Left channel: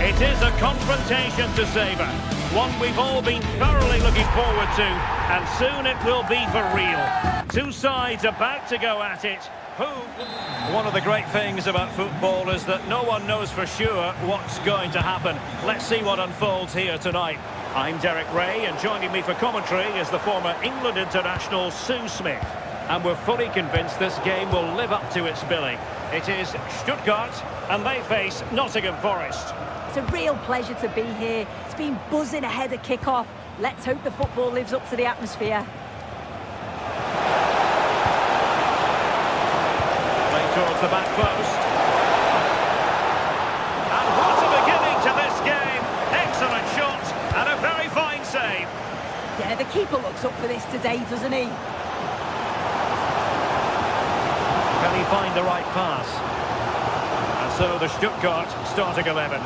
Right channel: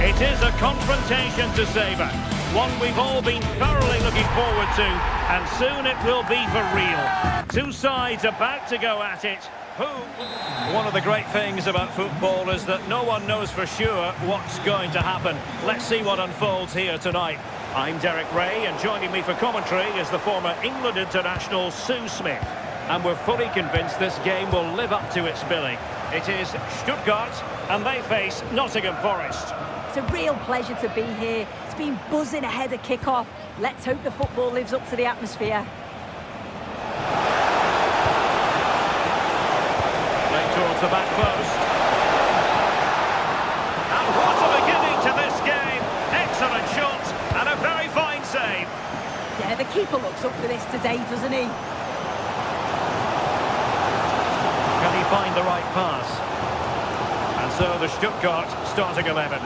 It is a confrontation to savour, one we've all been thoroughly looking forward to, and soon it will be for real. Two sides about to go at it. One of the great things about football is that no one knows for sure what's going to happen. Let's see what unfolds here tonight. I'm Derek Ray, and joining me for commentary is the former England international Sue Smith. And we're fully convinced this game will live up to its billing. It is Stuttgart, and they face Nottingham Forest. It's a real pleasure to be here. It's been buzzing ahead of kick-off. Let's hope the football lives up to the atmosphere. Play towards the back post. And what a beginning to this game. Excellent shot and a very fine save. Yeah, the keeper looks up for this today, doesn't he? Can he find the right pass? And so the Stuttgart starting 11.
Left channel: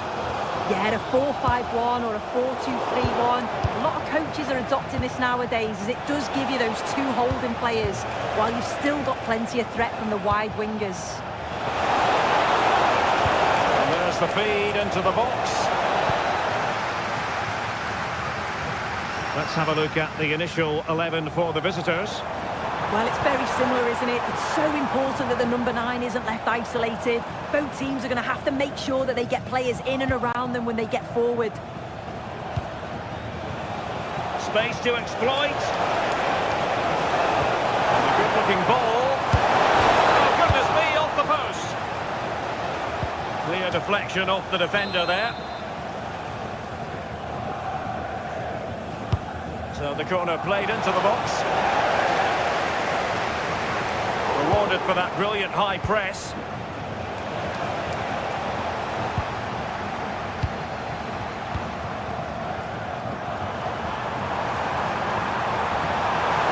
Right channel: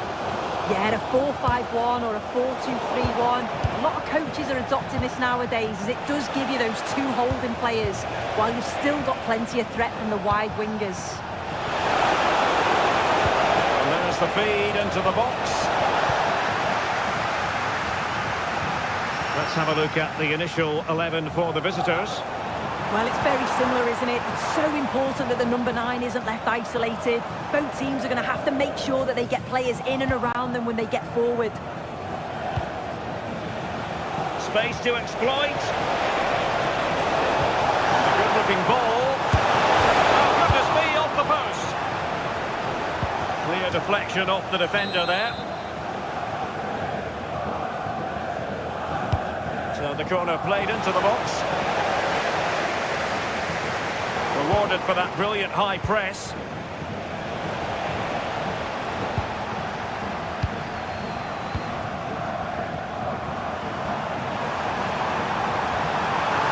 Yeah, a 4-5-1 or a 4-2-3-1. A lot of coaches are adopting this nowadays, as it does give you those two holding players, while you've still got plenty of threat from the wide wingers. And there's the feed into the box. Let's have a look at the initial 11 for the visitors. Well, it's very similar, isn't it? It's so important that the number 9 isn't left isolated. Both teams are going to have to make sure that they get players in and around them when they get forward. Space to exploit. And a good-looking ball. Oh, goodness me, off the post. Clear deflection off the defender there. So the corner played into the box. Rewarded for that brilliant high press.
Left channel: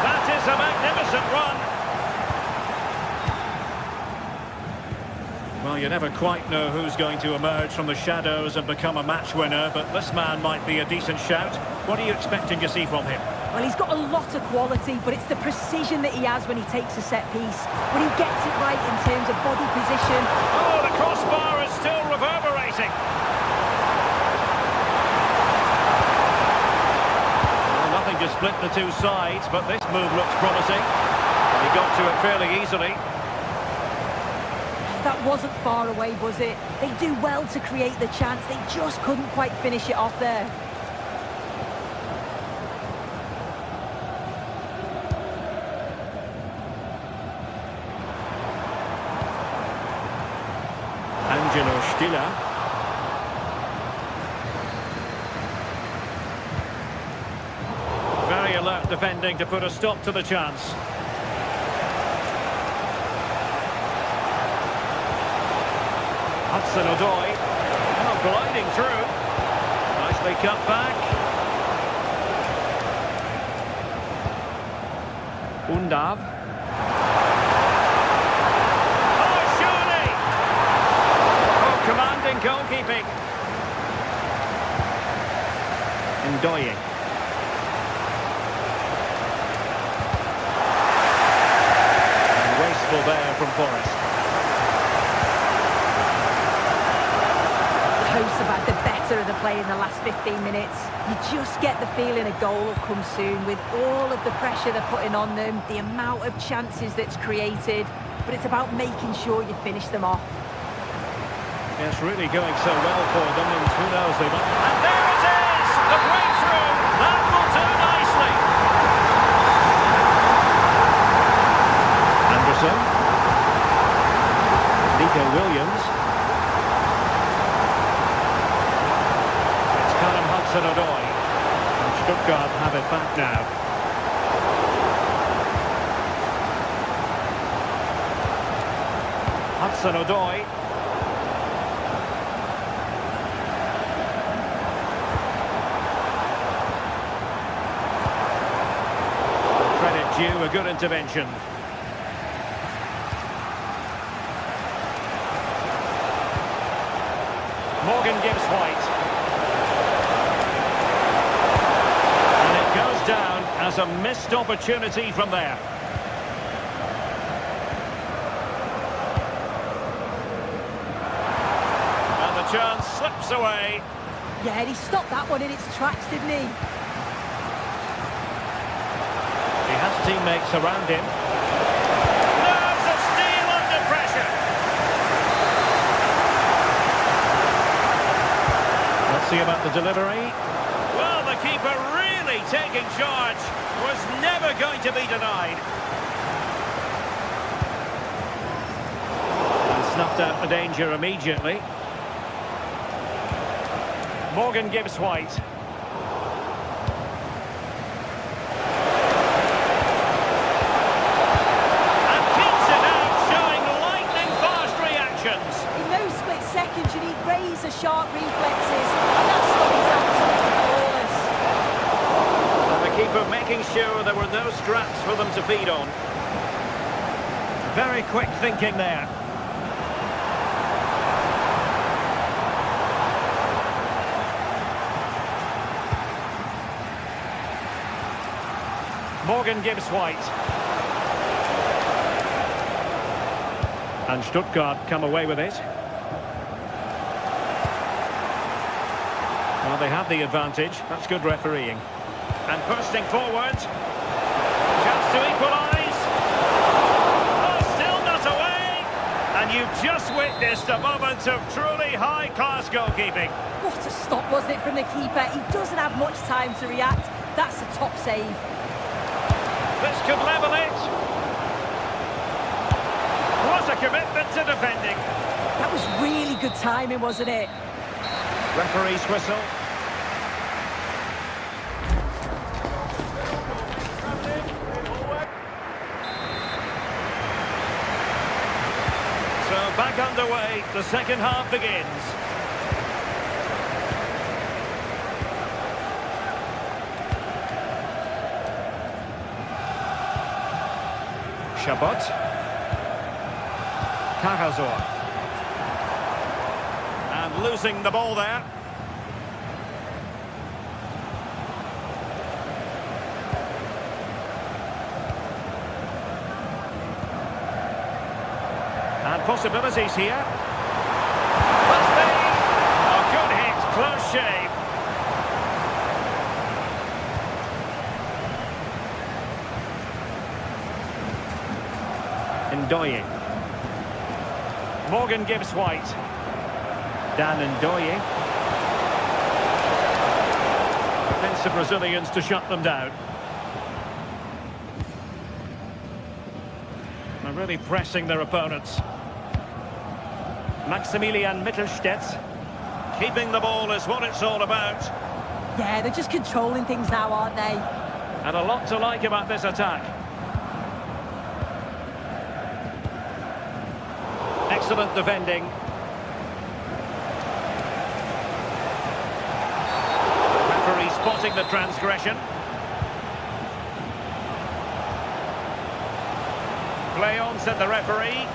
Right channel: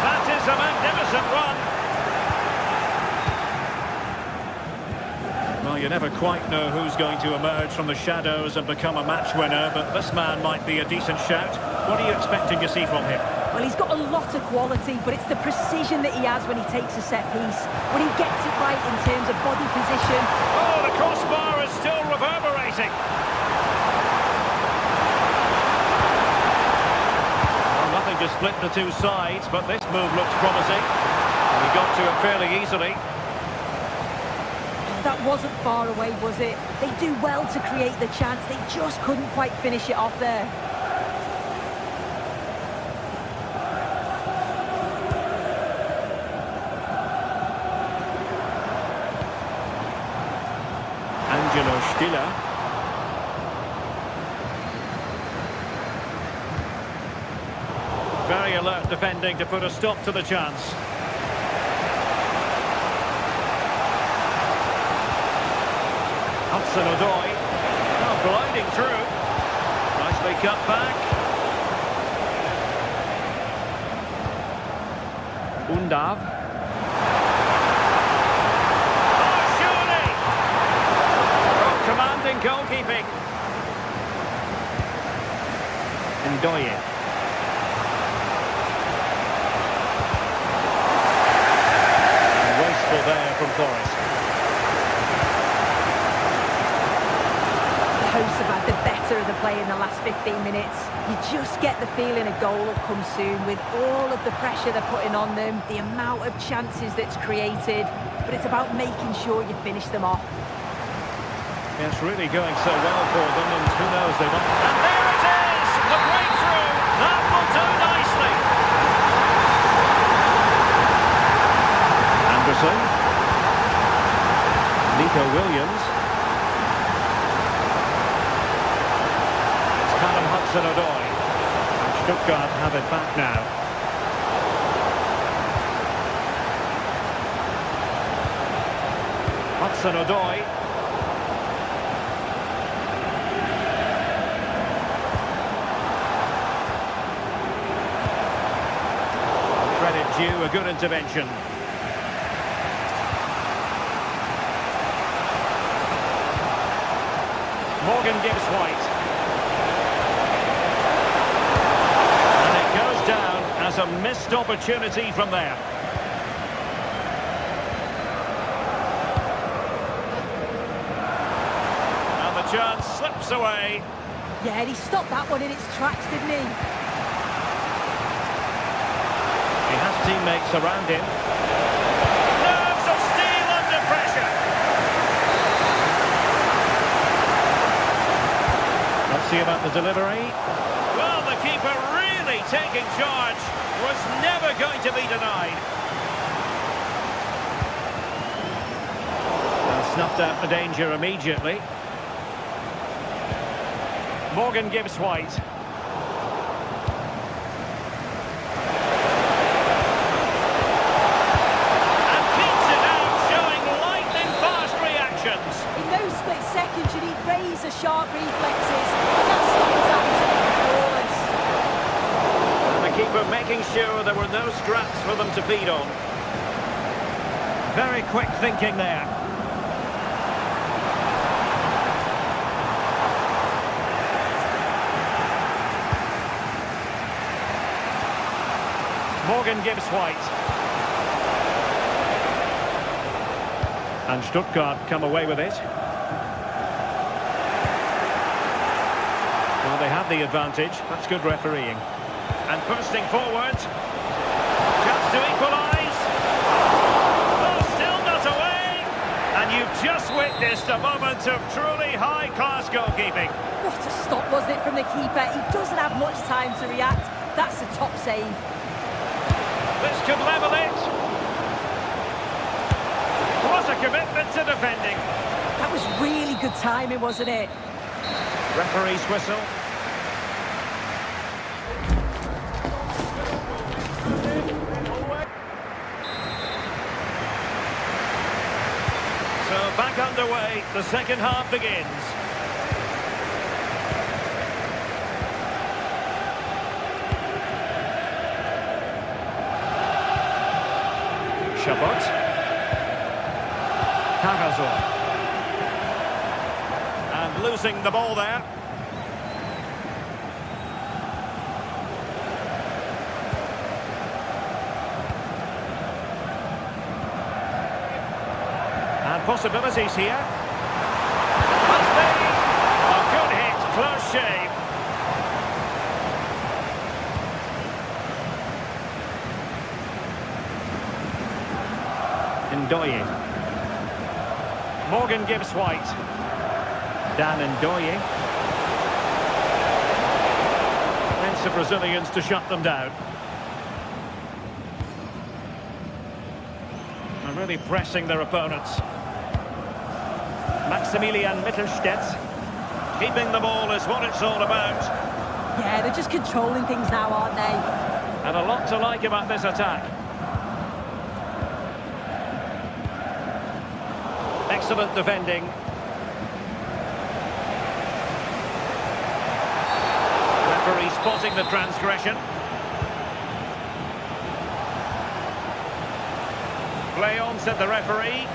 That is a magnificent run. Well, you never quite know who's going to emerge from the shadows and become a match winner, but this man might be a decent shout. What are you expecting to see from him? Well, he's got a lot of quality, but it's the precision that he has when he takes a set piece. When he gets it right in terms of body position. Oh, the crossbar is still reverberating. Well, nothing to split the two sides, but this move looks promising. And he got to it fairly easily. That wasn't far away, was it? They do well to create the chance. They just couldn't quite finish it off there. Stiller. Very alert defending to put a stop to the chance. Hudson-Odoi. Oh, gliding through. Nicely cut back. Undav. Commanding goalkeeping. Ndoye. And wasteful there from Forest. The hosts have had the better of the play in the last 15 minutes. You just get the feeling a goal will come soon with all of the pressure they're putting on them, the amount of chances that's created, but it's about making sure you finish them off. It's really going so well for them, and who knows, they might... And there it is! The breakthrough! That will do nicely! Anderson. Nico Williams. It's Callum Hudson-Odoi. And Stuttgart have it back now. Hudson-Odoi. Credit due, a good intervention. Morgan gives White. And it goes down as a missed opportunity from there. And the chance slips away. Yeah, he stopped that one in its tracks, didn't he? He has teammates around him. Nerves of steel under pressure. Let's see about the delivery. Well, the keeper really taking charge. Was never going to be denied. And snuffed out the danger immediately. Morgan gives White. And keeps it out, showing lightning-fast reactions. In those split seconds, you need razor-sharp reflexes, and that stop was absolutely flawless. And the keeper making sure there were no scraps for them to feed on. Very quick thinking there. Morgan gives White. And Stuttgart come away with it. Well, they have the advantage. That's good refereeing. And bursting forward. Chance to equalise. Oh, still not away. And you've just witnessed a moment of truly high-class goalkeeping. What a stop, wasn't it, from the keeper? He doesn't have much time to react. That's a top save. This could level it. What a commitment to defending. That was really good timing, wasn't it? Referee's whistle. So back underway, the second half begins. Chabot. Carrazor. And losing the ball there. And possibilities here. Must be. A good hit, close shave. Ndoye. Morgan gives White. Dan Ndoye. Defensive Brazilians to shut them down. They're really pressing their opponents. Maximilian Mittelstädt. Keeping the ball is what it's all about. Yeah, they're just controlling things now, aren't they? And a lot to like about this attack. Excellent defending. Referee spotting the transgression. Play on, said the referee.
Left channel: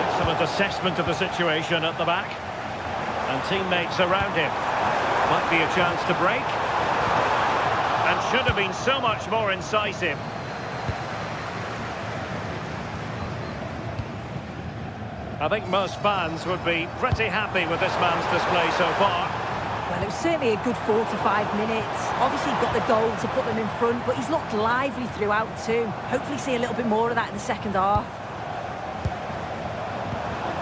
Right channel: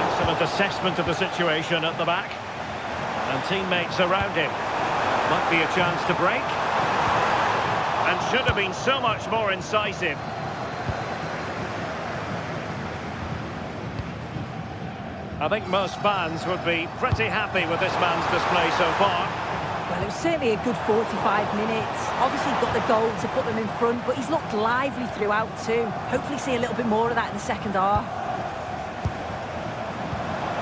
Excellent assessment of the situation at the back. And teammates around him. Might be a chance to break. And should have been so much more incisive. I think most fans would be pretty happy with this man's display so far. Well, it was certainly a good 45 minutes. Obviously got the goal to put them in front, but he's looked lively throughout too. Hopefully see a little bit more of that in the second half.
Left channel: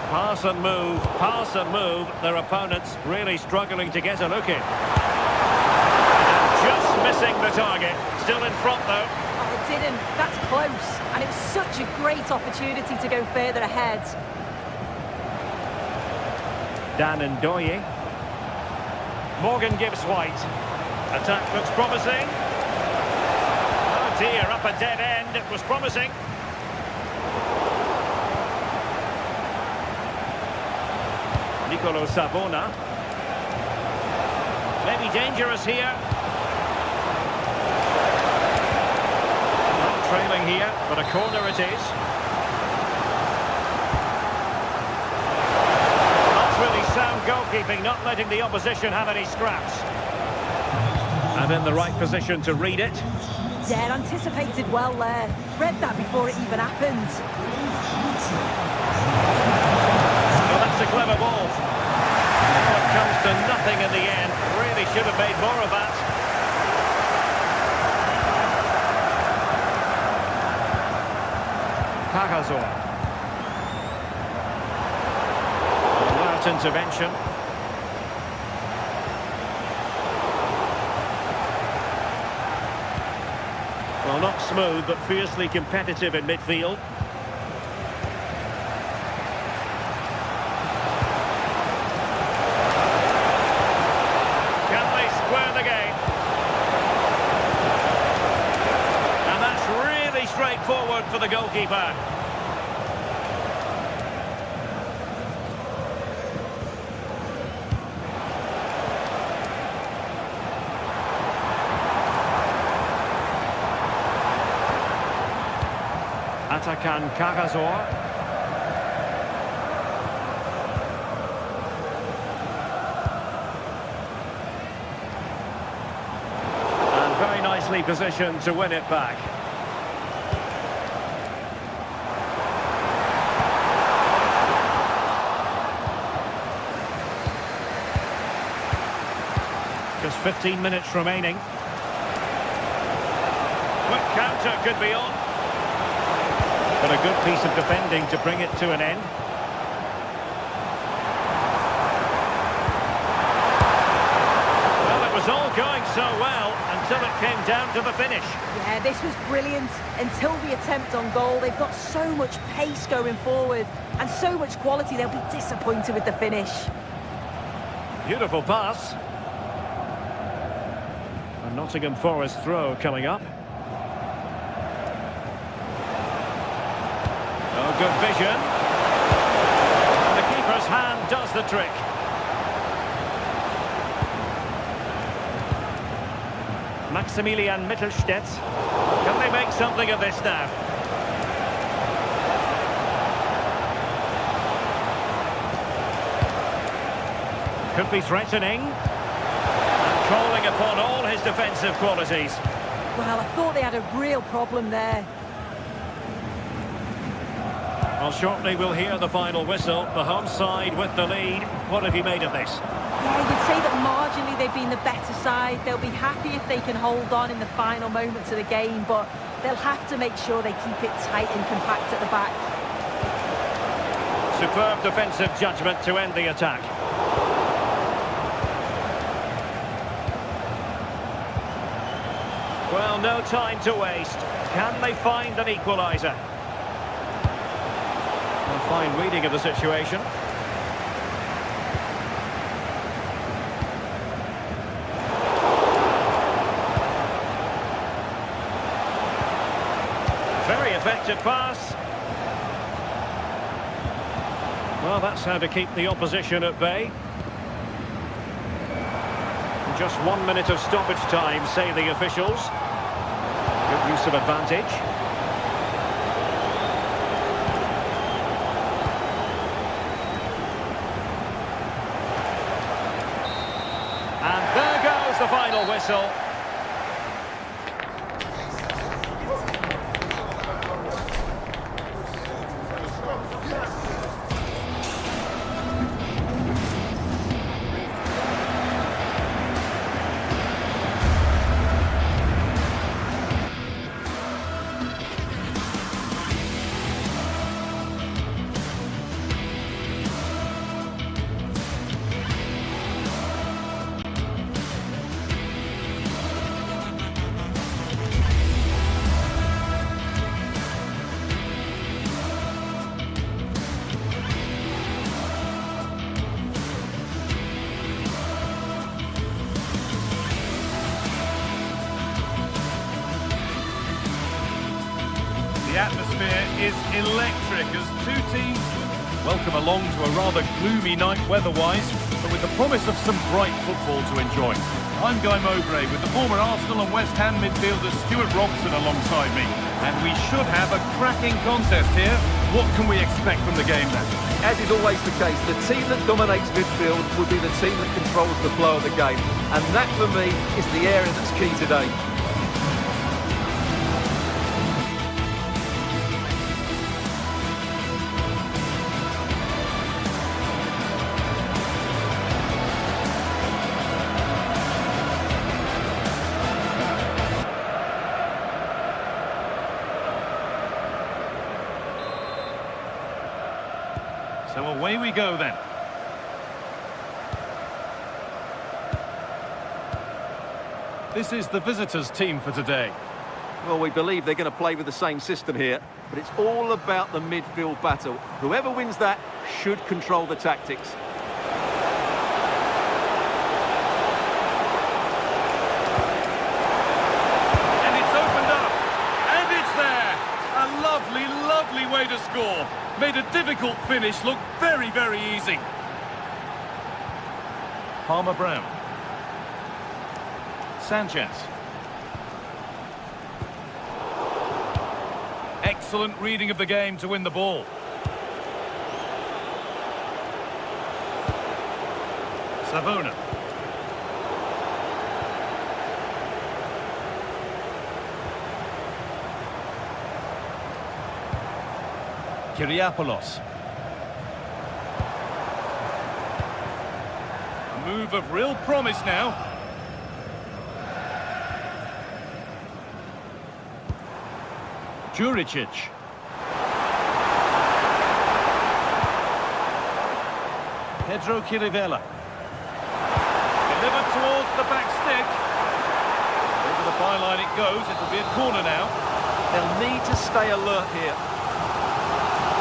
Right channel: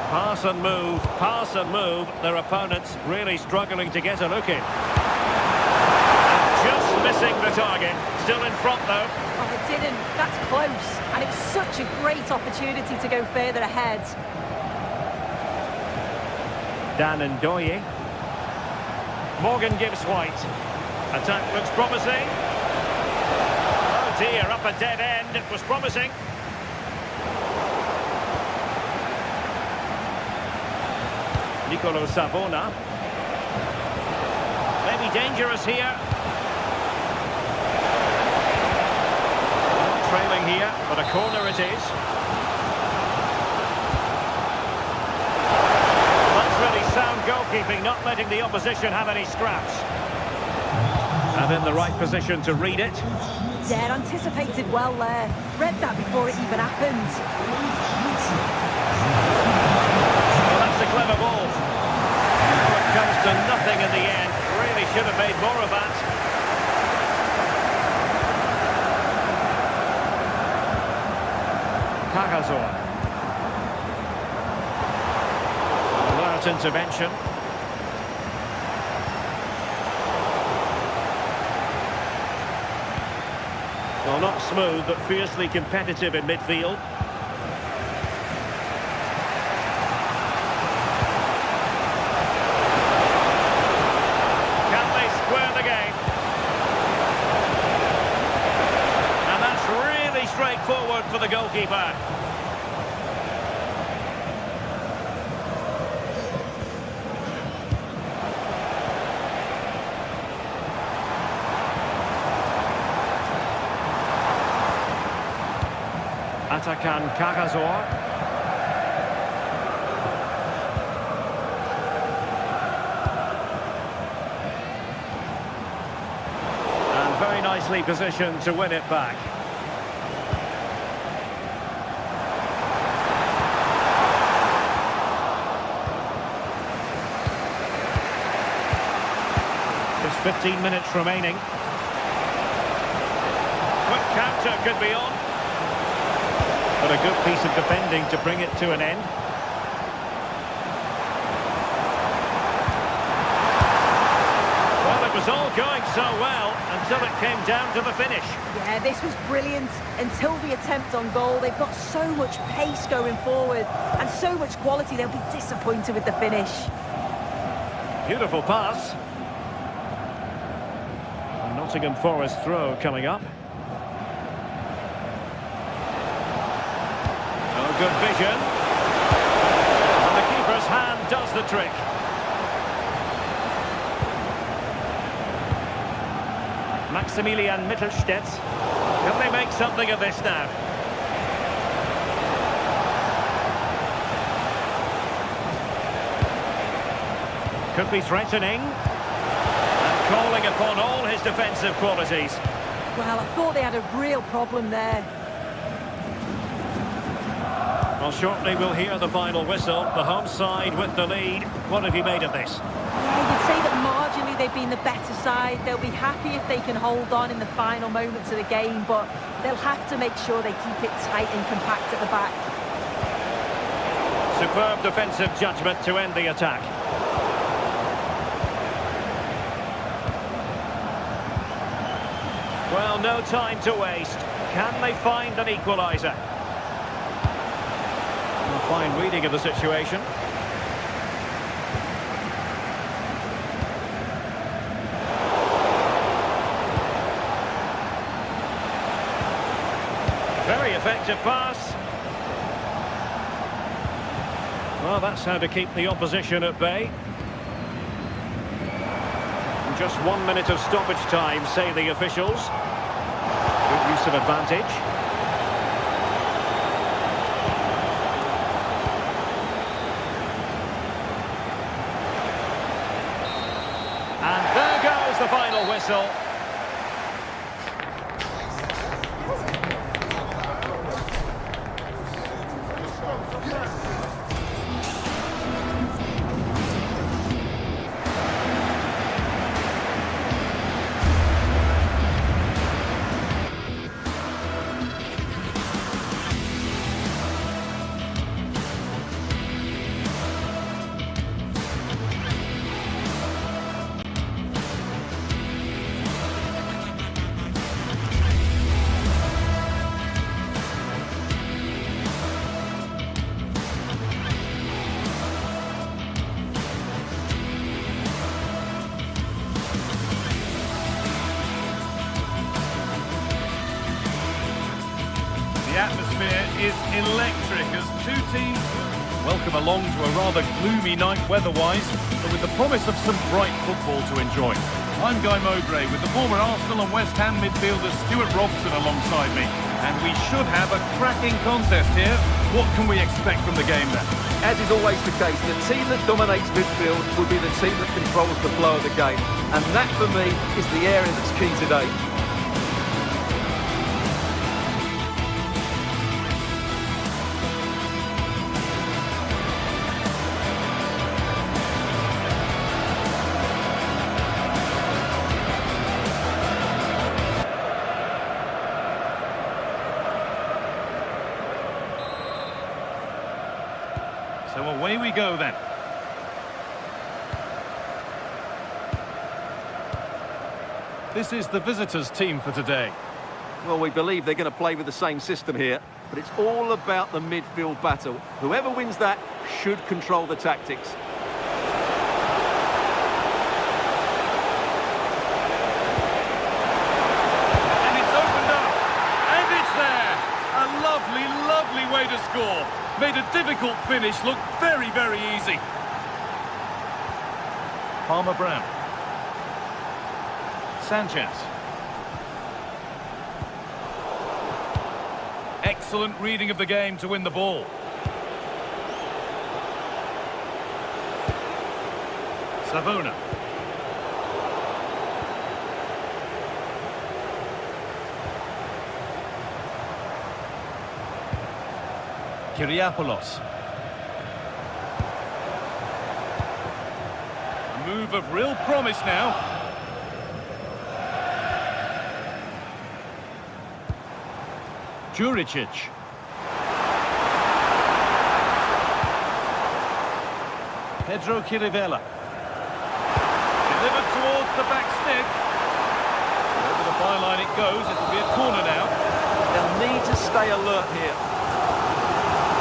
Pass and move. Their opponents really struggling to get a look in. And just missing the target. Still in front though. Oh, it didn't. That's close. And it was such a great opportunity to go further ahead. Dan Ndoye. Morgan gives White. Attack looks promising. Oh dear, up a dead end. It was promising. Nicolo Savona. Maybe dangerous here. Well, trailing here, but a corner it is. Really sound goalkeeping, not letting the opposition have any scraps. And in the right position to read it. Yeah, anticipated well there. Read that before it even happened. Well, that's a clever ball. Comes to nothing in the end. Really should have made more of that. Cagazor. Alert intervention. Well, not smooth, but fiercely competitive in midfield. Can they square the game? And that's really straightforward for the goalkeeper. Atakan Cagazor. And very nicely positioned to win it back. Just 15 minutes remaining. Quick counter could be on. But a good piece of defending to bring it to an end. Well, it was all going so well until it came down to the finish. Yeah, this was brilliant until the attempt on goal. They've got so much pace going forward and so much quality, they'll be disappointed with the finish. Beautiful pass. A Nottingham Forest throw coming up. Oh, good vision. And the keeper's hand does the trick. Maximilian Mittelstädt. Can they make something of this now? Could be threatening. And calling upon all his defensive qualities. Well, I thought they had a real problem there. Well, shortly we'll hear the final whistle. The home side with the lead. What have you made of this? Yeah, you'd say that marginally they've been the better side. They'll be happy if they can hold on in the final moments of the game, but they'll have to make sure they keep it tight and compact at the back. Superb defensive judgment to end the attack. Well, no time to waste. Can they find an equaliser? A fine reading of the situation. Very effective pass. Well, that's how to keep the opposition at bay. Just 1 minute of stoppage time, say the officials. Good use of advantage. And there goes the final whistle. The atmosphere is electric as two teams welcome along to a rather gloomy night weather-wise, but with the promise of some bright football to enjoy. I'm Guy Mowbray with the former Arsenal and West Ham midfielder Stuart Robson alongside me. And we should have a cracking contest here. What can we expect from the game then? As is always the case, the team that dominates midfield will be the team that controls the flow of the game. And that, for me, is the area that's key today. So away we go then. This is the visitors' team for today. Well, we believe they're going to play with the same system here, but it's all about the midfield battle. Whoever wins that should control the tactics. And it's opened up. And it's there. A lovely, lovely way to score. Made a difficult finish look very, very easy. Palmer Brown. Sanchez. Excellent reading of the game to win the ball. Savona. Kyriapoulos. A move of real promise now. Juricic. Pedro Chirivella. Delivered towards the back stick. Over the byline it goes. It'll be a corner now. They'll need to stay alert here.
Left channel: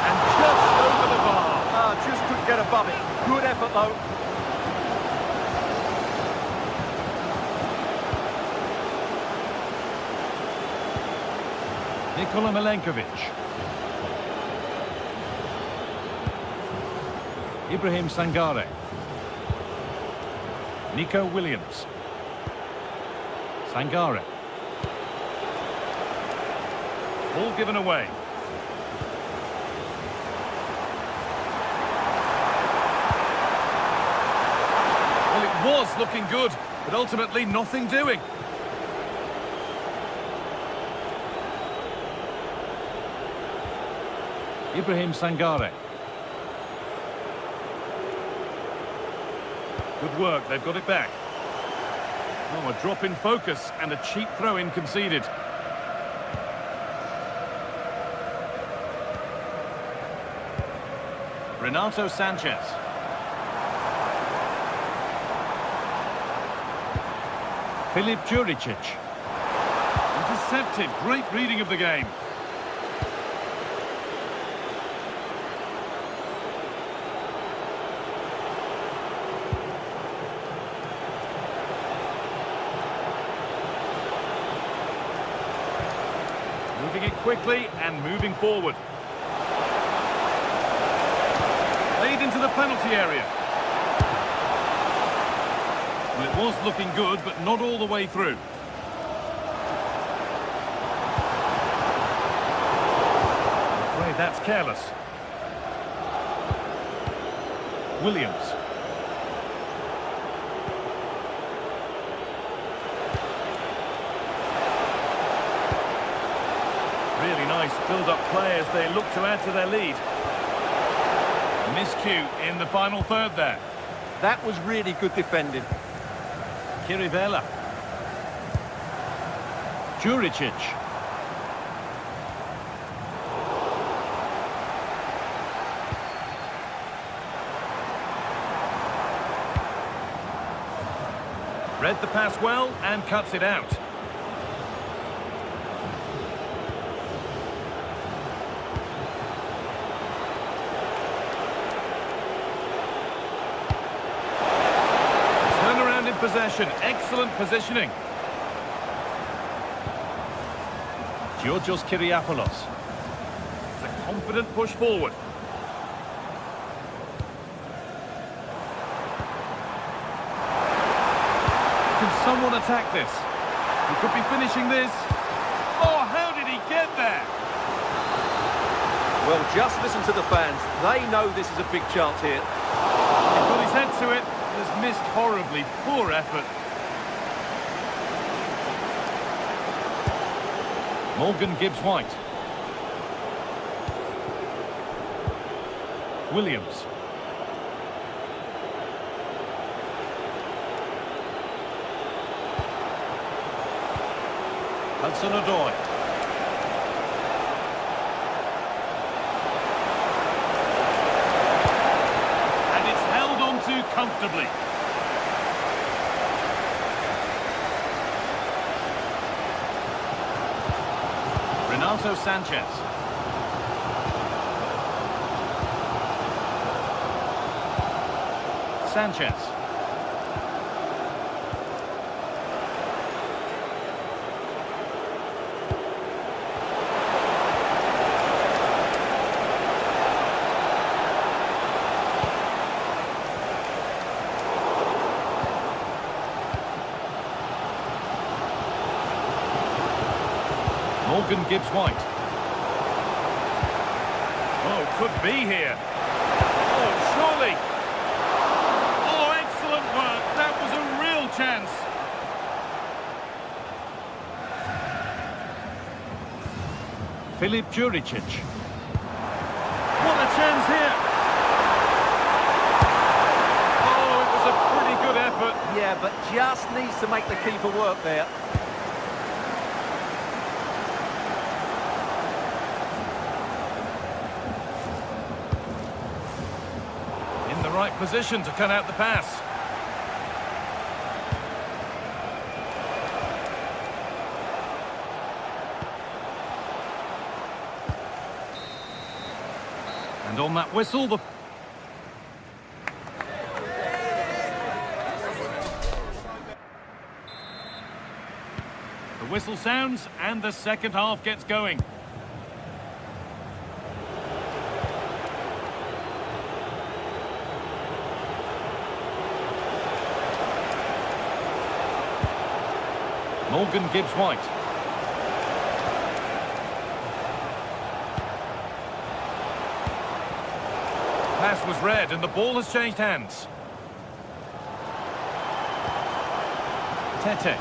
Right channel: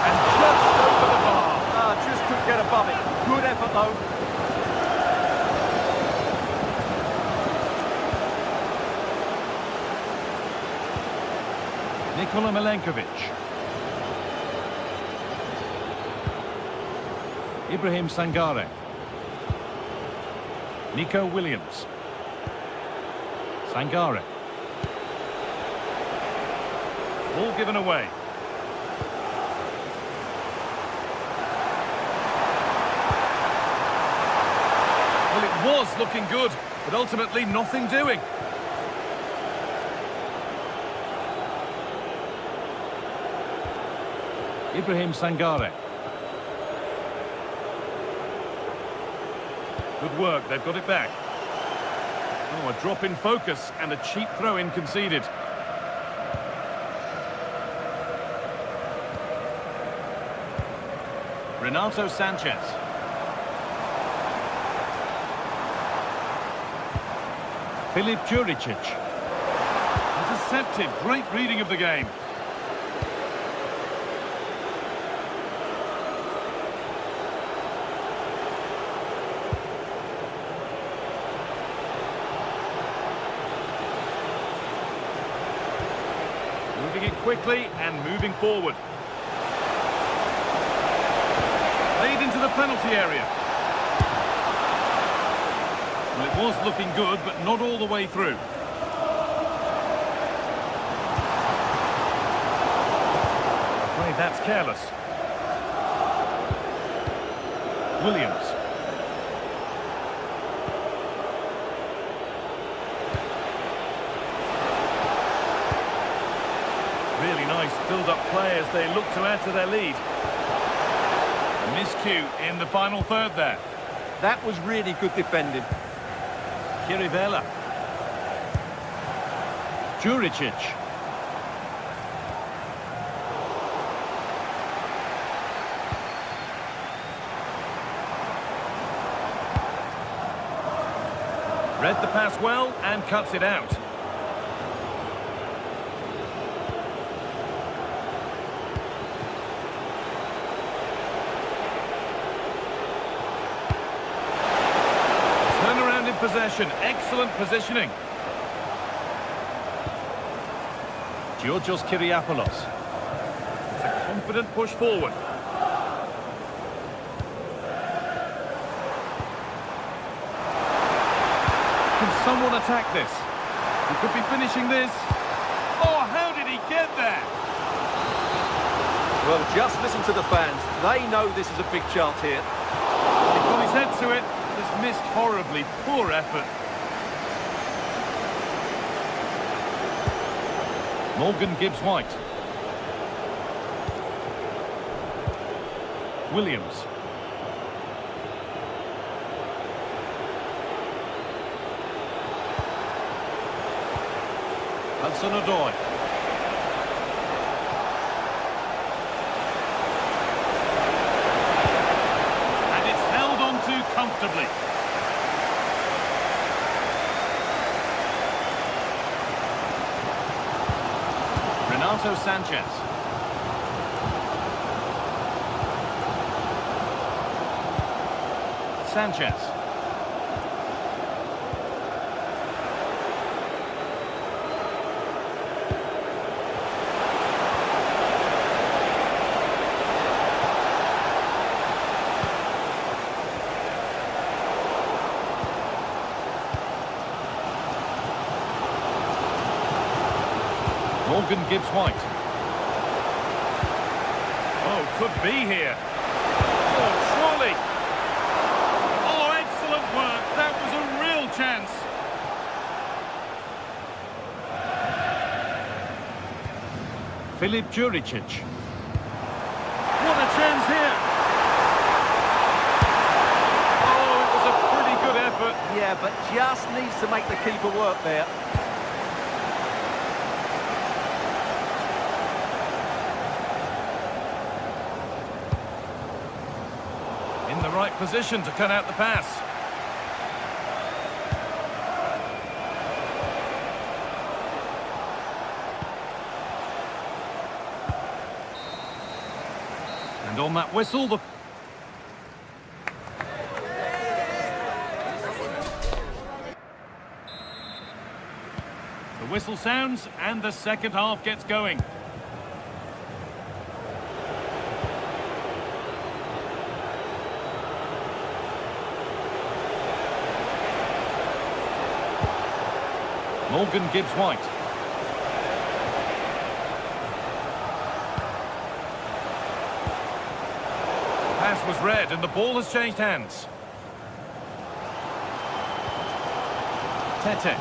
And just over the bar. Just couldn't get above it. Good effort though. Nikola Milenkovic. Ibrahim Sangare. Nico Williams. Sangare. Ball given away. Well, it was looking good, but ultimately nothing doing. Ibrahim Sangare. Good work, they've got it back. Oh, a drop in focus and a cheap throw-in conceded. Renato Sanchez. Filip Juricic. Intercepted, great reading of the game. Moving it quickly and moving forward. Played into the penalty area. Well, it was looking good, but not all the way through. I'm afraid that's careless. Williams. Really nice build-up play as they look to add to their lead. A miscue in the final third there. That was really good defending. Chirivella. Juricic. Read the pass well and cuts it out. Turnaround in possession, excellent positioning. Georgios Kyriapoulos. It's a confident push forward. Can someone attack this? He could be finishing this. Oh, how did he get there? Well, just listen to the fans. They know this is a big chance here. He got his head to it. Has missed horribly. Poor effort. Morgan Gibbs-White. Williams. Hudson-Odoi. comfortably. Renato Sanchez. Sanchez. Morgan Gibbs-White. Oh, could be here. Oh, surely. Oh, excellent work. That was a real chance. Filip Juricic. What a chance here. Oh, it was a pretty good effort. Yeah, but just needs to make the keeper work there. In the right position to cut out the pass. And on that whistle, the whistle sounds and the second half gets going. Morgan Gibbs-White. Pass was read and the ball has changed hands. Tete.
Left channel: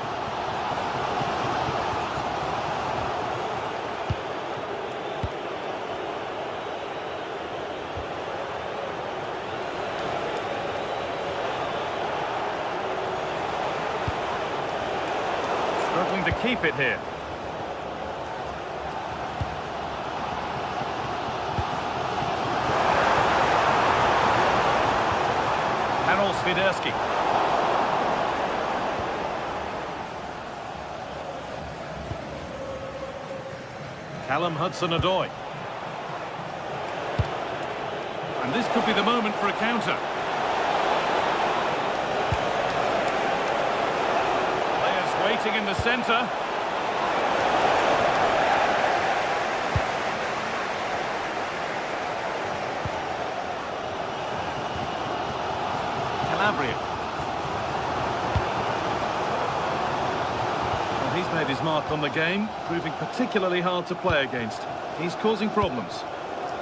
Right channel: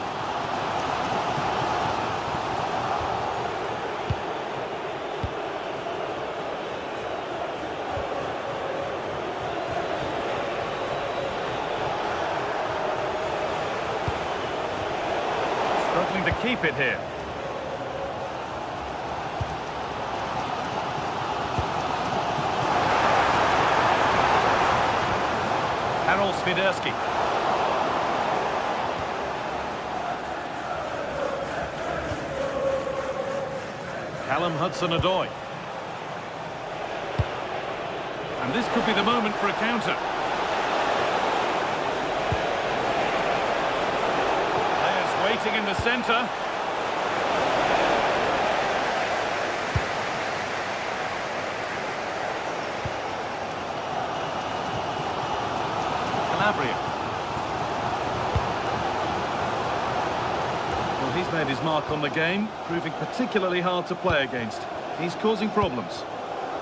Struggling to keep it here. Karol Swiderski. Callum Hudson-Odoi. And this could be the moment for a counter. Waiting in the centre. Calabria. Well, he's made his mark on the game, proving particularly hard to play against. He's causing problems.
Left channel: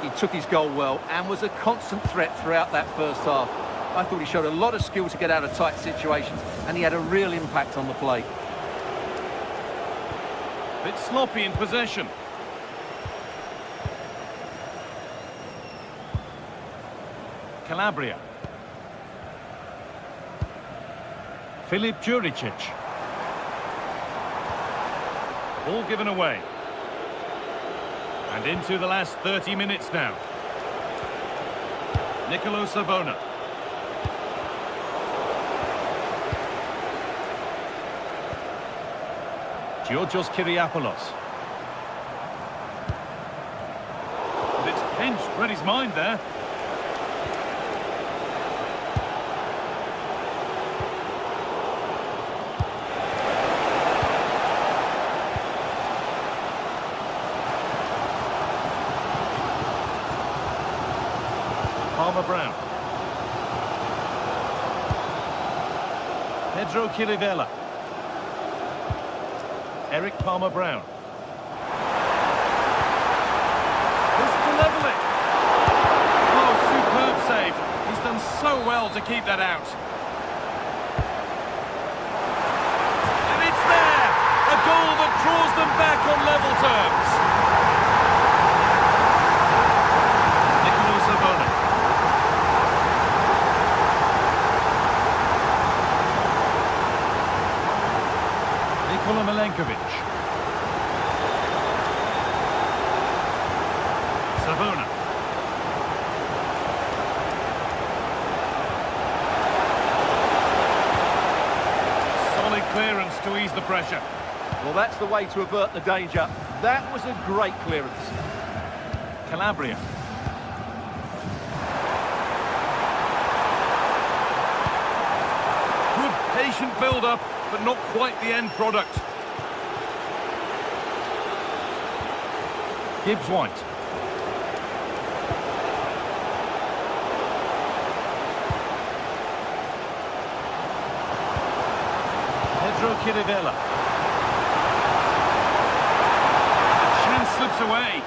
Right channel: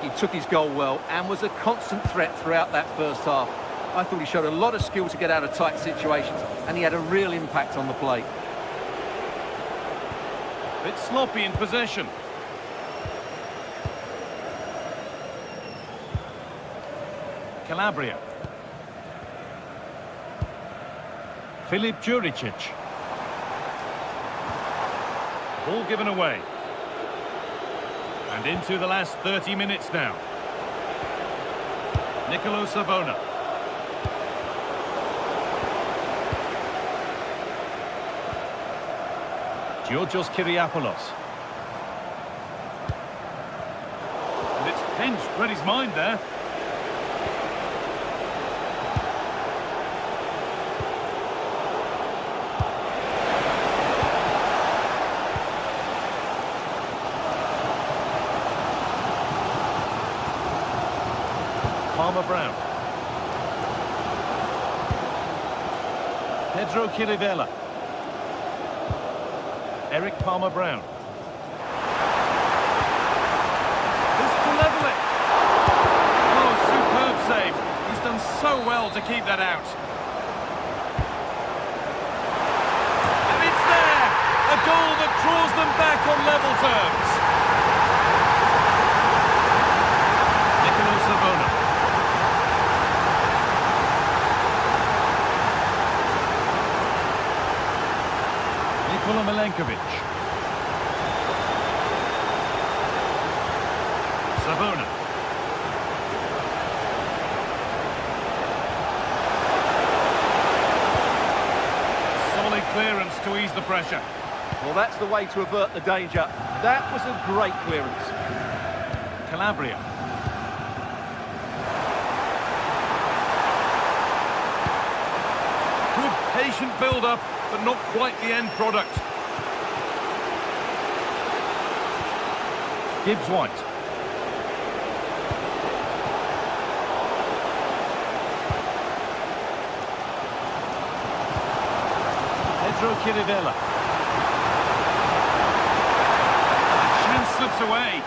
He took his goal well and was a constant threat throughout that first half. I thought he showed a lot of skill to get out of tight situations, and he had a real impact on the play. Bit sloppy in possession. Calabria. Filip Juricic. Ball given away. And into the last 30 minutes now. Nicolo Savona. Georgios Kyriapoulos. And it's pinched, read his mind there. Palmer-Brown. Pedro Chirivella. Eric Palmer-Brown. This to level it. Oh, superb save. He's done so well to keep that out. And it's there. A goal that draws them back on level terms. Nicolo Savona. Nikola Milenkovic. Savona. clearance to ease the pressure. Well, that's the way to avert the danger. That was a great clearance. Calabria. Good patient build-up, but not quite the end product. Gibbs-White. Pedro Chirivella. And the chance slips away.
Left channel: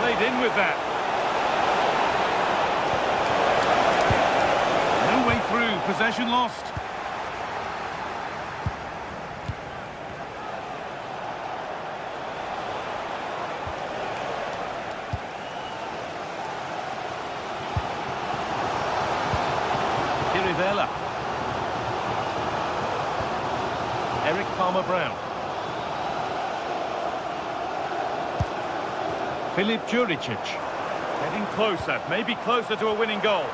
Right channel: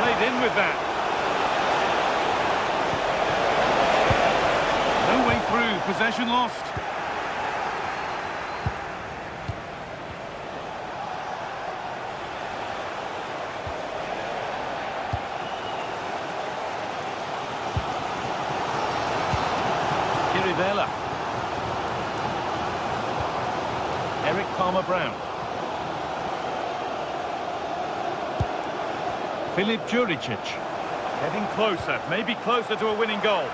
Played in with that. No way through, possession lost. Chirivella. Eric Palmer-Brown. Filip Juricic. Getting closer, maybe closer to a winning goal.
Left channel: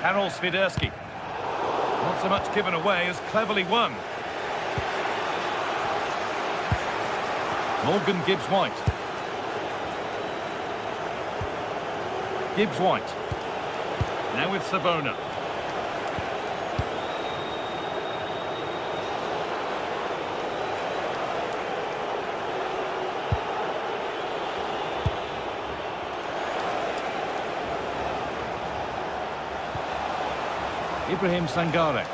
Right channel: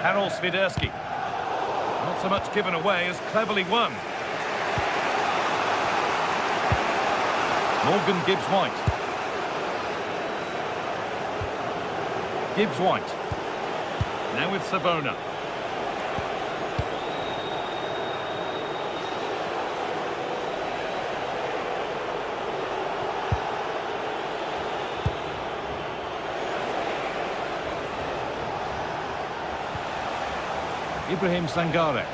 Karol Swiderski. Not so much given away as cleverly won. Morgan Gibbs-White. Gibbs-White. Now with Savona. Ibrahim Sangare.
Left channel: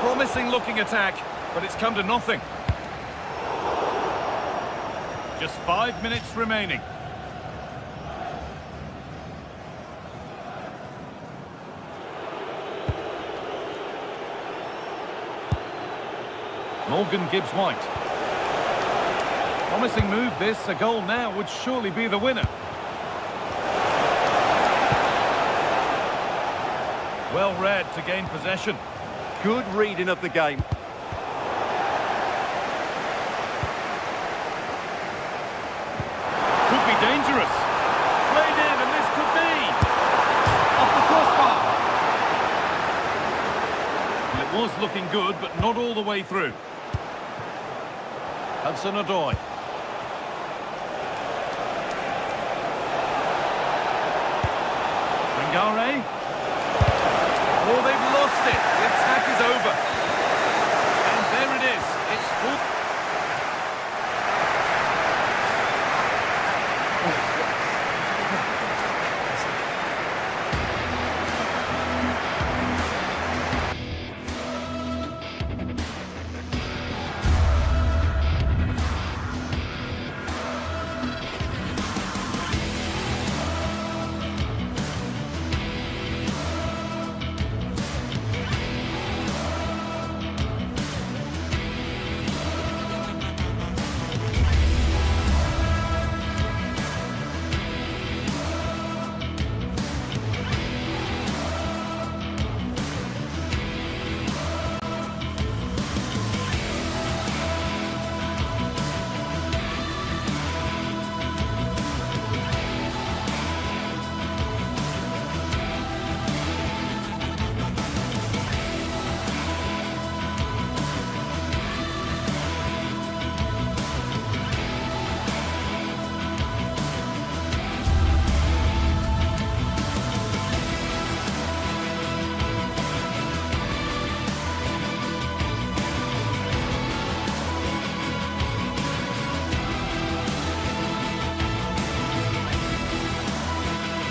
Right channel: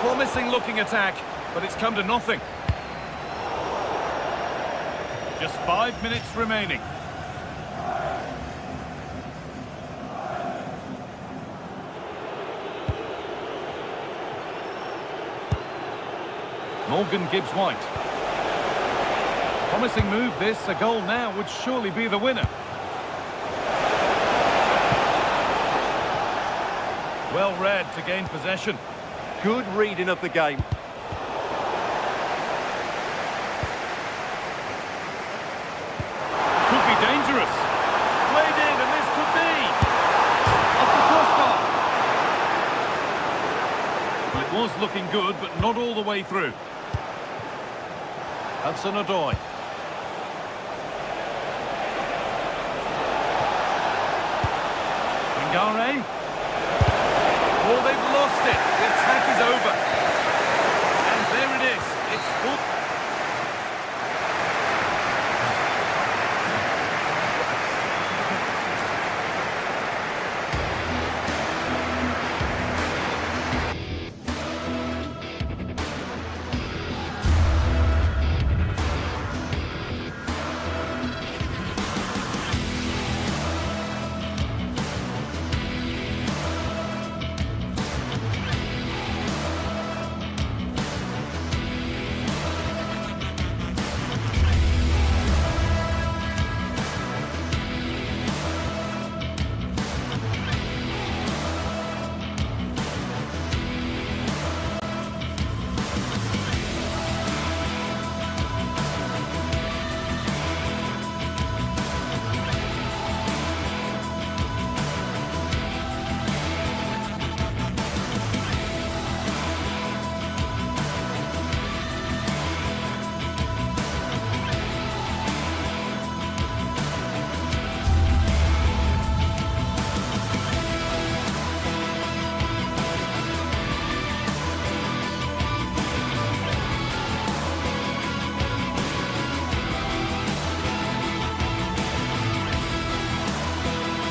Promising looking attack, but it's come to nothing. Just 5 minutes remaining. Morgan Gibbs-White. Promising move this, a goal now would surely be the winner. Well read to gain possession. Good reading of the game. Could be dangerous. Played in, and this could be off the crossbar. Well, it was looking good, but not all the way through. Hudson-Odoi. Sangare. Oh, they've lost it. The attack is over. And there it is. It's full.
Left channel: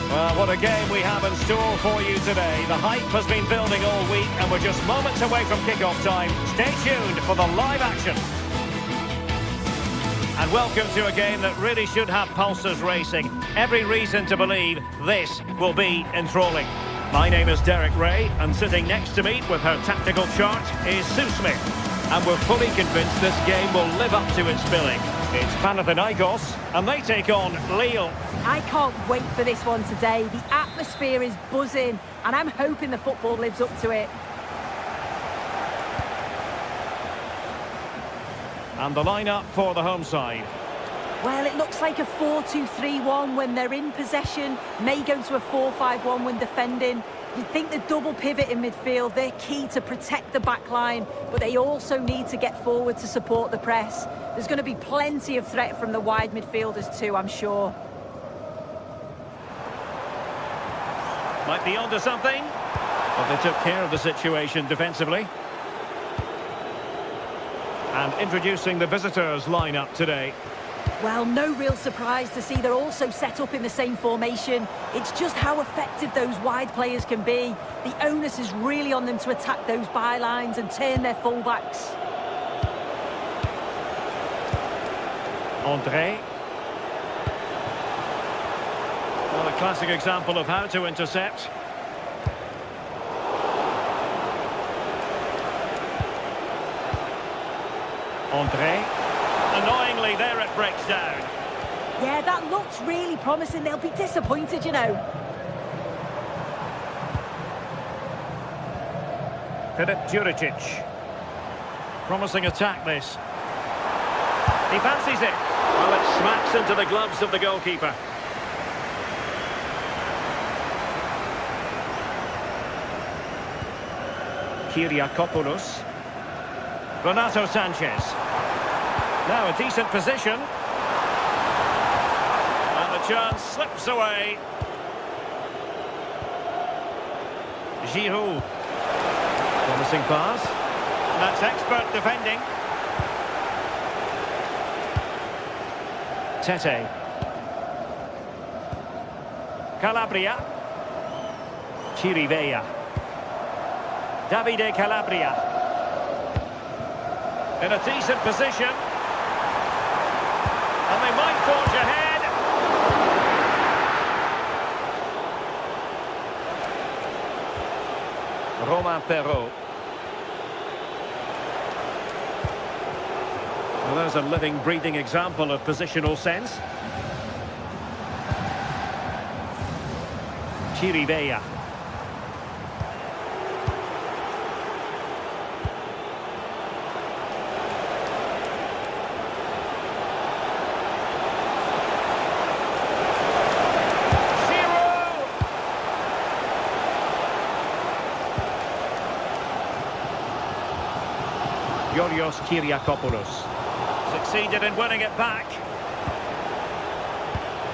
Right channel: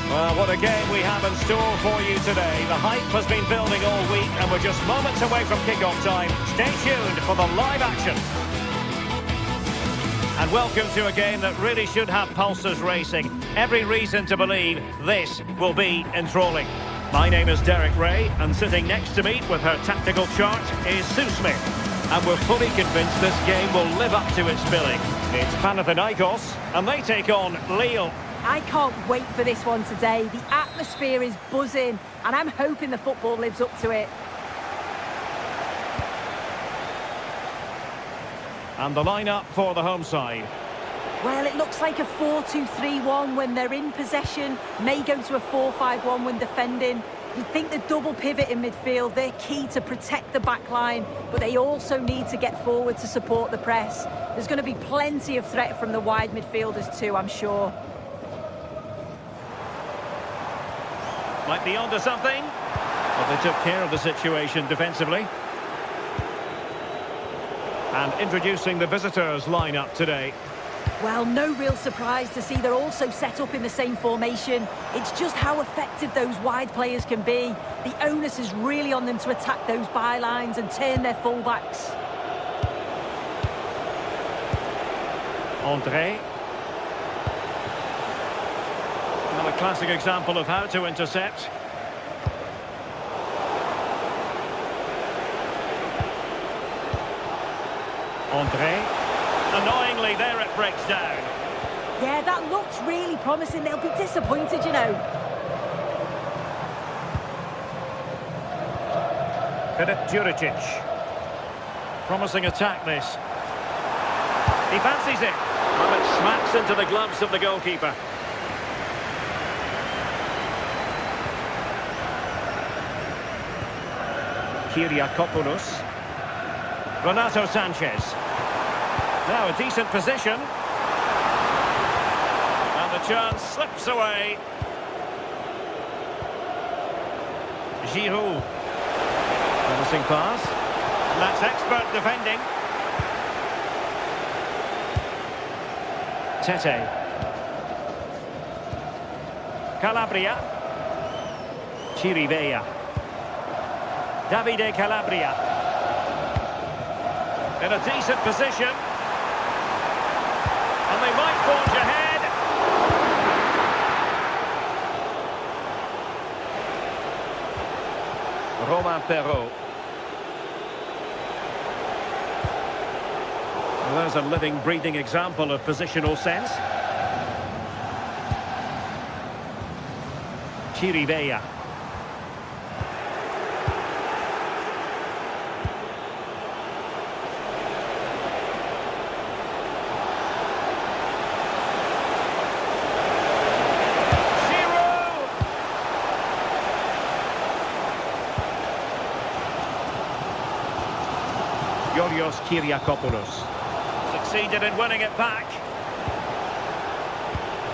Well, what a game we have in store for you today. The hype has been building all week and we're just moments away from kick-off time. Stay tuned for the live action. And welcome to a game that really should have pulses racing. Every reason to believe this will be enthralling. My name is Derek Ray, and sitting next to me with her tactical chart is Sue Smith. And we're fully convinced this game will live up to its billing. It's Panathinaikos, and they take on Lille. I can't wait for this one today. The atmosphere is buzzing, and I'm hoping the football lives up to it. And the lineup for the home side. Well, it looks like a 4-2-3-1 when they're in possession. May go to a 4-5-1 when defending. You'd think the double pivot in midfield, they're key to protect the back line, but they also need to get forward to support the press. There's going to be plenty of threat from the wide midfielders too, I'm sure. Might be onto something. But they took care of the situation defensively. And introducing the visitors lineup today. Well, no real surprise to see they're also set up in the same formation. It's just how effective those wide players can be. The onus is really on them to attack those bylines and turn their fullbacks. André. Well, a classic example of how to intercept. André. Annoyingly, there it breaks down. Yeah, that looks really promising. They'll be disappointed, you know. Filip Juricic. Promising attack, this. He fancies it. Well, it smacks into the gloves of the goalkeeper. Kyriakopoulos. Renato Sanchez. Now a decent position. And the chance slips away. Giroud. Promising pass. And that's expert defending. Tete. Calabria. Chirivella. Davide Calabria. In a decent position. And they might forge ahead. Romain Perrault. Well, there's a living, breathing example of positional sense. Chirivella. Kyriakopoulos succeeded in winning it back.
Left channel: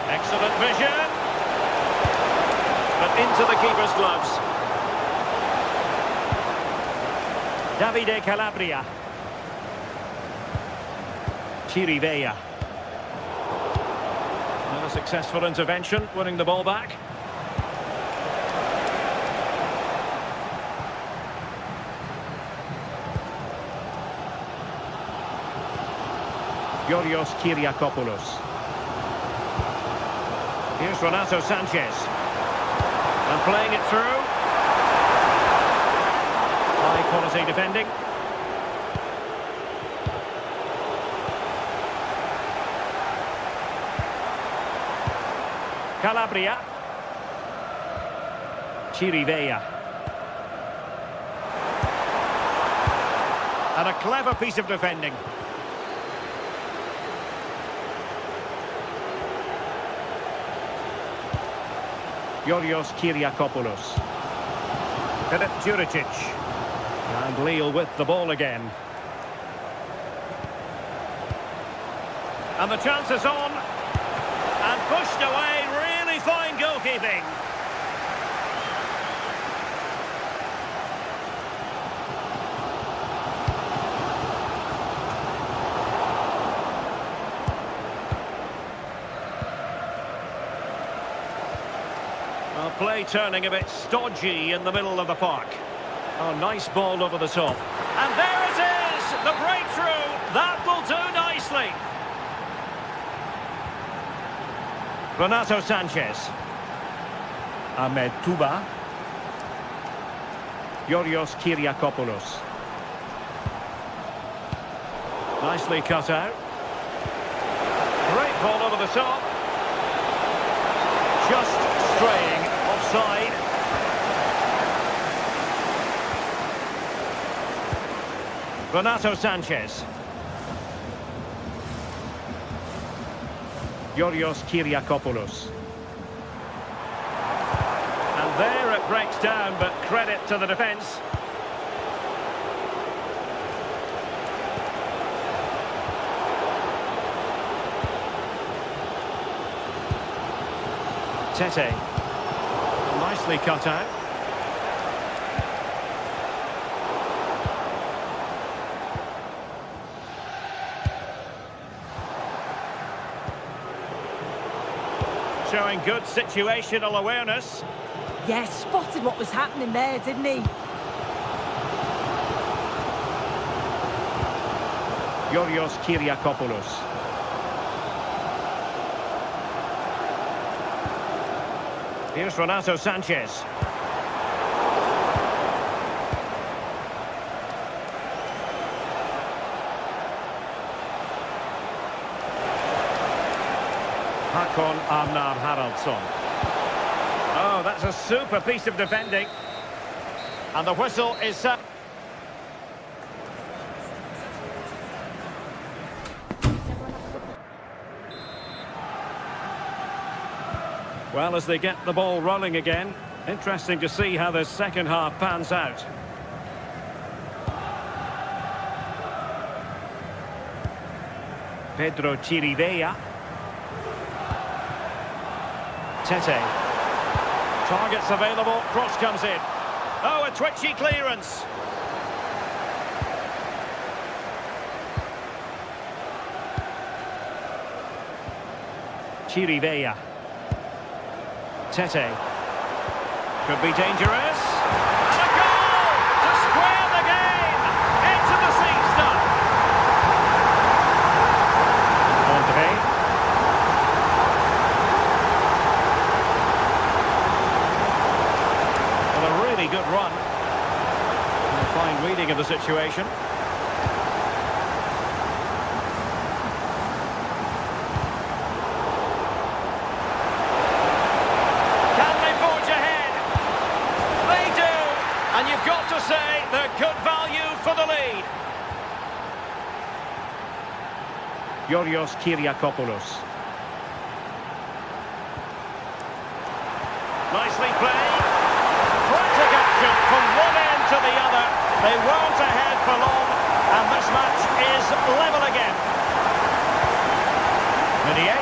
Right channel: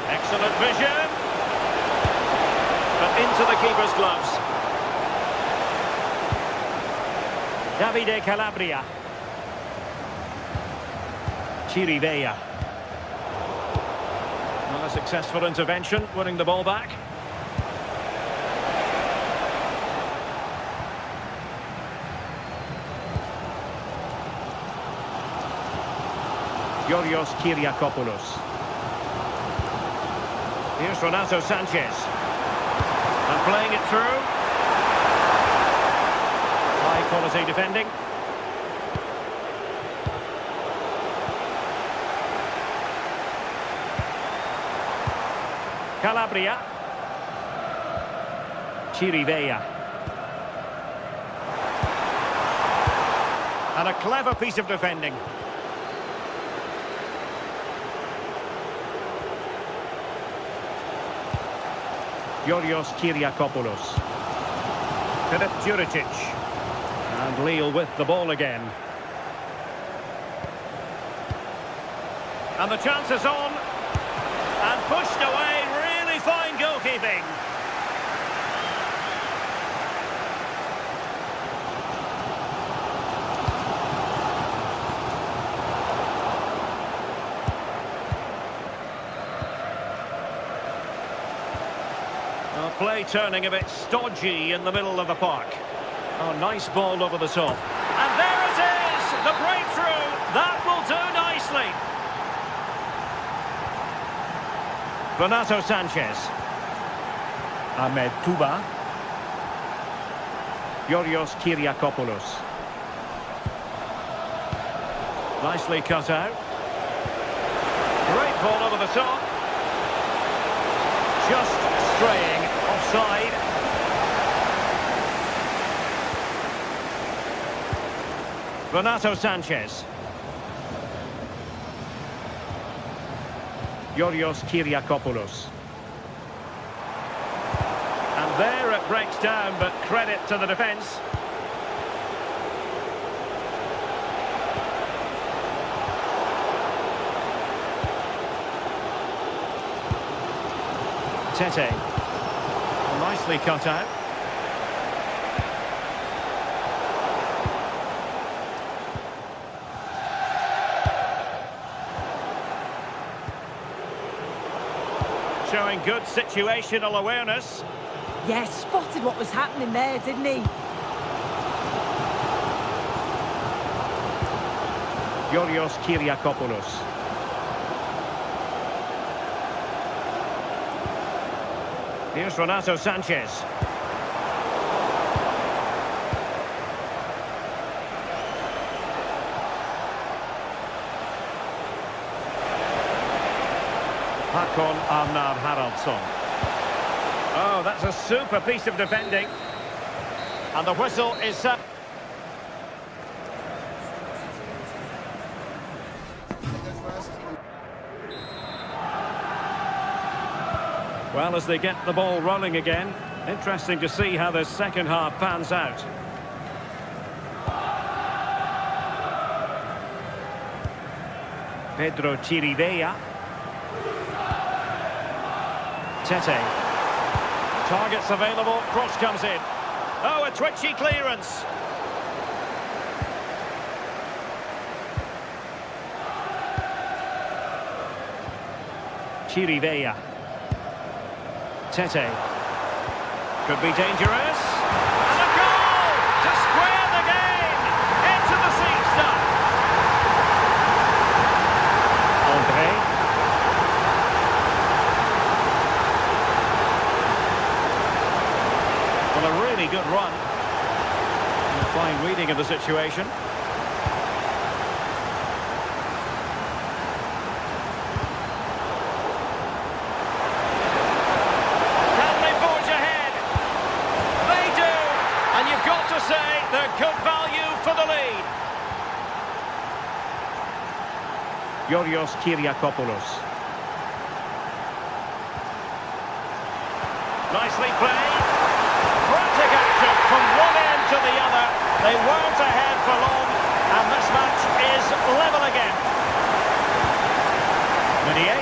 Excellent vision. But into the keeper's gloves. Davide Calabria. Chirivella. Well, a successful intervention, winning the ball back. Kyriakopoulos. Here's Renato Sanchez. And playing it through. High quality defending. Calabria. Chirivella. And a clever piece of defending. Kyriakopoulos. Filip Juricic. And Lille with the ball again. And the chance is on. And pushed away. Really fine goalkeeping. Well, play turning a bit stodgy in the middle of the park. Oh, nice ball over the top. And there it is! The breakthrough! That will do nicely! Renato Sanchez. Ahmed Touba. Kyriakopoulos. Nicely cut out. Great ball over the top. Just straying offside. Renato Sanchez. Yorios Kyriakopoulos. And there it breaks down, but credit to the defence. Tete. Well, nicely cut out. Showing good situational awareness. Yeah, spotted what was happening there, didn't he? Yorios Kyriakopoulos. Here's Renato Sanchez. Hakon Arnar Haraldsson. Oh, that's a super piece of defending. And the whistle is set. Well, as they get the ball rolling again, interesting to see how the second half pans out. Pedro Chirivella. Tete. Targets available, cross comes in. Oh, a twitchy clearance. Chirivella. Tete. Could be dangerous. And a goal to square the game. Into the seat stuff. André. Well, a really good run. And a fine reading of the situation. Can they forge ahead? They do. And you've got to say they're good value for the lead. Yorios Kyriakopoulos. Nicely played. Frantic action from one end to the other. They weren't ahead for long, and this match is level again. Meunier.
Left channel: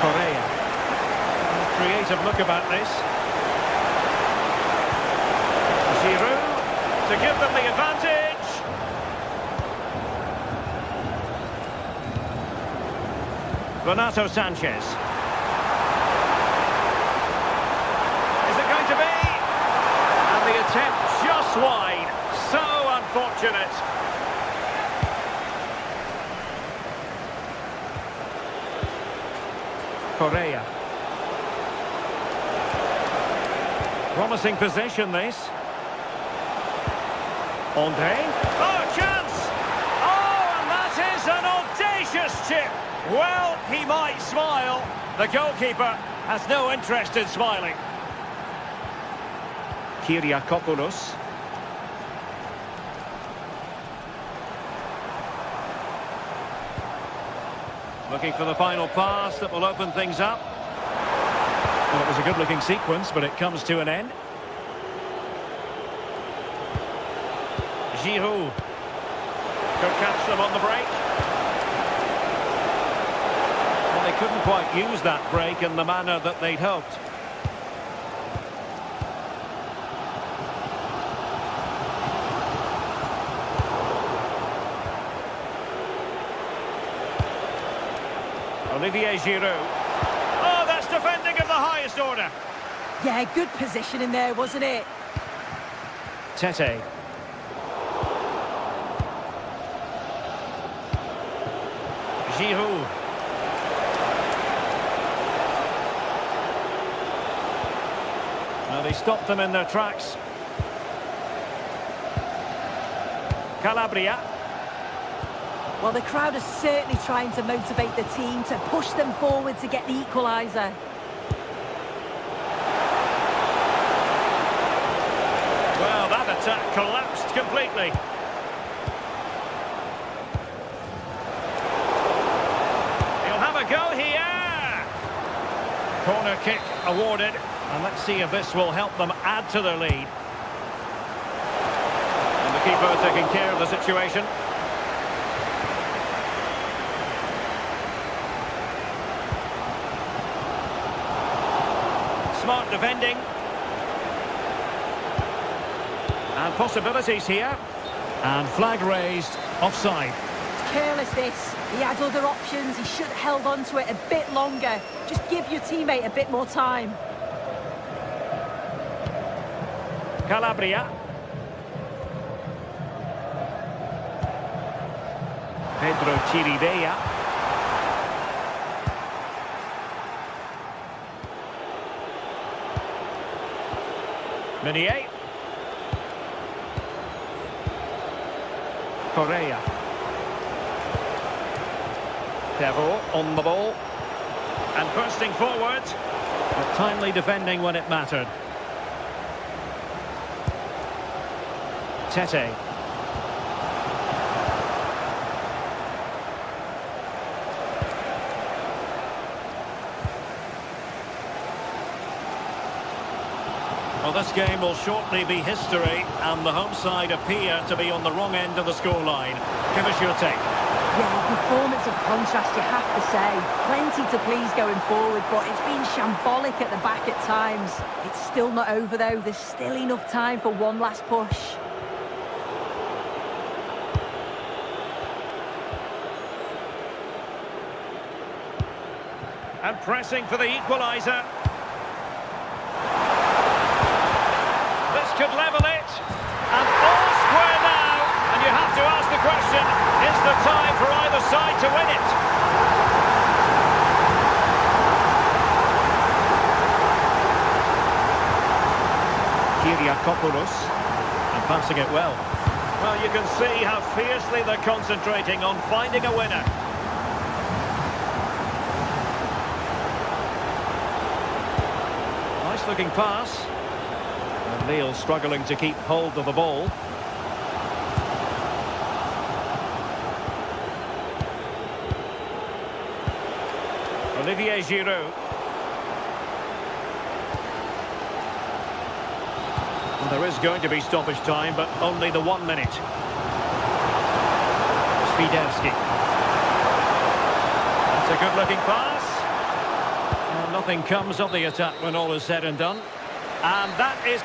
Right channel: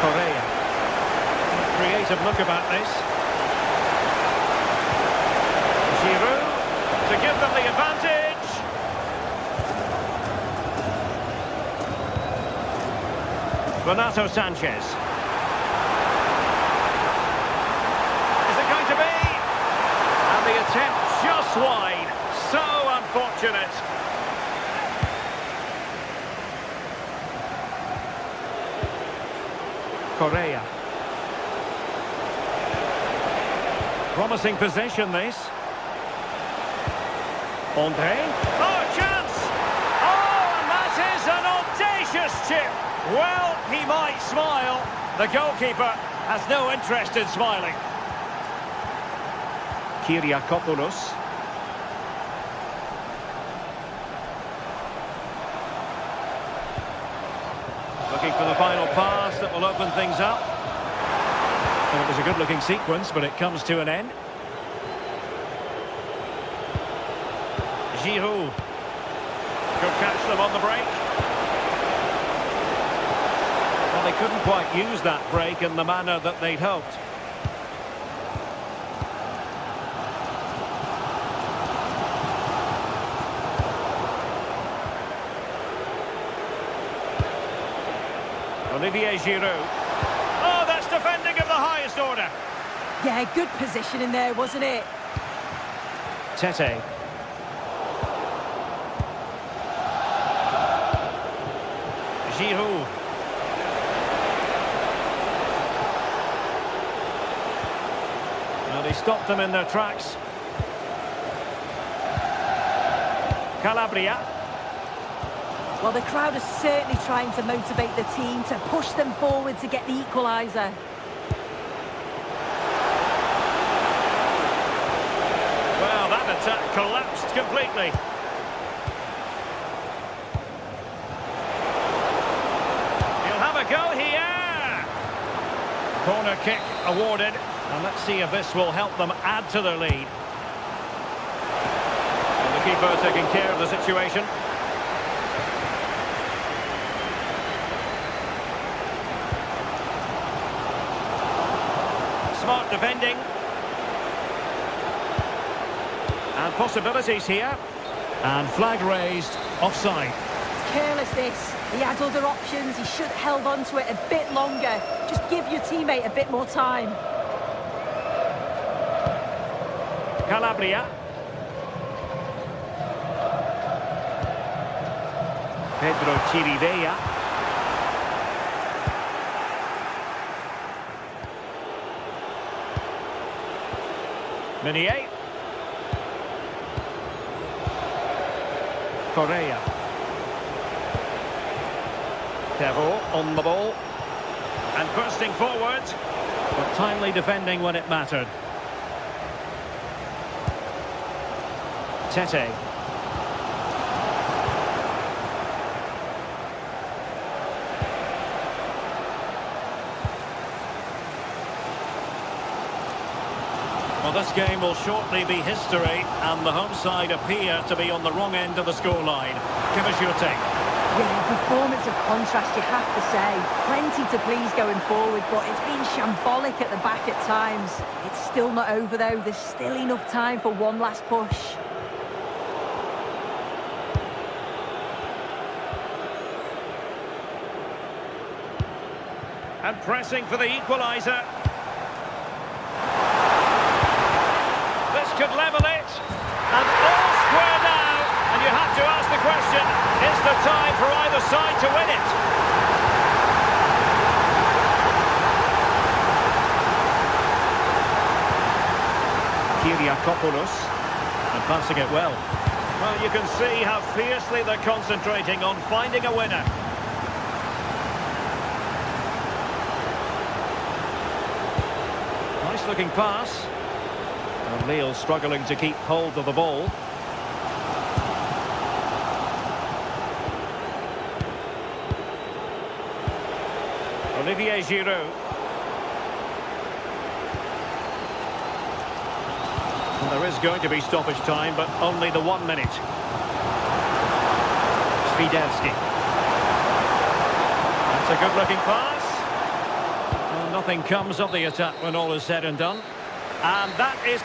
Correa. A creative look about this. Giroud to give them the advantage. Renato Sanchez. Is it going to be? And the attempt just wide. So unfortunate. Correa. Promising possession, this. André. Oh, chance! Oh, and that is an audacious chip. Well, he might smile. The goalkeeper has no interest in smiling. Kyriakopoulos. Looking for the final pass that will open things up. Well, it was a good-looking sequence, but it comes to an end. Giroud. Could catch them on the break. Well, they couldn't quite use that break in the manner that they'd hoped. Olivier Giroud. Oh, that's defending of the highest order. Yeah, good position in there, wasn't it? Tete. Giroud. Well, they stopped them in their tracks. Calabria. Well, the crowd is certainly trying to motivate the team to push them forward to get the equaliser. Well, Well, that attack collapsed completely. He'll have a go here. Corner kick awarded. And let's see if this will help them add to their lead. And the keeper taking care of the situation. Smart defending. And possibilities here. And flag raised, offside. It's careless, this. He had other options. He should have held on to it a bit longer. Just give your teammate a bit more time. Calabria. Pedro Chirivella. Meunier. Correa. Perrault on the ball. And bursting forward. But timely defending when it mattered. Tete. Well, this game will shortly be history, and the home side appear to be on the wrong end of the scoreline. Give us your take. Yeah, performance of contrast, you have to say. Plenty to please going forward, but it's been shambolic at the back at times. It's still not over, though. There's still enough time for one last push. And pressing for the equaliser. This could level it. And all square now. And you have to ask the question, is there time for either side to win it? Kyriakopoulos. And passing it well. Well, you can see how fiercely they're concentrating on finding a winner. Nice looking pass. And Lille struggling to keep hold of the ball. Olivier Giroud. Well, there is going to be stoppage time, but only the 1 minute. Svidevski. That's a good-looking pass. Well, nothing comes of the attack when all is said and done. And that is...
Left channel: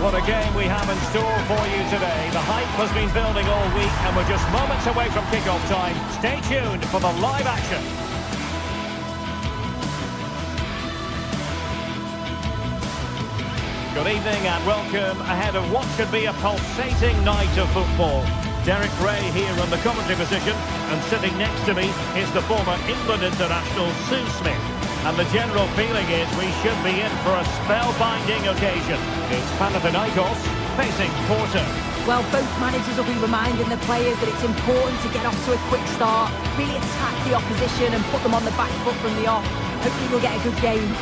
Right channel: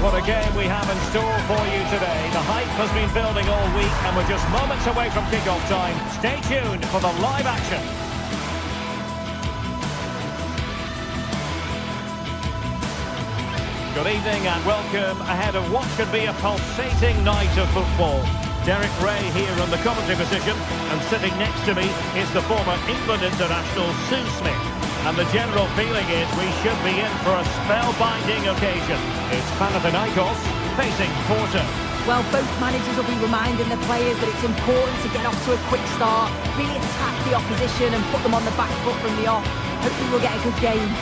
What a game we have in store for you today. The hype has been building all week and we're just moments away from kick-off time. Stay tuned for the live action. Good evening and welcome ahead of what should be a pulsating night of football. Derek Ray here on the commentary position, and sitting next to me is the former England international Sue Smith. And the general feeling is we should be in for a spellbinding occasion. It's Panathinaikos facing Porto. Well, both managers will be reminding the players that it's important to get off to a quick start, really attack the opposition and put them on the back foot from the off. Hopefully we'll get a good game.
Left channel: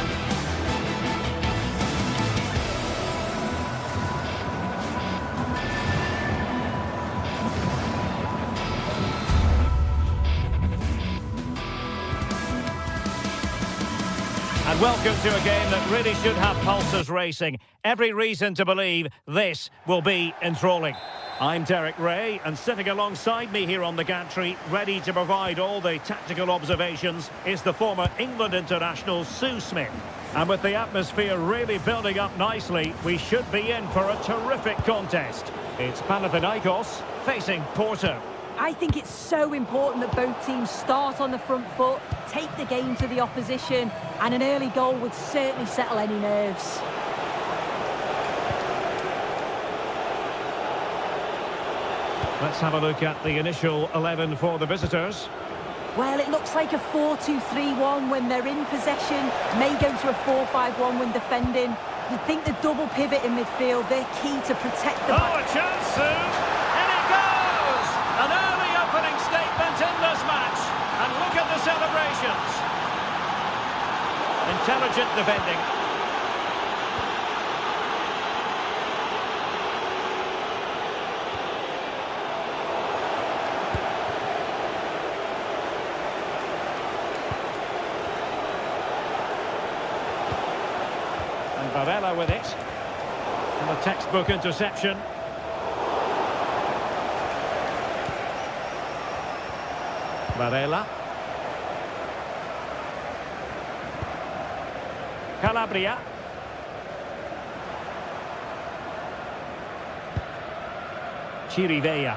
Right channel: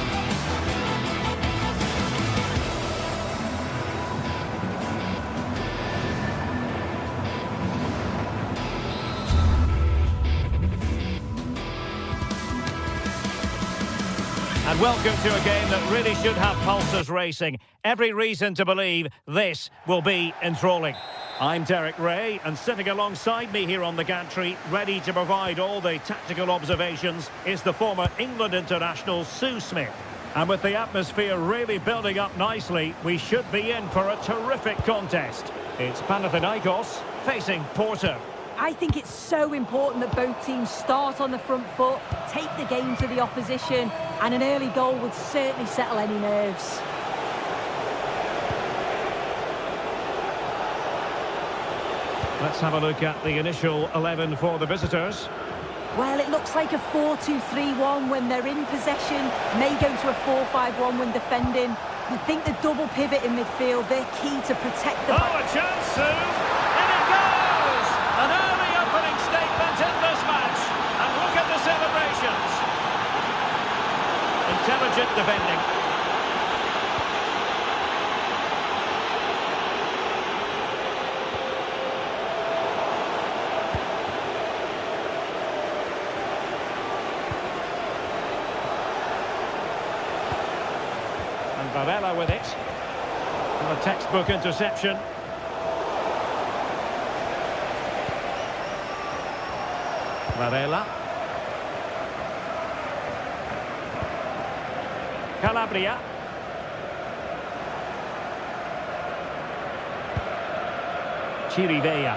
And welcome to a game that really should have pulses racing. Every reason to believe this will be enthralling. I'm Derek Ray, and sitting alongside me here on the gantry, ready to provide all the tactical observations, is the former England international Sue Smith. And with the atmosphere really building up nicely, we should be in for a terrific contest. It's Panathinaikos facing Porto. I think it's so important that both teams start on the front foot, take the game to the opposition, and an early goal would certainly settle any nerves. Let's have a look at the initial 11 for the visitors. Well, it looks like a 4-2-3-1 when they're in possession, may go to a 4-5-1 when defending. You'd think the double pivot in midfield, they're key to protect the... Oh, a chance soon! And it goes! An early opening statement in this match. And look at the celebrations. Intelligent defending. And Varela with it. And a textbook interception. Varela. Calabria. Chirivella.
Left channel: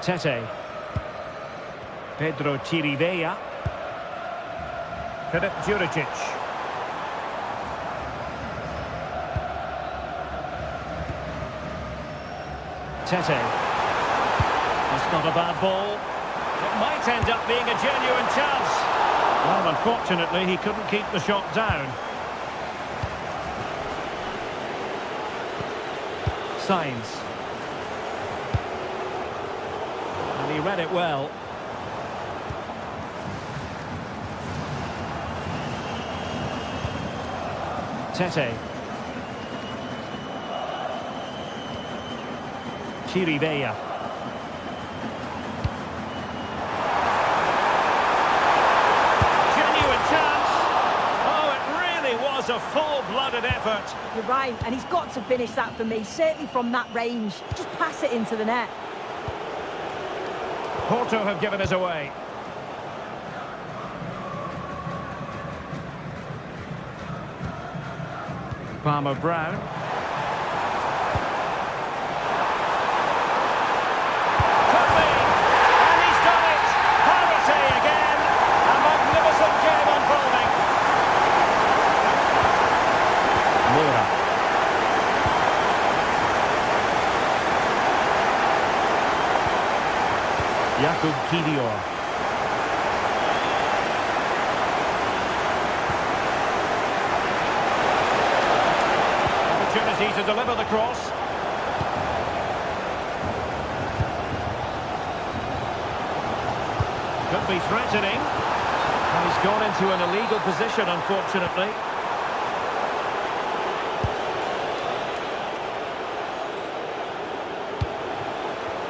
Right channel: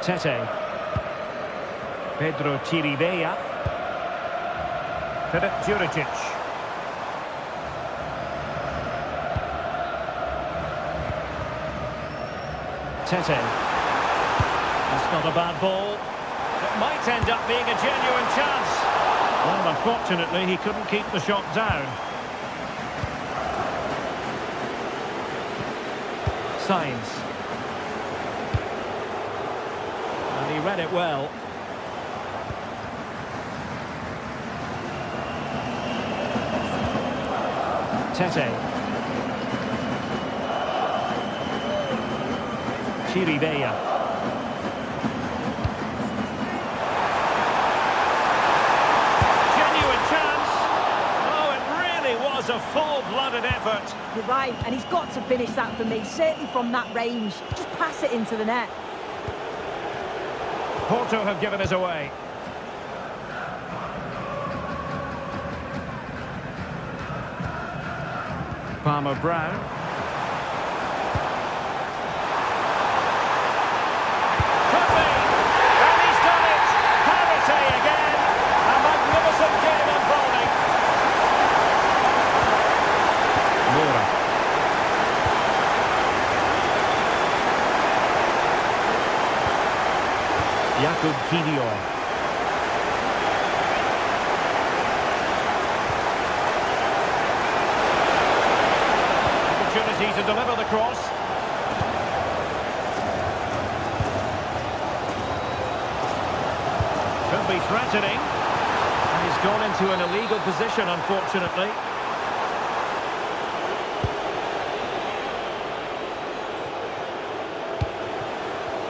Tete. Pedro Chirivella. Filip Juricic. Tete. That's not a bad ball. It might end up being a genuine chance. Well, unfortunately, he couldn't keep the shot down. Sainz. And he read it well. Tete. Chirivella. Genuine chance. Oh, it really was a full-blooded effort. You're right, and he's got to finish that for me, certainly from that range. Just pass it into the net. Porto have given us away. Palmer-Brown. Could be! And he's done it! Parity again! A magnificent game unfolding. Moura. Jakub Kivior. Opportunity to deliver the cross. Could be threatening. And he's gone into an illegal position, unfortunately.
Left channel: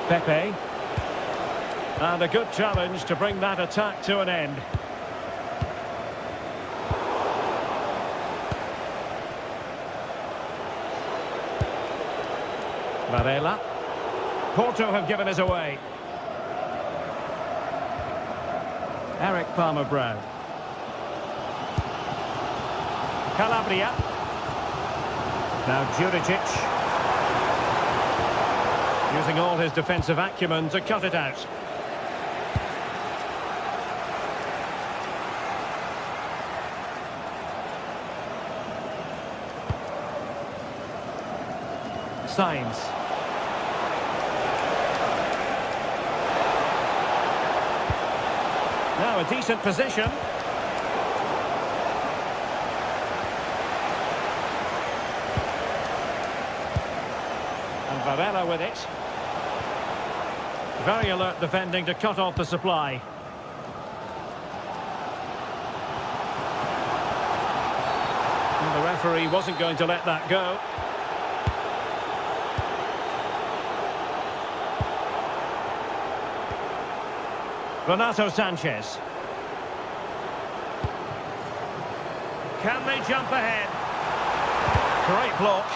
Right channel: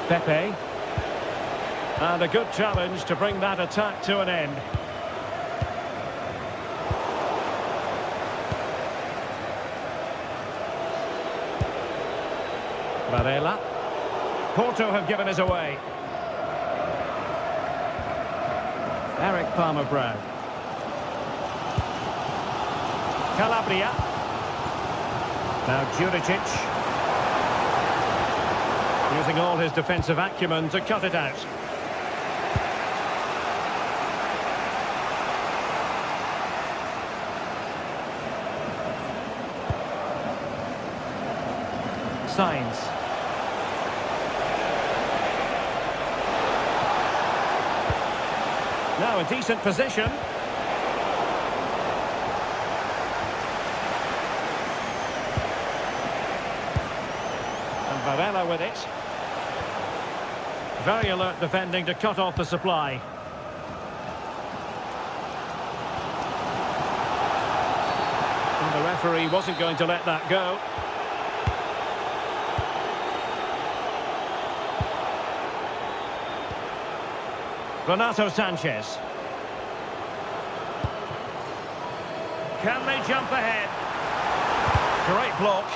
Pepe. And a good challenge to bring that attack to an end. Varela. Porto have given us away. Eric Palmer-Brown. Calabria. Now Juricic. Using all his defensive acumen to cut it out. Sainz. Now a decent position. And Varela with it. Very alert defending to cut off the supply. And the referee wasn't going to let that go. Renato Sanchez. Can they jump ahead? Great block.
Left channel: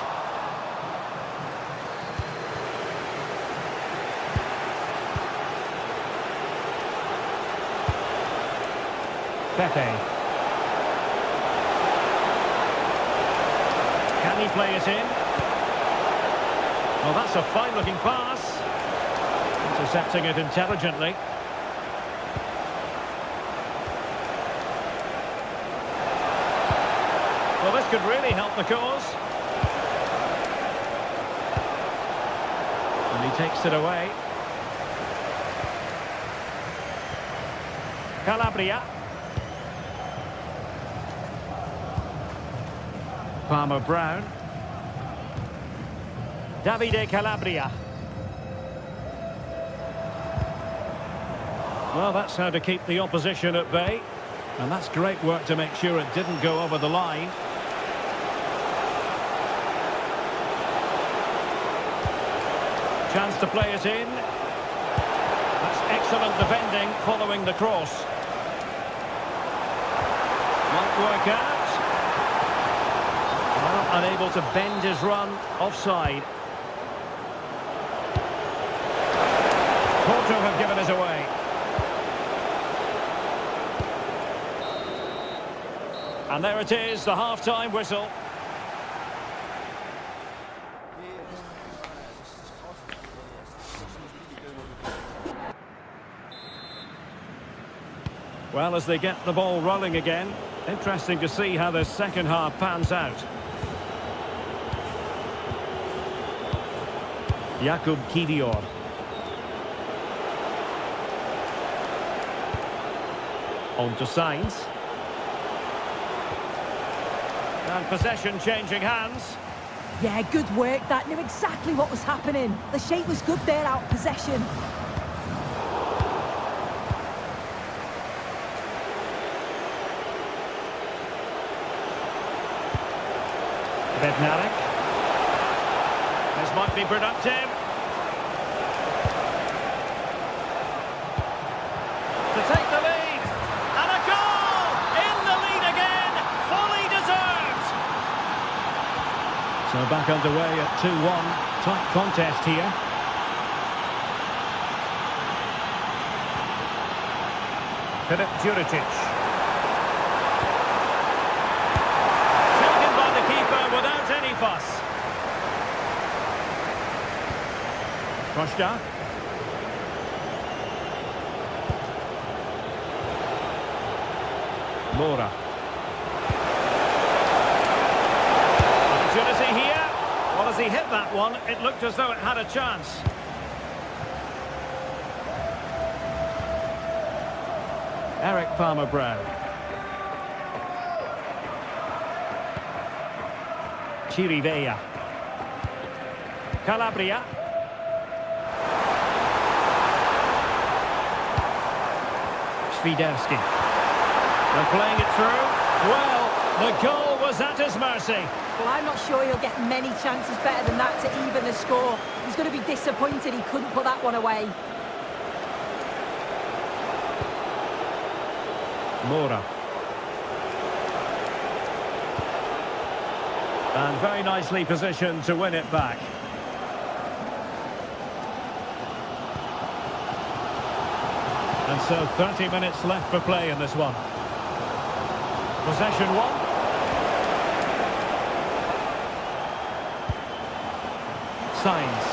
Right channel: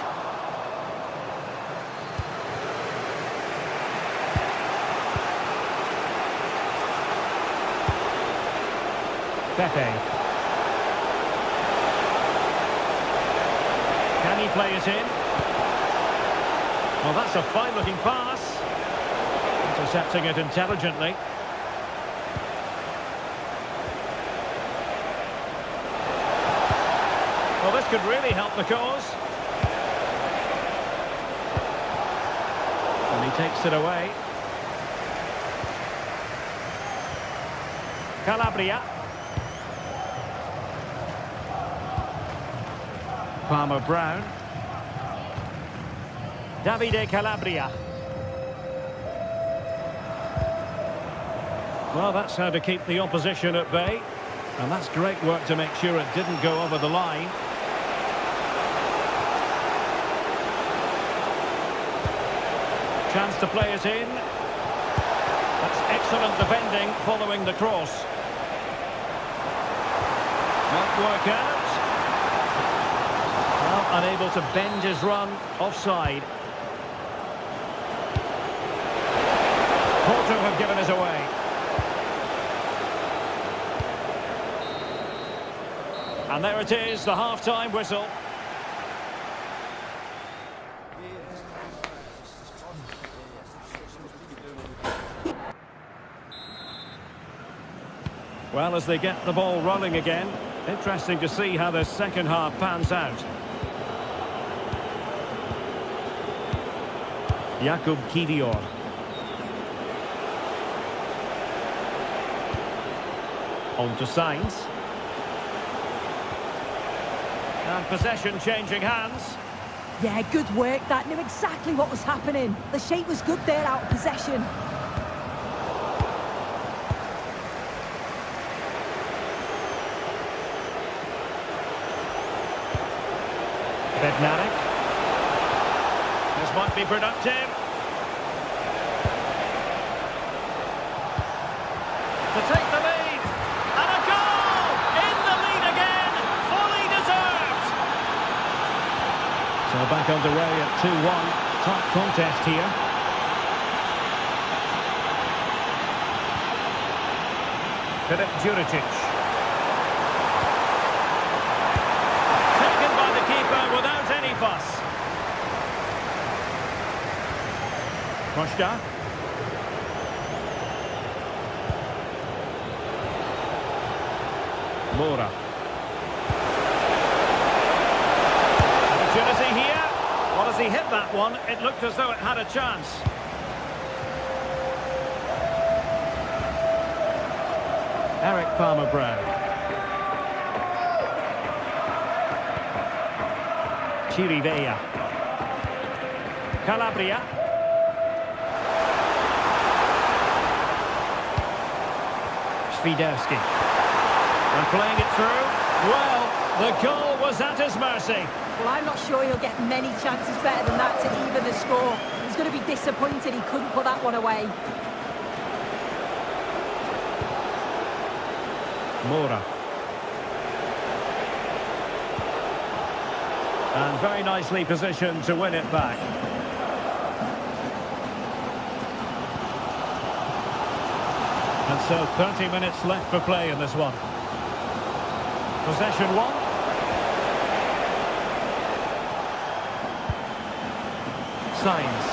Pepe. Can he play it in? Well, that's a fine-looking pass. Intercepting it intelligently. Well, this could really help the cause. And he takes it away. Calabria. Palmer Brown. Davide Calabria. Well, that's how to keep the opposition at bay. And that's great work to make sure it didn't go over the line. Chance to play it in. That's excellent defending following the cross. Might work out. Well, unable to bend his run offside. Porto have given us away. And there it is, the half-time whistle. Well, as they get the ball rolling again, interesting to see how the second half pans out. Jakub Kivior. On to Sainz. And possession changing hands. Yeah, good work. That knew exactly what was happening. The shape was good there out of possession. Bednarek. This might be productive. To take the lead. And a goal! In the lead again. Fully deserved. So back underway at 2-1. Tight contest here. Filip Juricic. Keeper without any fuss. Costa. Mora. Opportunity here. Well, as he hit that one, it looked as though it had a chance. Eric Palmer Brown. Chirivella. Calabria. Świderski. And playing it through. Well, the goal was at his mercy. Well, I'm not sure he'll get many chances better than that to even the score. He's going to be disappointed he couldn't put that one away. Mora. And very nicely positioned to win it back. And so 30 minutes left for play in this one. Possession one. Sainz.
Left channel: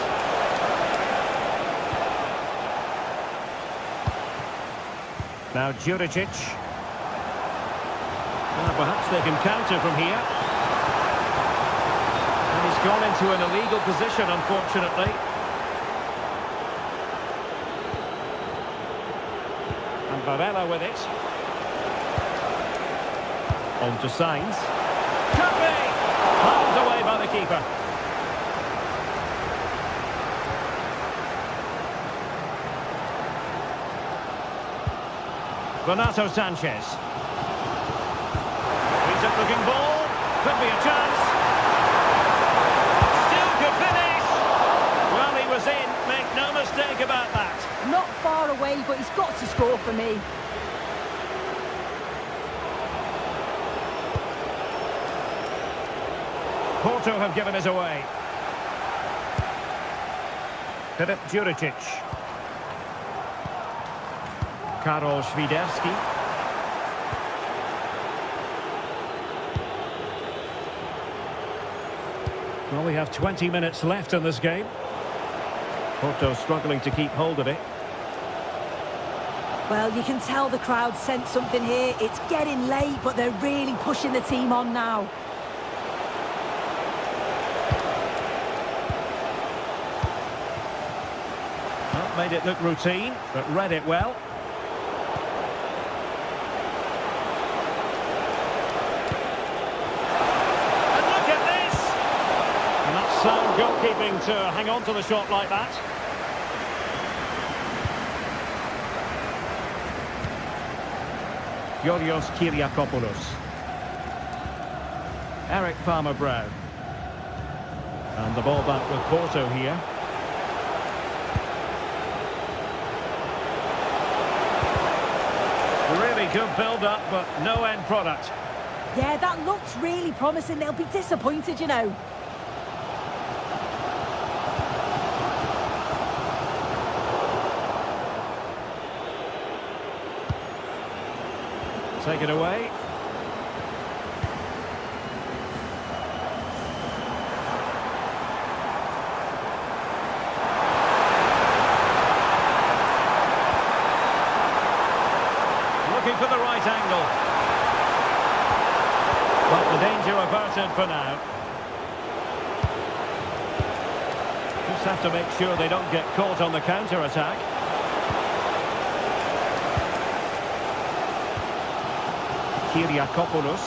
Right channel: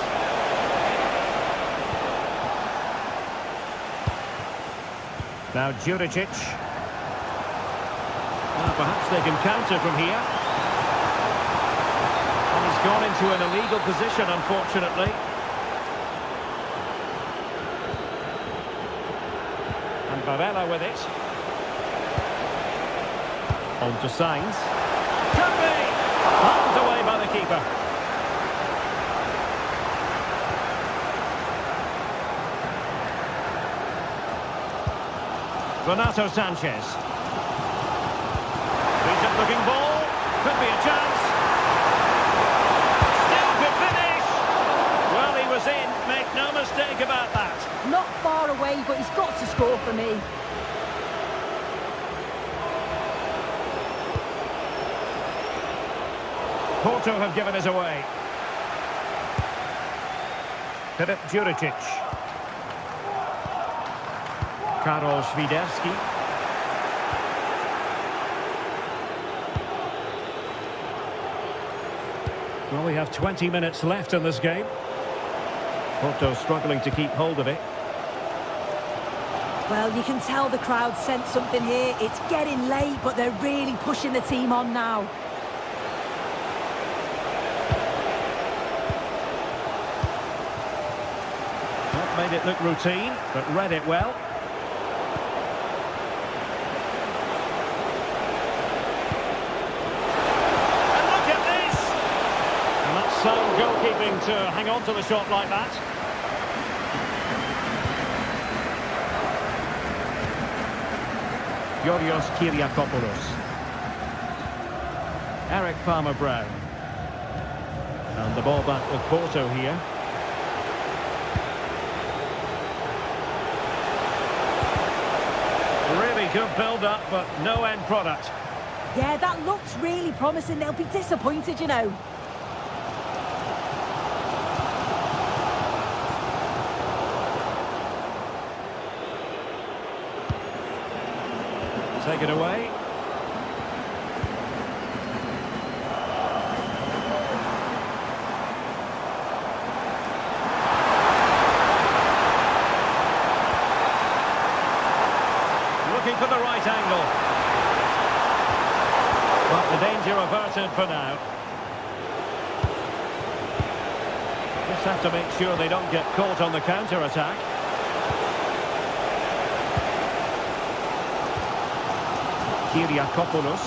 Now Juricic. Well, perhaps they can counter from here. And he's gone into an illegal position, unfortunately. And Varela with it. On to Sainz. Can be! Palmed away by the keeper. Renato Sanchez. Decent looking ball. Could be a chance. Well, he was in, make no mistake about that. Not far away, but he's got to score for me. Porto have given us away. Filip Juricic. Karol Świderski. Well, we have 20 minutes left in this game. Porto struggling to keep hold of it. Well, you can tell the crowd sense something here. It's getting late, but they're really pushing the team on now. Not made it look routine, but read it well. And look at this! And that's sound goalkeeping to hang on to the shot like that. Yorios Kyriakopoulos. Eric Palmer-Brown. And the ball back with Porto here. Really good build-up, but no end product. Yeah, that looks really promising. They'll be disappointed, you know. Take it away. Looking for the right angle. But the danger averted for now. Just have to make sure they don't get caught on the counter-attack. Kyriakopoulos.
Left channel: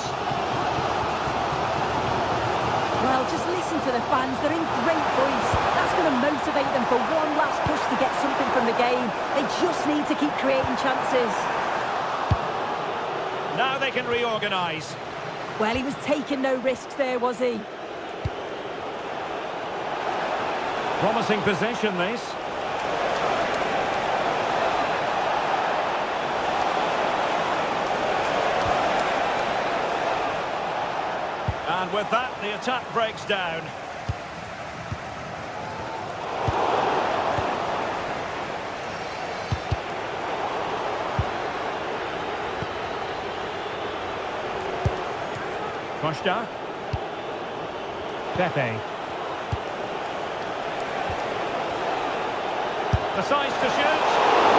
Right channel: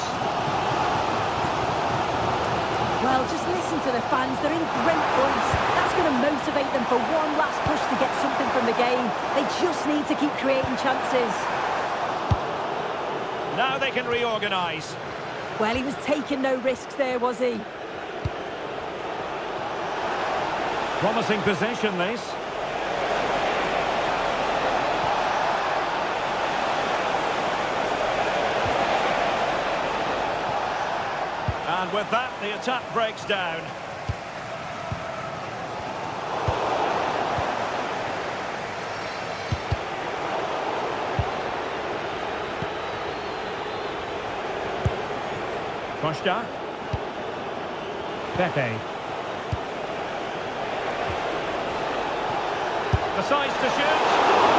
Well, just listen to the fans. They're in great voice. That's going to motivate them for one last push to get something from the game. They just need to keep creating chances. Now they can reorganise. Well, he was taking no risks there, was he? Promising possession, this. And with that, the attack breaks down. Costa. Pepe. Decides to shoot.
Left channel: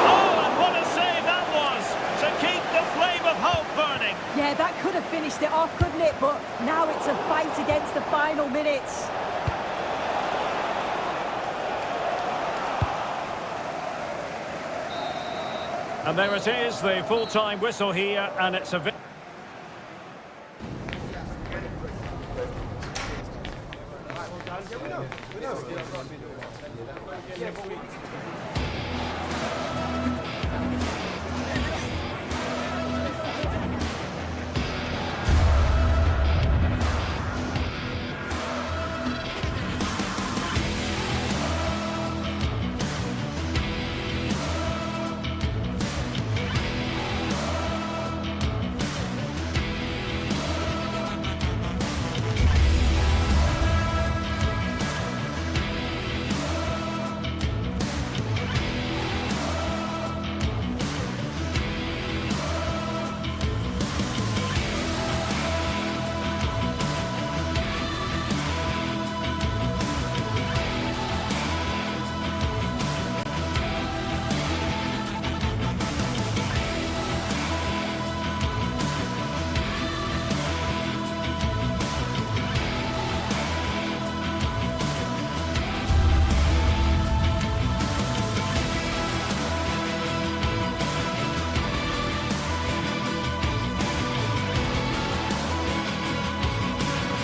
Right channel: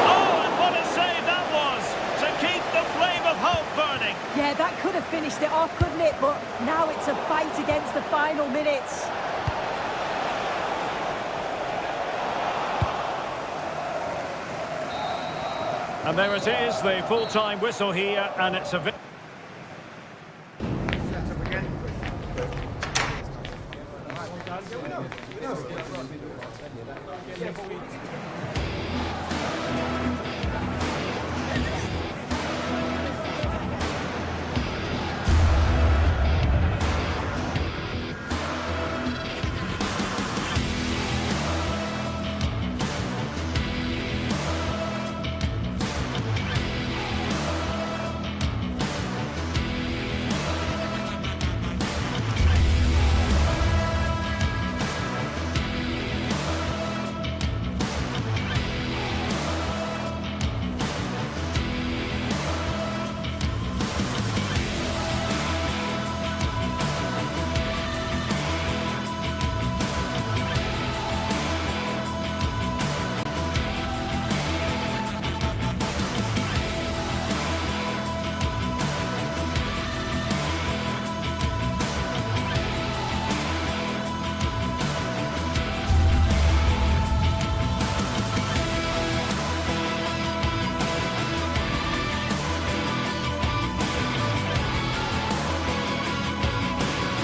Oh, and what a save that was to keep the flame of hope burning. Yeah, that could have finished it off, couldn't it? But now it's a fight against the final minutes. And there it is, the full-time whistle here, and it's a...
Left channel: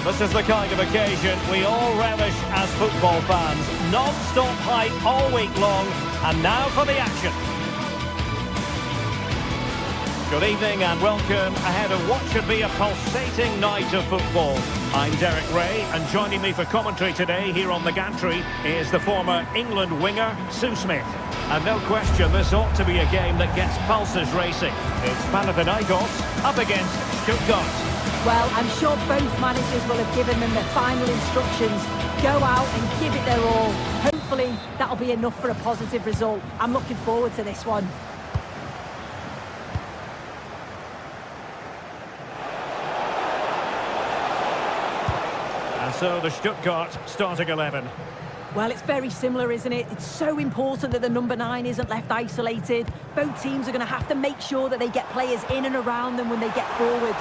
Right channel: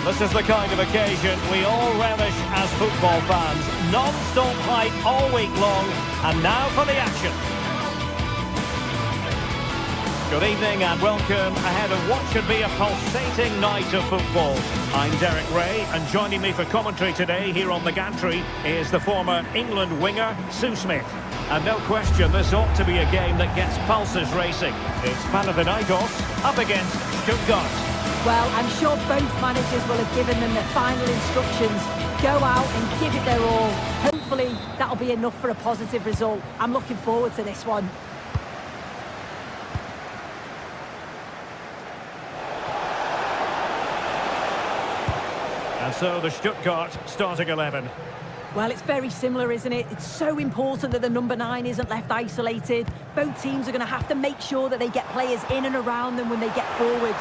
This is the kind of occasion we all relish as football fans. Non-stop hype all week long, and now for the action. Good evening and welcome ahead of what should be a pulsating night of football. I'm Derek Ray, and joining me for commentary today here on the gantry is the former England winger, Sue Smith. And no question, this ought to be a game that gets pulses racing. It's Panathinaikos up against Stuttgart. Well, I'm sure both managers will have given them their final instructions. Go out and give it their all. Hopefully, that'll be enough for a positive result. I'm looking forward to this one. And so the Stuttgart starting 11. Well, it's very similar, isn't it? It's so important that the number 9 isn't left isolated. Both teams are going to have to make sure that they get players in and around them when they get forward.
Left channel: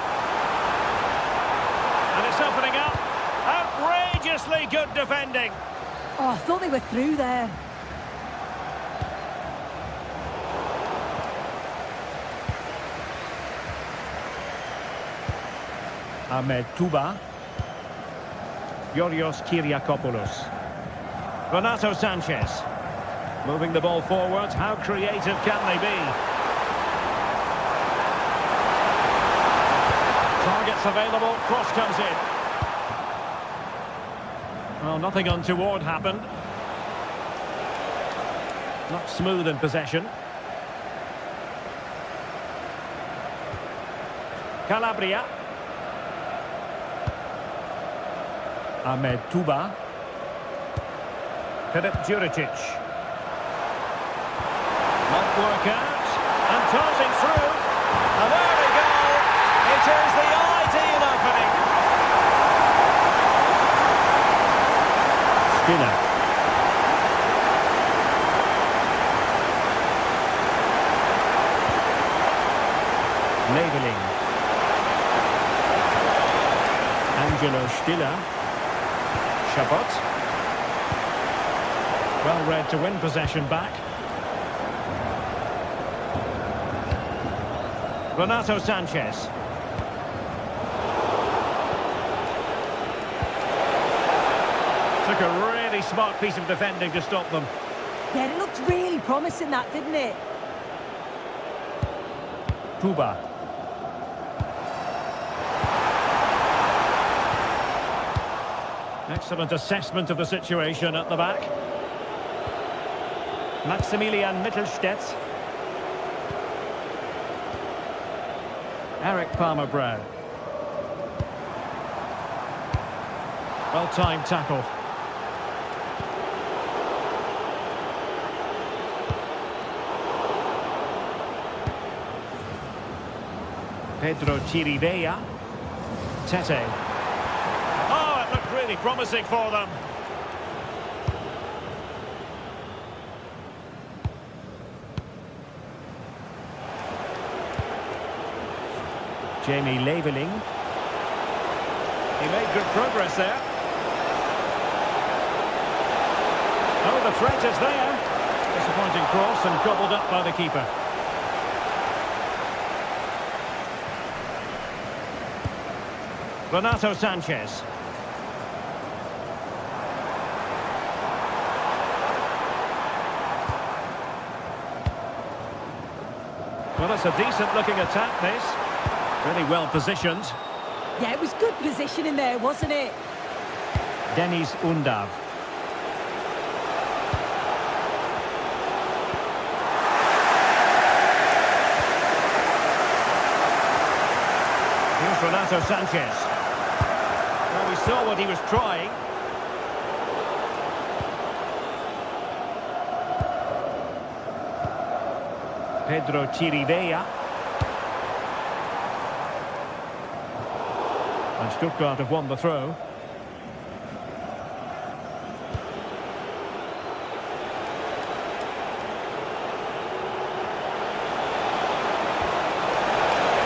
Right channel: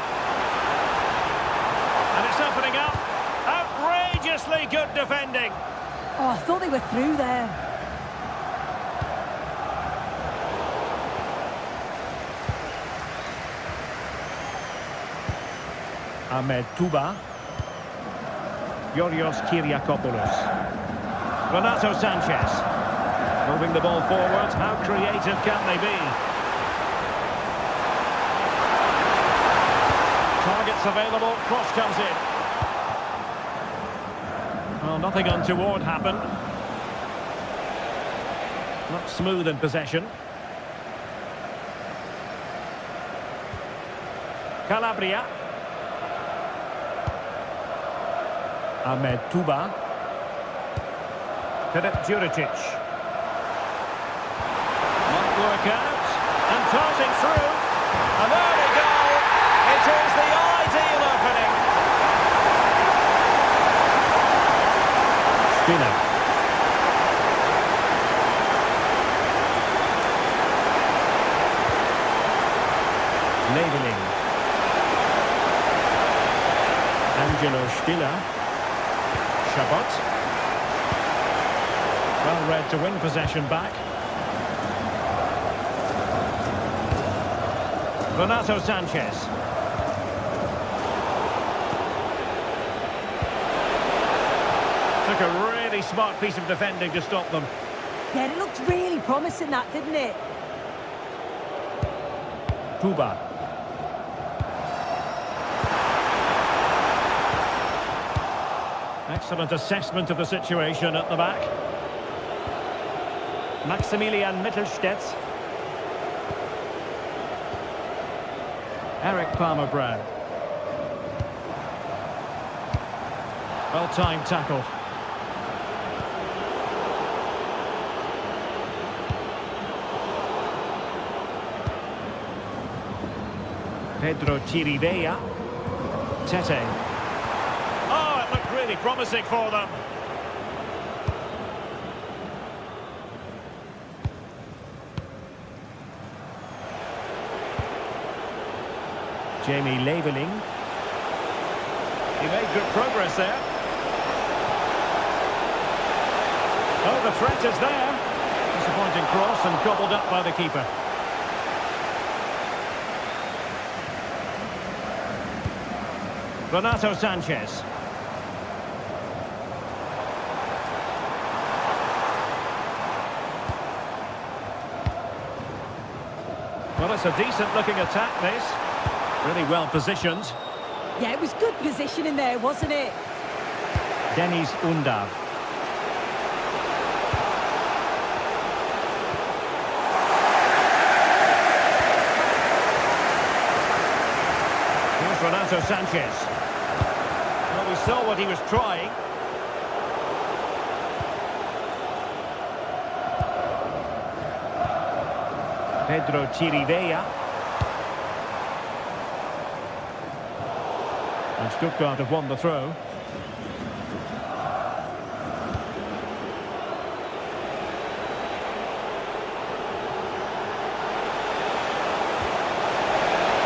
And it's opening up. Outrageously good defending. Oh, I thought they were through there. Ahmed Touba. Yorios Kyriakopoulos. Renato Sanchez. Moving the ball forward. How creative can they be? Targets available. Cross comes in. Well, nothing untoward happened. Not smooth in possession. Calabria. Ahmed Touba. Filip Juricic. Might work out. And tossing through. An early goal. It is the ideal opening. Skinner. Leveling. Angelo Stiller. Chabot. Well read to win possession back. Renato Sanchez. Took a really smart piece of defending to stop them. Yeah, it looked really promising, that, didn't it? Touba. Excellent assessment of the situation at the back. Maximilian Mittelstädt. Eric Palmer-Brown. Well-timed tackle. Pedro Chirivella. Tete. Oh, it looked really promising for them. Jamie Leveling. He made good progress there. Oh, the threat is there. Disappointing cross and gobbled up by the keeper. Renato Sanchez. Well, it's a decent-looking attack, this. Really well positioned. Yeah, it was good positioning there, wasn't it? Denis Undav. Here's Renato Sanchez. Well, we saw what he was trying. Pedro Chirivella. And Stuttgart have won the throw.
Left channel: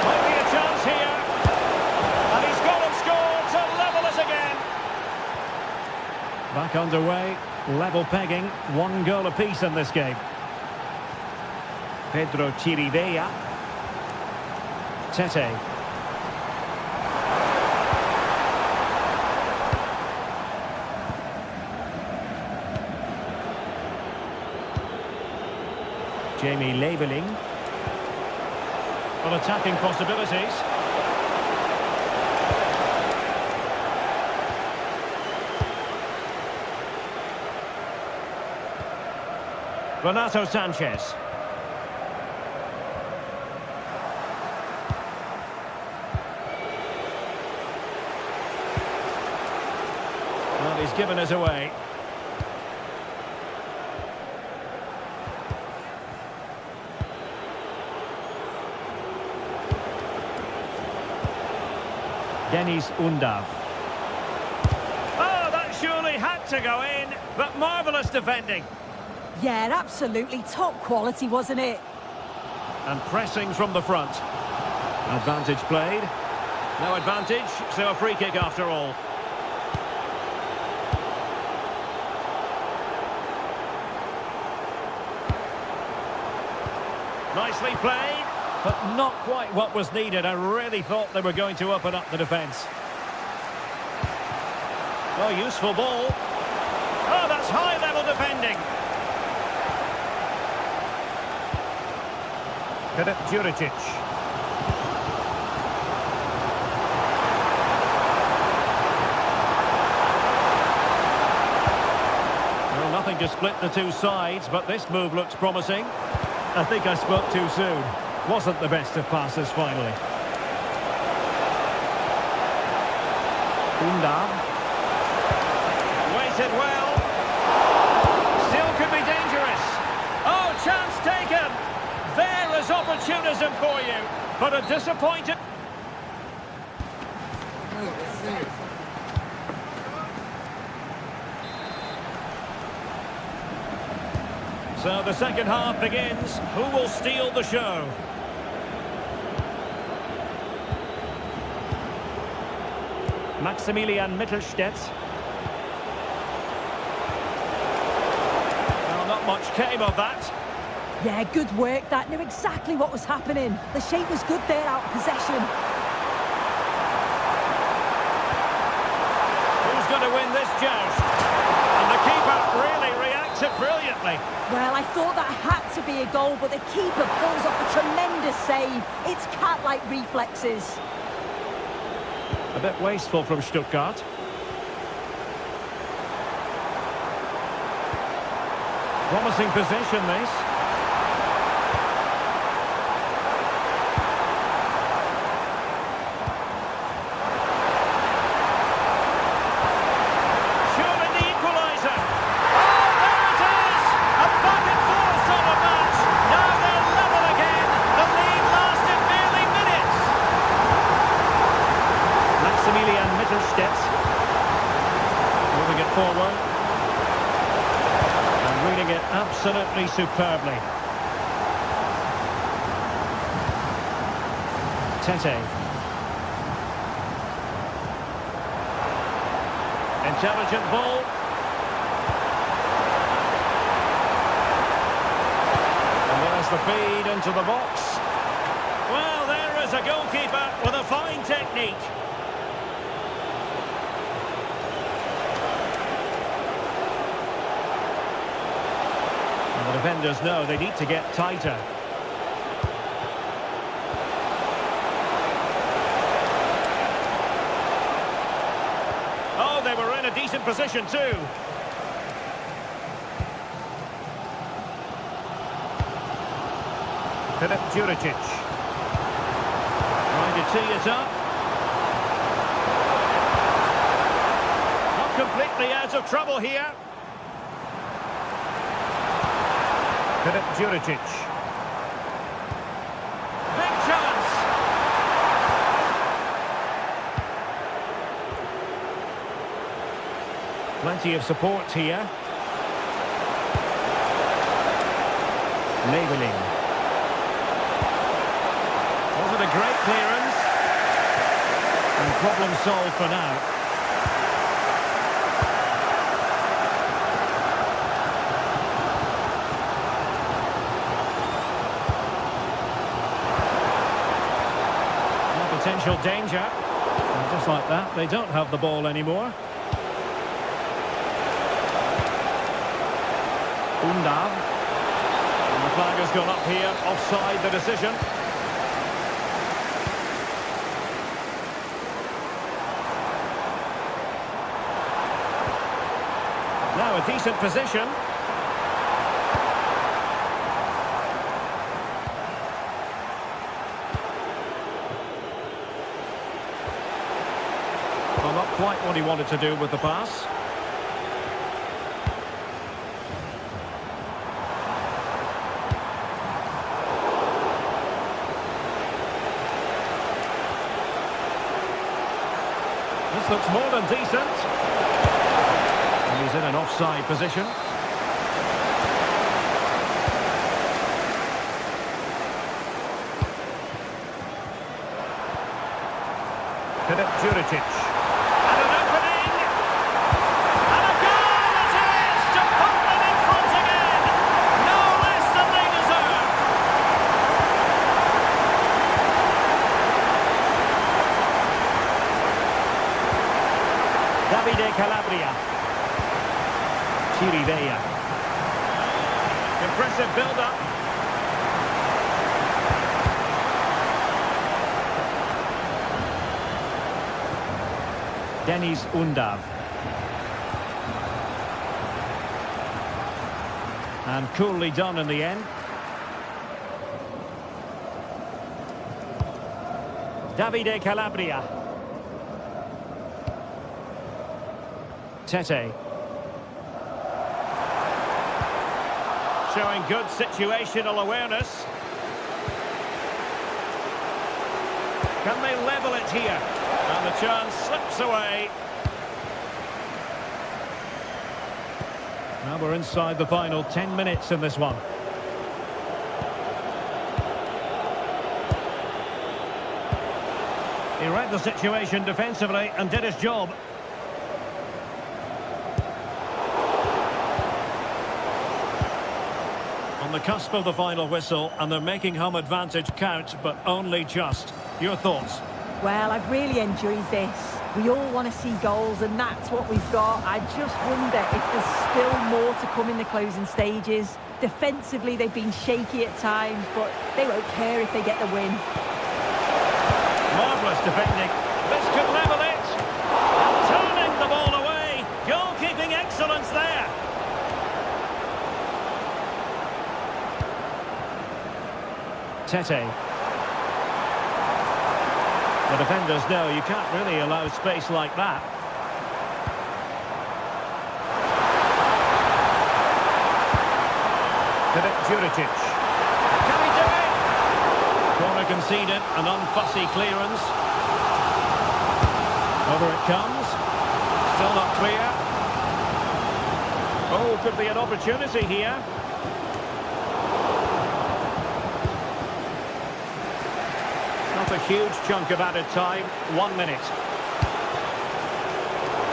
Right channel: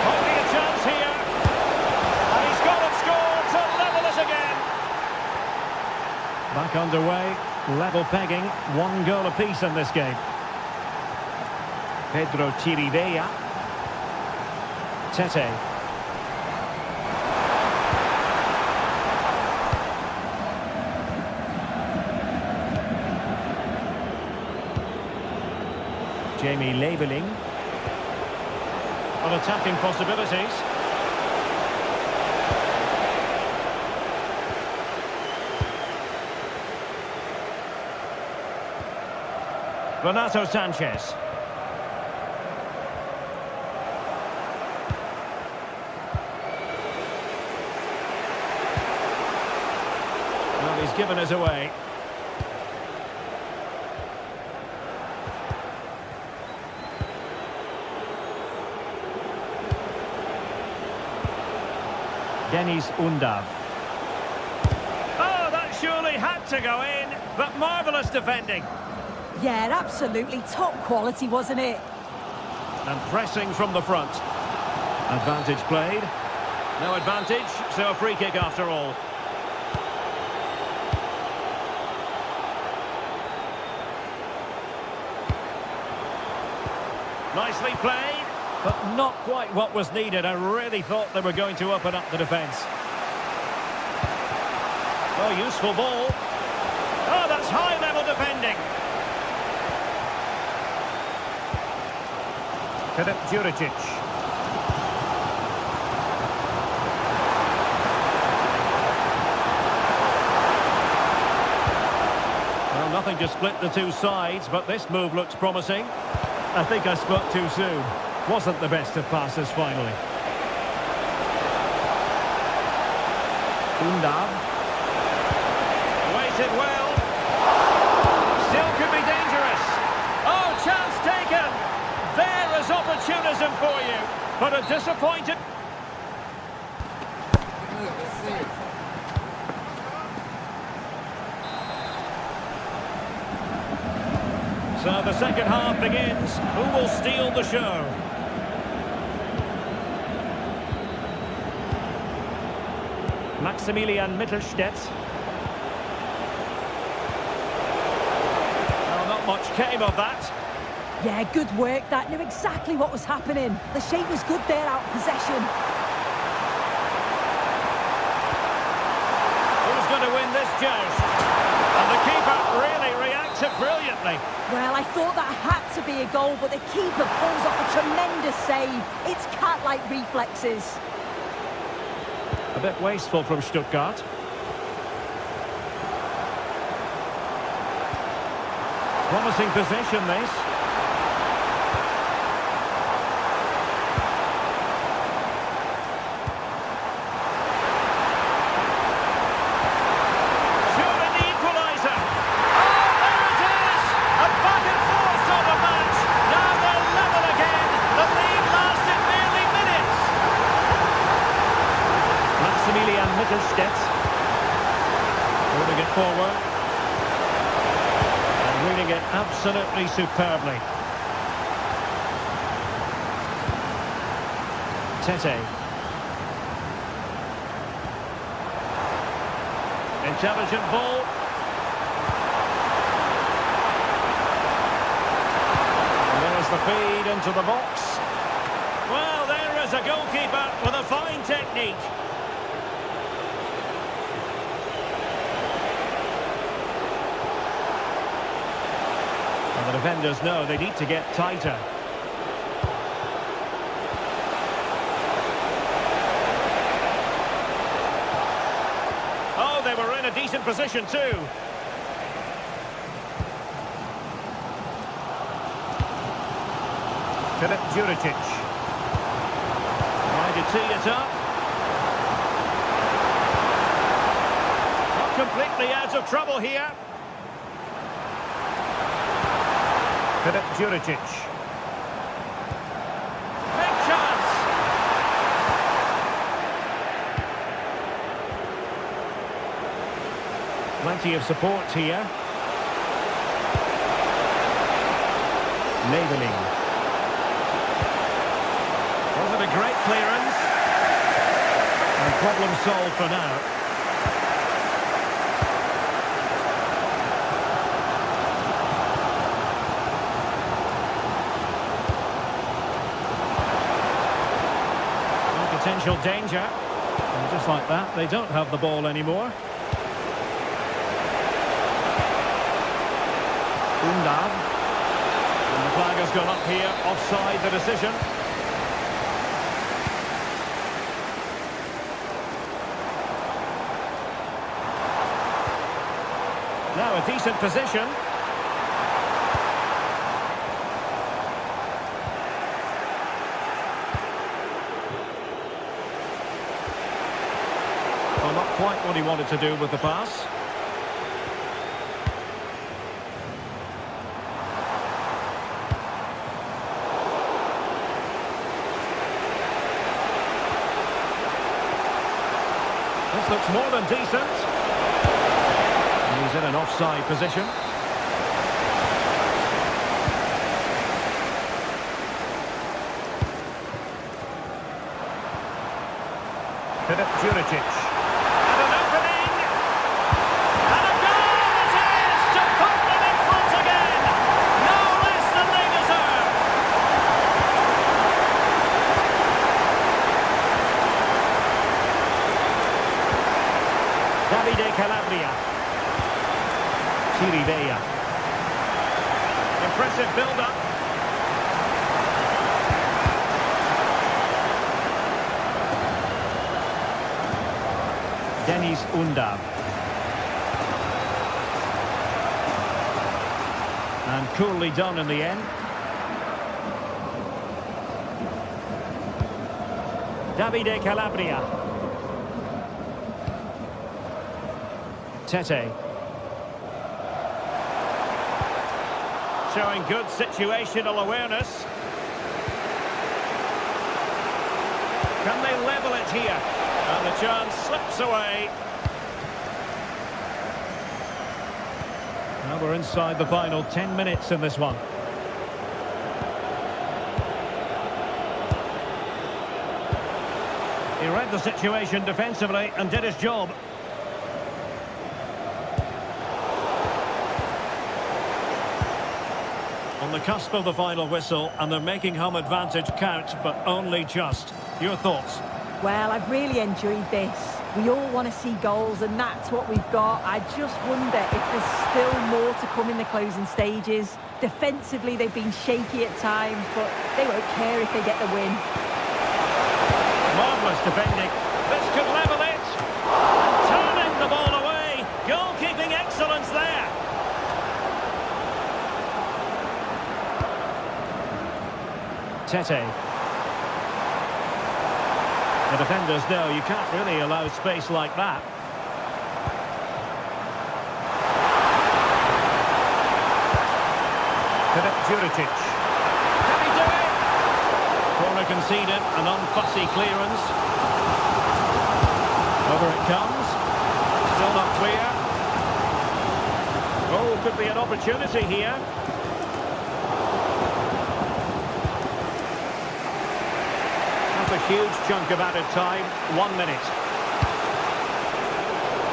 Might be a chance here. And he's gone and scored to level it again. Back underway. Level pegging. 1 goal apiece in this game. Pedro Chirivella. Tete. Jamie Leveling. On attacking possibilities. Renato Sanchez. Well, he's given it away. Denis Undav. had to go in, but marvellous defending. Yeah, absolutely top quality, wasn't it? And pressing from the front. Advantage played. No advantage, so a free kick after all. Nicely played, but not quite what was needed. I really thought they were going to open up the defence. Well, useful ball. Oh, that's high-level defending. Juricic. Well, nothing to split the two sides, but this move looks promising. I think I spoke too soon. Wasn't the best of passes finally. Undav. Waited well. Still could be dangerous. Oh, chance taken. There is opportunism for you, but a disappointed... So the second half begins. Who will steal the show? Maximilian Mittelstädt. Well, not much came of that. Yeah, good work. That knew exactly what was happening. The shape was good there out of possession. Who's going to win this joust? And the keeper really reacted brilliantly. Well, I thought that had to be a goal, but the keeper pulls off a tremendous save. It's cat-like reflexes. A bit wasteful from Stuttgart. Promising position, this. Surely the equaliser. Oh, there it is! A back and forth sort of match. Now they're level again. The lead lasted merely minutes. Maximilian Mittelstädt moving it forward and reading it absolutely superbly. Tete. Intelligent ball. And there's the feed into the box. Well, there is a goalkeeper with a fine technique. And the defenders know they need to get tighter. Oh, they were in a decent position too. Juricic. Trying to tee it up. Not completely out of trouble here. Juricic. Big chance. Plenty of support here. Leveling. Was it a great clearance? And problem solved for now. Potential danger. And just like that, they don't have the ball anymore. Undav. And the flag has gone up here, offside the decision. Now a decent position. Well, not quite what he wanted to do with the pass. This looks more than decent. And he's in an offside position. Juricic. And an opening. And a goal it is to put them in front again. No less than they deserve. Davide Calabria. Chirivella. Impressive build-up. Denis Undav. And coolly done in the end. Davide Calabria. Tete. Showing good situational awareness. Can they level it here? And the chance slips away. Now we're inside the final 10 minutes in this one. He read the situation defensively and did his job. On the cusp of the final whistle, and they're making home advantage count, but only just. Your thoughts? Well, I've really enjoyed this. We all want to see goals, and that's what we've got. I just wonder if there's still more to come in the closing stages. Defensively, they've been shaky at times, but they won't care if they get the win. Marvellous defending. This could level it. And turning the ball away. Goalkeeping excellence there. Tete. The defenders know you can't really allow space like that. Juricic. Can he do it? Corner conceded, an unfussy clearance. Over it comes. Still not clear. Oh, could be an opportunity here. Not a huge chunk of added time. 1 minute.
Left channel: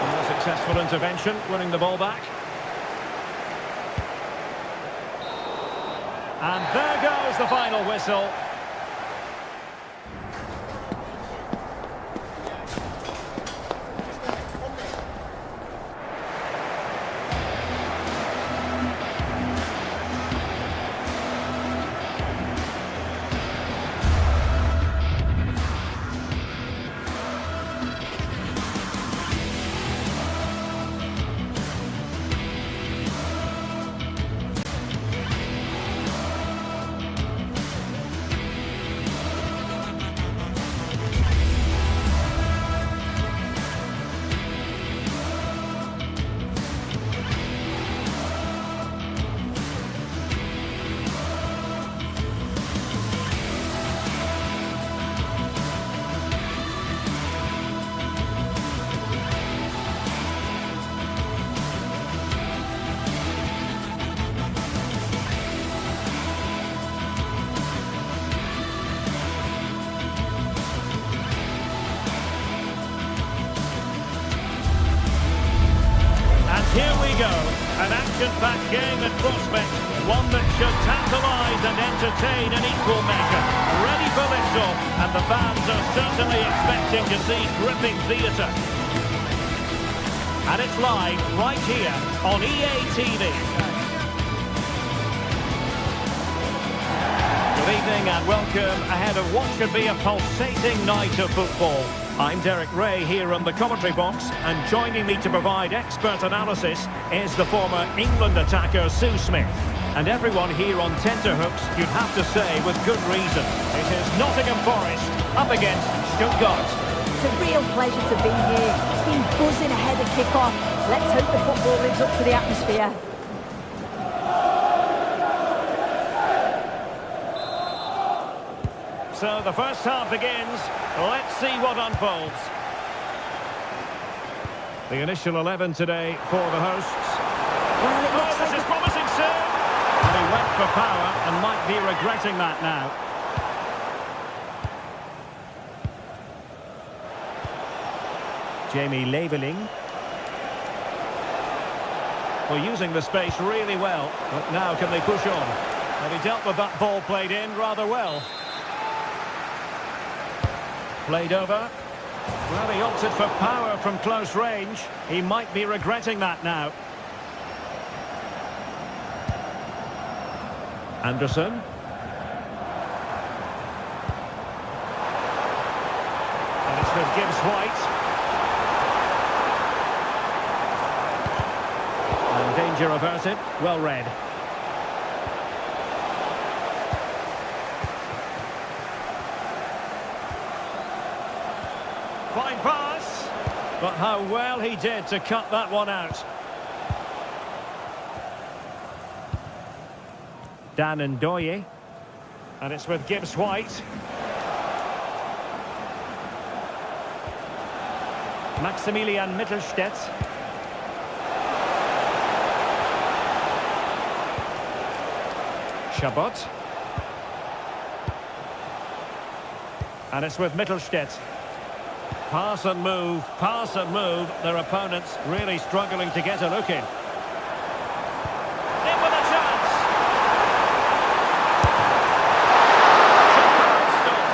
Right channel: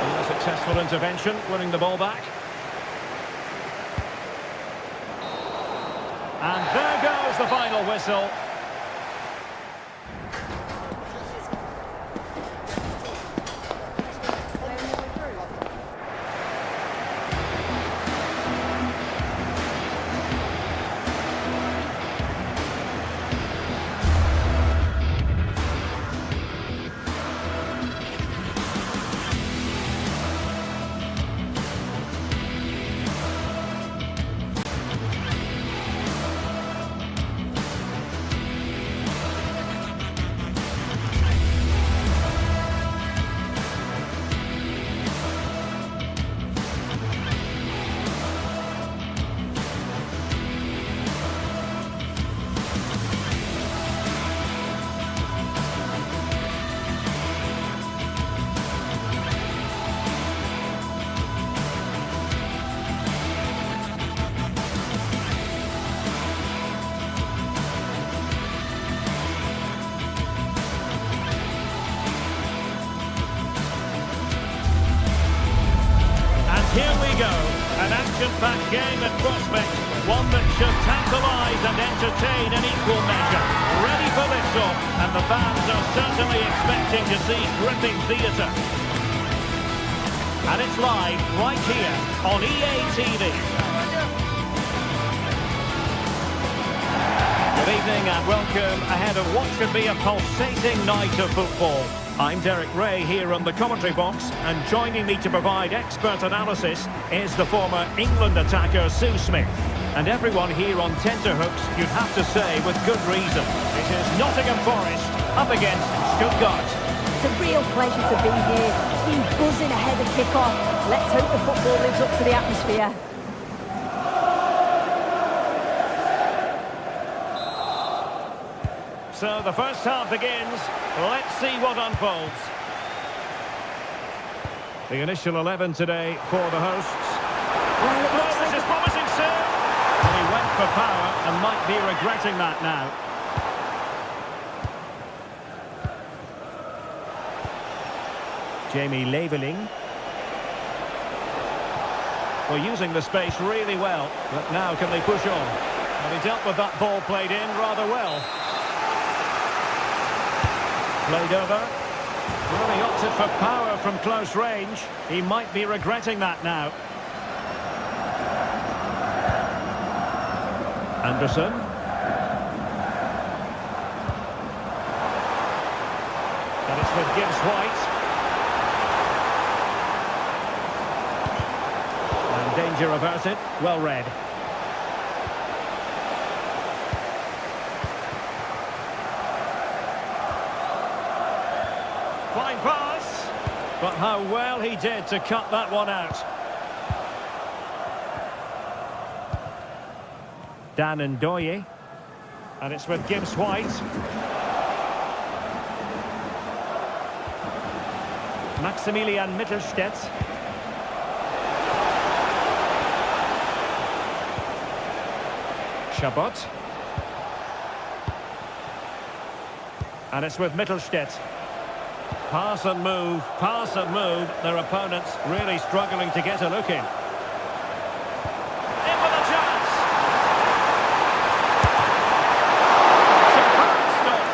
And a successful intervention, winning the ball back. And there goes the final whistle. Here we go, an action-packed game at prospect, one that should tantalise and entertain in equal measure. Ready for lift-off, and the fans are certainly expecting to see gripping theatre. And it's live right here on EA TV. Good evening and welcome ahead of what should be a pulsating night of football. I'm Derek Ray here on the commentary box, and joining me to provide expert analysis is the former England attacker Sue Smith. And everyone here on tenterhooks, you'd have to say with good reason. It is Nottingham Forest up against Stuttgart. It's a real pleasure to be here. It's been buzzing ahead of kick-off. Let's hope the football lives up to the atmosphere. So the first half begins. Let's see what unfolds. The initial 11 today for the hosts. Well, it looks This like is promising soon. Well, he went for power and might be regretting that now. Jamie Leveling. Well, using the space really well. But now can they push on? Well, he dealt with that ball played in rather well. Played over. Well, he opted for power from close range. He might be regretting that now. Anderson. And it's with Gibbs-White. And danger averted. Well read. Fine pass. But how well he did to cut that one out. Dan Ndoye. And it's with Gibbs-White. Maximilian Mittelstädt. Chabot. And it's with Mittelstädt. Pass and move, pass and move. Their opponents really struggling to get a look in. In with a chance. Superb stop.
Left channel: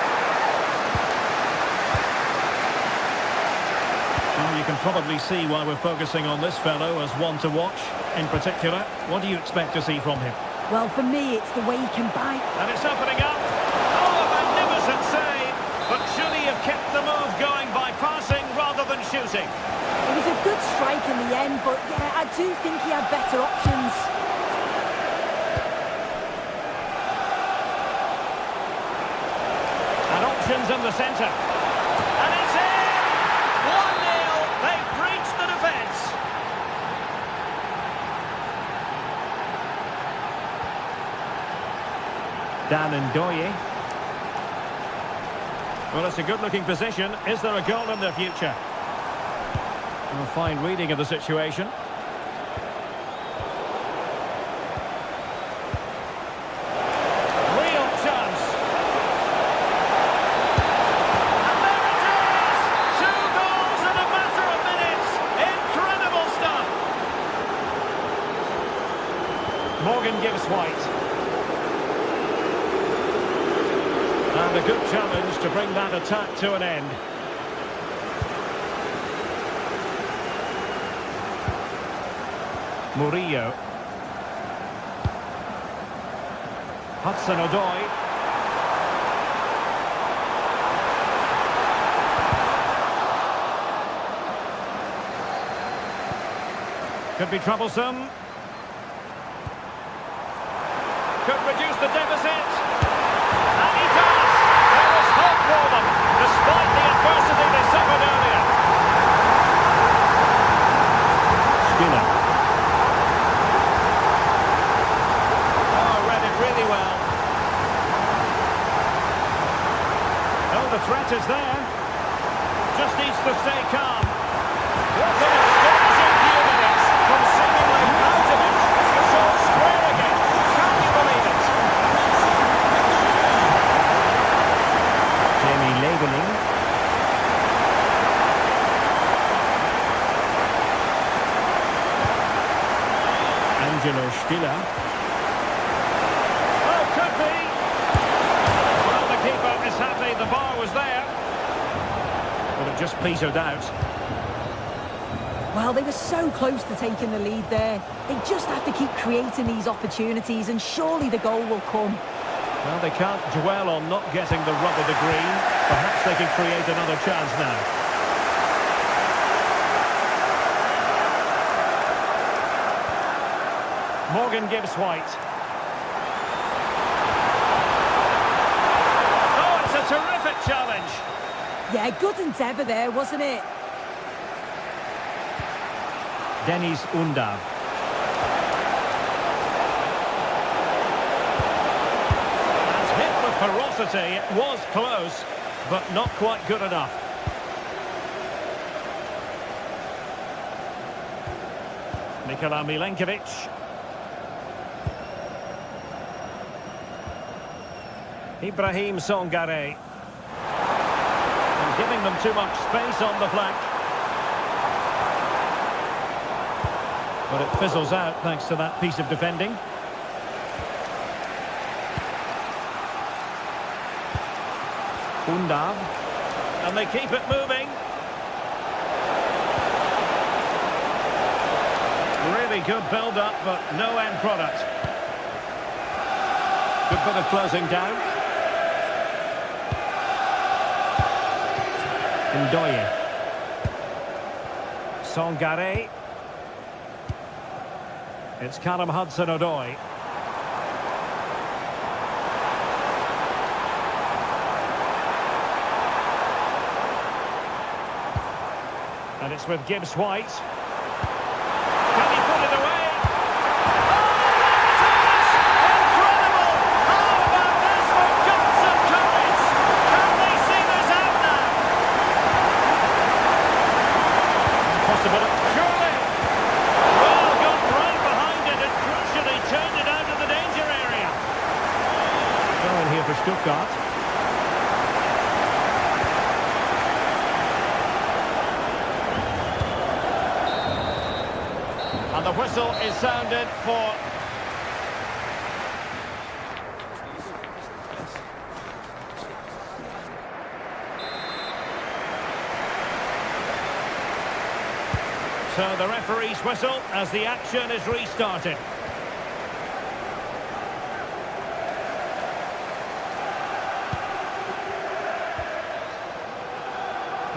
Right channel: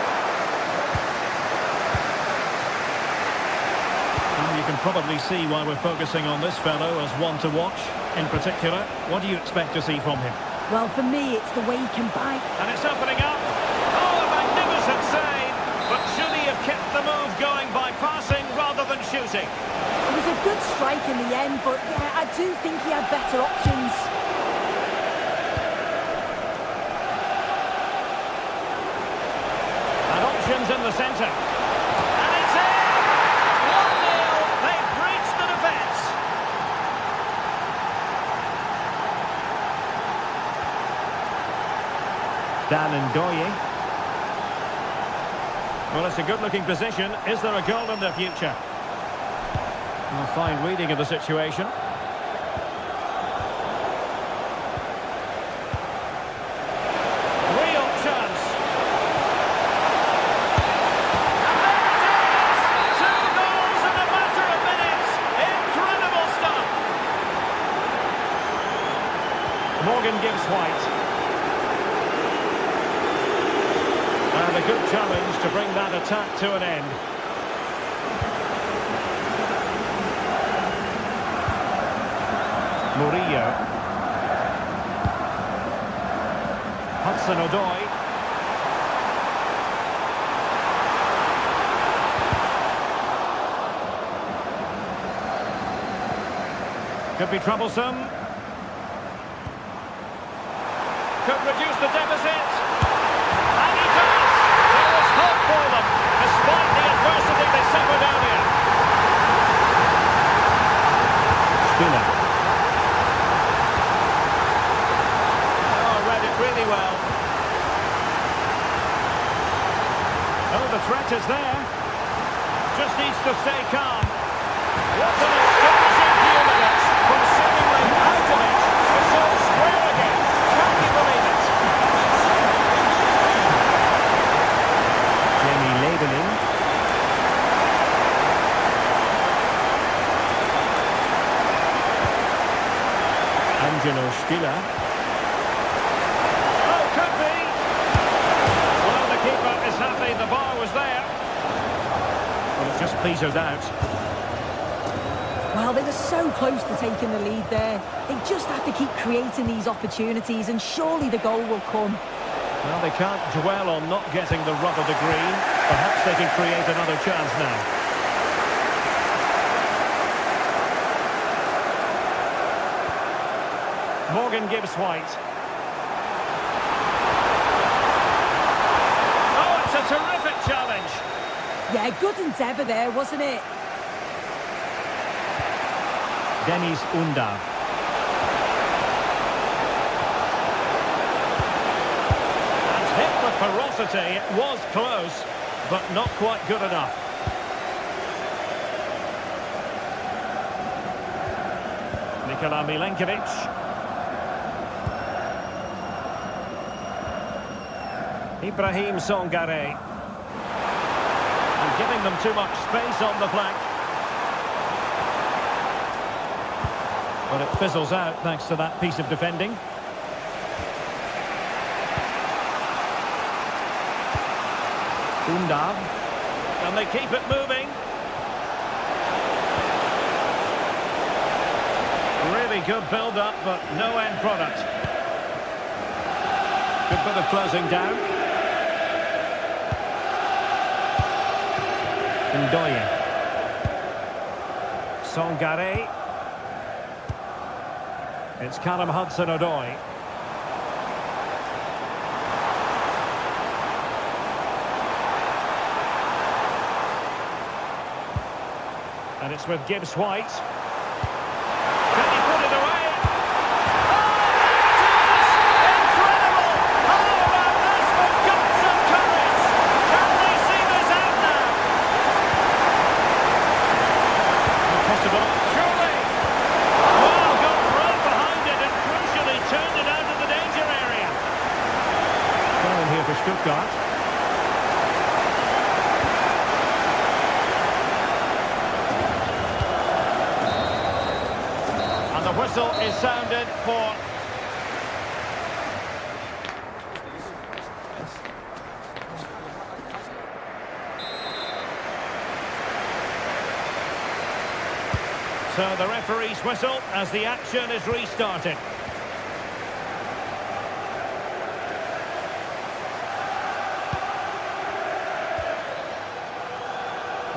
Well, you can probably see why we're focusing on this fellow as one to watch. In particular, what do you expect to see from him? Well, for me, it's the way he can bite. And it's opening up. Oh, a magnificent save. But should he have kept the move going by passing rather than shooting? It was a good strike in the end, but yeah, I do think he had better options. And options in the centre. And it's in! 1-0. They've breached the defence. Dan Ndoye. Well, it's a good-looking position. Is there a goal in the future? Well, fine reading of the situation. Real chance. And there it is! 2 goals in a matter of minutes. Incredible stuff. Morgan Gibbs-White. And a good challenge to bring that attack to an end. Murillo. Hudson-Odoi. Could be troublesome. Could reduce the deficit. And he does! There was hope for them, despite the adversity they suffered earlier. Spinner. Oh, read it really well. Oh, the threat is there. Just needs to stay calm. What an astonishing few minutes from seemingly out of it. It's all square again. Can you believe it? Jamie Leveling. Angelo Stiller. Oh, could be. Well, the keeper is happy the bar was there. But it just petered out. Well, they were so close to taking the lead there. They just have to keep creating these opportunities and surely the goal will come. Well, they can't dwell on not getting the rub of the green. Perhaps they can create another chance now. Morgan Gibbs-White. Oh, it's a terrific challenge. Yeah, good endeavour there, wasn't it? Dennis Undav. And hit with ferocity. It was close, but not quite good enough. Nikola Milenkovic. Ibrahim Songare. And giving them too much space on the flank. But it fizzles out thanks to that piece of defending. Undav. And they keep it moving. Really good build-up, but no end product. Good bit of closing down. Ndoye. Songare. It's Callum Hudson-Odoi. And it's with Gibbs-White. Can he put it away? Oh, there it is! Incredible! How about this with guts and courage? Can they see this out now? Possibility. Surely! Well, got right behind it and crucially turned it out of the danger area. Going here for Stuttgart. And the whistle is sounded for... So the referee's whistle as the action is restarted.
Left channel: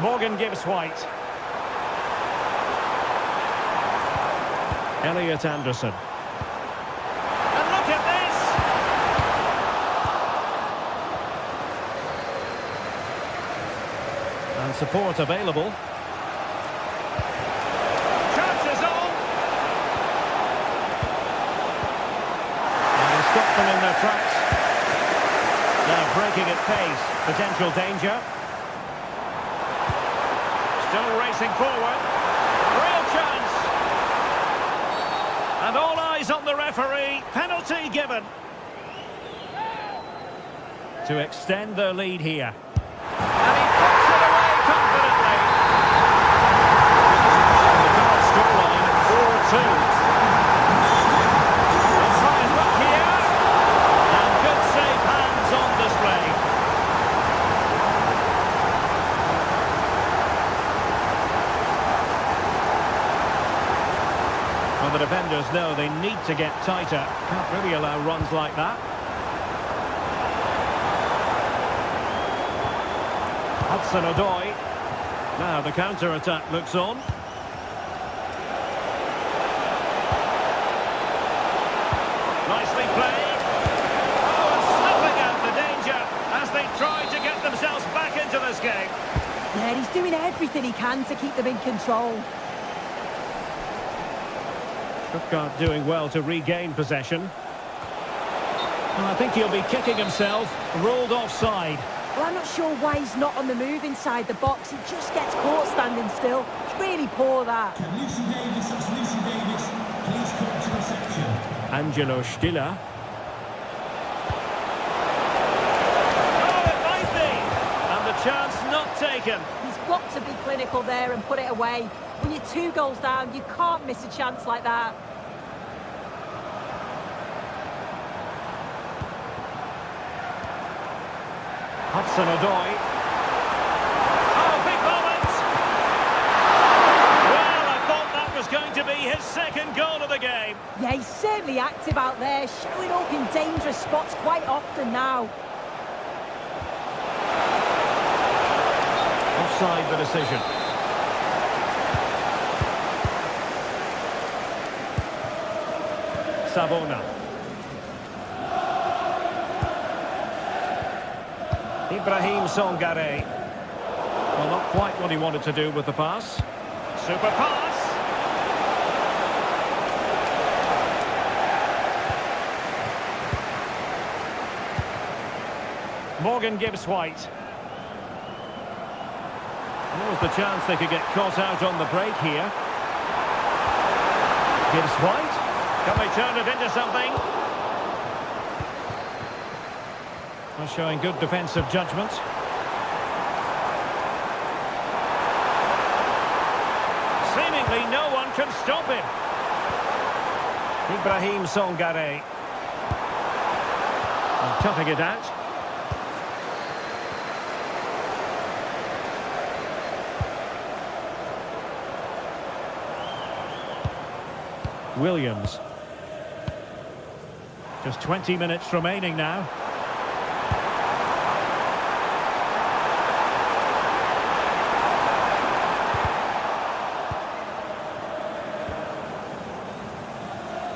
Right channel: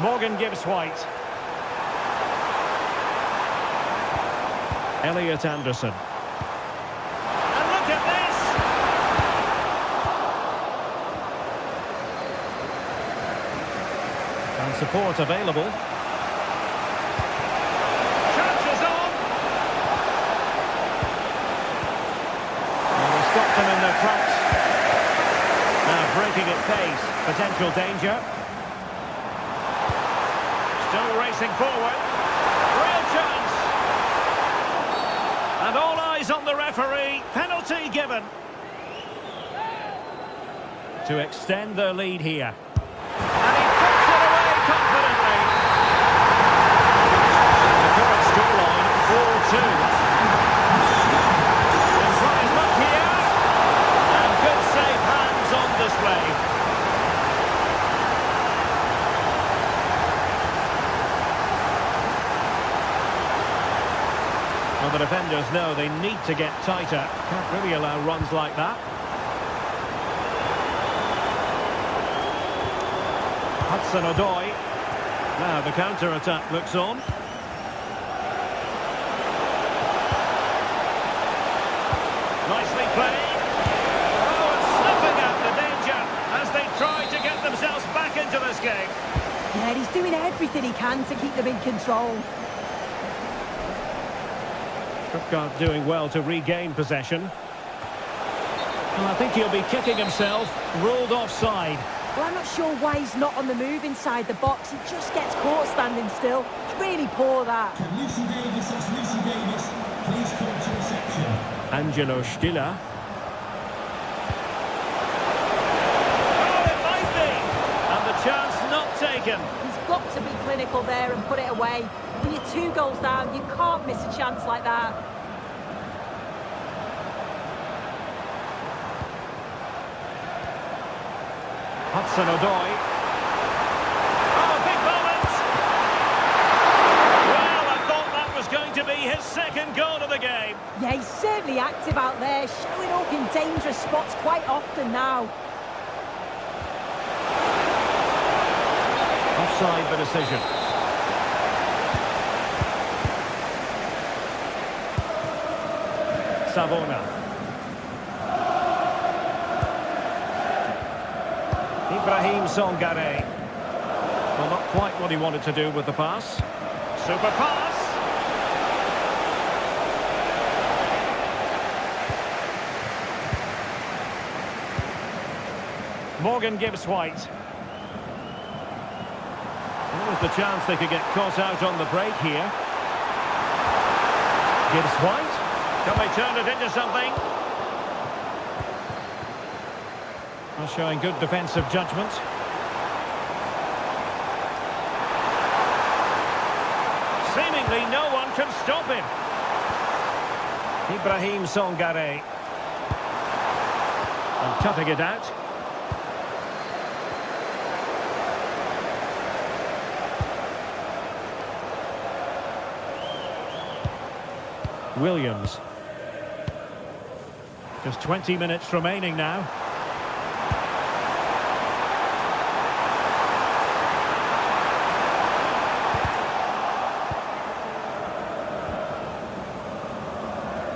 Morgan Gibbs-White. Elliot Anderson. And look at this! And support available. Chances on! And they stop them in their tracks. Now breaking at pace. Potential danger. Still racing forward. Real chance! And all eyes on the referee. Penalty given. To extend their lead here. And he puts it away confidently. And the current scoreline, 4-2. They'll try his luck here. And good safe hands on display. Well, the defenders know they need to get tighter. Can't really allow runs like that. Hudson-Odoi. Now the counter-attack looks on. Nicely played. Oh, and snuffing out the danger as they try to get themselves back into this game. Yeah, he's doing everything he can to keep them in control. Stuttgart doing well to regain possession. Well, I think he'll be kicking himself. Ruled offside. Well, I'm not sure why he's not on the move inside the box. He just gets caught standing still. It's really poor, that. Can Lucy Davis, that's Lucy Davis, please come to reception. Angelo Stiller. Oh, it might be! And the chance not taken. He's got to be clinical there and put it away. When you're 2 goals down, you can't miss a chance like that. Hudson-Odoi. Oh, big moment! Well, I thought that was going to be his second goal of the game. Yeah, he's certainly active out there, showing up in dangerous spots quite often now. Offside the decision. Savona. Ibrahim Songare. Well, not quite what he wanted to do with the pass. Super pass. Morgan Gibbs-White. There was the chance they could get caught out on the break here. Gibbs White. Can they turn it into something? Well, showing good defensive judgment. Seemingly no one can stop him. Ibrahim Songare. And cutting it out. Williams. Just 20 minutes remaining now.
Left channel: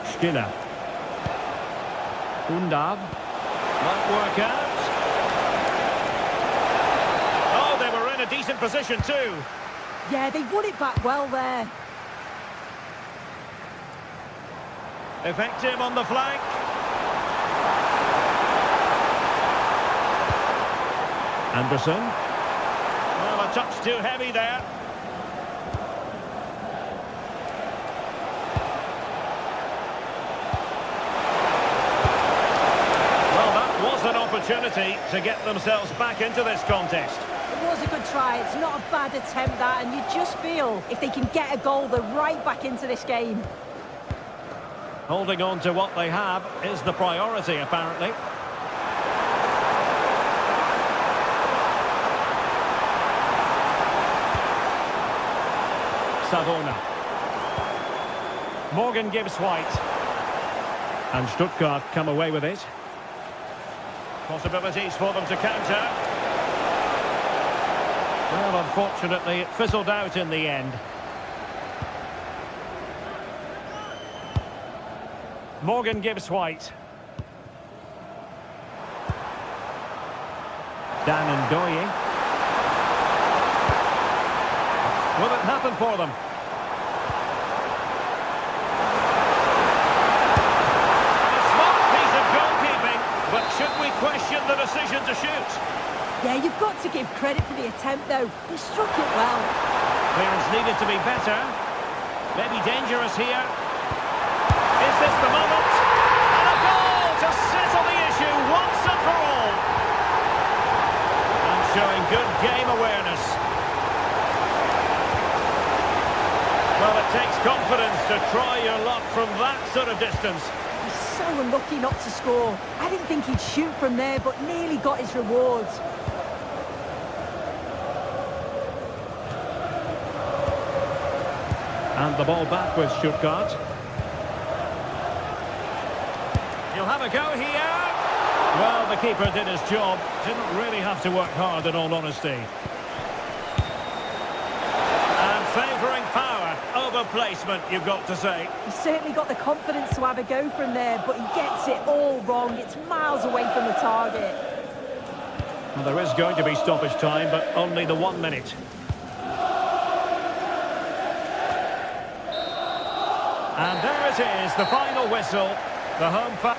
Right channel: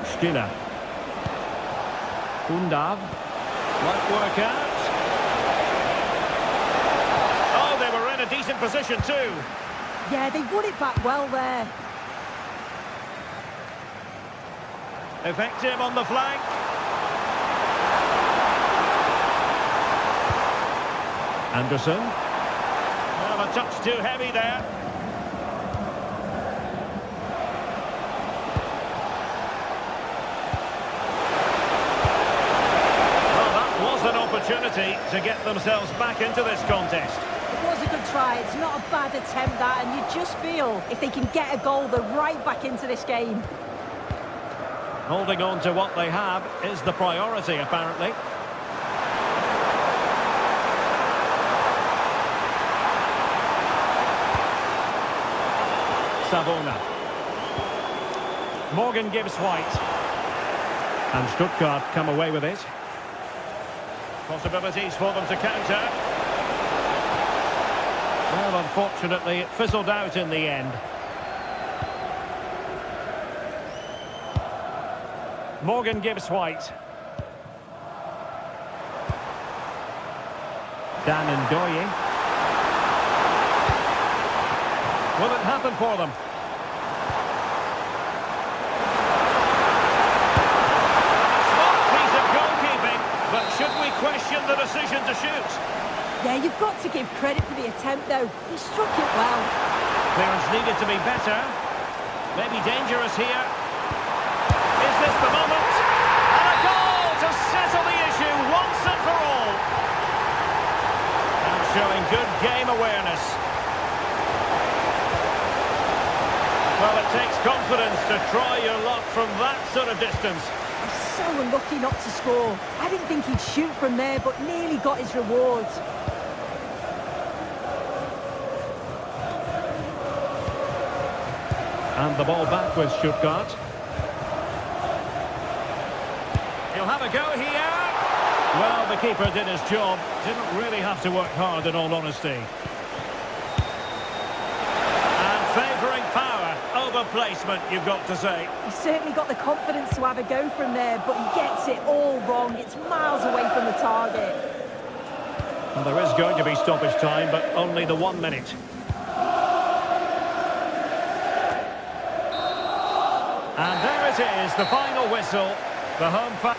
Stiller. Undav. Might work out. Oh, they were in a decent position too. Yeah, they won it back well there. Effective on the flank. Anderson. Well, a touch too heavy there. Well, that was an opportunity to get themselves back into this contest. It was a good try. It's not a bad attempt, that, and you just feel if they can get a goal, they're right back into this game. Holding on to what they have is the priority, apparently. Savona. Morgan Gibbs White. And Stuttgart come away with it. Possibilities for them to counter. Well, unfortunately, it fizzled out in the end. Morgan Gibbs White. Dan Ndoye. Will it happen for them? A smart piece of goalkeeping, but should we question the decision to shoot? Yeah, you've got to give credit for the attempt, though. He struck it well. Clearance needed to be better. Maybe dangerous here. Is this the moment? And a goal to settle the issue once and for all. And showing good game awareness. Well, it takes confidence to try your luck from that sort of distance. He's so unlucky not to score. I didn't think he'd shoot from there, but nearly got his rewards. And the ball back with Stuttgart. He'll have a go here. Well, the keeper did his job. Didn't really have to work hard, in all honesty. And favouring power over placement, you've got to say. He's certainly got the confidence to have a go from there, but he gets it all wrong. It's miles away from the target. Well, there is going to be stoppage time, but only the 1 minute. And there it is, the final whistle. The home fan.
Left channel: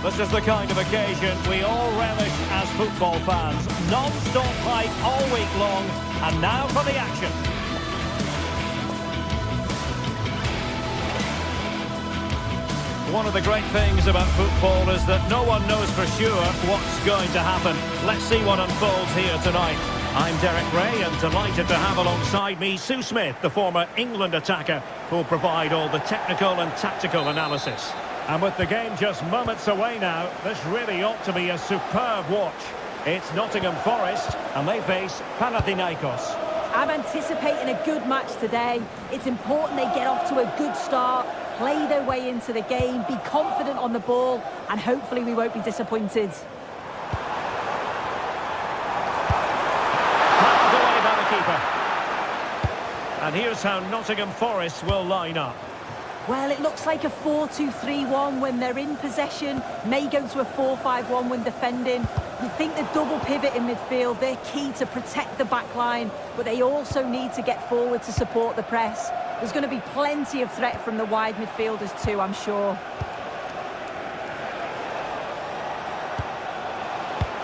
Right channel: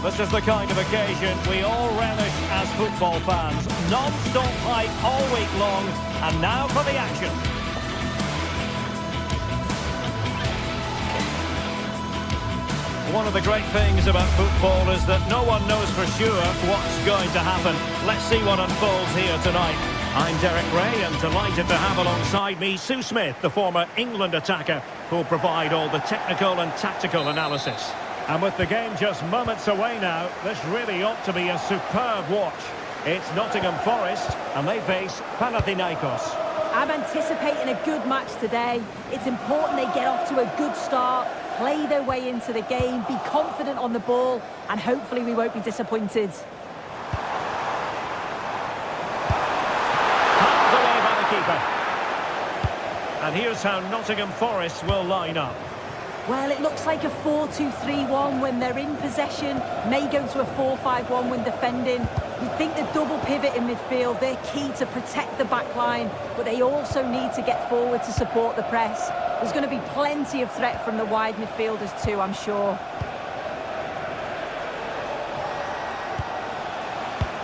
This is the kind of occasion we all relish as football fans. Non-stop hype all week long, and now for the action. One of the great things about football is that no one knows for sure what's going to happen. Let's see what unfolds here tonight. I'm Derek Ray, and delighted to have alongside me Sue Smith, the former England attacker, who'll provide all the technical and tactical analysis. And with the game just moments away now, this really ought to be a superb watch. It's Nottingham Forest, and they face Panathinaikos. I'm anticipating a good match today. It's important they get off to a good start, play their way into the game, be confident on the ball, and hopefully we won't be disappointed. Palmed away by the keeper. And here's how Nottingham Forest will line up. Well, it looks like a 4-2-3-1 when they're in possession, may go to a 4-5-1 when defending. You'd think the double pivot in midfield, they're key to protect the back line, but they also need to get forward to support the press. There's going to be plenty of threat from the wide midfielders too, I'm sure.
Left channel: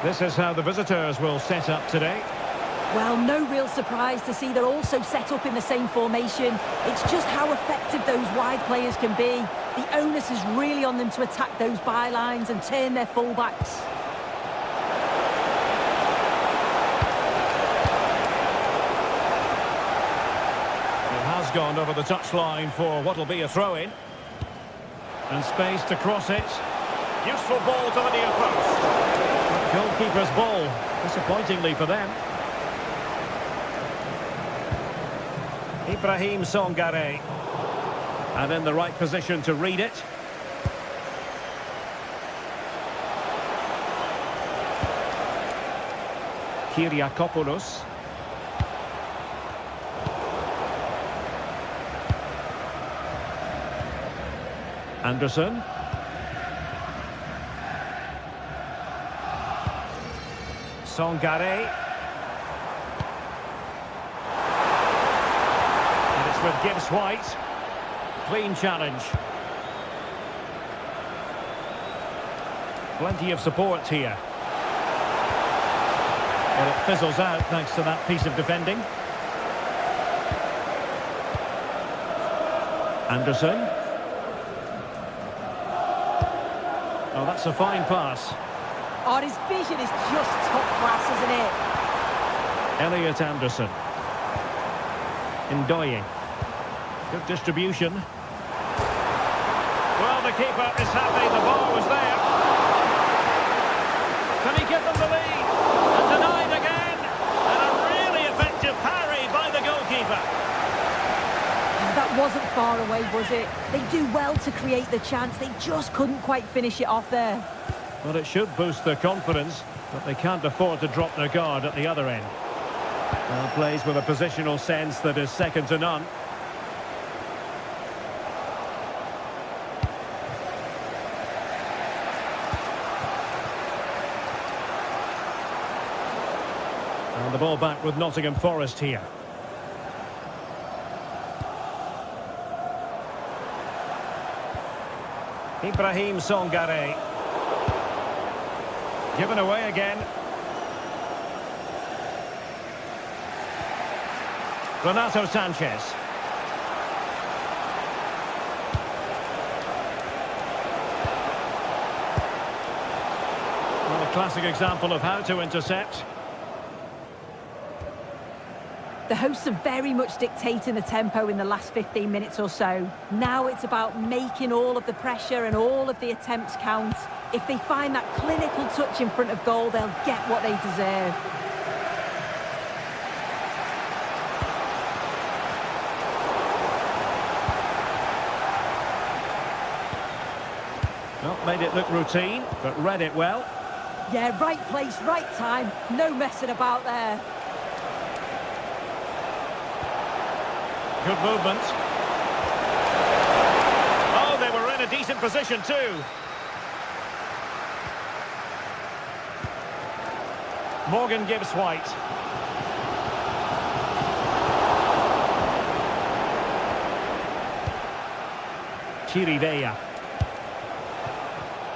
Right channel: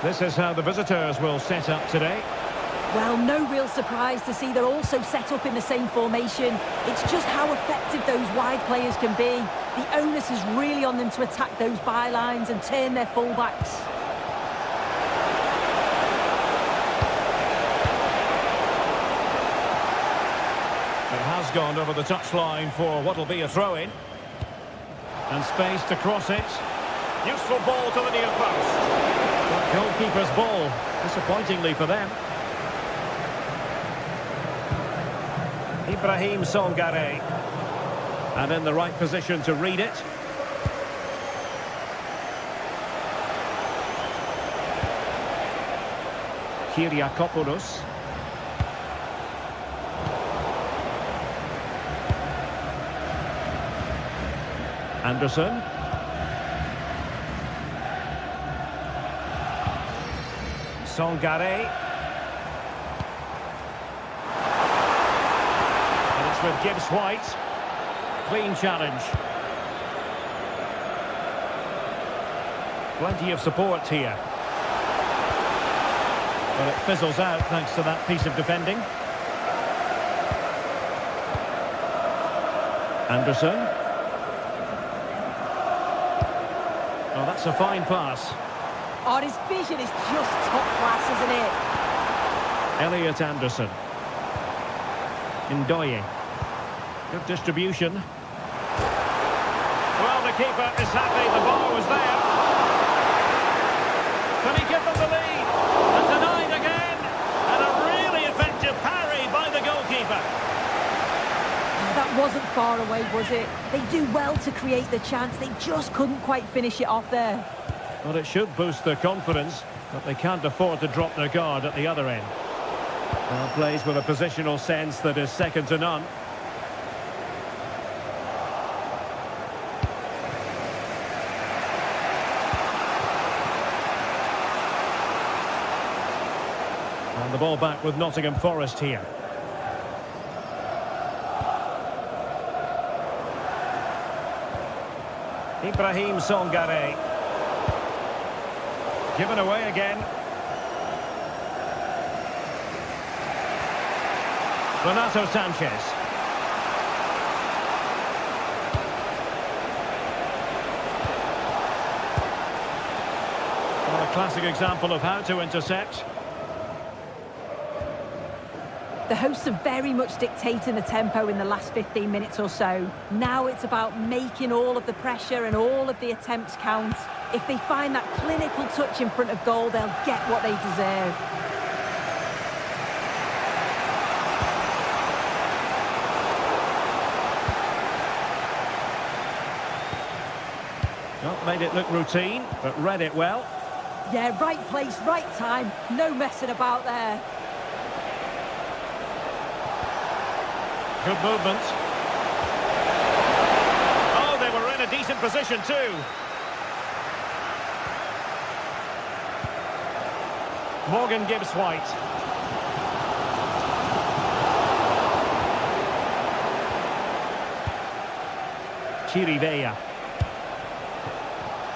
This is how the visitors will set up today. Well, no real surprise to see they're also set up in the same formation. It's just how effective those wide players can be. The onus is really on them to attack those bylines and turn their fullbacks. It has gone over the touchline for what will be a throw-in. And space to cross it. Useful ball to the near post. But goalkeeper's ball, disappointingly for them. Ibrahim Songare. And in the right position to read it. Kyriakopoulos. Anderson. Songare. And it's with Gibbs White. Clean challenge. Plenty of support here. But it fizzles out thanks to that piece of defending. Anderson. Oh, that's a fine pass. Oh, his vision is just top class, isn't it? Elliot Anderson. Ndoye. Good distribution. Well, the keeper is happy the bar was there. Can he give them the lead? And denied again. And a really effective parry by the goalkeeper. That wasn't far away, was it? They do well to create the chance. They just couldn't quite finish it off there. Well, it should boost their confidence, but they can't afford to drop their guard at the other end. Well, plays with a positional sense that is second to none. And the ball back with Nottingham Forest here. Ibrahim Songare. Given away again. Renato Sanchez. Well, a classic example of how to intercept. The hosts are very much dictating the tempo in the last 15 minutes or so. Now it's about making all of the pressure and all of the attempts count. If they find that clinical touch in front of goal, they'll get what they deserve. Well, made it look routine, but read it well. Yeah, right place, right time. No messing about there. Good movement. Oh, they were in a decent position too. Morgan Gibbs White. Chirivella.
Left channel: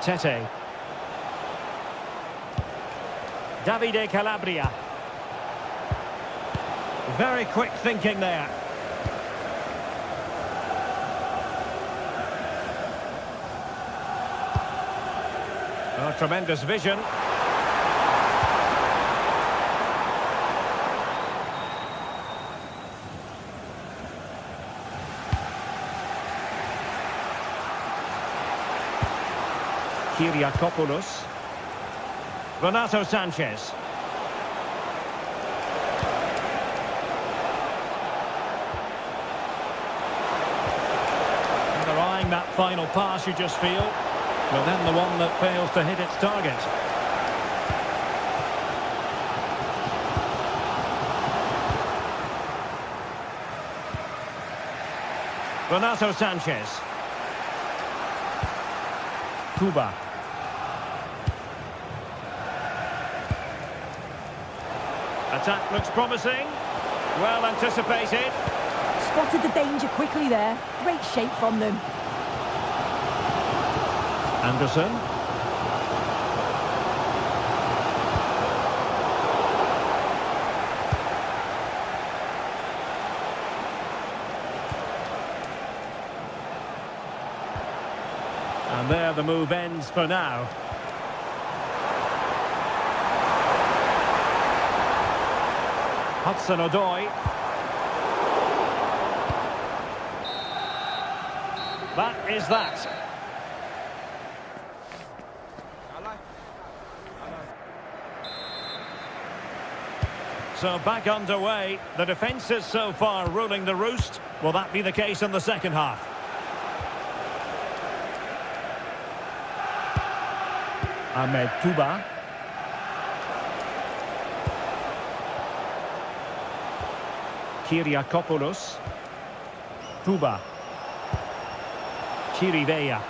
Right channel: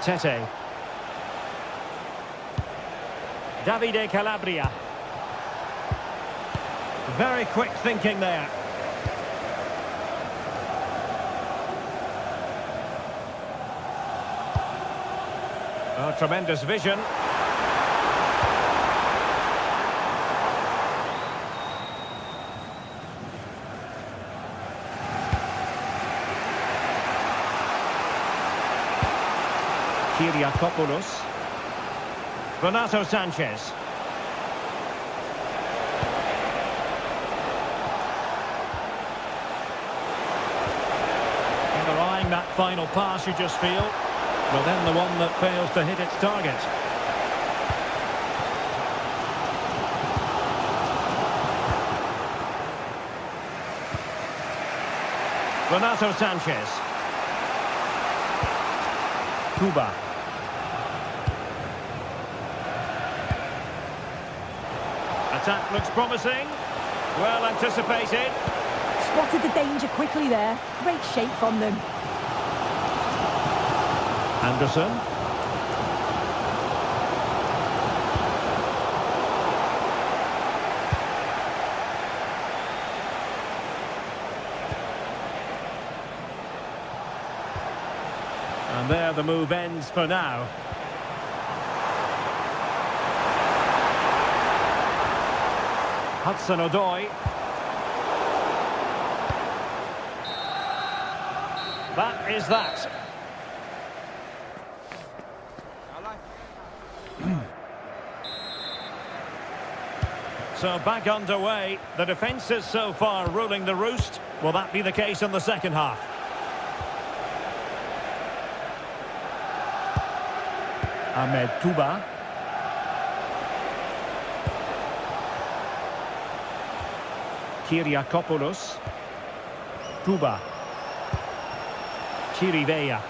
Tete. Davide Calabria. Very quick thinking there. Oh, tremendous vision. Kyriakopoulos. Renato Sanchez. they're eyeing that final pass, you just feel. But then the one that fails to hit its target. Renato Sanchez. Cuba. Attack looks promising. Well anticipated. Spotted the danger quickly there. Great shape from them. Anderson. And there the move ends for now. Hudson-Odoi. That is that. So back underway. The defence is so far ruling the roost. Will that be the case in the second half? Ahmed Touba. Kyriakopoulos. Touba. Chirivella.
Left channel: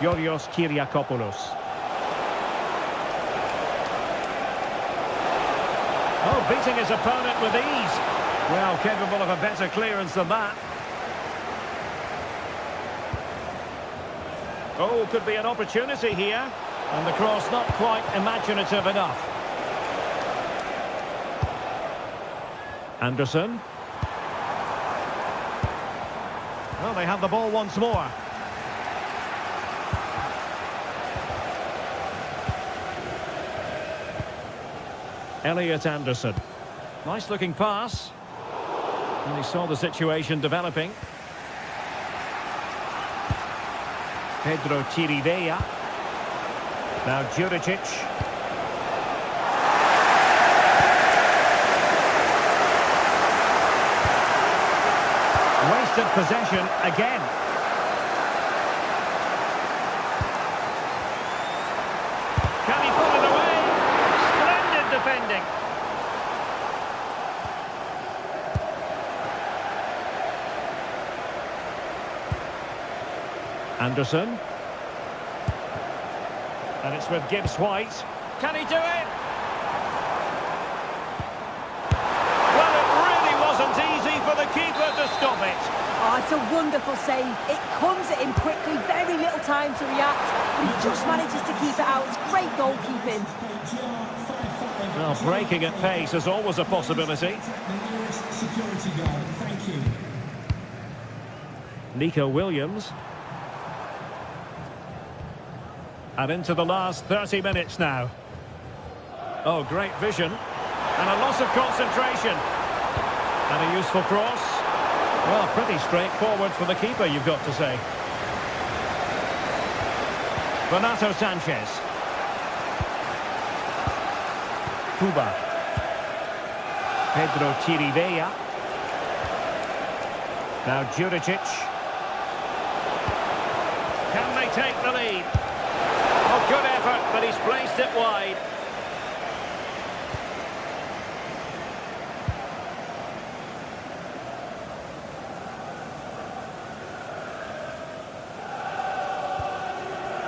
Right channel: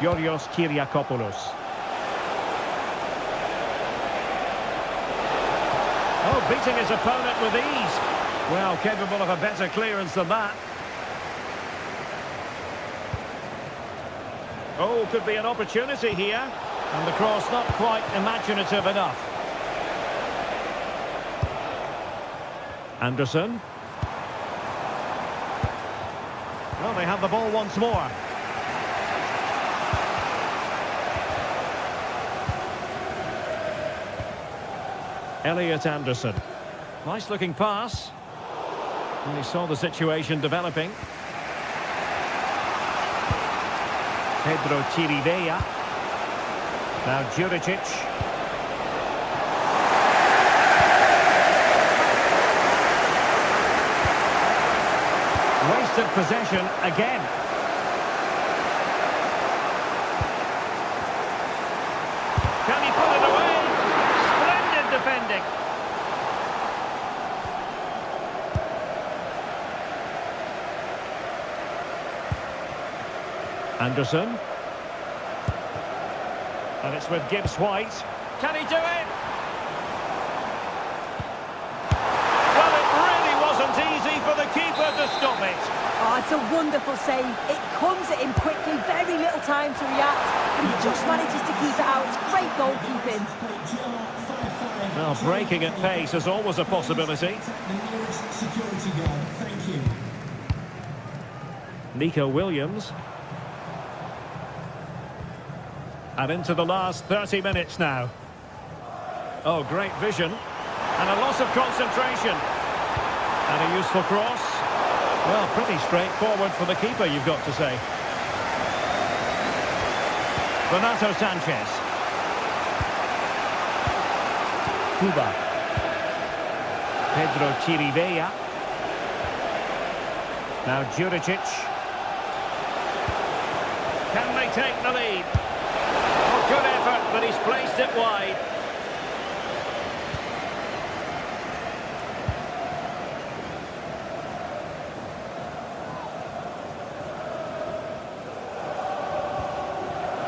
Yorios Kyriakopoulos. Oh, beating his opponent with ease. Well, capable of a better clearance than that. Oh, could be an opportunity here. And the cross not quite imaginative enough. Anderson. Well, they have the ball once more. Elliot Anderson. Nice looking pass. And he saw the situation developing. Pedro Chirivella. Now Juricic. Wasted possession again. Can he put it away? Splendid defending. Anderson. And it's with Gibbs-White. Can he do it? Well, it really wasn't easy for the keeper to stop it. Oh, it's a wonderful save. It comes at him quickly, very little time to react, but he just manages to keep it out. It's great goalkeeping. Well, breaking at pace is always a possibility. Nico Williams. And into the last 30 minutes now. Oh, great vision. And a loss of concentration. And a useful cross. Well, pretty straightforward for the keeper, you've got to say. Renato Sanchez. Cuba. Pedro Chirivella. Now Juricic. Can they take the lead? Oh, good effort, but he's placed it wide.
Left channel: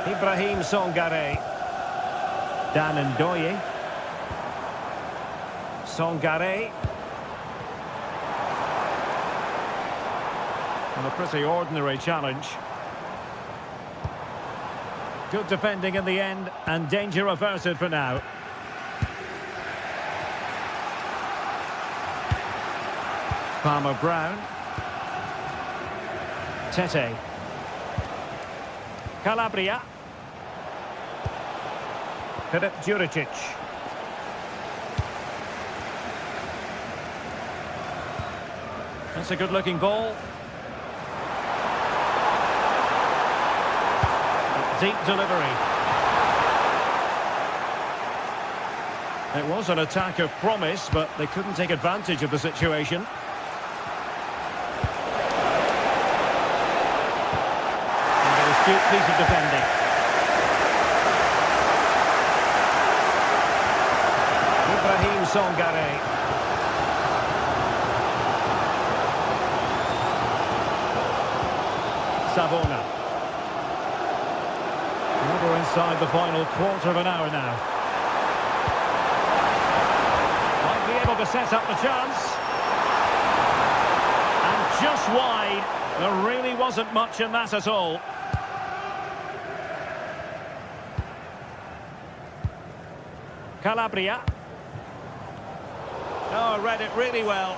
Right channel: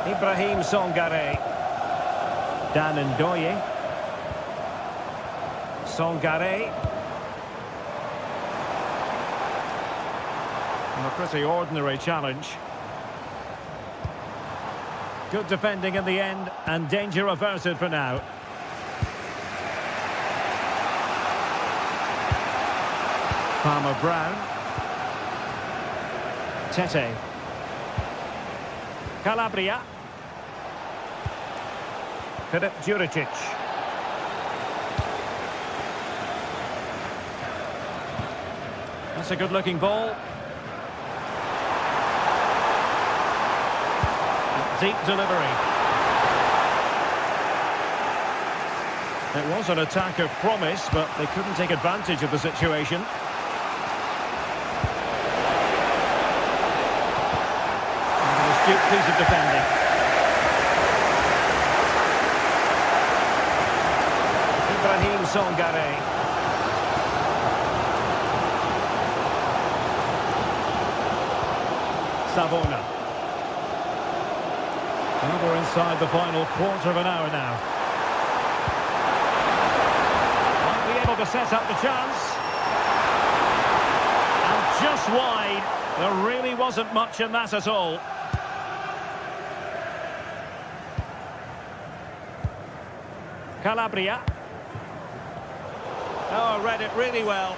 Ibrahim Songare. Dan Ndoye. Songare. And a pretty ordinary challenge. Good defending in the end, and danger averted for now. Palmer-Brown. Tete. Calabria. Filip Juricic. That's a good-looking ball. Deep delivery. It was an attack of promise, but they couldn't take advantage of the situation. astute piece of defending. Ibrahim Songare. Savona. Well, we're inside the final quarter of an hour now. Might be able to set up the chance. And just wide. There really wasn't much in that at all. Calabria. Oh, read it really well.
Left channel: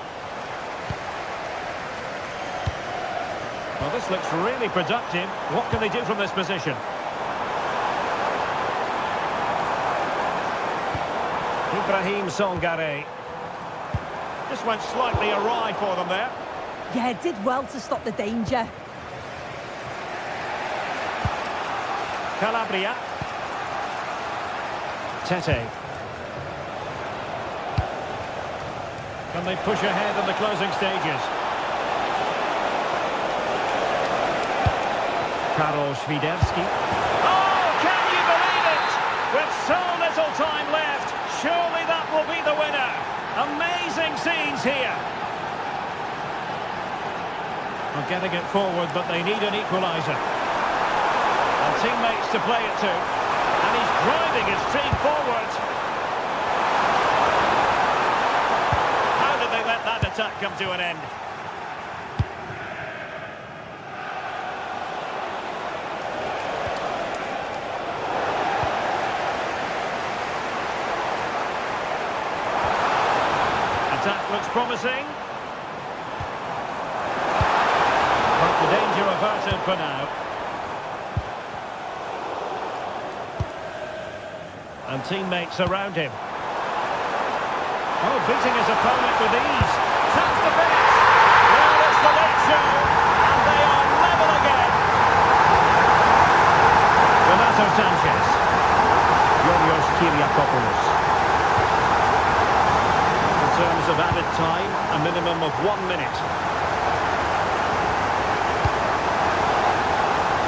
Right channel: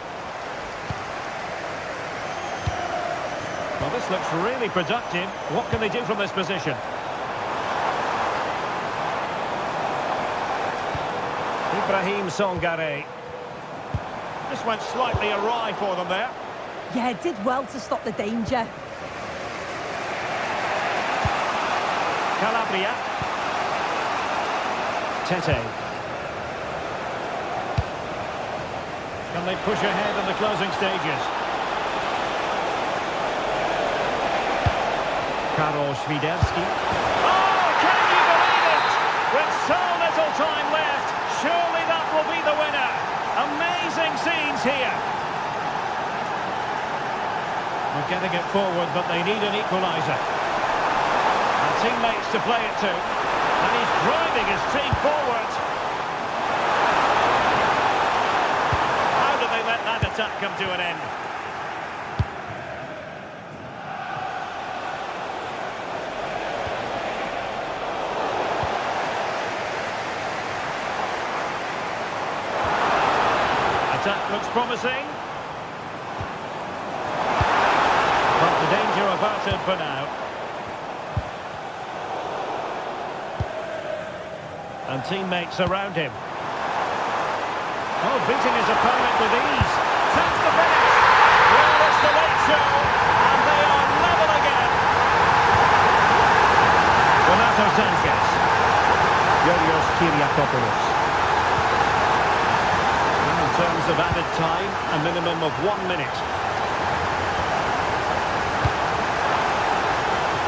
Well, this looks really productive. What can they do from this position? Ibrahim Songare. Just went slightly awry for them there. Yeah, did well to stop the danger. Calabria. Tete. Can they push ahead in the closing stages? Karol Świderski. Oh, can you believe it? With so little time left, surely that will be the winner. Amazing scenes here. Well, getting it forward, but they need an equaliser. And teammates to play it to. And he's driving his team forward. How did they let that attack come to an end? Attack looks promising. But the danger averted for now. And teammates around him. Oh, beating his opponent with ease. Chance to finish. Well, it's the late show. And they are level again. Renato Sanchez. Yorios Kyriakopoulos. In terms of added time, a minimum of 1 minute.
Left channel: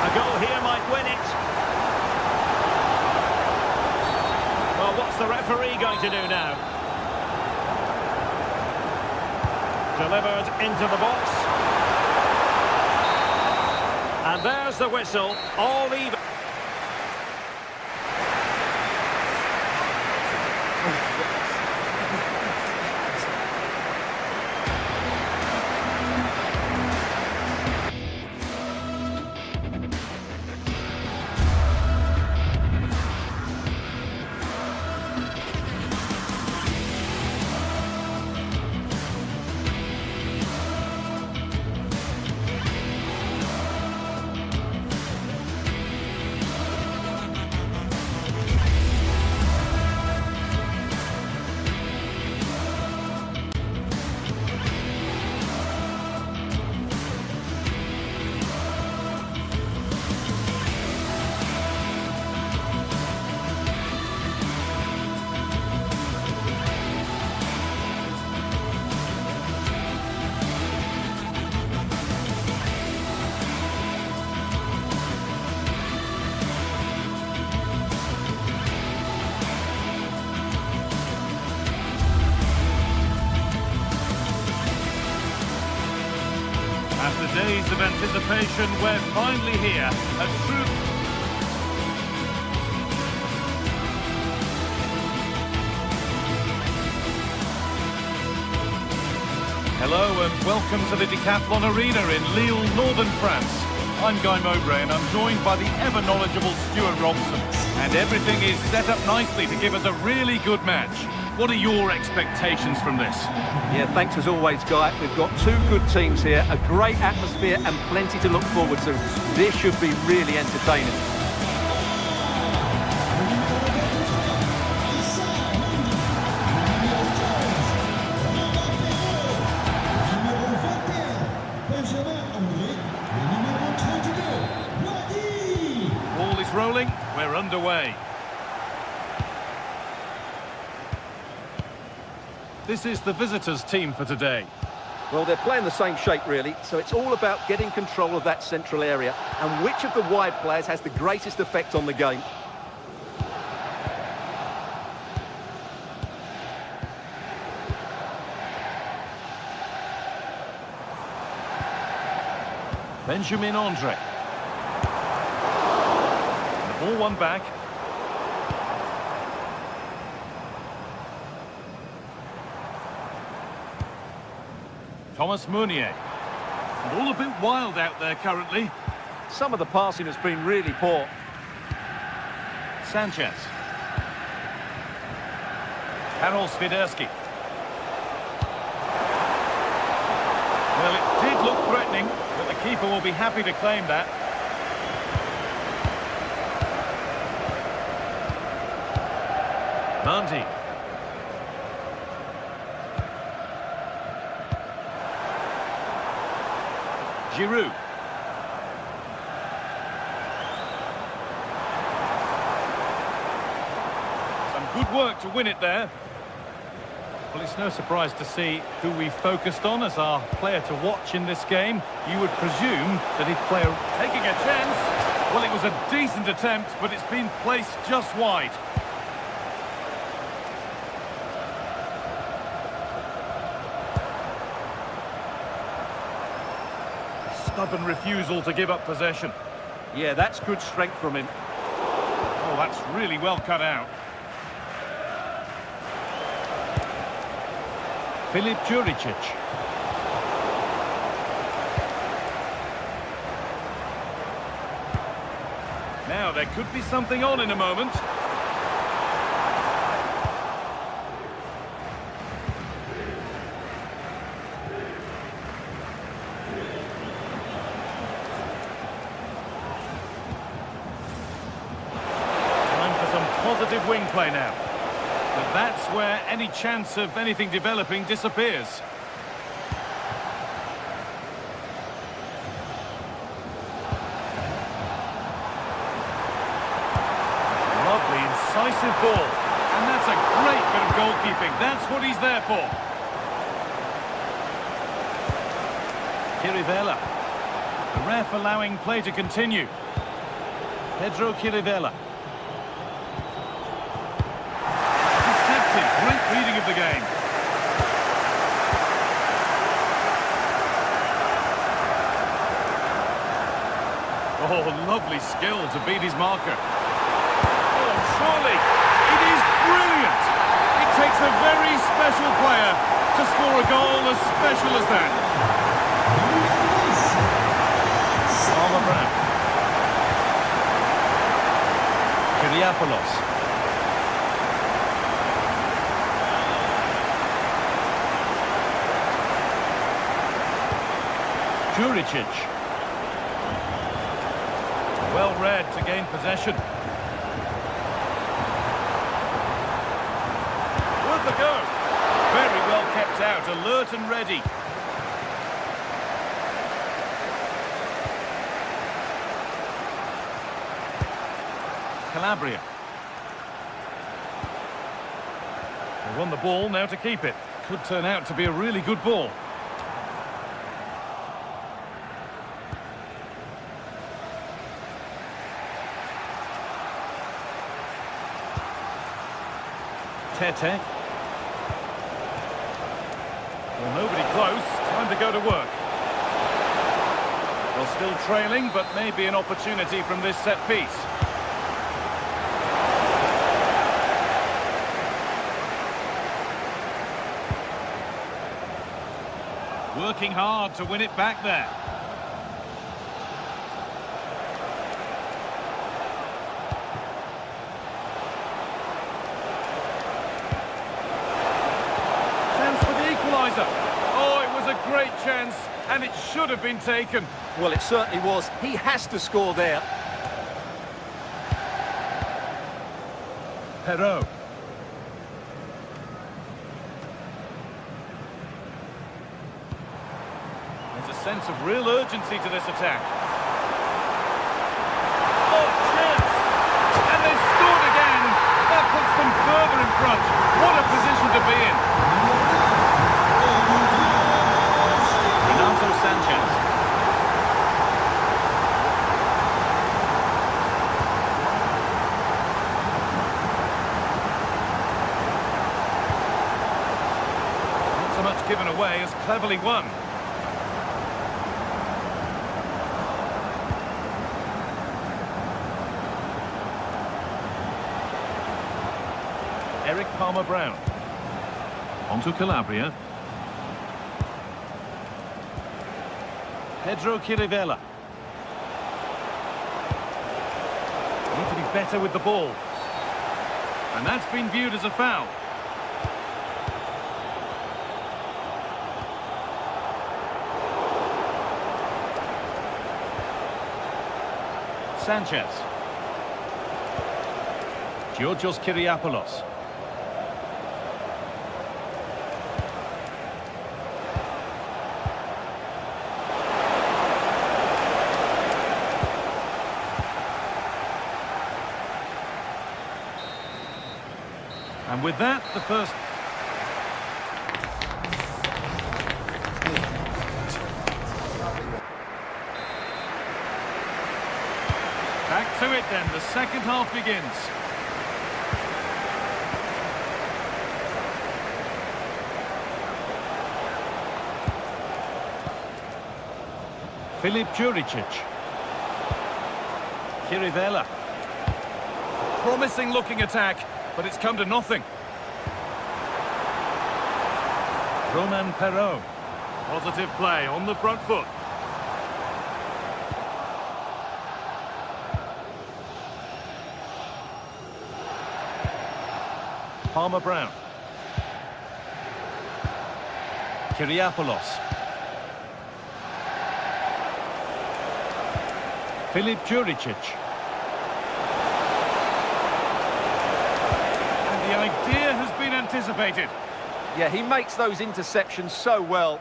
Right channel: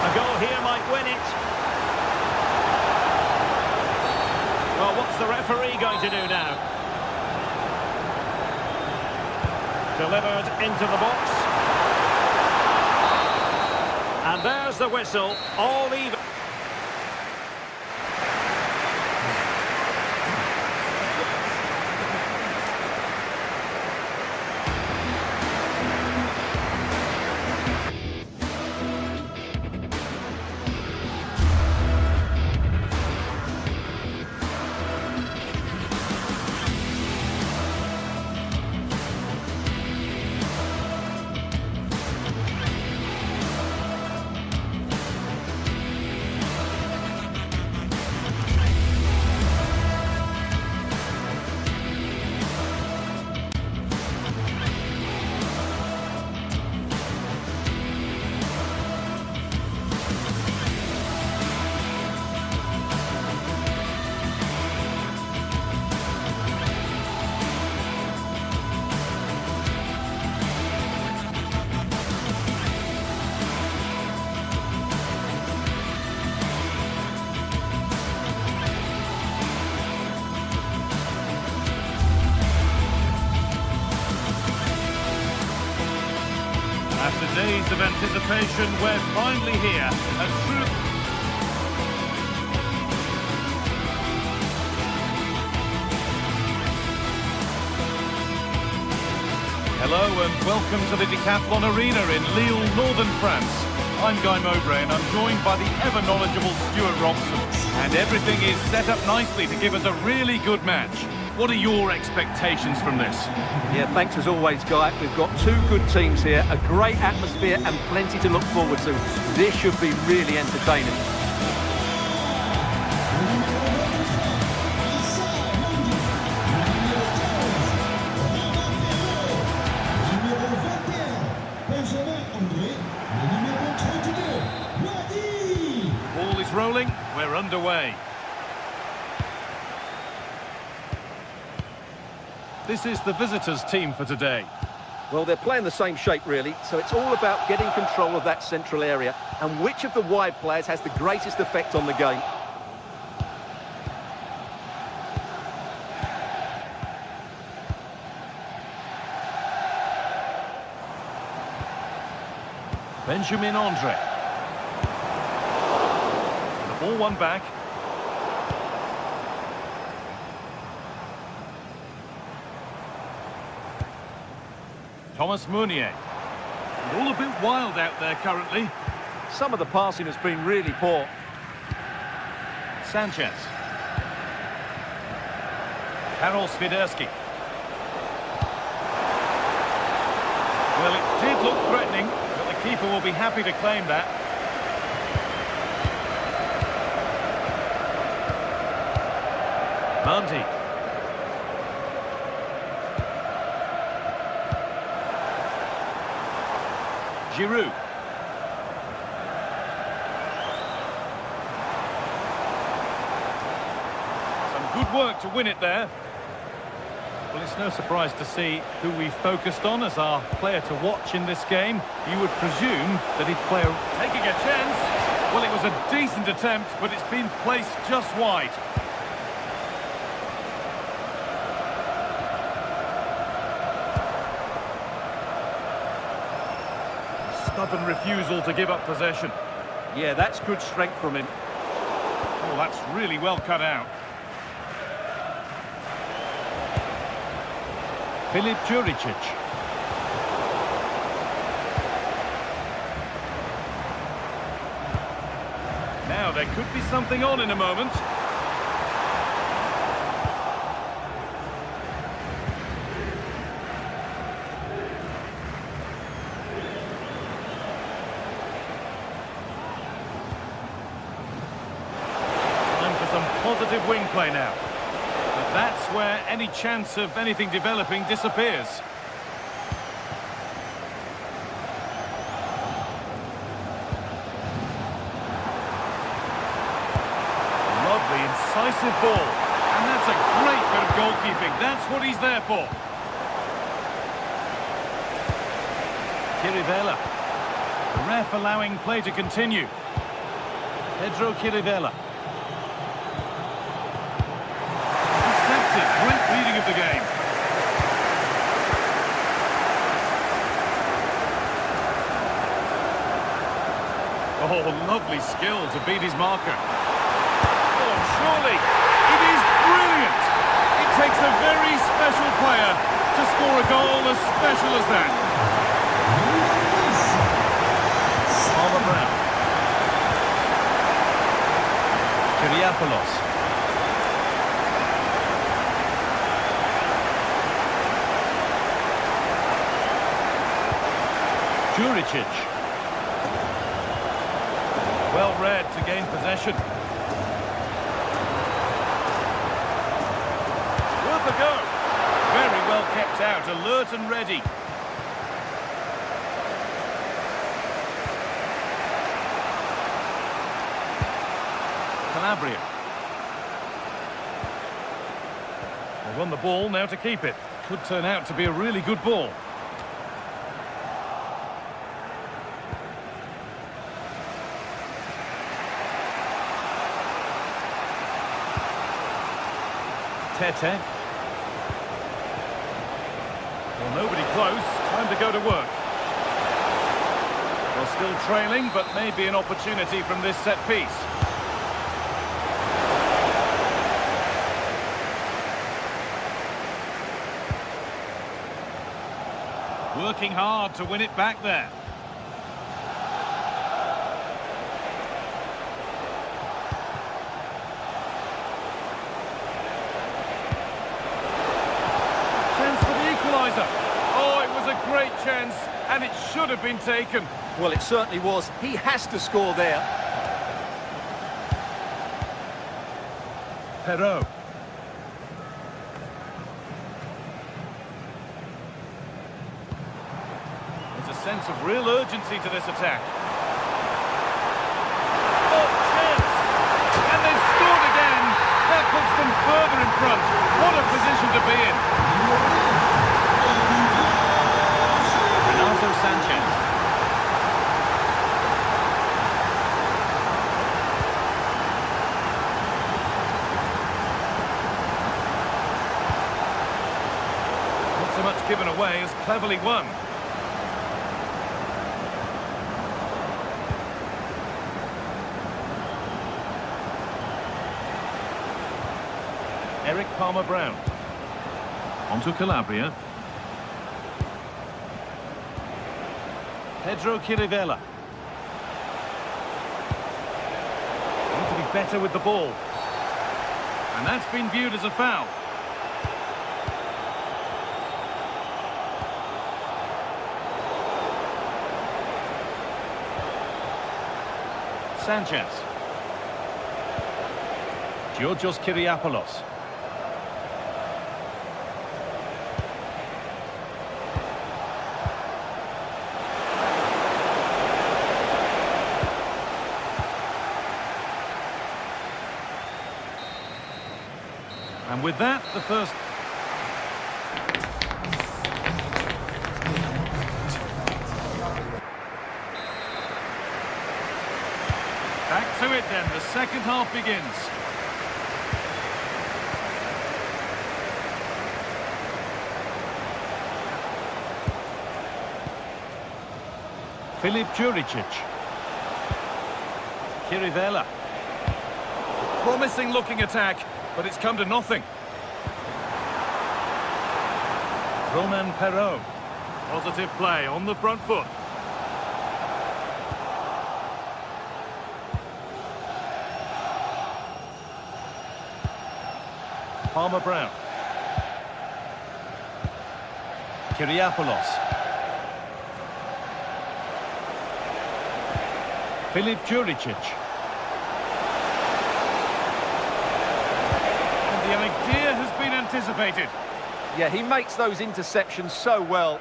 A goal here might win it. Well, what's the referee going to do now? Delivered into the box. And there's the whistle, all even. After days of anticipation, we're finally here. A true... Hello and welcome to the Decathlon Arena in Lille, northern France. I'm Guy Mowbray and I'm joined by the ever-knowledgeable Stuart Robson. And everything is set up nicely to give us a really good match. What are your expectations from this? Yeah, thanks as always, Guy. We've got two good teams here, a great atmosphere and plenty to look forward to. This should be really entertaining. Ball is rolling, we're underway. This is the visitors' team for today. Well, they're playing the same shape, really, so it's all about getting control of that central area and which of the wide players has the greatest effect on the game. Benjamin Andre. And the ball won back. Thomas Meunier. And all a bit wild out there currently. Some of the passing has been really poor. Sanchez. Karol Swiderski. Well, it did look threatening, but the keeper will be happy to claim that. Mandy. Giroud. Some good work to win it there. Well, it's no surprise to see who we focused on as our player to watch in this game. You would presume that he'd play taking a chance. Well, it was a decent attempt, but it's been placed just wide. Stubborn refusal to give up possession. Yeah, that's good strength from him. Oh, that's really well cut out. Filip Juricic. Now, there could be something on in a moment. Some positive wing play now. But that's where any chance of anything developing disappears. Lovely, incisive ball. And that's a great bit of goalkeeping. That's what he's there for. Chirivella. The ref allowing play to continue. Pedro Chirivella. Great reading of the game. Oh, lovely skill to beat his marker. Oh, surely. It is brilliant. It takes a very special player to score a goal as special as that. Armour Brown. Kyriapoulos. Juricic. Well read to gain possession. Worth a go. Very well kept out, alert and ready. Calabria. They won the ball, now to keep it. Could turn out to be a really good ball. Tete. Well, nobody close. Time to go to work. Well, still trailing, but maybe an opportunity from this set piece. Working hard to win it back there. Oh, it was a great chance, and it should have been taken. Well, it certainly was. He has to score there. Perrault. There's a sense of real urgency to this attack. Oh, chance! And they've scored again! That puts them further in front. What a position to be in. Sanchez. Not so much given away as cleverly won. Eric Palmer-Brown. Onto Calabria. Pedro Chirivella. Need to be better with the ball. And that's been viewed as a foul. Sanchez. Georgios Kyriapoulos. And with that, the first... Back to it then, the second half begins. Filip Juricic. Chirivella. A promising looking attack, but it's come to nothing. Roman Perraud. Positive play on the front foot. Palmer-Brown. Kyriapoulos. Filip Juricic. And the idea has been anticipated. Yeah, he makes those interceptions so well.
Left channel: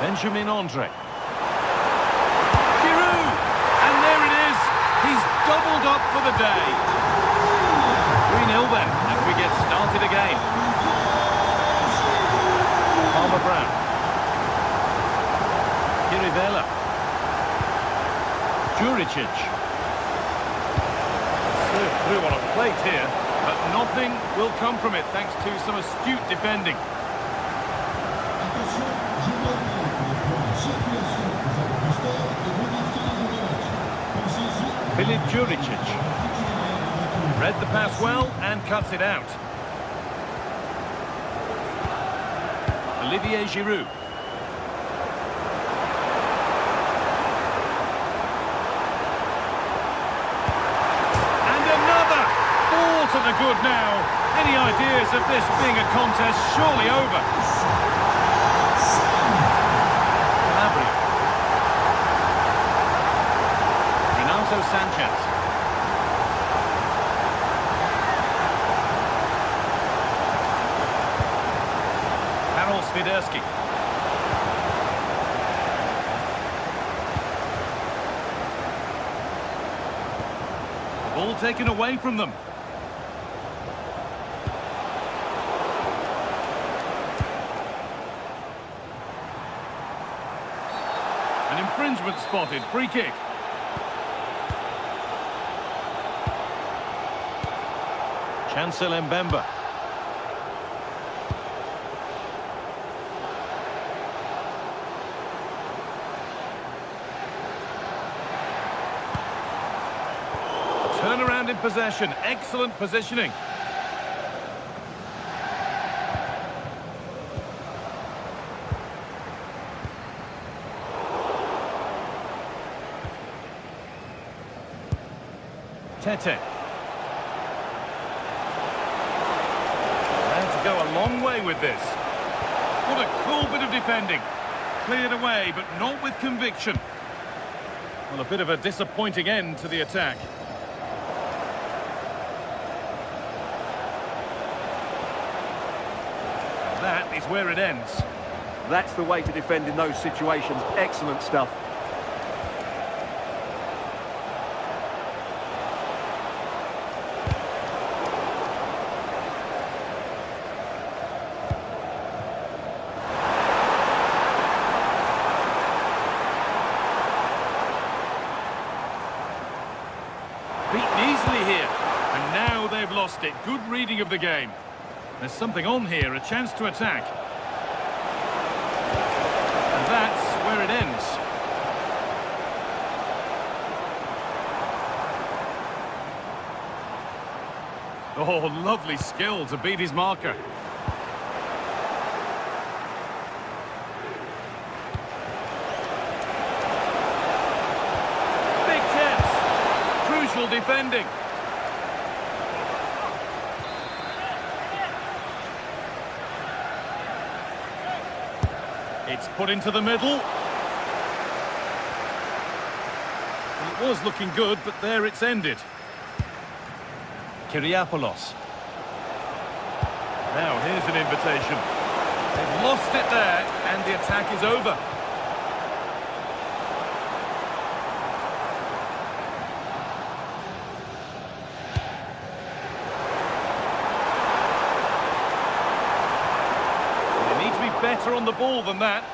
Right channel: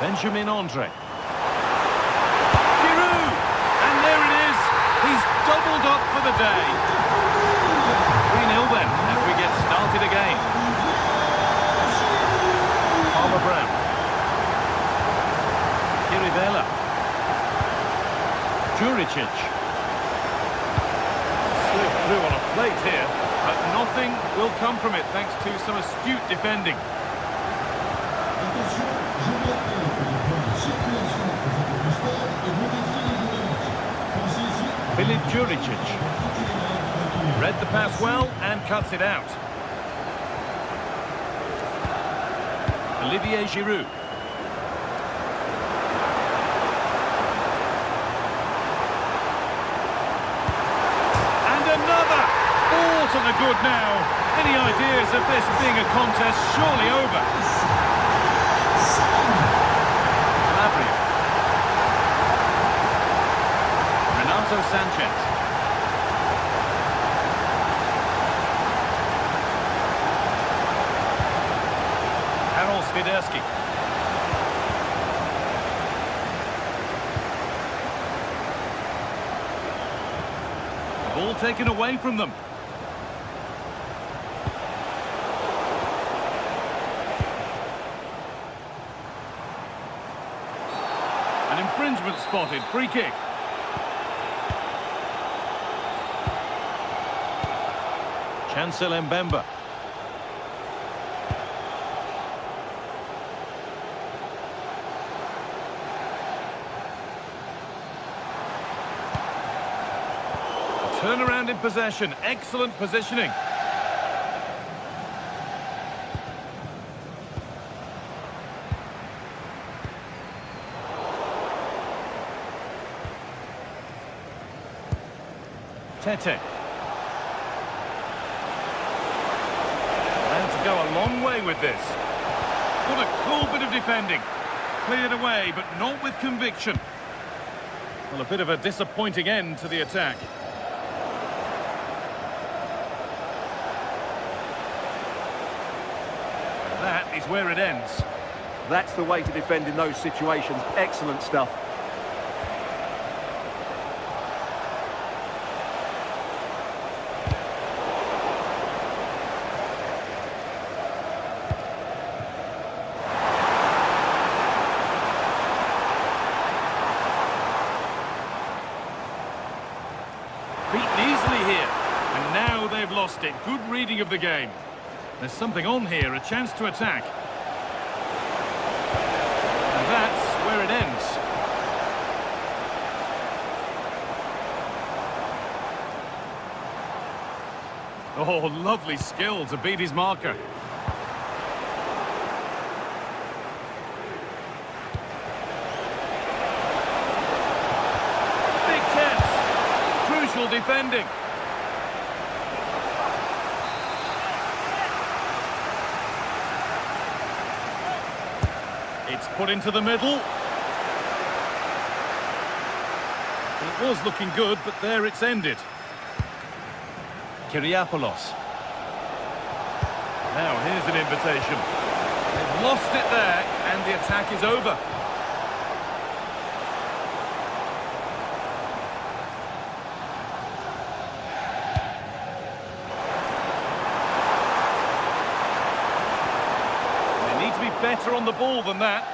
Benjamin Andre. Giroud! And there it is. He's doubled up for the day. 3-0 then, as we get started again. Palmer-Brown. Chirivella. Juricic. Served through on a plate here, but nothing will come from it thanks to some astute defending. Attention, je m'appelle pour les points de circulation pour votre booster et modifier les jeux de match. Pensez-y. Filip Juricic. Read the pass well and cuts it out. Olivier Giroud. And another! 4 to the good now. Any ideas of this being a contest surely over? Calabria. Renato Sanchez. Karol Swiderski. The ball taken away from them. An infringement spotted. Free kick. Chancel Mbemba. Turnaround in possession, excellent positioning. Tete. Allowed to go a long way with this. What a cool bit of defending. Cleared away, but not with conviction. Well, a bit of a disappointing end to the attack. That is where it ends. That's the way to defend in those situations. Excellent stuff. Beaten easily here. And now they've lost it. Good reading of the game. There's something on here, a chance to attack. And that's where it ends. Oh, lovely skill to beat his marker. Big chance. Crucial defending. It's put into the middle. Well, it was looking good, but there it's ended. Kyriapoulos. Now, here's an invitation. They've lost it there, and the attack is over. They need to be better on the ball than that.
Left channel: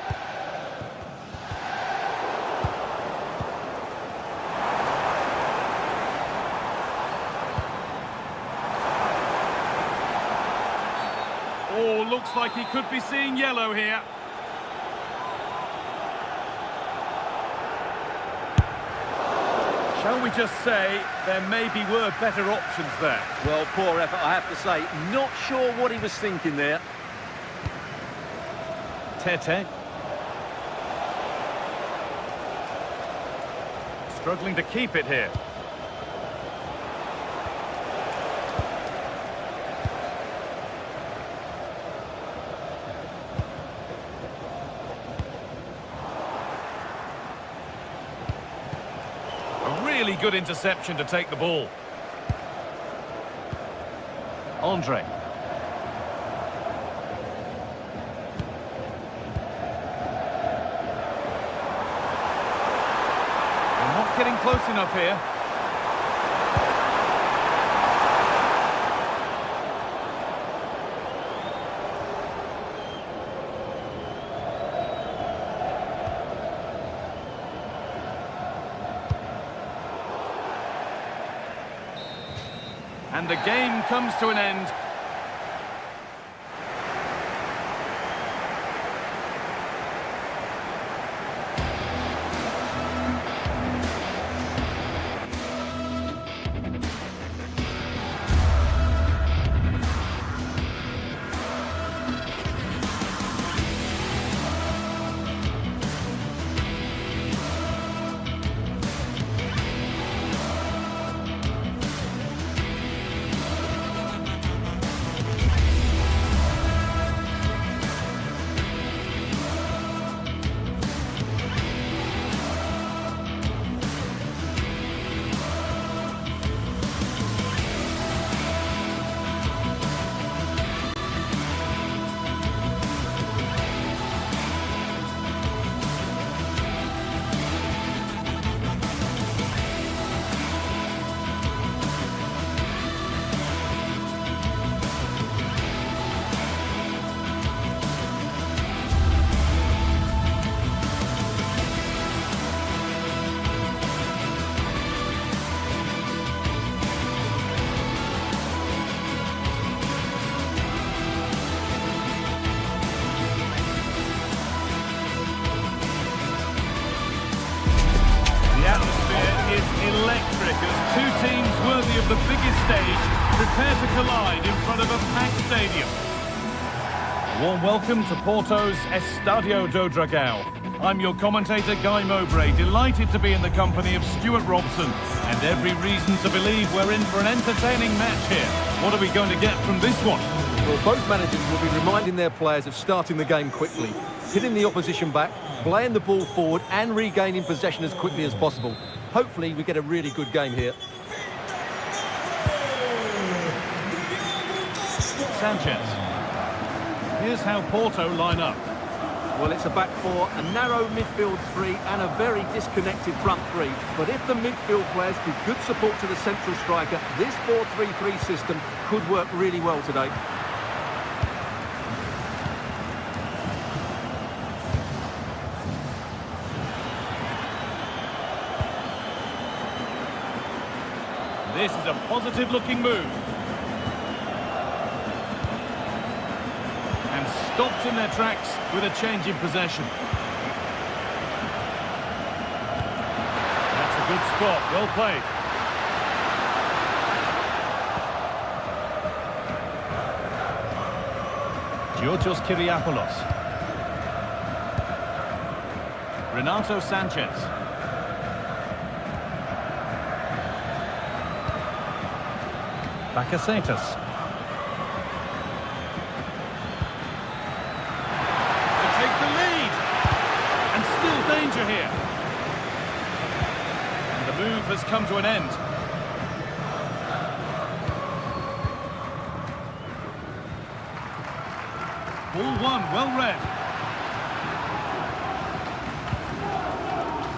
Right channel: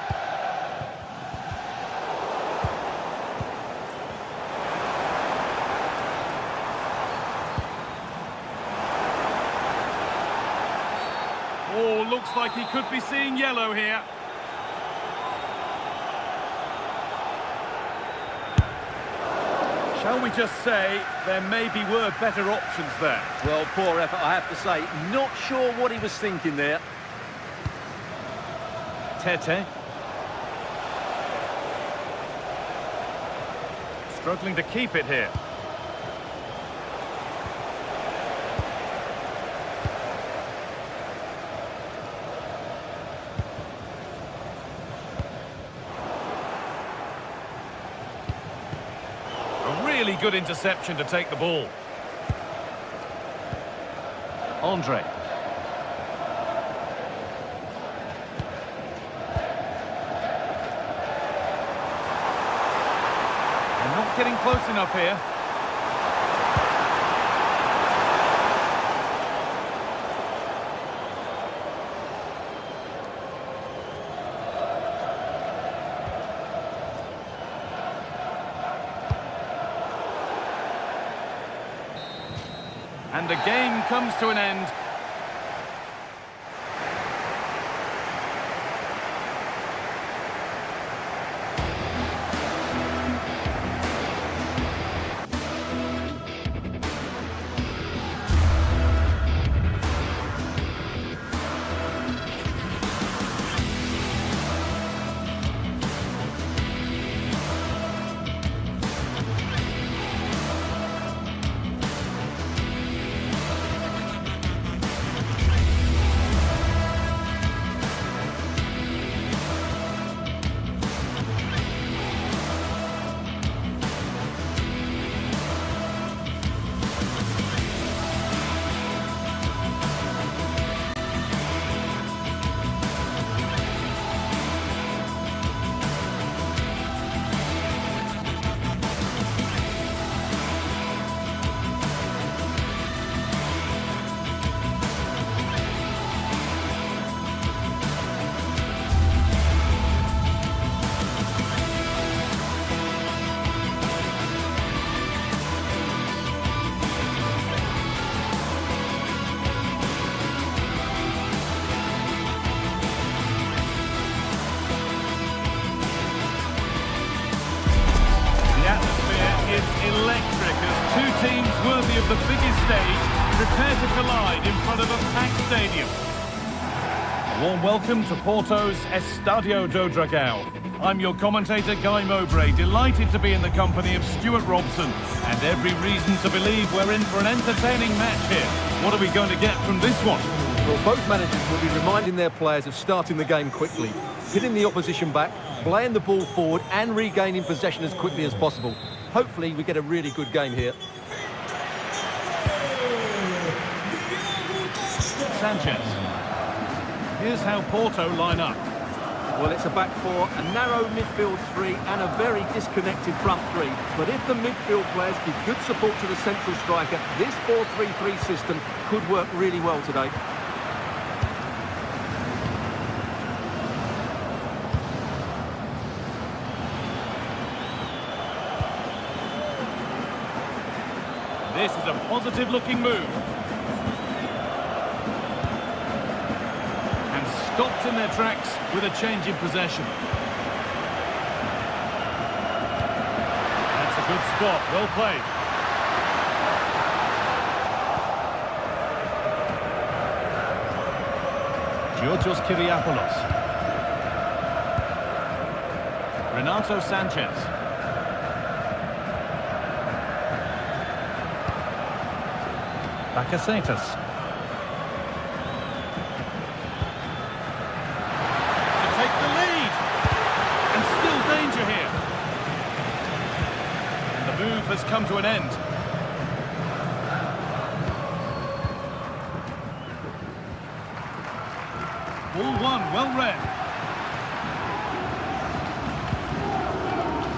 Oh, looks like he could be seeing yellow here. Shall we just say there maybe were better options there? Well, poor effort, I have to say. Not sure what he was thinking there. Tete. Struggling to keep it here. A really good interception to take the ball. Andre. They're not getting close enough here. And the game comes to an end. The atmosphere is electric as two teams worthy of the biggest stage prepare to collide in front of a packed stadium. A warm welcome to Porto's Estadio do Dragão. I'm your commentator, Guy Mowbray, delighted to be in the company of Stuart Robson, and every reason to believe we're in for an entertaining match here. What are we going to get from this one? Well, both managers will be reminding their players of starting the game quickly, hitting the opposition back, playing the ball forward and regaining possession as quickly as possible. Hopefully we get a really good game here. Sanchez. Here's how Porto line up. Well, it's a back four, a narrow midfield three and a very disconnected front three. But if the midfield players give good support to the central striker, this 4-3-3 system could work really well today. This is a positive-looking move. And stopped in their tracks with a change in possession. That's a good spot, well played. Georgios Kyriapoulos. Renato Sanchez. Bakasetas. To take the lead. And still danger here. And the move has come to an end. Ball one, well read.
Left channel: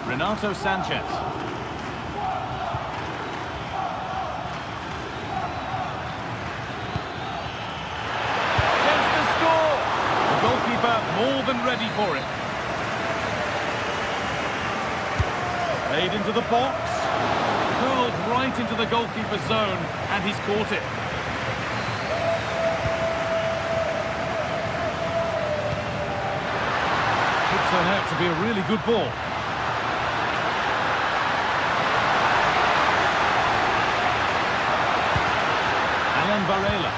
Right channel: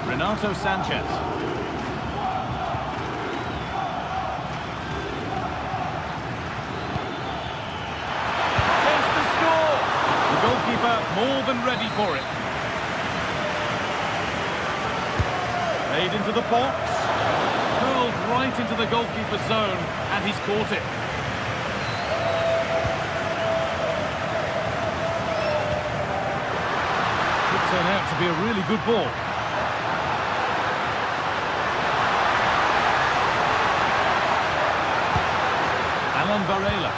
Renato Sanchez. The goalkeeper more than ready for it. Played into the box. Curled right into the goalkeeper's zone, and he's caught it. Could turn out to be a really good ball. Alan Varela.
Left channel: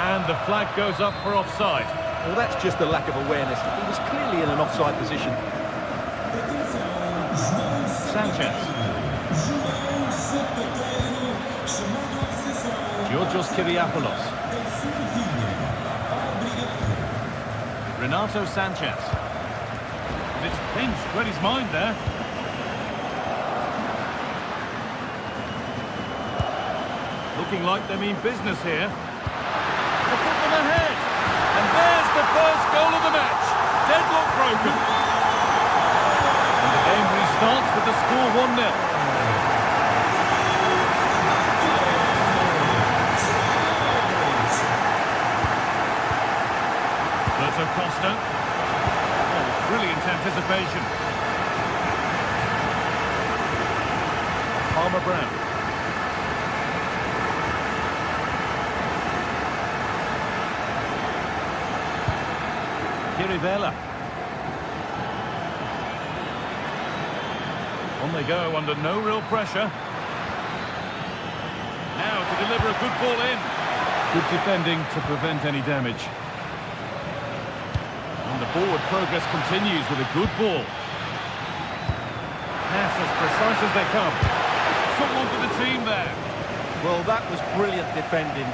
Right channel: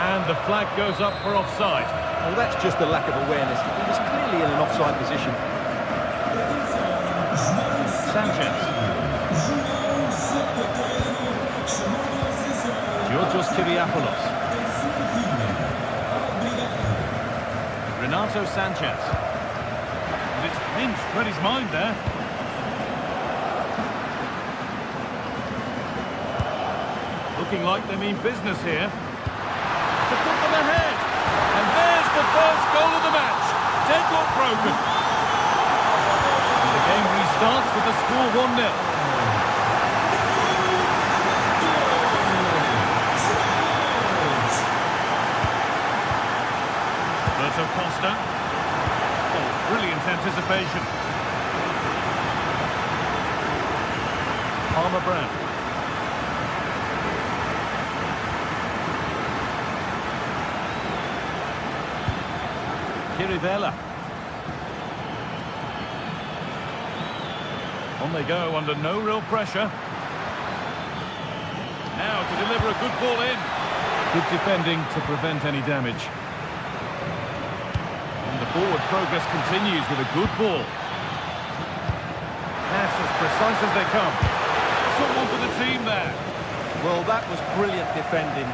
And the flag goes up for offside. Well, that's just a lack of awareness. He was clearly in an offside position. Sanchez. Georgios Kyriapoulos. Renato Sanchez. And it's pinched, read his mind there. Looking like they mean business here. To put them ahead. And there's the first goal of the match. Deadlock broken. And the game restarts with the score 1-0. Alberto Costa. Oh, brilliant anticipation. Palmer Brown. Kirivella. On they go under no real pressure. Now to deliver a good ball in. Good defending to prevent any damage. And the forward progress continues with a good ball. Pass as precise as they come. Someone for the team there. Well, that was brilliant defending.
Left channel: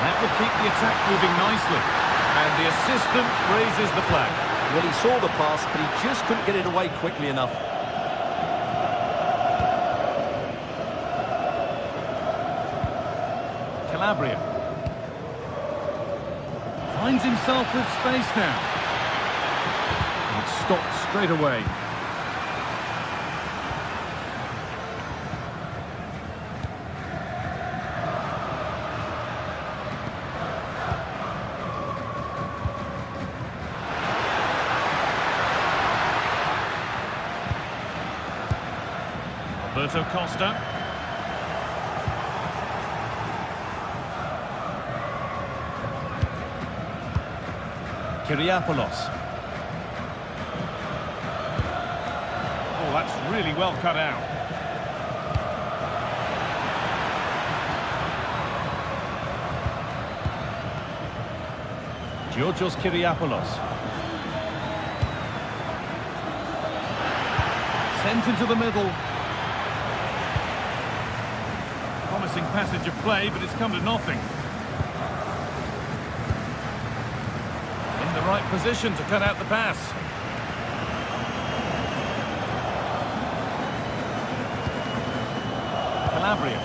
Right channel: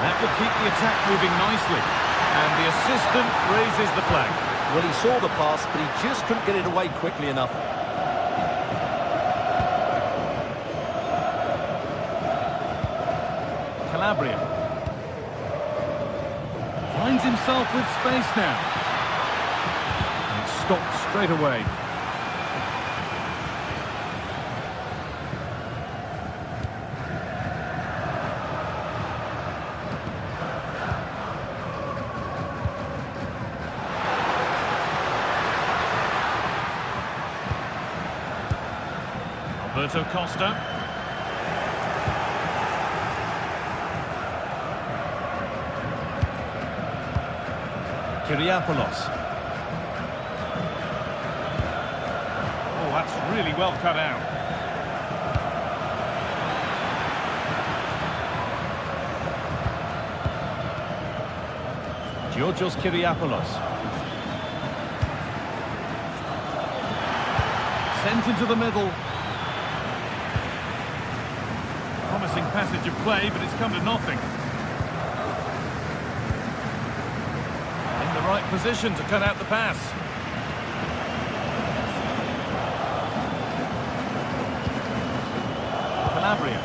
That will keep the attack moving nicely. And the assistant raises the flag. Well, he saw the pass, but he just couldn't get it away quickly enough. Calabria. Finds himself with space now. And it's stopped straight away. Alberto Costa. Kyriapoulos. Oh, that's really well cut out. Georgios Kyriapoulos. Sent into the middle. Promising passage of play, but it's come to nothing. In the right position to cut out the pass. Calabria.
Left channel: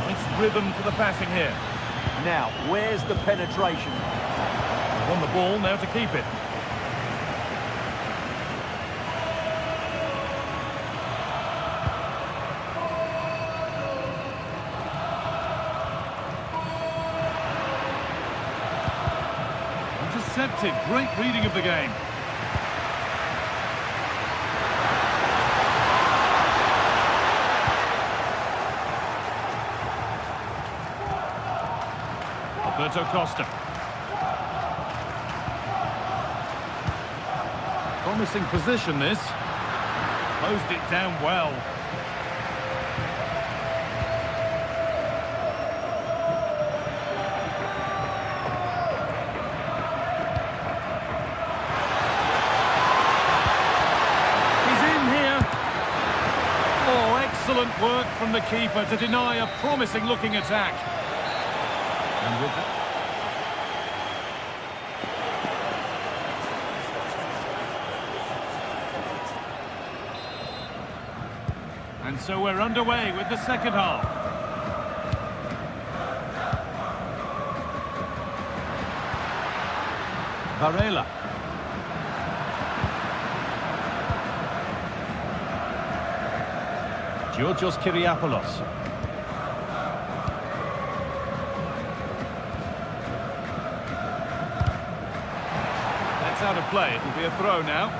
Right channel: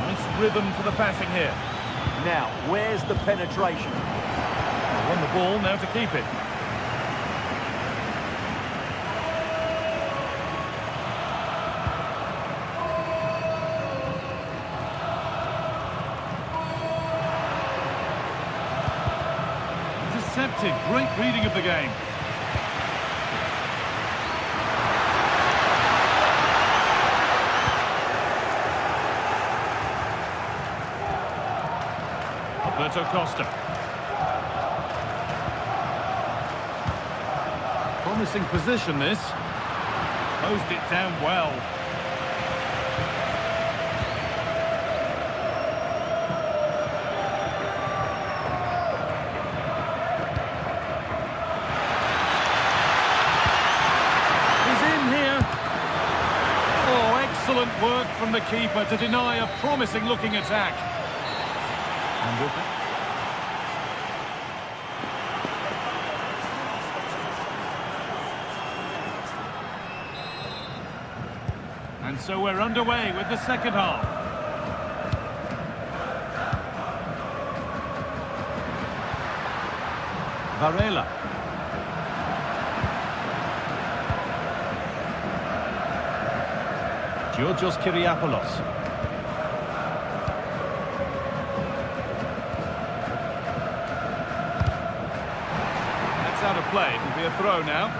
Nice rhythm to the passing here. Now, where's the penetration? They won the ball, now to keep it. Intercepted, great reading of the game. Alberto Costa. Promising position this. Closed it down well. He's in here. Oh, excellent work from the keeper to deny a promising looking attack. And with that, and so we're underway with the second half. Varela. Georgios Kyriapoulos. That's out of play. It'll be a throw now.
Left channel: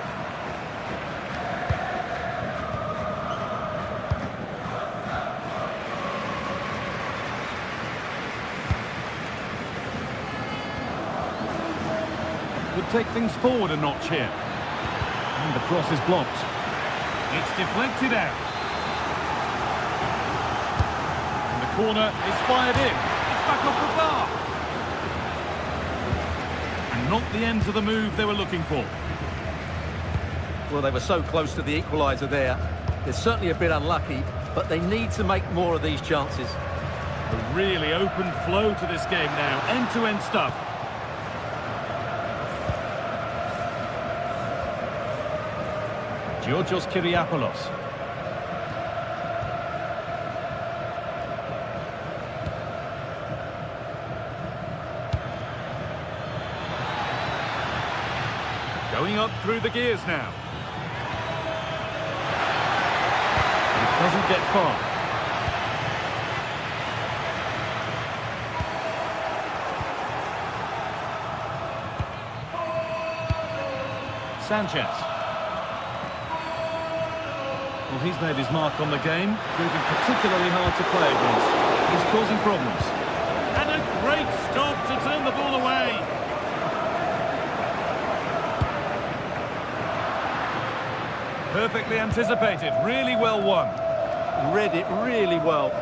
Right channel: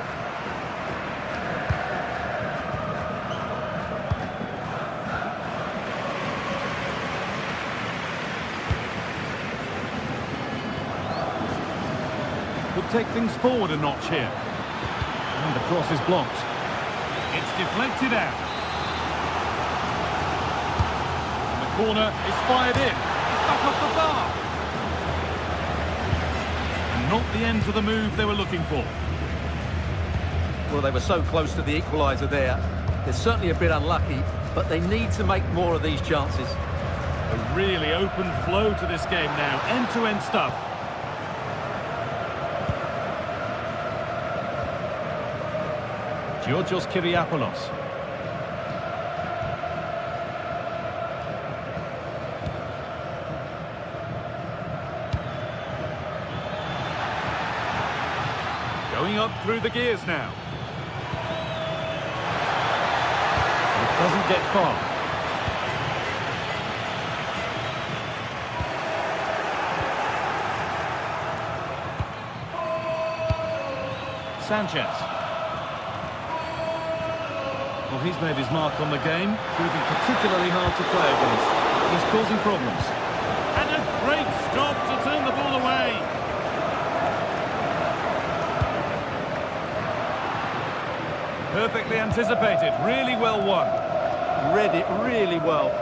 Could take things forward a notch here. And the cross is blocked. It's deflected out. And the corner is fired in. It's back off the bar. And not the end to the move they were looking for. Well, they were so close to the equaliser there. They're certainly a bit unlucky, but they need to make more of these chances. A really open flow to this game now. End-to-end stuff. Georgios Kyriapoulos. Going up through the gears now. But it doesn't get far. Sanchez. Well, he's made his mark on the game, proving particularly hard to play against. He's causing problems. And a great stop to turn the ball away. Perfectly anticipated, really well won. Read it really well.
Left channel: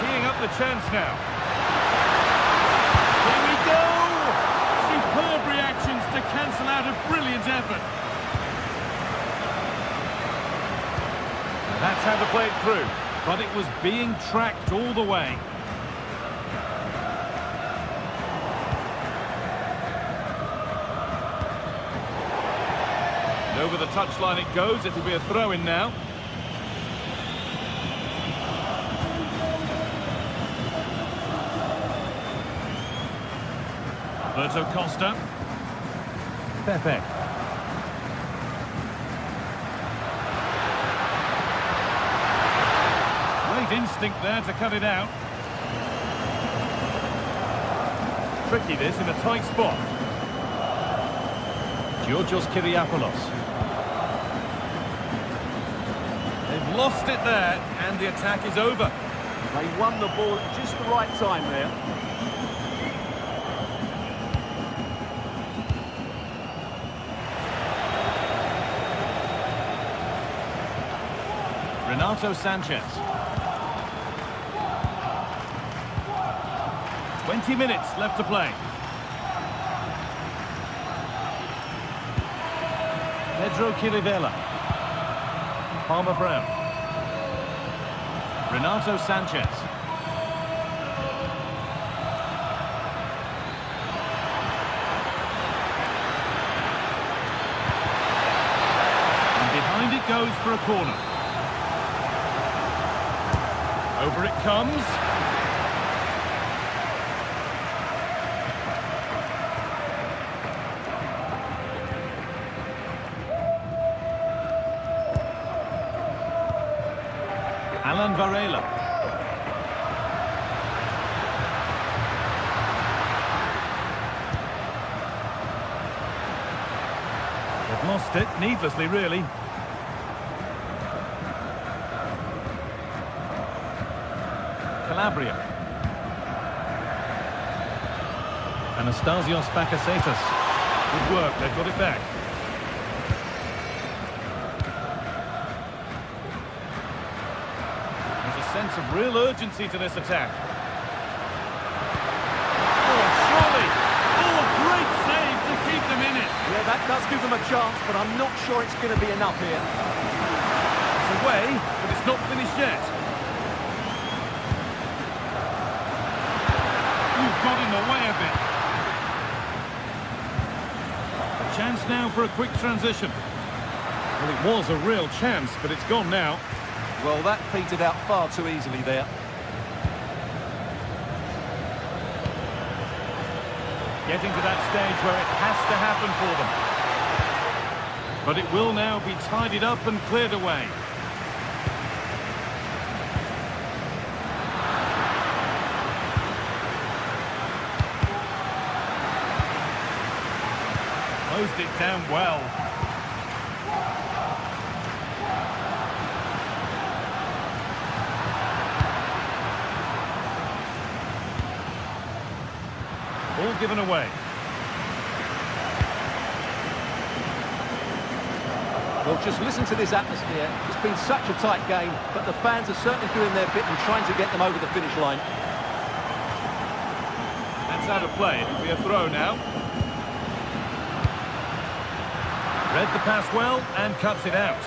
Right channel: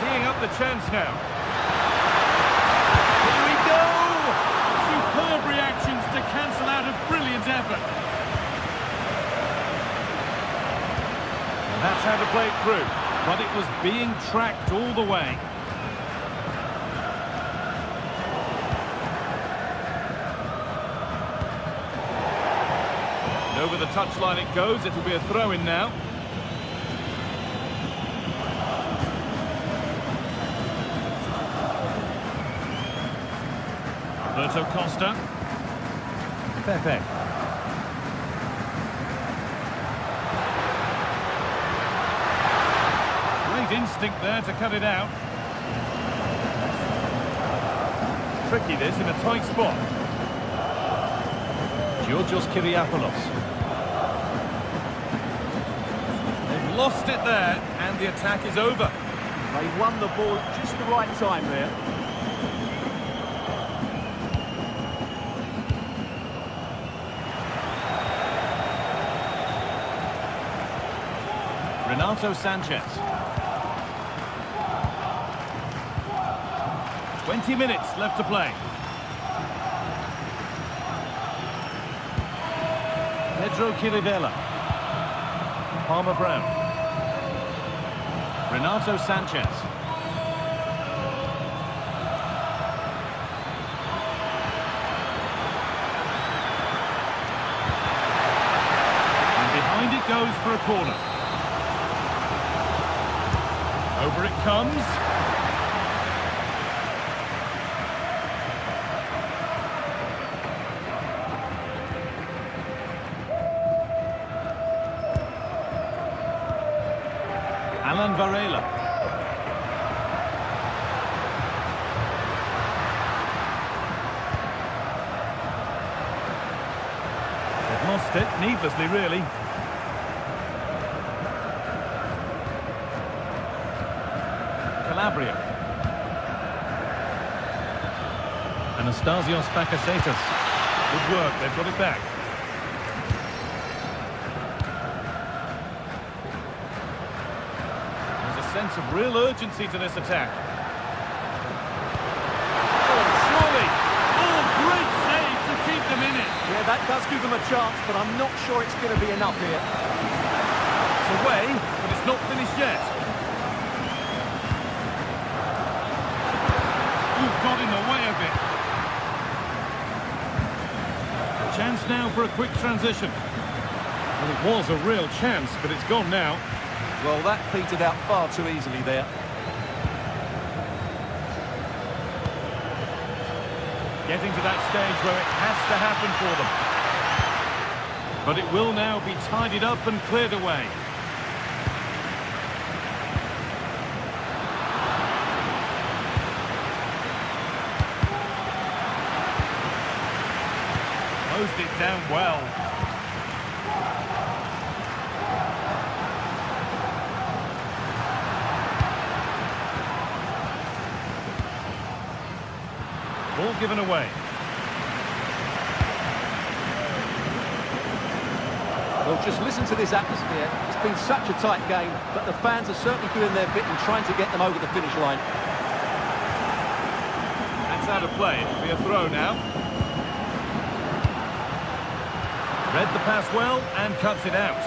Teeing up the chance now. Here we go! Superb reactions to cancel out a brilliant effort. Now that's how to play it through, but it was being tracked all the way. And over the touchline it goes, it'll be a throw-in now. Alberto Costa. Pepe. Great instinct there to cut it out. Tricky this in a tight spot. Georgios Kyriapoulos. They've lost it there, and the attack is over. They won the ball at just the right time there. Renato Sanchez. 20 minutes left to play. Pedro Chirivella. Palmer Brown. Renato Sanchez. And behind it goes for a corner. Over it comes. Alan Varela. They've lost it, needlessly really. Calabria. Anastasios Bakasetas. Good work, they've got it back. There's a sense of real urgency to this attack. Oh, surely! Oh, great save to keep them in it. Yeah, that does give them a chance, but I'm not sure it's going to be enough here. It's away, but it's not finished yet. Ooh, got in the way of it. A chance now for a quick transition. Well, it was a real chance, but it's gone now. Well, that petered out far too easily there. Getting to that stage where it has to happen for them. But it will now be tidied up and cleared away. Closed it down well. Ball given away. Well, just listen to this atmosphere. It's been such a tight game, but the fans are certainly doing their bit and trying to get them over the finish line. That's out of play. It'll be a throw now. Read the pass well and cuts it out.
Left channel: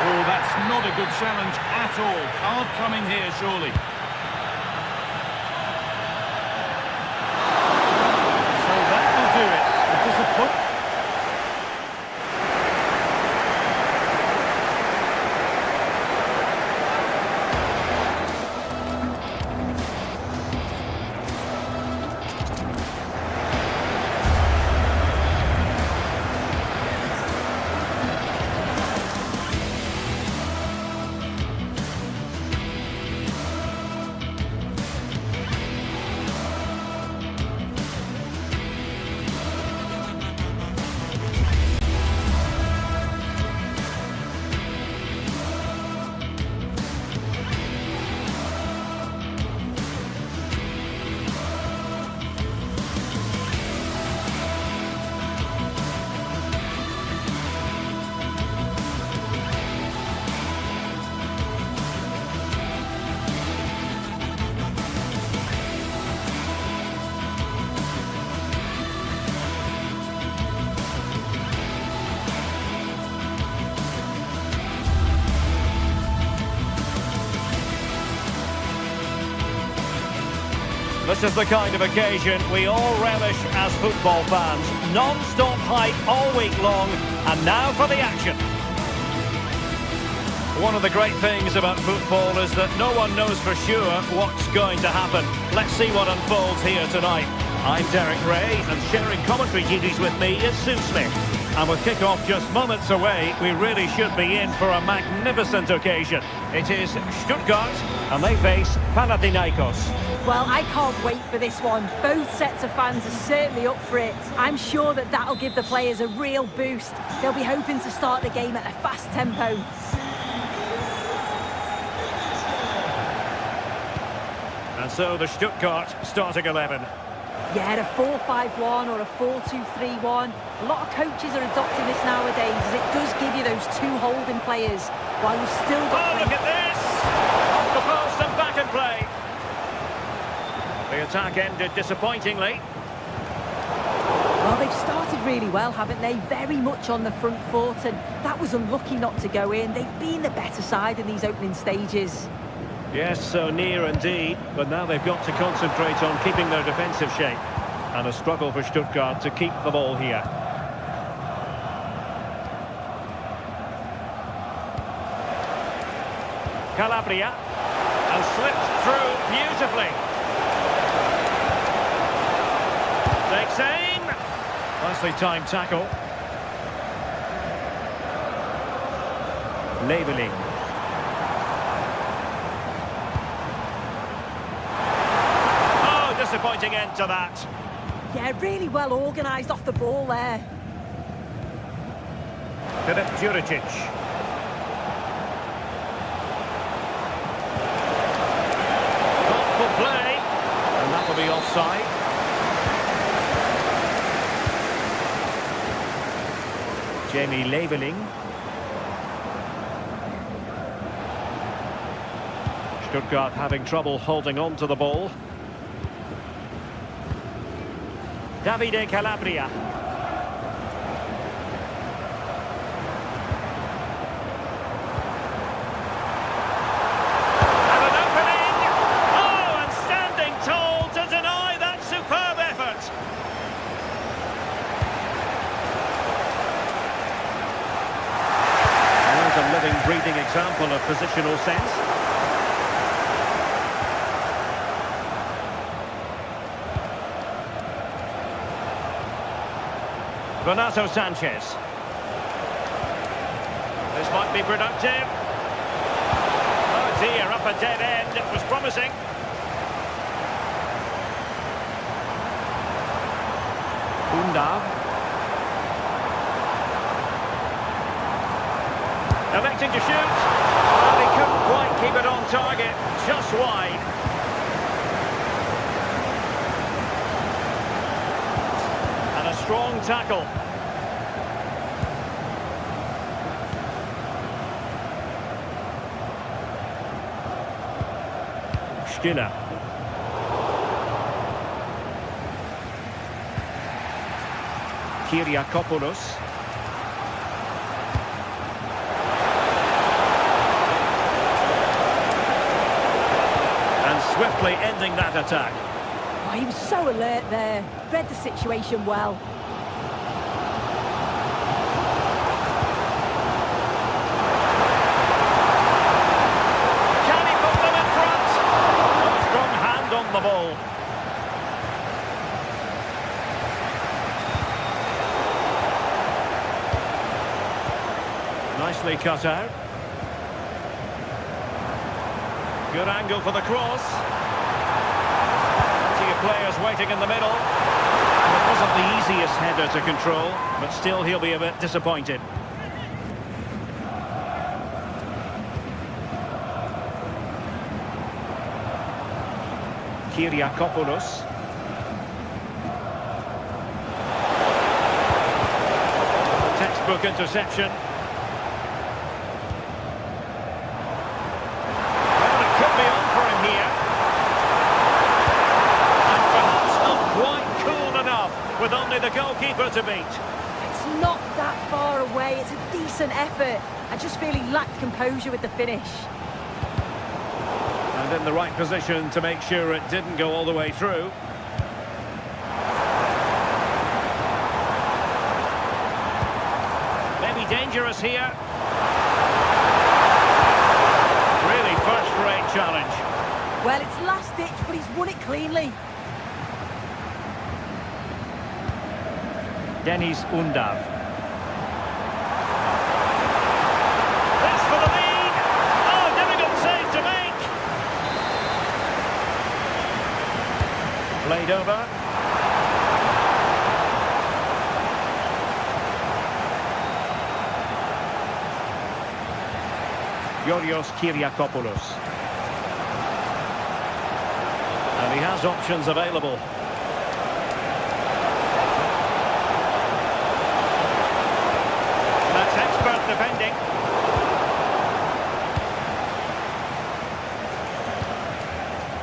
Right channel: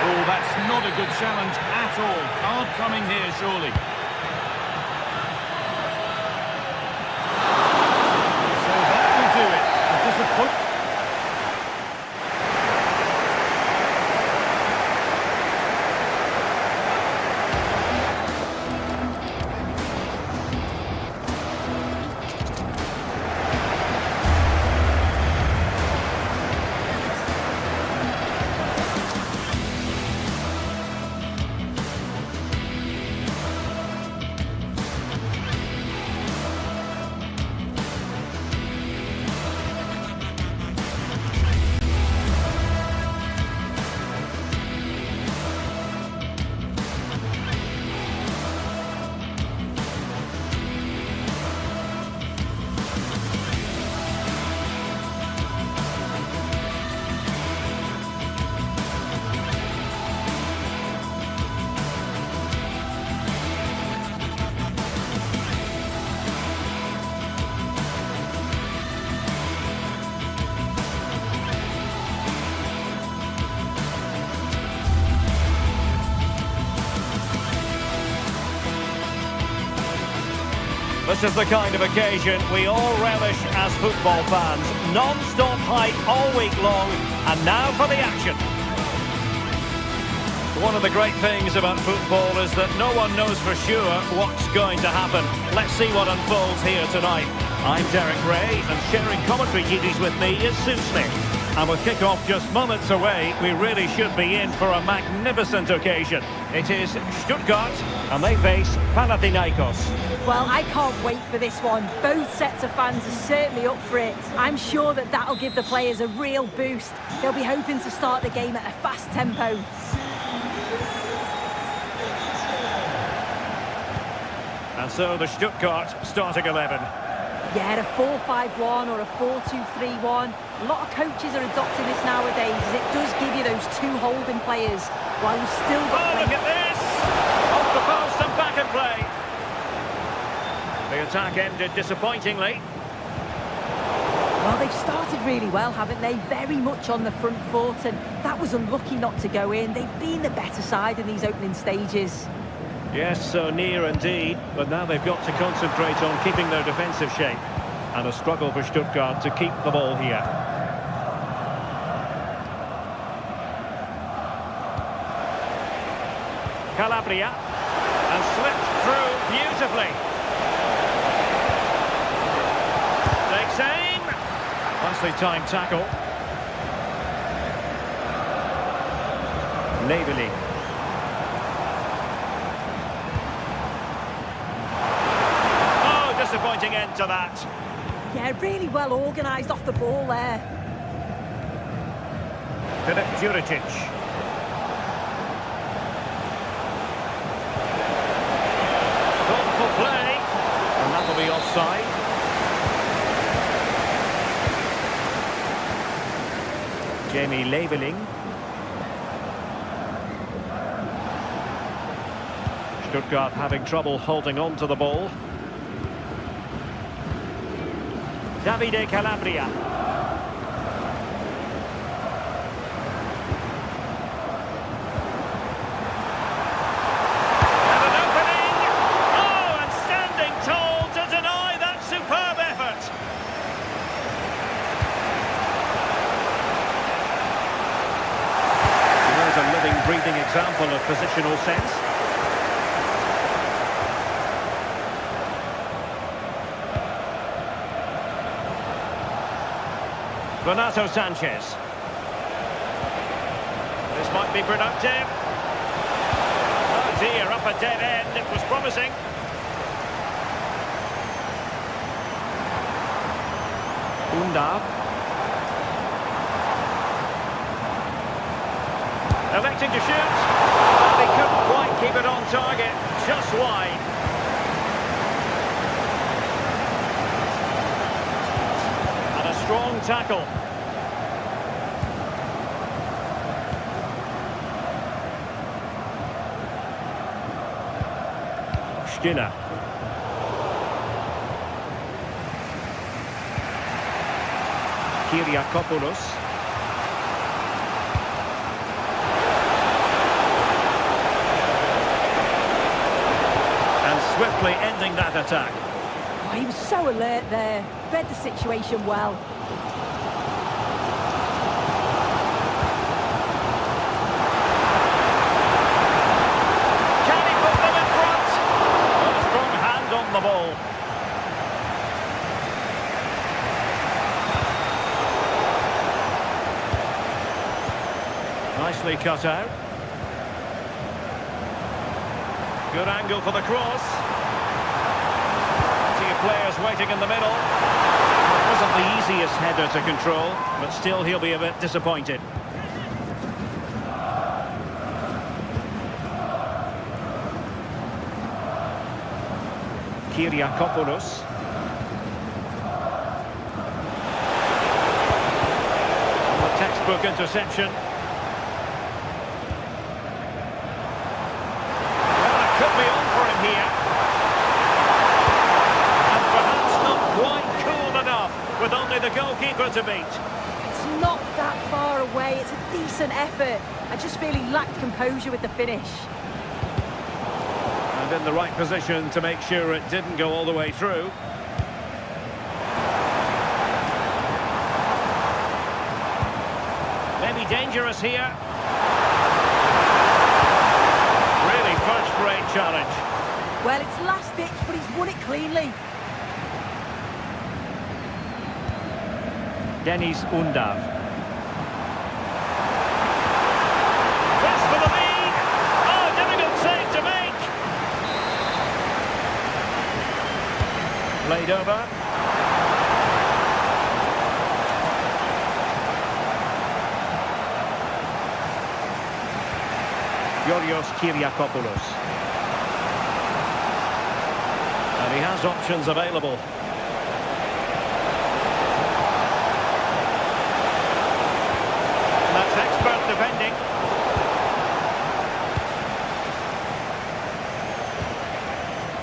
Oh, that's not a good challenge at all. Card coming here, surely. So that will do it. A disappointment. This is the kind of occasion we all relish as football fans. Non-stop hype all week long, and now for the action. One of the great things about football is that no one knows for sure what's going to happen. Let's see what unfolds here tonight. I'm Derek Ray, and sharing commentary duties with me is Sue Smith. And with kick-off just moments away, we really should be in for a magnificent occasion. It is Stuttgart, and they face Panathinaikos. Well, I can't wait for this one. Both sets of fans are certainly up for it. I'm sure that that'll give the players a real boost. They'll be hoping to start the game at a fast tempo. And so the Stuttgart starting 11. Yeah, a 4-5-1 or a 4-2-3-1. A lot of coaches are adopting this nowadays, as it does give you those two holding players while you've still got... Oh, look at this! Off the post and back in play. The attack ended disappointingly. Well, they've started really well, haven't they? Very much on the front foot, and that was unlucky not to go in. They've been the better side in these opening stages. Yes, so near indeed, but now they've got to concentrate on keeping their defensive shape. And a struggle for Stuttgart to keep the ball here. Calabria, and slipped through beautifully. Takes aim. Nicely timed tackle. Leveling. Oh, disappointing end to that. Yeah, really well organised off the ball there. Filip Juricic. Thoughtful play. And that'll be offside. Jamie Leveling. Stuttgart having trouble holding on to the ball. Davide Calabria. And an opening! Oh, and standing tall to deny that superb effort. And there's a living, breathing example of positional sense. Renato Sanchez. This might be productive. Oh dear, up a dead end. It was promising. Undav. Electing to shoot. Well, he couldn't quite keep it on target. Just wide. And a strong tackle. Skinner. Kyriakopoulos. And swiftly ending that attack. Oh, he was so alert there. Read the situation well. Can he put them in front? Well, a strong hand on the ball. Nicely cut out. Good angle for the cross. Plenty of players waiting in the middle. It wasn't the easiest header to control, but still he'll be a bit disappointed. Kyriakopoulos. A textbook interception. Well, it could be on for him here. And perhaps not quite cool enough, with only the goalkeeper to beat. It's not that far away. It's a decent effort. I just feel he lacked composure with the finish. And in the right position to make sure it didn't go all the way through. Maybe dangerous here. Really first-rate challenge. Well, it's last-ditch, but he's won it cleanly. Denis Undav. This for the lead. Oh, difficult save to make. Played over. Kyriakopoulos. And he has options available. That's expert defending.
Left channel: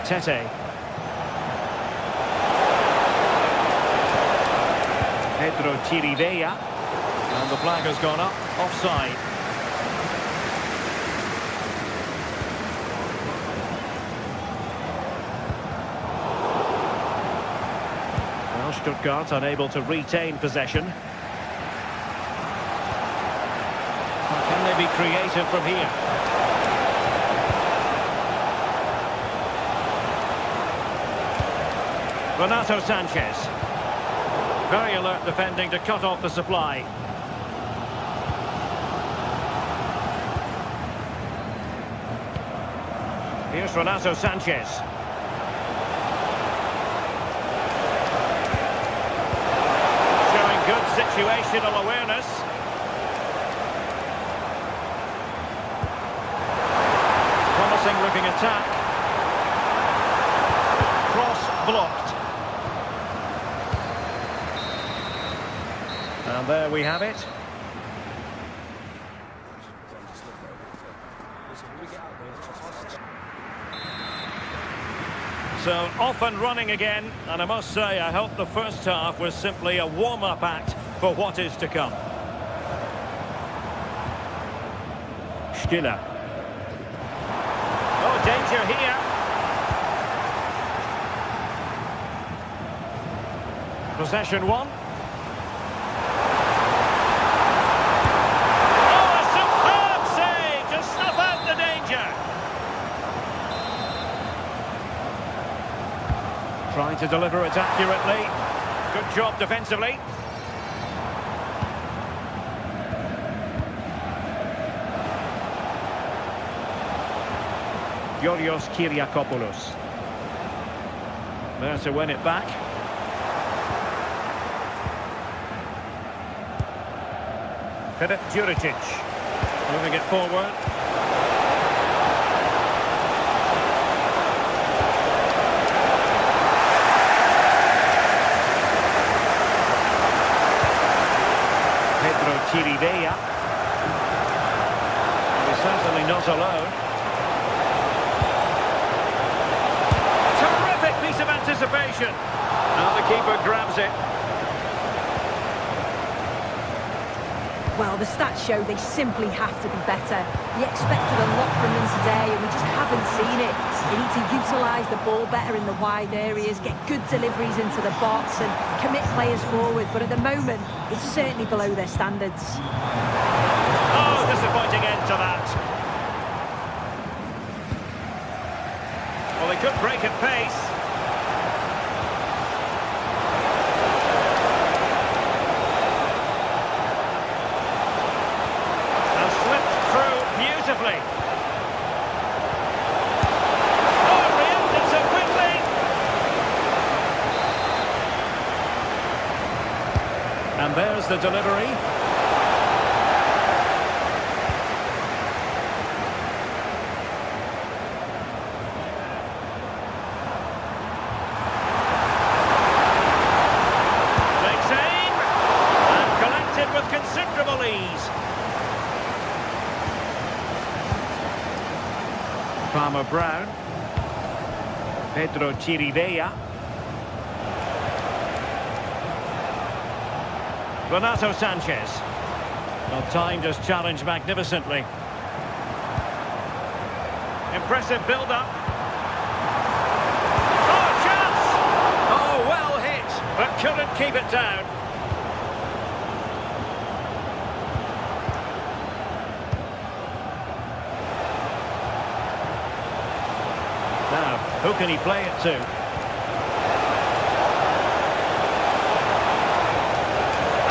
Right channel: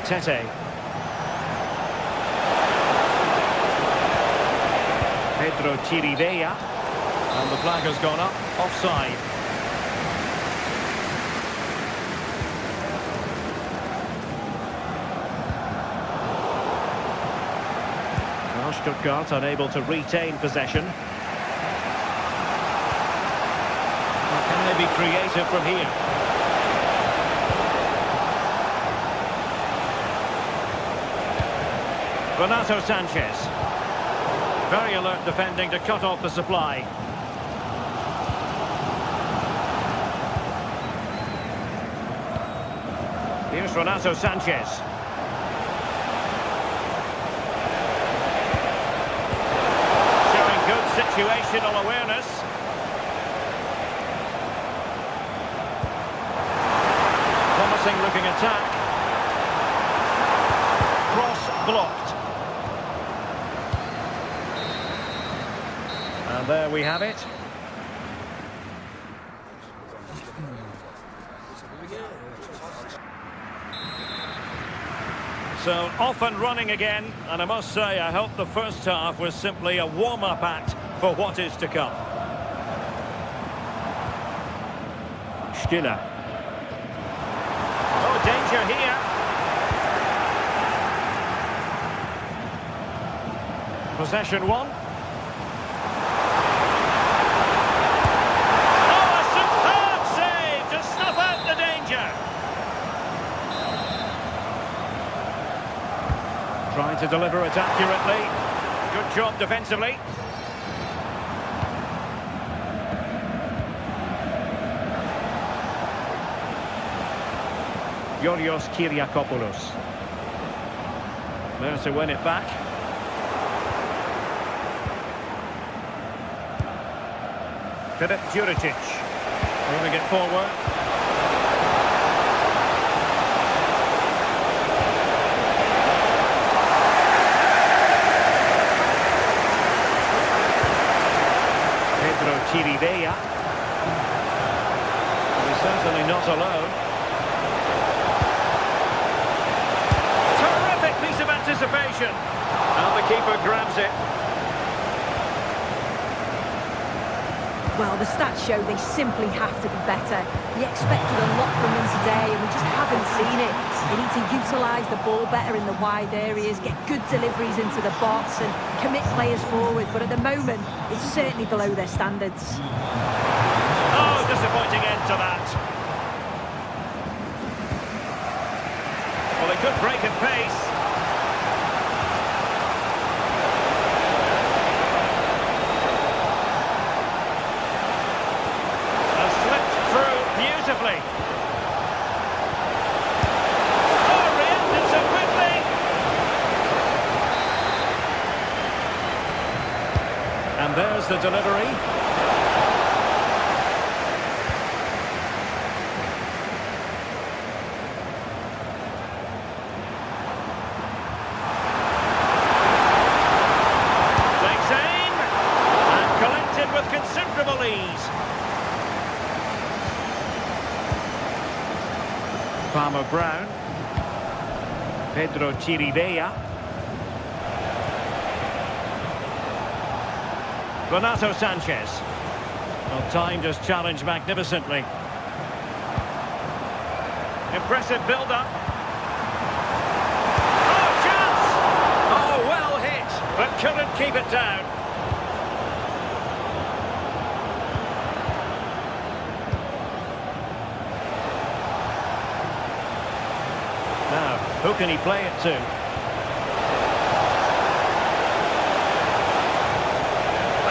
Tete. Pedro Chirivella. And the flag has gone up. Offside. Well, Stuttgart unable to retain possession. Can they be creative from here? Renato Sanchez. Very alert defending to cut off the supply. Here's Renato Sanchez. Showing good situational awareness. Promising looking attack. Cross blocked. And there we have it. So off and running again, and I must say I hope the first half was simply a warm-up act for what is to come. Stiller. Oh, danger here. Possession one. Oh, a superb save to snuff out the danger. Trying to deliver it accurately. Good job defensively. Georgios Kyriakopoulos. There to win it back. Filip Juricic. Moving it forward. Pedro Chirivella. Well, he's certainly not alone. Terrific piece of anticipation. And the keeper grabs it. Well, the stats show they simply have to be better. We expected a lot from them today, and we just haven't seen it. They need to utilise the ball better in the wide areas, get good deliveries into the box, and commit players forward. But at the moment, it's certainly below their standards. Oh, disappointing end to that. Well, they could break at pace. Slipped through beautifully. Oh, reacted so quickly. And there's the delivery. Takes aim and collected with considerable ease. Palmer Brown. Pedro Chirivella. Renato Sanchez. Well, timed his challenge magnificently. Impressive build-up. Oh, chance! Oh, well hit, but couldn't keep it down. Now, who can he play it to?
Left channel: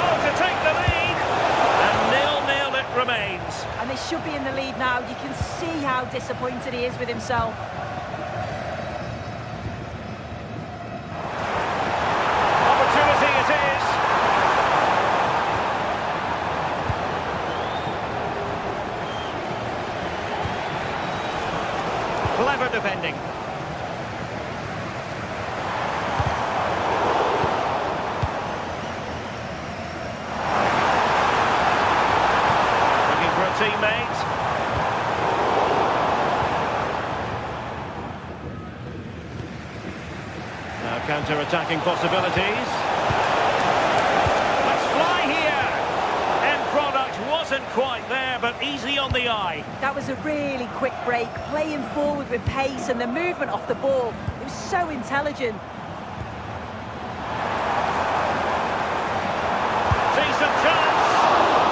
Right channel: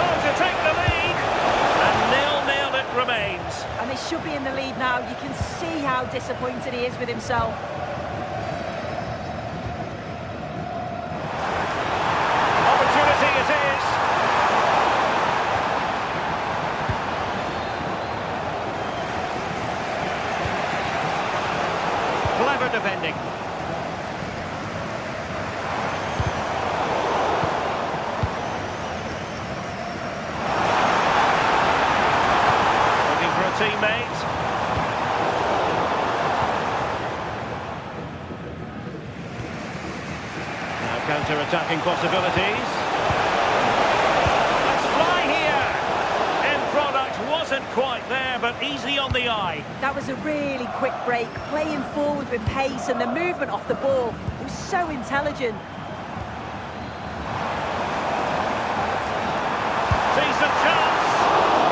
Oh, to take the lead! And 0-0 it remains. And they should be in the lead now. You can see how disappointed he is with himself. Opportunity it is. Clever defending. Counter-attacking possibilities. Let's fly here! End product wasn't quite there, but easy on the eye. That was a really quick break, playing forward with pace and the movement off the ball. It was so intelligent. Decent chance.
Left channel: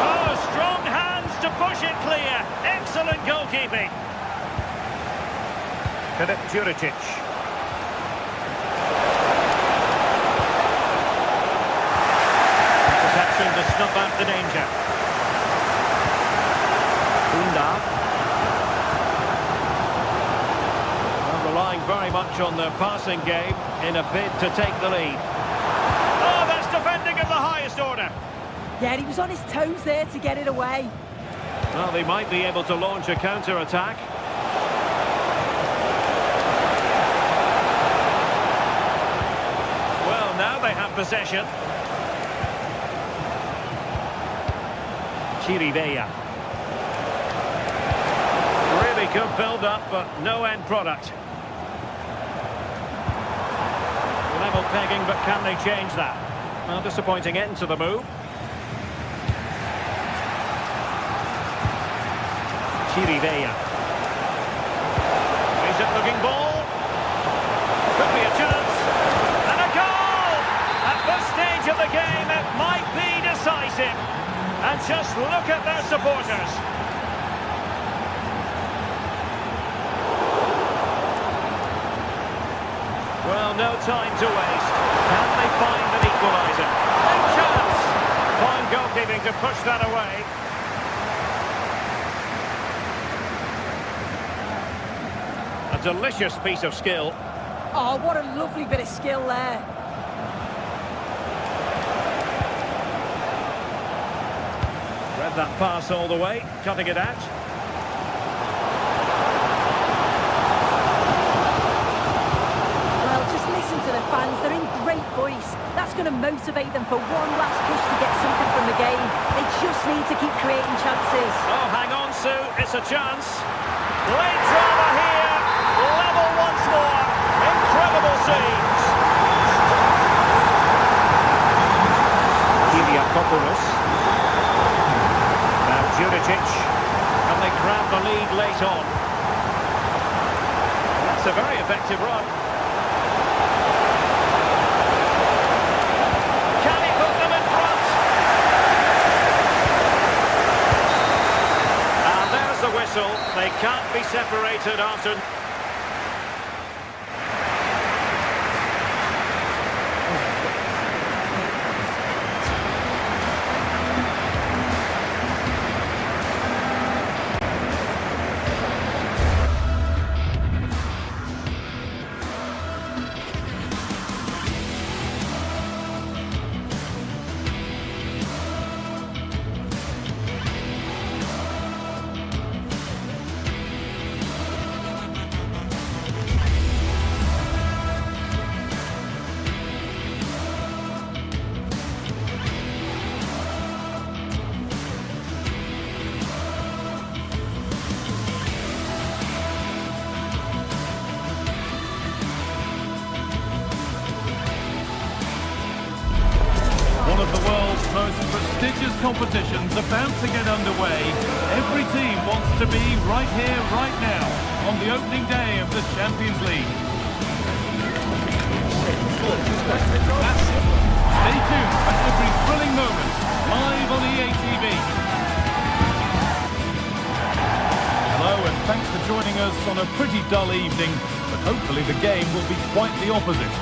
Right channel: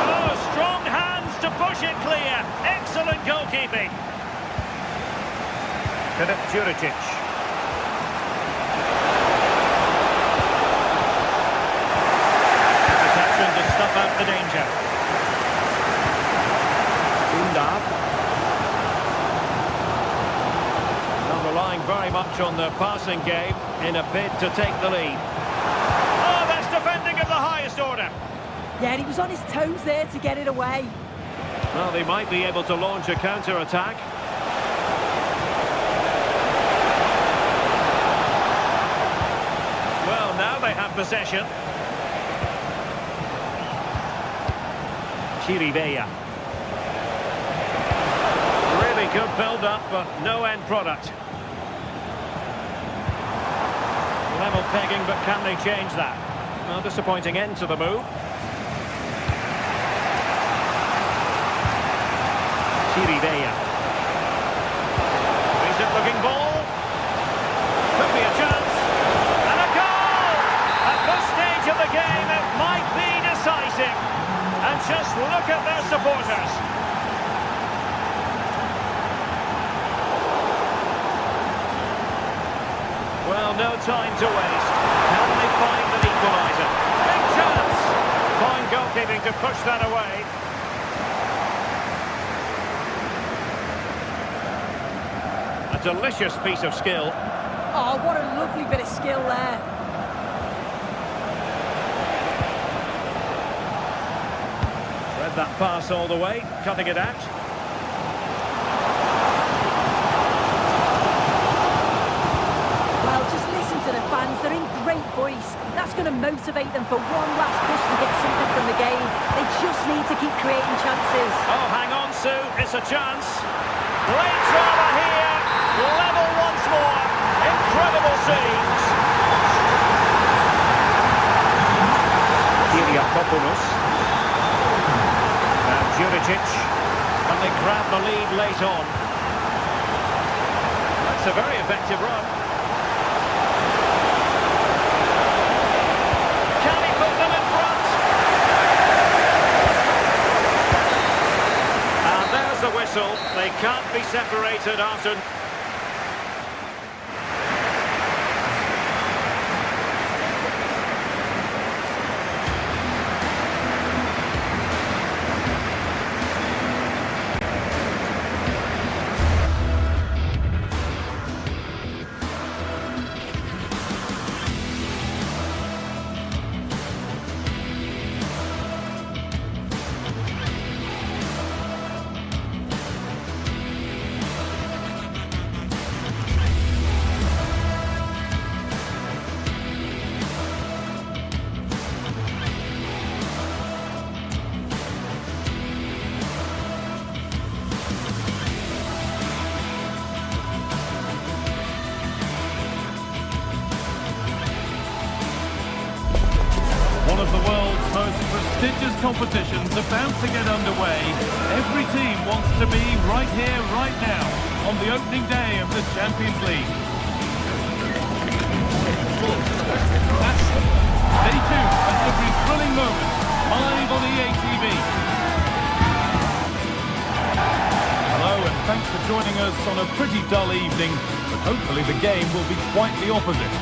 Oh, strong hands to push it clear. Excellent goalkeeping. Juricic. Interception to snuff out the danger. Undav. Well, relying very much on their passing game in a bid to take the lead. Oh, that's defending of the highest order. Yeah, and he was on his toes there to get it away. Well, they might be able to launch a counter-attack. Well, now they have possession. Chirivella. Really good build-up, but no end product. Level pegging, but can they change that? Well, disappointing end to the move. Chirivella. Decent-looking ball. Could be a chance. And a goal! At this stage of the game, it might be decisive. And just look at their supporters. Well, no time to waste. Can they find an equaliser? Big chance! Fine goalkeeping to push that away. A delicious piece of skill. Oh, what a lovely bit of skill there. Read that pass all the way, cutting it out. Well, just listen to the fans. They're in great voice. That's going to motivate them for one last push to get something from the game. They just need to keep creating chances. Oh, hang on, Sue. It's a chance. Late drama here. Level once more. Incredible scenes. Kyriakopoulos. Now Juricic. Can they grab the lead late on? That's a very effective run. Can he put them in front? And there's the whistle. They can't be separated after... One of the world's most prestigious competitions about to get underway. Every team wants to be right here, right now, on the opening day of the Champions League. Stay tuned for every thrilling moment, live on EA TV. Hello and thanks for joining us on a pretty dull evening, but hopefully the game will be quite the opposite.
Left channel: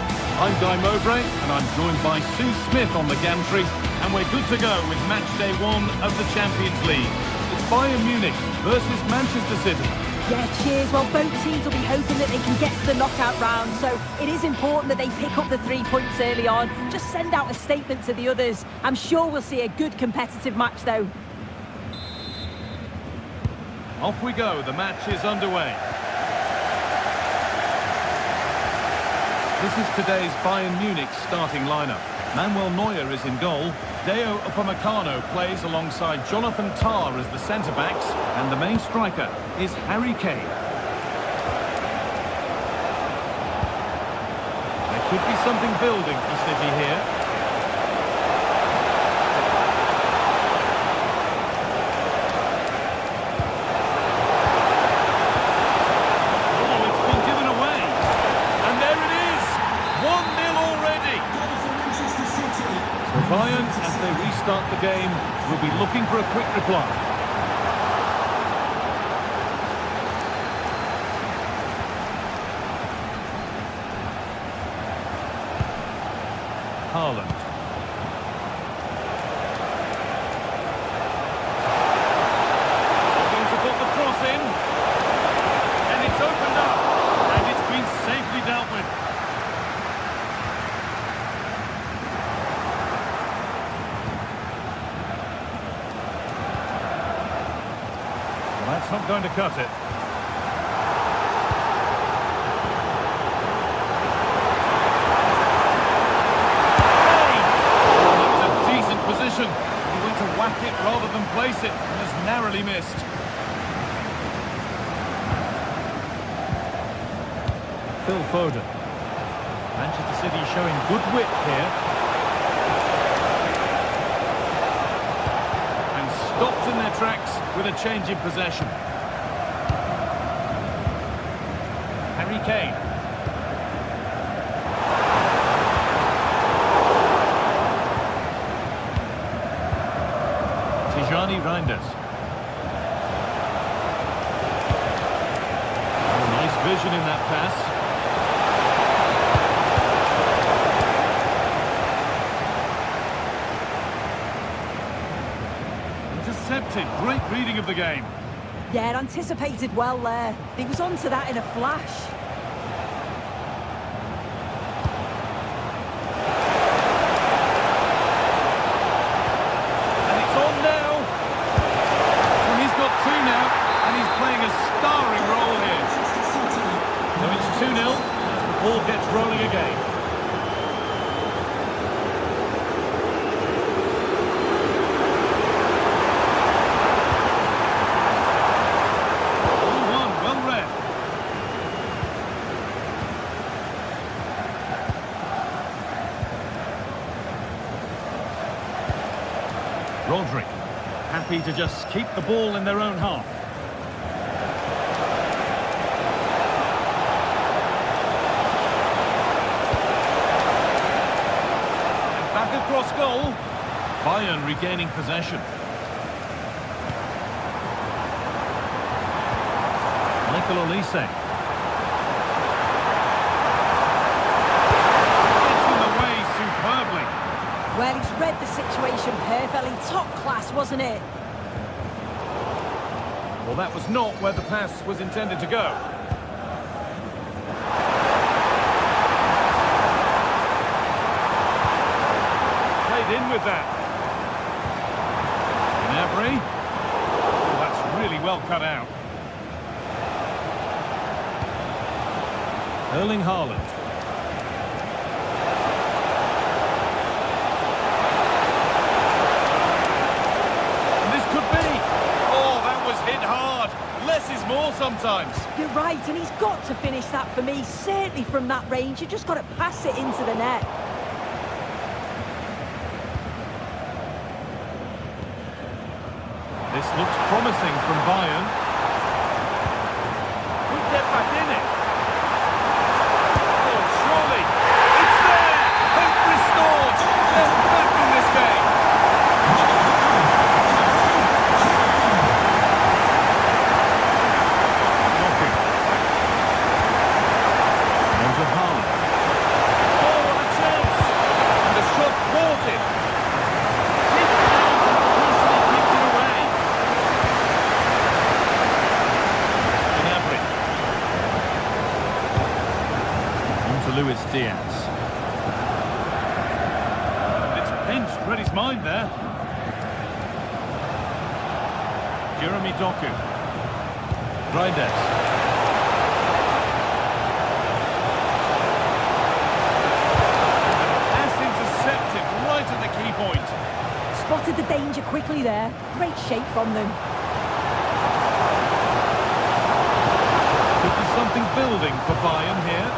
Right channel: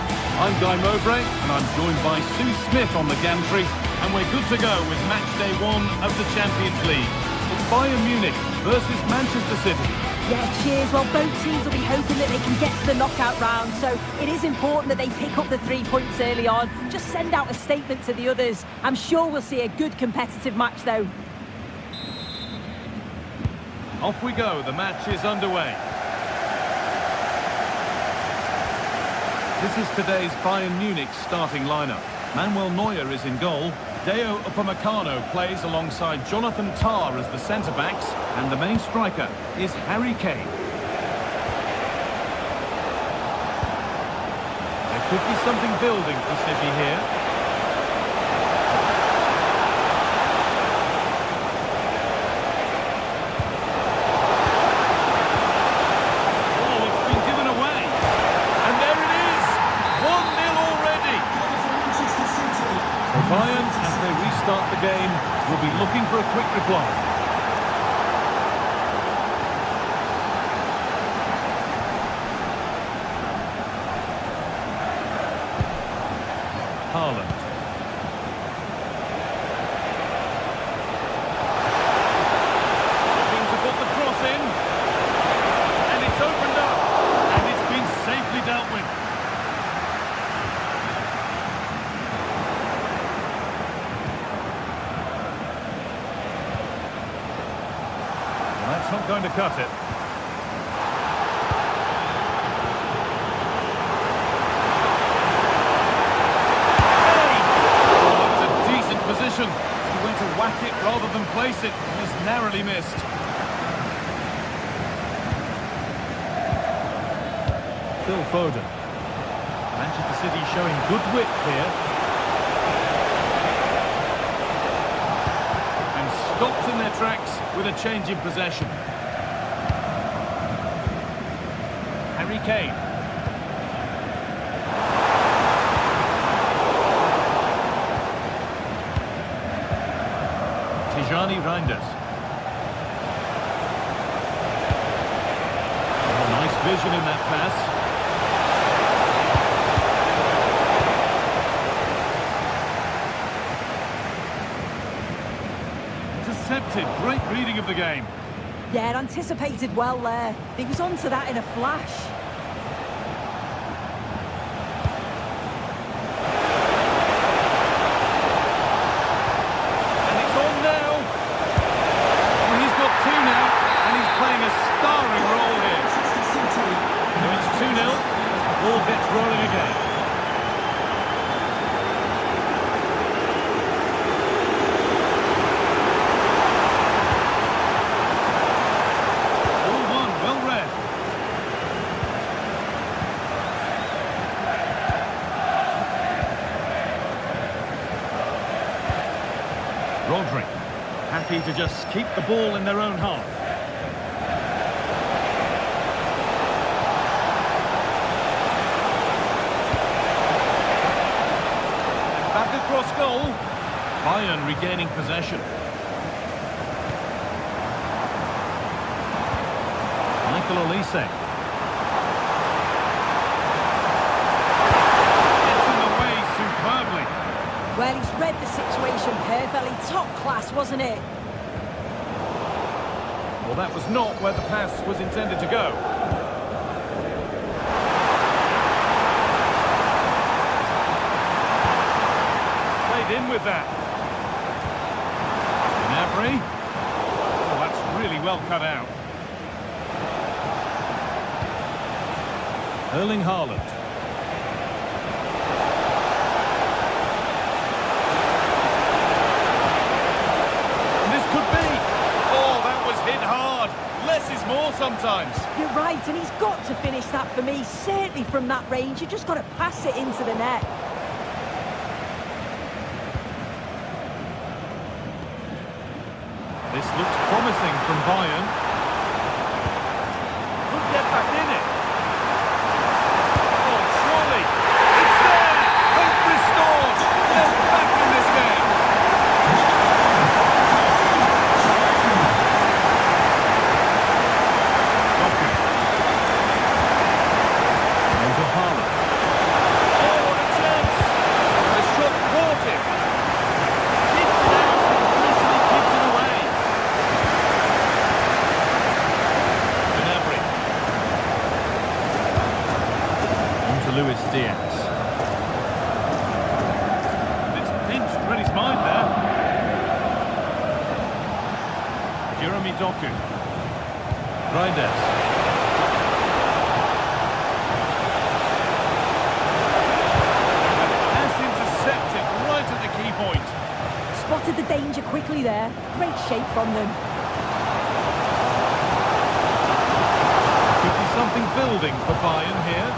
I'm Guy Mowbray, and I'm joined by Sue Smith on the gantry, and we're good to go with match day 1 of the Champions League. It's Bayern Munich versus Manchester City. Yeah, cheers. Well, both teams will be hoping that they can get to the knockout round, so it is important that they pick up the 3 points early on. Just send out a statement to the others. I'm sure we'll see a good competitive match, though. Off we go, the match is underway. This is today's Bayern Munich starting lineup. Manuel Neuer is in goal. Deo Upamecano plays alongside Jonathan Tah as the centre-backs. And the main striker is Harry Kane. There could be something building for City here. Oh, it's been given away. And there it is! 1-0 already. So Bayern, as they restart the game, will be looking for a quick reply. Haaland. Looking to put the cross in. And it's opened up. And it's been safely dealt with. Well, that's not going to cut it. Position. He went to whack it rather than place it and has narrowly missed. Phil Foden. Manchester City showing good wit here. And stopped in their tracks with a change in possession. Harry Kane. Tijani Reinders. Oh, nice vision in that pass. Intercepted. Great reading of the game. Yeah, anticipated well there. He was onto that in a flash. Playing a starring role here. So it's 2-0 as the ball gets rolling again. All one, well read. Rodri, happy to just keep the ball in their own half. Back across goal. Bayern regaining possession. Michael Olise. Gets in the way superbly. Well, he's read the situation perfectly. Top class, wasn't it? Well, that was not where the pass was intended to go. In with that. Gnabry. Oh, that's really well cut out. Erling Haaland. And this could be. Oh, that was hit hard. Less is more sometimes. You're right, and he's got to finish that for me. Certainly from that range, you just got to pass it into the net. This looks promising from Bayern. Could get back in it. Oh, surely. It's there! Hope restored! They're back in this game. Doku. Now to Haaland. Oh, what a chance! And the shot thwarted. Keeps it out and crucially keeps it away. Luis Diaz. And it's pinched, read his mind there. Jeremy Doku. Reinders. And pass intercepted right at the key point. Spotted the danger quickly there. Great shape from them. Could be something building for Bayern here.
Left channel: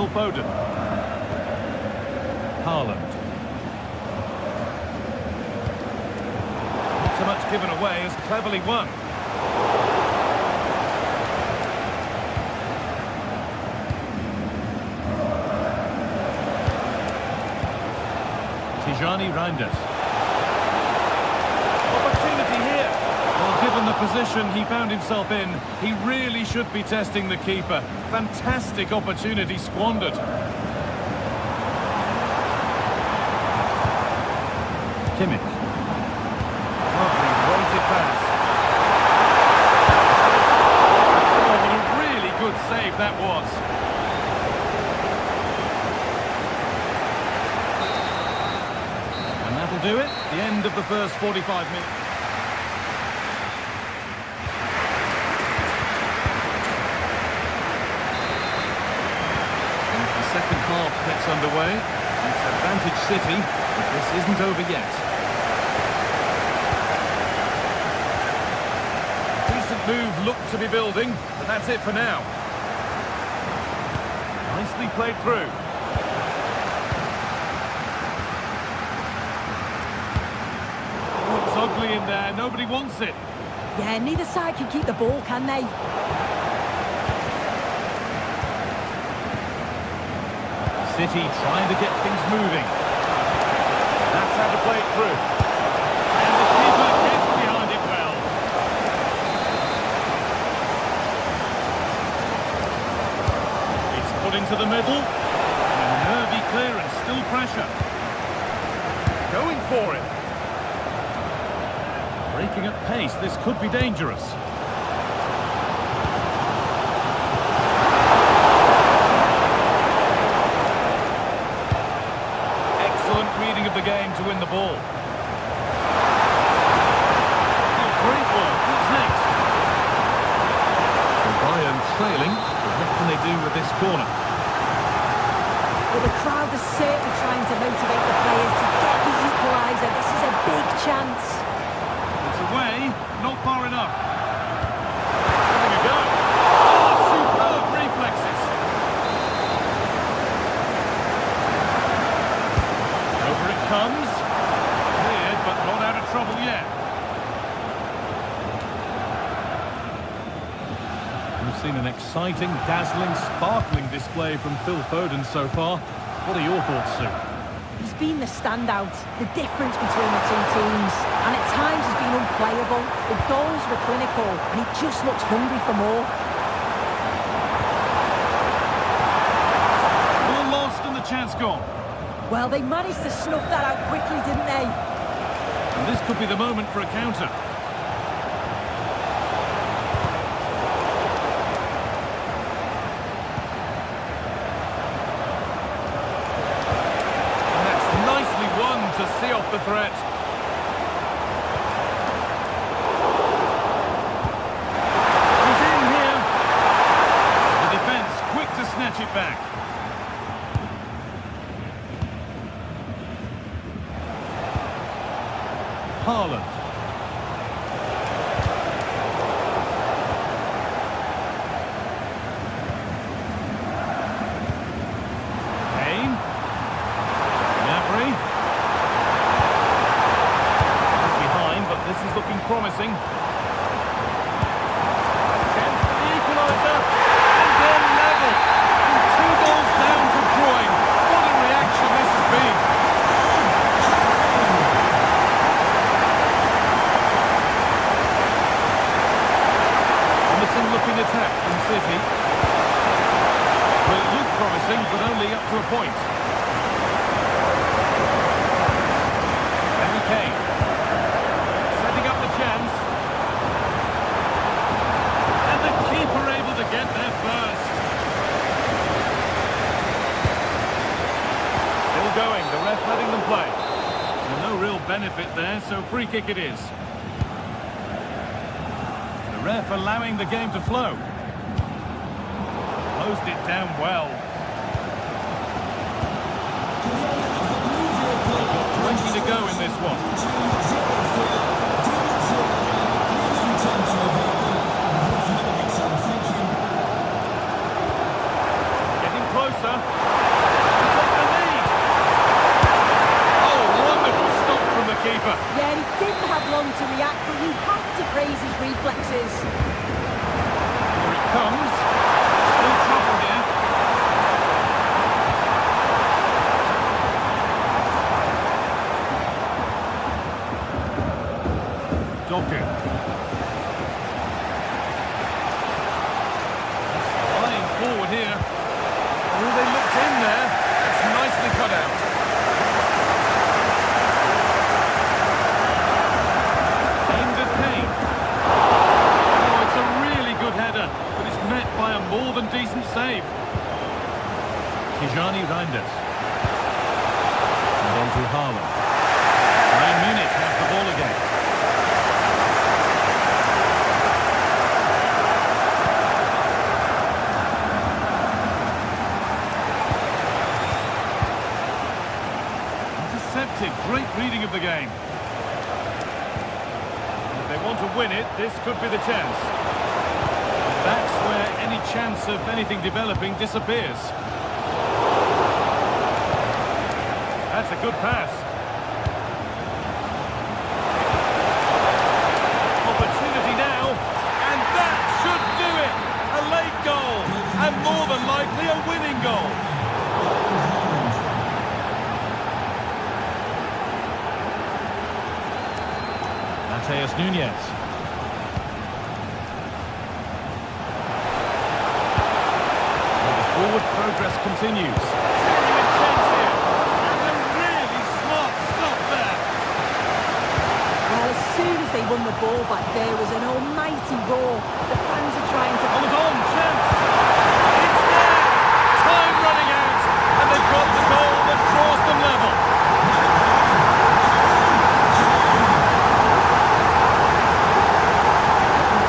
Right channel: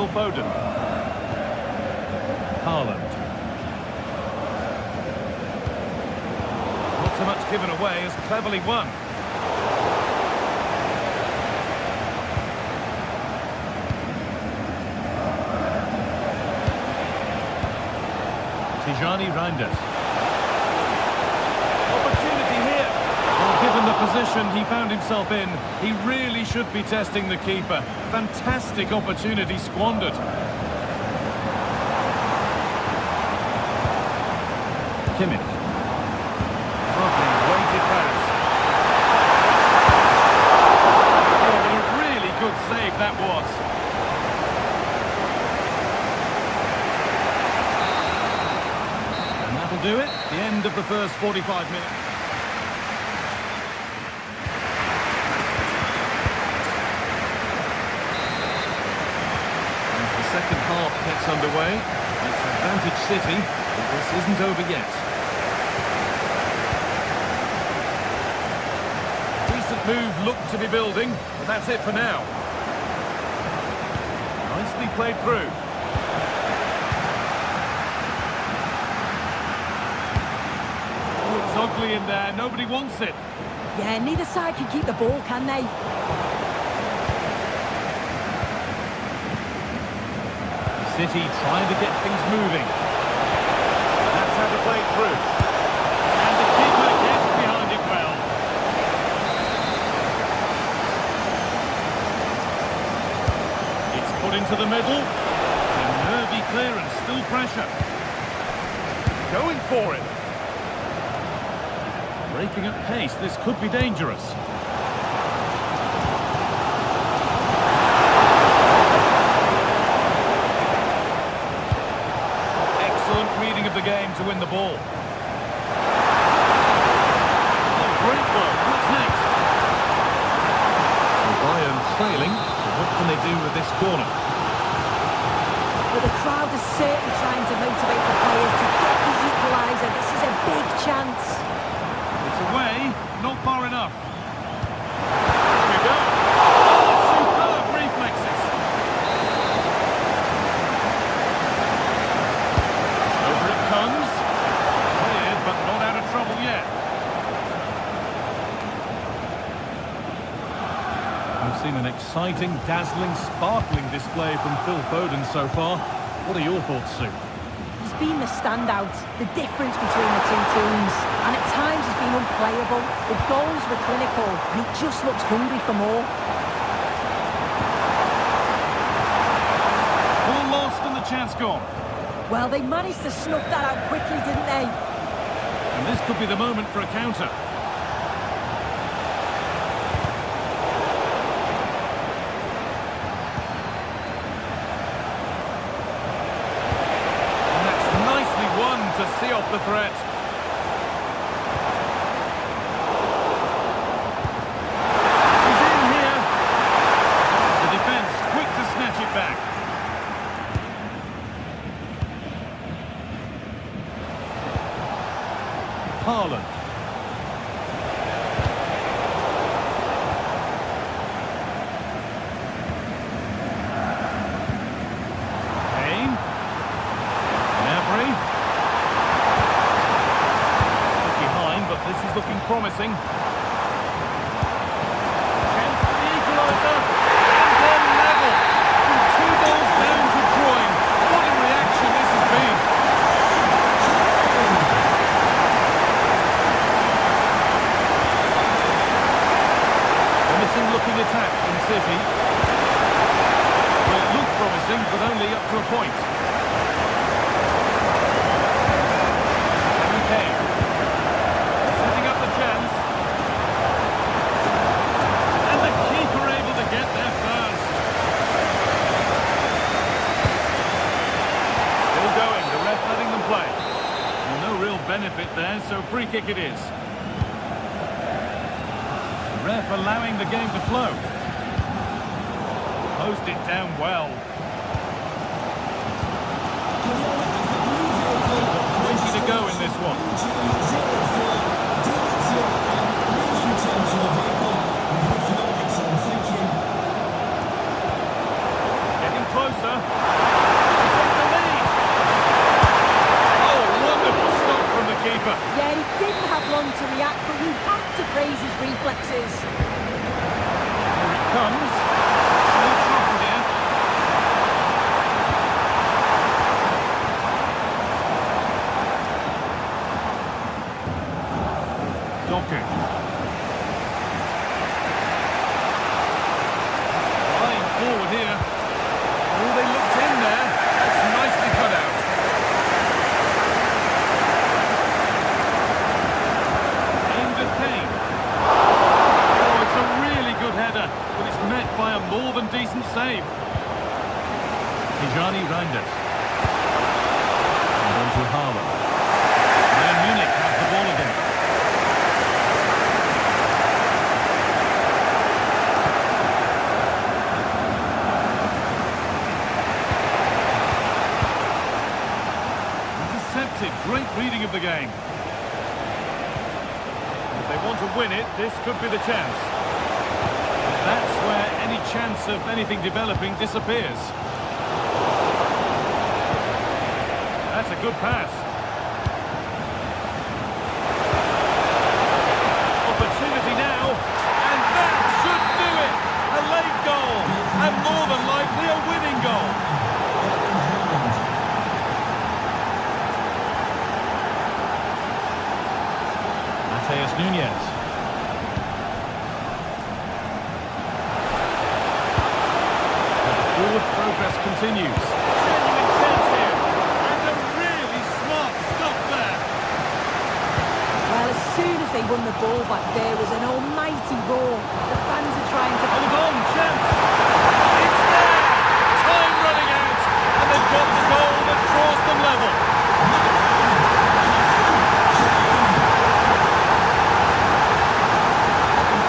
Phil Foden. Haaland. Not so much given away as cleverly won. Tijani Reinders. Opportunity here. Well, given the position he found himself in, he really should be testing the keeper. Fantastic opportunity squandered. Kimmich. Lovely weighted pass. Oh, what a really good save that was. And that'll do it. The end of the first 45 minutes. And as the second half gets underway, it's advantage City, but this isn't over yet. Decent move looked to be building, but that's it for now. Nicely played through. Oh, it's ugly in there. Nobody wants it. Yeah, neither side can keep the ball, can they? City trying to get things moving. That's how to play it through. And the keeper gets behind it well. It's put into the middle. And a nervy clearance, still pressure. Going for it. Breaking at pace, this could be dangerous. Excellent reading of the game to win the ball. Oh, great work. What's next? So Bayern trailing, but what can they do with this corner? Well, the crowd is certainly trying to motivate the players to get the equaliser. This is a big chance. It's away, not far enough. There we go. Oh, superb reflexes. Over it comes. Cleared, but not out of trouble yet. We've seen an exciting, dazzling, sparkling display from Phil Foden so far. What are your thoughts, Sue? He's been the standout, the difference between the two teams, and at times he's been unplayable. The goals were clinical, and he just looks hungry for more. Ball lost and the chance gone. Well, they managed to snuff that out quickly, didn't they? And this could be the moment for a counter. And that's nicely won to see off the threat. He's in here. The defence quick to snatch it back. Haaland. Kane. Gnabry. Still behind, but this is looking promising. Chance for the equaliser. And they're level. From 2 goals down to drawing. What a reaction this has been. Looking attack from City. Well, it looked promising, but only up to a point. Harry Kane. Setting up the chance. And the keeper able to get there first. Still going, the ref letting them play. Well, no real benefit there, so free kick it is. Ref allowing the game to flow. Closed it down well. They've got 20 to go in this one. Getting closer. closer to take the lead. Oh, wonderful stop from the keeper. Yeah, he didn't have long to react, but you have to praise his reflexes. Here it comes. Still trouble here. Doku. Flying forward here. Oh, they looked in there. That's nicely cut out. Aimed at Kane. Oh, it's a really good header, but it's met by a more than decent save. Tijani Reinders. And on to Haaland. Bayern Munich have the ball again. Great reading of the game. If they want to win it, this could be the chance. But that's where any chance of anything developing disappears. That's a good pass. Opportunity now, and that should do it! A late goal, and more than likely a winning goal. Mateus Nunes. And the forward progress continues. Genuine chance here, and a really smart stop there. Well, as soon as they won the ball back, there was an almighty roar. The fans are trying to... Hold on, chance! It's there! Time running out, and they've got the goal that draws them level.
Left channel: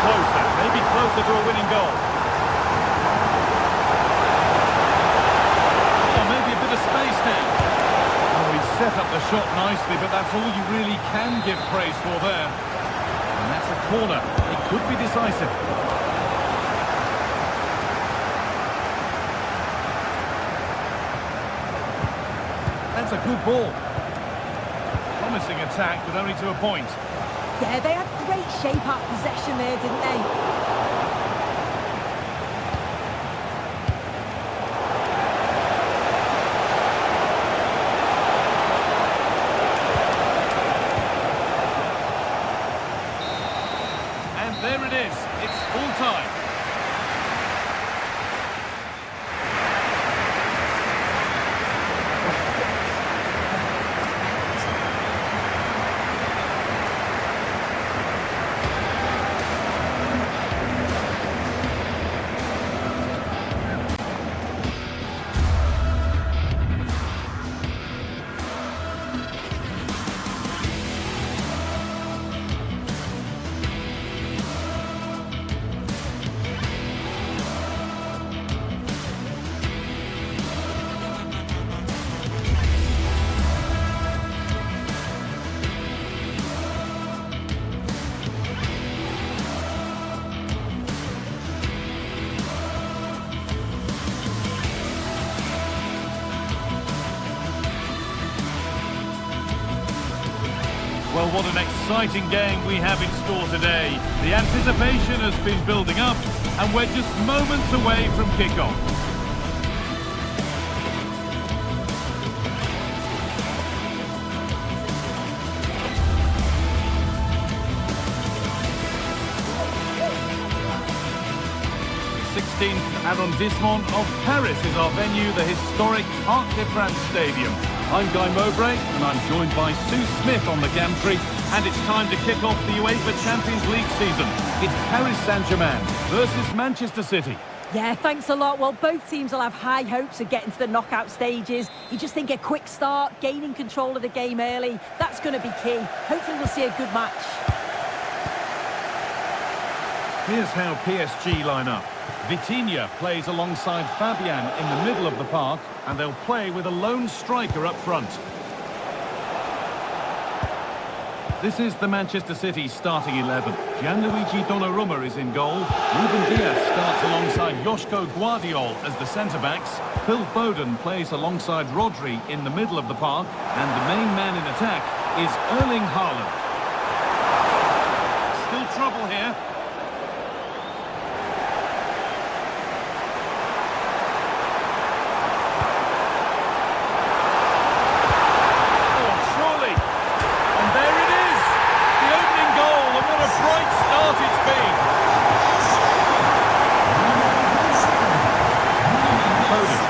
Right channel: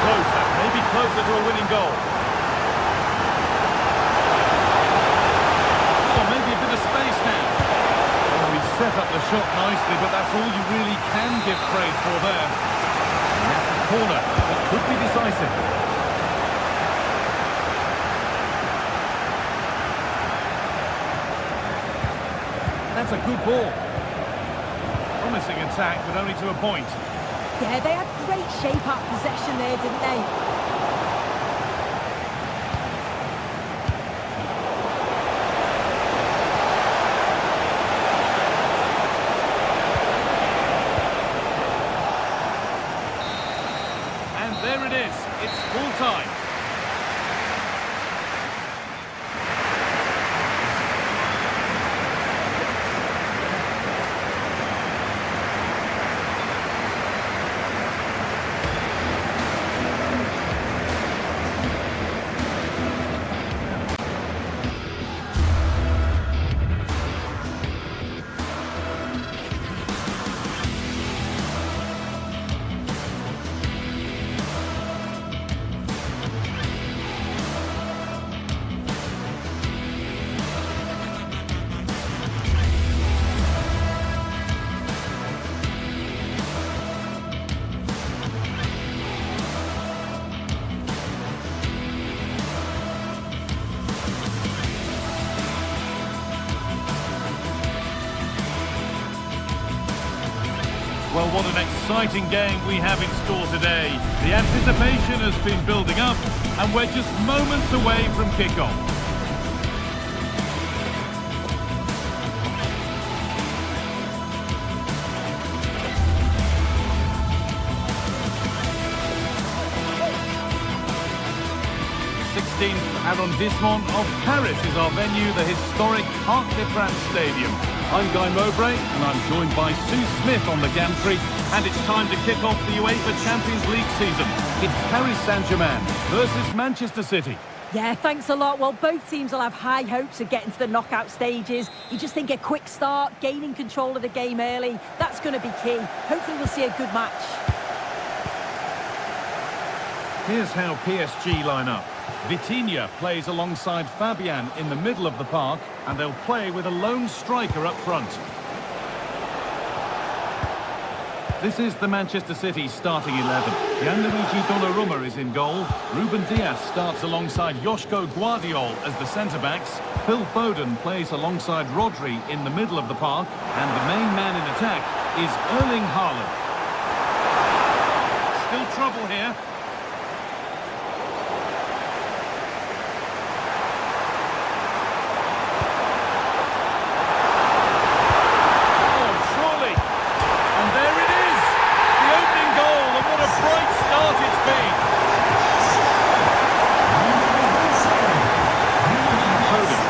Closer, maybe closer to a winning goal. Oh, maybe a bit of space now. Oh, he set up the shot nicely, but that's all you really can give praise for there. And that's a corner. It could be decisive. That's a good ball. Promising attack, but only to a point. Yeah, they had great shape up possession there, didn't they? And there it is. It's full time. Well, what an exciting game we have in store today. The anticipation has been building up, and we're just moments away from kickoff. The 16th arrondissement of Paris is our venue, the historic Parc des Princes Stadium. I'm Guy Mowbray, and I'm joined by Sue Smith on the gantry, and it's time to kick off the UEFA Champions League season. It's Paris Saint-Germain versus Manchester City. Yeah, thanks a lot. Well, both teams will have high hopes of getting to the knockout stages. You just think a quick start, gaining control of the game early, that's going to be key. Hopefully we'll see a good match. Here's how PSG line up. Vitinha plays alongside Fabian in the middle of the park, and they'll play with a lone striker up front. This is the Manchester City starting 11. Gianluigi Donnarumma is in goal. Ruben Dias starts alongside Joško Guardiol as the centre-backs. Phil Foden plays alongside Rodri in the middle of the park. And the main man in attack is Erling Haaland. Still trouble here. Oh, surely. And there it is. The opening goal, and what a bright start it's been. Foden.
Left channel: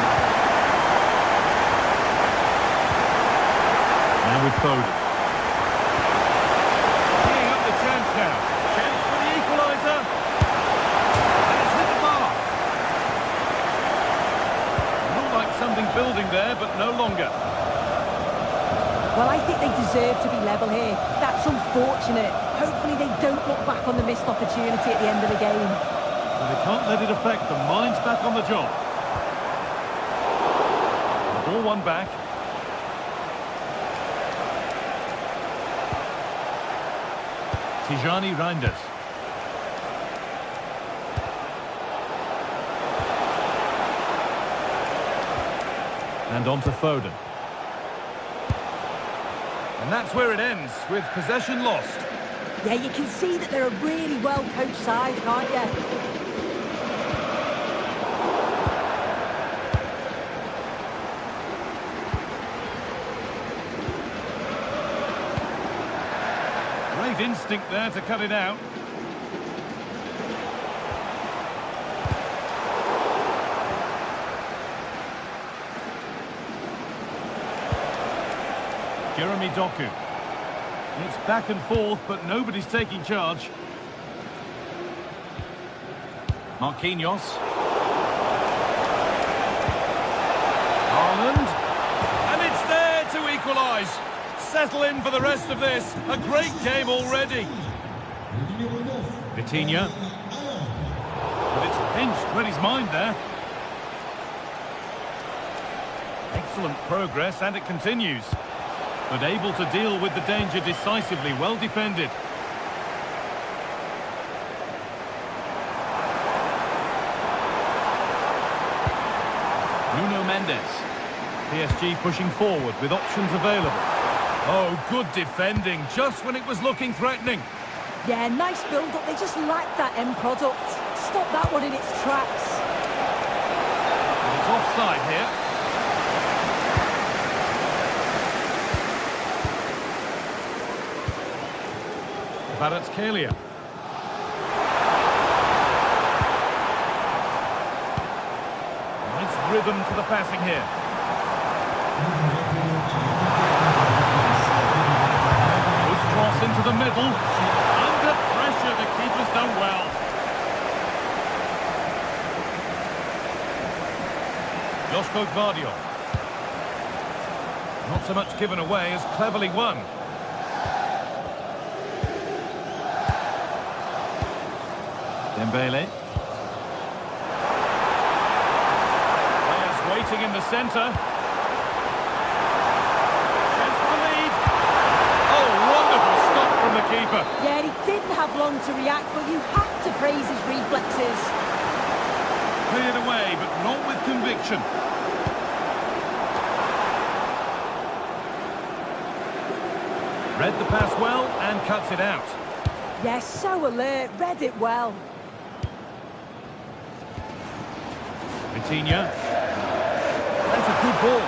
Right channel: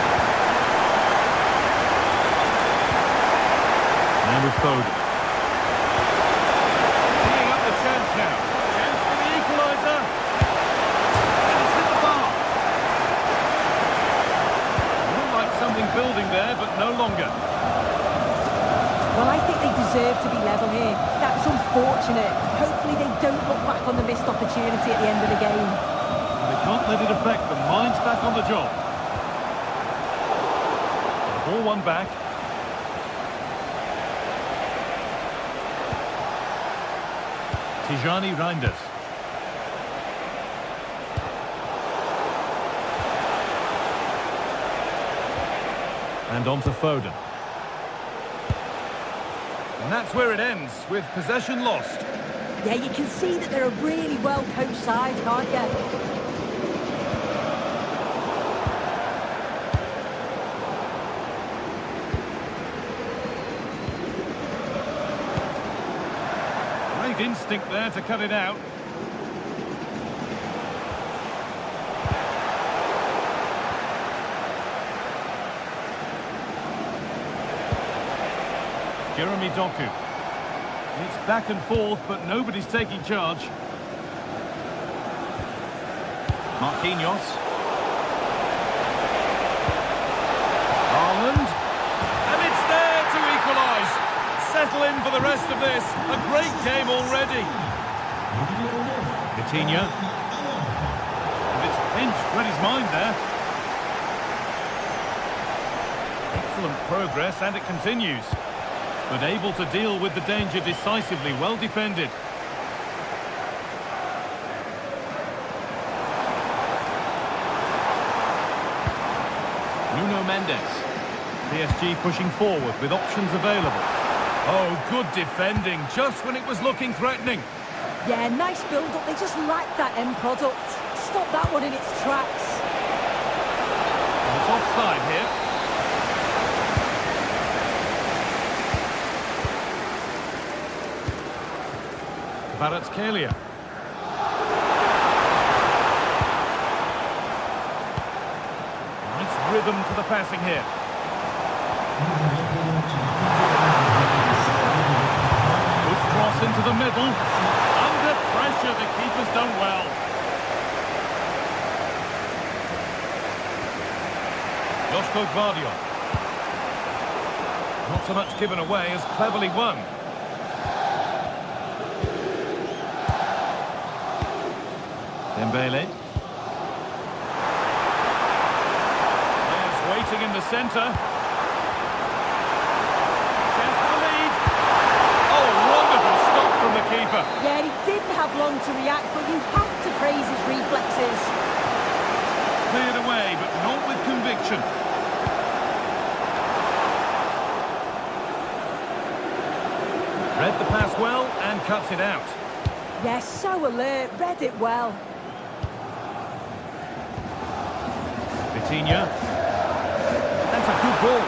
Now with Foden. Teeing up the chance now. Chance for the equaliser. And it's hit the bar. Looked like something building there, but no longer. Well, I think they deserve to be level here. That's unfortunate. Hopefully they don't look back on the missed opportunity at the end of the game. Well, they can't let it affect them. Mind's back on the job. The ball won back. Tijani Reinders. And on to Foden. And that's where it ends, with possession lost. Yeah, you can see that they're a really well-coached side, can't you? Great instinct there to cut it out. Jeremy Doku. It's back and forth, but nobody's taking charge. Marquinhos. Haaland. And it's there to equalise. Settle in for the rest of this. A great game already. Coutinho. But it's pinched read his mind there. Excellent progress, and it continues. But able to deal with the danger decisively, well defended. Nuno Mendes. PSG pushing forward with options available. Oh, good defending, just when it was looking threatening. Yeah, nice build-up. They just lacked that end product. Stop that one in its tracks. And it's offside here. Kvaratskhelia. Nice rhythm to the passing here. Good cross into the middle. Under pressure, the keeper's done well. Joško Guardiol. Not so much given away as cleverly won. Dembele. Players waiting in the centre. Chance for the lead. Oh, wonderful stop from the keeper. Yeah, he didn't have long to react, but you have to praise his reflexes. Cleared away, but not with conviction. Read the pass well and cuts it out. Yes, so alert, read it well. Coutinho. That's a good ball.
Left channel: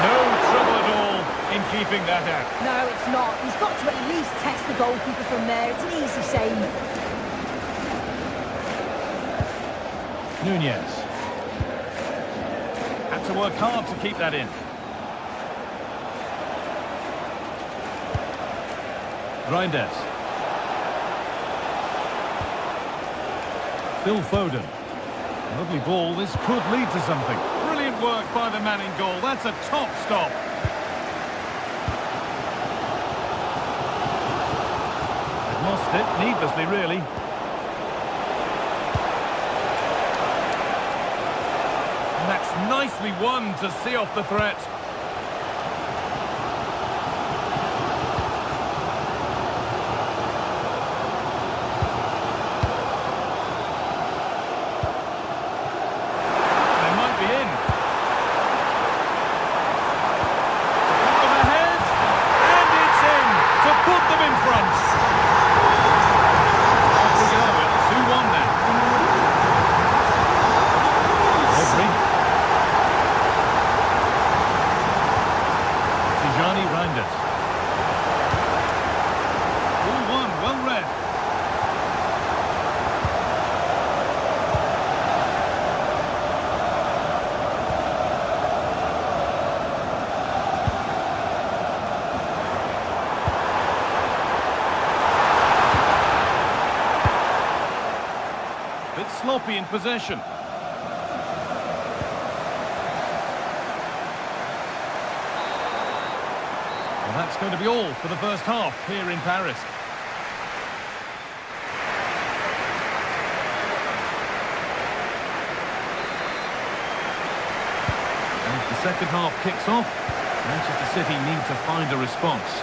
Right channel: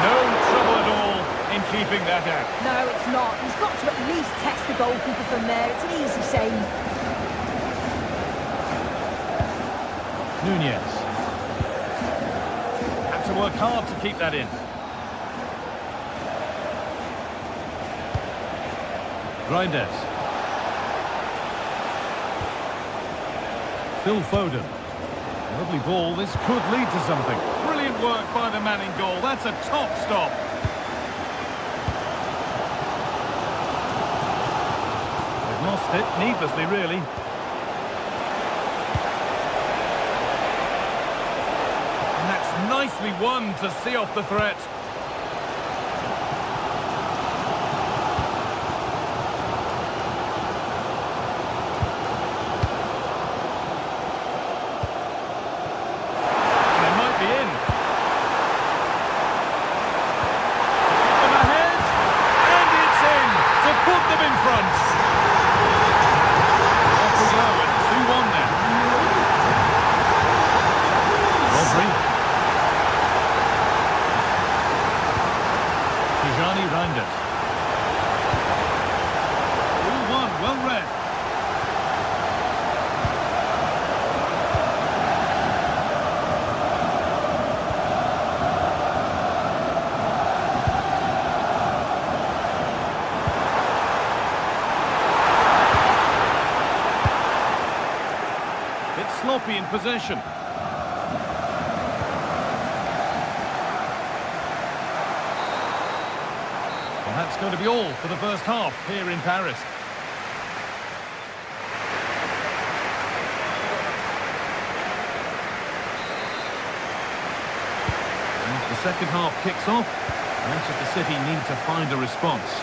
No trouble at all in keeping that out. No, it's not. He's got to at least test the goalkeeper from there. It's an easy save. Nunez. Had to work hard to keep that in. Reinders. Phil Foden. Lovely ball. This could lead to something. Brilliant work by the man in goal. That's a top stop. They've lost it needlessly, really. And that's nicely won to see off the threat. They might be in. To put them ahead, and it's in to put them in front. Off we go at 2-1 now. Rodri. Tijani Reinders. All one, well read. Bit sloppy in possession. Well, that's going to be all for the first half here in Paris. As the second half kicks off, Manchester City need to find a response.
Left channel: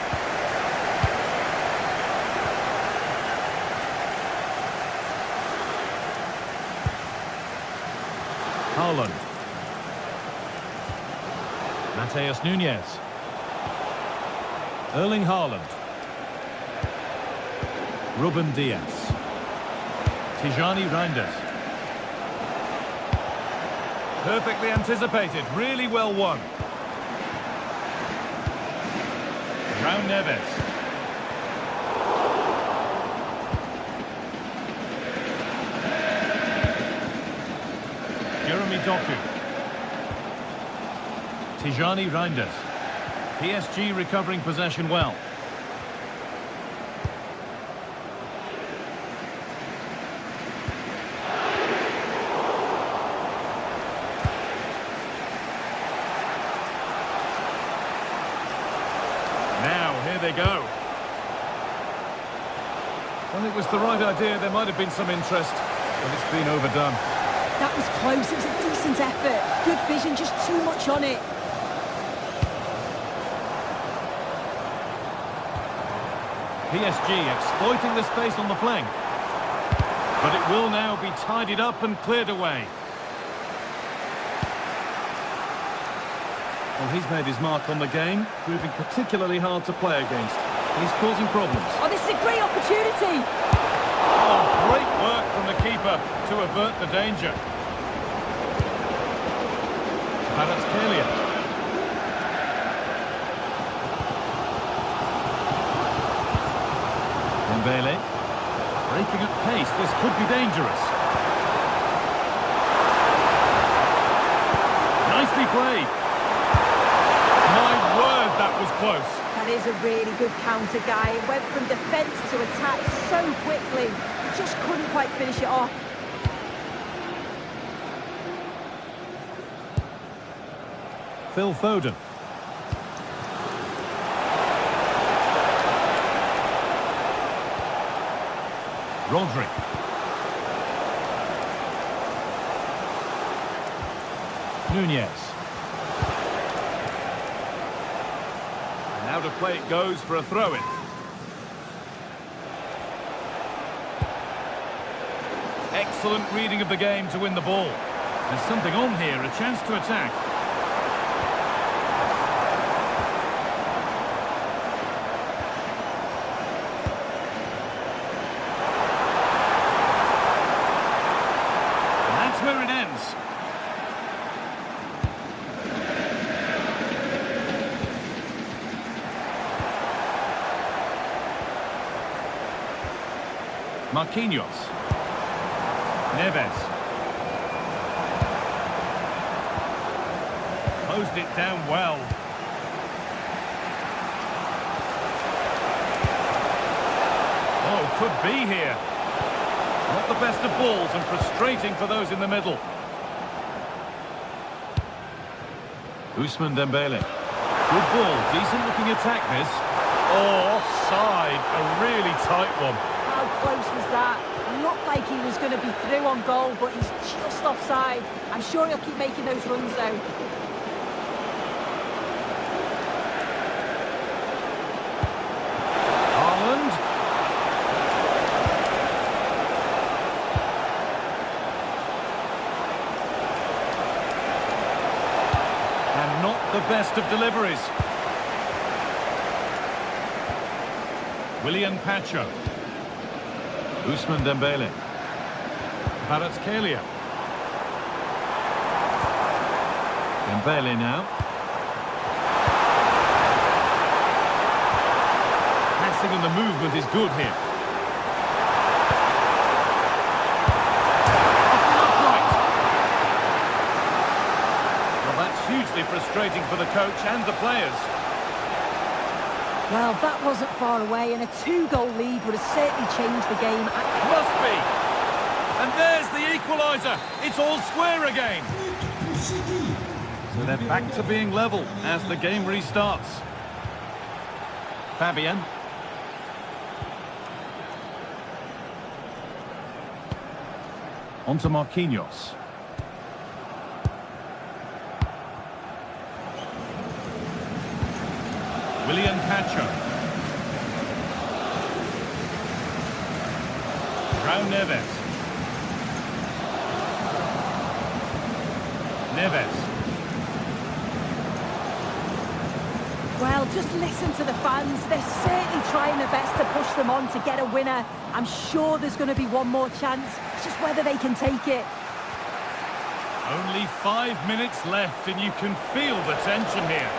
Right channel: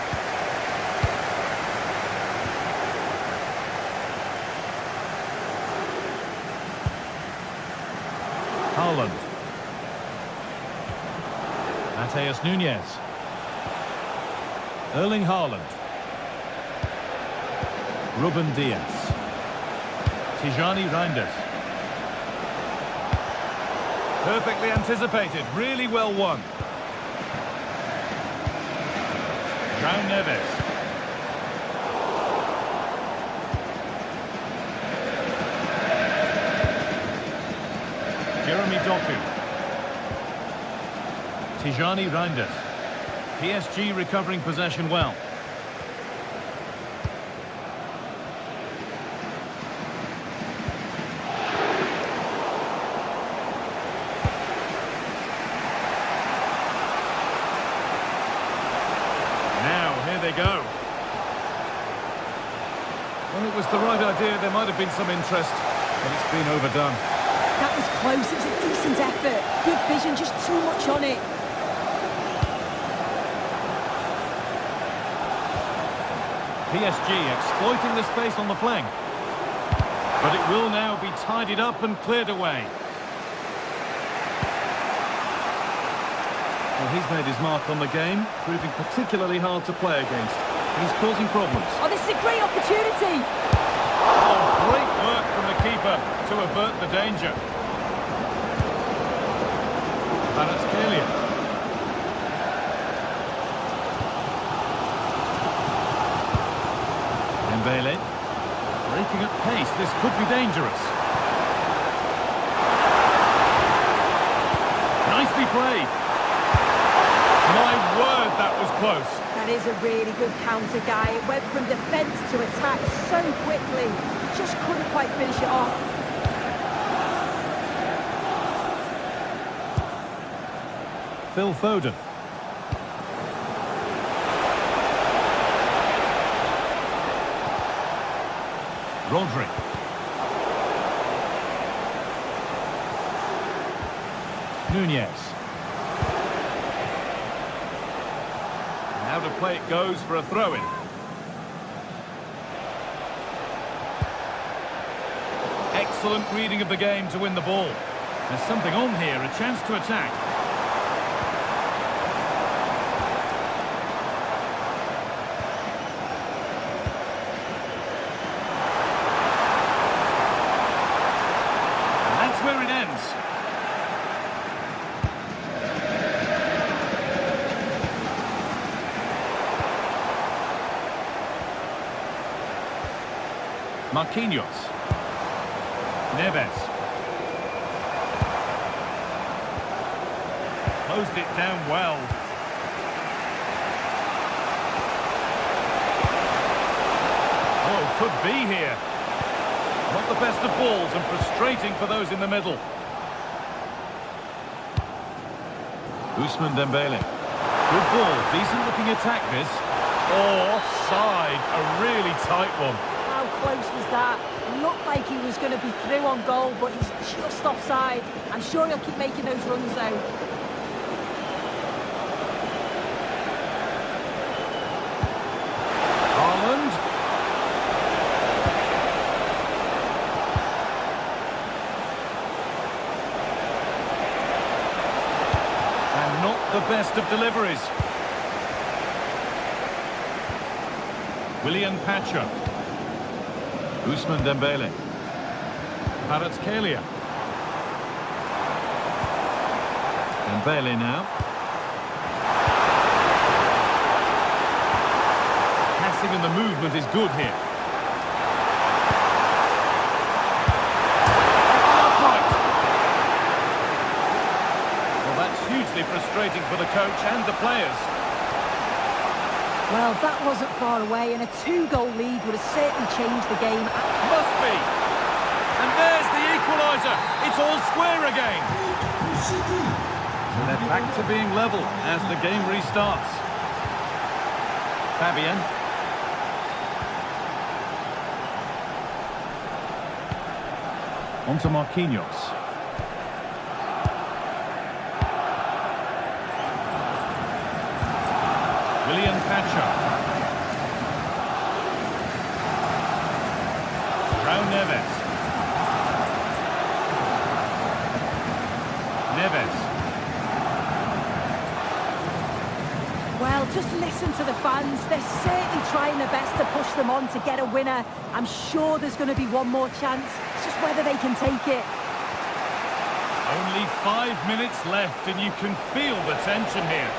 Haaland. Mateus Nunes. Erling Haaland. Ruben Dias. Tijani Reinders. Perfectly anticipated, really well won. João Neves. Jeremy Doku. Tijani Reinders. PSG recovering possession well. Now, here they go. Well, it was the right idea. There might have been some interest, but it's been overdone. That was close. It was a decent effort. Good vision, just too much on it. PSG exploiting the space on the flank. But it will now be tidied up and cleared away. Well, he's made his mark on the game, proving particularly hard to play against. He's causing problems. Oh, this is a great opportunity. Oh, great work from the keeper to avert the danger. Kvaratskhelia. Dembele. Breaking at pace, this could be dangerous. Nicely played. My word, that was close. That is a really good counter, Guy. It went from defence to attack so quickly. He just couldn't quite finish it off. Phil Foden. Rodri. Nunez. Now to play it goes for a throw-in. Excellent reading of the game to win the ball. There's something on here, a chance to attack. And that's where it ends. Marquinhos. Neves. Closed it down well. Oh, could be here. Not the best of balls and frustrating for those in the middle. Ousmane Dembele. Good ball, decent looking attack this. Oh, offside, a really tight one. How close was that? Looked like he was going to be through on goal, but he's just offside. I'm sure he'll keep making those runs, though. Haaland. And not the best of deliveries. William Pacho. Ousmane Dembele. Kvaratskhelia. Dembele now. Passing and the movement is good here. Up and upright. Well, that's hugely frustrating for the coach and the players. Well, that wasn't far away, and a 2-goal lead would have certainly changed the game. Must be. And there's the equaliser. It's all square again. So they're back to being level as the game restarts. Fabian. On to Marquinhos. William Pacho. João Neves. Neves. Well, just listen to the fans. They're certainly trying their best to push them on to get a winner. I'm sure there's going to be one more chance. It's just whether they can take it. Only 5 minutes left and you can feel the tension here.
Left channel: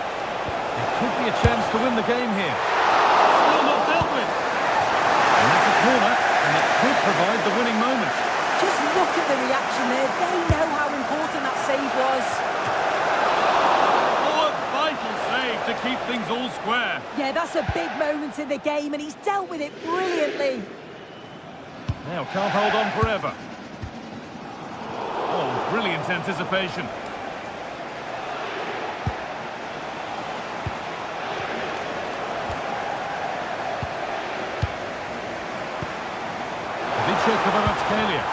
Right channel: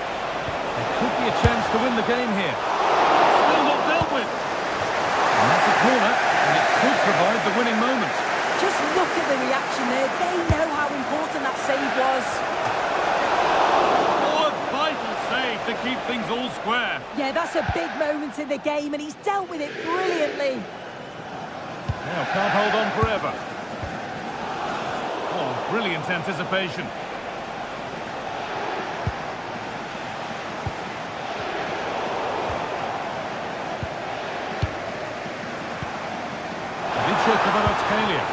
There could be a chance to win the game here. Still not dealt with. And that's a corner, and it could provide the winning moment. Just look at the reaction there. They know how important that save was. Oh, a vital save to keep things all square. Yeah, that's a big moment in the game, and he's dealt with it brilliantly. Now, can't hold on forever. Oh, brilliant anticipation. Kvaratskhelia.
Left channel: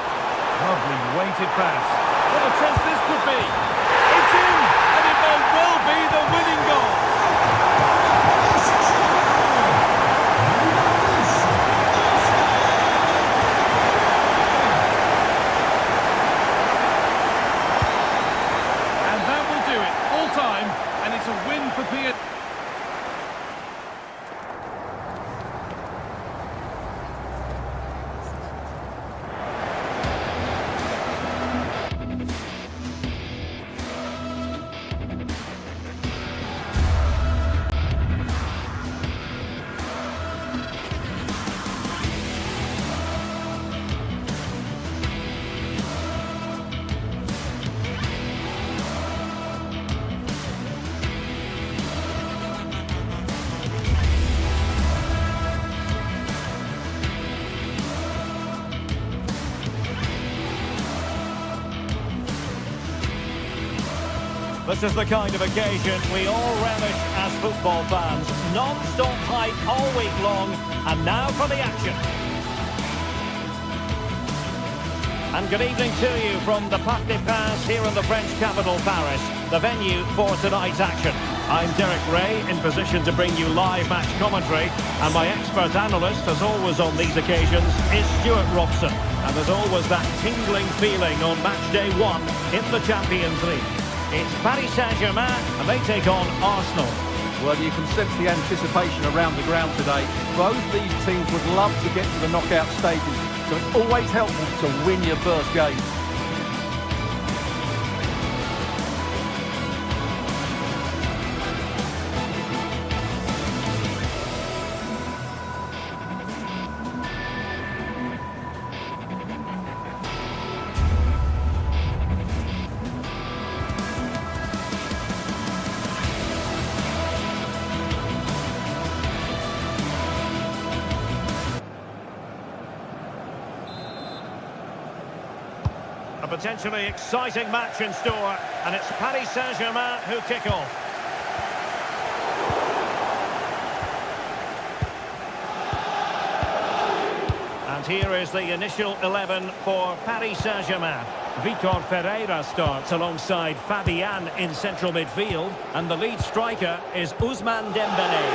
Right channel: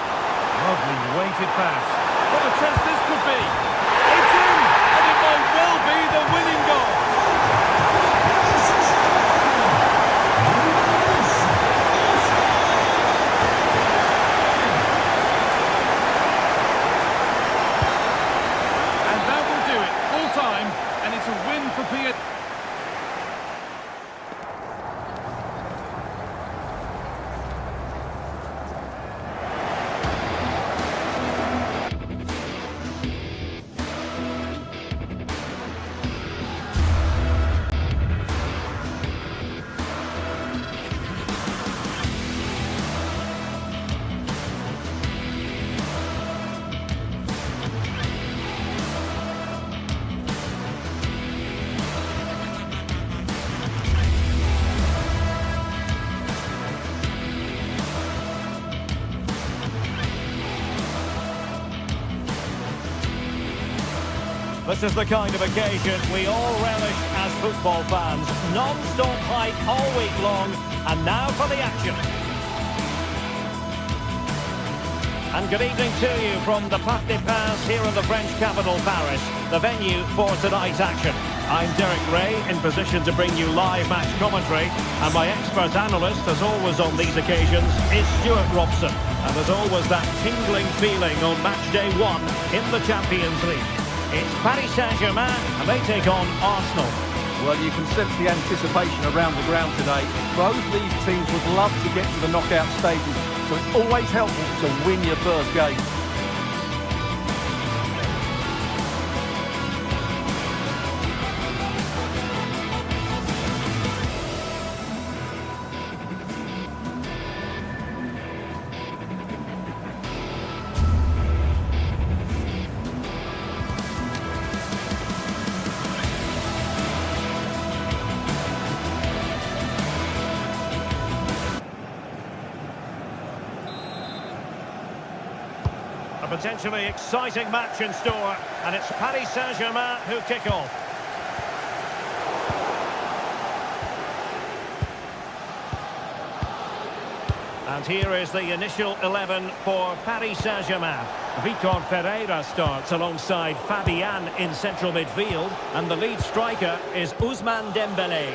Lovely weighted pass. What a chance this could be. It's in, and it might well be the winning goal. And that will do it. Full time, and it's a win for PSG. This is the kind of occasion we all relish as football fans. Non-stop hype all week long, and now for the action. And good evening to you from the Parc des Princes here in the French capital, Paris, the venue for tonight's action. I'm Derek Ray, in position to bring you live match commentary, and my expert analyst, as always on these occasions, is Stuart Robson. And there's always that tingling feeling on match day 1 in the Champions League. It's Paris Saint-Germain, and they take on Arsenal. Well, you can sense the anticipation around the ground today. Both these teams would love to get to the knockout stages, so it's always helpful to win your first game. A potentially exciting match in store, and it's Paris Saint-Germain who kick off. And here is the initial 11 for Paris Saint-Germain. Vitor Ferreira starts alongside Fabian in central midfield. And the lead striker is Ousmane Dembélé.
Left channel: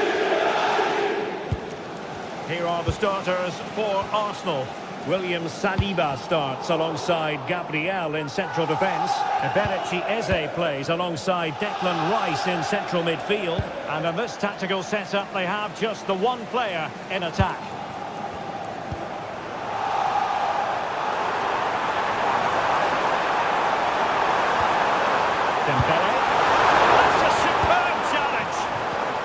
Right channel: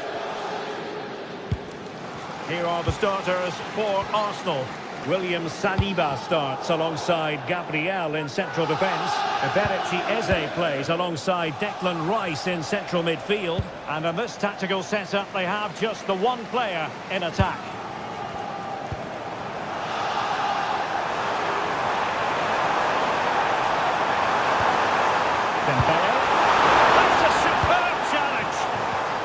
Here are the starters for Arsenal. William Saliba starts alongside Gabriel in central defence. Eberechi Eze plays alongside Declan Rice in central midfield. And in this tactical setup, they have just the one player in attack. Dembele. That's a superb challenge.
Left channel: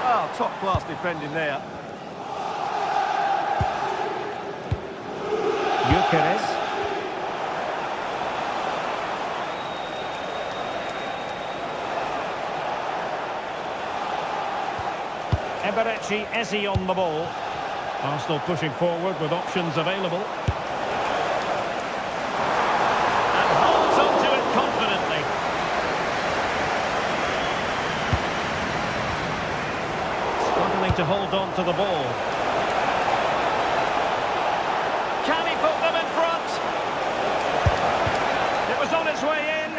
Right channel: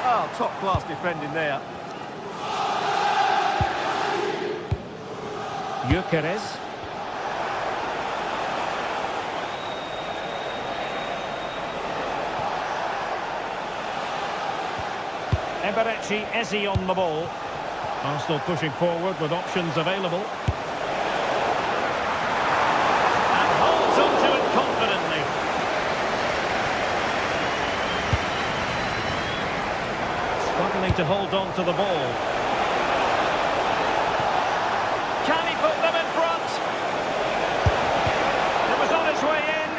Oh, top-class defending there. Gyökeres. Eberechi Eze on the ball. Arsenal pushing forward with options available. And holds on to it confidently. Struggling to hold on to the ball. Can he put them in front? It was on its way in.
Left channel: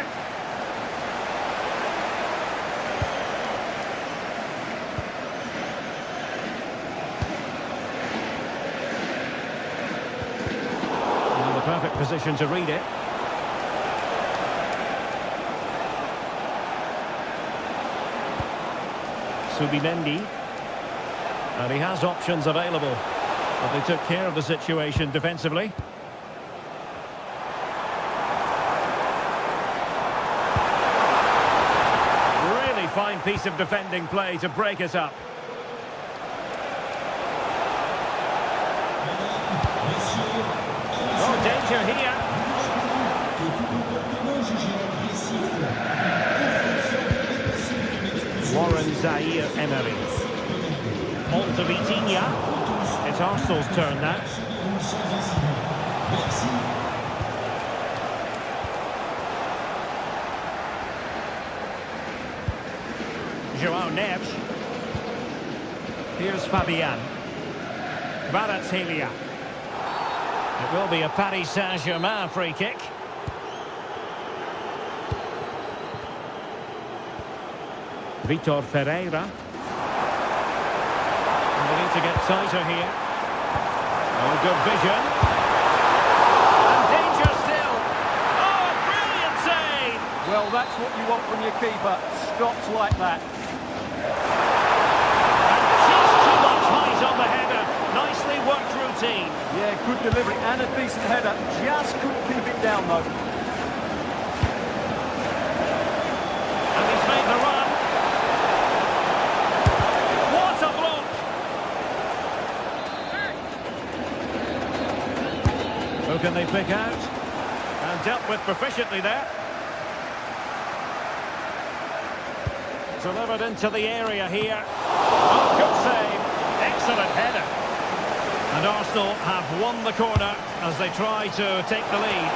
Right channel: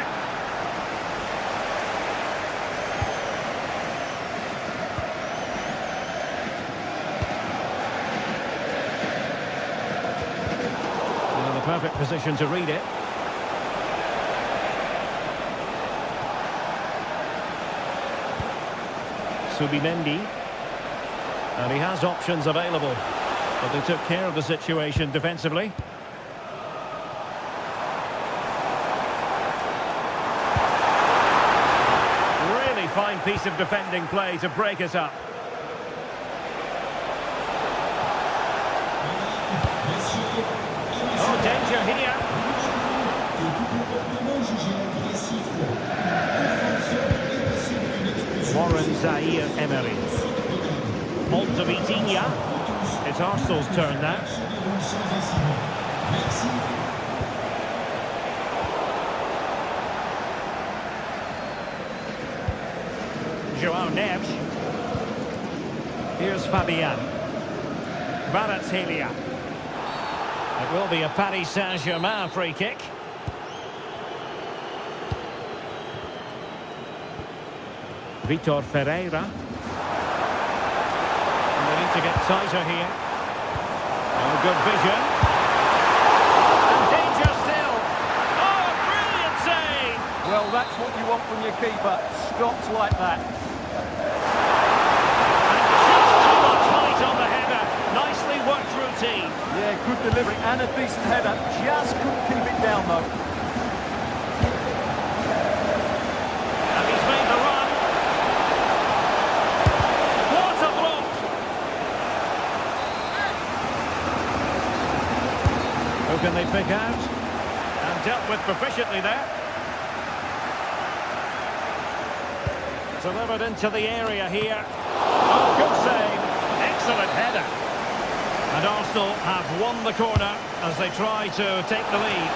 Well, the perfect position to read it. Subimendi. And he has options available. But they took care of the situation defensively. Really fine piece of defending play to break it up. Oh, danger here. Warren Zaïre-Emery. On to Vitinha. It's Arsenal's turn now. João Neves. Here's Fabian. Kvaratskhelia. It will be a Paris Saint-Germain free kick. Vitor Ferreira. And they need to get tighter here. Oh, good vision. And danger still. Oh, a brilliant save! Well, that's what you want from your keeper. Stops like that. And just too much height on the header. Nicely worked routine. Yeah, good delivery and a decent header. Just couldn't keep it down, though. And he's made the run. What a block! Who can they pick out? And dealt with proficiently there. Delivered into the area here. Oh, good save. Excellent header. And Arsenal have won the corner as they try to take the lead.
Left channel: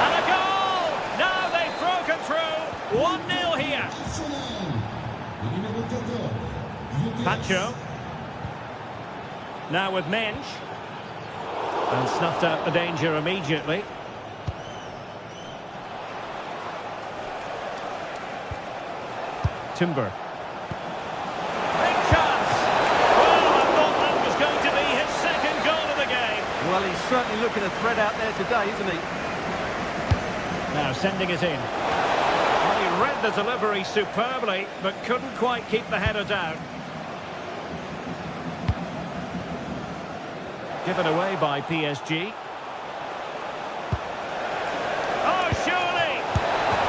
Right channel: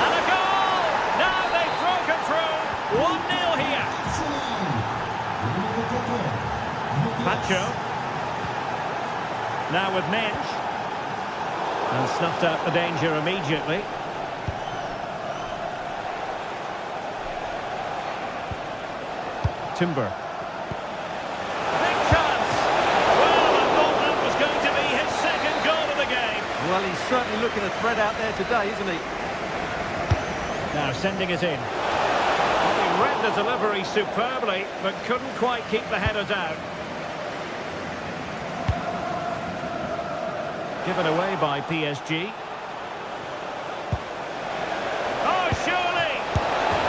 And a goal! Now they've broken through. 1-0 here. Pacho. Now with Mensch. And snuffed out the danger immediately. Timber. Big chance! Well, I thought that was going to be his second goal of the game. Well, he's certainly looking a threat out there today, isn't he? Now sending it in. Well, he read the delivery superbly, but couldn't quite keep the header down. Given away by PSG. Oh, surely!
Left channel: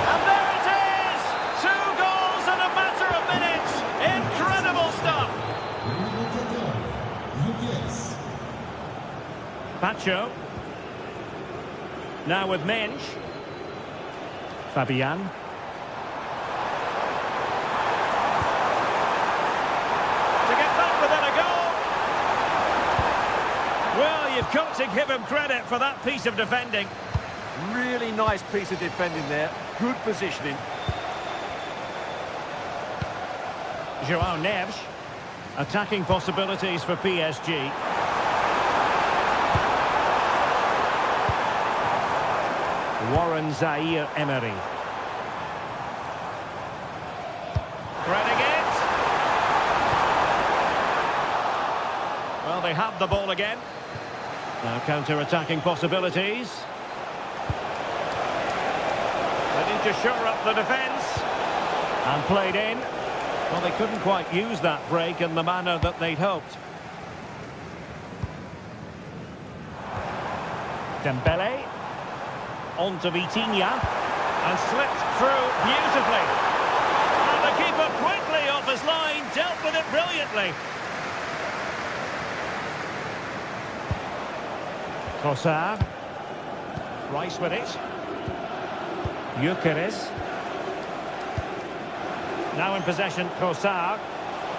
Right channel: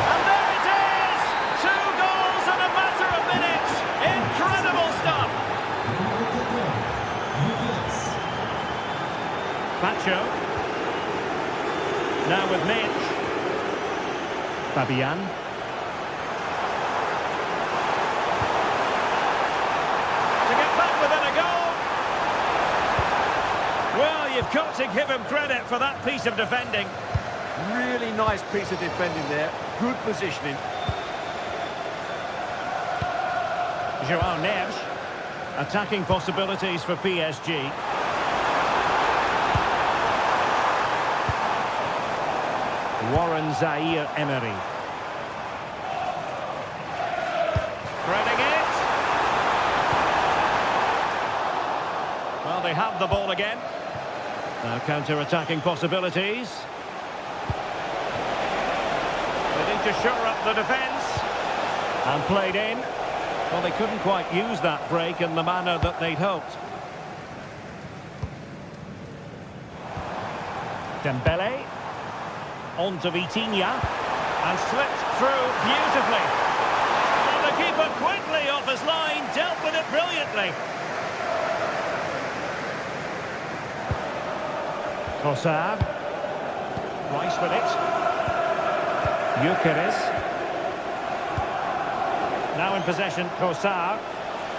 And there it is! 2 goals in a matter of minutes! Incredible stuff! Pacho. Now with Mensch. Fabian. To get back within a goal! Well, you've got to give him credit for that piece of defending. Really nice piece of defending there. Good positioning. João Neves. Attacking possibilities for PSG. Warren Zaire-Emery. Threading it. Well, they have the ball again. Now counter-attacking possibilities. They need to shore up the defence. And played in. Well, they couldn't quite use that break in the manner that they'd hoped. Dembele. On to Vitinha. And slipped through beautifully. And the keeper quickly off his line, dealt with it brilliantly. Trossard. Rice with it. Gyökeres. Now in possession, Trossard.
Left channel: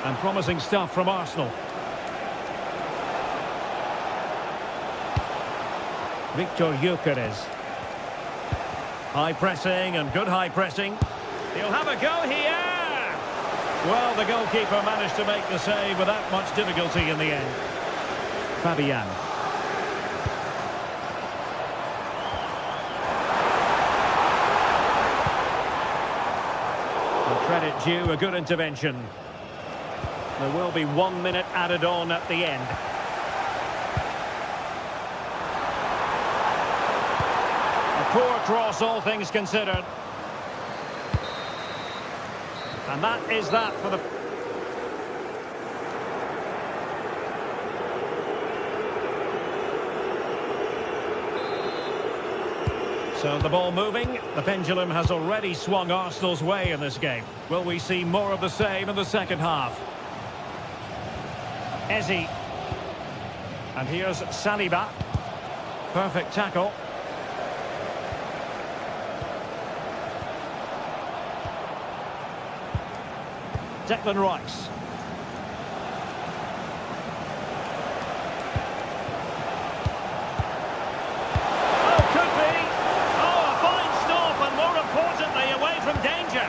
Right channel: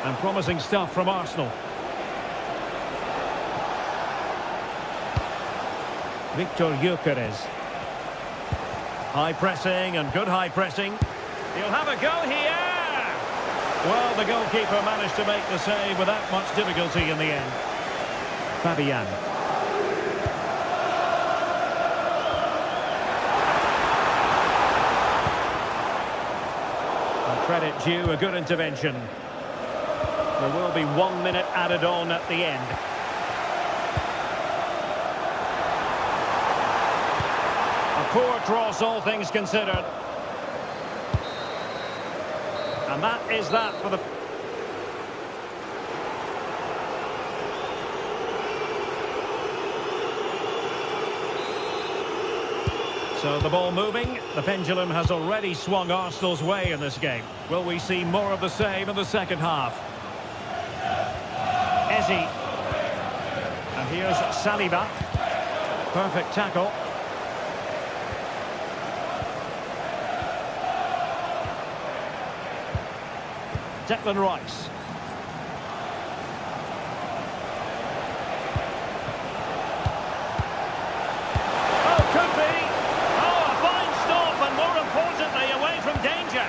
And promising stuff from Arsenal. Victor Gyökeres. High pressing and good high pressing. He'll have a go here. Well, the goalkeeper managed to make the save without much difficulty in the end. Fabian. And credit due, a good intervention. There will be 1 minute added on at the end. A poor cross, all things considered. And that is that for the... So the ball moving. The pendulum has already swung Arsenal's way in this game. Will we see more of the same in the second half? Eze. And here's Saliba. Perfect tackle. Declan Rice. Oh, could be. Oh, a fine stop, and more importantly, away from danger.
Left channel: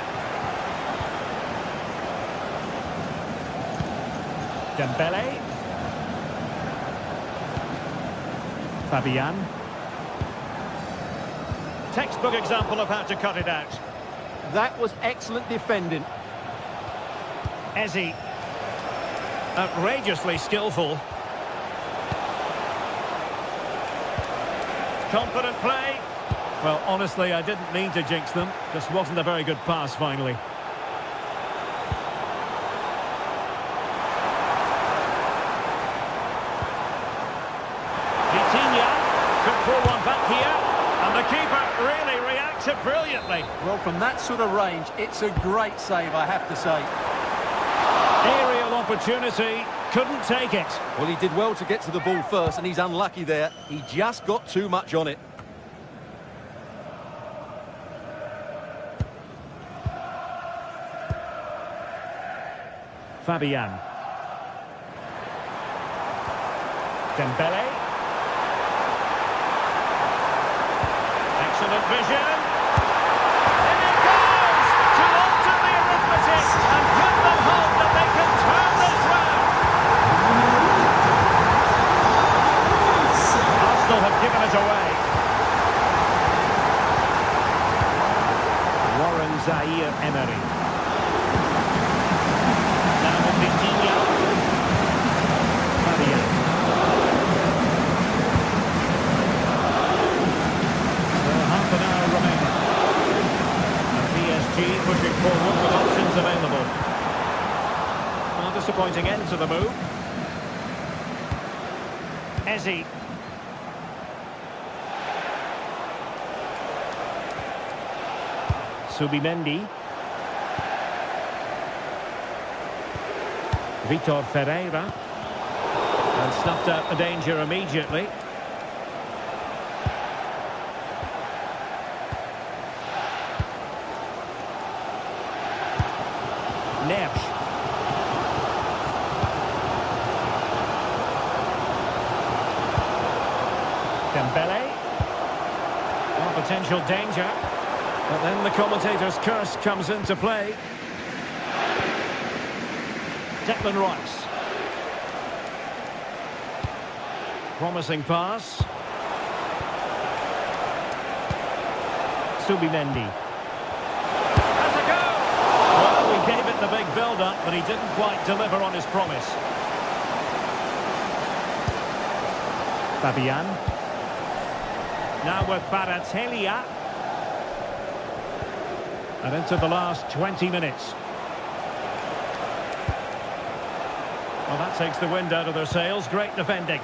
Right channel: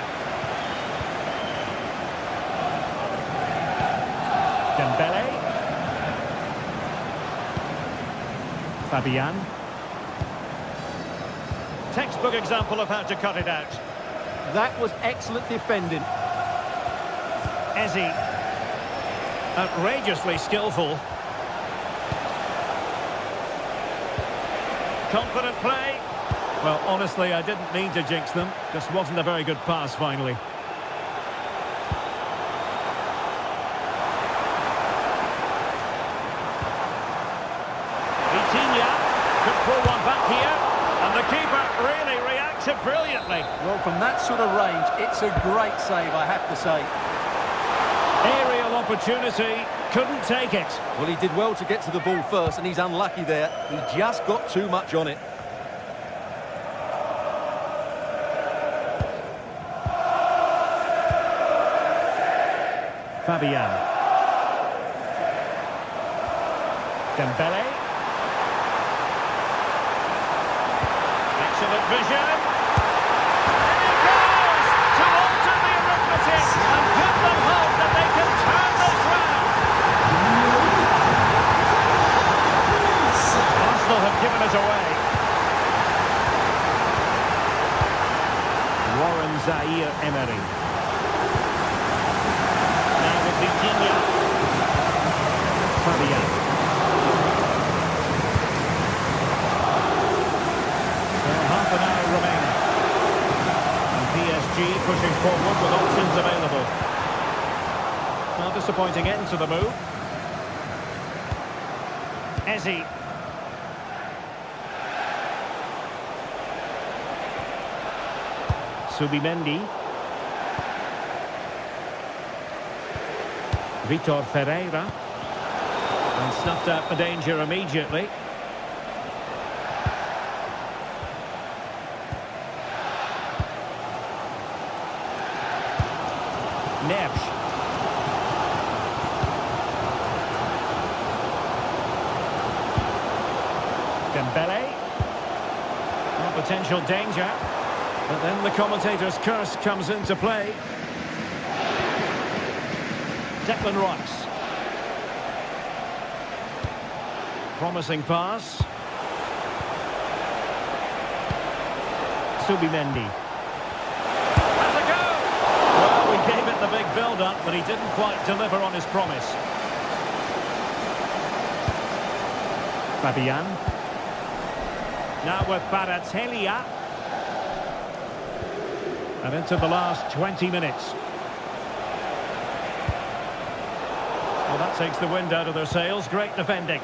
Dembele. Fabian. Textbook example of how to cut it out. That was excellent defending. Eze. Outrageously skillful. Confident play. Well, honestly, I didn't mean to jinx them. Just wasn't a very good pass, finally. Vitinha could pull one back here. And the keeper really reacted brilliantly. Well, from that sort of range, it's a great save, I have to say. Aerial opportunity, couldn't take it. Well, he did well to get to the ball first, and he's unlucky there. He just got too much on it. Fabian. Dembele. Excellent vision. And it goes to alter the arithmetic and give them hope that they can turn this round. Arsenal have given it away. Warren Zaire-Emery. Now with Vitinha. Fabian. Half an hour remaining. And PSG pushing forward with options available. Well, disappointing end to the move. Eze. Subimendi. Vitor Ferreira. And snuffed out the danger immediately. Neves. Dembele. Well, potential danger. But then the commentator's curse comes into play. Declan Rice. Promising pass. Subimendi. Has a go! Well, we gave it the big build-up, but he didn't quite deliver on his promise. Fabian. Now with Baratelia. And into the last 20 minutes. Well, that takes the wind out of their sails. Great defending.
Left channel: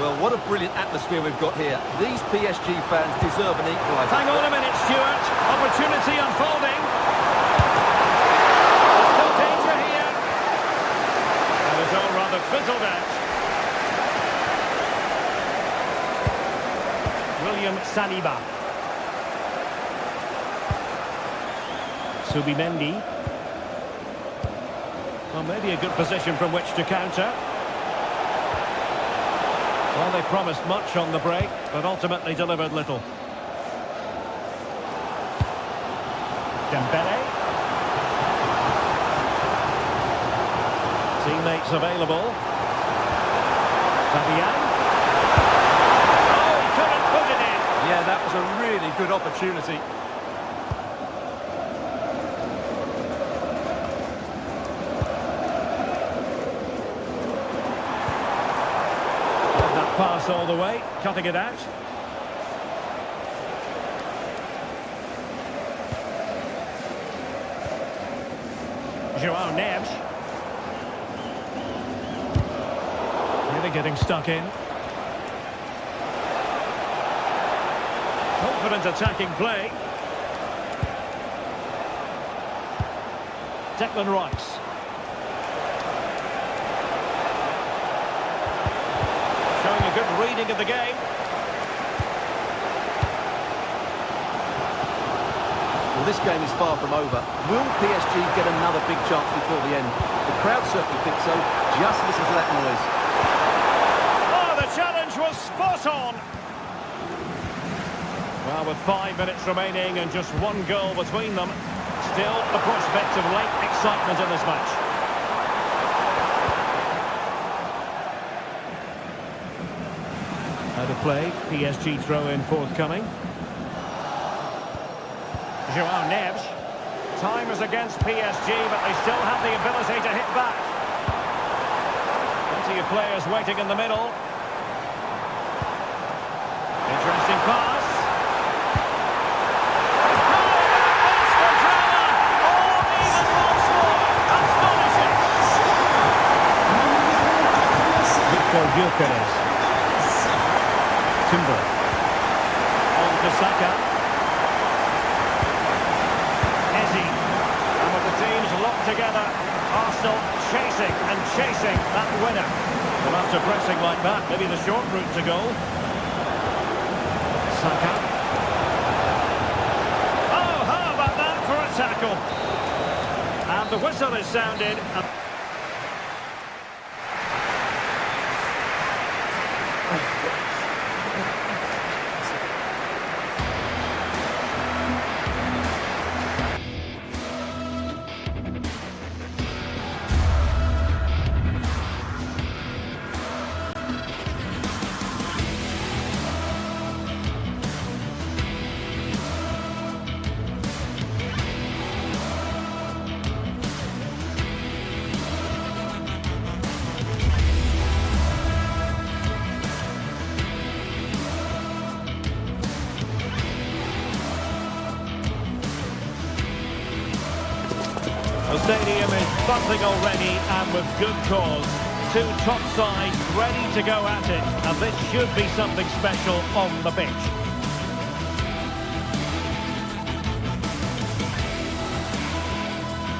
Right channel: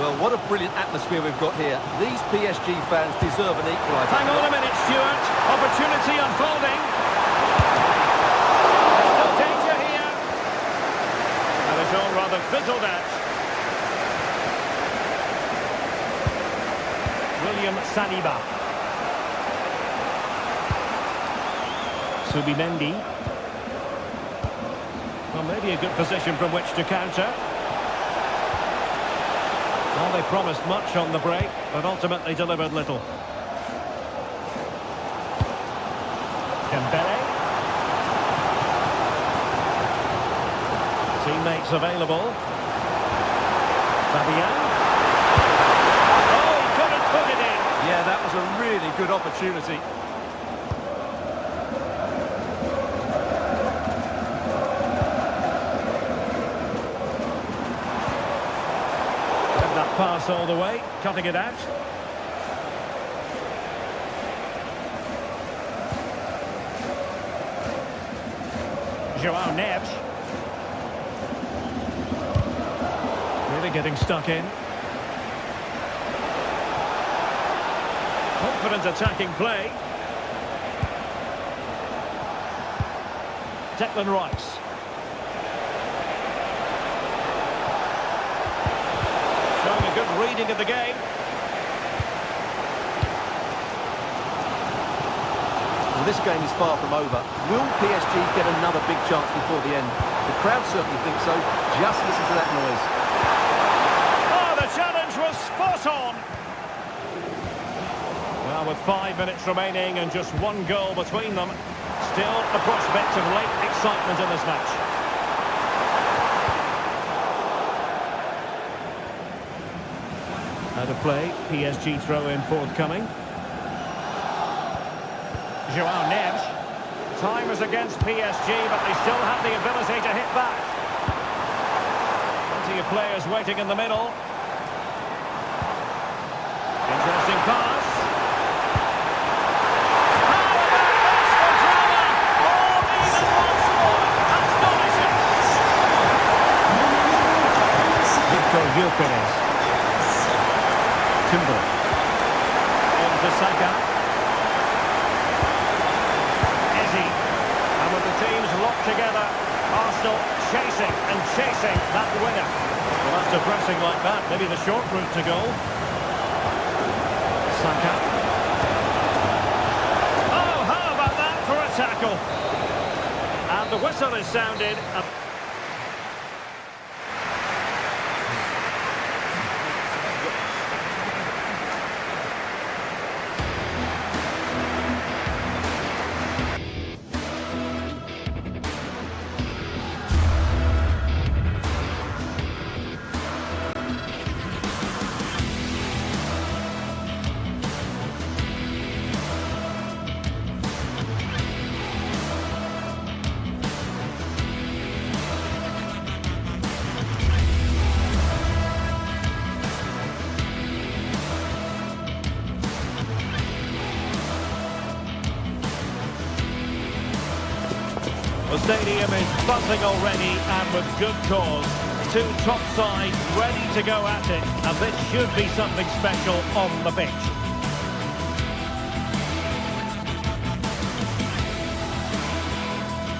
Well, what a brilliant atmosphere we've got here. These PSG fans deserve an equaliser. Hang on a minute, Stuart. Opportunity unfolding. There's still danger here. That is all rather fizzled out. William Saliba. Subimendi. Well, maybe a good position from which to counter. Well, they promised much on the break, but ultimately delivered little. Dembele. Teammates available. Fabian. Oh, he couldn't put it in. Yeah, that was a really good opportunity. That pass all the way, cutting it out. João Neves. Really getting stuck in. Confident attacking play. Declan Rice. Showing a good reading of the game. Well, this game is far from over. Will PSG get another big chance before the end? The crowd certainly think so. Just listen to that noise. Oh, the challenge was spot on. Well, with 5 minutes remaining and just one goal between them, still the prospect of late excitement in this match. Out of play, PSG throw-in forthcoming. João Neves. Time is against PSG, but they still have the ability to hit back. Plenty of players waiting in the middle. Interesting pass. How about this for drama? All even once more. Astonishing. Victor Gyökeres. Timber. On to Saka. Ezzy. And with the teams locked together, Arsenal chasing and chasing that winner. Well, after pressing like that, maybe the short route to goal. Saka. Oh, how about that for a tackle? And the whistle is sounded. The stadium is buzzing already, and with good cause. Two top sides ready to go at it, and this should be something special on the pitch.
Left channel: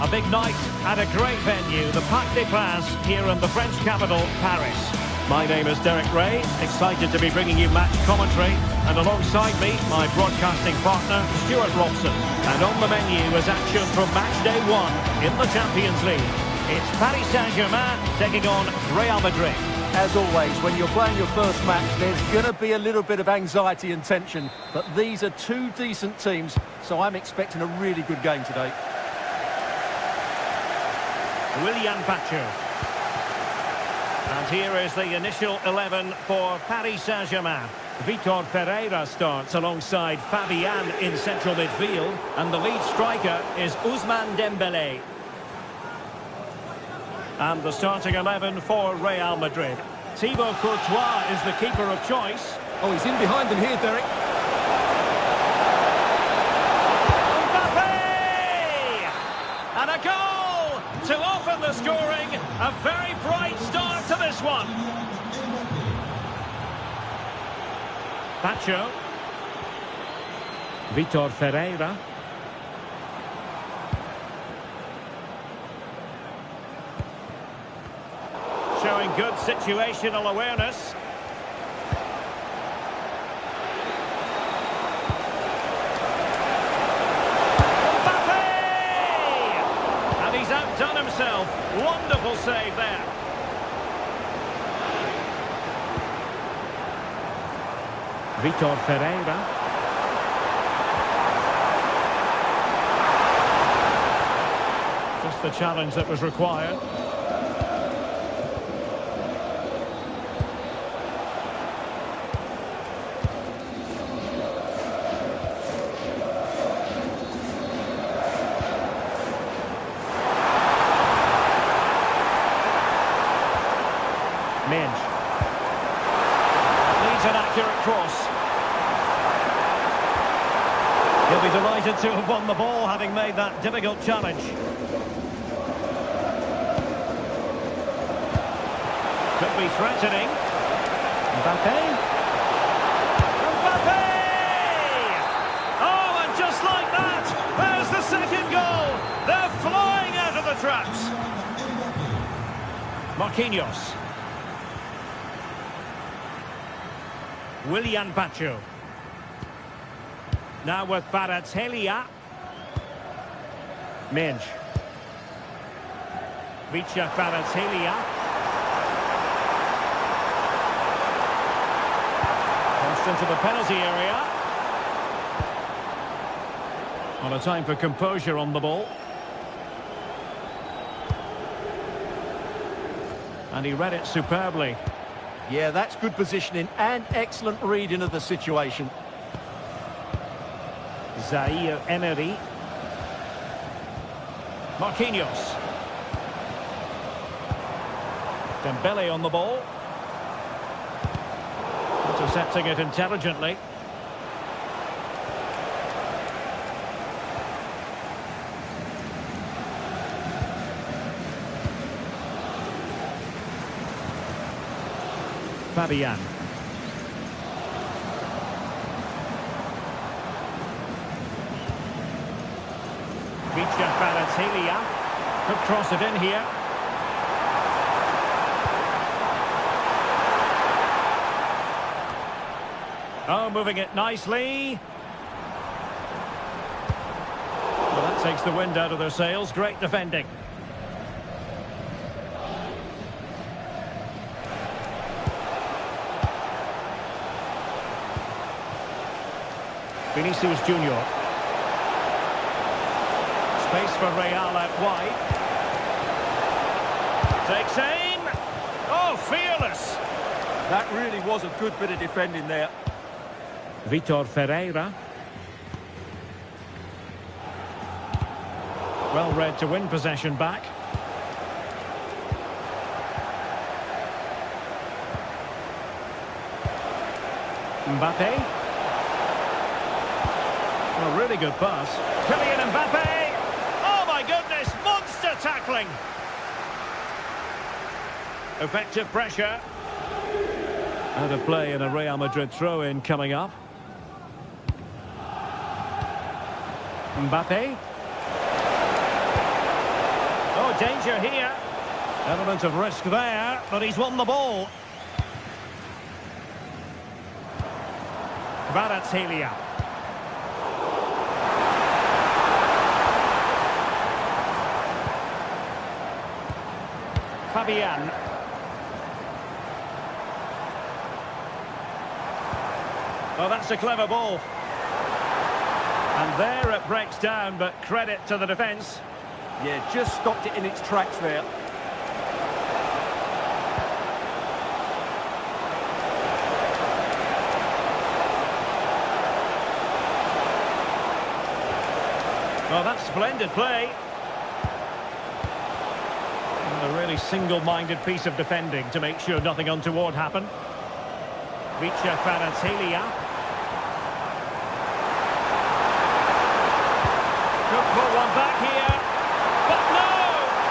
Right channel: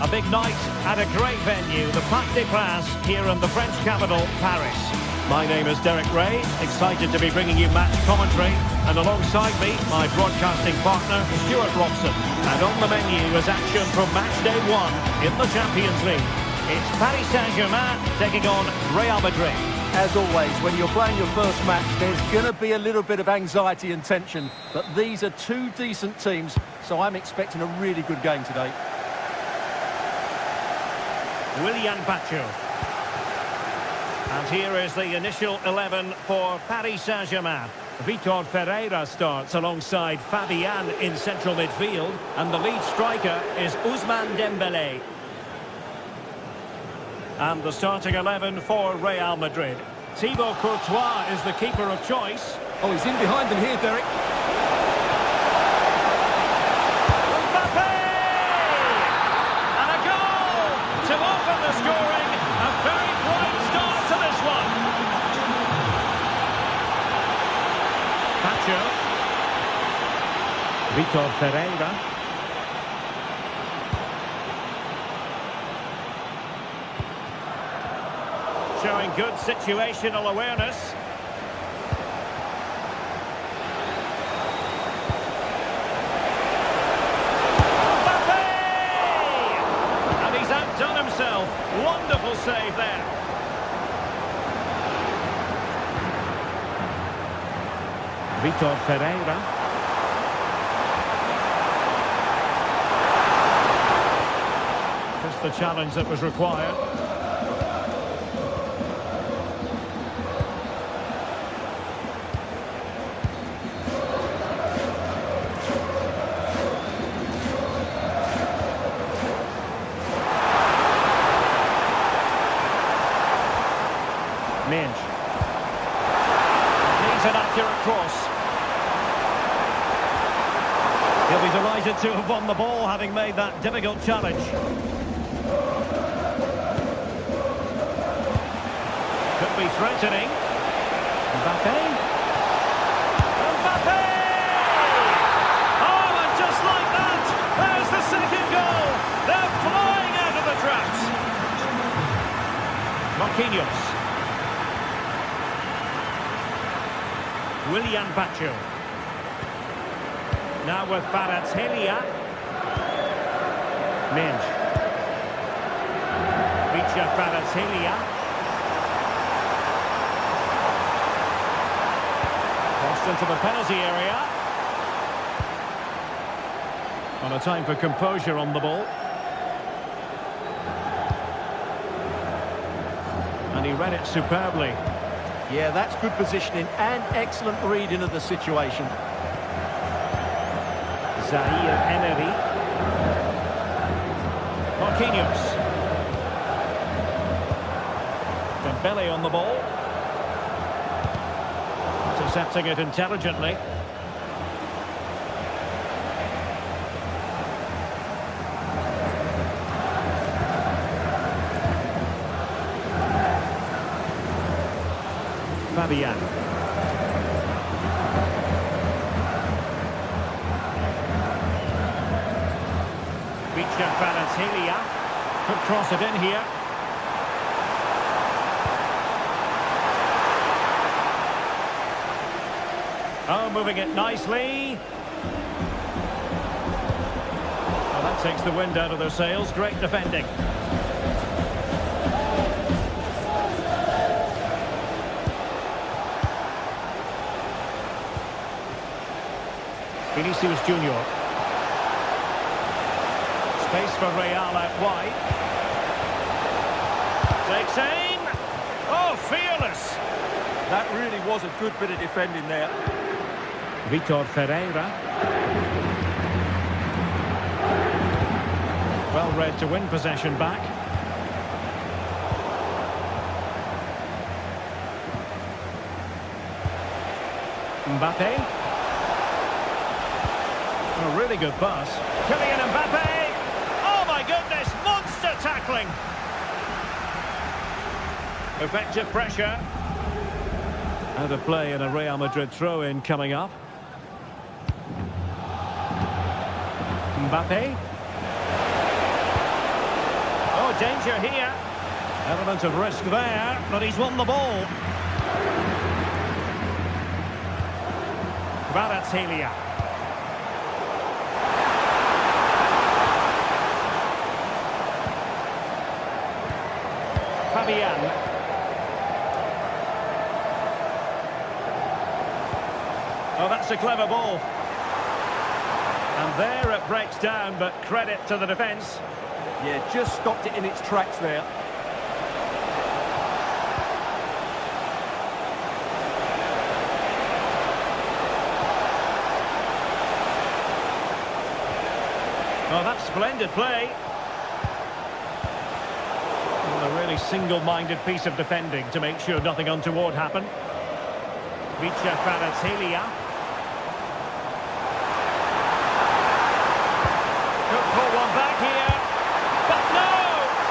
A big night at a great venue, the Parc des Princes, here in the French capital, Paris. My name is Derek Ray, excited to be bringing you match commentary, and alongside me, my broadcasting partner, Stuart Robson. And on the menu is action from match day 1 in the Champions League. It's Paris Saint-Germain taking on Real Madrid. As always, when you're playing your first match, there's going to be a little bit of anxiety and tension. But these are two decent teams, so I'm expecting a really good game today. Willian Pacho. And here is the initial 11 for Paris Saint-Germain. Vitor Ferreira starts alongside Fabian in central midfield, and the lead striker is Ousmane Dembélé. And the starting 11 for Real Madrid. Thibaut Courtois is the keeper of choice. Oh, he's in behind them here, Derek. Mbappe! And a goal to open the scoring. A very bright start to this one. Pacho. Vitor Ferreira. Showing good situational awareness. Mbappe! And he's outdone himself. Wonderful save there. Vitor Ferreira. Just the challenge that was required. Minge. Needs an accurate cross. He'll be delighted to have won the ball, having made that difficult challenge. Could be threatening. Mbappe. Mbappe! Oh, and just like that, there's the second goal. They're flying out of the traps. Marquinhos. Willian Pacho. Now with Kvaratskhelia. Minge. Vicha Kvaratskhelia. Crossed into the penalty area. On a time for composure on the ball. And he read it superbly. Yeah, that's good positioning and excellent reading of the situation. Zaire Emery. Marquinhos. Dembele on the ball. Intercepting it intelligently. Fabian. Vicha Kvaratskhelia could cross it in here. Oh, moving it nicely. Well, that takes the wind out of their sails. Great defending. Vinicius Junior. Space for Real out wide. Takes aim. Oh, fearless. That really was a good bit of defending there. Vitor Ferreira. Well read to win possession back. Mbappe. A really good pass. Kylian Mbappe! Oh my goodness, monster tackling! Effective pressure. Out of play and a Real Madrid throw-in coming up. Mbappe. Oh, danger here. Element of risk there, but he's won the ball. Kvaratskhelia. Fabian. Oh, that's a clever ball. And there it breaks down, but credit to the defence. Yeah, just stopped it in its tracks there. Oh, that's splendid play. Well, a really single-minded piece of defending to make sure nothing untoward happened. Vicha Kvaratskhelia. Could pull one back here. But no!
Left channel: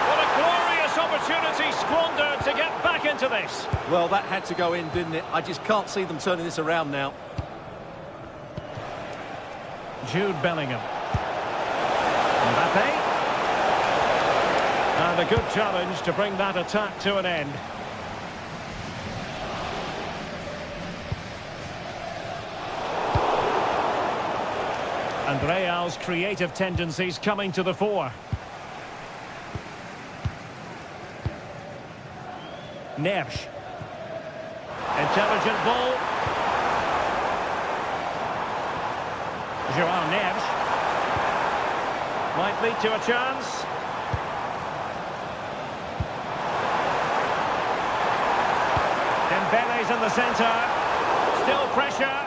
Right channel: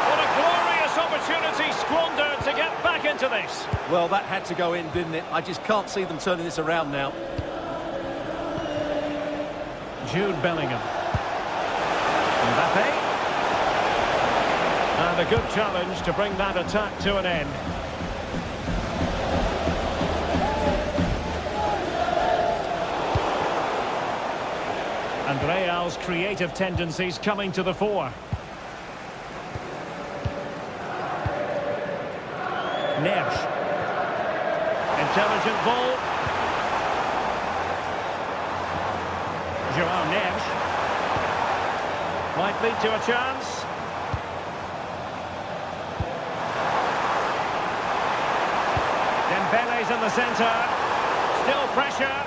What a glorious opportunity squandered to get back into this. Well, that had to go in, didn't it? I just can't see them turning this around now. Jude Bellingham. Mbappe. And a good challenge to bring that attack to an end. And Real's creative tendencies coming to the fore. Neves. Intelligent ball. Joao Neves. Might lead to a chance. Dembele's in the centre. Still pressure.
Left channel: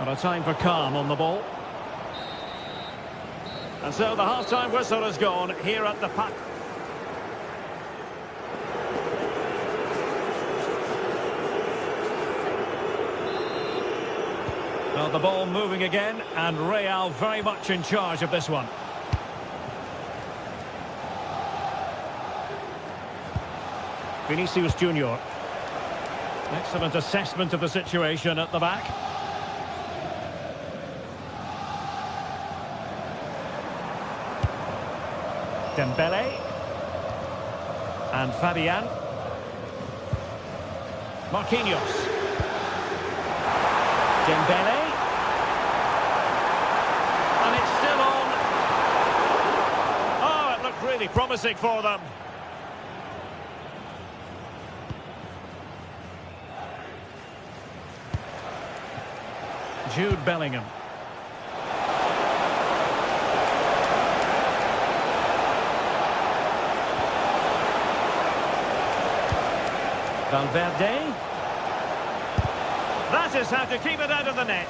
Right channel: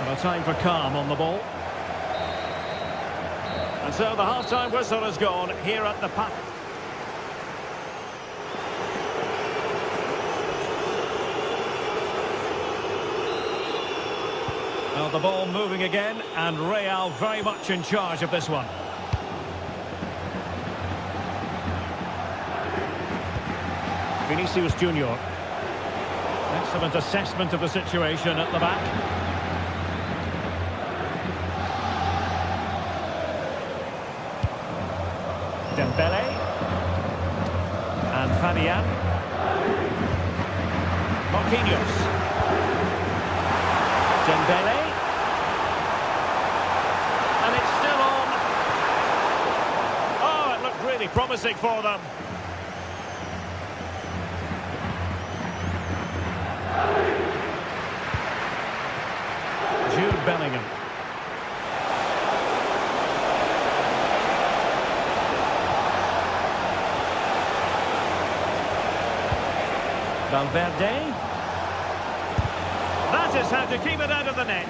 And a time for calm on the ball. And so the half-time whistle has gone here at the Pat. Well, the ball moving again, and Real very much in charge of this one. Vinicius Junior. Excellent assessment of the situation at the back. Dembele. And Fabian. Marquinhos. Dembele. And it's still on. Oh, it looked really promising for them. Jude Bellingham. Valverde. That is how to keep it out of the net.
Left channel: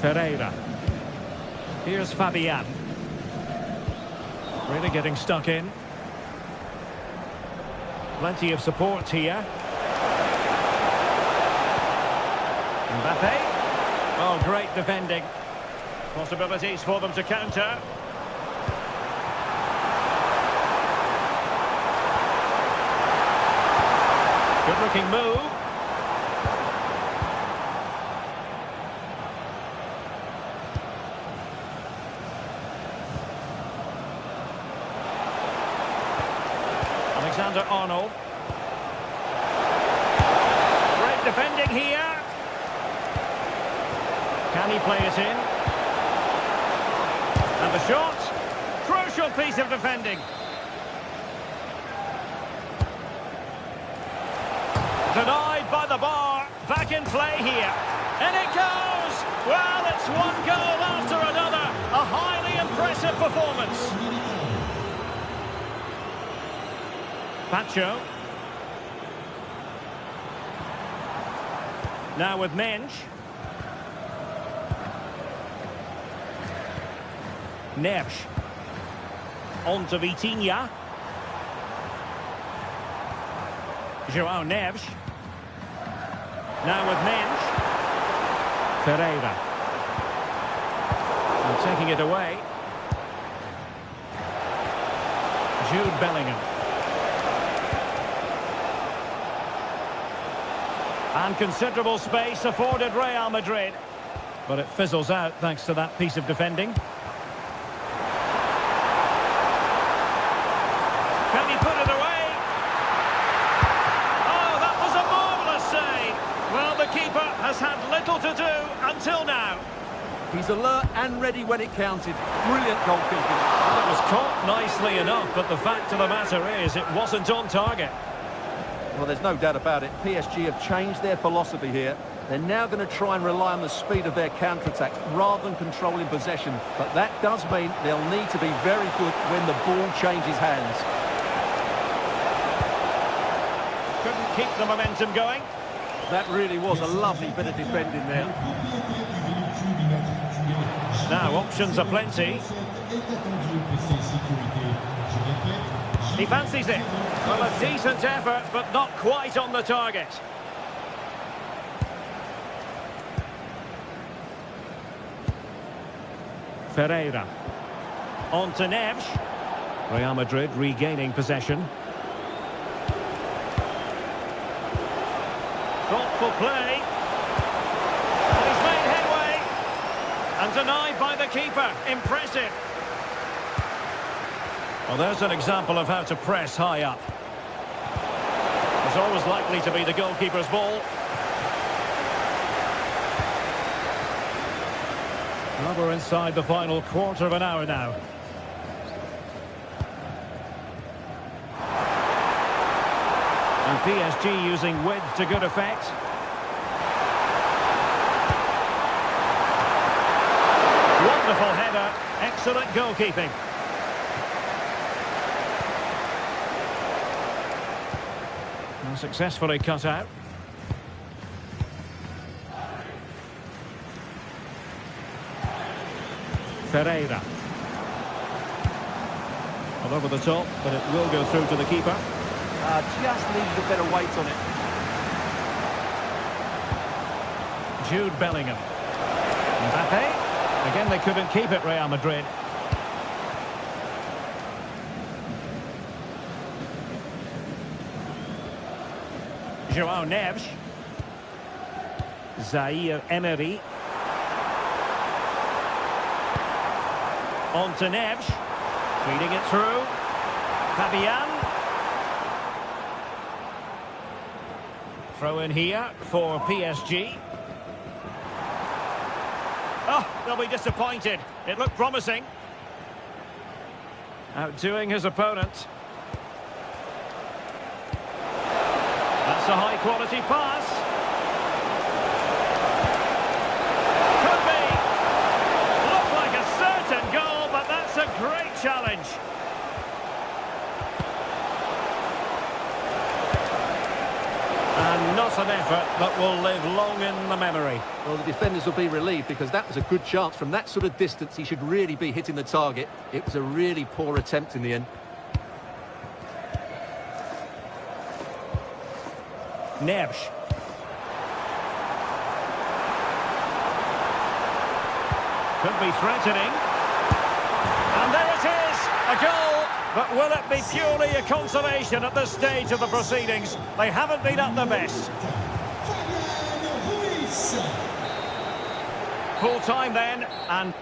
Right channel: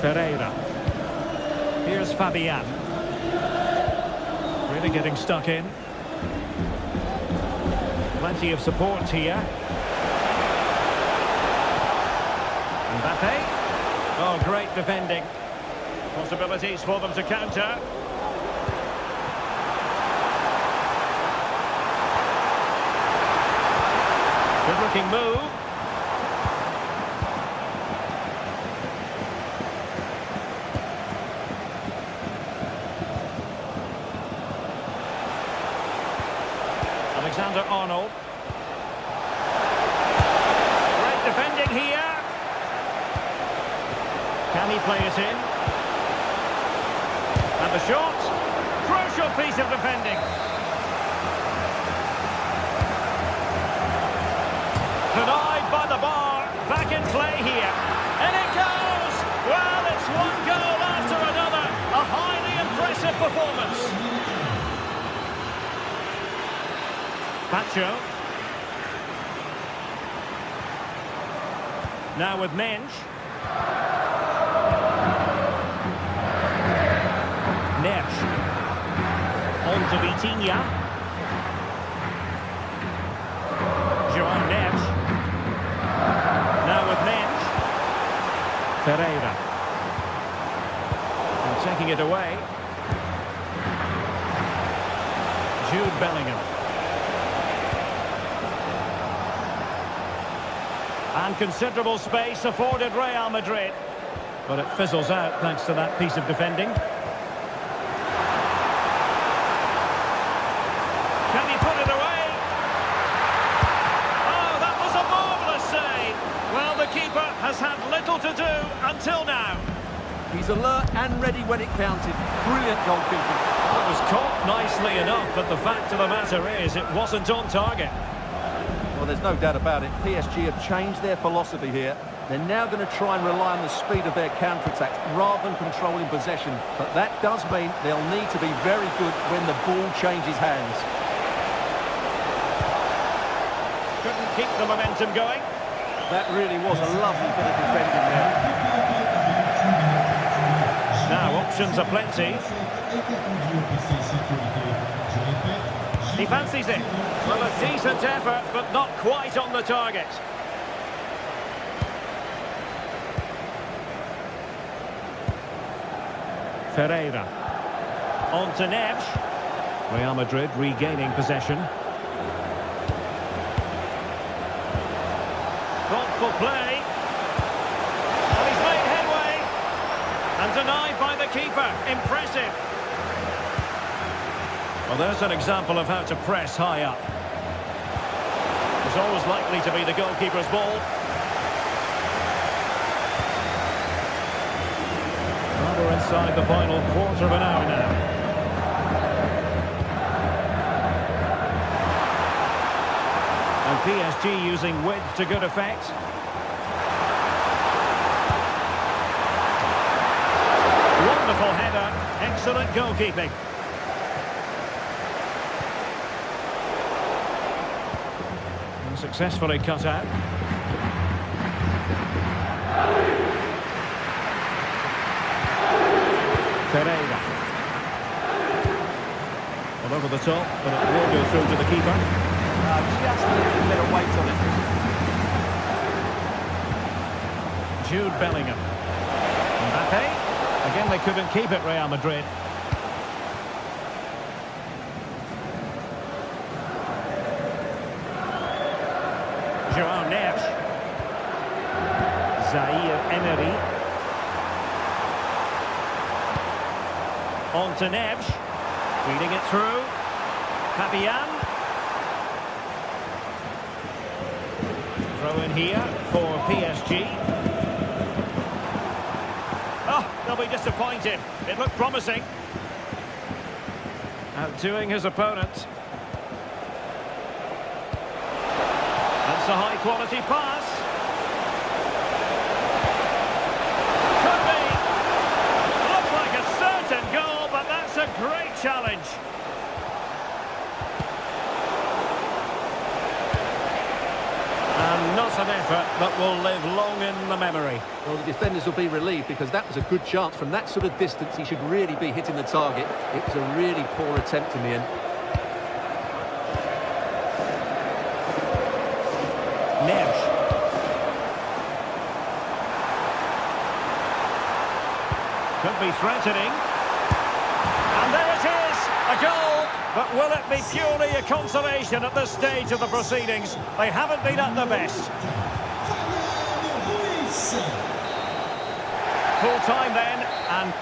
Ferreira. Here's Fabian. Really getting stuck in. Plenty of support here. Mbappe. Oh, great defending. Possibilities for them to counter. Good-looking move. Alexander-Arnold. Great defending here. Can he play it in? And the shot. Crucial piece of defending. Denied by the bar. Back in play here. And it goes! Well, it's one goal after another. A highly impressive performance. Pacho. Now with Mensch. Neves. On to Vitinha. Joao Neves. Now with Mensch. Ferreira. And taking it away. Jude Bellingham. And considerable space afforded Real Madrid. But it fizzles out thanks to that piece of defending. Can he put it away? Oh, that was a marvellous save. Well, the keeper has had little to do until now. He's alert and ready when it counted. Brilliant goalkeeping. Well, it was caught nicely enough, but the fact of the matter is it wasn't on target. Well, there's no doubt about it. PSG have changed their philosophy here. They're now going to try and rely on the speed of their counter-attacks rather than controlling possession. But that does mean they'll need to be very good when the ball changes hands. Couldn't keep the momentum going. That really was a lovely bit of defending there. Now, options are plenty. He fancies it. Well, a decent effort, but not quite on the target. Ferreira. On to Neves. Real Madrid regaining possession. Thoughtful play. And he's made headway. And denied by the keeper. Impressive. Well, there's an example of how to press high up. It's always likely to be the goalkeeper's ball. Well, we're inside the final quarter of an hour now. And PSG using width to good effect. Wonderful header. Excellent goalkeeping. And successfully cut out. Ferreira. Well, over the top, but it will go through to the keeper. Just needed a better weight on it. Jude Bellingham. Mbappe. Again, they couldn't keep it, Real Madrid. João Neves. Zaire Emery. On to Neves. Feeding it through. Fabian. Throw in here for PSG. Oh, they'll be disappointed. It looked promising. Outdoing his opponent. That's a high-quality pass. Could be. Looked like a certain goal, but that's a great challenge. And not an effort that will live long in the memory. Well, the defenders will be relieved because that was a good chance. From that sort of distance, he should really be hitting the target. It was a really poor attempt in the end. Neves. Could be threatening. And there it is, a goal. But will it be purely a consolation at this stage of the proceedings? They haven't been at their best. Full time then, and...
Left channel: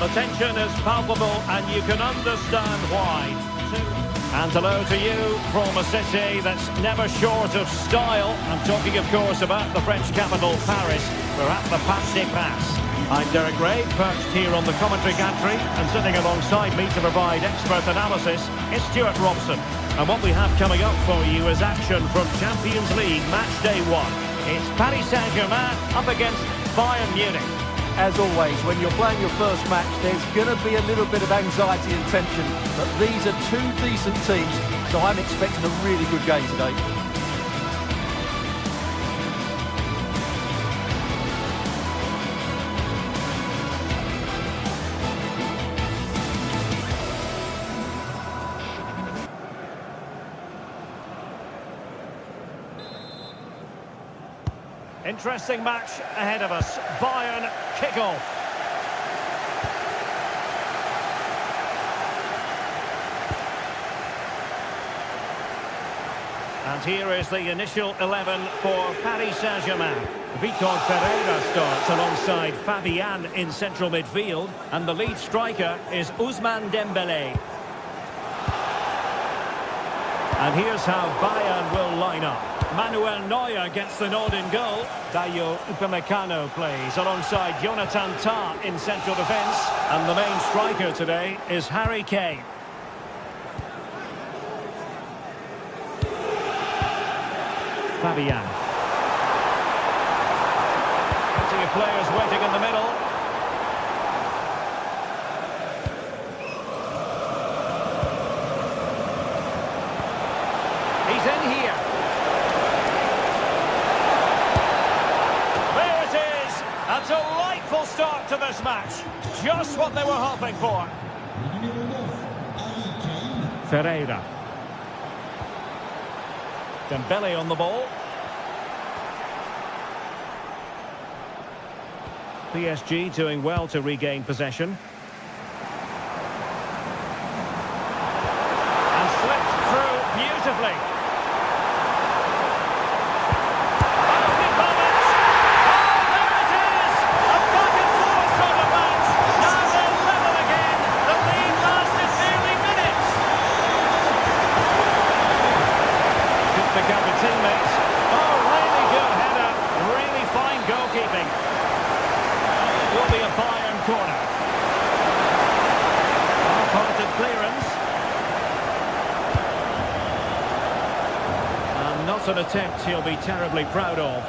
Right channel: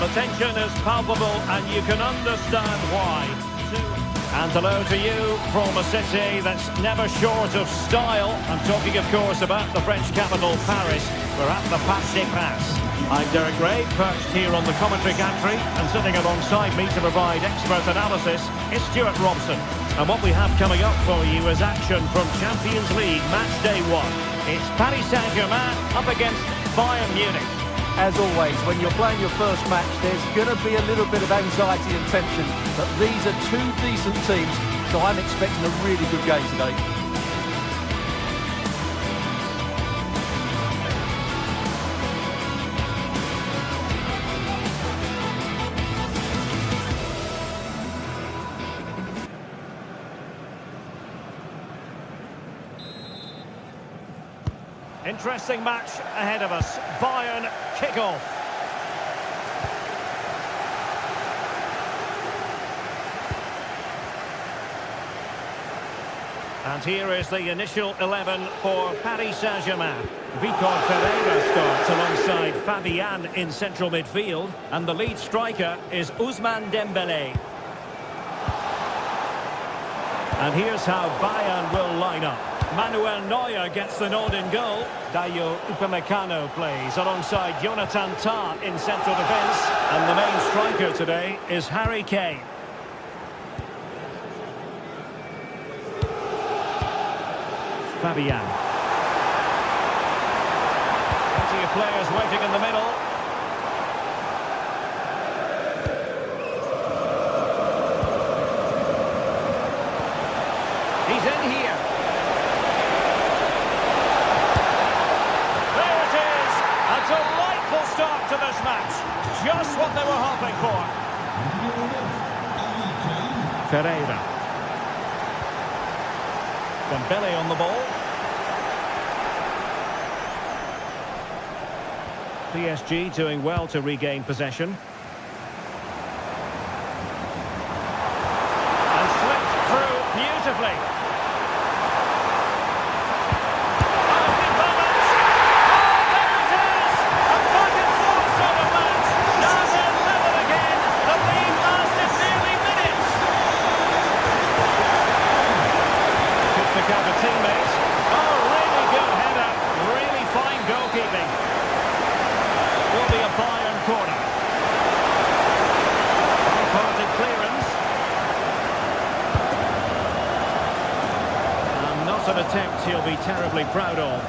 The tension is palpable and you can understand why. And hello to you from a city that's never short of style. I'm talking, of course, about the French capital, Paris. We're at the Parc des Princes. I'm Derek Ray, perched here on the commentary gantry, and sitting alongside me to provide expert analysis is Stuart Robson. And what we have coming up for you is action from Champions League Match Day 1. It's Paris Saint-Germain up against Bayern Munich. As always, when you're playing your first match, there's going to be a little bit of anxiety and tension. But these are two decent teams, so I'm expecting a really good game today. Interesting match ahead of us. Bayern kick-off. And here is the initial 11 for Paris Saint-Germain. Vitor Ferreira starts alongside Fabian in central midfield, and the lead striker is Ousmane Dembélé. And here's how Bayern will line up. Manuel Neuer gets the nod in goal. Dayo Upamecano plays alongside Jonathan Tah in central defence. And the main striker today is Harry Kane. Fabian. Plenty of players waiting in the middle. He's in here. There it is. A delightful start to this match. Just what they were hoping for. Ferreira. Dembele on the ball. PSG doing well to regain possession. And slipped through beautifully. Oh, big moment! Oh, there it is! A back and forth sort of match. Now they're level again. The lead lasted nearly minutes. Could pick out a teammate. Oh, really good header. Really fine goalkeeping. Will be a Bayern corner. Half-hearted clearance. And not an attempt he'll be terribly proud of.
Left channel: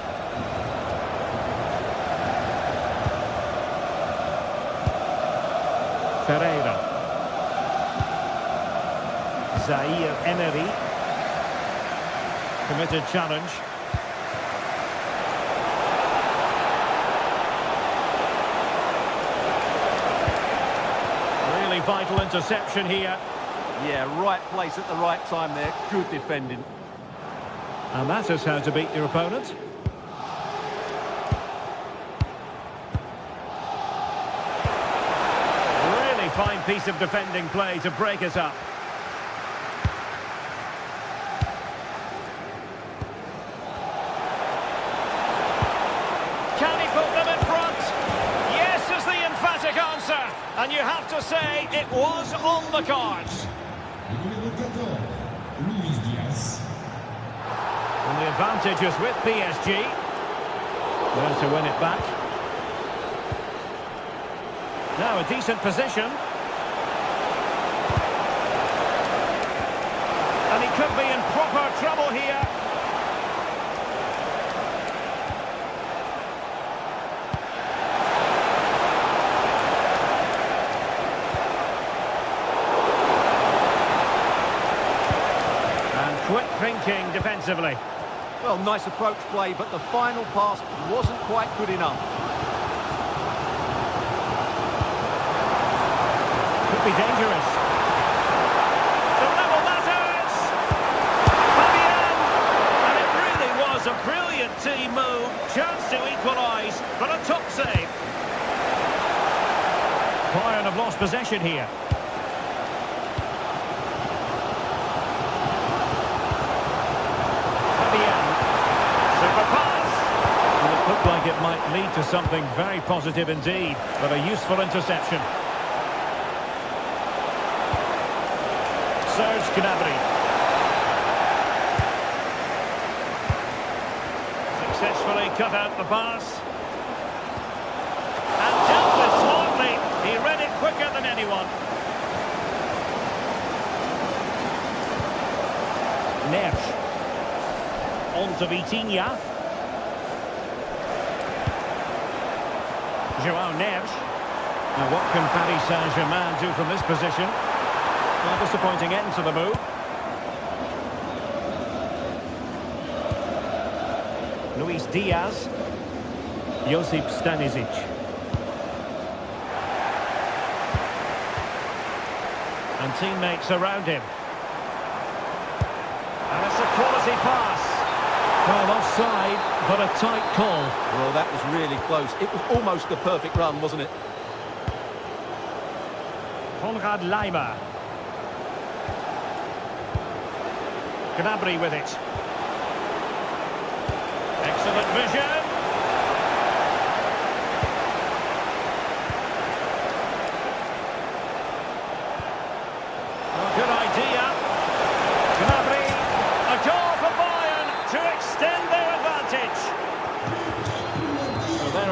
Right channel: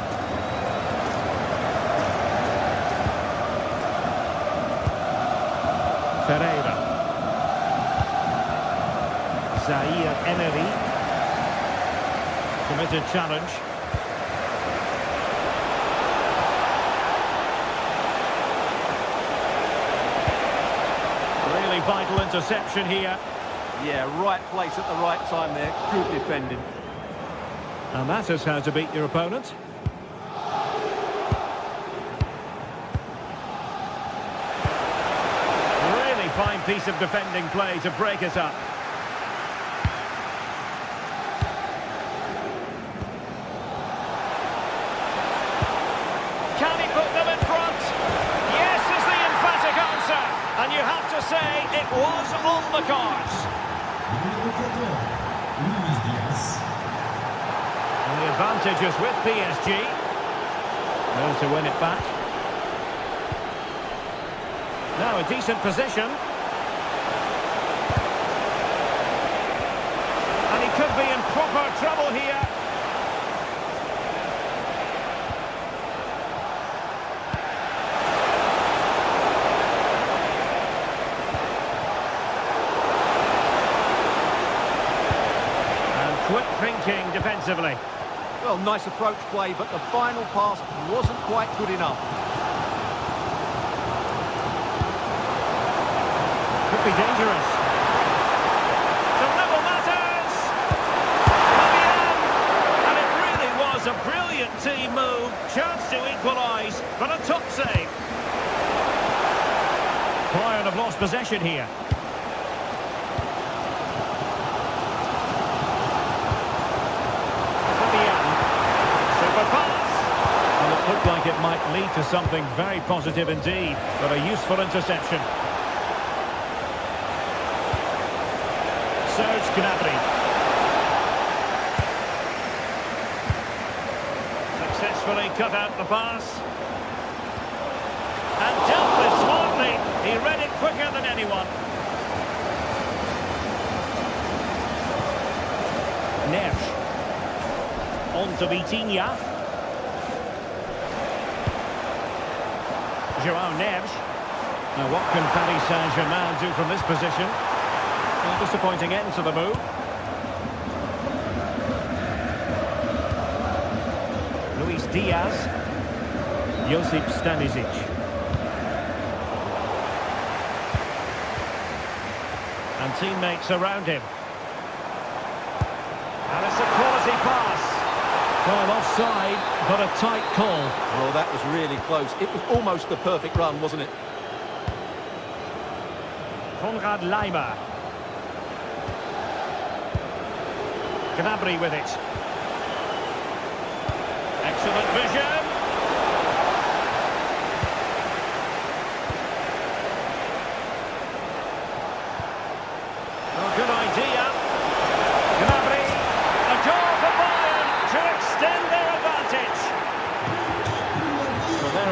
Ferreira. Zaire Emery. Committed challenge. Really vital interception here. Yeah, right place at the right time there. Good defending. And that is how to beat your opponent. Really fine piece of defending play to break it up. Can he put them in front? Yes is the emphatic answer. And you have to say it was on the cards. And the advantage is with PSG. Now to win it back. Now a decent position. And he could be in proper trouble here. Quick thinking defensively. Well, nice approach play, but the final pass wasn't quite good enough. Could be dangerous. The level matters! Fabian! And it really was a brilliant team move. Chance to equalise, but a top save. Bayern have lost possession here. Super pass. And it looked like it might lead to something very positive indeed, but a useful interception. Serge Gnabry. Successfully cut out the pass. And dealt with smartly. He read it quicker than anyone. Neves. On to Vitinha. João Neves. Now what can Paris Saint-Germain do from this position? Well, disappointing end to the move. Luis Diaz. Josip Stanisic. And teammates around him. And it's a quality pass. Well, offside, but a tight call. Well, that was really close. It was almost the perfect run, wasn't it? Konrad Laimer. Gnabry with it. Excellent vision.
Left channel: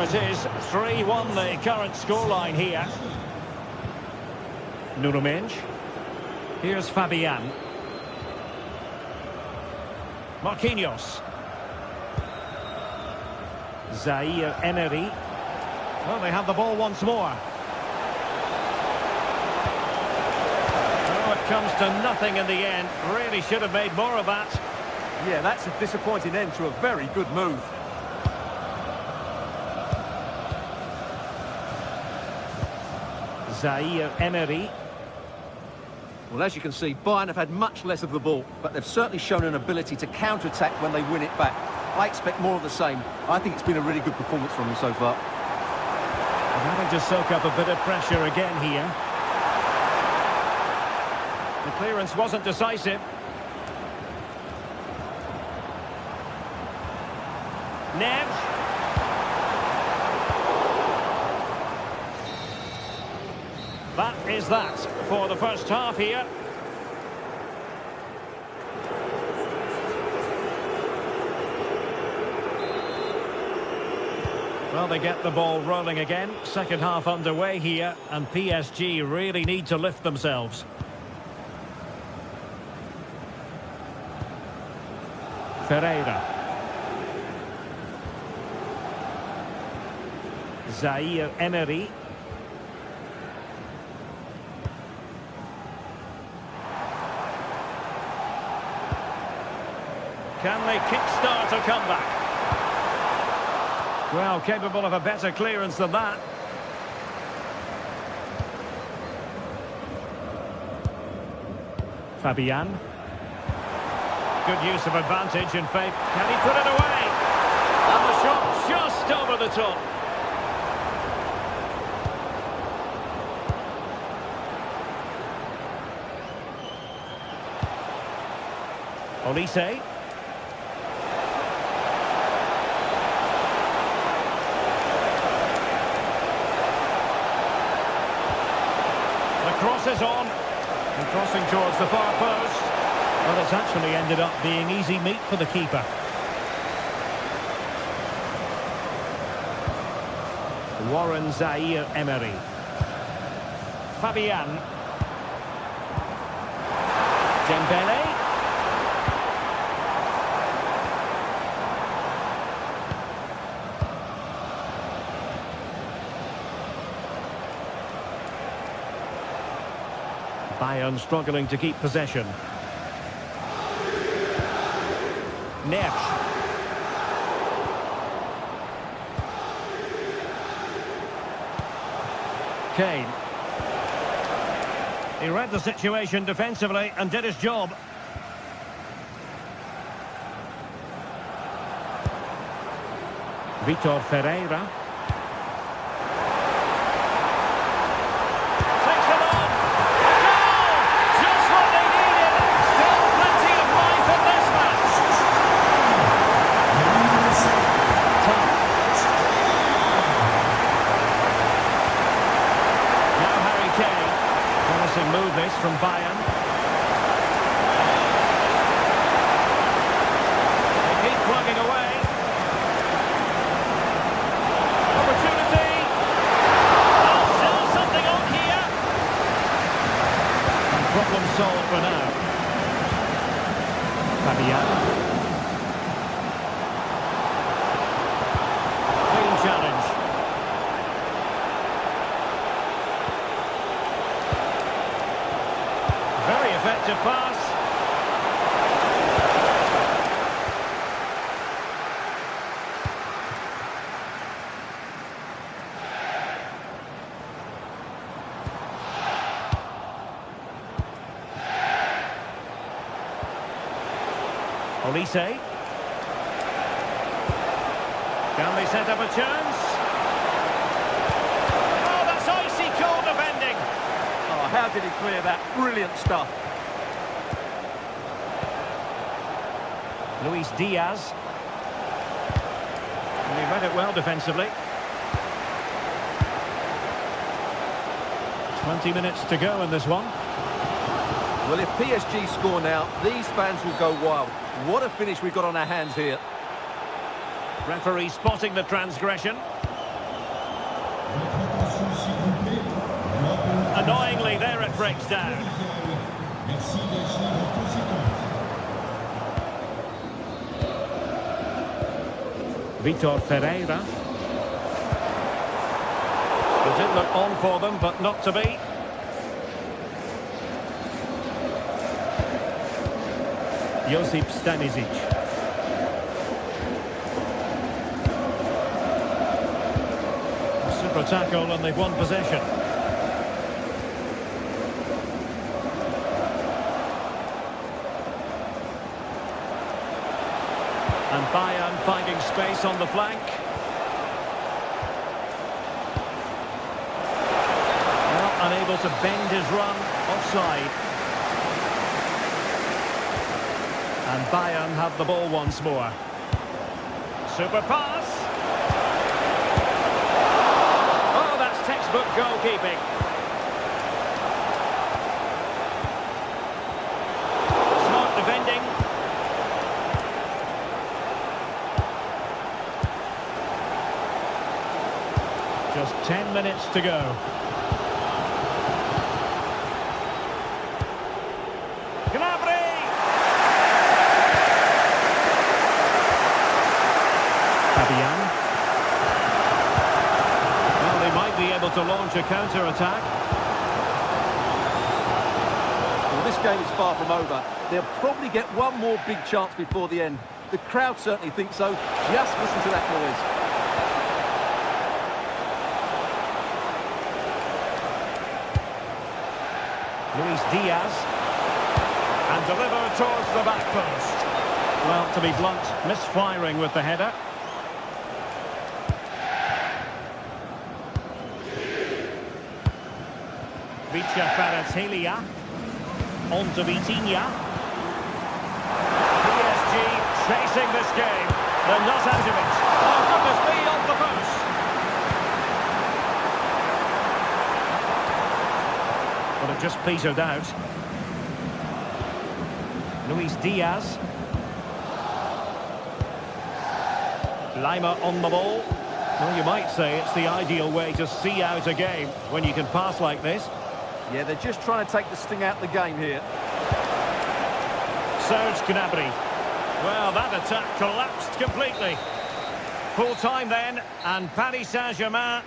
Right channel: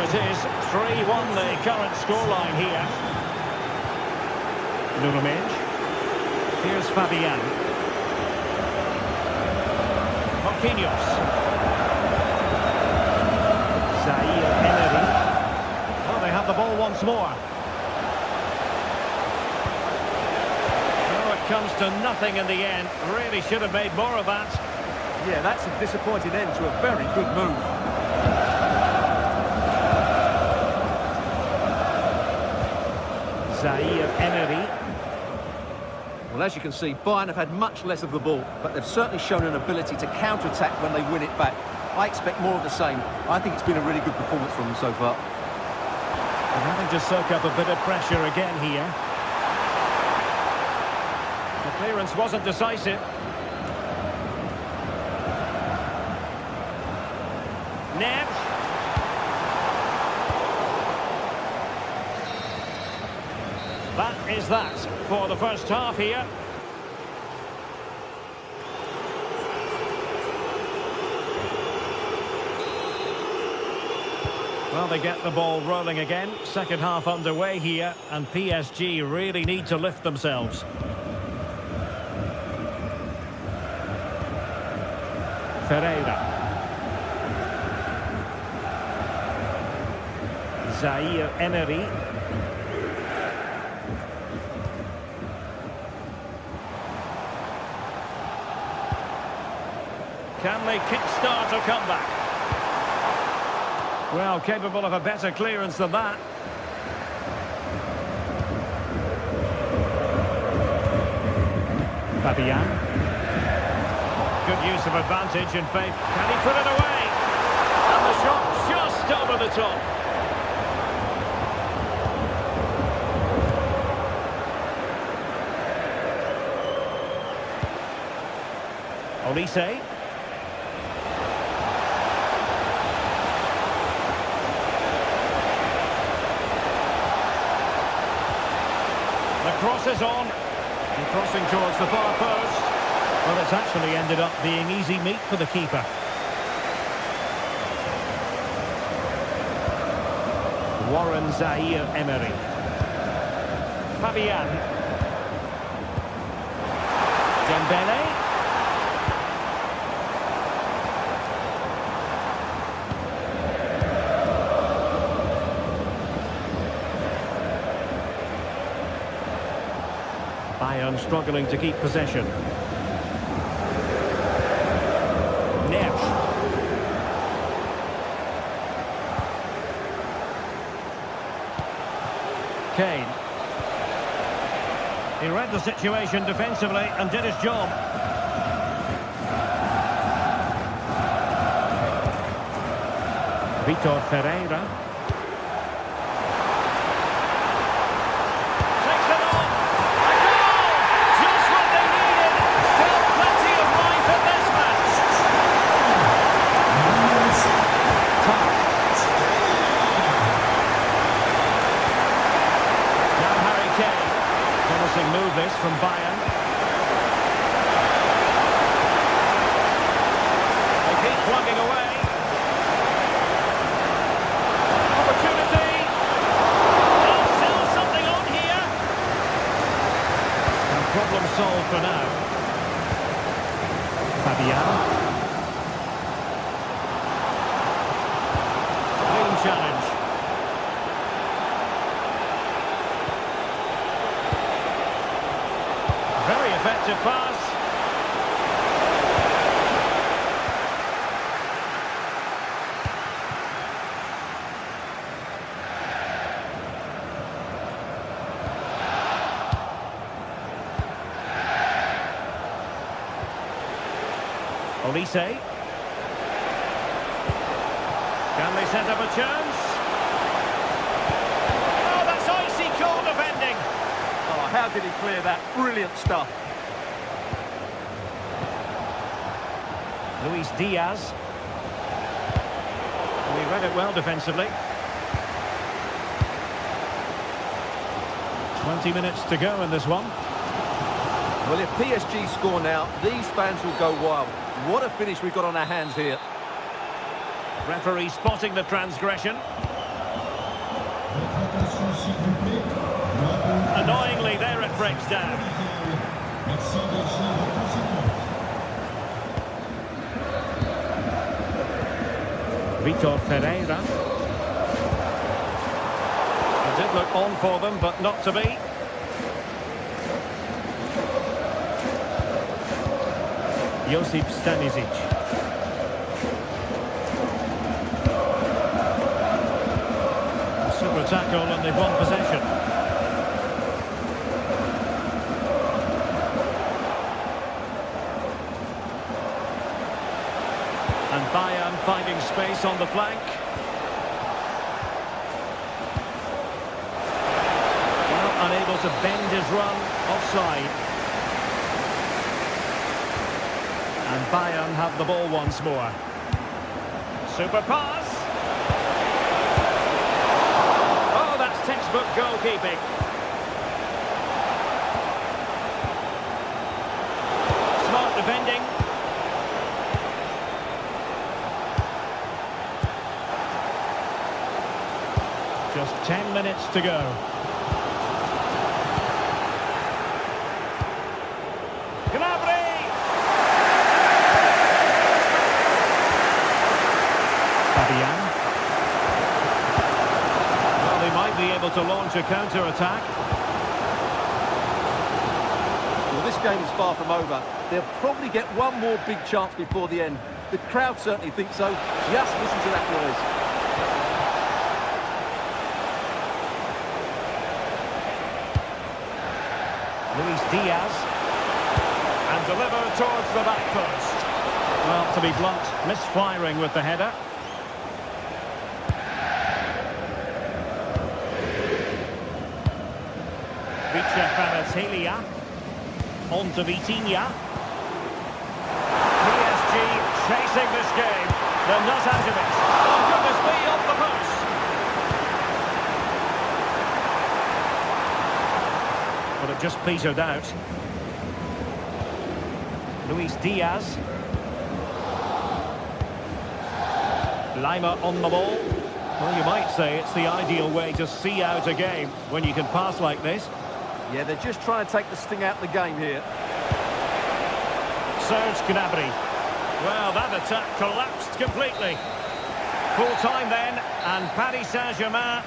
it is, 3-1 the current scoreline here. Nuno Mendes. Here's Fabian. Marquinhos. Zaire Emery. Well, they have the ball once more. Oh, it comes to nothing in the end. Really should have made more of that. Yeah, that's a disappointing end to a very good move. Zaire Emery. Well, as you can see, Bayern have had much less of the ball, but they've certainly shown an ability to counter-attack when they win it back. I expect more of the same. I think it's been a really good performance from them so far. And having to soak up a bit of pressure again here. The clearance wasn't decisive. Neves. That is that for the first half here. Well, they get the ball rolling again. Second half underway here, and PSG really need to lift themselves. Ferreira. Zaire Emery. Can they kickstart a comeback? Well, capable of a better clearance than that. Fabian. Good use of advantage in faith. Can he put it away? And the shot just over the top. Olise. The cross is on. And crossing towards the far post. Well, it's actually ended up being easy meat for the keeper. Warren Zaire Emery. Fabian. Dembele. Bayern struggling to keep possession. Neves. Kane. He read the situation defensively and did his job. Vitor Ferreira. Takes it on. A goal! Just what they needed. Still plenty of life in this match. Tough. Now Harry Kane. Promising move this from Bayern. They keep plugging away. Opportunity. Oh, still something on here. And problem solved for now. Fabian. Clean challenge. Very effective pass. Olise. Can they set up a chance? Oh, that's icy cold defending. Oh, how did he clear that? Brilliant stuff. Luis Diaz. And he read it well defensively. 20 minutes to go in this one. Well, if PSG score now, these fans will go wild. What a finish we've got on our hands here. Referee spotting the transgression. s'il vous plaît. Annoyingly, there it breaks down. Merci d'agir en conséquence. Vitor Ferreira. It did look on for them, but not to be. Josip Stanisic. Super tackle and they've won possession. And Bayern finding space on the flank. Well, unable to bend his run, offside. And Bayern have the ball once more. Super pass. Oh, that's textbook goalkeeping. Smart defending. Just 10 minutes to go. Fabian. Well, they might be able to launch a counter-attack. Well, this game is far from over. They'll probably get one more big chance before the end. The crowd certainly think so. Just listen to that noise. Luis Diaz. And delivered towards the back post. Well, to be blunt, misfiring with the header. Vicha Kvaratskhelia. On to Vitinha. PSG chasing this game. They're not out of it. Oh, goodness me, off the post. But it just petered out. Luis Diaz. Lima on the ball. Well, you might say it's the ideal way to see out a game when you can pass like this. Yeah, they're just trying to take the sting out of the game here. Serge Gnabry. Well, that attack collapsed completely. Full time then, and Paris Saint-Germain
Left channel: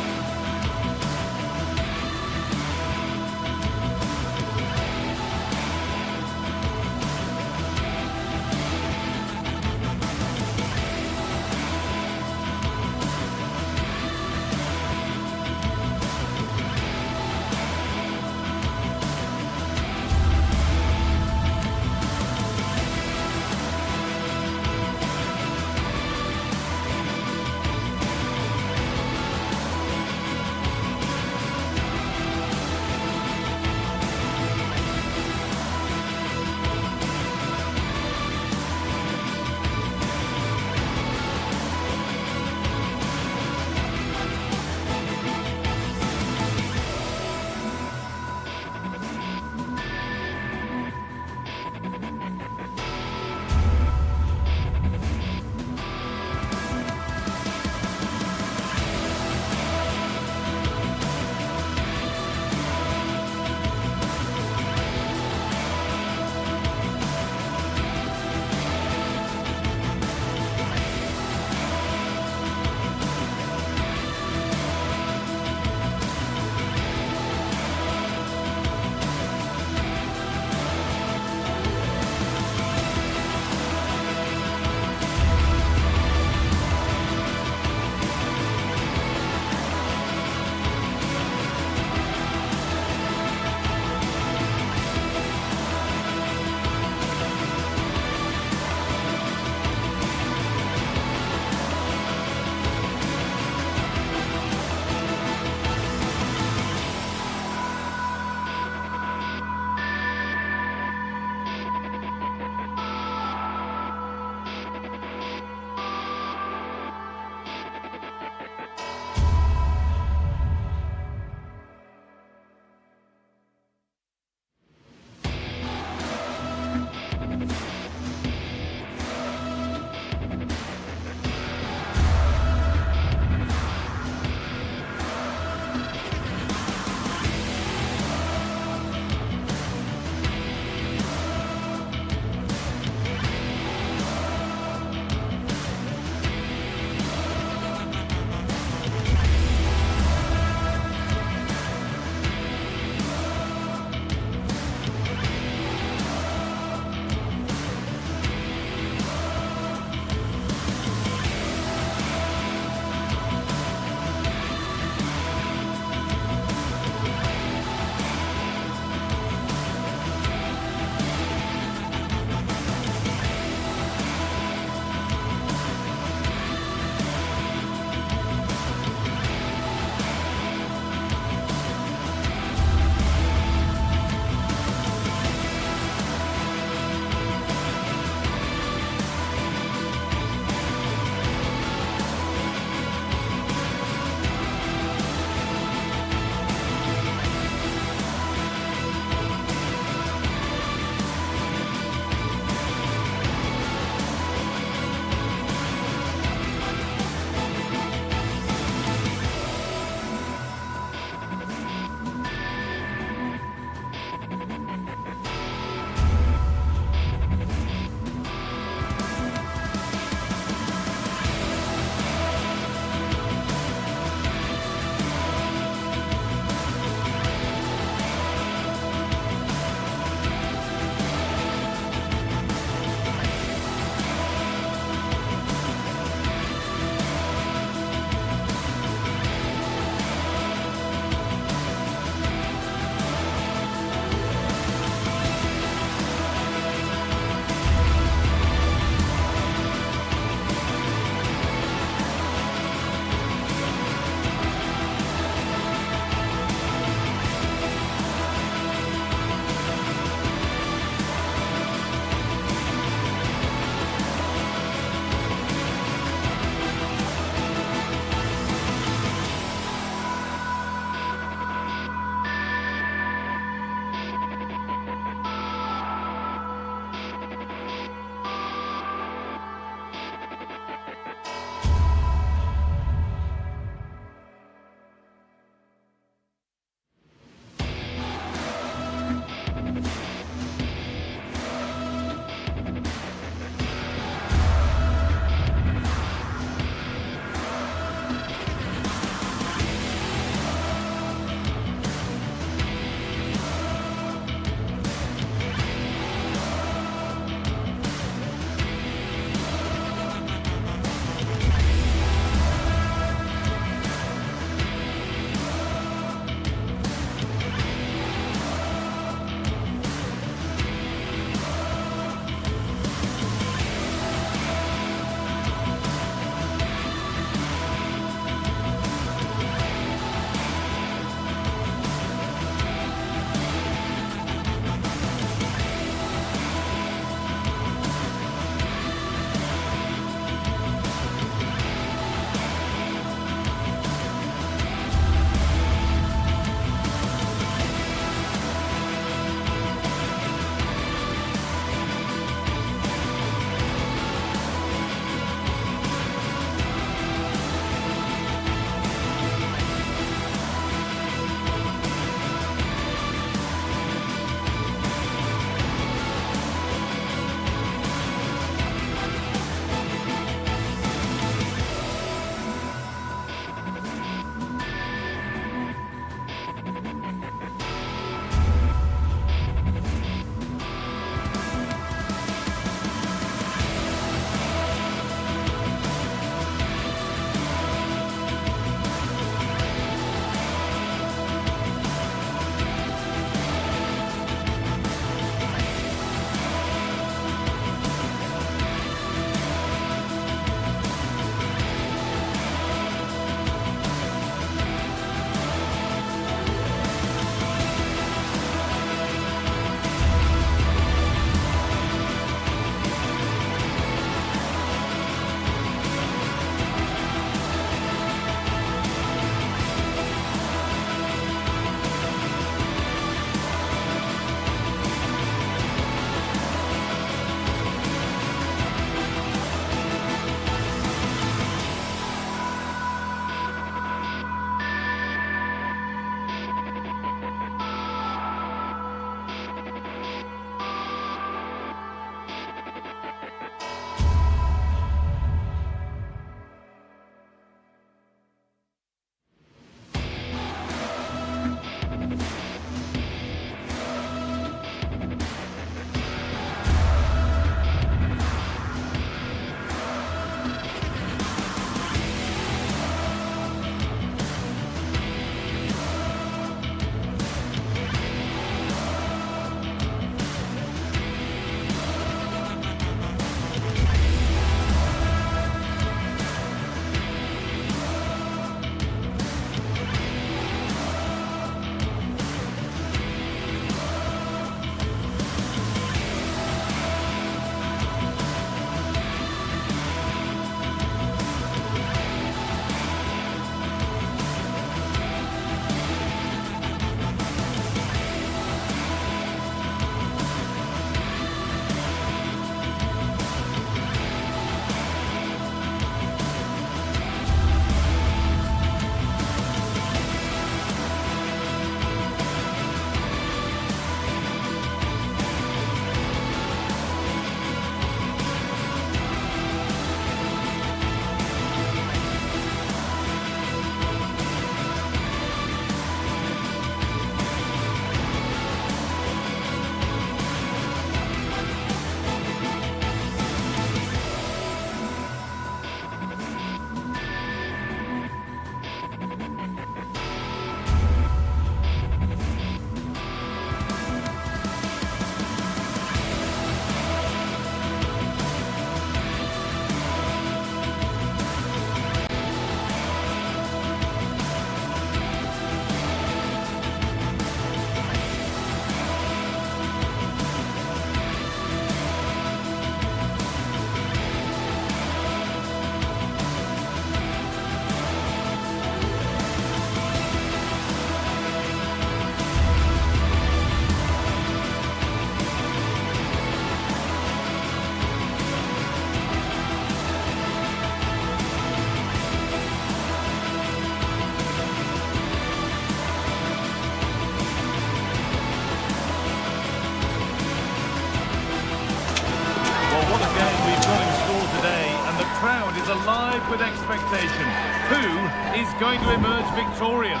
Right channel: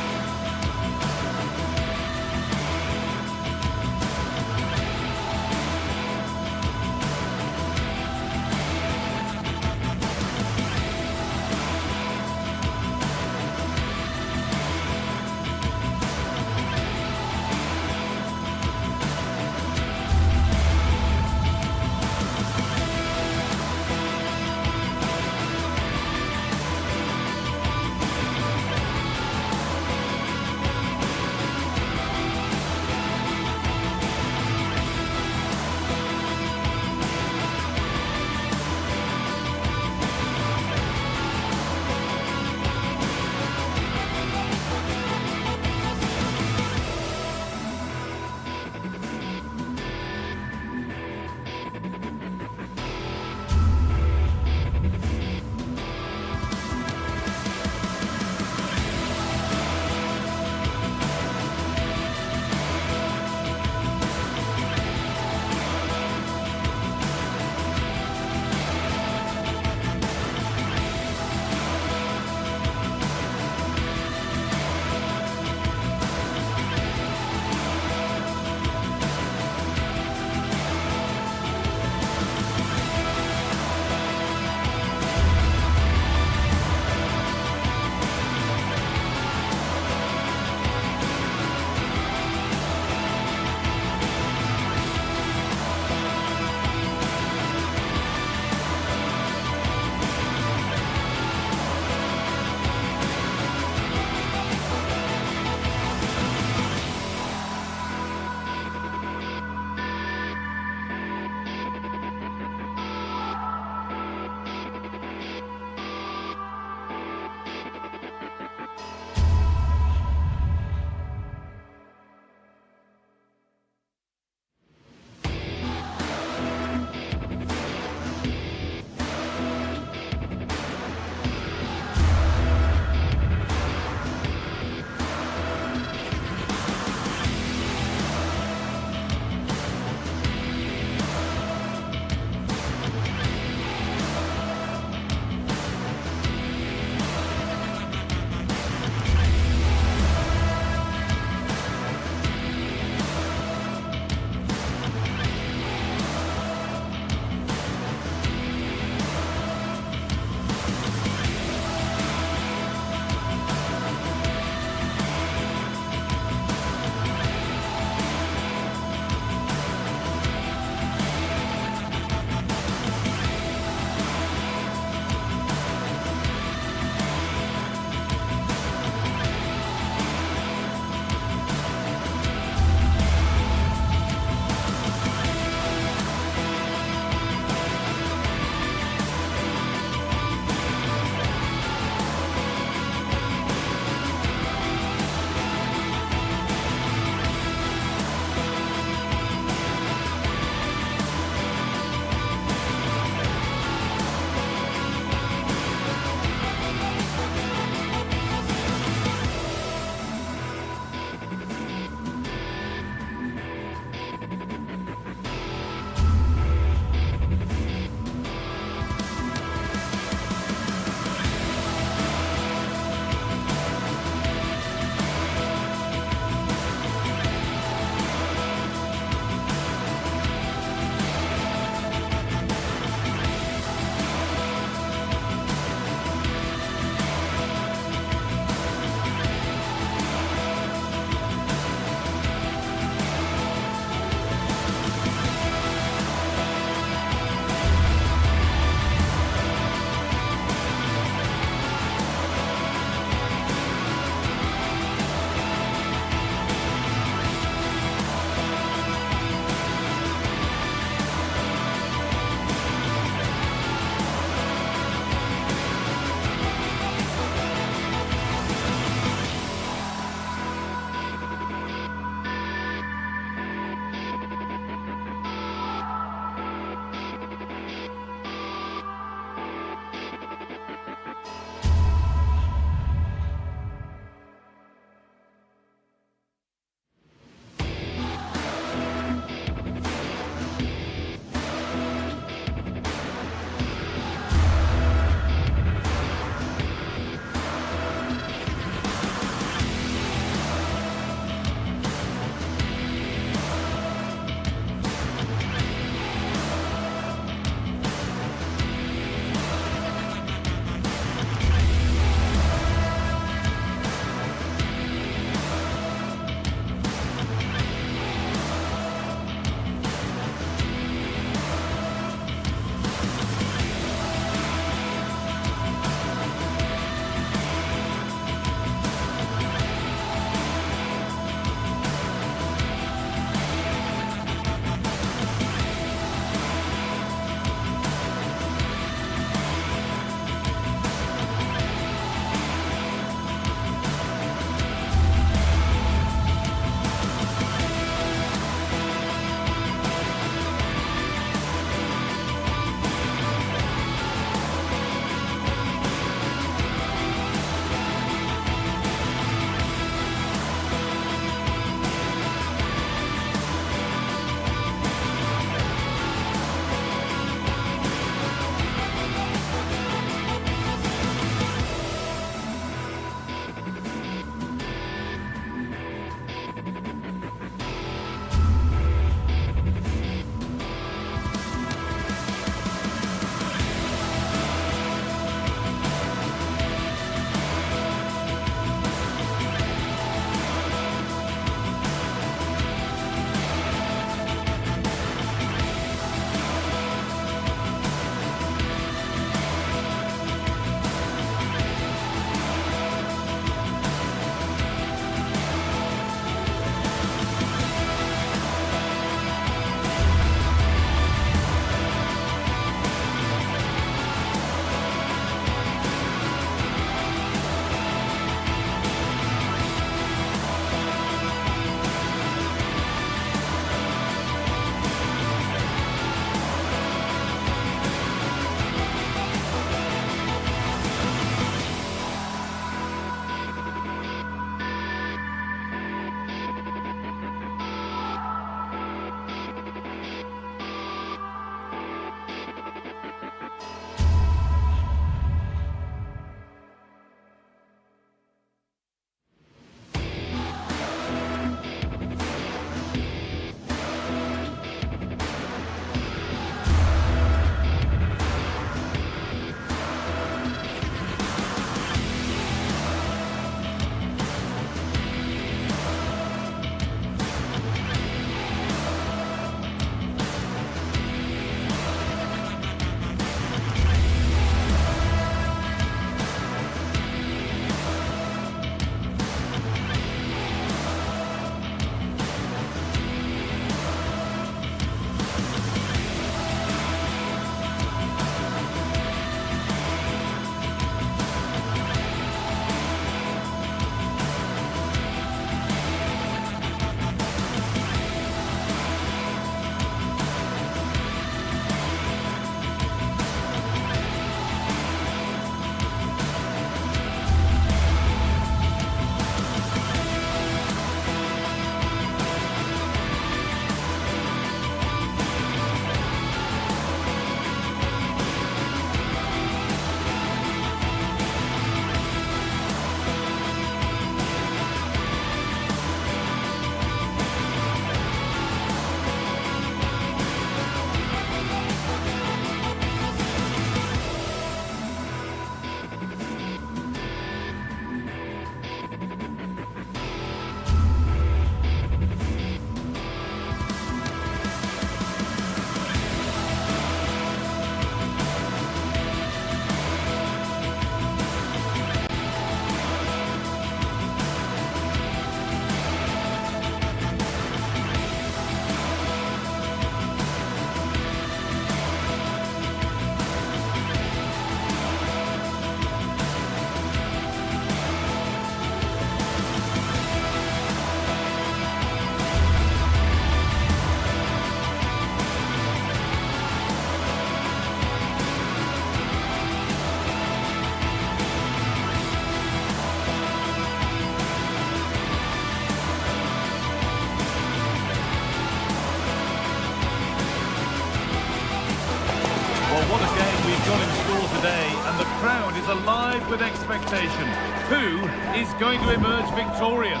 What a game we've got in store today, and the crowd is alive with expectation. Who is going to emerge victorious?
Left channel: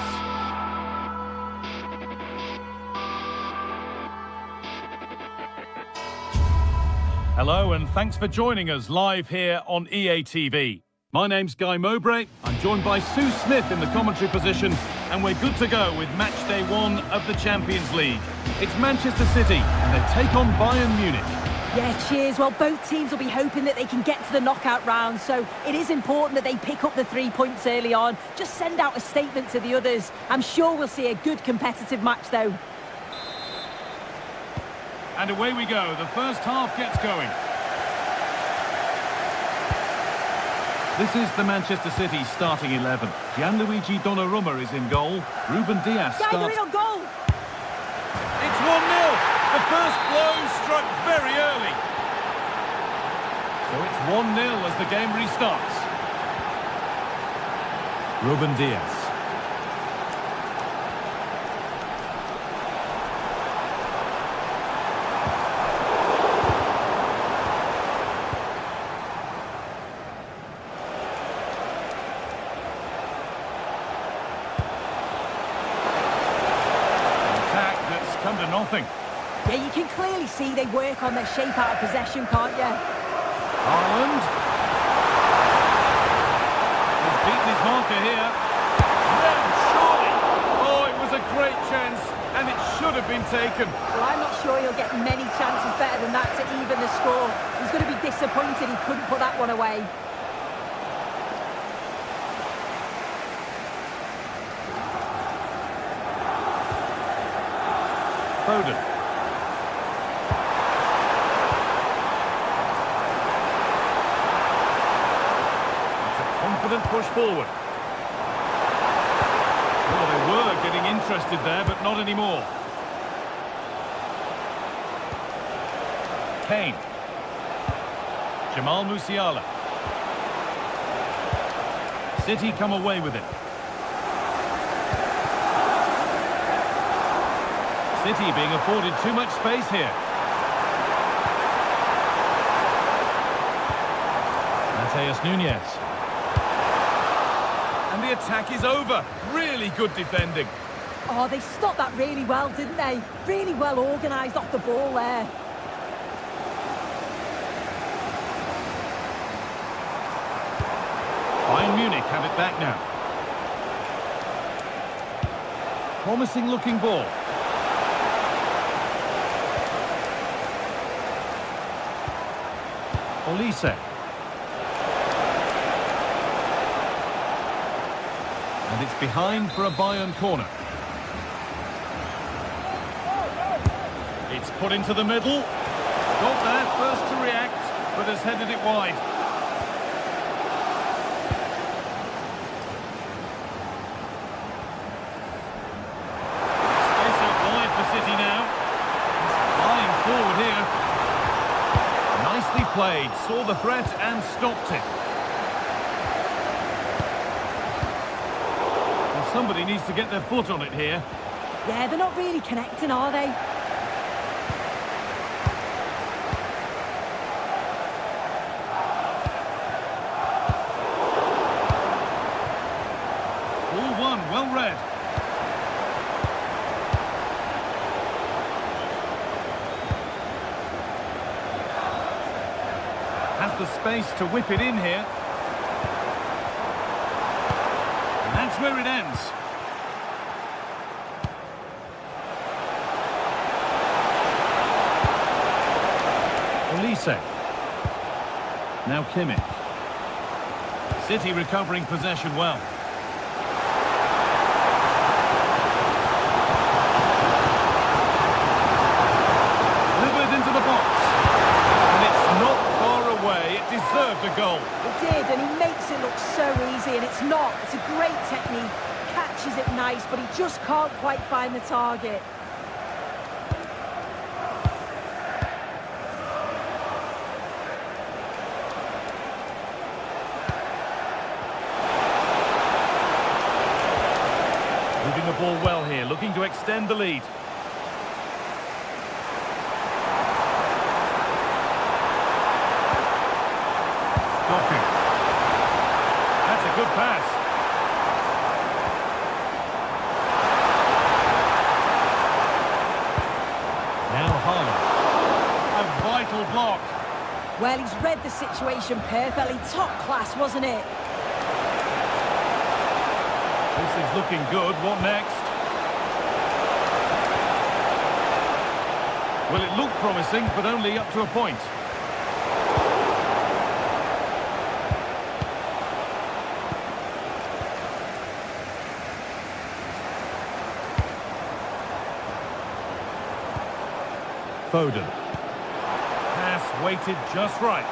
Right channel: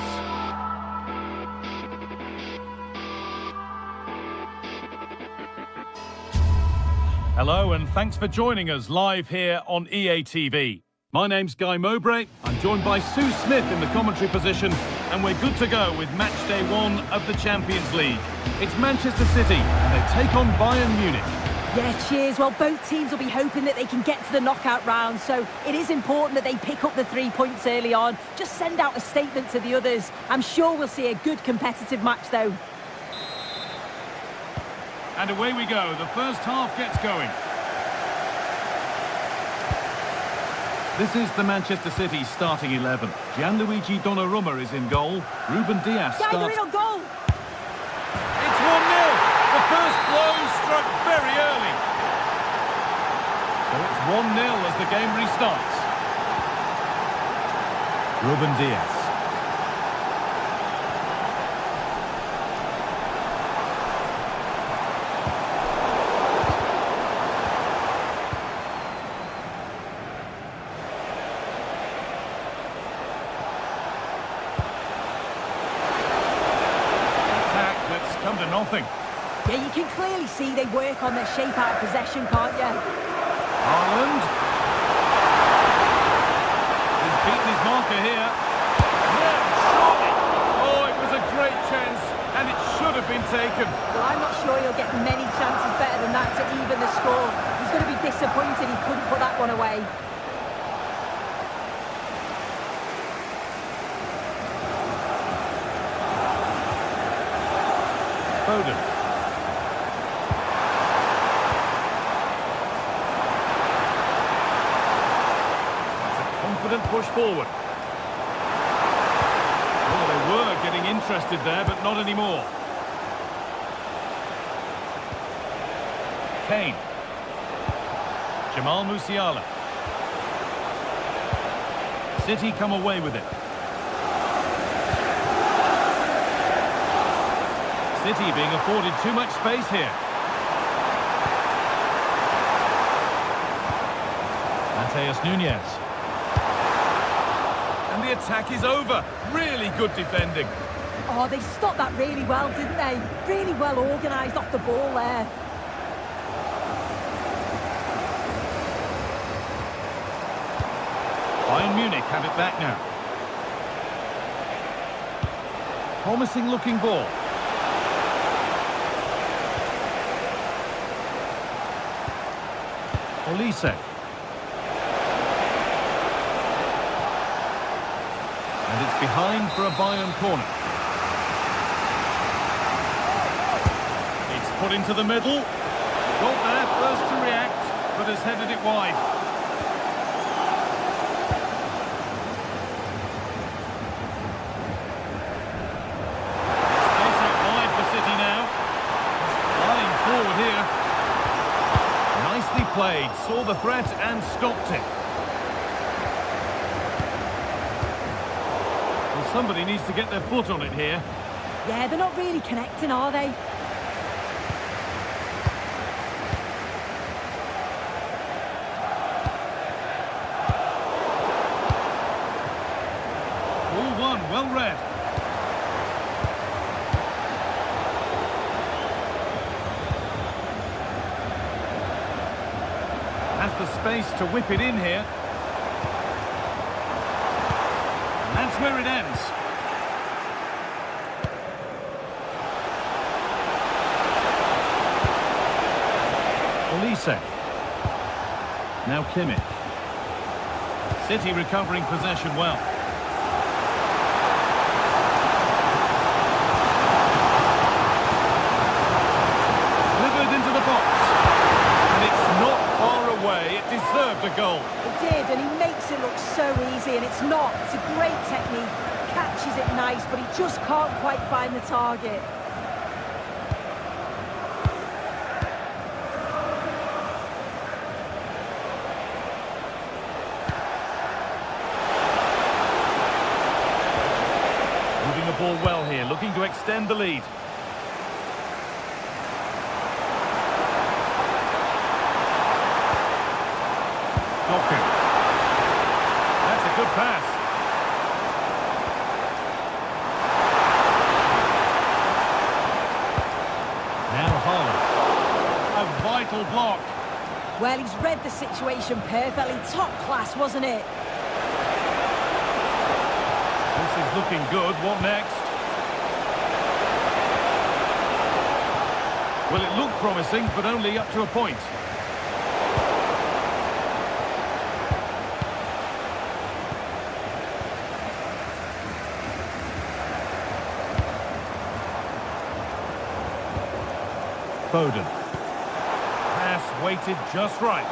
Hello, and thanks for joining us live here on EA TV. My name's Guy Mowbray. I'm joined by Sue Smith in the commentary position, and we're good to go with match day 1 of the Champions League. It's Manchester City, and they take on Bayern Munich. Yeah, cheers. Well, both teams will be hoping that they can get to the knockout round, so it is important that they pick up the 3 points early on. Just send out a statement to the others. I'm sure we'll see a good competitive match, though. And away we go. The first half gets going. This is the Manchester City starting 11. Gianluigi Donnarumma is in goal. Ruben Dias starts. Yeah, you're in on goal. It's 1-0. The first blow struck very early. So it's 1-0 as the game restarts. Ruben Dias. An attack that's come to nothing. Yeah, you can clearly see they work on their shape out of possession, can't you? Haaland. He's beaten his marker here. No, surely. Oh, it was a great chance, and it should have been taken. Well, I'm not sure he'll get many chances better than that to even the score. He's going to be disappointed he couldn't put that one away. Foden. Confident push forward. Oh, they were getting interested there, but not anymore. Kane. Jamal Musiala. City come away with it. City being afforded too much space here. Mateus Nunes. And the attack is over. Really good defending. Oh, they stopped that really well, didn't they? Really well organised off the ball there. Bayern Munich have it back now. Promising looking ball. Olise. And it's behind for a Bayern corner. It's put into the middle. Got there first to react, but has headed it wide. Space out wide for City now. He's flying forward here. Nicely played, saw the threat and stopped it. Well, somebody needs to get their foot on it here. Yeah, they're not really connecting, are they? Ball one, well read. Has the space to whip it in here. And that's where it ends. Olise. Now Kimmich. City recovering possession well. Delivered into the box. And it's not far away. It deserved a goal. It did, and he makes it look so easy, and it's not. It's a great technique. Catches it nice, but he just can't quite find the target. Moving the ball well here, looking to extend the lead. Doku. That's a good pass. Now Haaland. A vital block. Well, he's read the situation perfectly. Top class, wasn't it? This is looking good. What next? Well, it looked promising, but only up to a point. Foden. Pass weighted just right.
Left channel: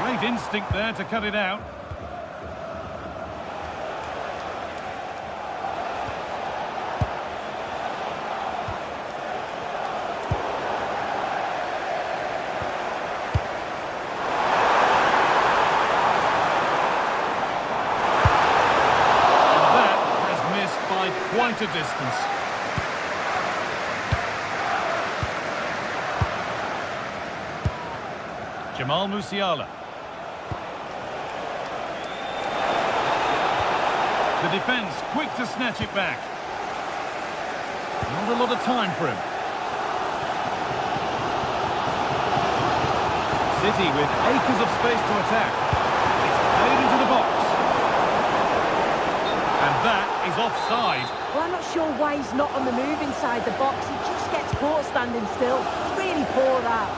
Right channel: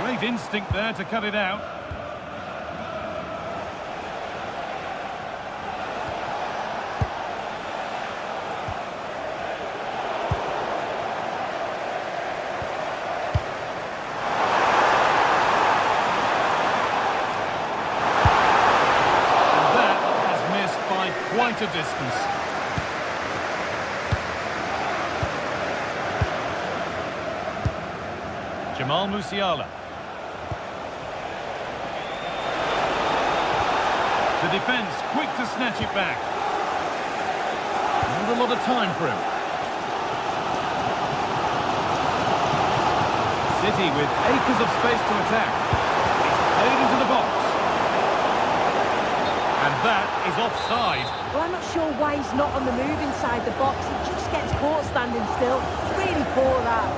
Great instinct there to cut it out. By quite a distance. Jamal Musiala. The defence quick to snatch it back. Not a lot of time for him. City with acres of space to attack. It's played into the box. And that is offside. Well, I'm not sure why he's not on the move inside the box. He just gets caught standing still. It's really poor, that.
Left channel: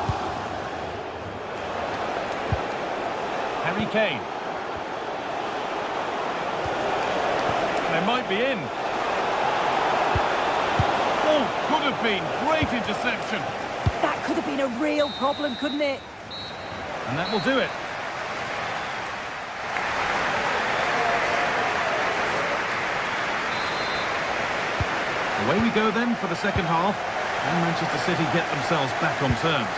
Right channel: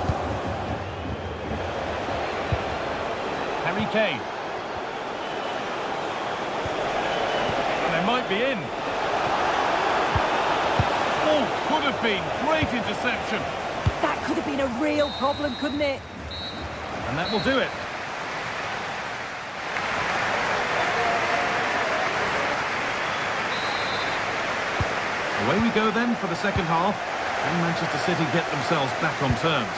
Harry Kane. And they might be in. Oh, could have been. Great interception. That could have been a real problem, couldn't it? And that will do it. Away we go then for the second half. Can Manchester City get themselves back on terms?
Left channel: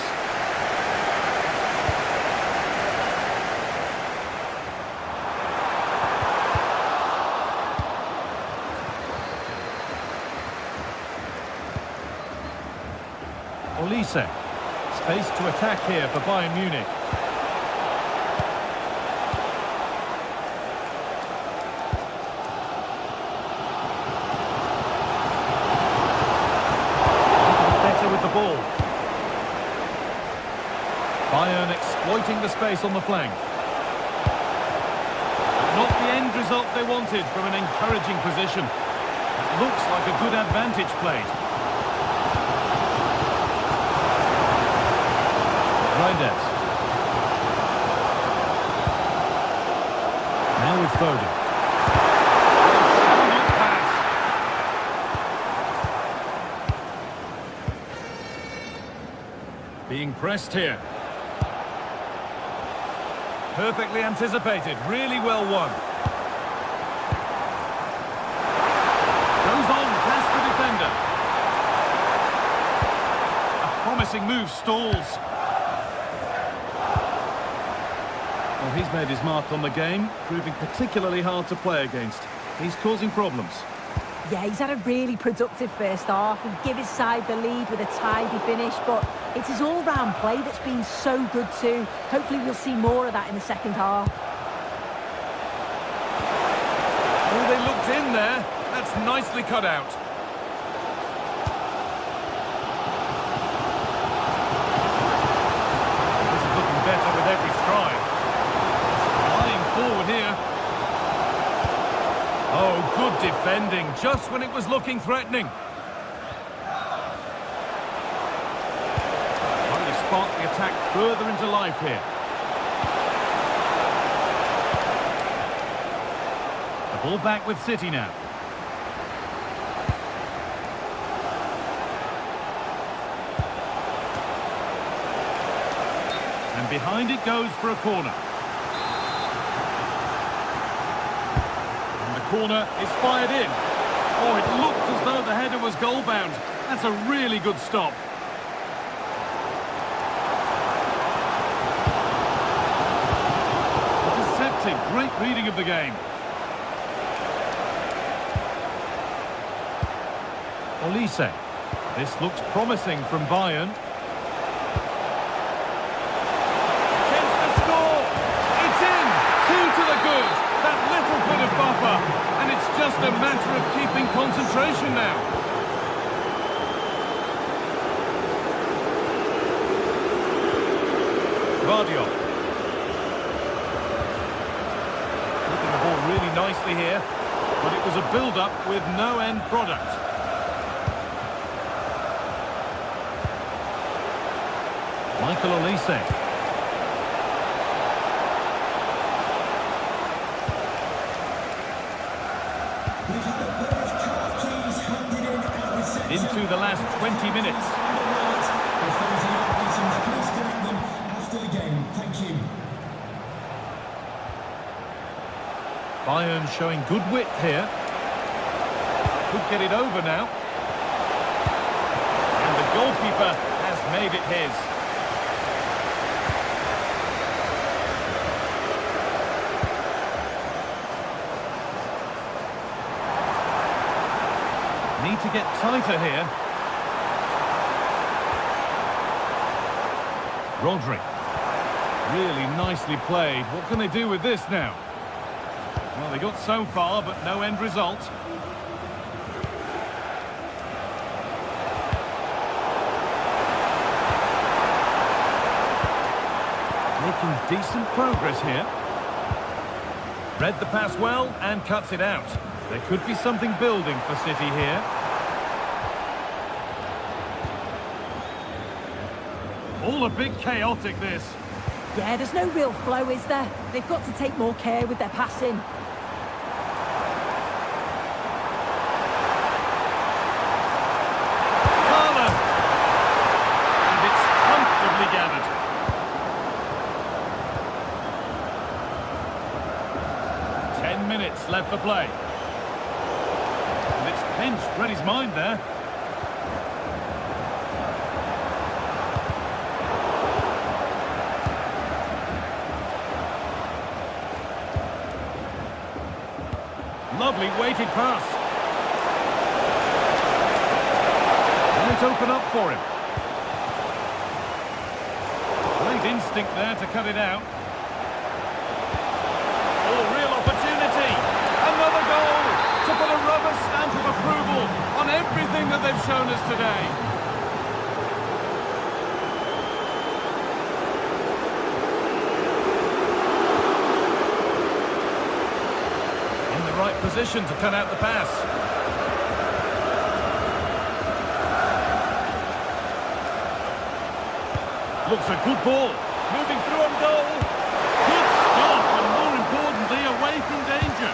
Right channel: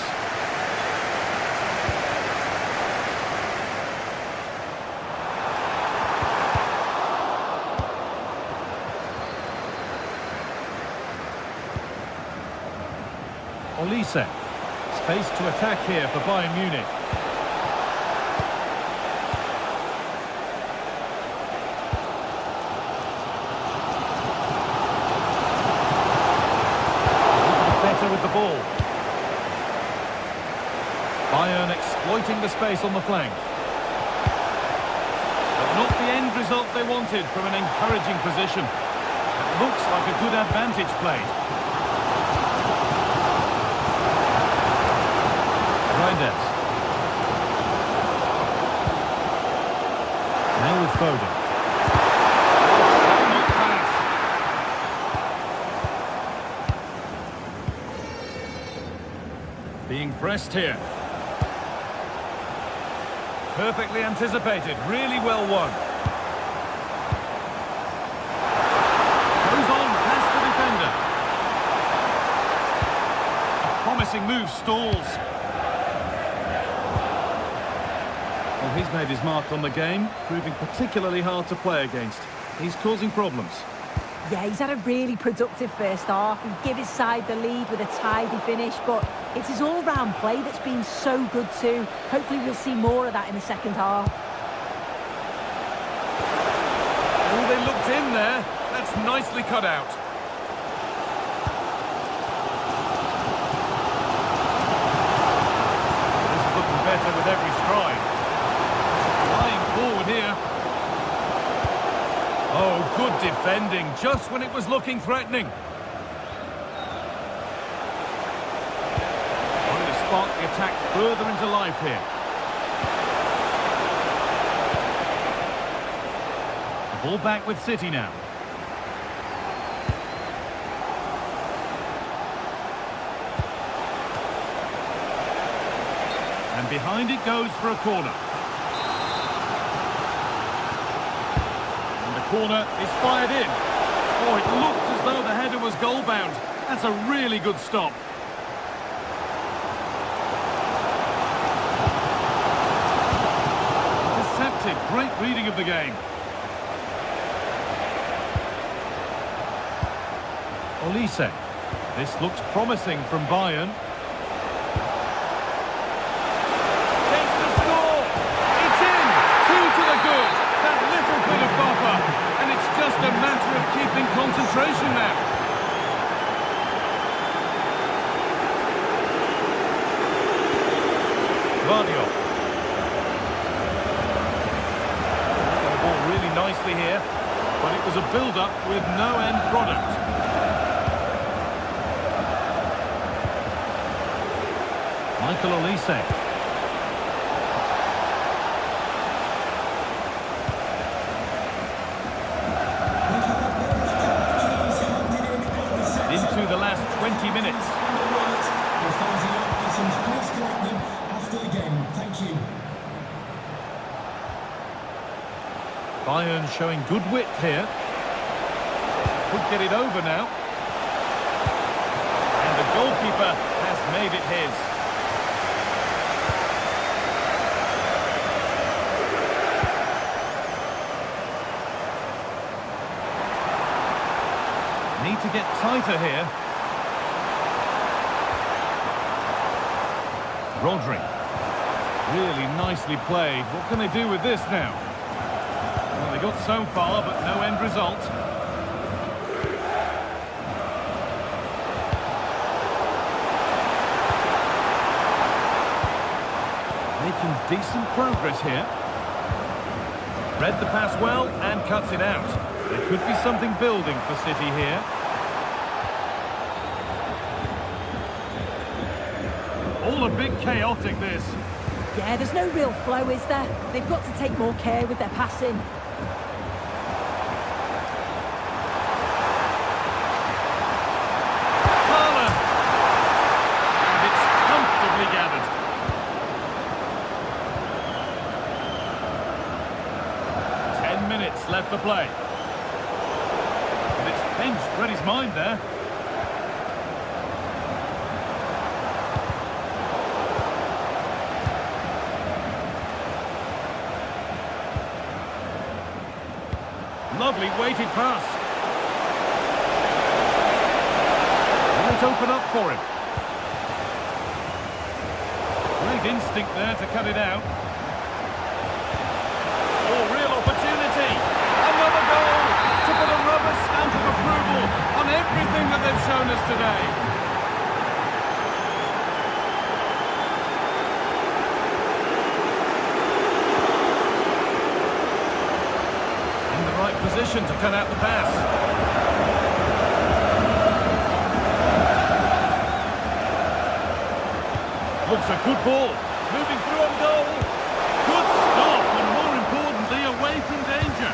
Olise. Space to attack here for Bayern Munich. With the ball. Bayern exploiting the space on the flank. But not the end result they wanted from an encouraging position. It looks like a good advantage played. Reinders. Now with Foden. Shall not pass. Being pressed here. Perfectly anticipated, really well won. Goes on past the defender. A promising move stalls. Well, he's made his mark on the game, proving particularly hard to play against. He's causing problems. Yeah, he's had a really productive first half. He gave his side the lead with a tidy finish, but it's his all-round play that's been so good too. Hopefully we'll see more of that in the second half. Oh, they looked in there. That's nicely cut out. Well, this is looking better with every stride. Flying forward here. Oh, good defending, just when it was looking threatening. Trying to spark the attack further into life here. The ball back with City now. And behind it goes for a corner. Corner is fired in. Oh, it looked as though the header was goal-bound. That's a really good stop. Intercepted. Great reading of the game. Olise. This looks promising from Bayern. Chance to score! It's in! 2 to the good! That little bit of buffer. And it's just a matter of keeping concentration now. Vardio. Looking the ball really nicely here. But it was a build-up with no end product. Michael Olise. Into the last 20 minutes. If there is any items, please collect them after the game. Thank you. Bayern showing good width here. Could get it over now. And the goalkeeper has made it his. Need to get tighter here. Rodri. Really nicely played. What can they do with this now? Well, they got so far, but no end result. Making decent progress here. Read the pass well and cuts it out. There could be something building for City here. All a bit chaotic, this. Yeah, there's no real flow, is there? They've got to take more care with their passing. Haaland! And it's comfortably gathered. Minutes left for play. And it's pinched, read his mind there. Lovely weighted pass. Will it open up for him? Great instinct there to cut it out. Oh, real opportunity. Another goal to put a rubber stamp of approval on everything that they've shown us today. In the right position to cut out the pass. Looks a good ball. Moving through on goal. Good stop, and more importantly, away from danger.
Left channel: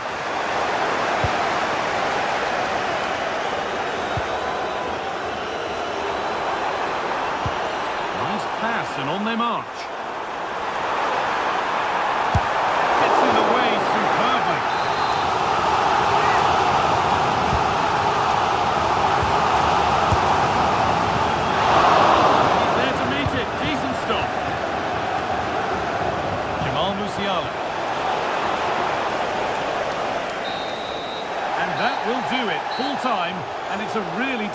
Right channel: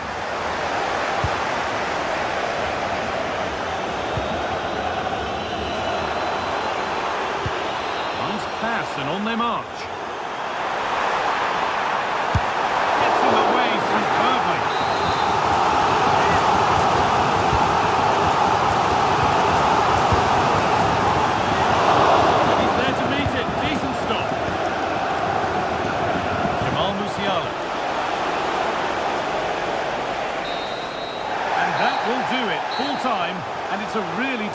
Nice pass, and on they march. Gets in the way superbly. And he's there to meet it. Decent stop. Musiala. And that will do it, full time, and it's a really...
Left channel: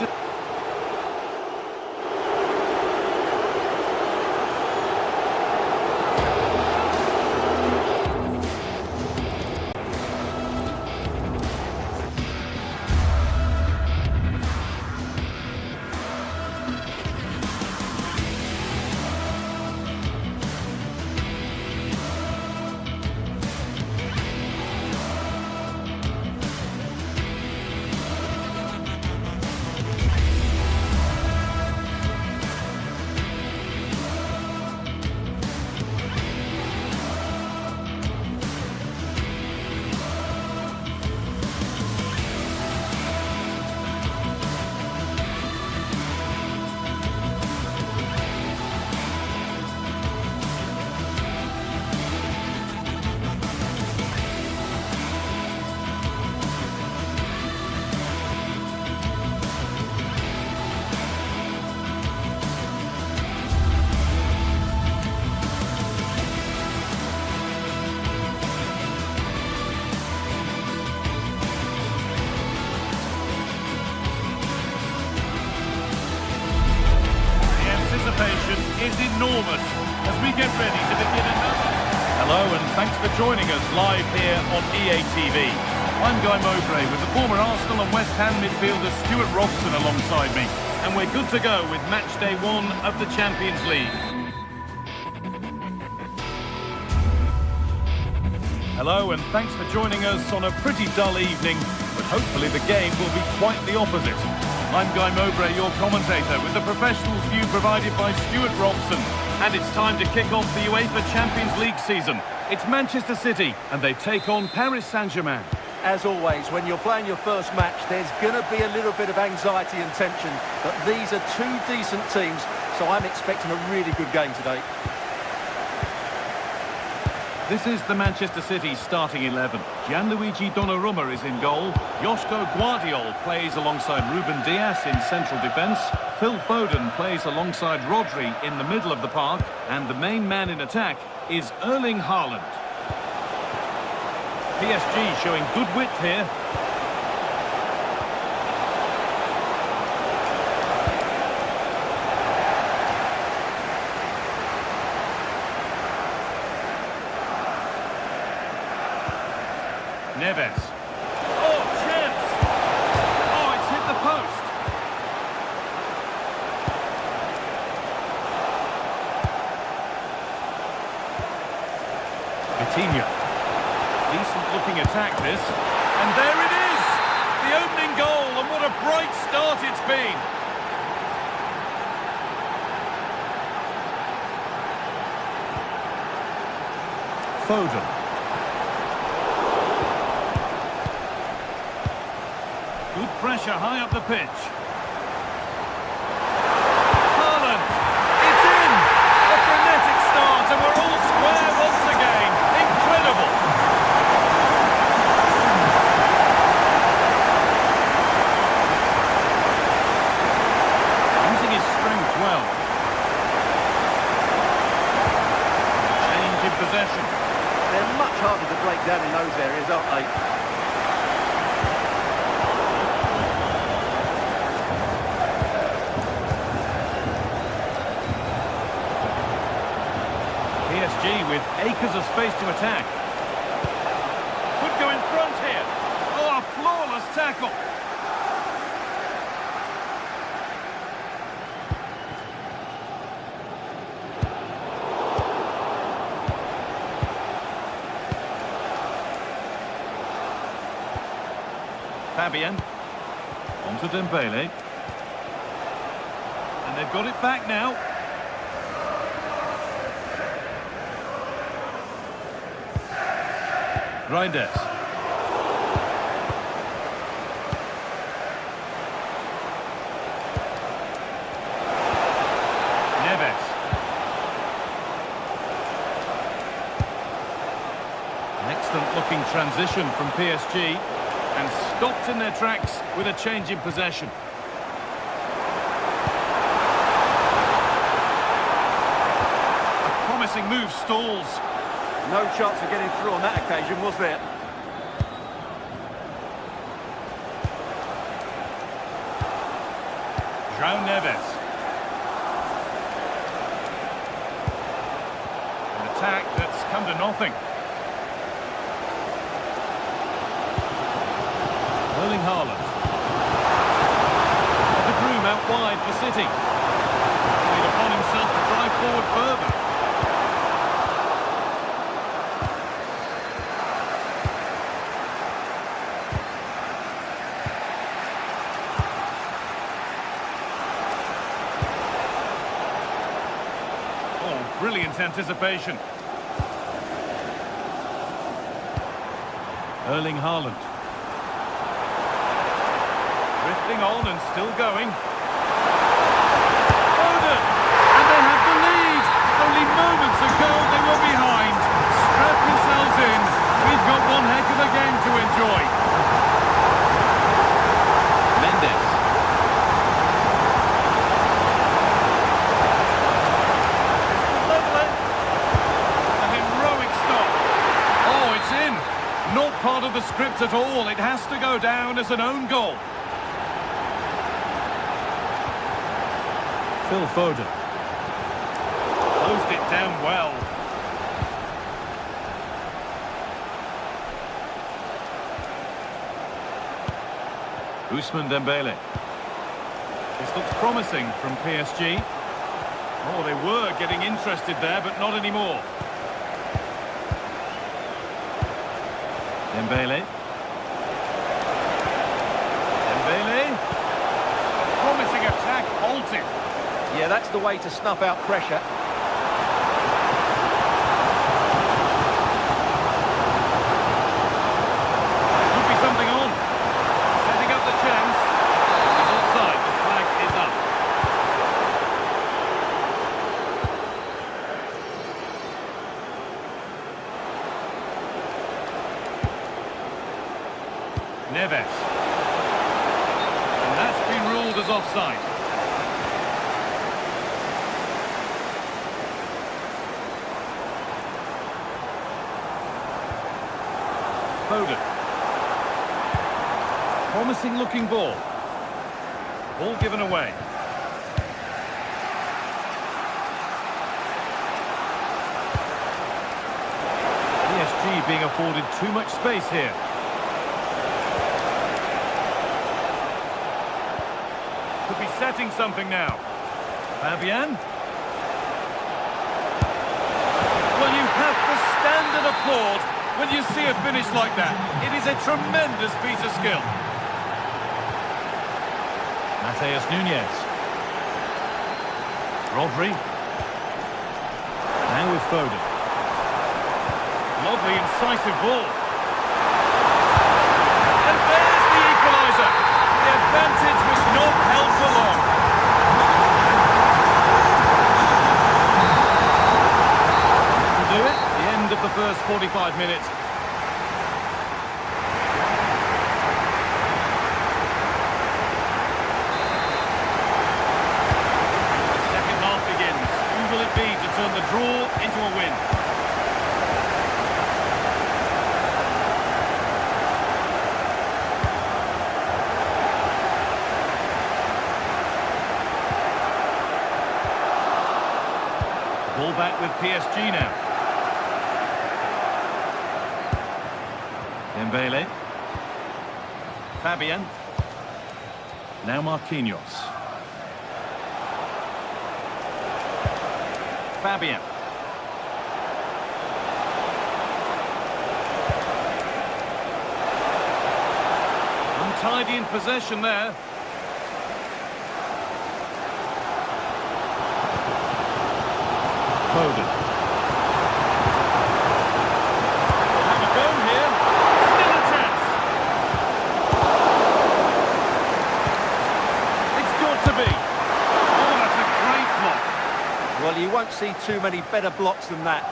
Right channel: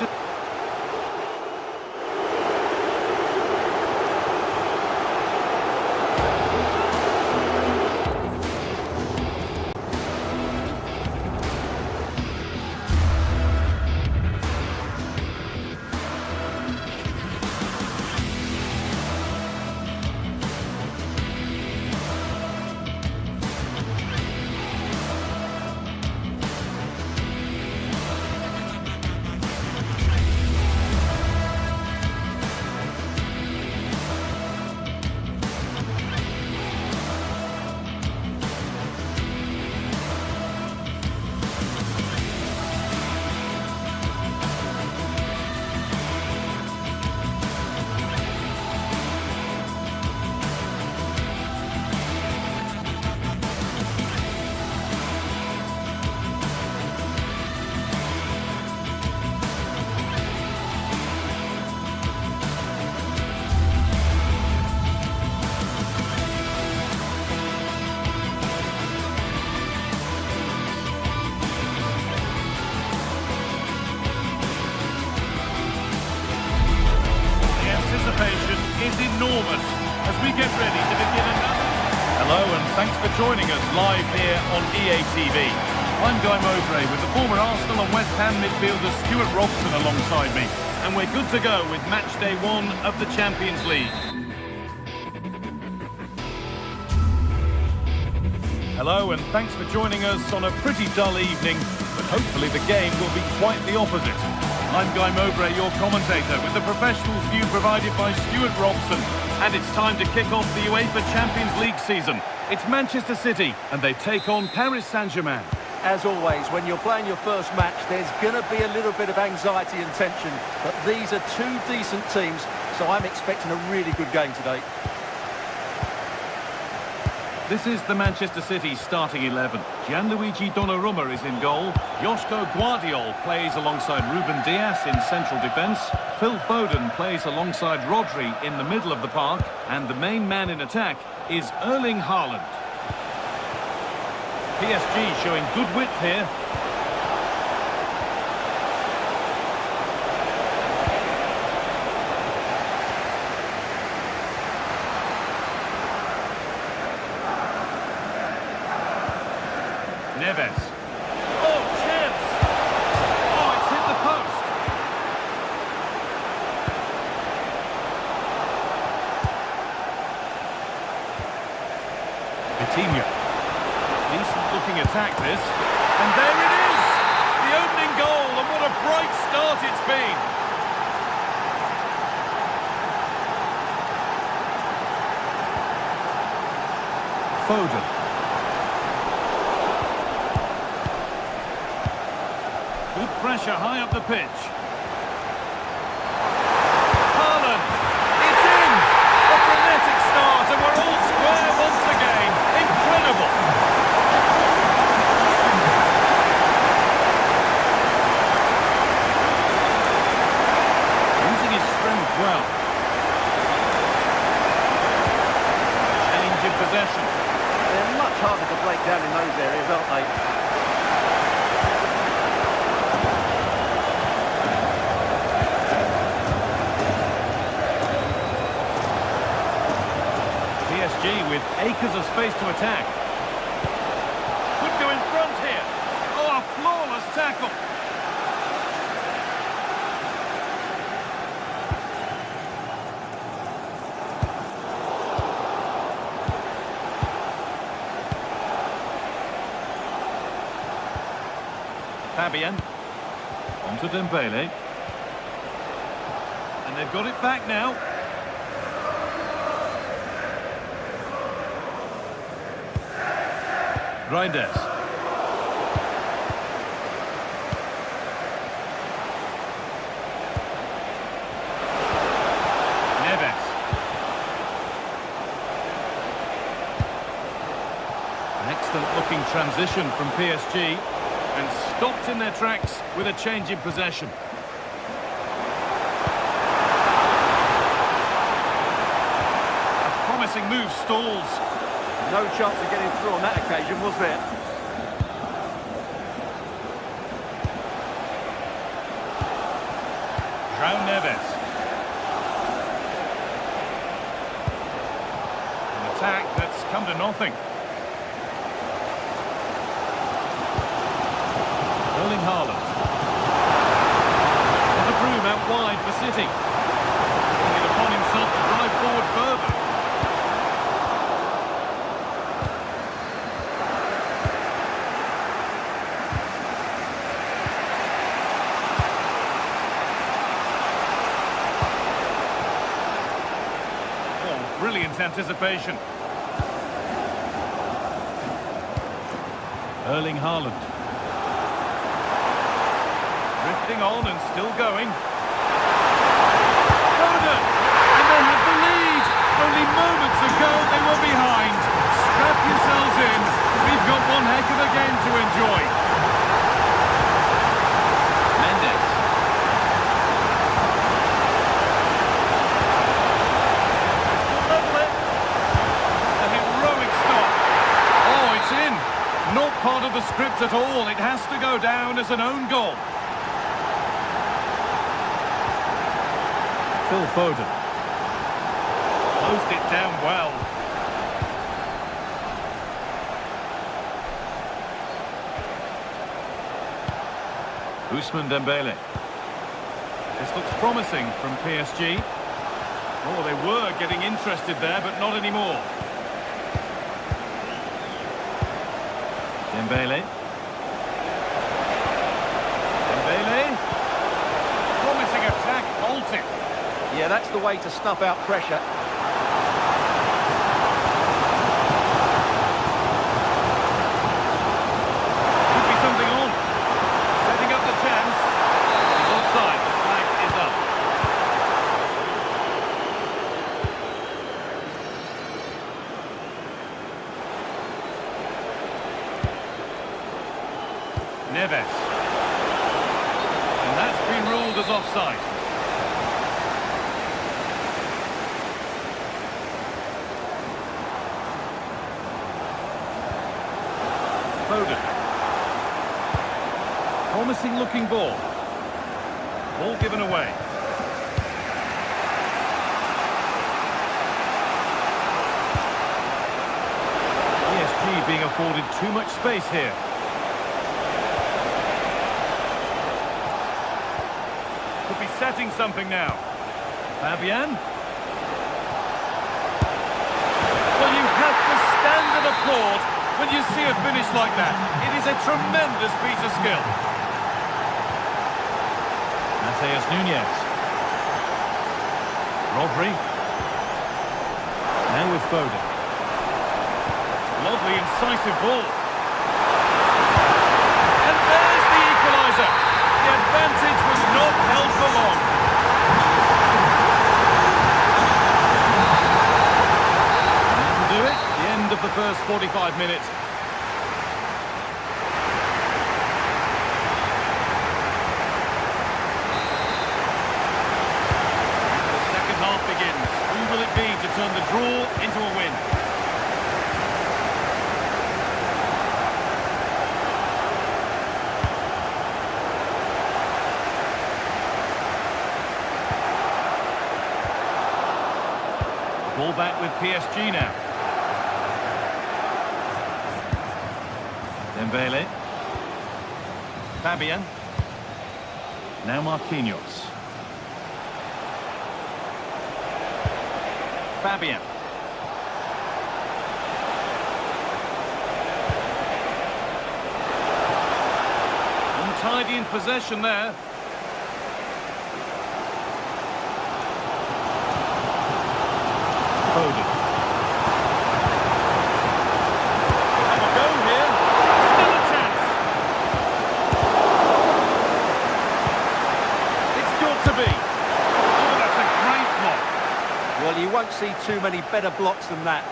anticipation is enormous as we get ready to begin another... Hello and thanks for joining us live here on EA TV. I'm Guy Mowbray with the former Arsenal and West Ham midfielder Stuart Robson alongside me. And we're good to go with match day 1 of the Champions League. Hello and thanks for joining us on a pretty dull evening, but hopefully the game will be quite the opposite. I'm Guy Mowbray, your commentator, with the professionals' view provided by Stuart Robson. And it's time to kick off the UEFA Champions League season. It's Manchester City, and they take on Paris Saint-Germain. As always, when you're playing your first match, there's going to be a little bit of anxiety and tension. But these are two decent teams, so I'm expecting a really good game today. This is the Manchester City starting 11. Gianluigi Donnarumma is in goal. Joško Guardiol plays alongside Ruben Dias in central defence. Phil Foden plays alongside Rodri in the middle of the park. And the main man in attack is Erling Haaland. PSG showing good width here. Neves. Oh, chance! Oh, it's hit the post. Vitinha. Decent looking attack this. And there it is! The opening goal, and what a bright start it's been. Foden. Good pressure high up the pitch. Haaland! It's in! A frenetic start and we're all square once again. Incredible! Using his strength well. Change in possession. They're much harder to break down in those areas, aren't they? PSG with acres of space to attack. Could go in front here. Oh, a flawless tackle. Fabian. On to Dembele. And they've got it back now. Reinders. Neves. An excellent looking transition from PSG and stopped in their tracks with a change in possession. A promising move stalls. No chance of getting through on that occasion, was there? João Neves. An attack that's come to nothing. Erling Haaland. And De Bruyne out wide for City. Taking it upon himself to drive forward further. Oh, brilliant anticipation. Erling Haaland. Drifting on and still going. Foden! And they have the lead! Only moments ago they were behind. Strap yourselves in. We've got one heck of a game to enjoy. Mendes. This could level it. A heroic stop. Oh, it's in. Not part of the script at all. It has to go down as an own goal. Phil Foden. Closed it down well. Ousmane Dembele. This looks promising from PSG. Oh, they were getting interested there, but not anymore. Dembele. Dembele. Promising attack, halted. Yeah, that's the way to snuff out pressure. Could be something on. Setting up the chance. He's offside. The flag is up. Neves. And that's been ruled as offside. Foden. Promising looking ball. Ball given away. PSG being afforded too much space here. Could be setting something now. Fabian. Well, you have to stand and applaud when you see a finish like that. It is a tremendous piece of skill. Mateus Nunes. Rodri. Now with Foden. Lovely incisive ball. And there's the equaliser. The advantage was not held for long. And that'll do it. The end of the first 45 minutes. And the second half begins. Who will it be to turn the draw into a win? Ball back with PSG now. Dembele. Fabian. Now Marquinhos. Fabian. Untidy in possession there. Foden. We'll have a go here. Still a chance. It's got to be. Oh, that's a great block. Well, you won't see too many better blocks than that.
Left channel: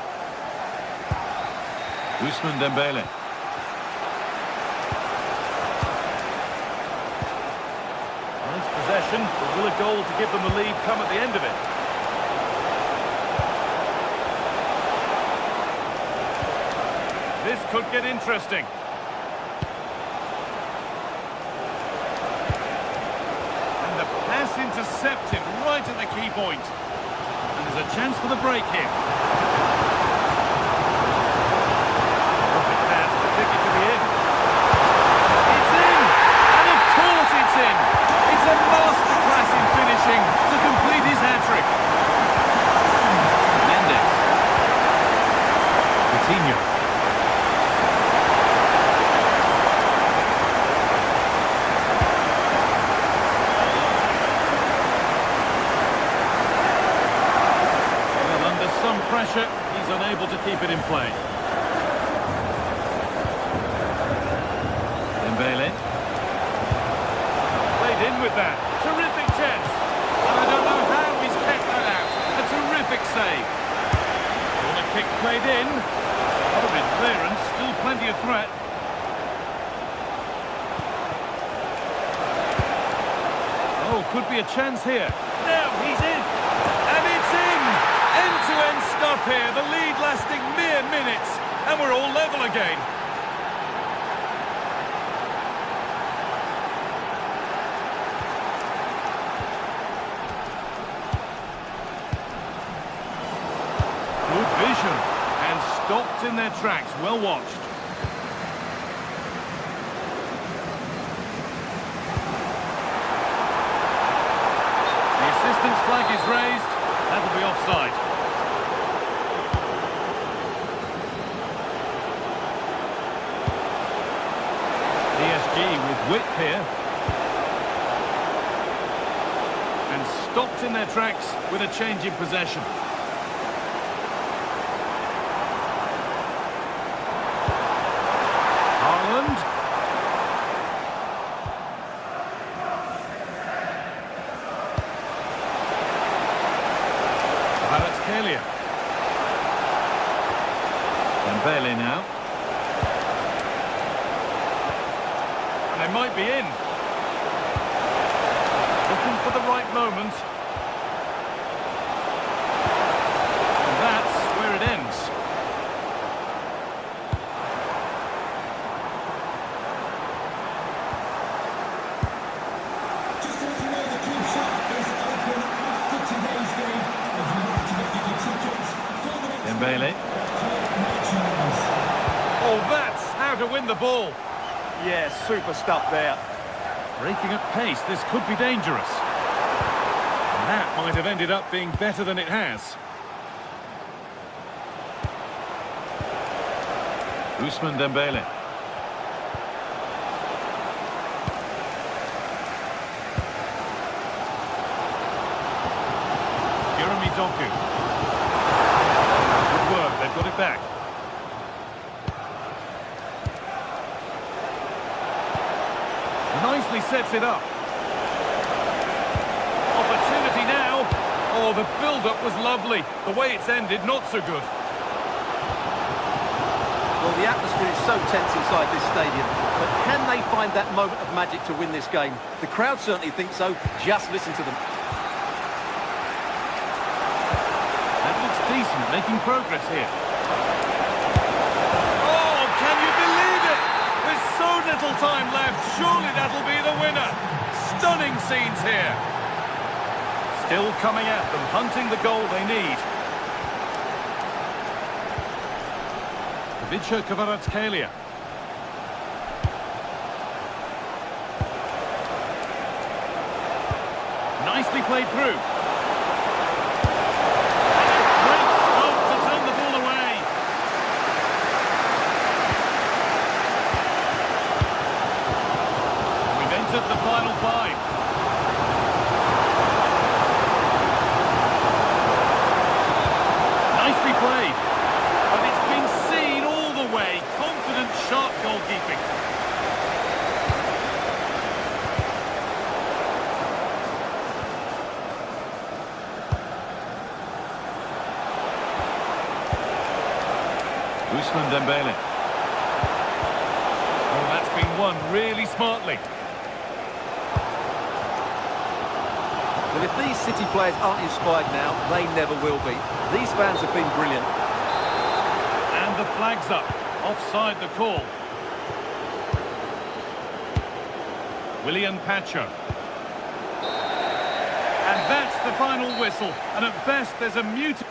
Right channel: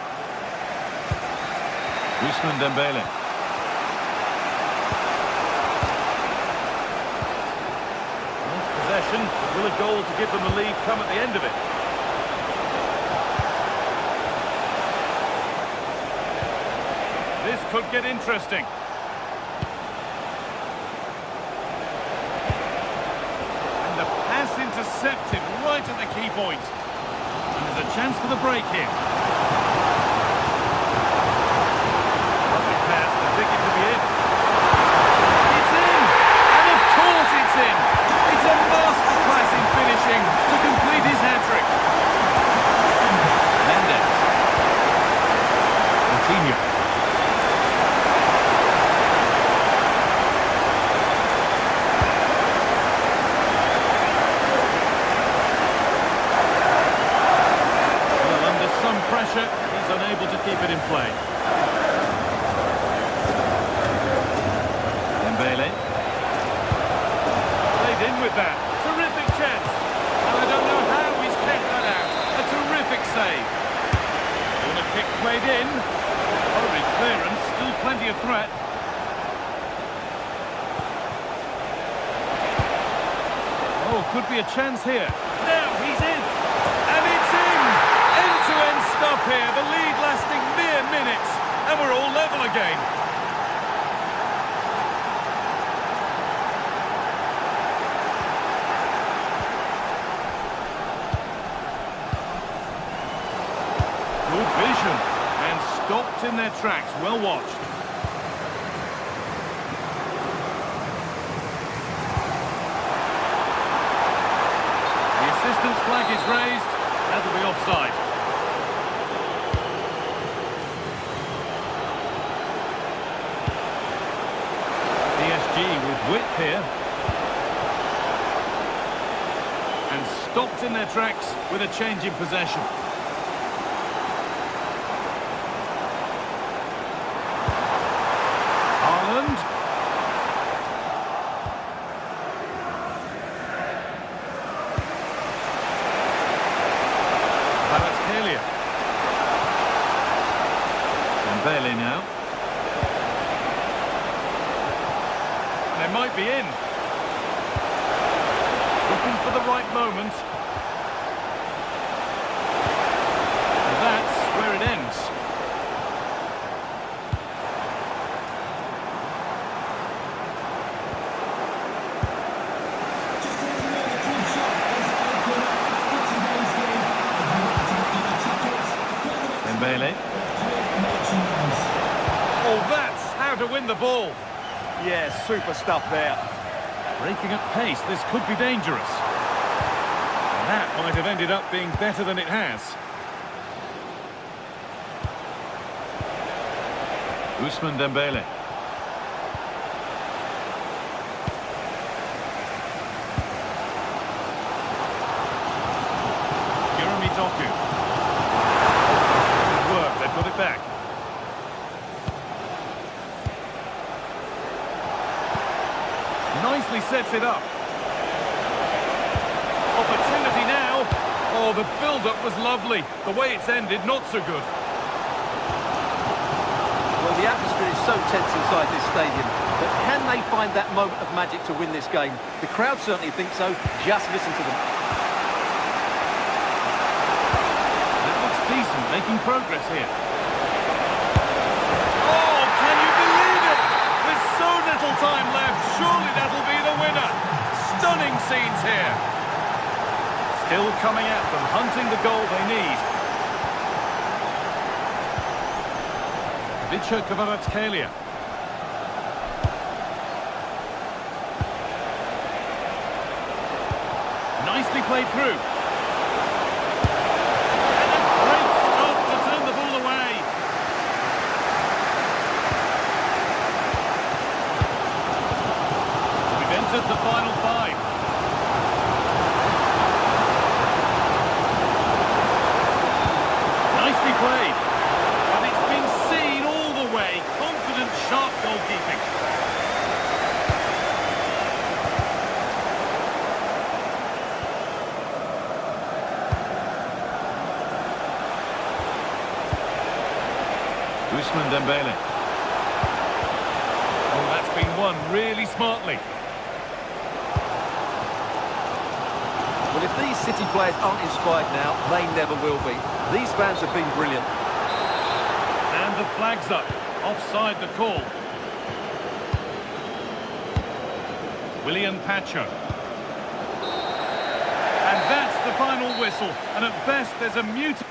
Ousmane Dembele. Nice possession, but will a goal to give them the lead come at the end of it? This could get interesting. And the pass intercepted right at the key point. And there's a chance for the break here. Lovely pass, the ticket to be in. It's in! And of course it's in! It's a masterclass in finishing to complete his hat-trick. Mendes. Coutinho. Some pressure, he's unable to keep it in play. Dembele. Played in with that. Terrific chance. And I don't know how he's kept that out. A terrific save. Corner kick played in. Horrid clearance, still plenty of threat. Oh, could be a chance here. Now he's in. And it's in! End-to-end stuff here, the lead lasting mere minutes, and we're all level again. vision and stopped in their tracks. Well watched. The assistant's flag is raised. That'll be offside. PSG with width here. And stopped in their tracks with a change in possession. Haaland. Kvaratskhelia. Dembele now. And they might be in. Looking for the right moment. And that's where it ends. Just to let you know, the club shop is open after today's game. If you want to get your tickets, call the next Dembele. merchandise. Oh, that's how to win the ball. Yeah, super stuff there. Breaking at pace, this could be dangerous. And that might have ended up being better than it has. Ousmane Dembele. Jeremy Doku. Good work, they've got it back. Nicely sets it up. Opportunity now. Oh, the build-up was lovely. The way it's ended, not so good. Well, the atmosphere is so tense inside this stadium, but can they find that moment of magic to win this game? The crowd certainly think so. Just listen to them. That looks decent, making progress here. Oh, can you believe it? With so little time left, surely that'll be the winner. Stunning scenes here. Still coming at them, hunting the goal they need. Kvaratskhelia. Nicely played through. And a great stop to turn the ball away. We've entered the final five. Nicely played. But it's been seen all the way. Confident, sharp goalkeeping. Ousmane Dembele. Oh, that's been won really smartly. Well, if these City players aren't inspired now, they never will be. These fans have been brilliant. And the flag's up. Offside the call. William Pacho. And that's the final whistle. And at best, there's a mute.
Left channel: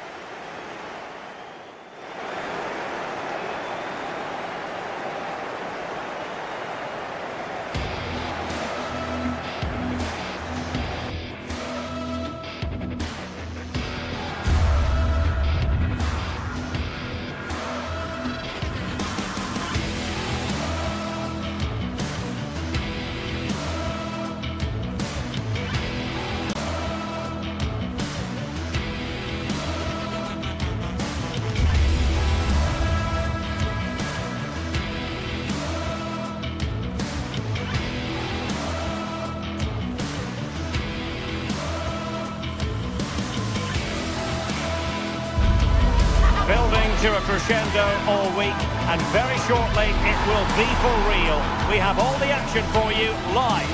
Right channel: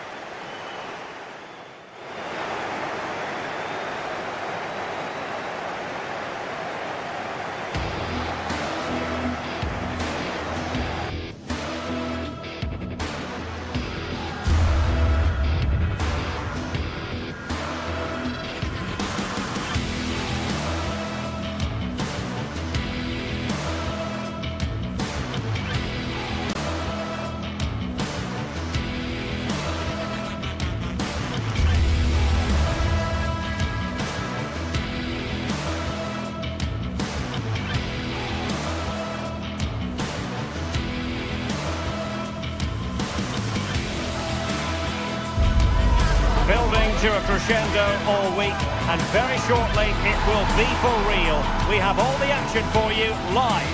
Building to a crescendo all week, and very shortly it will be for real. We have all the action for you live.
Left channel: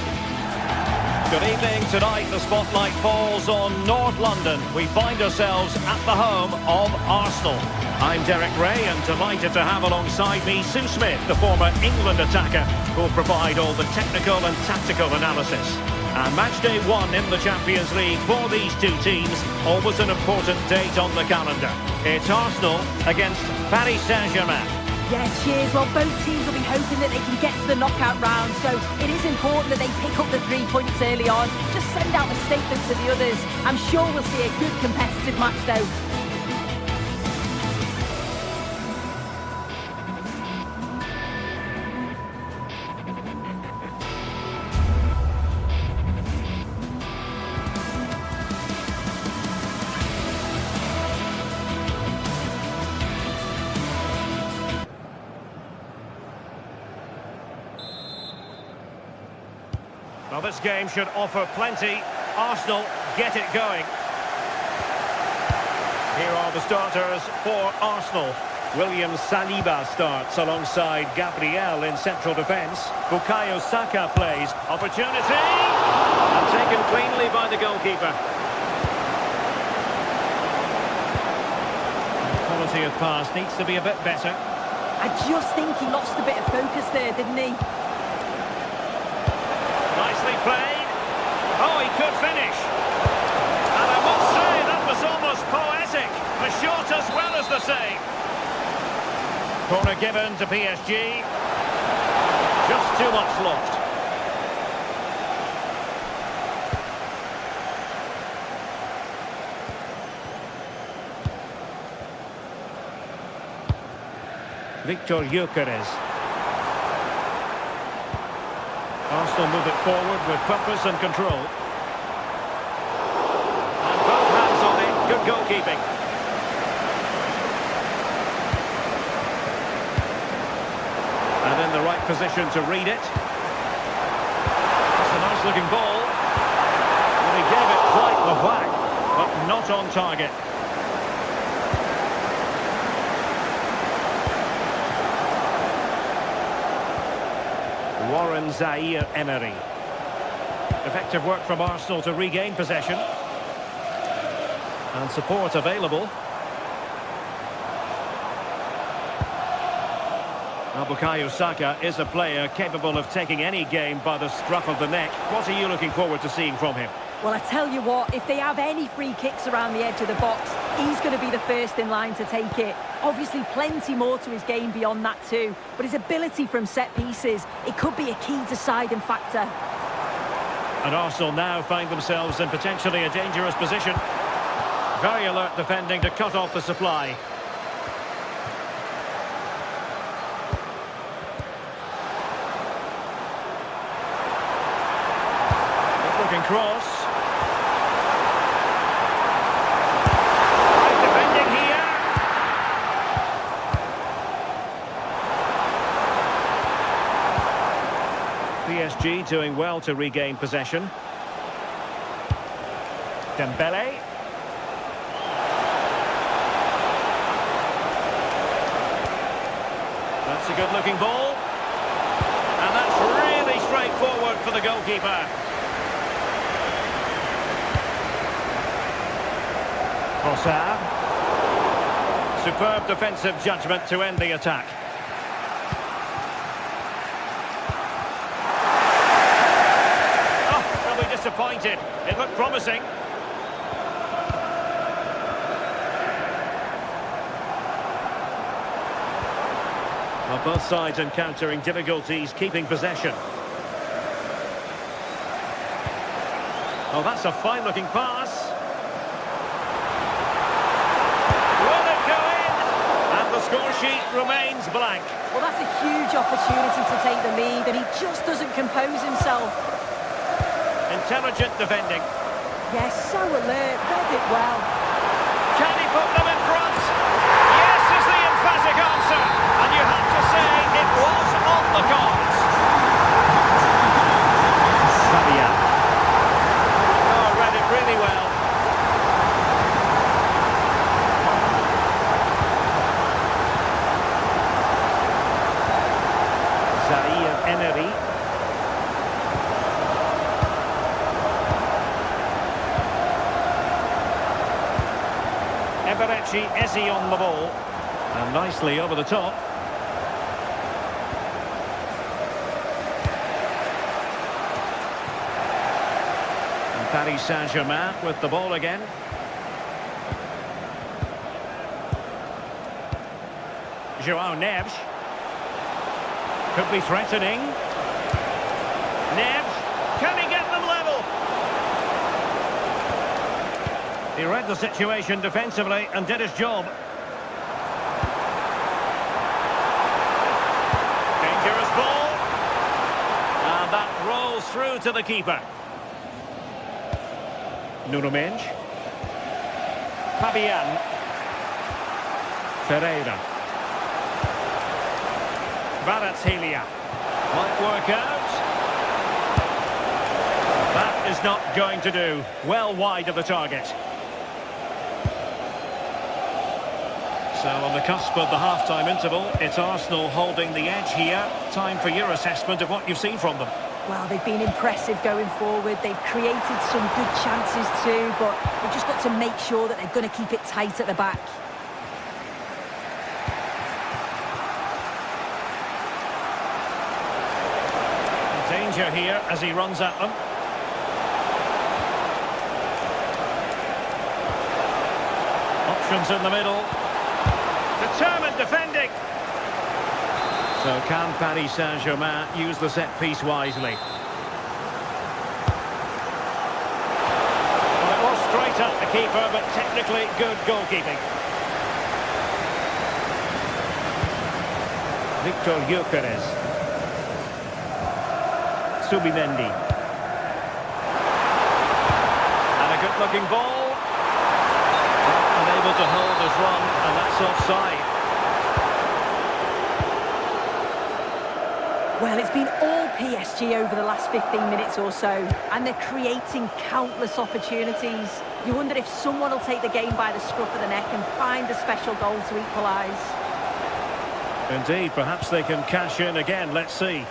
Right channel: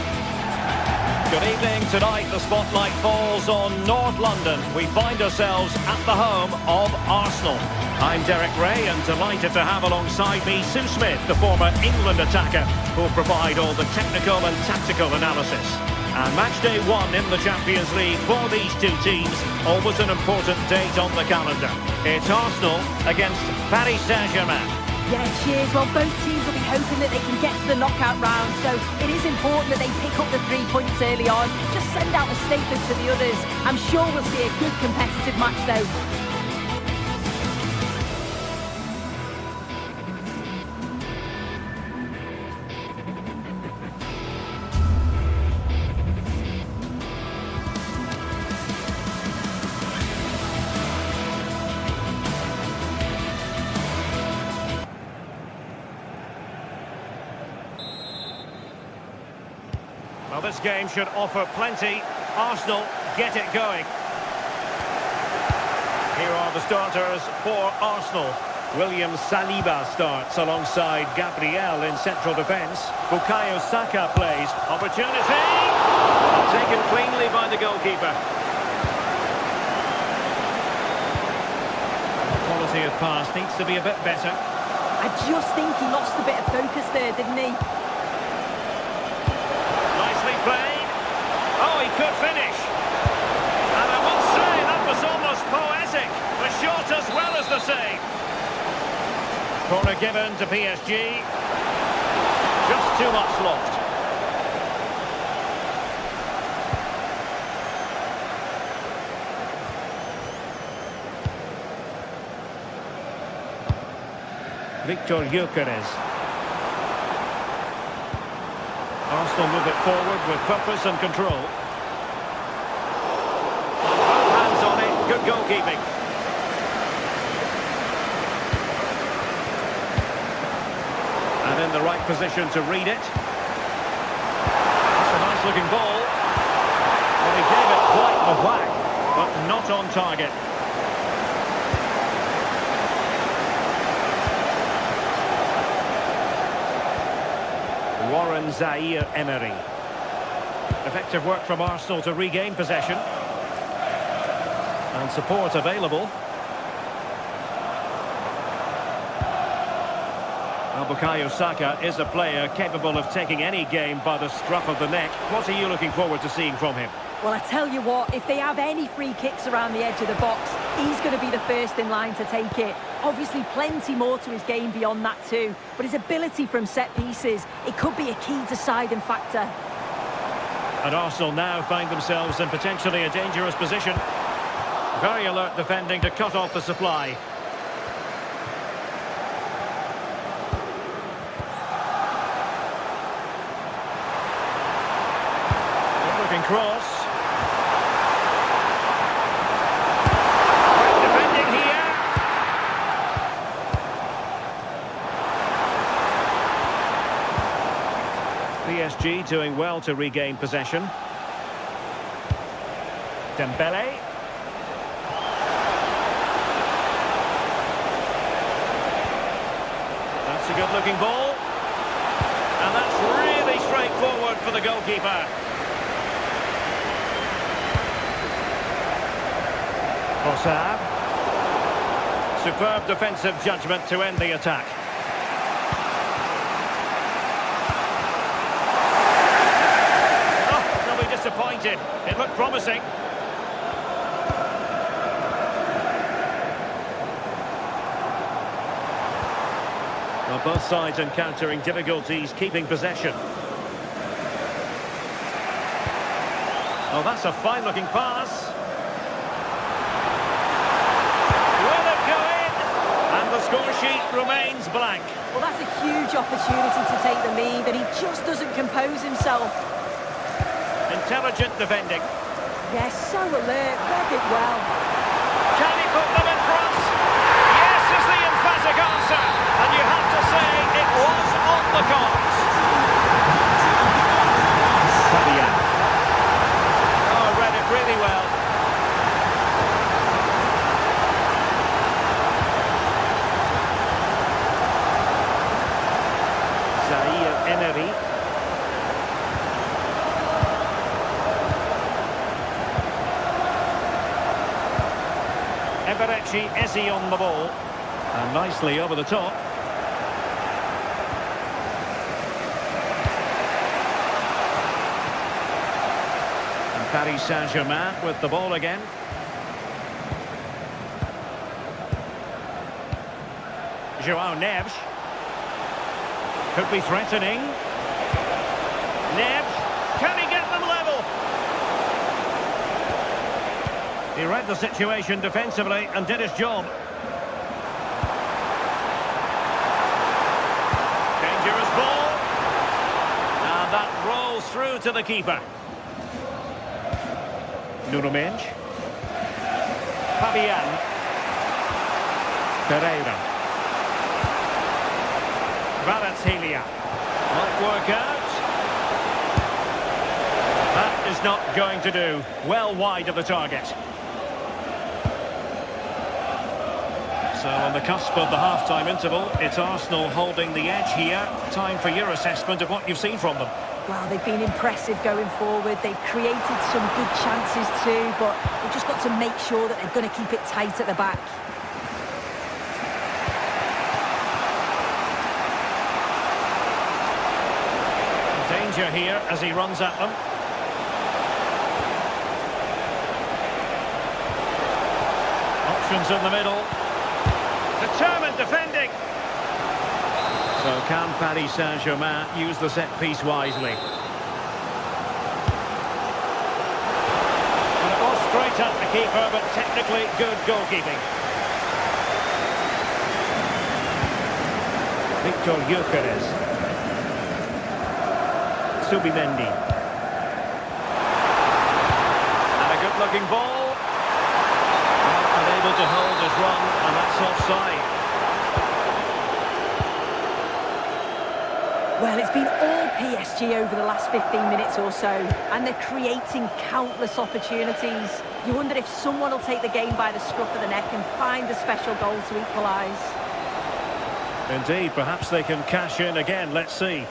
Good evening. Tonight the spotlight falls on North London. We find ourselves at the home of Arsenal. I'm Derek Ray, and delighted to have alongside me Sue Smith, the former England attacker, who'll provide all the technical and tactical analysis. And match day 1 in the Champions League for these two teams. Always an important date on the calendar. It's Arsenal against Paris Saint-Germain. Yeah, cheers. Well, both teams will be hoping that they can get to the knockout round, so it is important that they pick up the 3 points early on. Just send out a statement to the others. I'm sure we'll see a good competitive match, though. Well, this game should offer plenty. Arsenal get it going. Here are the starters for Arsenal. William Saliba starts alongside Gabriel in central defence. Bukayo Saka plays. Opportunity! And taken cleanly by the goalkeeper. The quality of pass needs to be a bit better. I just think he lost a bit of focus there, didn't he? Nicely played. Oh, he could finish. And I must say, that was almost poetic. The shot as well as the save. Corner given to PSG. Just too much loft. Victor Gyökeres. Arsenal move it forward with purpose and control. And both hands on it. Good goalkeeping. And in the right position to read it. That's a nice looking ball. Well, he gave it quite the whack, but not on target. Warren Zaïre-Emery. Effective work from Arsenal to regain possession. And support available. Well, Bukayo Saka is a player capable of taking any game by the scruff of the neck. What are you looking forward to seeing from him? Well, I tell you what, if they have any free kicks around the edge of the box, he's going to be the first in line to take it. Obviously, plenty more to his game beyond that too, but his ability from set pieces, it could be a key deciding factor. And Arsenal now find themselves in potentially a dangerous position. Very alert defending to cut off the supply. Good looking cross. Great defending here. PSG doing well to regain possession. Dembele. That's a good-looking ball. And that's really straightforward for the goalkeeper. Trossard. Superb defensive judgment to end the attack. Disappointed. It looked promising. Well, both sides encountering difficulties keeping possession. Oh, that's a fine-looking pass. Will it go in? And the score sheet remains blank. Well, that's a huge opportunity to take the lead, and he just doesn't compose himself. Intelligent defending. Yes, so alert, read it well. Can he put them in front? Yes is the emphatic answer. And you have to say it was on the cards. Fabian. Oh, read it really well. Zaïre-Emery. Eberechi Eze on the ball. And nicely over the top. Paris Saint-Germain with the ball again. João Neves. Could be threatening. Neves. Can he get them level? He read the situation defensively and did his job. Dangerous ball. And that rolls through to the keeper. Nuno Mendes. Fabian. Ferreira. Kvaratskhelia. Might work out. That is not going to do. Well wide of the target. So on the cusp of the half-time interval, it's Arsenal holding the edge here. Time for your assessment of what you've seen from them. Well, they've been impressive going forward. They've created some good chances too, but they've just got to make sure that they're going to keep it tight at the back. Danger here as he runs at them. Options in the middle. Determined defending. So can Paris Saint-Germain use the set piece wisely? Well, it was straight at the keeper, but technically good goalkeeping. Victor Gyökeres. Subimendi. And a good-looking ball. Well, unable to hold his run, and that's offside. Well, it's been all PSG over the last 15 minutes or so, and they're creating countless opportunities. You wonder if someone will take the game by the scruff of the neck and find a special goal to equalise. Indeed, perhaps they can cash in again. Let's see.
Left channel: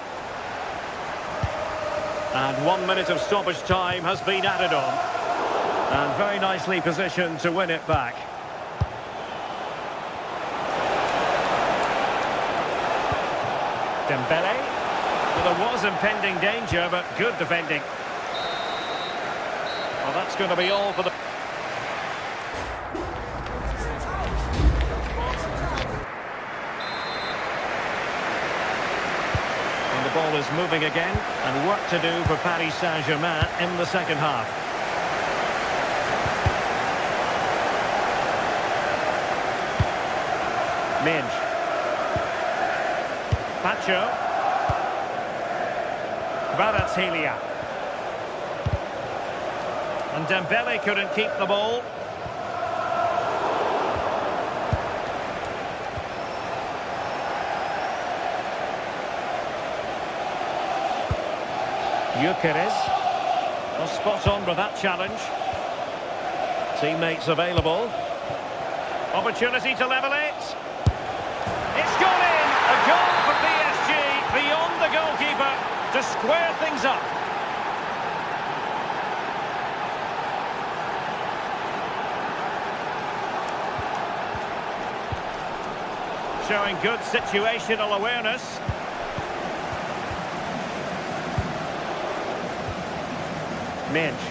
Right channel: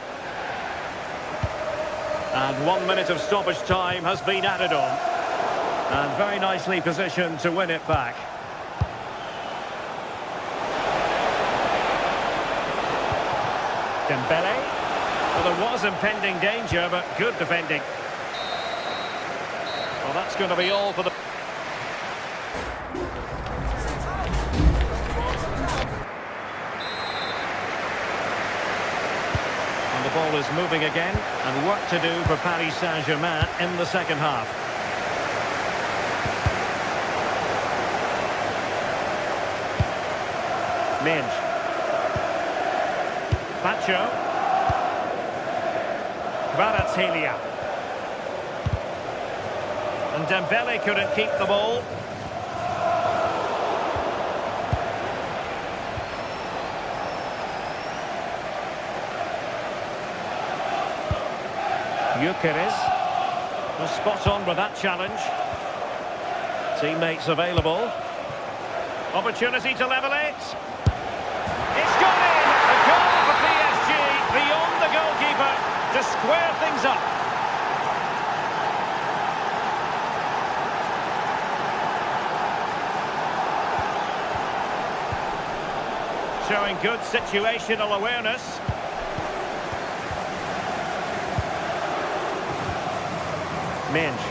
And 1 minute of stoppage time has been added on. And very nicely positioned to win it back. Dembele. Well, there was impending danger, but good defending. Well, that's going to be all for the... And the ball is moving again, and work to do for Paris Saint-Germain in the second half. Mendes. Pacho. Kvaratskhelia. And Dembele couldn't keep the ball. Gyökeres. Well, spot on with that challenge. Teammates available. Opportunity to level it. It's gone in! A goal for PSG beyond the goalkeeper to square things up. Showing good situational awareness. Mendes.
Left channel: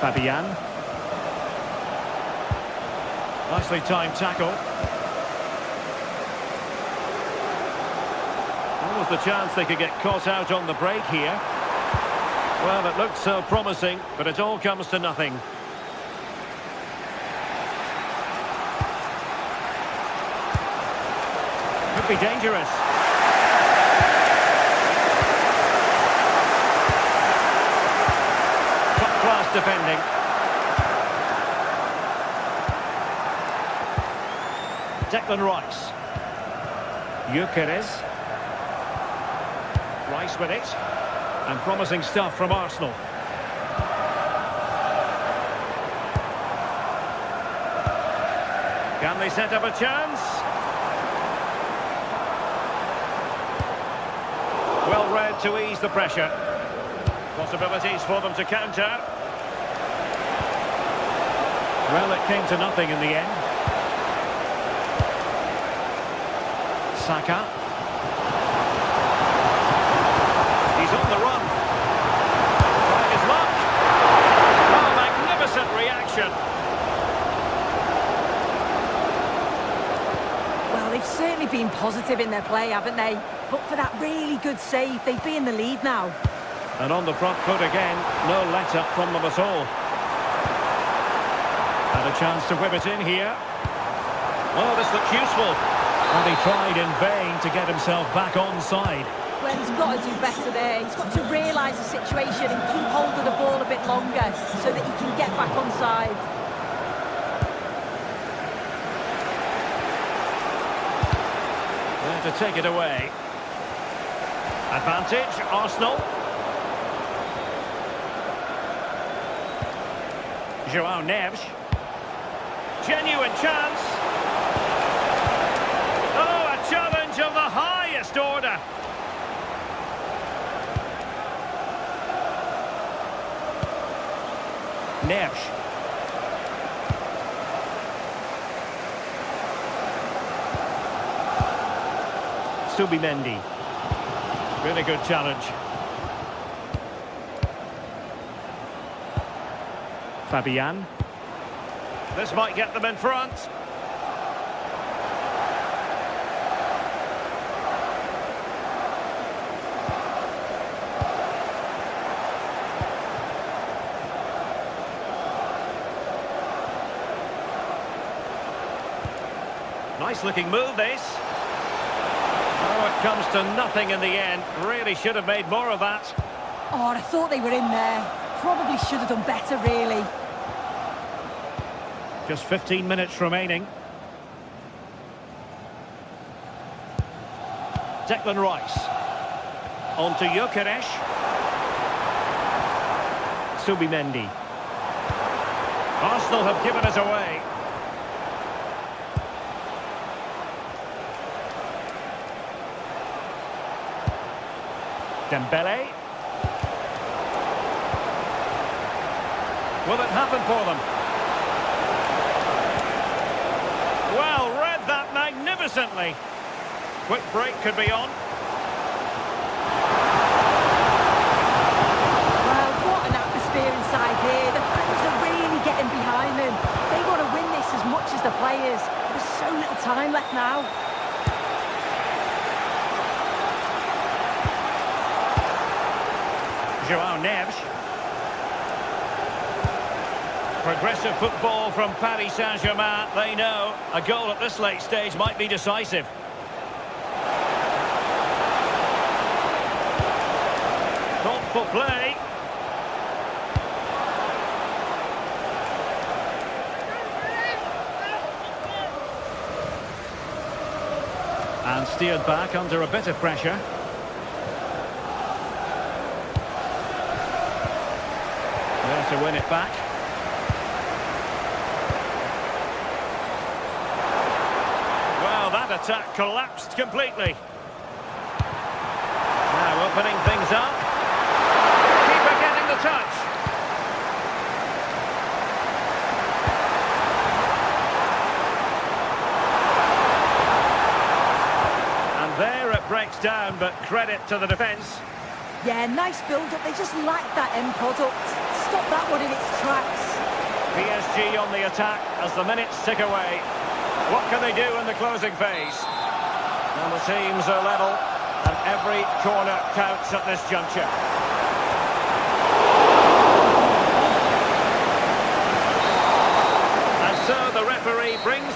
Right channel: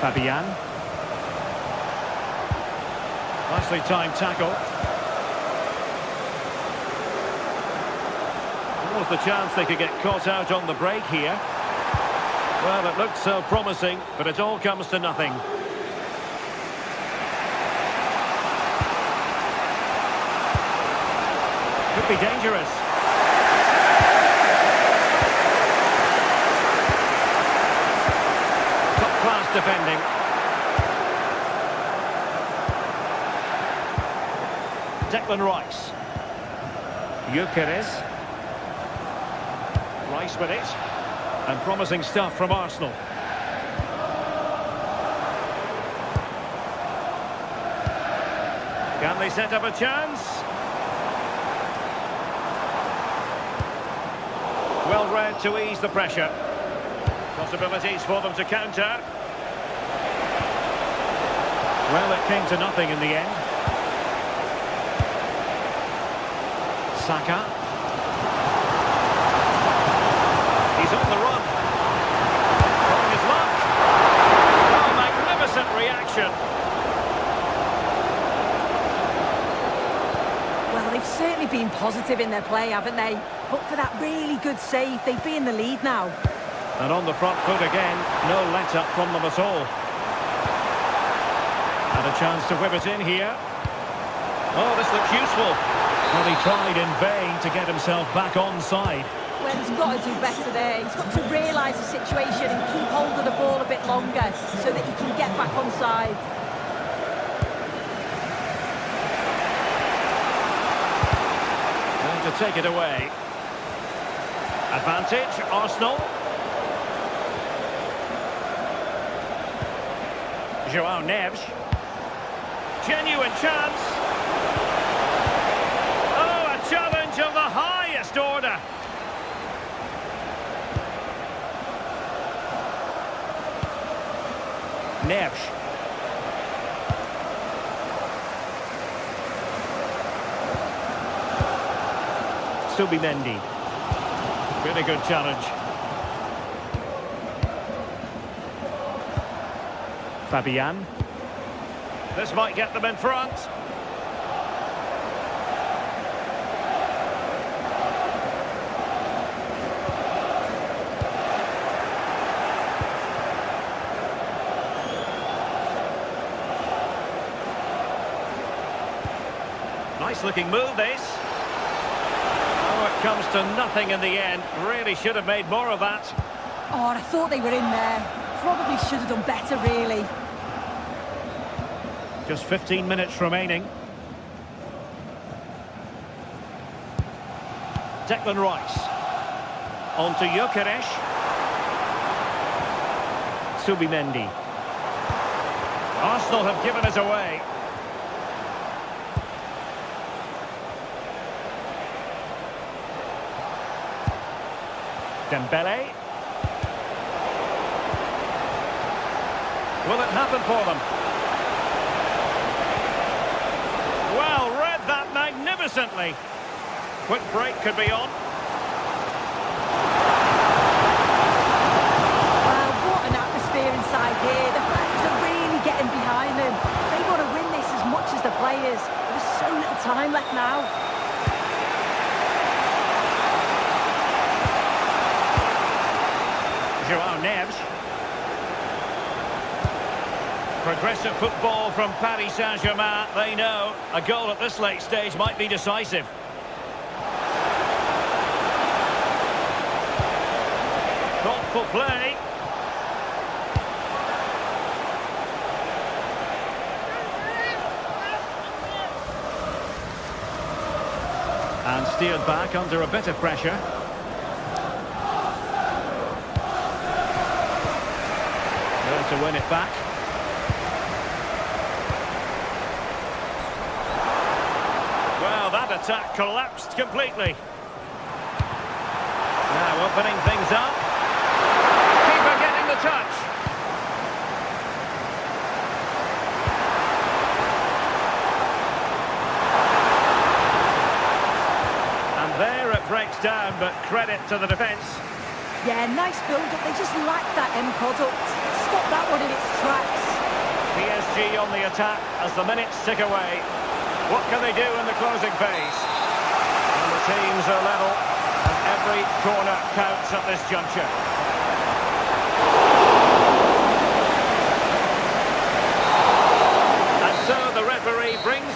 Fabian. Nicely timed tackle. Almost the chance they could get caught out on the break here. Well, it looked so promising, but it all comes to nothing. Could be dangerous. Top-class defending. Declan Rice. Gyökeres. Rice with it. And promising stuff from Arsenal. Can they set up a chance? Well read to ease the pressure. Possibilities for them to counter. Well, it came to nothing in the end. Saka. He's on the run. Trying his luck. Oh, magnificent reaction. Well, they've certainly been positive in their play, haven't they? But for that really good save, they'd be in the lead now. And on the front foot again, no let-up from them at all. Had a chance to whip it in here. Oh, this looks useful. Well, he tried in vain to get himself back onside. Well, he's got to do better there. He's got to realise the situation and keep hold of the ball a bit longer so that he can get back onside. There to take it away. Advantage, Arsenal. João Neves. Genuine chance. Oh, a challenge of the highest order. Neves. Subimendi. Really good challenge. Fabian. This might get them in front. Nice looking move, this. Oh, it comes to nothing in the end. Really should have made more of that. Oh, I thought they were in there. Probably should have done better, really. Just 15 minutes remaining. Declan Rice. On to Gyökeres. Subimendi. Arsenal have given us away. Dembele. Will it happen for them? Well, read that magnificently. Quick break could be on. Well, what an atmosphere inside here. The fans are really getting behind them. They want to win this as much as the players. There's so little time left now. João Neves. Progressive football from Paris Saint-Germain. They know a goal at this late stage might be decisive. Thoughtful play. And steered back under a bit of pressure. There to win it back. Well, that attack collapsed completely. Now opening things up. Keeper getting the touch. And there it breaks down, but credit to the defence. Yeah, nice build-up. They just lack that end product. Stop that one in its tracks. PSG on the attack as the minutes tick away. What can they do in the closing phase? Well, the teams are level, and every corner counts at this juncture. And so the referee brings...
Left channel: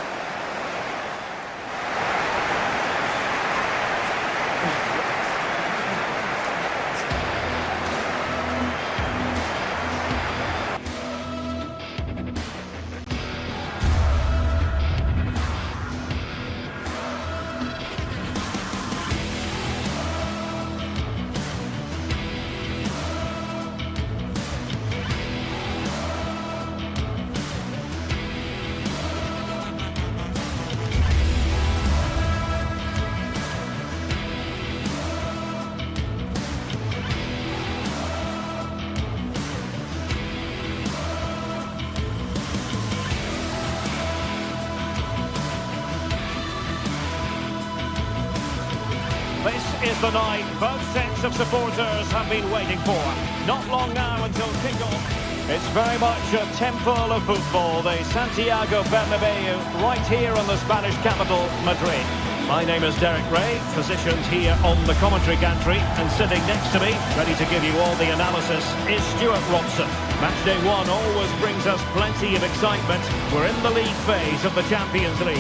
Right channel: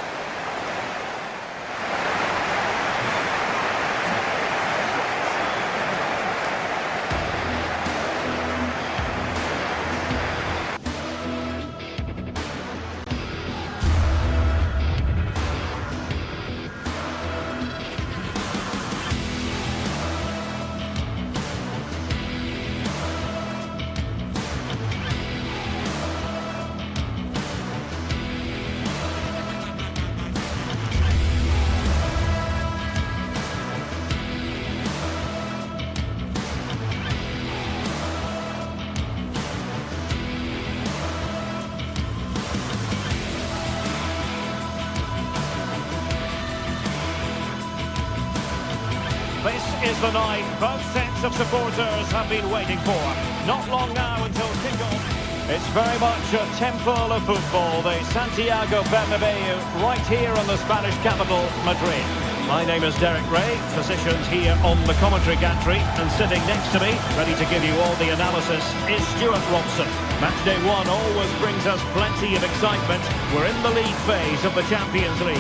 This is the night both sets of supporters have been waiting for. Not long now until kick-off. It's very much a temple of football, the Santiago Bernabeu, right here in the Spanish capital, Madrid. My name is Derek Ray, positioned here on the commentary gantry, and sitting next to me, ready to give you all the analysis, is Stuart Robson. Matchday 1 always brings us plenty of excitement. We're in the league phase of the Champions League.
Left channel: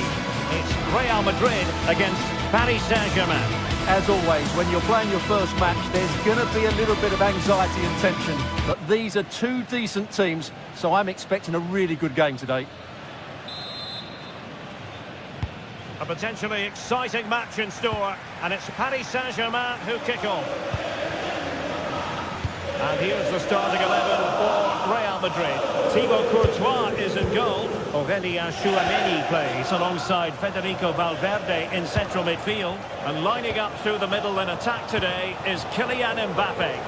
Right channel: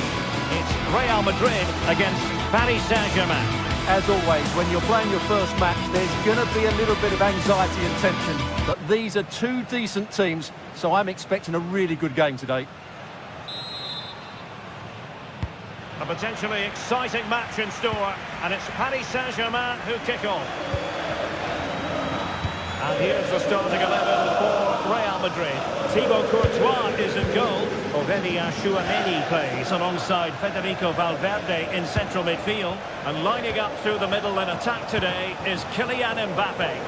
It's Real Madrid against Paris Saint-Germain. As always, when you're playing your first match, there's going to be a little bit of anxiety and tension. But these are two decent teams, so I'm expecting a really good game today. A potentially exciting match in store, and it's Paris Saint-Germain who kick off. And here's the starting 11 for Real Madrid. Thibaut Courtois is in goal. Aurélien Tchouameni plays alongside Federico Valverde in central midfield. And lining up through the middle in attack today is Kylian Mbappe.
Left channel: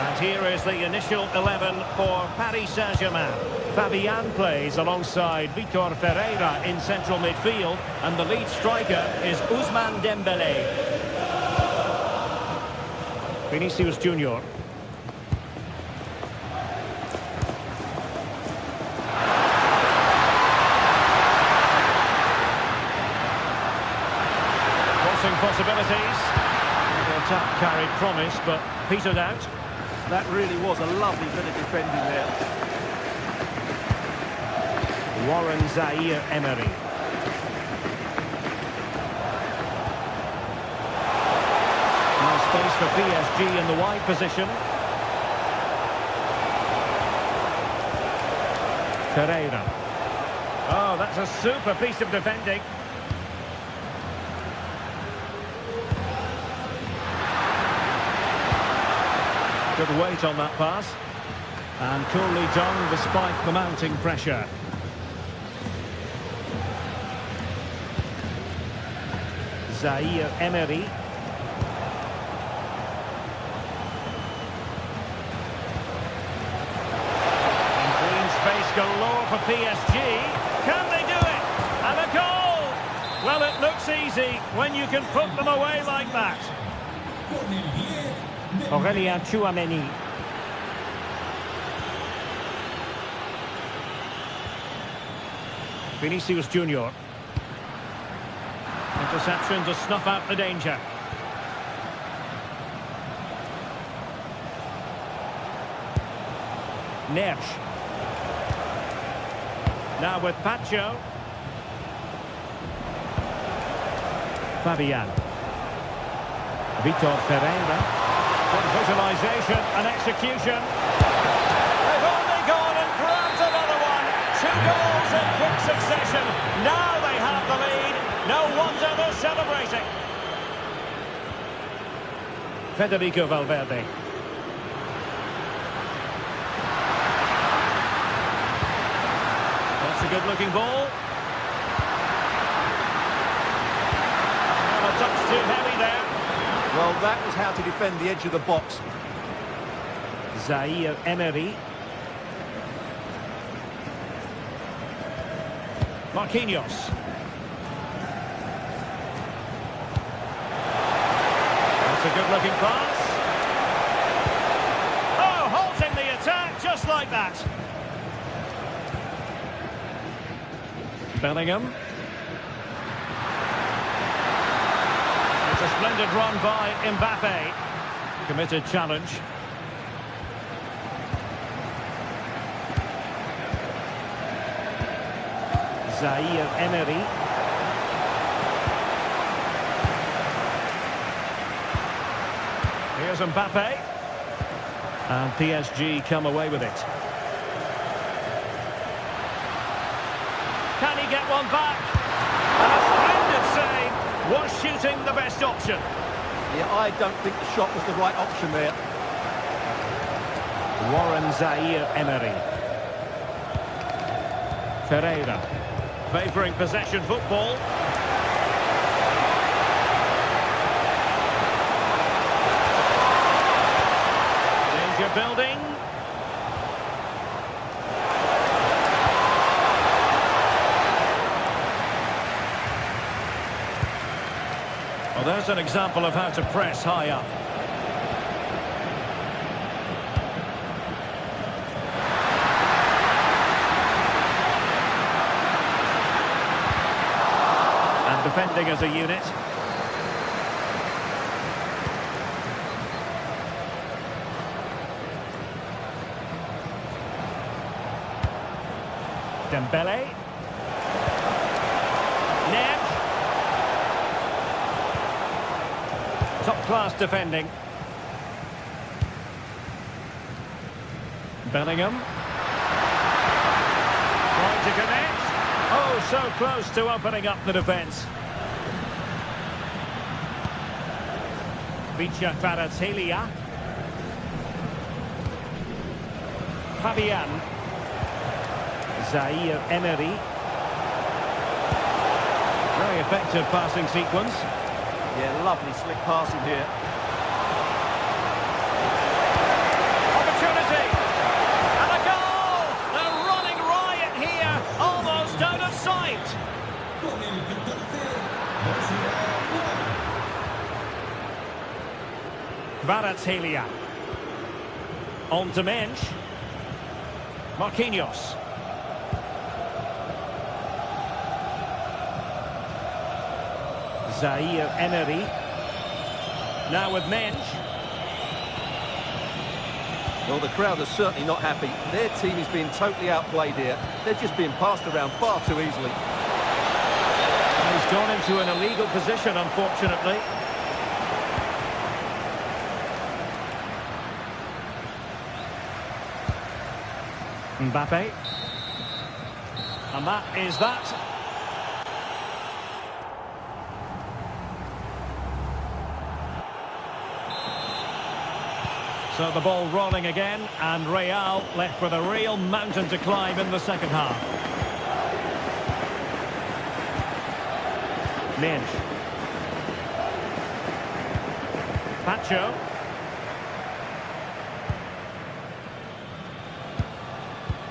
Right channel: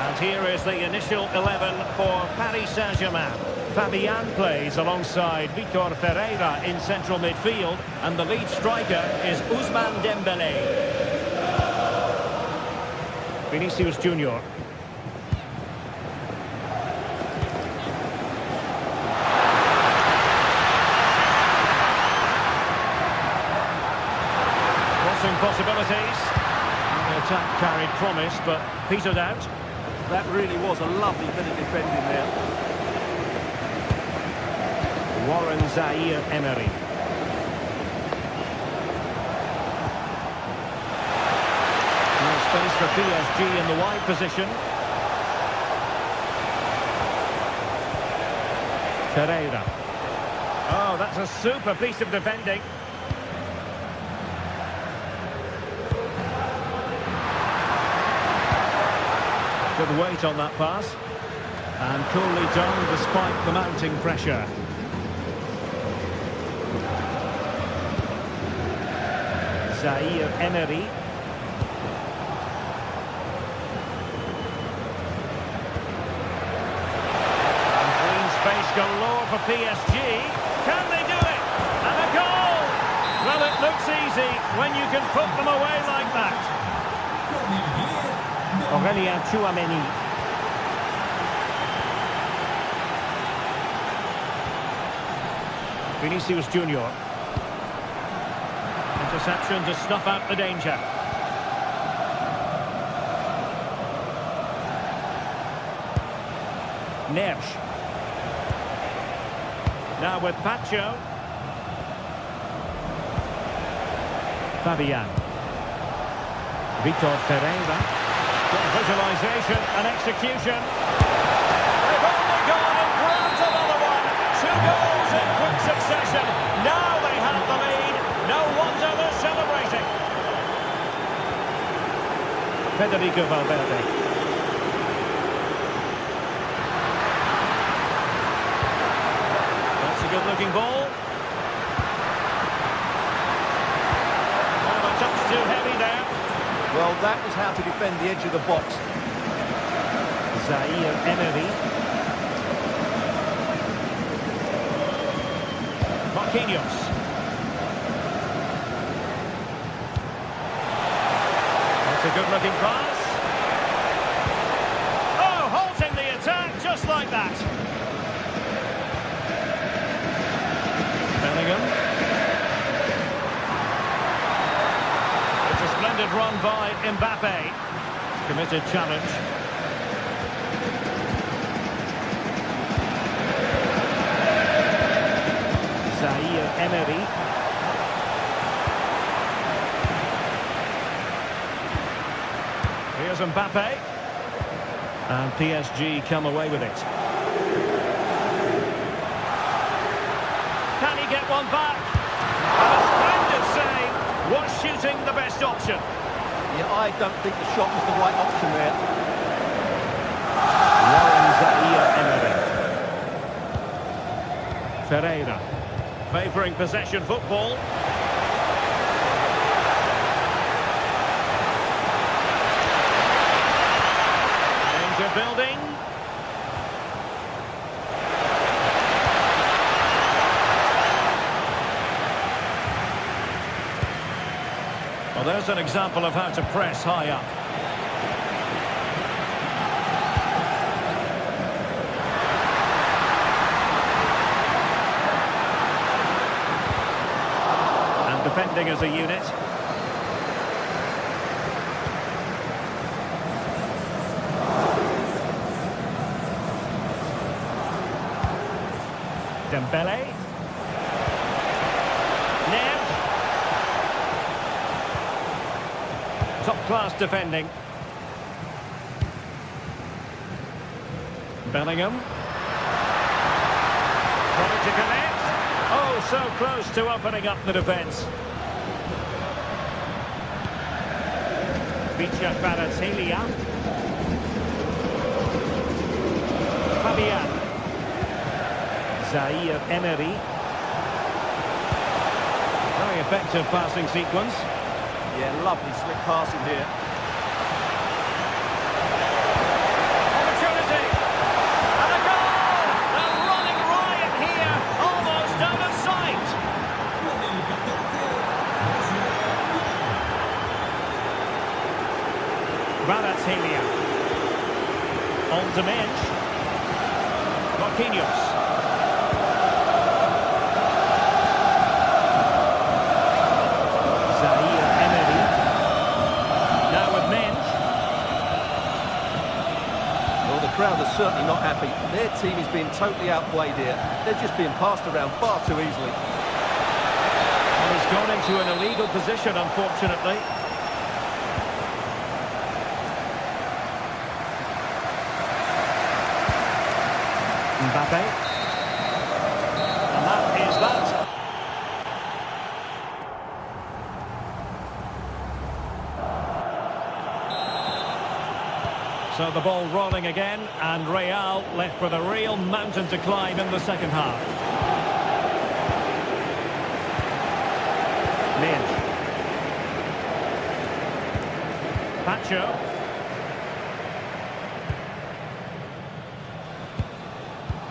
And here is the initial 11 for Paris Saint-Germain. Fabian plays alongside Vitor Ferreira in central midfield, and the lead striker is Ousmane Dembélé. Vinicius Junior. Crossing possibilities. The attack carried promise, but petered out. That really was a lovely bit of defending there. Warren Zaïre-Emery. No space for PSG in the wide position. Ferreira. Oh, that's a super piece of defending. Good weight on that pass. And coolly done despite the mounting pressure. Zaïre-Emery. And green space galore for PSG. Can they do it? And a goal! Well, it looks easy when you can put them away like that. Aurélien Tchouameni. Vinicius Junior. Interception to snuff out the danger. Nersch. Now with Pacho. Fabian. Vitor Ferreira. Good visualization and execution. They've only gone and grabbed another one. 2 goals in quick succession. Now they have the lead. No wonder they're celebrating. Federico Valverde. That's a good-looking ball. Well, a touch too heavy there. Well, that was how to defend the edge of the box. Zaïre-Emery. Marquinhos. That's a good-looking pass. Oh, halting the attack just like that. Bellingham. It's a splendid run by Mbappe. Committed challenge. Zaïre-Emery. Here's Mbappe. And PSG come away with it. Can he get one back? And a splendid save. Was shooting the best option? Yeah, I don't think the shot was the right option there. Warren Zaïre-Emery. Ferreira. Favouring possession football. Danger building. Well, there's an example of how to press high up. And defending as a unit. Dembele. Neves. Top-class defending. Bellingham. Trying to connect. Oh, so close to opening up the defence. Vicha Kvaratskhelia. Fabian. Zaire Emery. Very effective passing sequence. Yeah, lovely slick passing here. Opportunity! And a goal! They're running riot here, almost out of sight. Con el 14, Kvaratskhelia. On to Mensch. Marquinhos. Zaire Emery. Now with Mensch. Well, the crowd are certainly not happy. Their team is being totally outplayed here. They're just being passed around far too easily. And he's gone into an illegal position, unfortunately. Mbappe. And that is that. So the ball rolling again, and Real left with a real mountain to climb in the second half. Mensch. Pacho.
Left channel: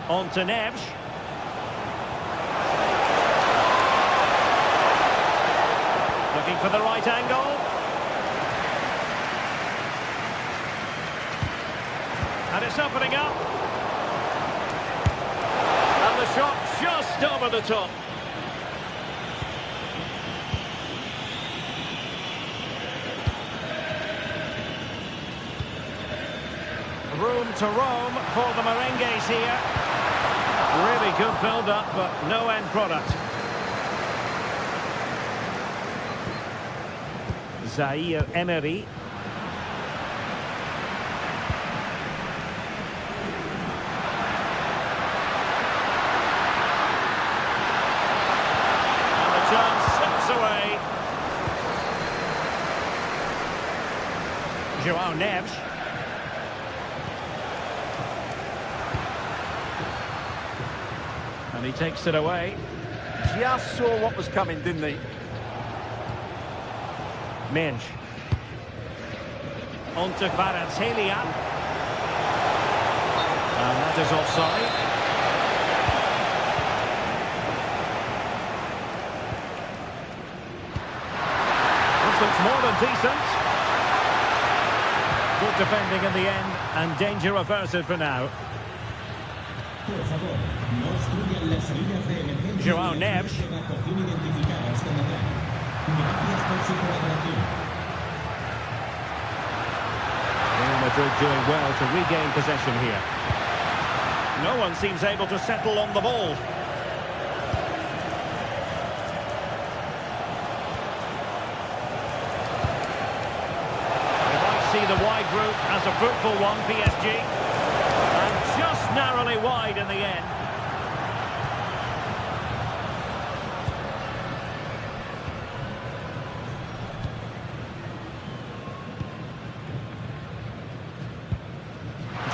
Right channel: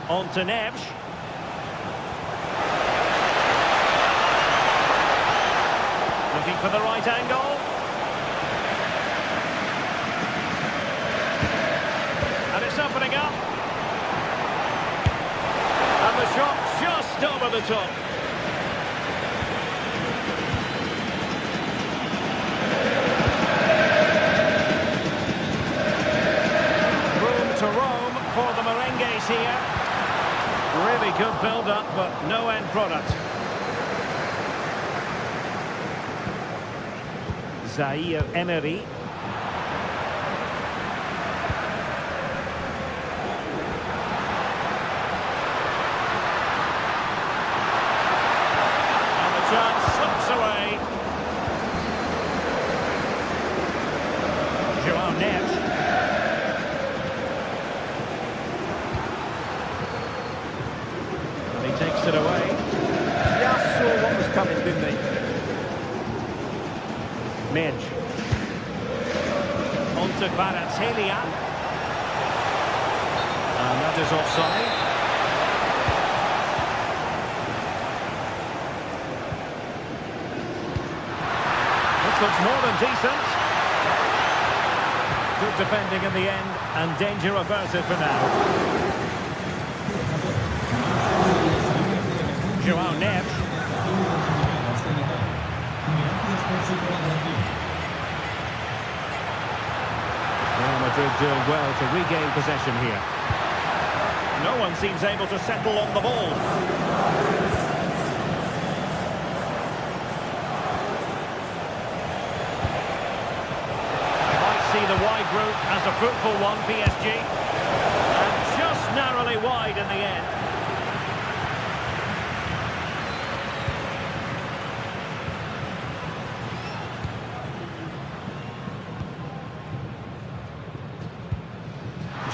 On to Neves. Looking for the right angle. And it's opening up. And the shot just over the top. Room to roam for the Merengues here. Really good build-up, but no end product. Zaire Emery. And the chance slips away. João Neves. And he takes it away. Just saw what was coming, didn't he? Mensch. On to Kvaratskhelia. And that is offside. This looks more than decent. Good defending in the end, and danger averted for now. por favor, no usen las líneas de emergencia João y Neves. evacuación identificadas como tal. Gracias por su colaboración. Real Madrid doing well to regain possession here. No one seems able to settle on the ball. We might see the wide route as a fruitful one, PSG. And just narrowly wide in the end.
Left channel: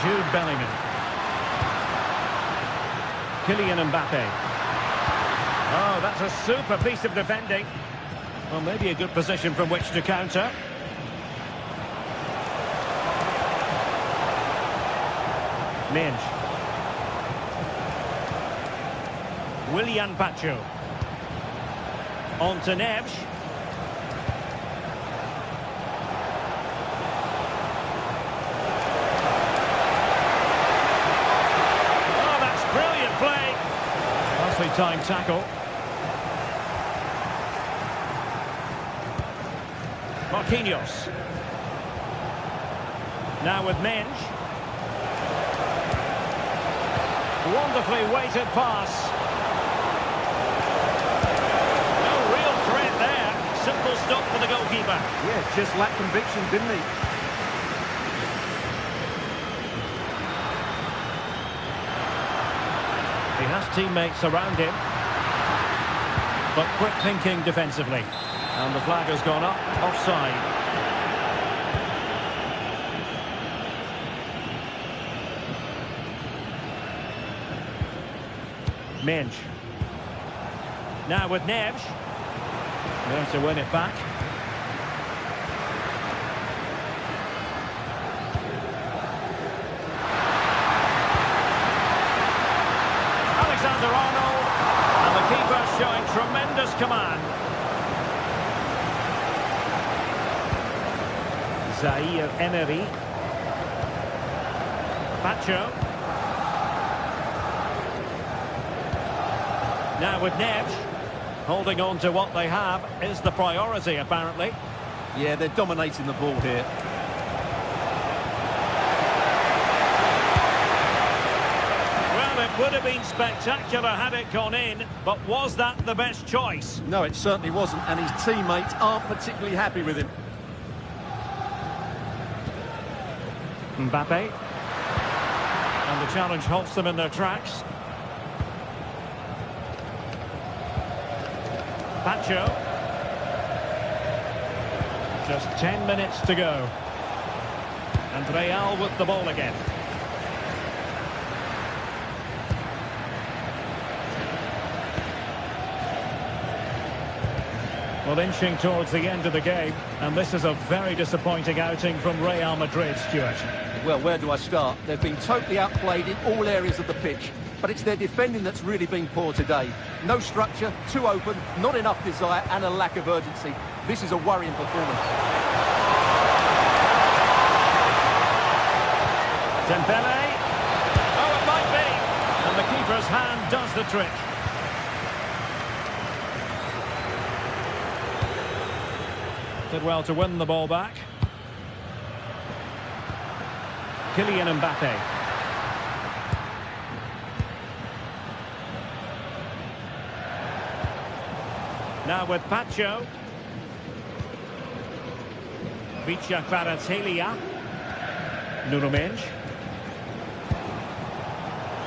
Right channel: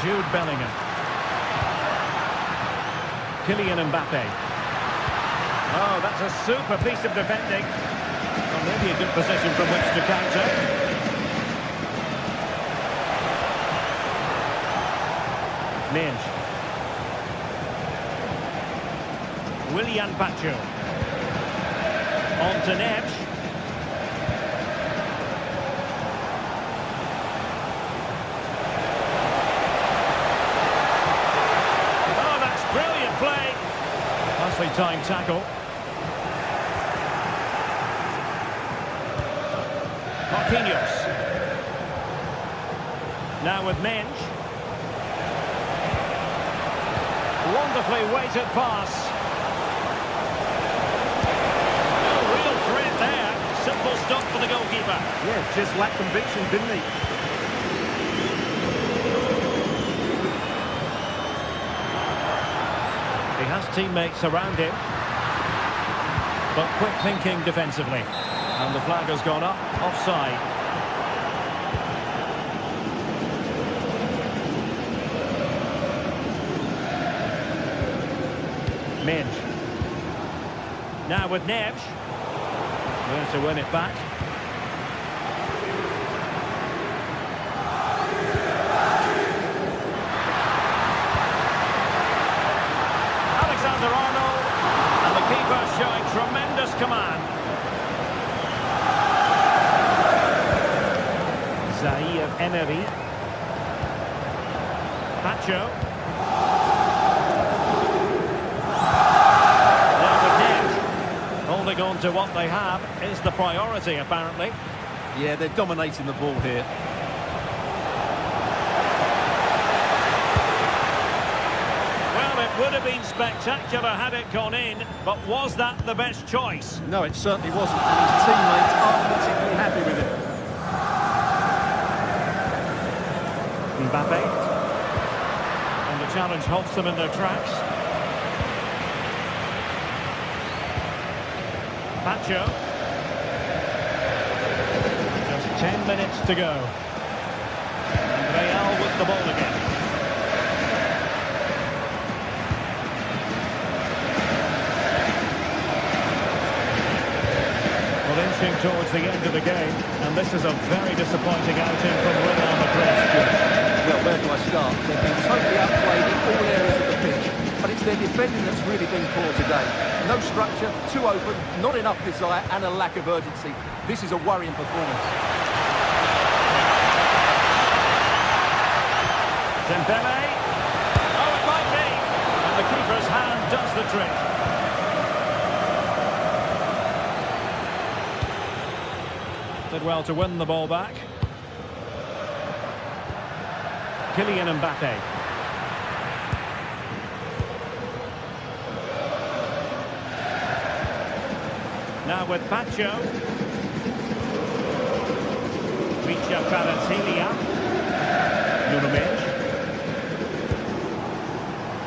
Jude Bellingham. Kylian Mbappe. Oh, that's a super piece of defending. Well, maybe a good position from which to counter. Mensch. Willian Pacho. On to Neves. Nicely timed tackle. Marquinhos. Now with Mensch. Wonderfully weighted pass. No real threat there. Simple stop for the goalkeeper. Yeah, just lacked conviction, didn't he? He has teammates around him. But quick thinking defensively. And the flag has gone up, offside. Mensch. Now with Neves. There to win it back. Alexander-Arnold. And the keeper showing tremendous command. Zaire Emery. Pacho. Now with Neves. Holding on to what they have is the priority, apparently. Yeah, they're dominating the ball here. Well, it would have been spectacular had it gone in, but was that the best choice? No, it certainly wasn't, and his teammates aren't particularly happy with him. Mbappe. And the challenge halts them in their tracks. Pacho. Just 10 minutes to go. And Real with the ball again. Well, inching towards the end of the game, and this is a very disappointing outing from Real Madrid, Stuart. Well, where do I start? They've been totally outplayed in all areas of the pitch, but it's their defending that's really been poor today. No structure, too open, not enough desire, and a lack of urgency. This is a worrying performance. Dembele. Oh, it might be. And the keeper's hand does the trick. Did well to win the ball back. Kylian Mbappe. Now with Pacho. Vicha Kvaratskhelia. Nuno Mensch.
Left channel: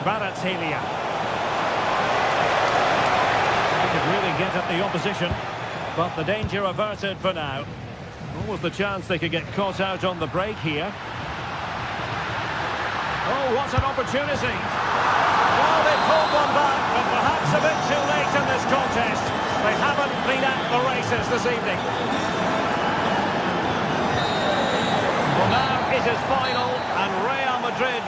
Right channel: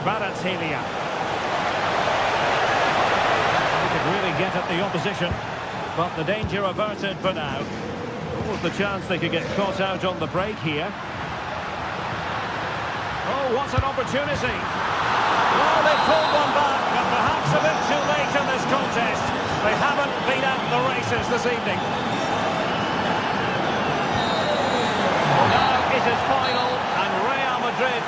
Kvaratskhelia. He could really get at the opposition, but the danger averted for now. What was the chance they could get caught out on the break here? Oh, what an opportunity! Well, they pulled one back, but perhaps a bit too late in this contest. They haven't been at the races this evening. Well, now it is final, and Real Madrid...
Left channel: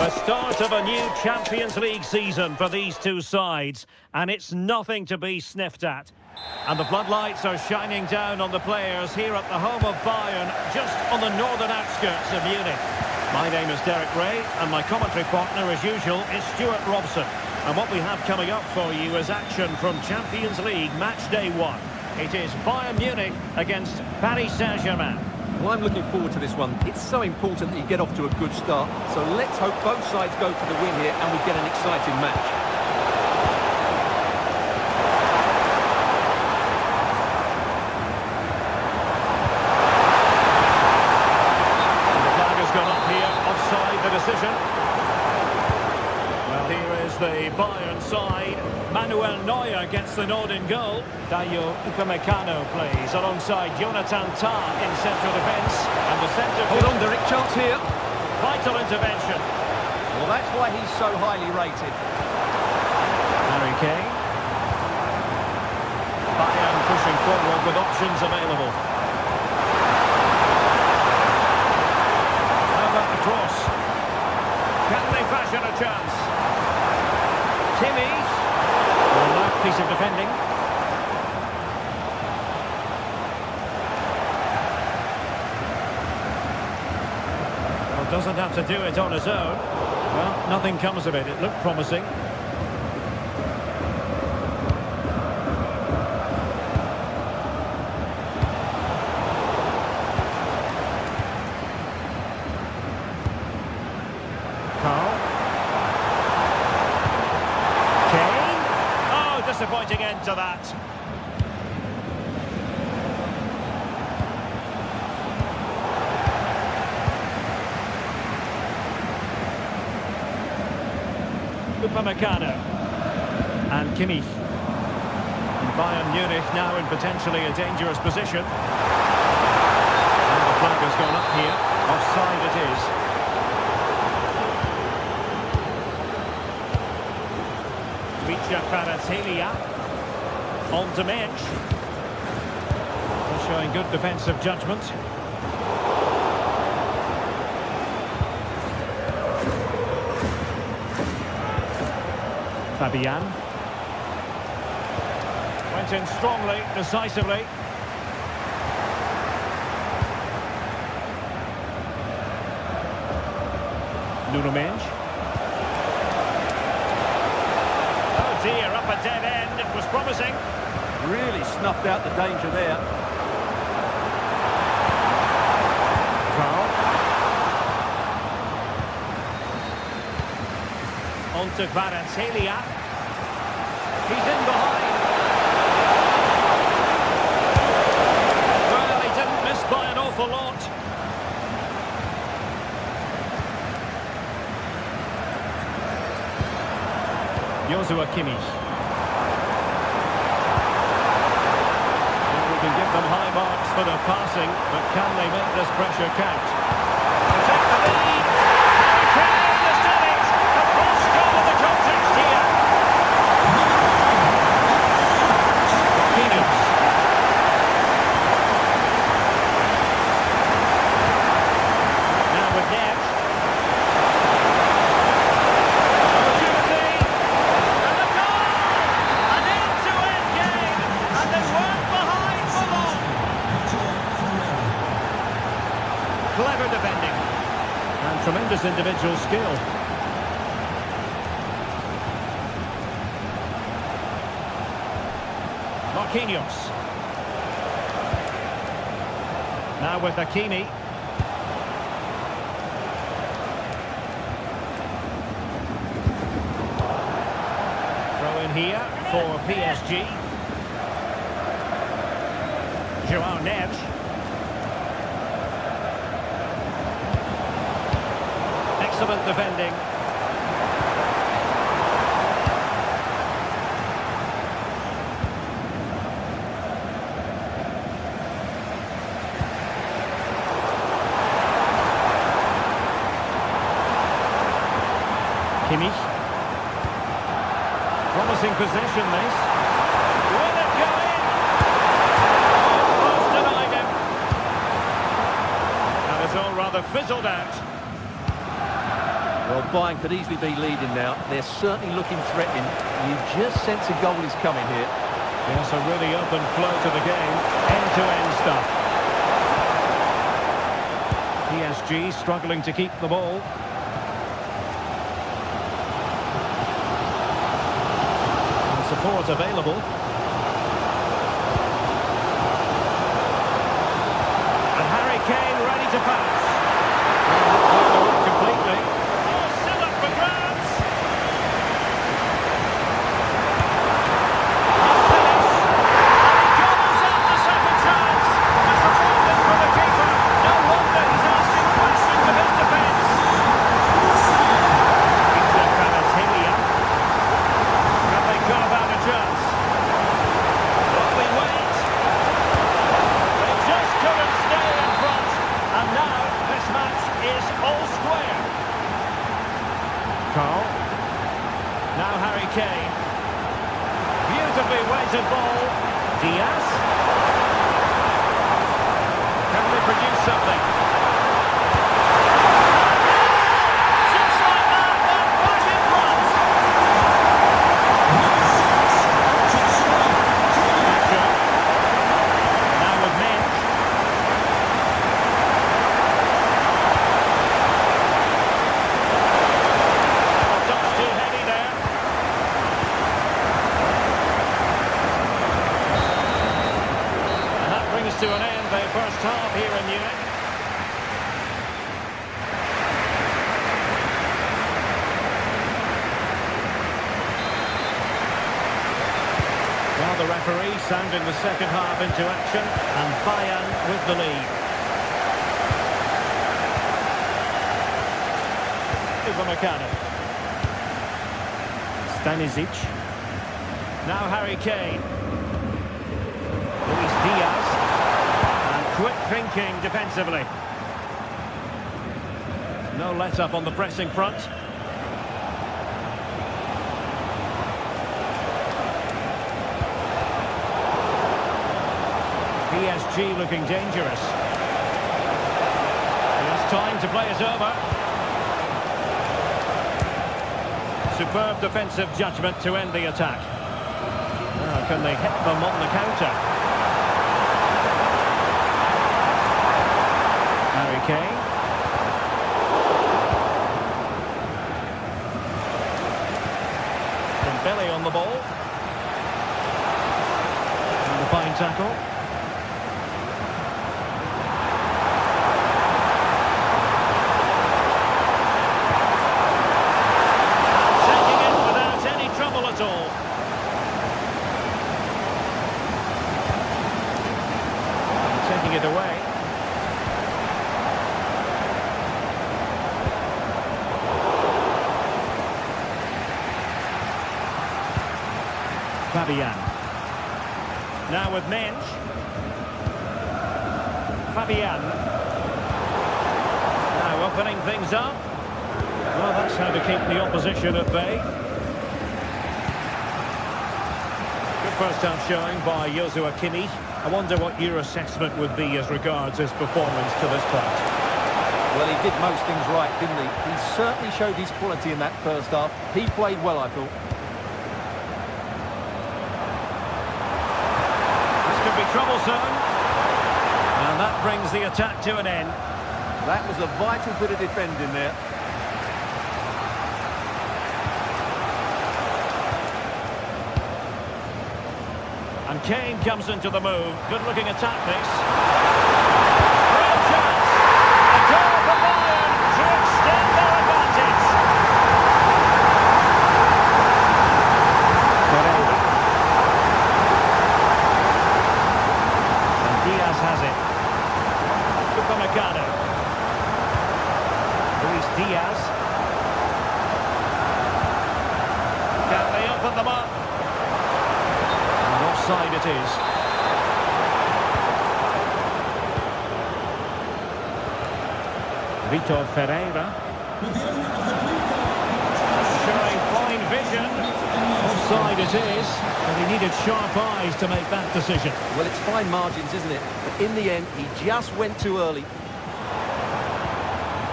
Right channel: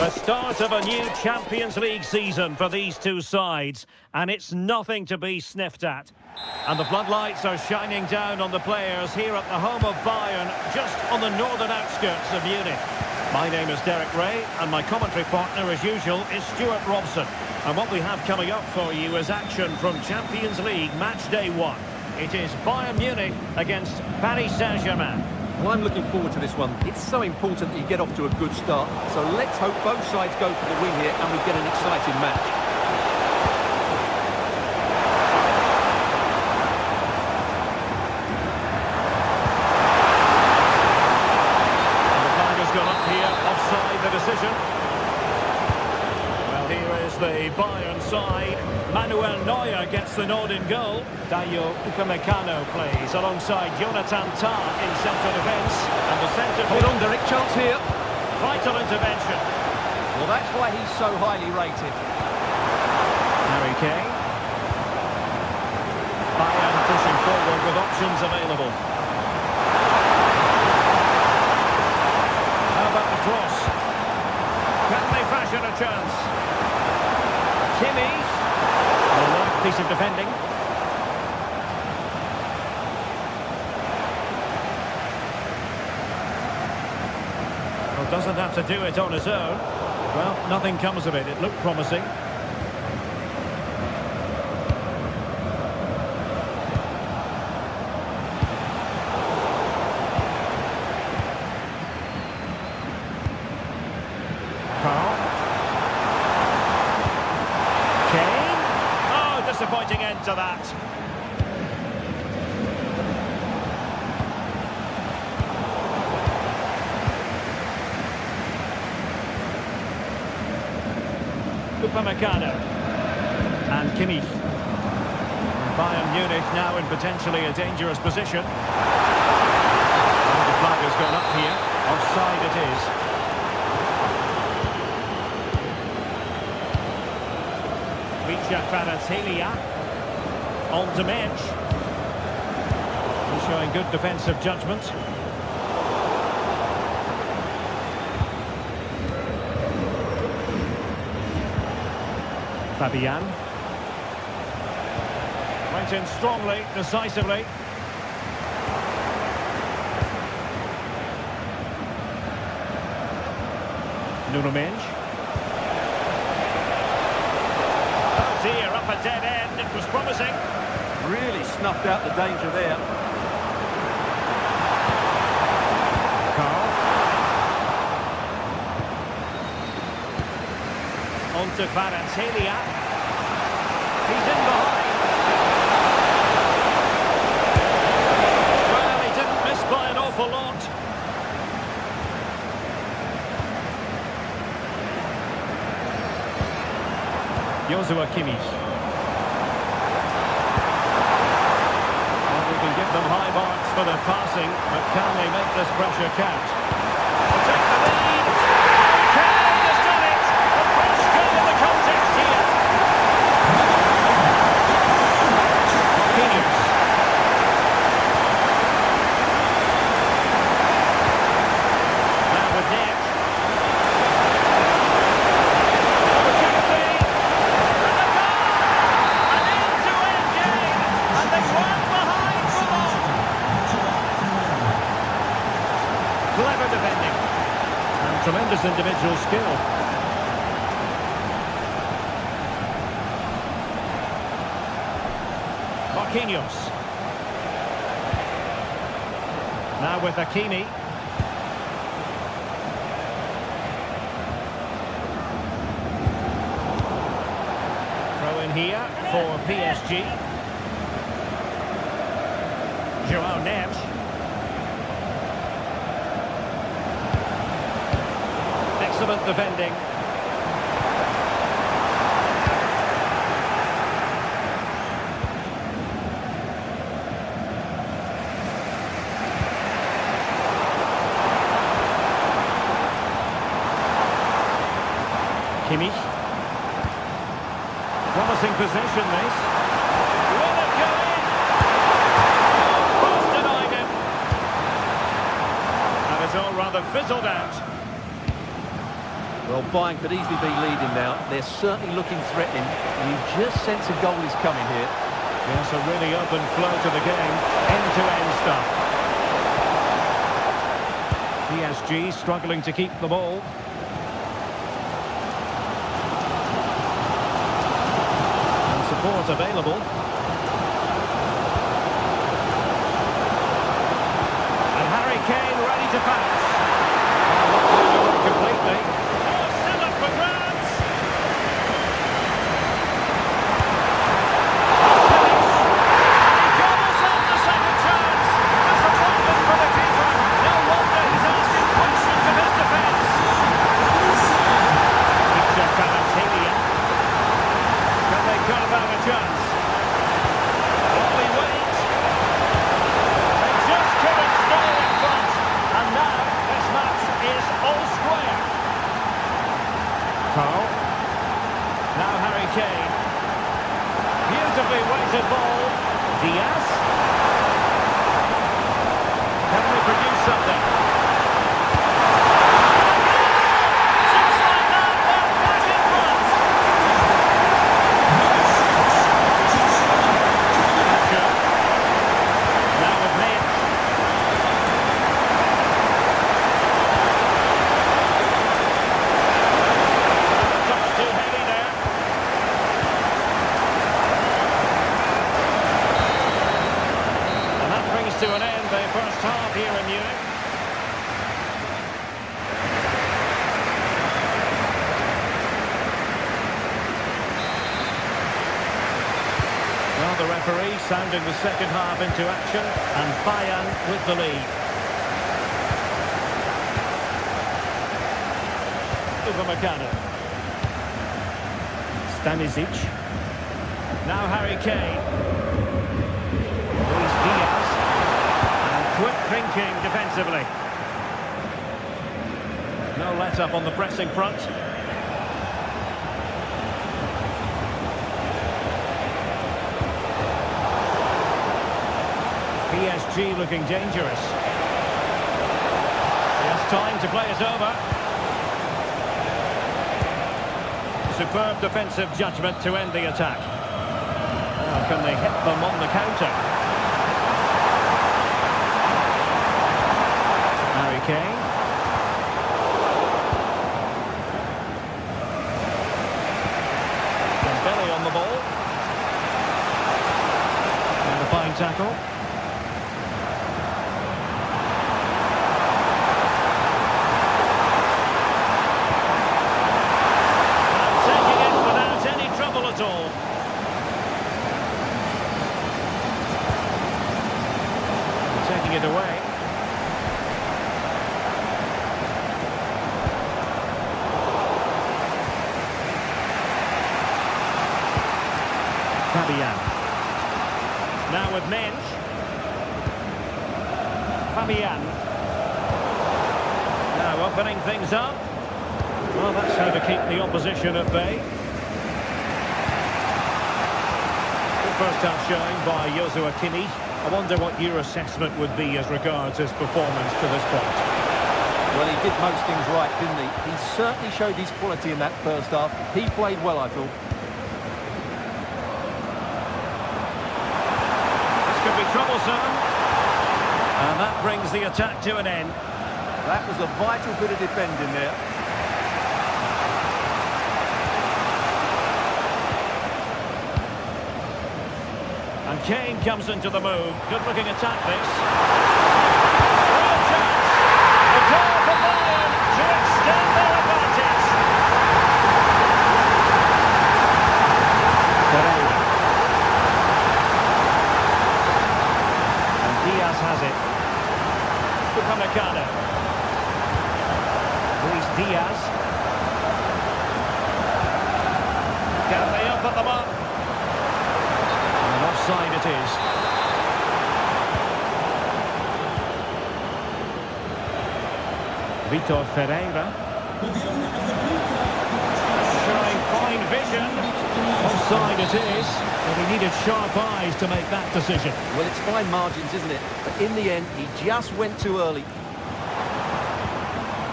The start of a new Champions League season for these two sides, and it's nothing to be sniffed at. And the floodlights are shining down on the players here at the home of Bayern, just on the northern outskirts of Munich. My name is Derek Ray, and my commentary partner, as usual, is Stuart Robson. And what we have coming up for you is action from Champions League Match Day 1. It is Bayern Munich against Paris Saint-Germain. Well, I'm looking forward to this one. It's so important that you get off to a good start. So let's hope both sides go for the win here and we get an exciting match. And the flag has gone up here, offside the decision. Well, here is the Bayern side. Manuel Neuer gets the nod in goal. Dayo Upamecano plays alongside Jonathan Tah in central defence. And the centre... Hold on, Derek, chance here. Vital intervention. Well, that's why he's so highly rated. Harry Kane. Bayern pushing forward with options available. How about the cross? Can they fashion a chance? Kimmich. Well, that piece of defending. Well, doesn't have to do it on his own. Well, nothing comes of it. It looked promising. Carl. Kane. Oh, disappointing end to that. Upamecano. And Kimmich. And Bayern Munich now in potentially a dangerous position. And the flag has gone up here. Offside it is. Vicha Kvaratskhelia on the bench. He's showing good defensive judgment. Fabian. Went in strongly, decisively. Nuno Mendes. Oh dear, up a dead end. It was promising. Really snuffed out the danger there. Carl. On to Kvaratskhelia. He's in behind. Well, he didn't miss by an awful lot. Joshua Kimmich. Well, we can give them high marks for their passing, but can they make this pressure count? To take the lead. Harry Kane has done it. The first goal of the contest here. Marquinhos. Now with Neves. Opportunity. And a goal! An end-to-end game. And they weren't behind for long. Clever defending. And tremendous individual skill. Marquinhos. Now with Hakimi. Throw in here for PSG. João Neves. Excellent defending. Kimmich. Promising possession, this. Will it go in? Oh, post denied him. And it's all rather fizzled out. Well, Bayern could easily be leading now. They're certainly looking threatening. You just sense a goal is coming here. Yes, a really open flow to the game. End-to-end stuff. PSG struggling to keep the ball. And support available. And Harry Kane ready to pass. Oh, not doing the work completely. Oh, still up for grabs. I'll finish. And he gobbles up the second chance. Disappointment for the keeper. No wonder he's asking questions of his defence. Victor Kvaratskhelia. Can they carve out a chance? While we wait. They just couldn't stay in front. And now this match is all square. Carl. Now Harry Kane. Beautifully weighted ball. Diaz. Can they produce something? Just like that, they're back in front. Thatcher. Now with Mensch. A touch too heavy there. And that brings to an end the first half here in Munich. Well, the referee sounding the second half into action, and Bayern with the lead. Upamecano. Stanisic. Now Harry Kane. Luis Diaz. And quick thinking defensively. No let-up on the pressing front. PSG looking dangerous. He has time to play it over. Superb defensive judgment to end the attack. Now, can they hit them on the counter? Harry Kane. Dembele on the ball. And a fine tackle. Trouble at all. And taking it away. Fabian. Now with Mensch. Fabian. Now opening things up. Well, that's how to keep the opposition at bay. First half showing by Joshua Kimmich. I wonder what your assessment would be as regards his performance to this point. Well, he did most things right, didn't he? He certainly showed his quality in that first half. He played well, I thought. This could be troublesome. And that brings the attack to an end. That was a vital bit of defending there. And Kane comes into the move. Good-looking attack, this. Real chance. A goal for Bayern to extend their advantage. Pereira. And Diaz has it. Upamecano. Luis Diaz. Can they open them up? And offside it is. Vitor Ferreira. Showing fine vision. Offside it is. But he needed sharp eyes to make that decision. Well, it's fine margins, isn't it? But in the end, he just went too early.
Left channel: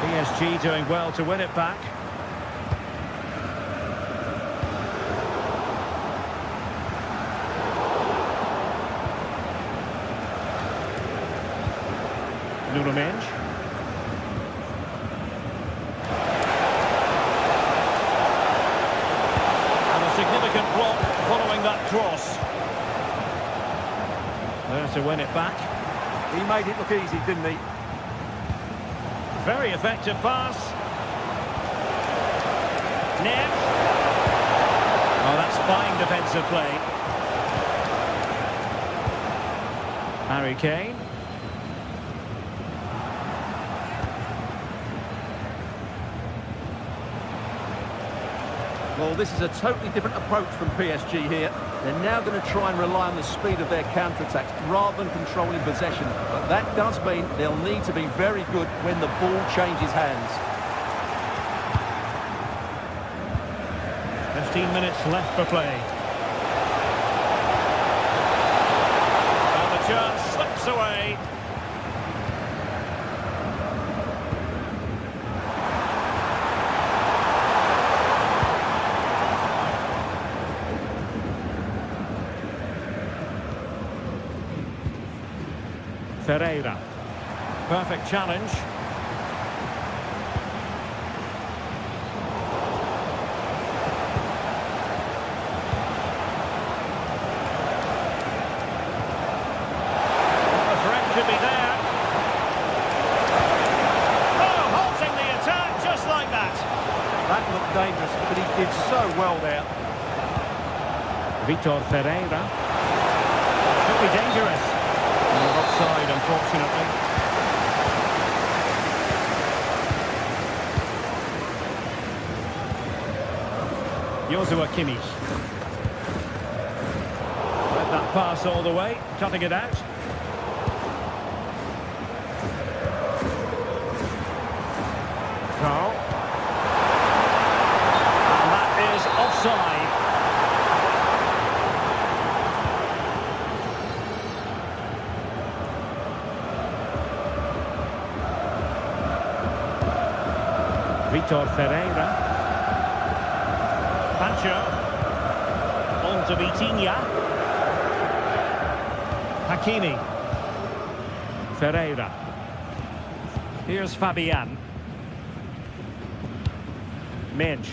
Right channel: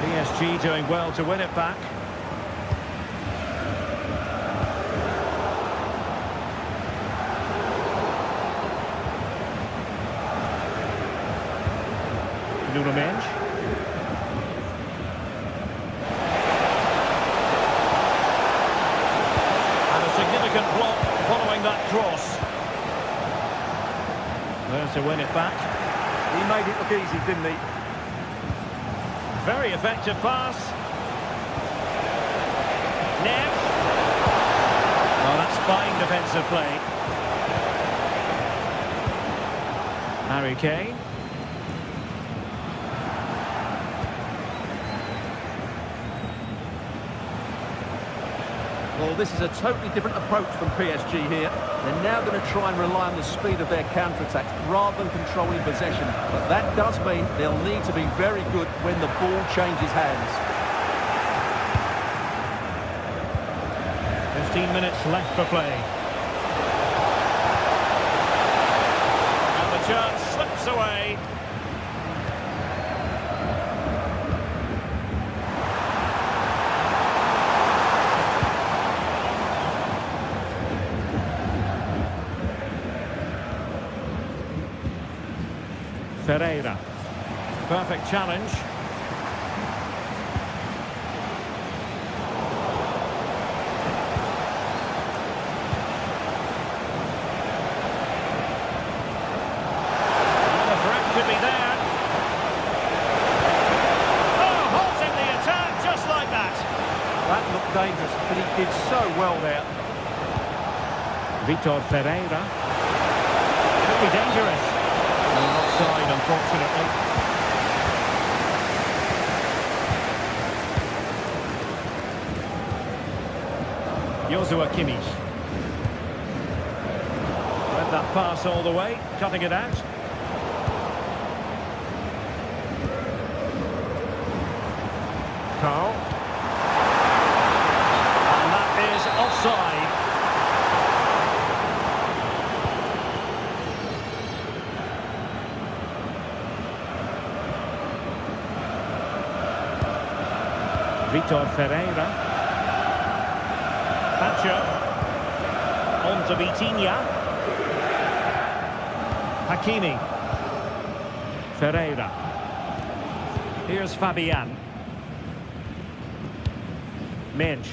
PSG doing well to win it back. Mensch. And a significant block following that cross. There to win it back. He made it look easy, didn't he? Very effective pass. Nev. Oh, that's fine defensive play. Harry Kane. Well, this is a totally different approach from PSG here. They're now going to try and rely on the speed of their counter-attacks rather than controlling possession. But that does mean they'll need to be very good when the ball changes hands. 15 minutes left for play. And the chance slips away. Ferreira. Perfect challenge. The threat could be there. Oh, halting the attack just like that. That looked dangerous, but he did so well there. Vitor Ferreira. Could be dangerous. Offside, unfortunately. Joshua Kimmich. Read that pass all the way, cutting it out. Carl. And that is offside. Vitor Ferreira. Pacho. On to Vitinha. Hakimi. Ferreira. Here's Fabian. Mensch.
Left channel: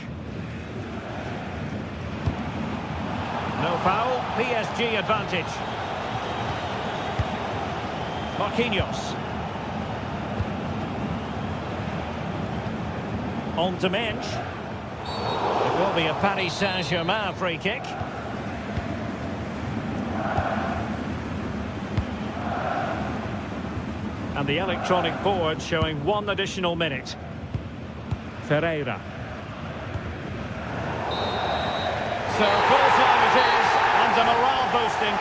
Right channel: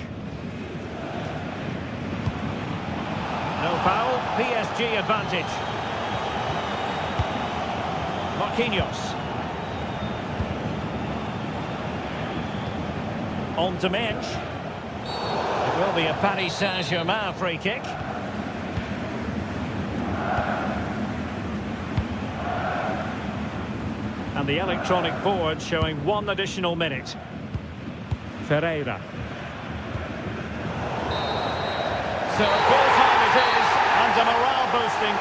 No foul. PSG advantage. Marquinhos. On to Mensch. It will be a Paris Saint-Germain free kick. And the electronic board showing 1 additional minute. Ferreira. So full time it is, and a morale boosting.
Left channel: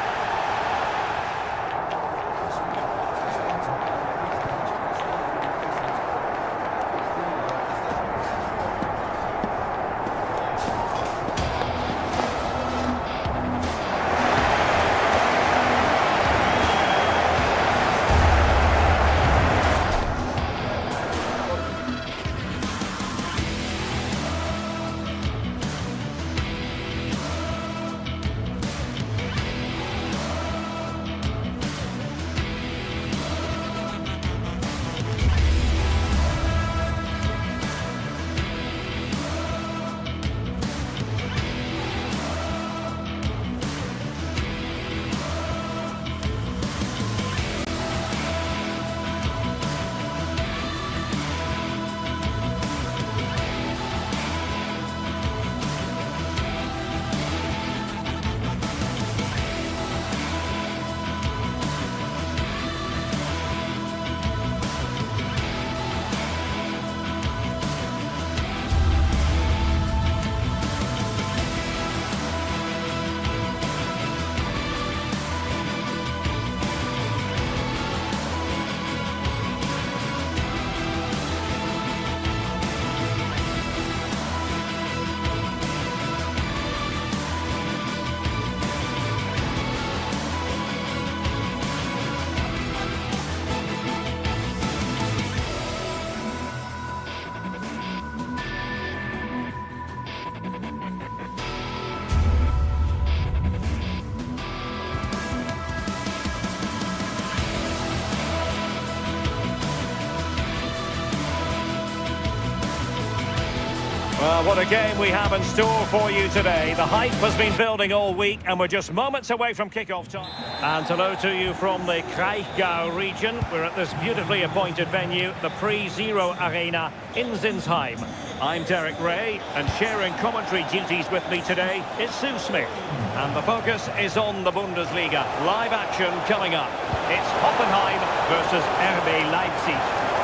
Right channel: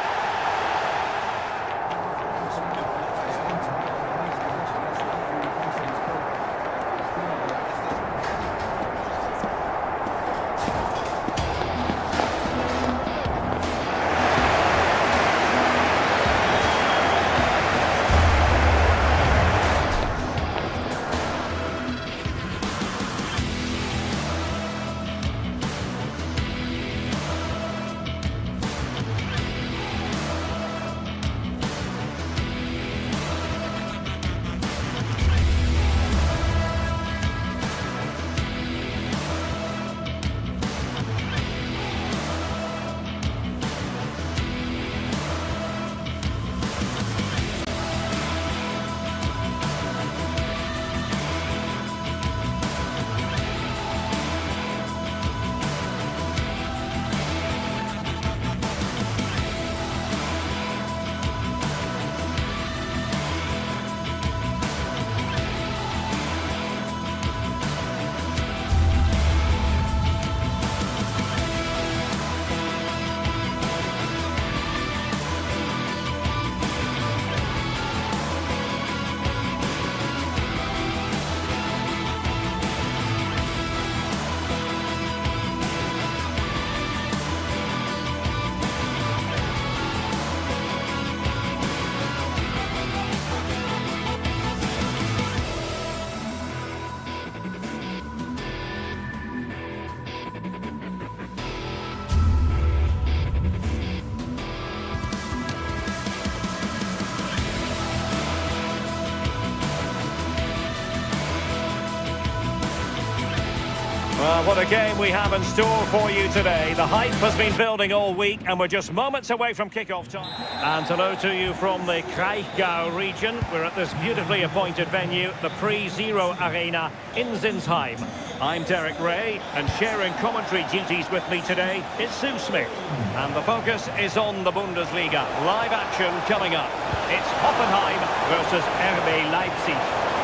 Well, what a game we have in store for you today. The hype has been building all week, and we're just moments away from kick-off time. And hello to you from the Kraichgau region. We're at this beautifully appointed venue, the Pre-Zero Arena in Zinsheim. I'm Derek Ray, and sharing commentary duties with me today is Sue Smith. And the focus is on the Bundesliga. Live action coming up. It's Hoffenheim versus RB Leipzig.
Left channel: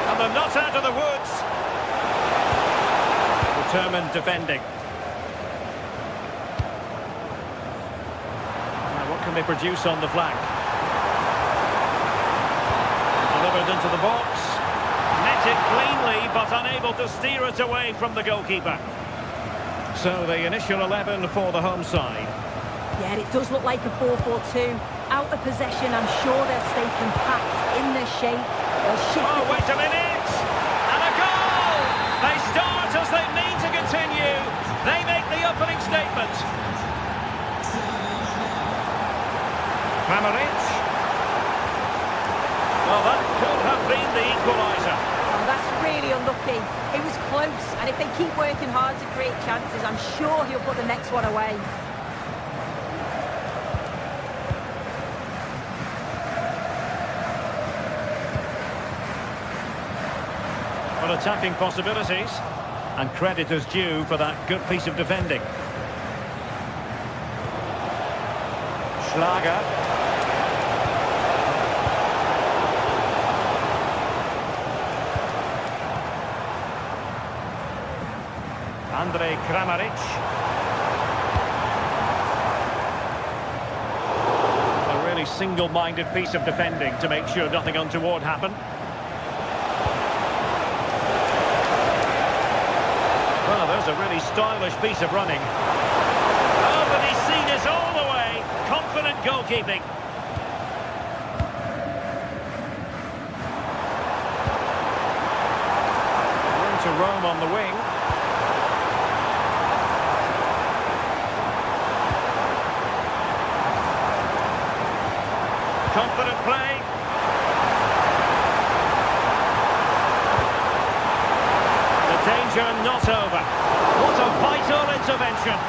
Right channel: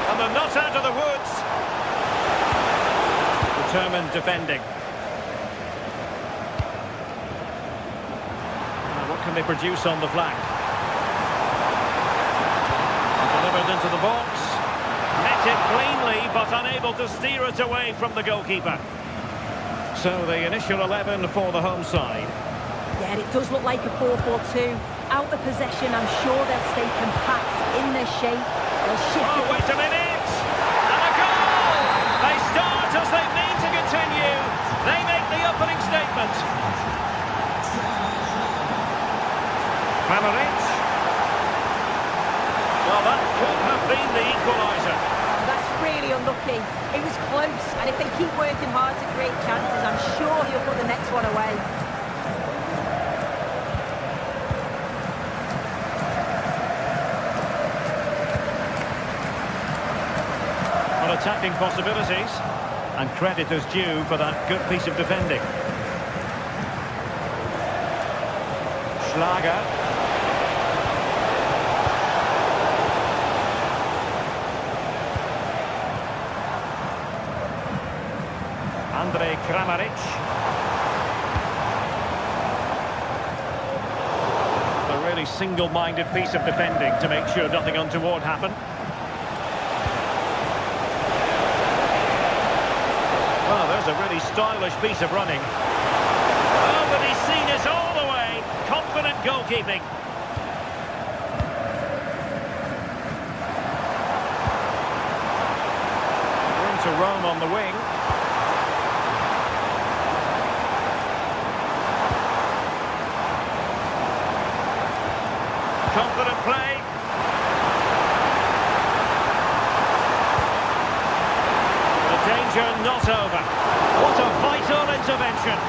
And they're not out of the woods. Determined defending. Now, what can they produce on the flank? Delivered into the box. Met it cleanly, but unable to steer it away from the goalkeeper. So the initial 11 for the home side. Yeah, it does look like a 4-4-2. Out of possession, I'm sure they'll stay compact in their shape. They'll shift. Oh, wait a minute! And a goal! They start as they mean to continue. They make the opening statement. Kramaric. Well, that could have been the equaliser. Oh, that's really unlucky. It was close, and if they keep working hard to create chances, I'm sure he'll put the next one away. Well, attacking possibilities, and credit is due for that good piece of defending. Schlager. Andre Kramaric. A really single-minded piece of defending to make sure nothing untoward happened. Well, there's a really stylish piece of running. Oh, but he's seen it all the way. Confident goalkeeping. Room to roam on the wing. Confident play. The danger not over. What a vital intervention.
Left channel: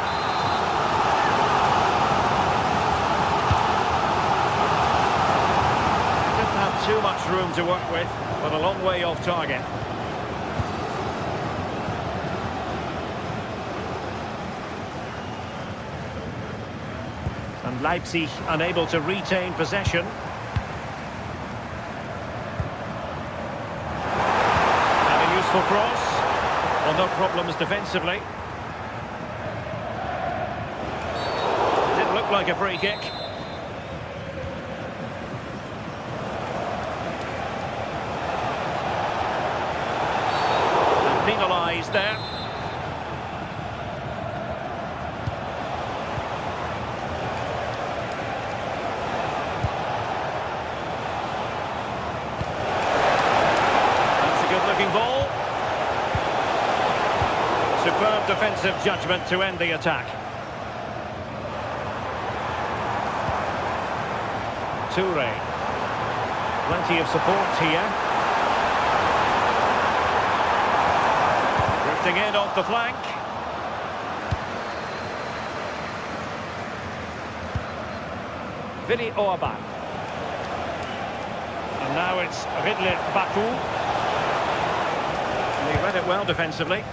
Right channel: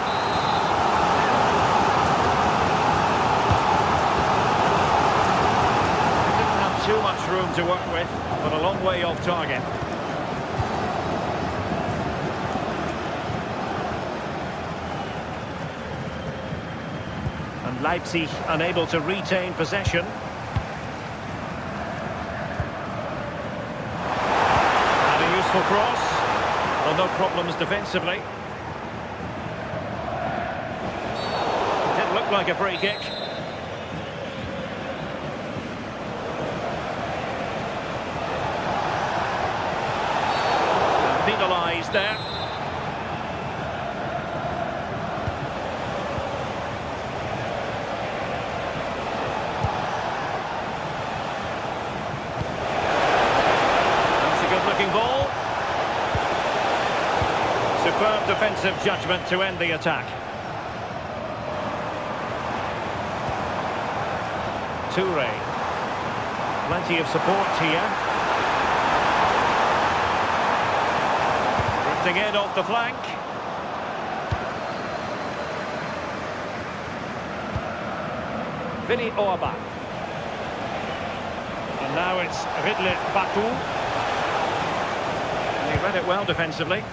They didn't have too much room to work with, but a long way off target. And Leipzig unable to retain possession. And a useful cross. Well, no problems defensively. Didn't look like a free kick. And penalised there. That's a good-looking ball. Superb defensive judgment to end the attack. Toure. Plenty of support here. Drifting in off the flank. Willi Orban. And now it's Ridley Baku. And he read it well defensively.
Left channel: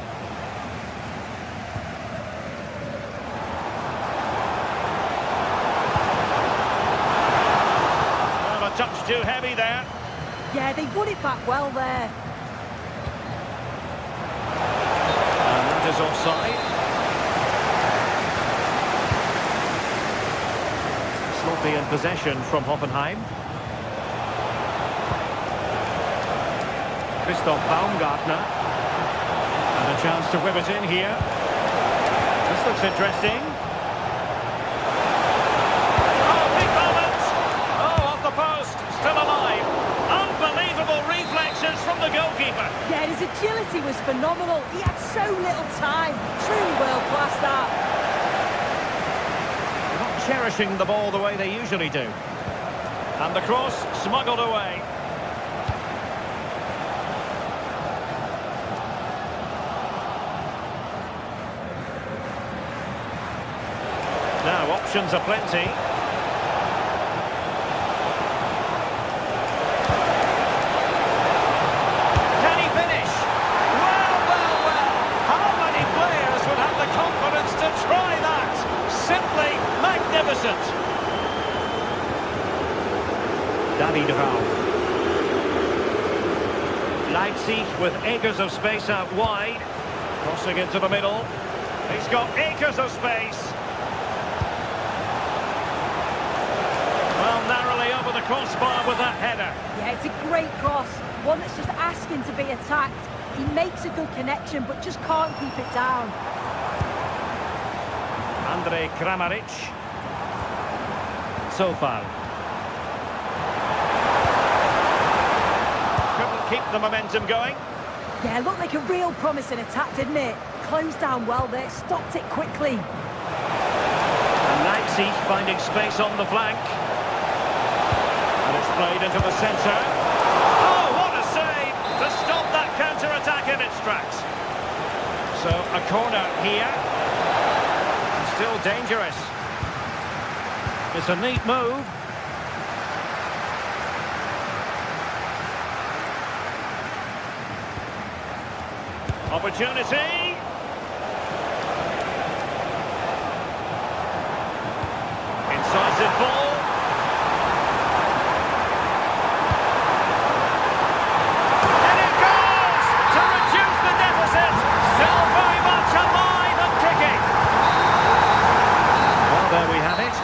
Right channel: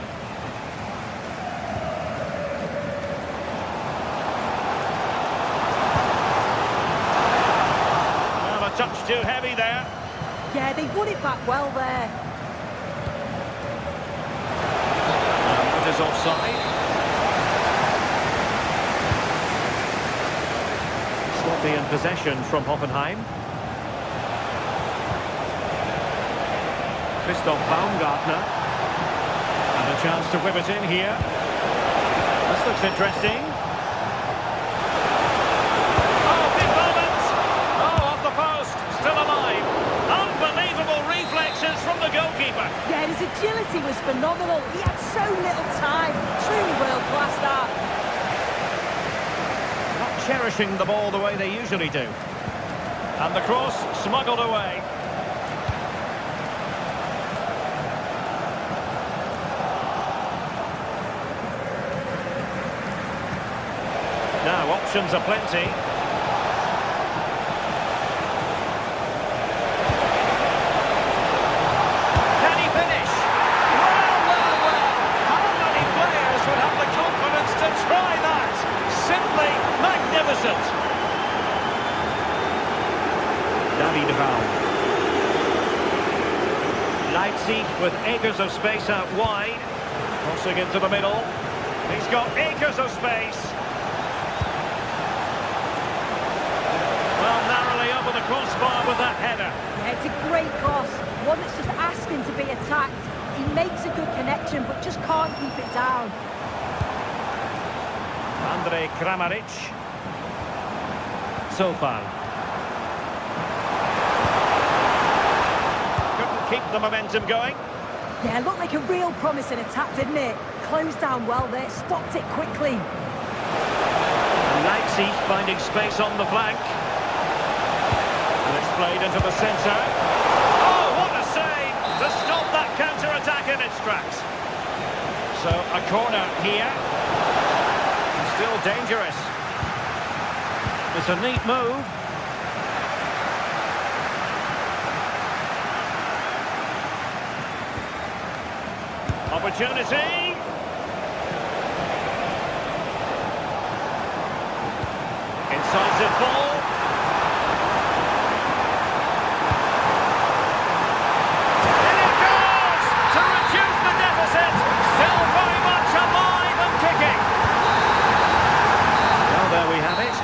Touch too heavy there. Yeah, they won it back well there. And that is offside. Sloppy in possession from Hoffenheim. Christoph Baumgartner. And a chance to whip it in here. This looks interesting. Still alive. Unbelievable reflexes from the goalkeeper. Yeah, his agility was phenomenal. He had so little time. Truly world-class that. They're not cherishing the ball the way they usually do. And the cross smuggled away. Now, options are plenty. Can he finish? Well, well, well. How many players would have the confidence to try that? Simply magnificent. David Raum. Leipzig with acres of space out wide. Crossing into the middle. He's got acres of space. Well, narrowly over the crossbar with that header. Yeah, it's a great cross. One that's just asking to be attacked. He makes a good connection, but just can't keep it down. Andrej Kramaric. Sofal. Couldn't keep the momentum going. Yeah, looked like a real promising attack, didn't it? Closed down well there, stopped it quickly. And Leipzig finding space on the flank. And it's played into the centre. Oh, what a save to stop that counter-attack in its tracks. So, a corner here. And still dangerous. It's a neat move. Opportunity. Incisive ball. And it goes to reduce the deficit. Still very much alive and kicking. Well, there we have it.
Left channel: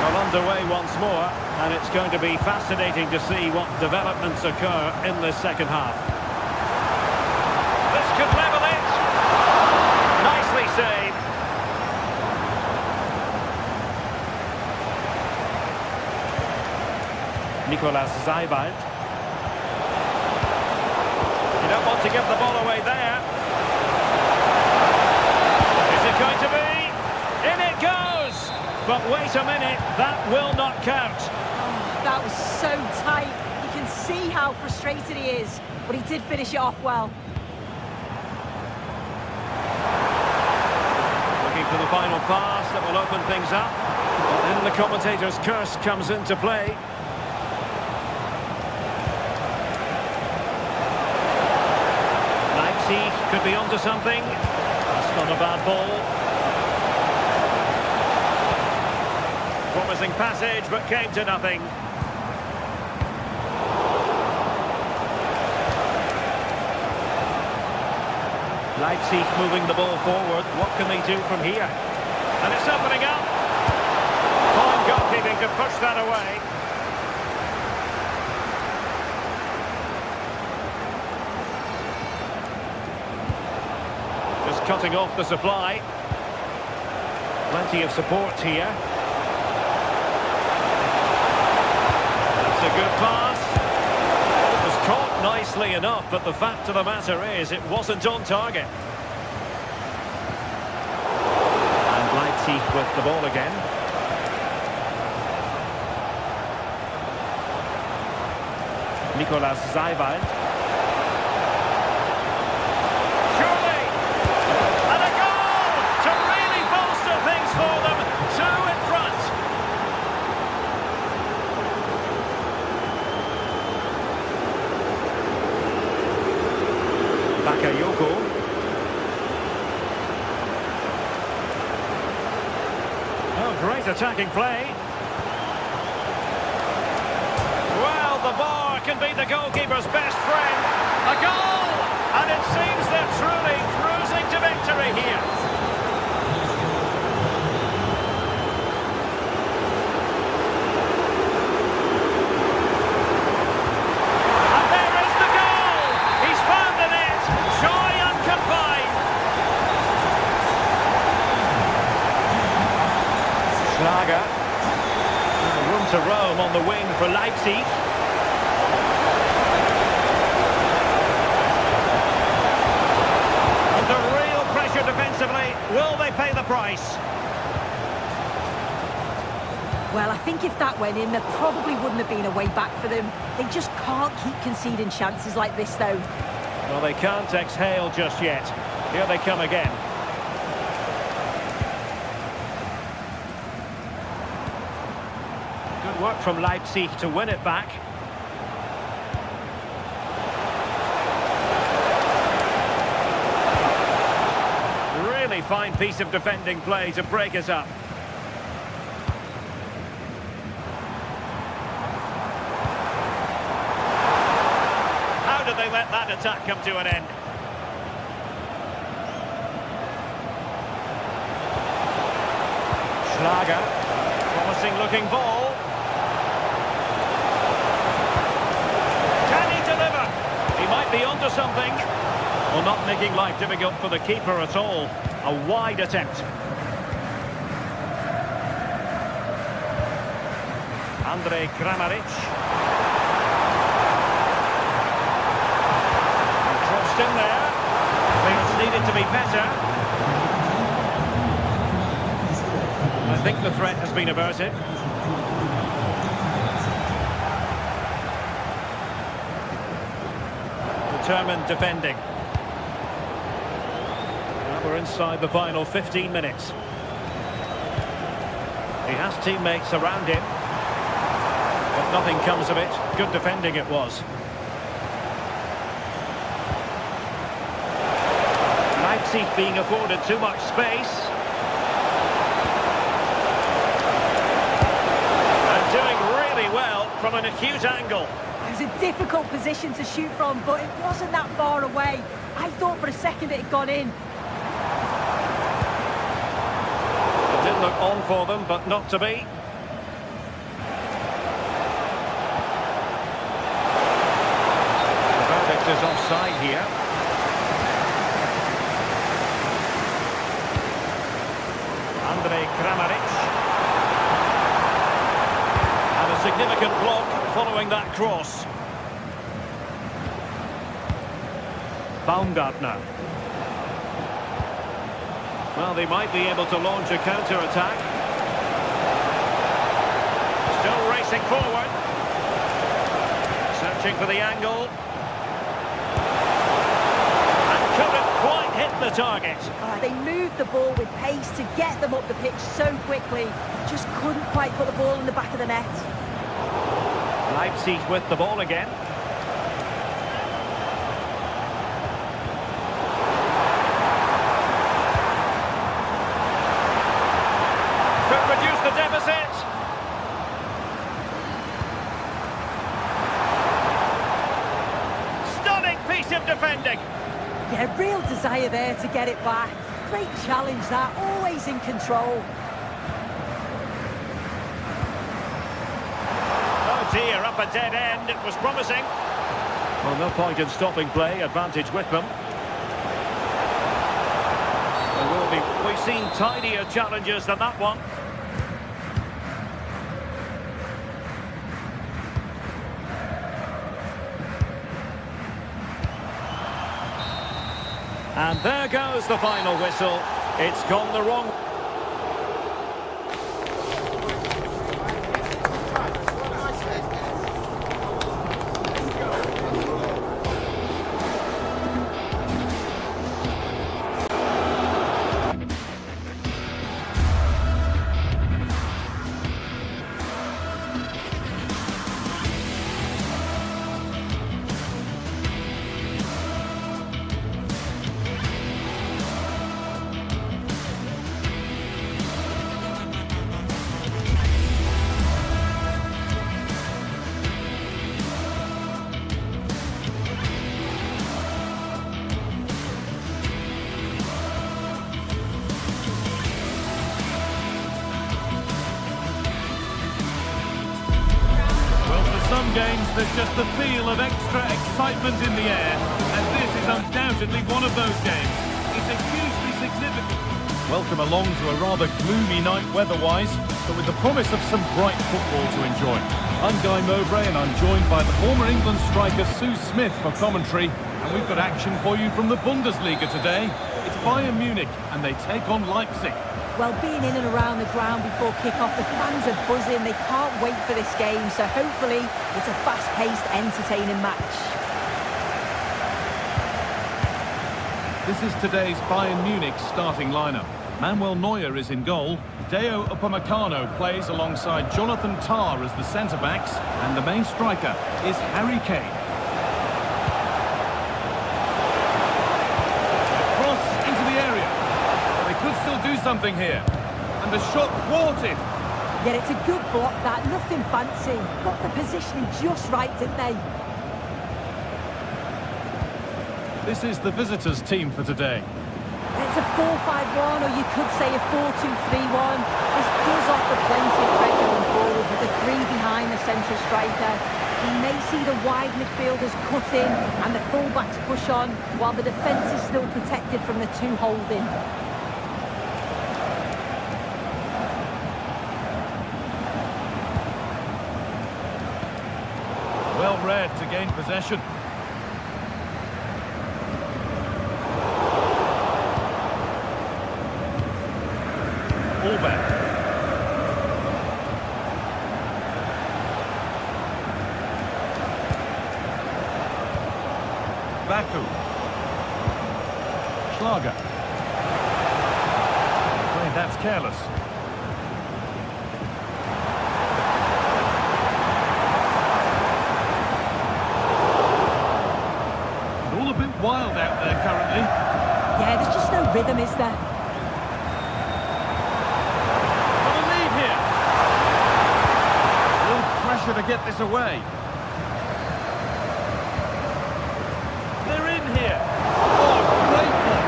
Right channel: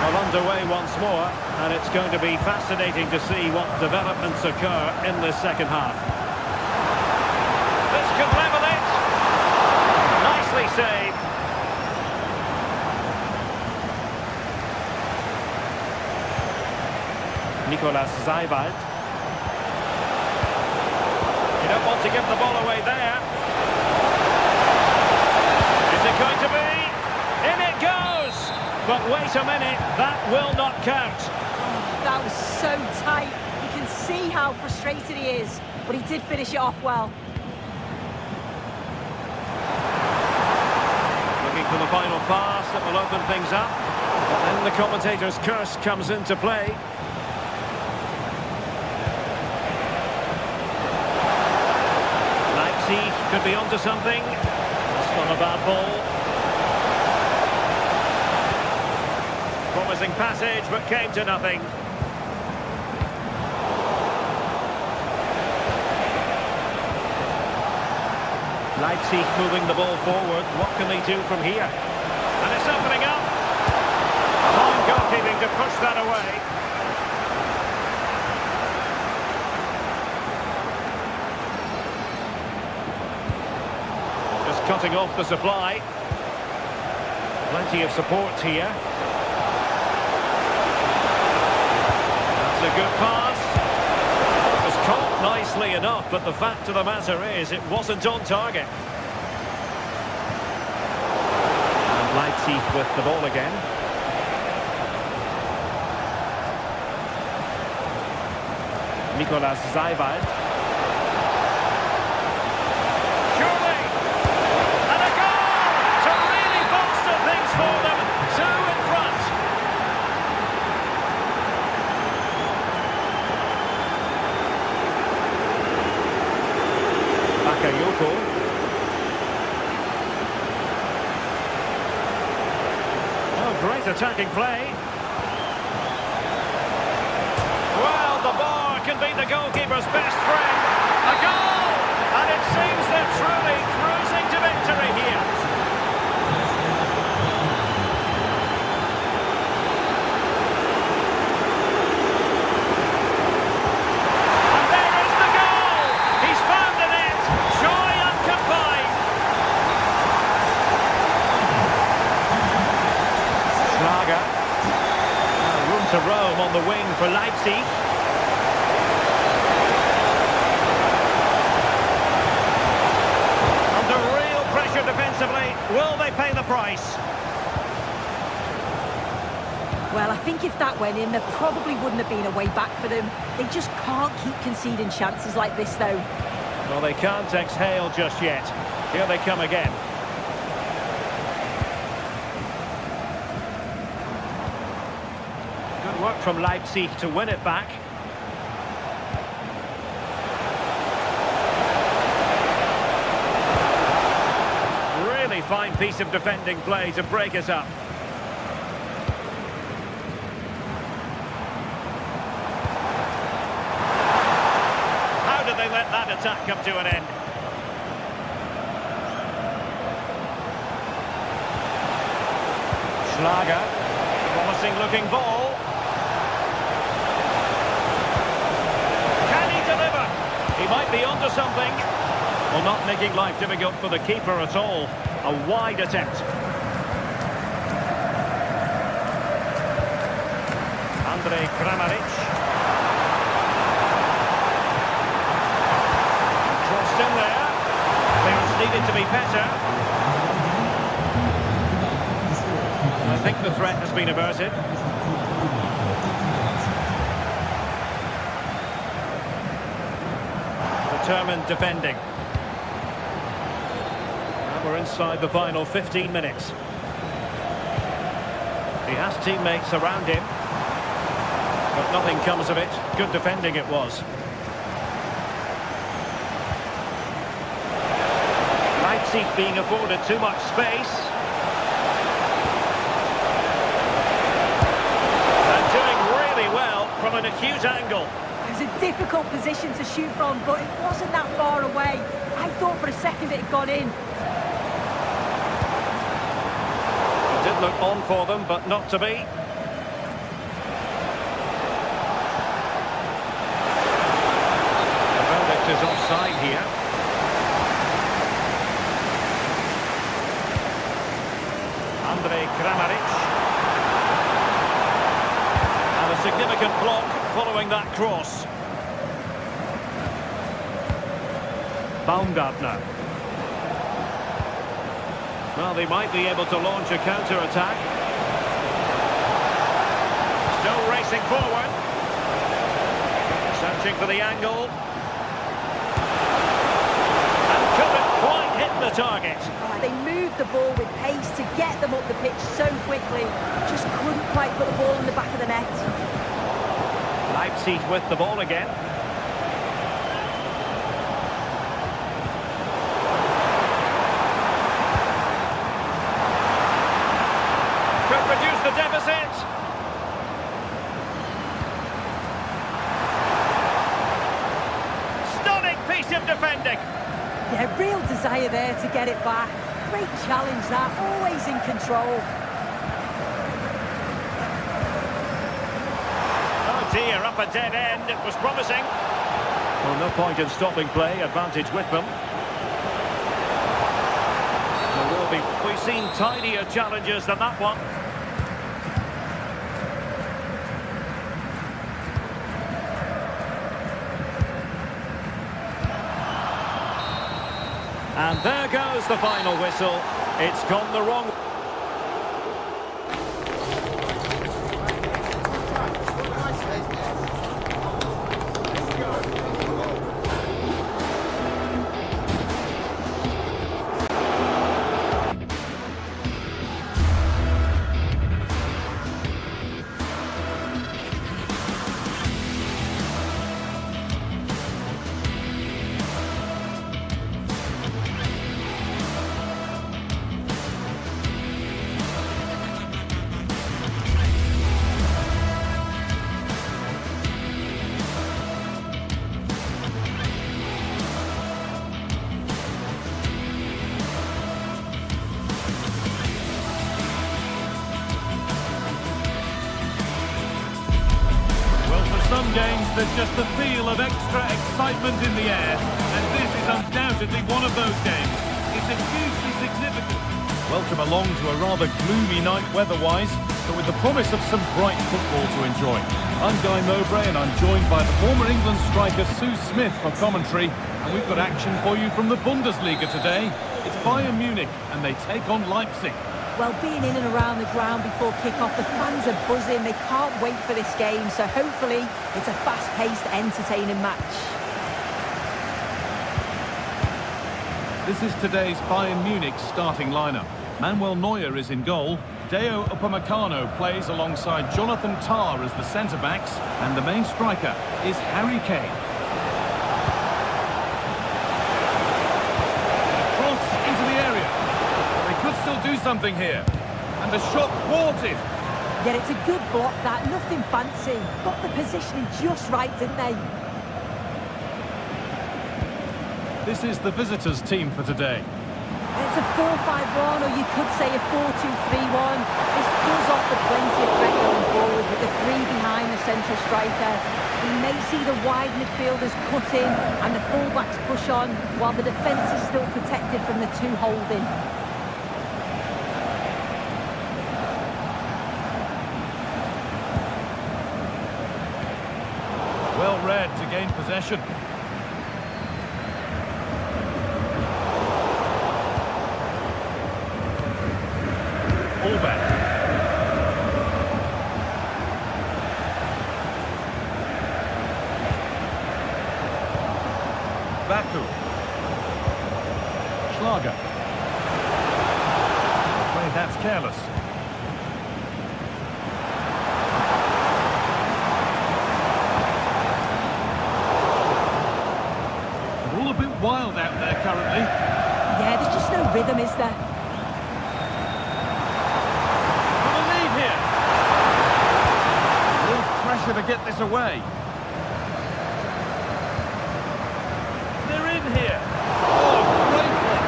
Well, underway once more, and it's going to be fascinating to see what developments occur in the second half. This could level it. Nicely saved. Nicolas Seibald. You don't want to give the ball away there. Is it going to be? In it goes! But wait a minute, that will not count. Oh, that was so tight. You can see how frustrated he is, but he did finish it off well. Looking for the final pass that will open things up. But then the commentator's curse comes into play. Leipzig could be onto something. That's not a bad ball. Promising passage, but came to nothing. Leipzig moving the ball forward. What can they do from here? And it's opening up. Fine goalkeeping to push that away. Just cutting off the supply. Plenty of support here. That's a good pass. It was caught nicely enough, but the fact of the matter is it wasn't on target. And Leipzig with the ball again. Nicolas Seibald. Surely! And a goal to really bolster things for them. 2 in front. Bakayoko. Oh, great attacking play. Well, the bar can be the goalkeeper's best friend. A goal! And it seems they're truly cruising to victory here. And there is the goal! He's found the net. Joy unconfined. Schlager. Room to roam on the wing for Leipzig. Under real pressure defensively. Will they pay the price? Well, I think if that went in, there probably wouldn't have been a way back for them. They just can't keep conceding chances like this, though. Well, they can't exhale just yet. Here they come again. Good work from Leipzig to win it back. Really fine piece of defending play to break us up. How did they let that attack come to an end? Schlager, promising looking ball. Can he deliver? He might be onto something. Well, not making life difficult for the keeper at all. A wide attempt. Andrej Kramaric. And crossed in there. Clearance needed to be better. I think the threat has been averted. Determined defending. Now we're inside the final 15 minutes. He has teammates around him, but nothing comes of it. Good defending it was. Leipzig being afforded too much space. And doing really well from an acute angle. It was a difficult position to shoot from, but it wasn't that far away. I thought for a second it had gone in. It did look on for them, but not to be. The verdict is offside here. Andrej Kramaric. And a significant block following that cross. Baumgartner. Well, they might be able to launch a counter-attack. Still racing forward. Searching for the angle. And couldn't quite hit the target. They moved the ball with pace to get them up the pitch so quickly. Just couldn't quite put the ball in the back of the net. Leipzig with the ball again. Could reduce the deficit. Stunning piece of defending. Yeah, real desire there to get it back. Great challenge that, always in control. Oh dear, up a dead end. It was promising. Well, no point in stopping play. Advantage with them. There will be. We've seen tidier challenges than that one. And there goes the final whistle. It's gone the wrong way. Some games, there's just the feel of extra excitement in the air, and this is undoubtedly one of those games. It's a hugely significant. Welcome along to a rather gloomy night weather-wise, but with the promise of some bright football to enjoy. I'm Guy Mowbray, and I'm joined by the former England striker Sue Smith for commentary, and we've got action for you from the Bundesliga today. It's Bayern Munich, and they take on Leipzig. Well, being in and around the ground before kick-off, the fans are buzzing. They can't wait for this game, so hopefully it's a fast-paced, entertaining match. This is today's Bayern Munich starting lineup. Manuel Neuer is in goal. Deo Upamecano plays alongside Jonathan Tah as the centre-backs, and the main striker is Harry Kane. A cross into the area. They could still do something here. And the shot thwarted. Yeah, it's a good block, that. Nothing fancy. Got the positioning just right, didn't they? This is the visitors' team for today. It's a 4-5-1, or you could say a 4-2-3-1. This does offer plenty of threat going forward with the three behind the central striker. He may see the wide midfielders cut in and the fullbacks push on, while the defence is still protected from the two holding. Well read to gain possession. Allback. Baku. Schlager. I'm afraid that's careless. And all a bit wild out there currently. Yeah, there's just no rhythm, is there? Pressure to get this away. They're in here. Oh, great block.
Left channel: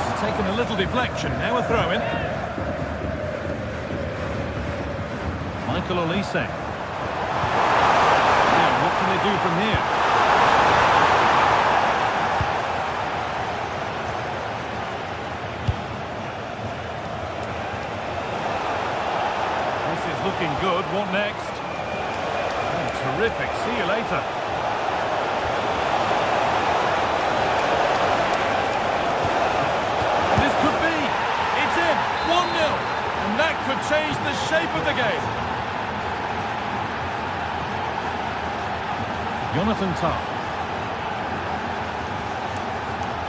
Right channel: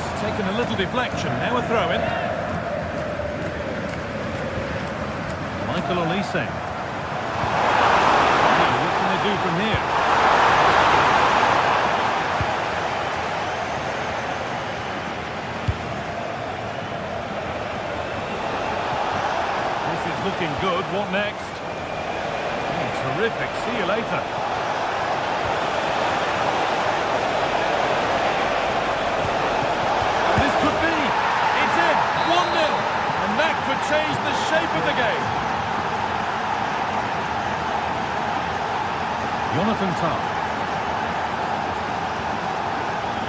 It's taken a little deflection. Now a throw-in. Michael Olise. Now, what can they do from here? Looking good. What next? Oh, terrific. See you later. This could be. It's in. 1-0. And that could change the shape of the game. Jonathan Tah.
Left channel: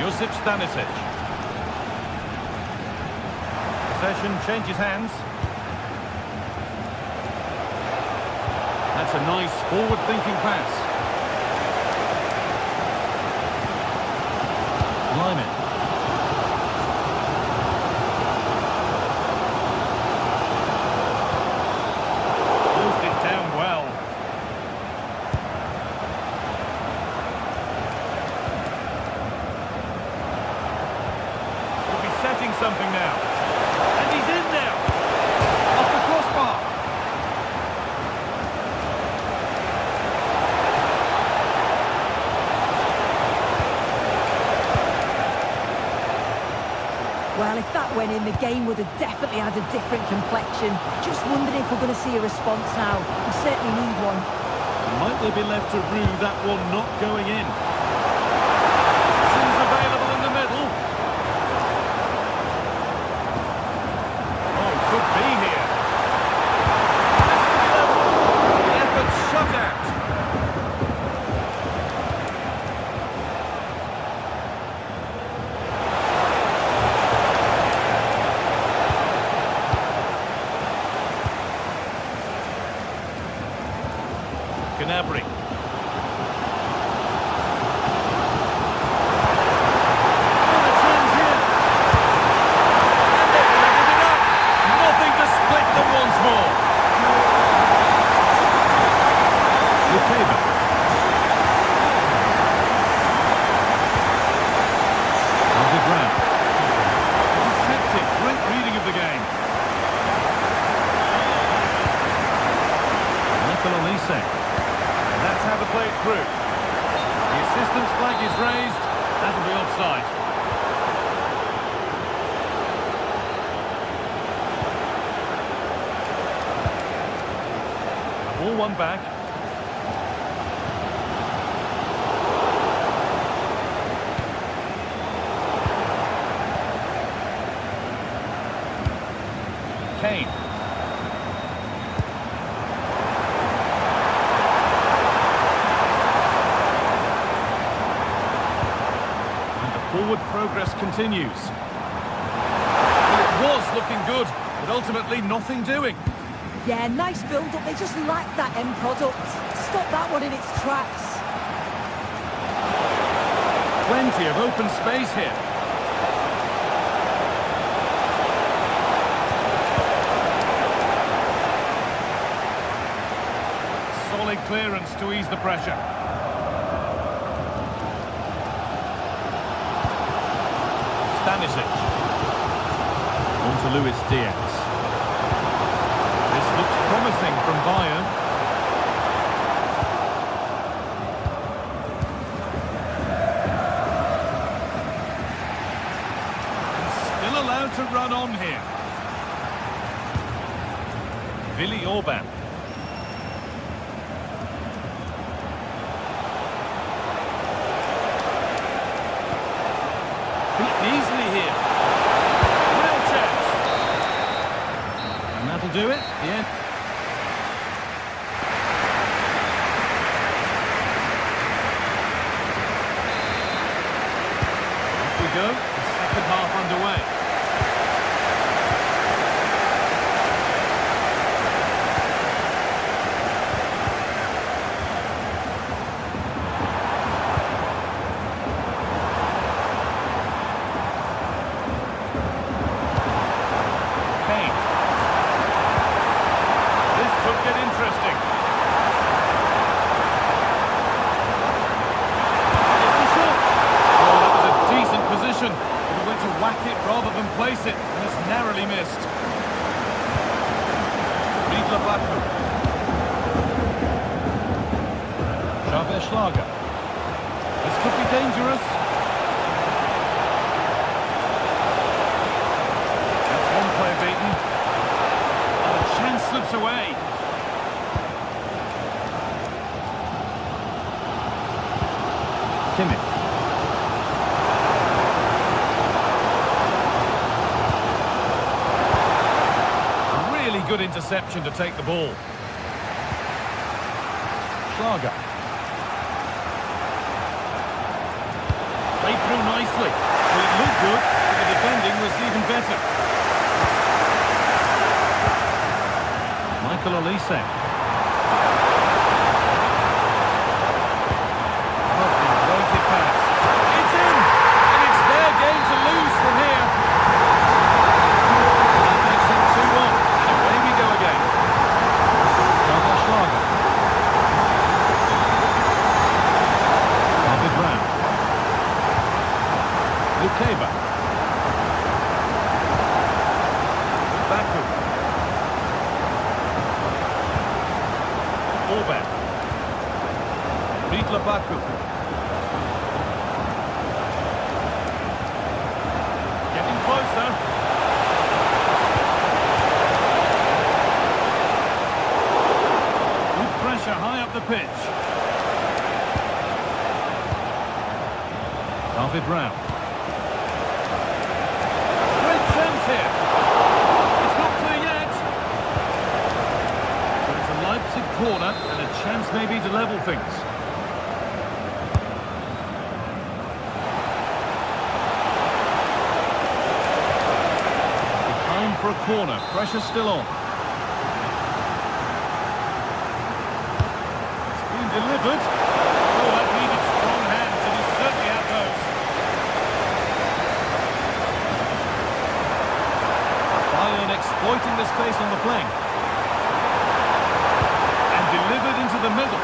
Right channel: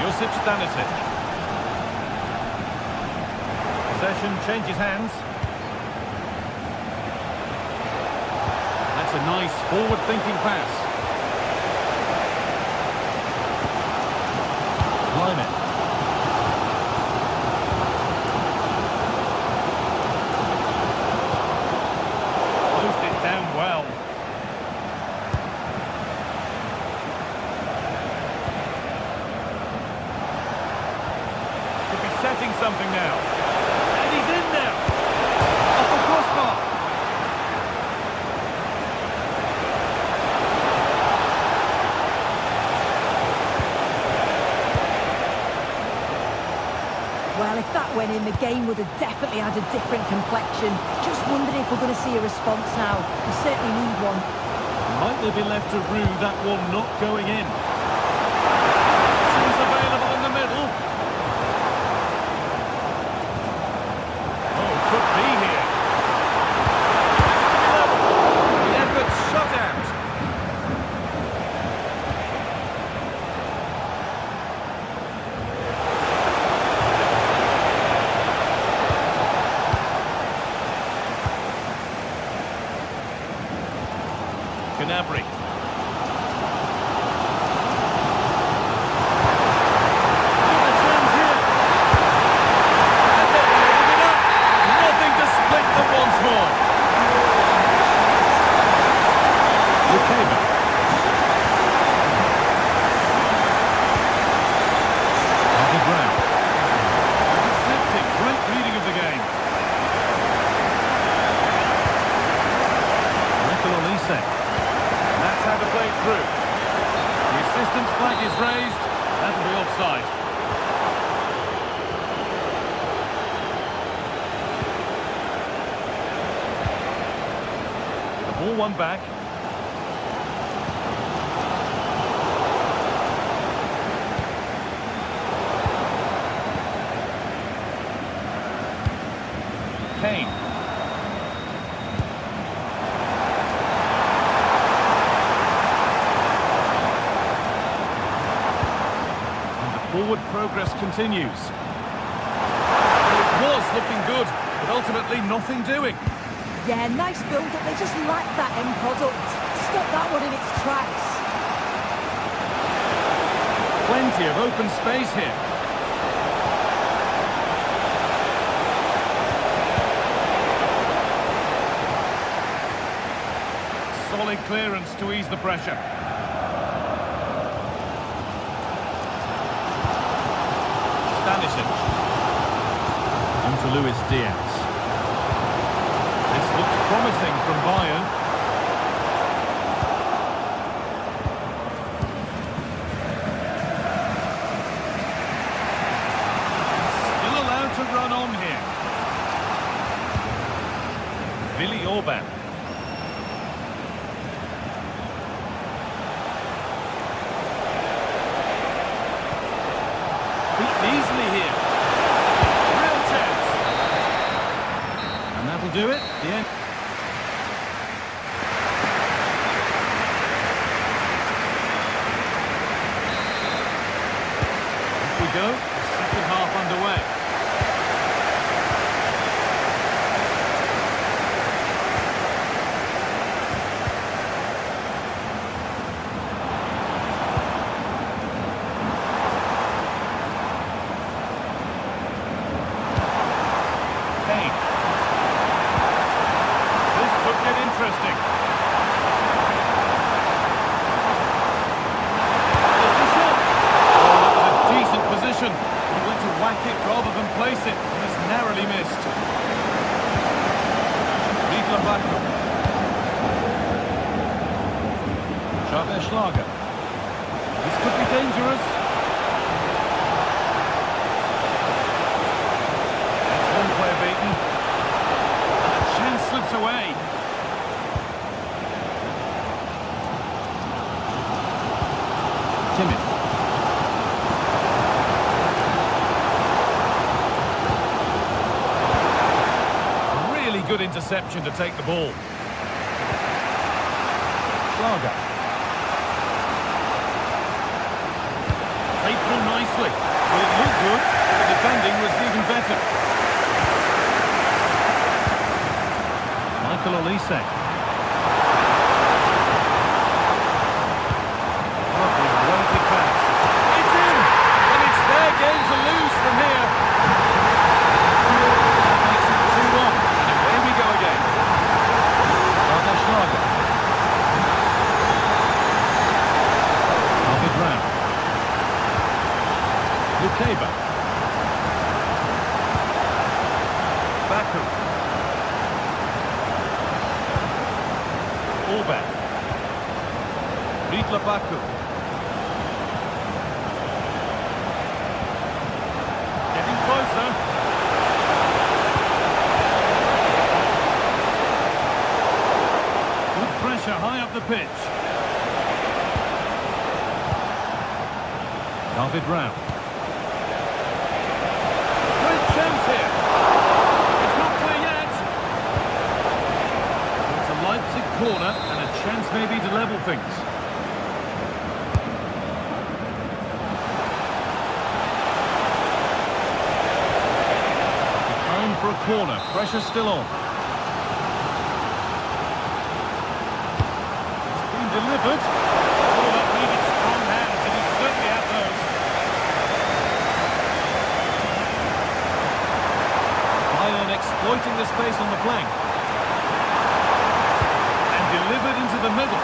Josip Stanisic. Possession changes hands. That's a nice forward-thinking pass. Lyman. Closed it down well. Could be setting something now. And he's in now. Off the crossbar. Well, if that went in, the game would have definitely had a different complexion. Just wondering if we're going to see a response now. We certainly need one. Might they be left to rue that one not going in? Options available in the middle. Oh, could be here. Has to be level. The effort shut out. Gnabry. Oh, the chance here. And they've leveled it up. Nothing to split them once more. Lukeba. David Brown. Deceptive. Great reading of the game. Michael Olise. That's how to play it through. The assistant's flag is raised. That'll be offside. A ball won back. Kane. And the forward progress continues. Well, it was looking good, but ultimately nothing doing. Yeah, nice build-up. They just lack that end product. Stop that one in its tracks. Plenty of open space here. Solid clearance to ease the pressure. Stanisic. On to Luis Diaz. This looks promising from Bayern. Still allowed to run on here. Willi Orban. Beaten easily here. Real chance. And that'll do it. The end. Off we go. The second half underway. Kane. This could get interesting. There's the shot. Oh, that was a decent position. But he went to whack it rather than place it, and has narrowly missed. Riedler Baku. Xavier Schlager. This could be dangerous. One player beaten, and a chance slips away. Kimmich. A really good interception to take the ball. Schlager. Played through nicely. Well, it looked good, but the defending was even better. Michael Olise. Lovely weighted pass. It's in! And it's their game to lose from here. That makes it 2-1. And away we go again. Xavier Schlager. David Raum. Lukeba. Baku. Orban. Riedler Baku. Getting closer. Good pressure high up the pitch. David Raum. Great chance here. It's not clear yet. It's a Leipzig corner and a chance maybe to level things. Behind for a corner, pressure still on. It's been delivered. Oh, that needed strong hands, and he certainly had those. Bayern exploiting the space on the flank. Delivered into the middle.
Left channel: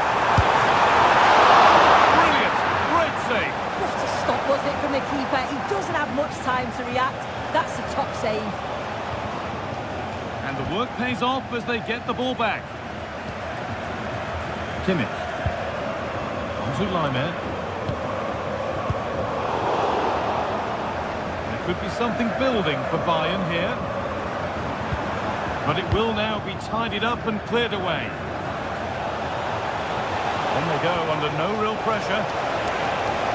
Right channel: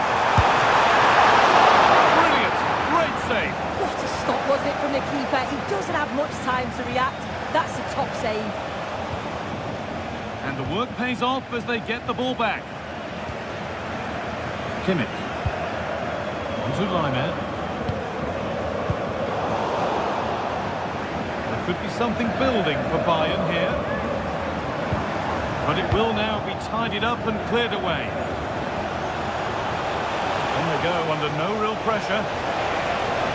Brilliant. Great save. What a stop was it from the keeper. He doesn't have much time to react. That's a top save. And the work pays off as they get the ball back. Kimmich. On to Leimer. There could be something building for Bayern here. But it will now be tidied up and cleared away. On they go under no real pressure.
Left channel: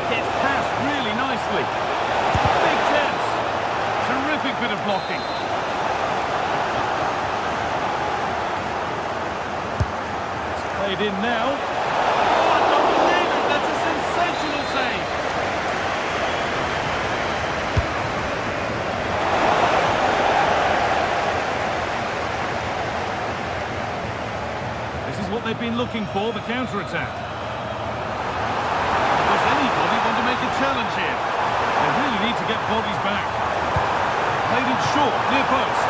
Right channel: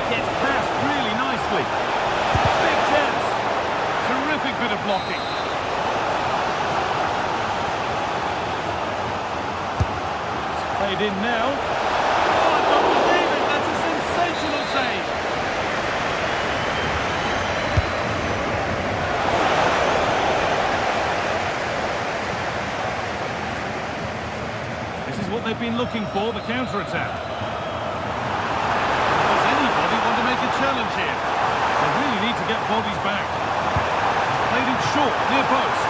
Gets past really nicely. Big chance. Terrific bit of blocking. played in now. Oh, I don't believe it! That's a sensational save! This is what they've been looking for, the counter-attack. Does anybody want to make a challenge here? They really need to get bodies back. Played it short, near post.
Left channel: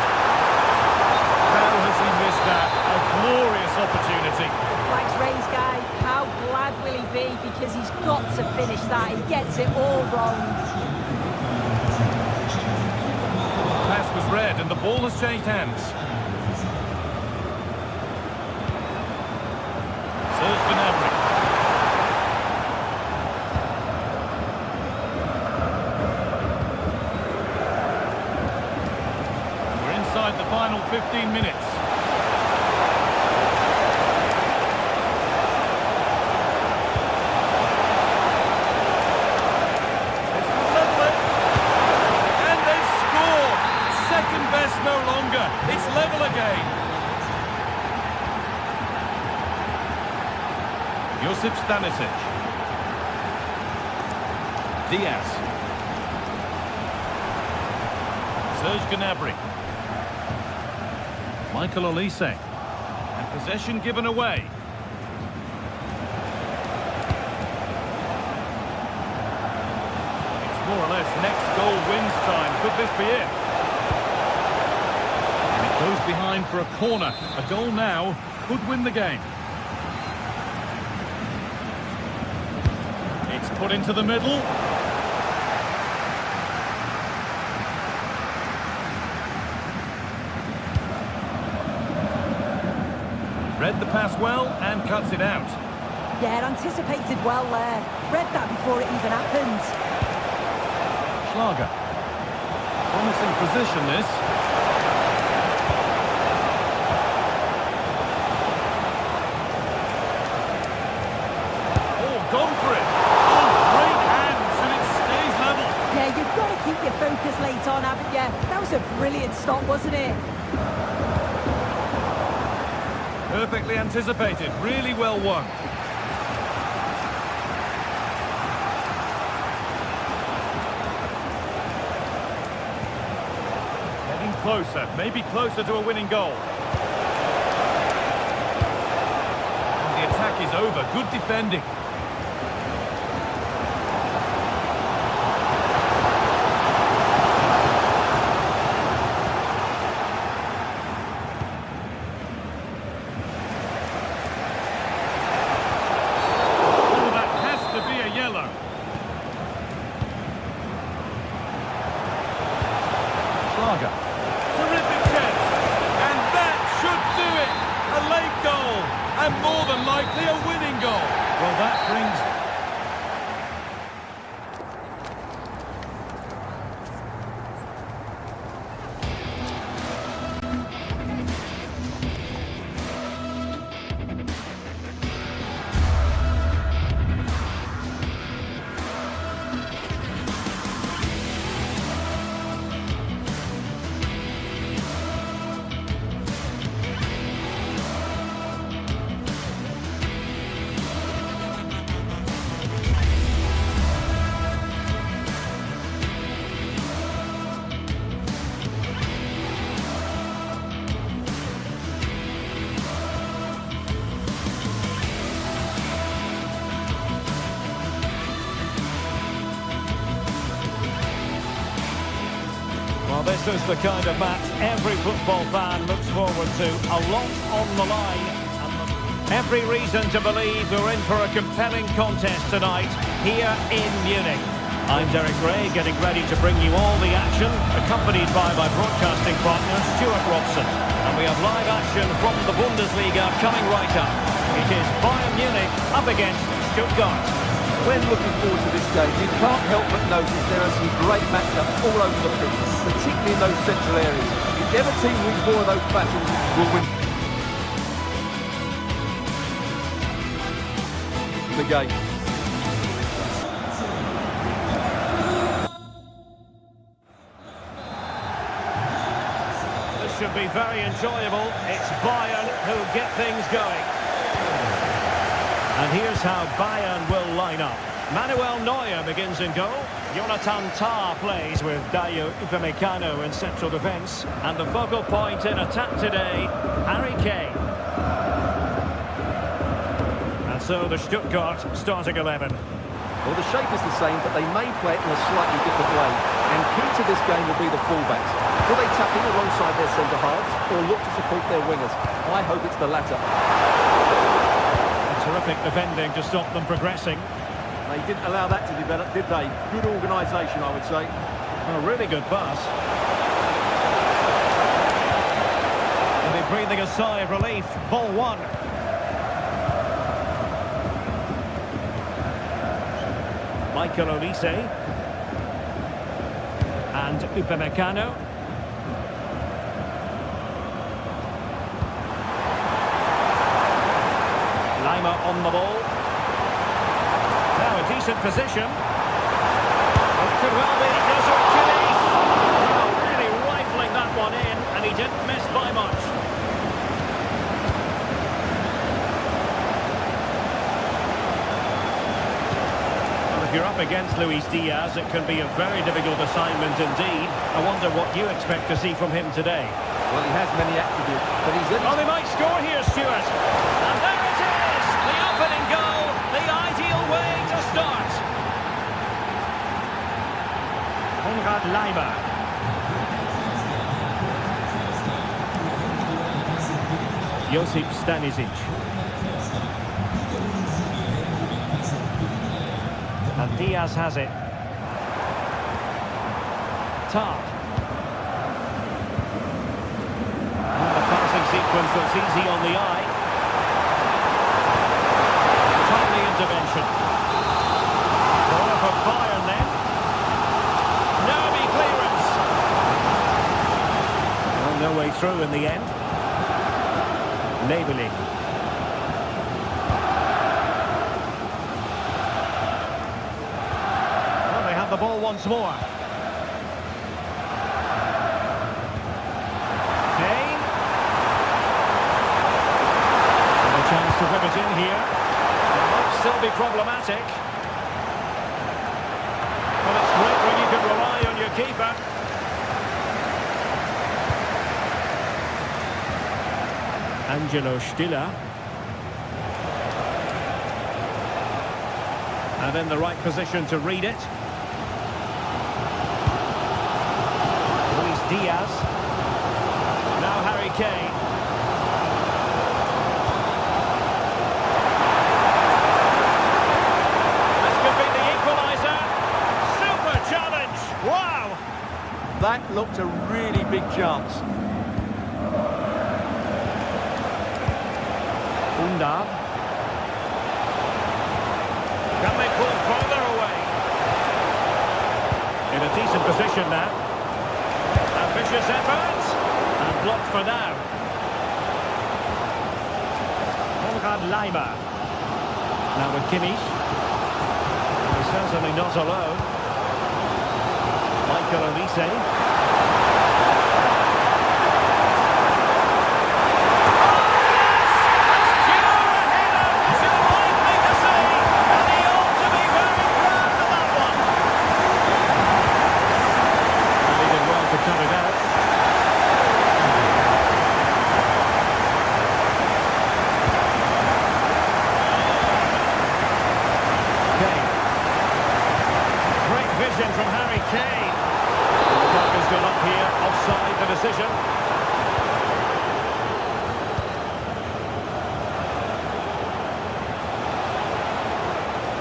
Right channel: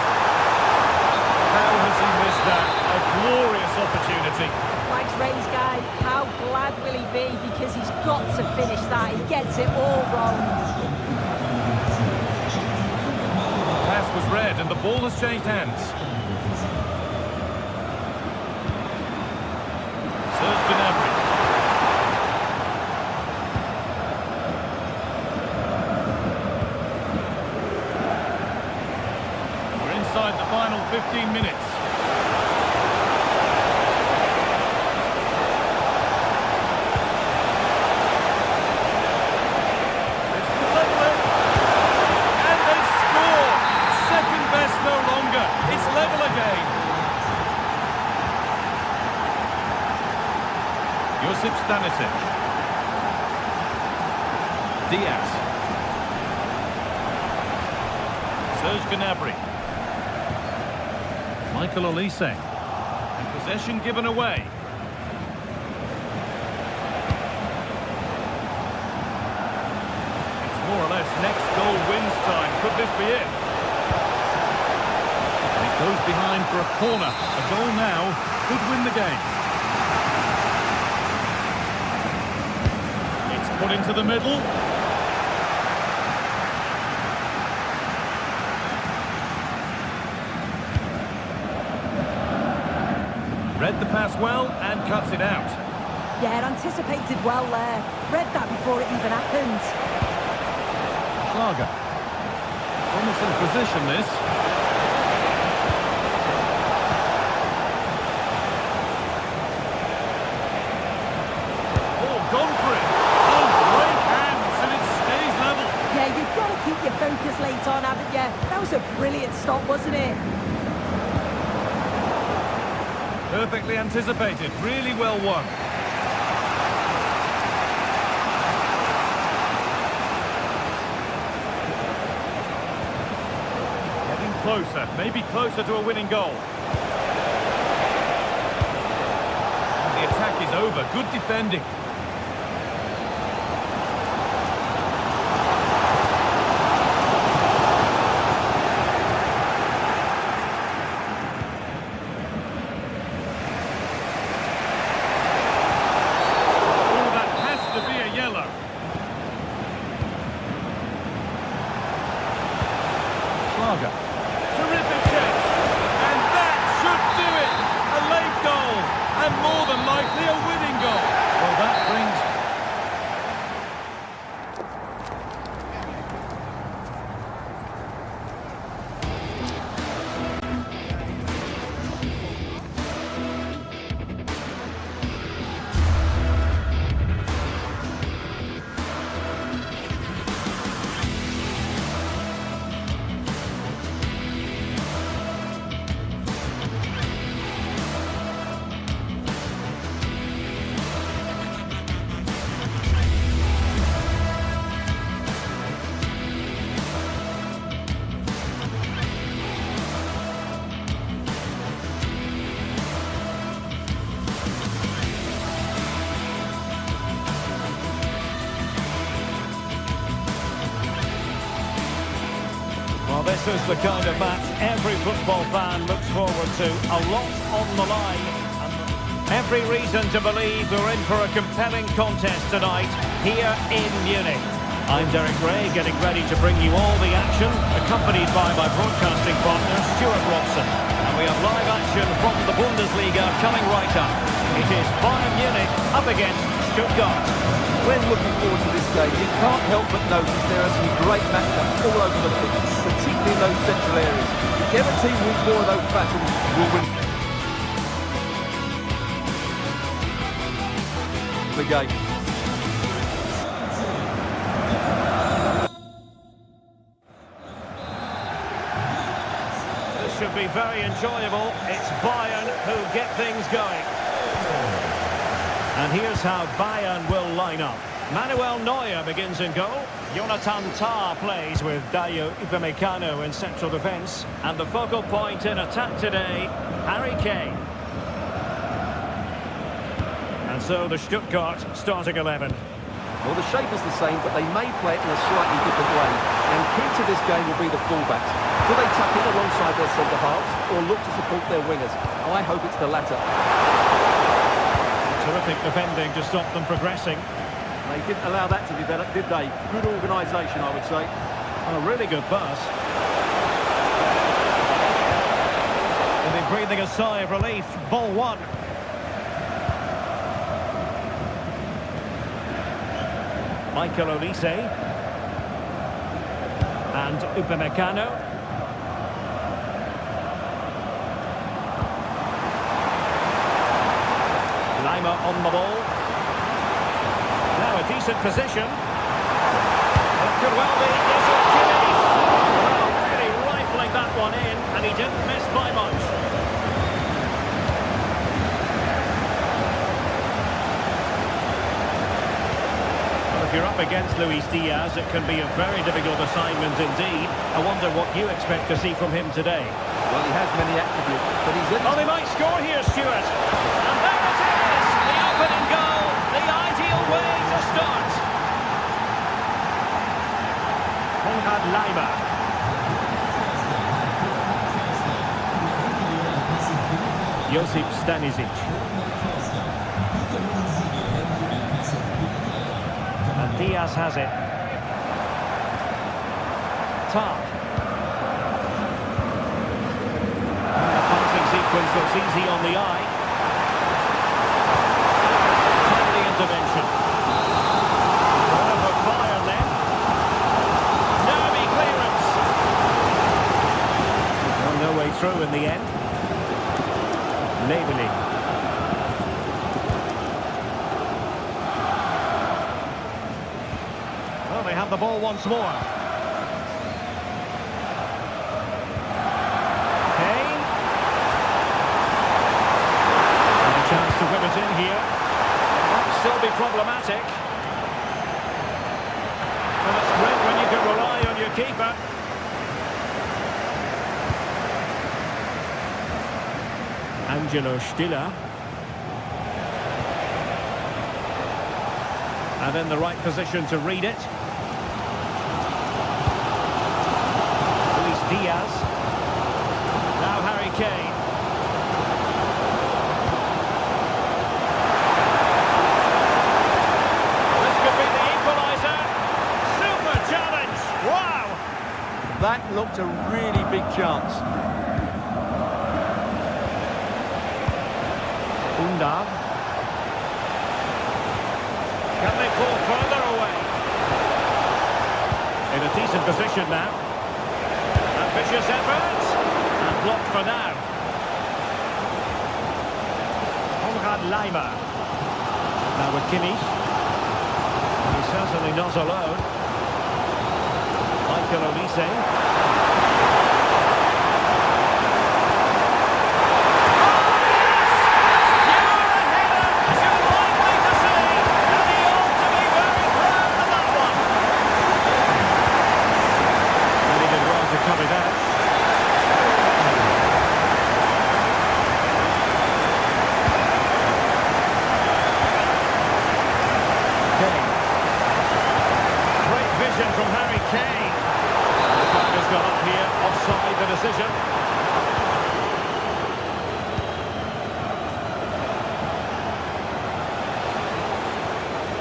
How has he missed that? A glorious opportunity. The flag's raised, guy. How glad will he be? Because he's got to finish that. He gets it all wrong. Pass was read and the ball has changed hands. Serge Gnabry. And we're inside the final 15 minutes. This could level it. And they've scored. Second best no longer. It's level again. Josip Stanisic. Diaz. Serge Gnabry. Michael Olise. And possession given away. It's more or less next goal wins time. Could this be it? And it goes behind for a corner. A goal now could win the game. Put into the middle. Read the pass well and cuts it out. Yeah, anticipated well there. Read that before it even happened. Schlager. Promising position, this. Oh, gone for it. Yeah, you've got to keep your focus late on, haven't you? That was a brilliant stop, wasn't it? Perfectly anticipated. Really well won. Getting closer. Maybe closer to a winning goal. And the attack is over. Good defending. Yellow. Schlager. Terrific chance. And that should do it. A late goal. And more than likely a winning goal. Well, that brings... Well, this is the kind of match every football fan looks forward to. A lot on the line. And every reason to believe we're in for a compelling contest tonight here in Munich. I'm Derek Ray, getting ready to bring you all the action, accompanied by my broadcasting partner, Stuart Robson. And we have live action from the Bundesliga coming right up. It is Bayern Munich up against Stuttgart. When looking forward to this game, you can't help but notice there are some great matchups all over the pitch, particularly in those central areas. Whichever team wins more of those battles will win the game. This should be very enjoyable. It's Bayern who get things going. And here's how Bayern will line up. Manuel Neuer begins in goal. Jonathan Tah plays with Dayo Upamecano in central defence. And the focal point in attack today, Harry Kane. And so the Stuttgart starting 11. Well, the shape is the same, but they may play it in a slightly different way. And key to this game will be the fullbacks. Do they tuck in alongside their centre-halves or look to support their wingers? I hope it's the latter. Terrific defending to stop them progressing. They didn't allow that to develop, did they? Good organisation, I would say. A really good pass. They'll be breathing a sigh of relief. Ball one. Michael Olise. And Upamecano. Lima on the ball. Now a decent position. It could well be Desert Achilles. Well, really rifling that one in, and he didn't miss by much. Well, if you're up against Luis Diaz, it can be a very difficult assignment indeed. I wonder what you expect to see from him today. Well, he has many attributes, but he's in. Oh, they might score here, Stuart. And there it is! The opening goal, the ideal way to start. Konrad Laimer. Josip Stanisic. And Diaz has it. Tah. And a passing sequence that's easy on the eye. Timely intervention. Corner for Bayern then. Nervy clearance. Well, no way through in the end. Leveling. Well, they have the ball once more. Kane. And a chance to whip it in here. It might still be problematic. Well, that's great when you can rely on your keeper. Angelo Stiller. And in the right position to read it. Luis Diaz. Now Harry Kane. This could be the equaliser. Super challenge. Wow. That looked a really big chance. Undav. Can they pull further away? In a decent position now. Ambitious effort. And blocked for now. Konrad Laimer. Now with Kimmich. And he's certainly not alone. Michael Olise. Cut it out. Kane. Great vision from Harry Kane. And the flag has gone up here, offside the decision.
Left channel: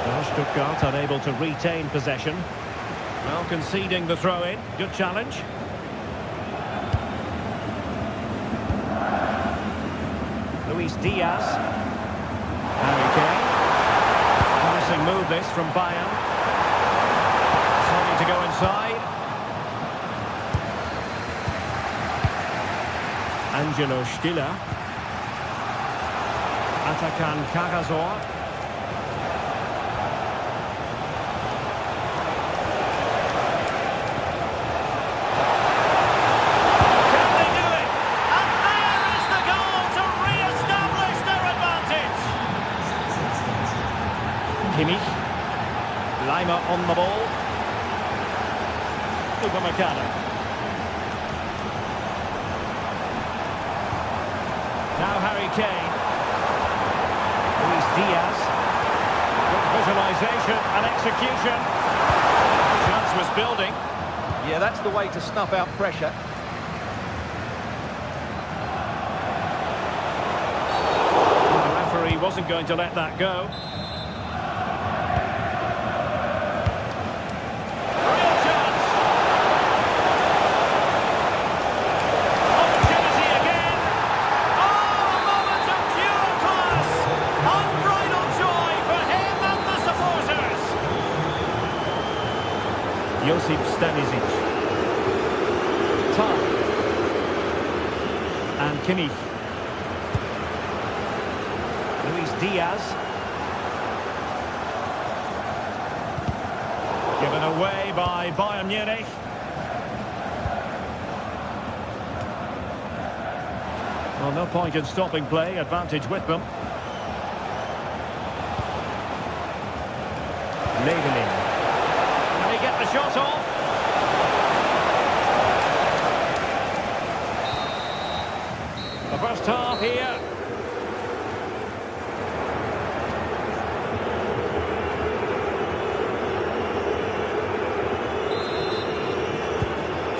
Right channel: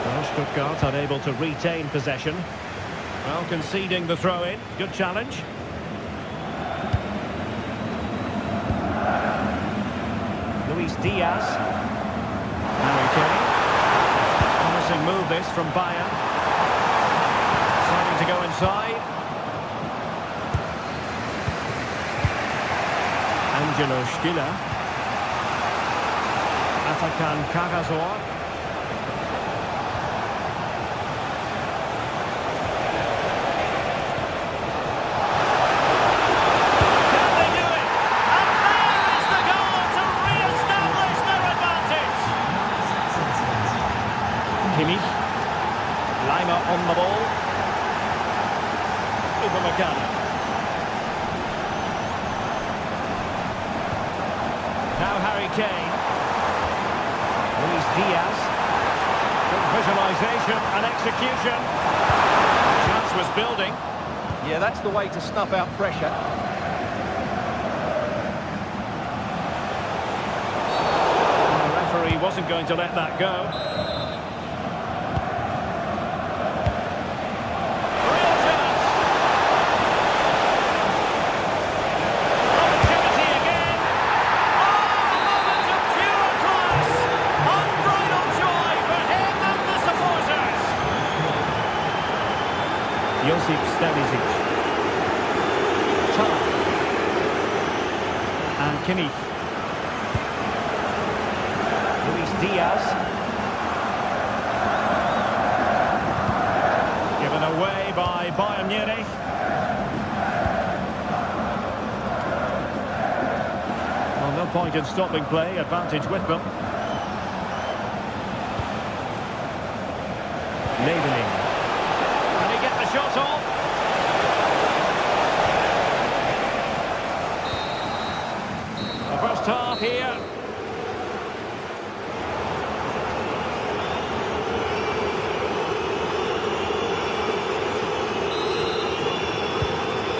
Well, Stuttgart unable to retain possession. Well, conceding the throw-in. Good challenge. Luis Diaz. Harry Kane. Promising move this from Bayern. Deciding to go inside. Angelo Stiller. Atakan Karasor. Kimmich. Lima on the ball. Upamecano. Now Harry Kane. Luis Diaz. Good visualisation and execution. Chance was building. Yeah, that's the way to snuff out pressure. The referee wasn't going to let that go. Real chance. Opportunity again. Oh, a moment of pure class. Unbridled joy for him and the supporters. Josip Stanisic. Tar. And Kimmich. Luis Diaz. Given away by Bayern Munich. Well, no point in stopping play. Advantage with them. Leveling. Can he get the shot off? The first half here.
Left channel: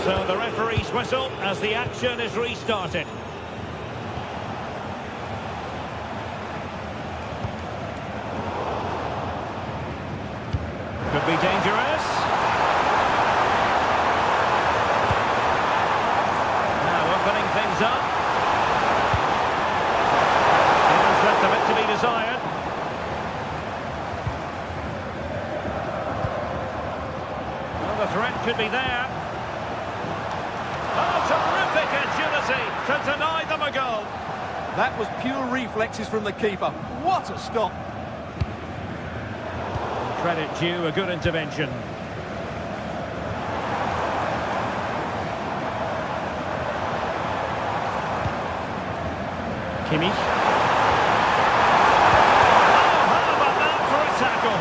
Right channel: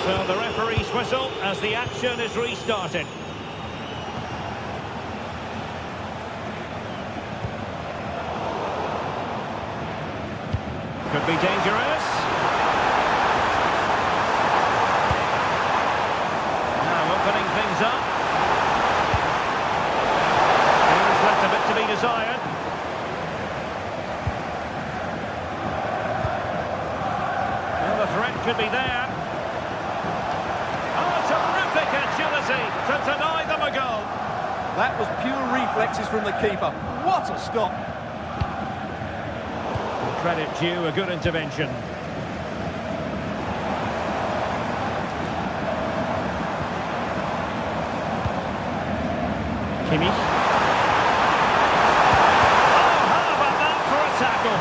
So the referee's whistle as the action is restarted. Could be dangerous. Now opening things up. Here's left a bit to be desired. Well, the threat could be there. Oh, terrific agility to deny them a goal. That was pure reflexes from the keeper. What a stop. Credit due, a good intervention. Kimmich. Oh, how about that for a tackle?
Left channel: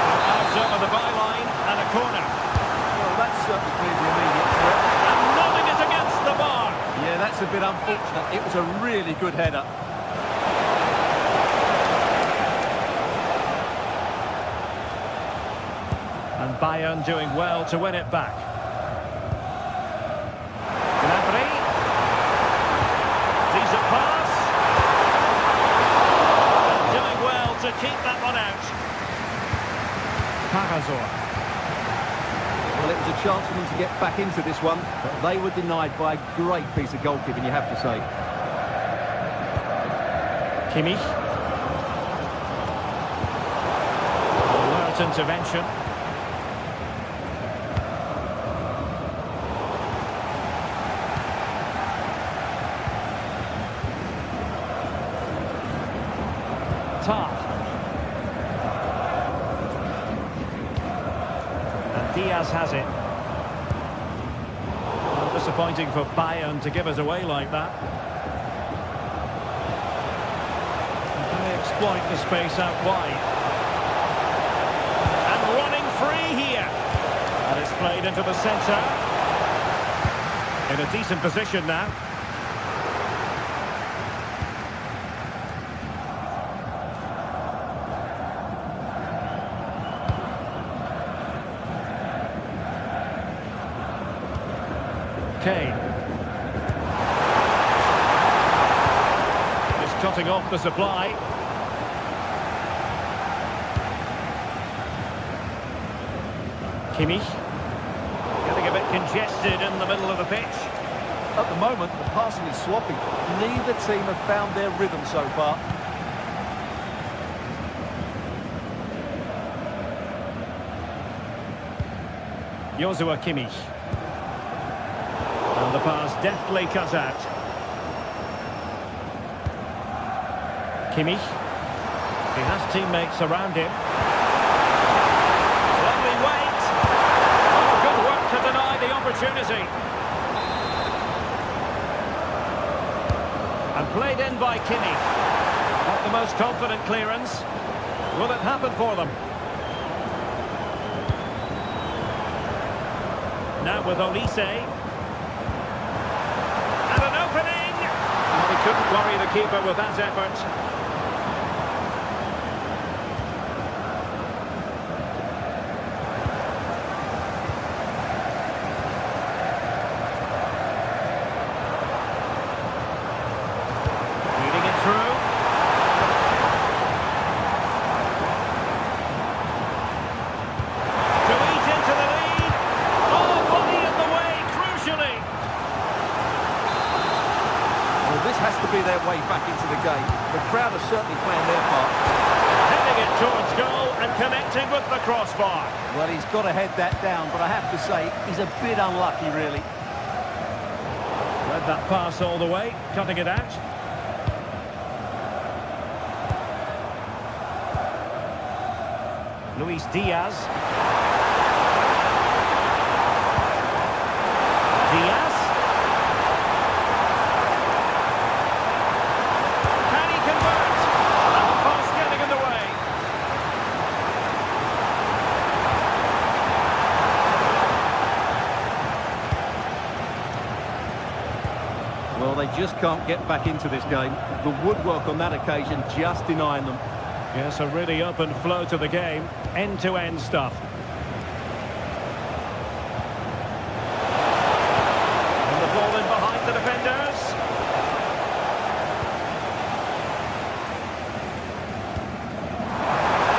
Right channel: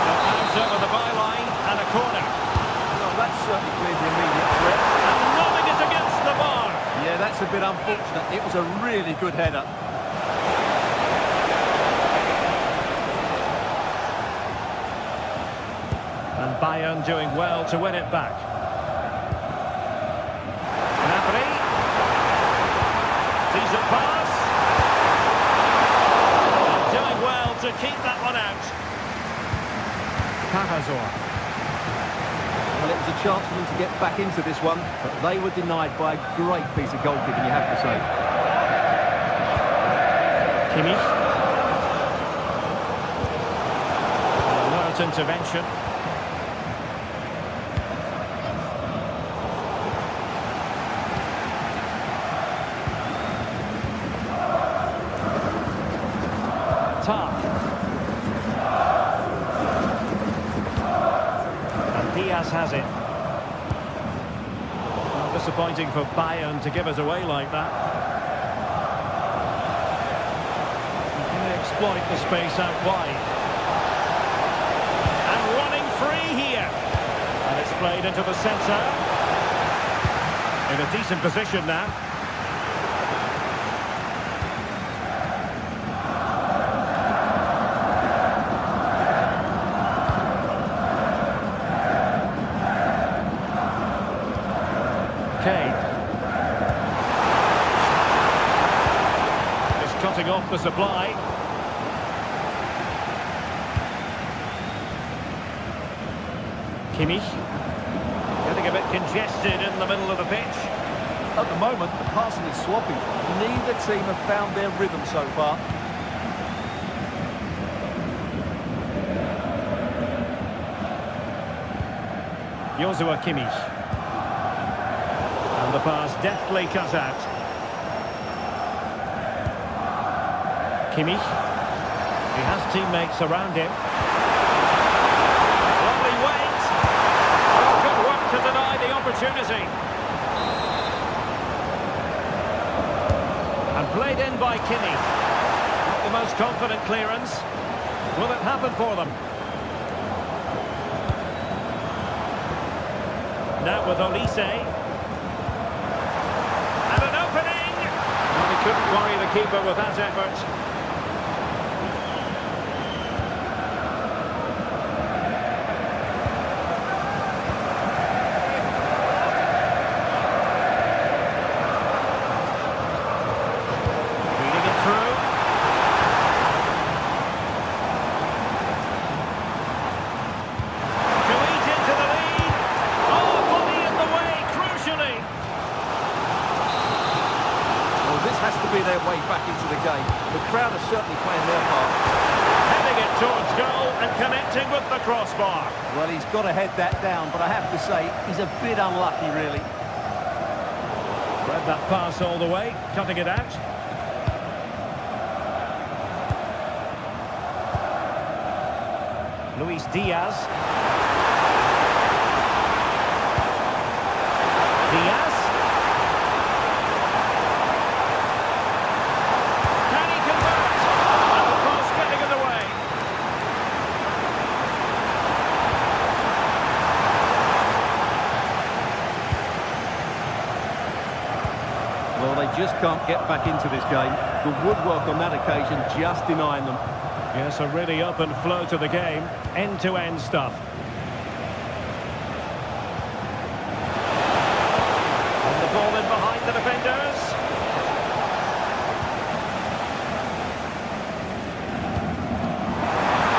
So out over the byline and a corner. Well, that's certainly cleared the immediate threat. And nodding it against the bar. Yeah, that's a bit unfortunate. It was a really good header. And Bayern doing well to win it back. Gnabry. Decent pass. And doing well to keep that one out. Carazor. Well, it was a chance for them to get back into this one, but they were denied by a great piece of goalkeeping, you have to say. Kimmich. Alert intervention. Tar. And Diaz has it. Well, disappointing for Bayern to give it away like that. Can they exploit the space out wide? And running free here. And it's played into the centre. In a decent position now. Kane. Is cutting off the supply. Kimmich. Getting a bit congested in the middle of the pitch. At the moment, the passing is swapping. Neither team have found their rhythm so far. Joshua Kimmich. And the pass deftly cut out. Kimmich. He has teammates around him. Lovely weight. Oh, good work to deny the opportunity. And played in by Kimmich. Not the most confident clearance. Will it happen for them? Now with Olise. And an opening! Well, he couldn't worry the keeper with that effort. Feeding it through. To eat into the lead. Oh, body in the way, crucially. Well, this has to be their way back into the game. The crowd are certainly playing their part. Heading it towards goal and connecting with the crossbar. Well, he's got to head that down, but I have to say, he's a bit unlucky, really. Read that pass all the way, cutting it out. Luis Diaz. Diaz. Can he convert? And the pass getting in the way. Well, they just can't get back into this game. The woodwork on that occasion just denying them. Yes, a really open flow to the game. End-to-end stuff. And the ball in behind the defenders.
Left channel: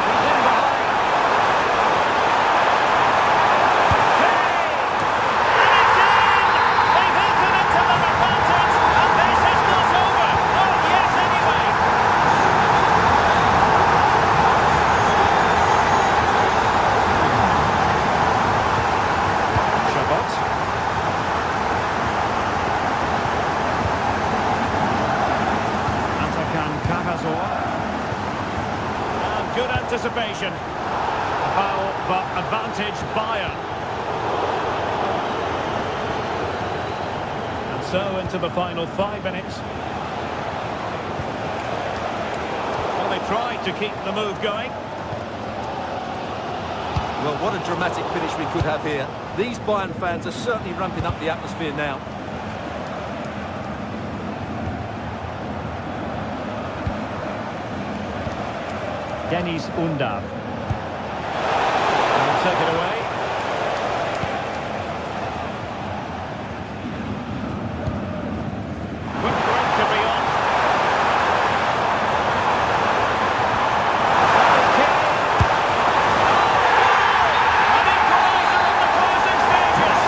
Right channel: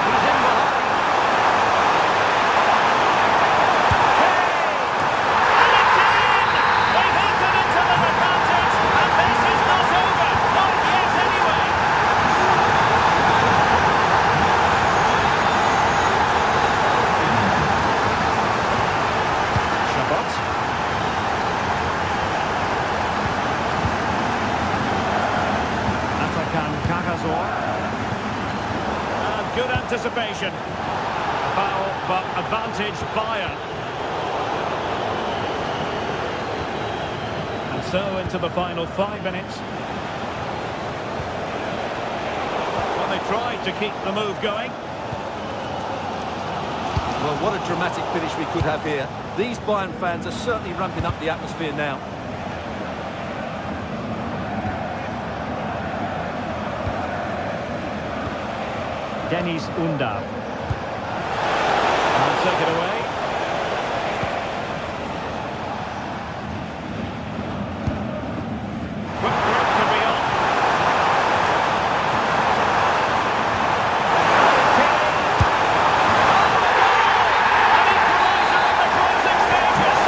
He's in behind. Kane! And it's in! They've eaten into their advantage, and this is not over. Not yet, anyway. Chabot. Atakan Cajazor. And good anticipation. A foul, but advantage Bayern. And so into the final 5 minutes. Well, they tried to keep the move going. Well, what a dramatic finish we could have here. These Bayern fans are certainly ramping up the atmosphere now. Dennis Undav. And take it away. Quick break could be on. Harry Kane. Oh, a goal! An equaliser in the closing stages.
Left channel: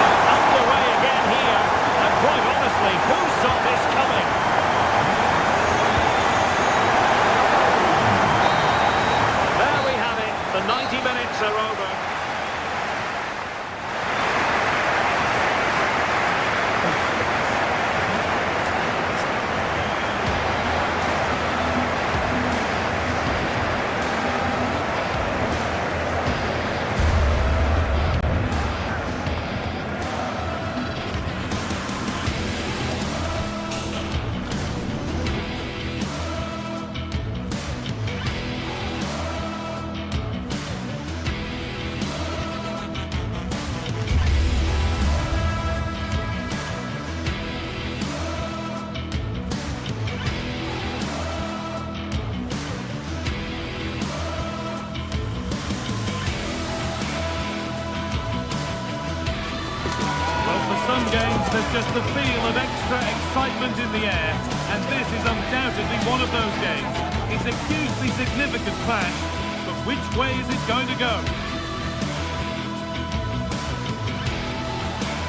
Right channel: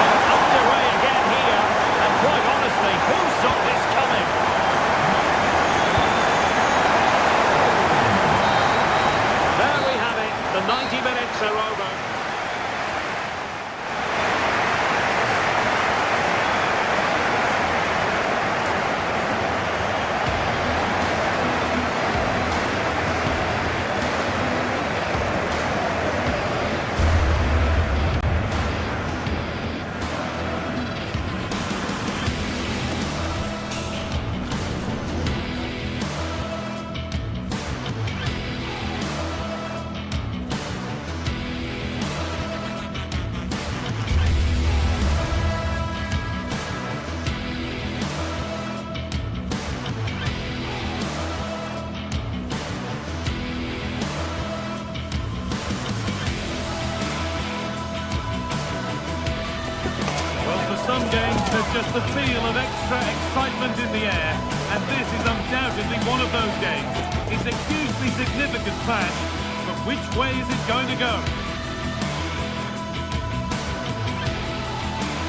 But underway again here. And quite honestly, who saw this coming? There we have it. The 90 minutes are over. Well, for some games, there's just the feel of extra excitement in the air, and this is undoubtedly one of those games. It's a hugely significant clash, but which way is it going to go?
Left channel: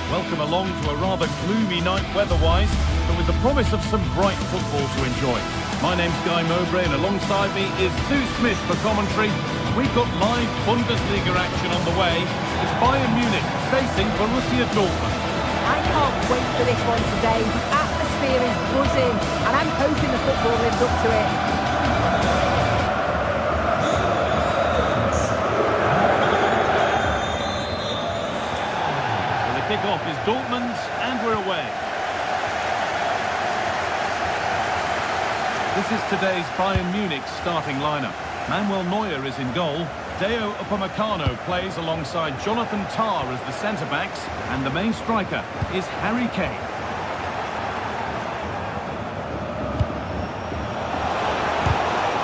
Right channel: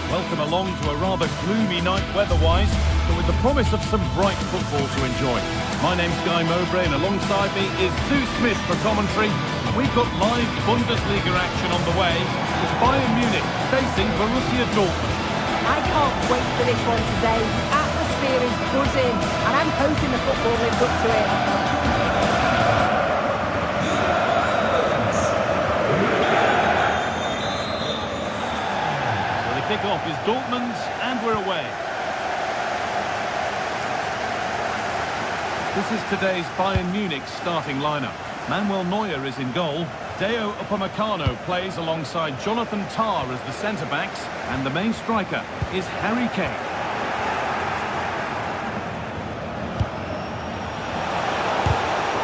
Welcome along to a rather gloomy night weather-wise, but with the promise of some bright football to enjoy. My name's Guy Mowbray, and alongside me is Sue Smith for commentary. We've got live Bundesliga action on the way. It's Bayern Munich facing Borussia Dortmund. I can't wait for this one today. The atmosphere is buzzing, and I'm hoping the football lives up to it. Kick-off is Dortmund's, and we're away. This is today's Bayern Munich starting lineup. Manuel Neuer is in goal. Deo Upamecano plays alongside Jonathan Tah as the centre-backs. And the main striker is Harry Kane.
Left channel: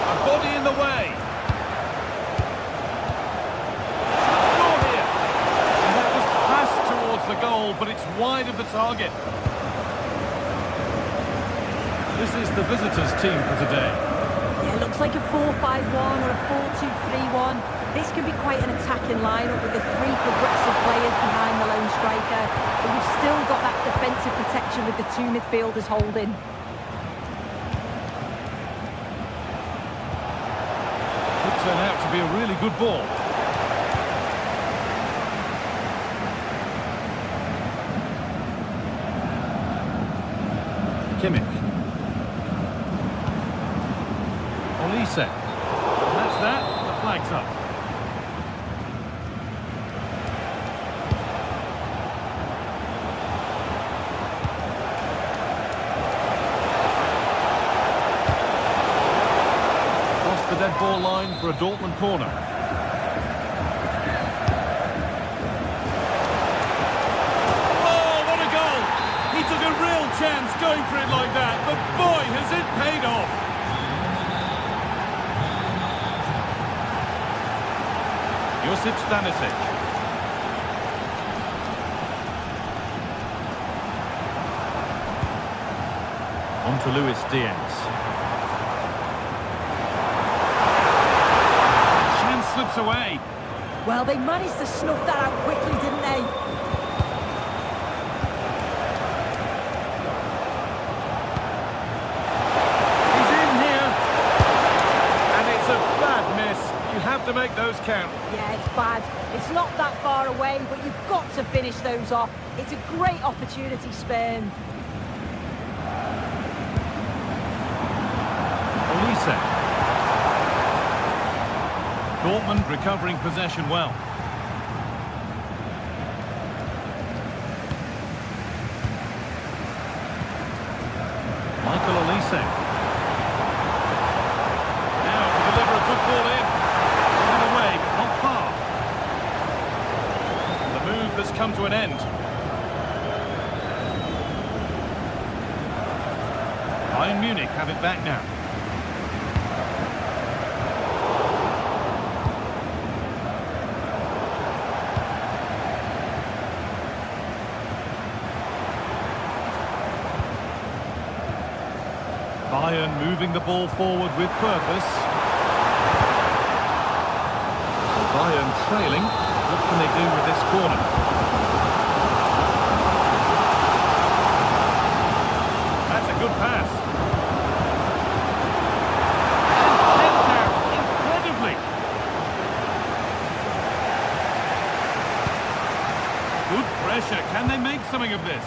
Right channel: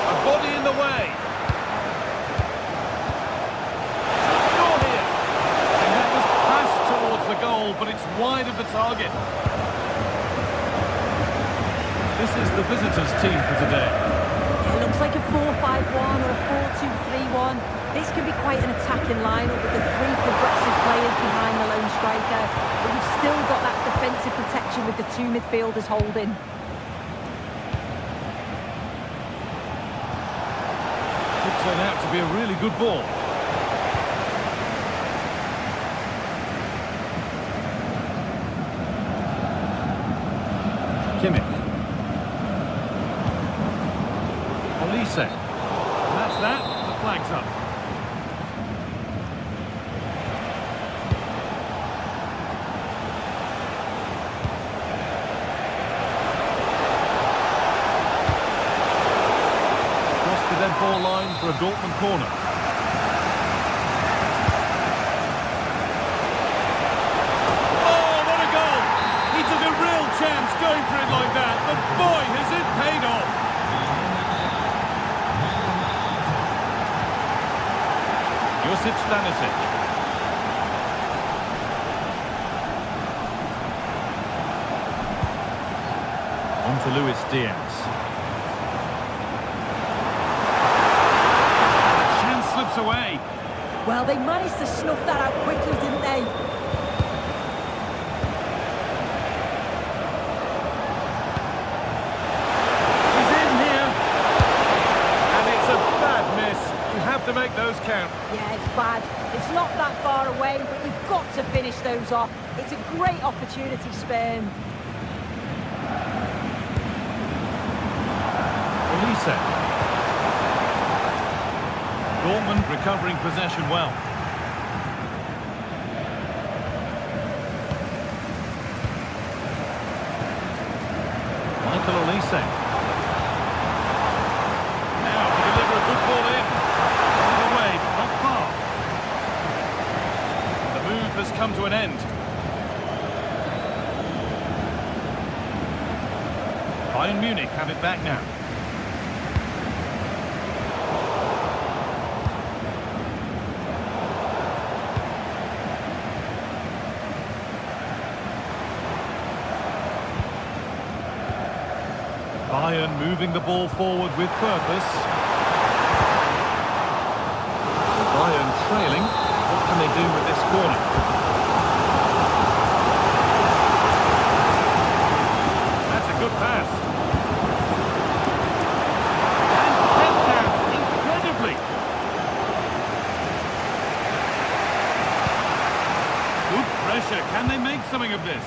A body in the way. Should score here. And that was passed towards the goal, but it's wide of the target. This is the visitors' team for today. Yeah, it looks like a 4-5-1 or a 4-2-3-1. This can be quite an attacking lineup with the three progressive players behind the lone striker. But you've still got that defensive protection with the two midfielders holding. Could turn out to be a really good ball. Kimmich. Olise. And that's that. The flag's up. Across the dead ball line for a Dortmund corner. Oh, what a goal! He took a real chance going for it like that, but boy, has it paid off! Josip Stanisic. On to Luis Diaz. The chance slips away. Well, they managed to snuff that out quickly, didn't they? He's in here. And it's a bad miss. You have to make those count. Yeah, it's bad. It's not that far away, but you've got to finish those off. It's a great opportunity spurned. Olise. Dortmund recovering possession well. Michael Olise. Now to deliver a good ball in. Away, but not far. And the move has come to an end. Bayern Munich have it back now. Bayern moving the ball forward with purpose. Bayern trailing. What can they do with this corner? That's a good pass. And kept out incredibly. Good pressure. Can they make something of this?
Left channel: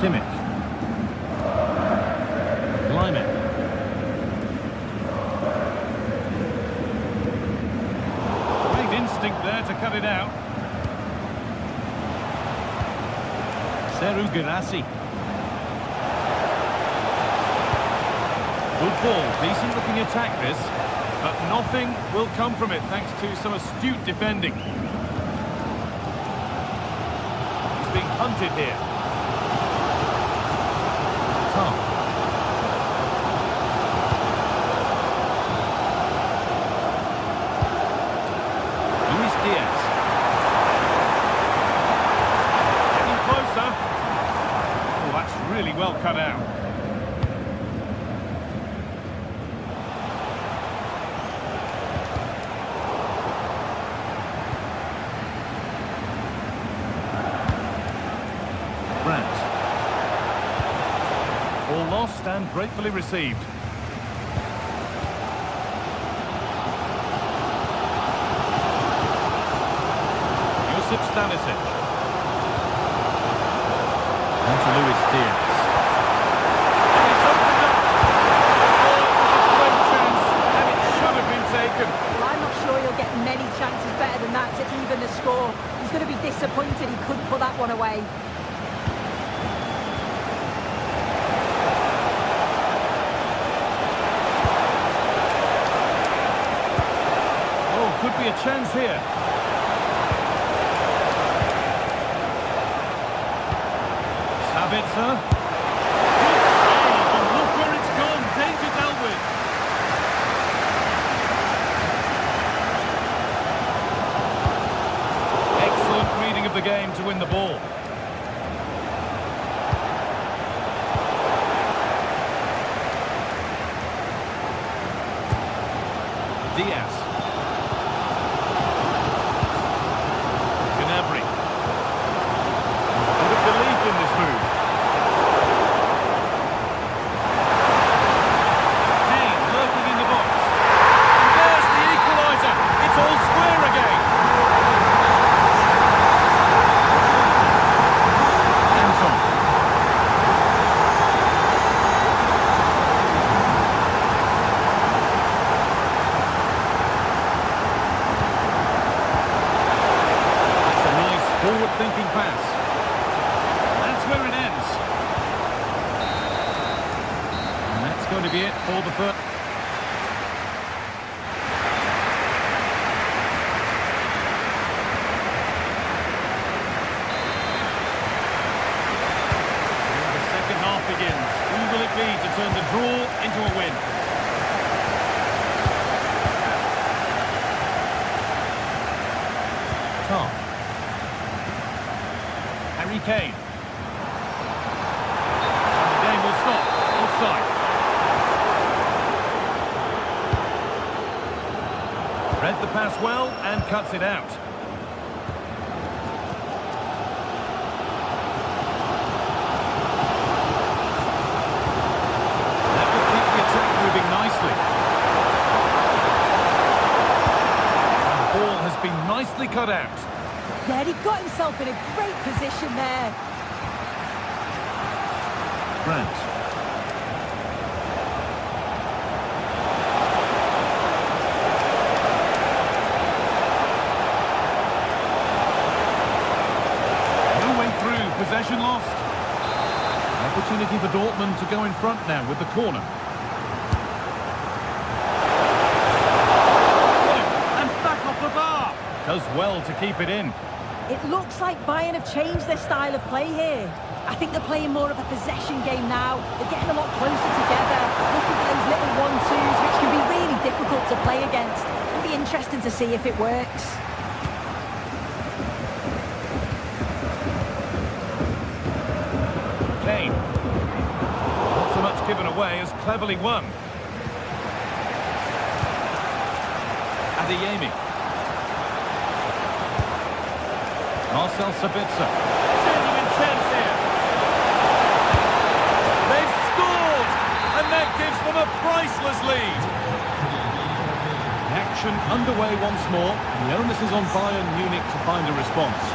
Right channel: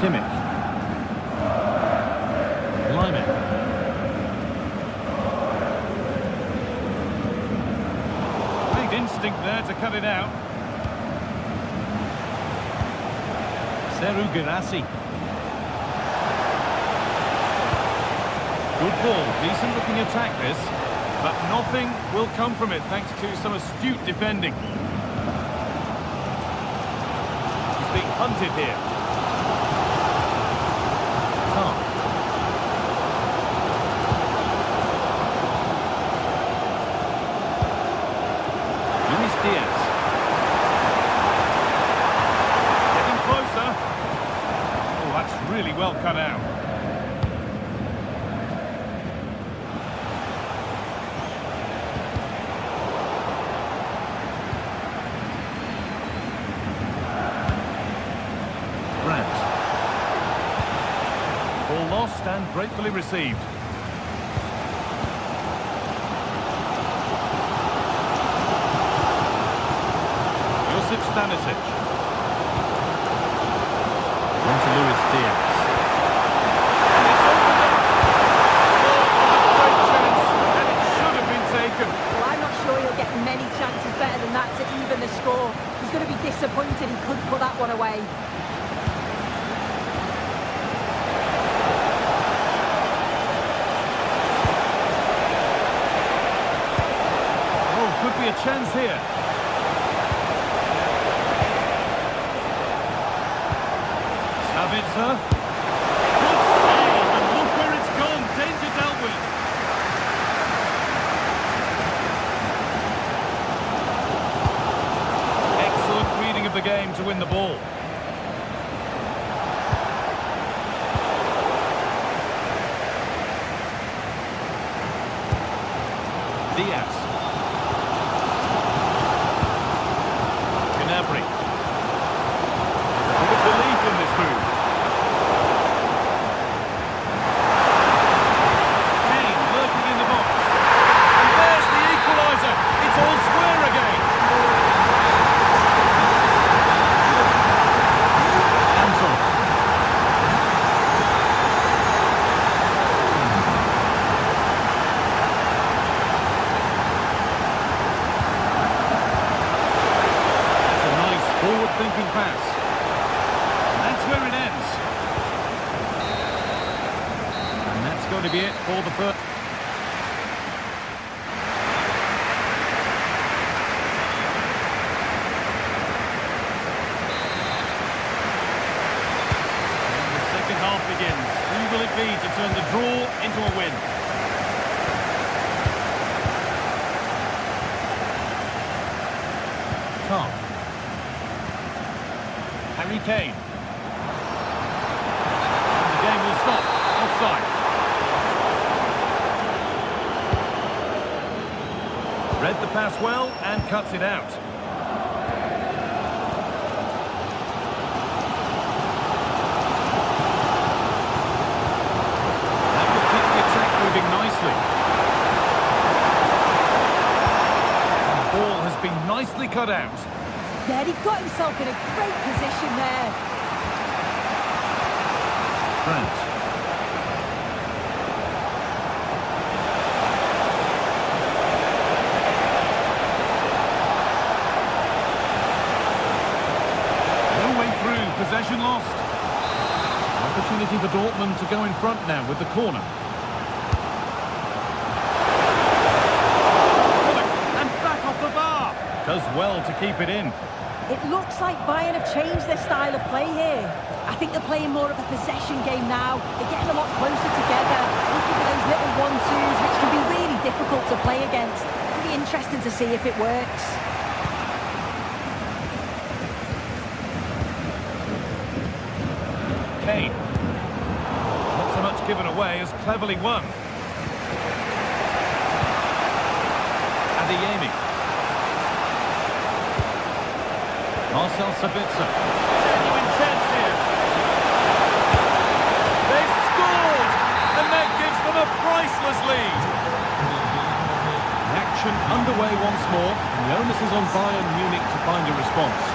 Kimmich. Lyman. Instinct there to cut it out. Seru Girassi. Good ball, decent looking attack this, but nothing will come from it thanks to some astute defending. He's being hunted here. Tom. Diaz. Getting closer. Oh, that's really well cut out. Brandt. Ball lost and gratefully received. Josip Stanisic. On to Luis Diaz. And it's opened up. Oh, it was a great chance, and it should have been taken. Well, I'm not sure he'll get many chances better than that to even the score. He's going to be disappointed he couldn't put that one away. be a chance here. Sabitzer. Good save, and look where it's gone. Danger dealt with. Excellent reading of the game to win the ball. Diaz. Gnabry. There's a bit of belief in this move. Kane lurking in the box. And there's the equaliser. It's all square again. Anton. Forward-thinking pass. And that's where it ends. And that's going to be it for the first. And the second half begins. Who will it be to turn the draw into a win? Tom. Harry Kane. And the game will stop. Offside. Read the pass well and cuts it out. That will keep the attack moving nicely. And the ball has been nicely cut out. Yeah, he got himself in a great position there. Grant. No way through, possession lost. Opportunity for Dortmund to go in front now with the corner. And back off the bar. Does well to keep it in. It looks like Bayern have changed their style of play here. I think they're playing more of a possession game now. They're getting a lot closer together, looking for those little 1-2s, which can be really difficult to play against. It'll be interesting to see if it works. Kane. Not so much given away as cleverly won. Adeyemi. Marcel Sabitzer. Genuine chance here. They've scored! And that gives them a priceless lead. The action underway once more, and the onus is on Bayern Munich to find a response.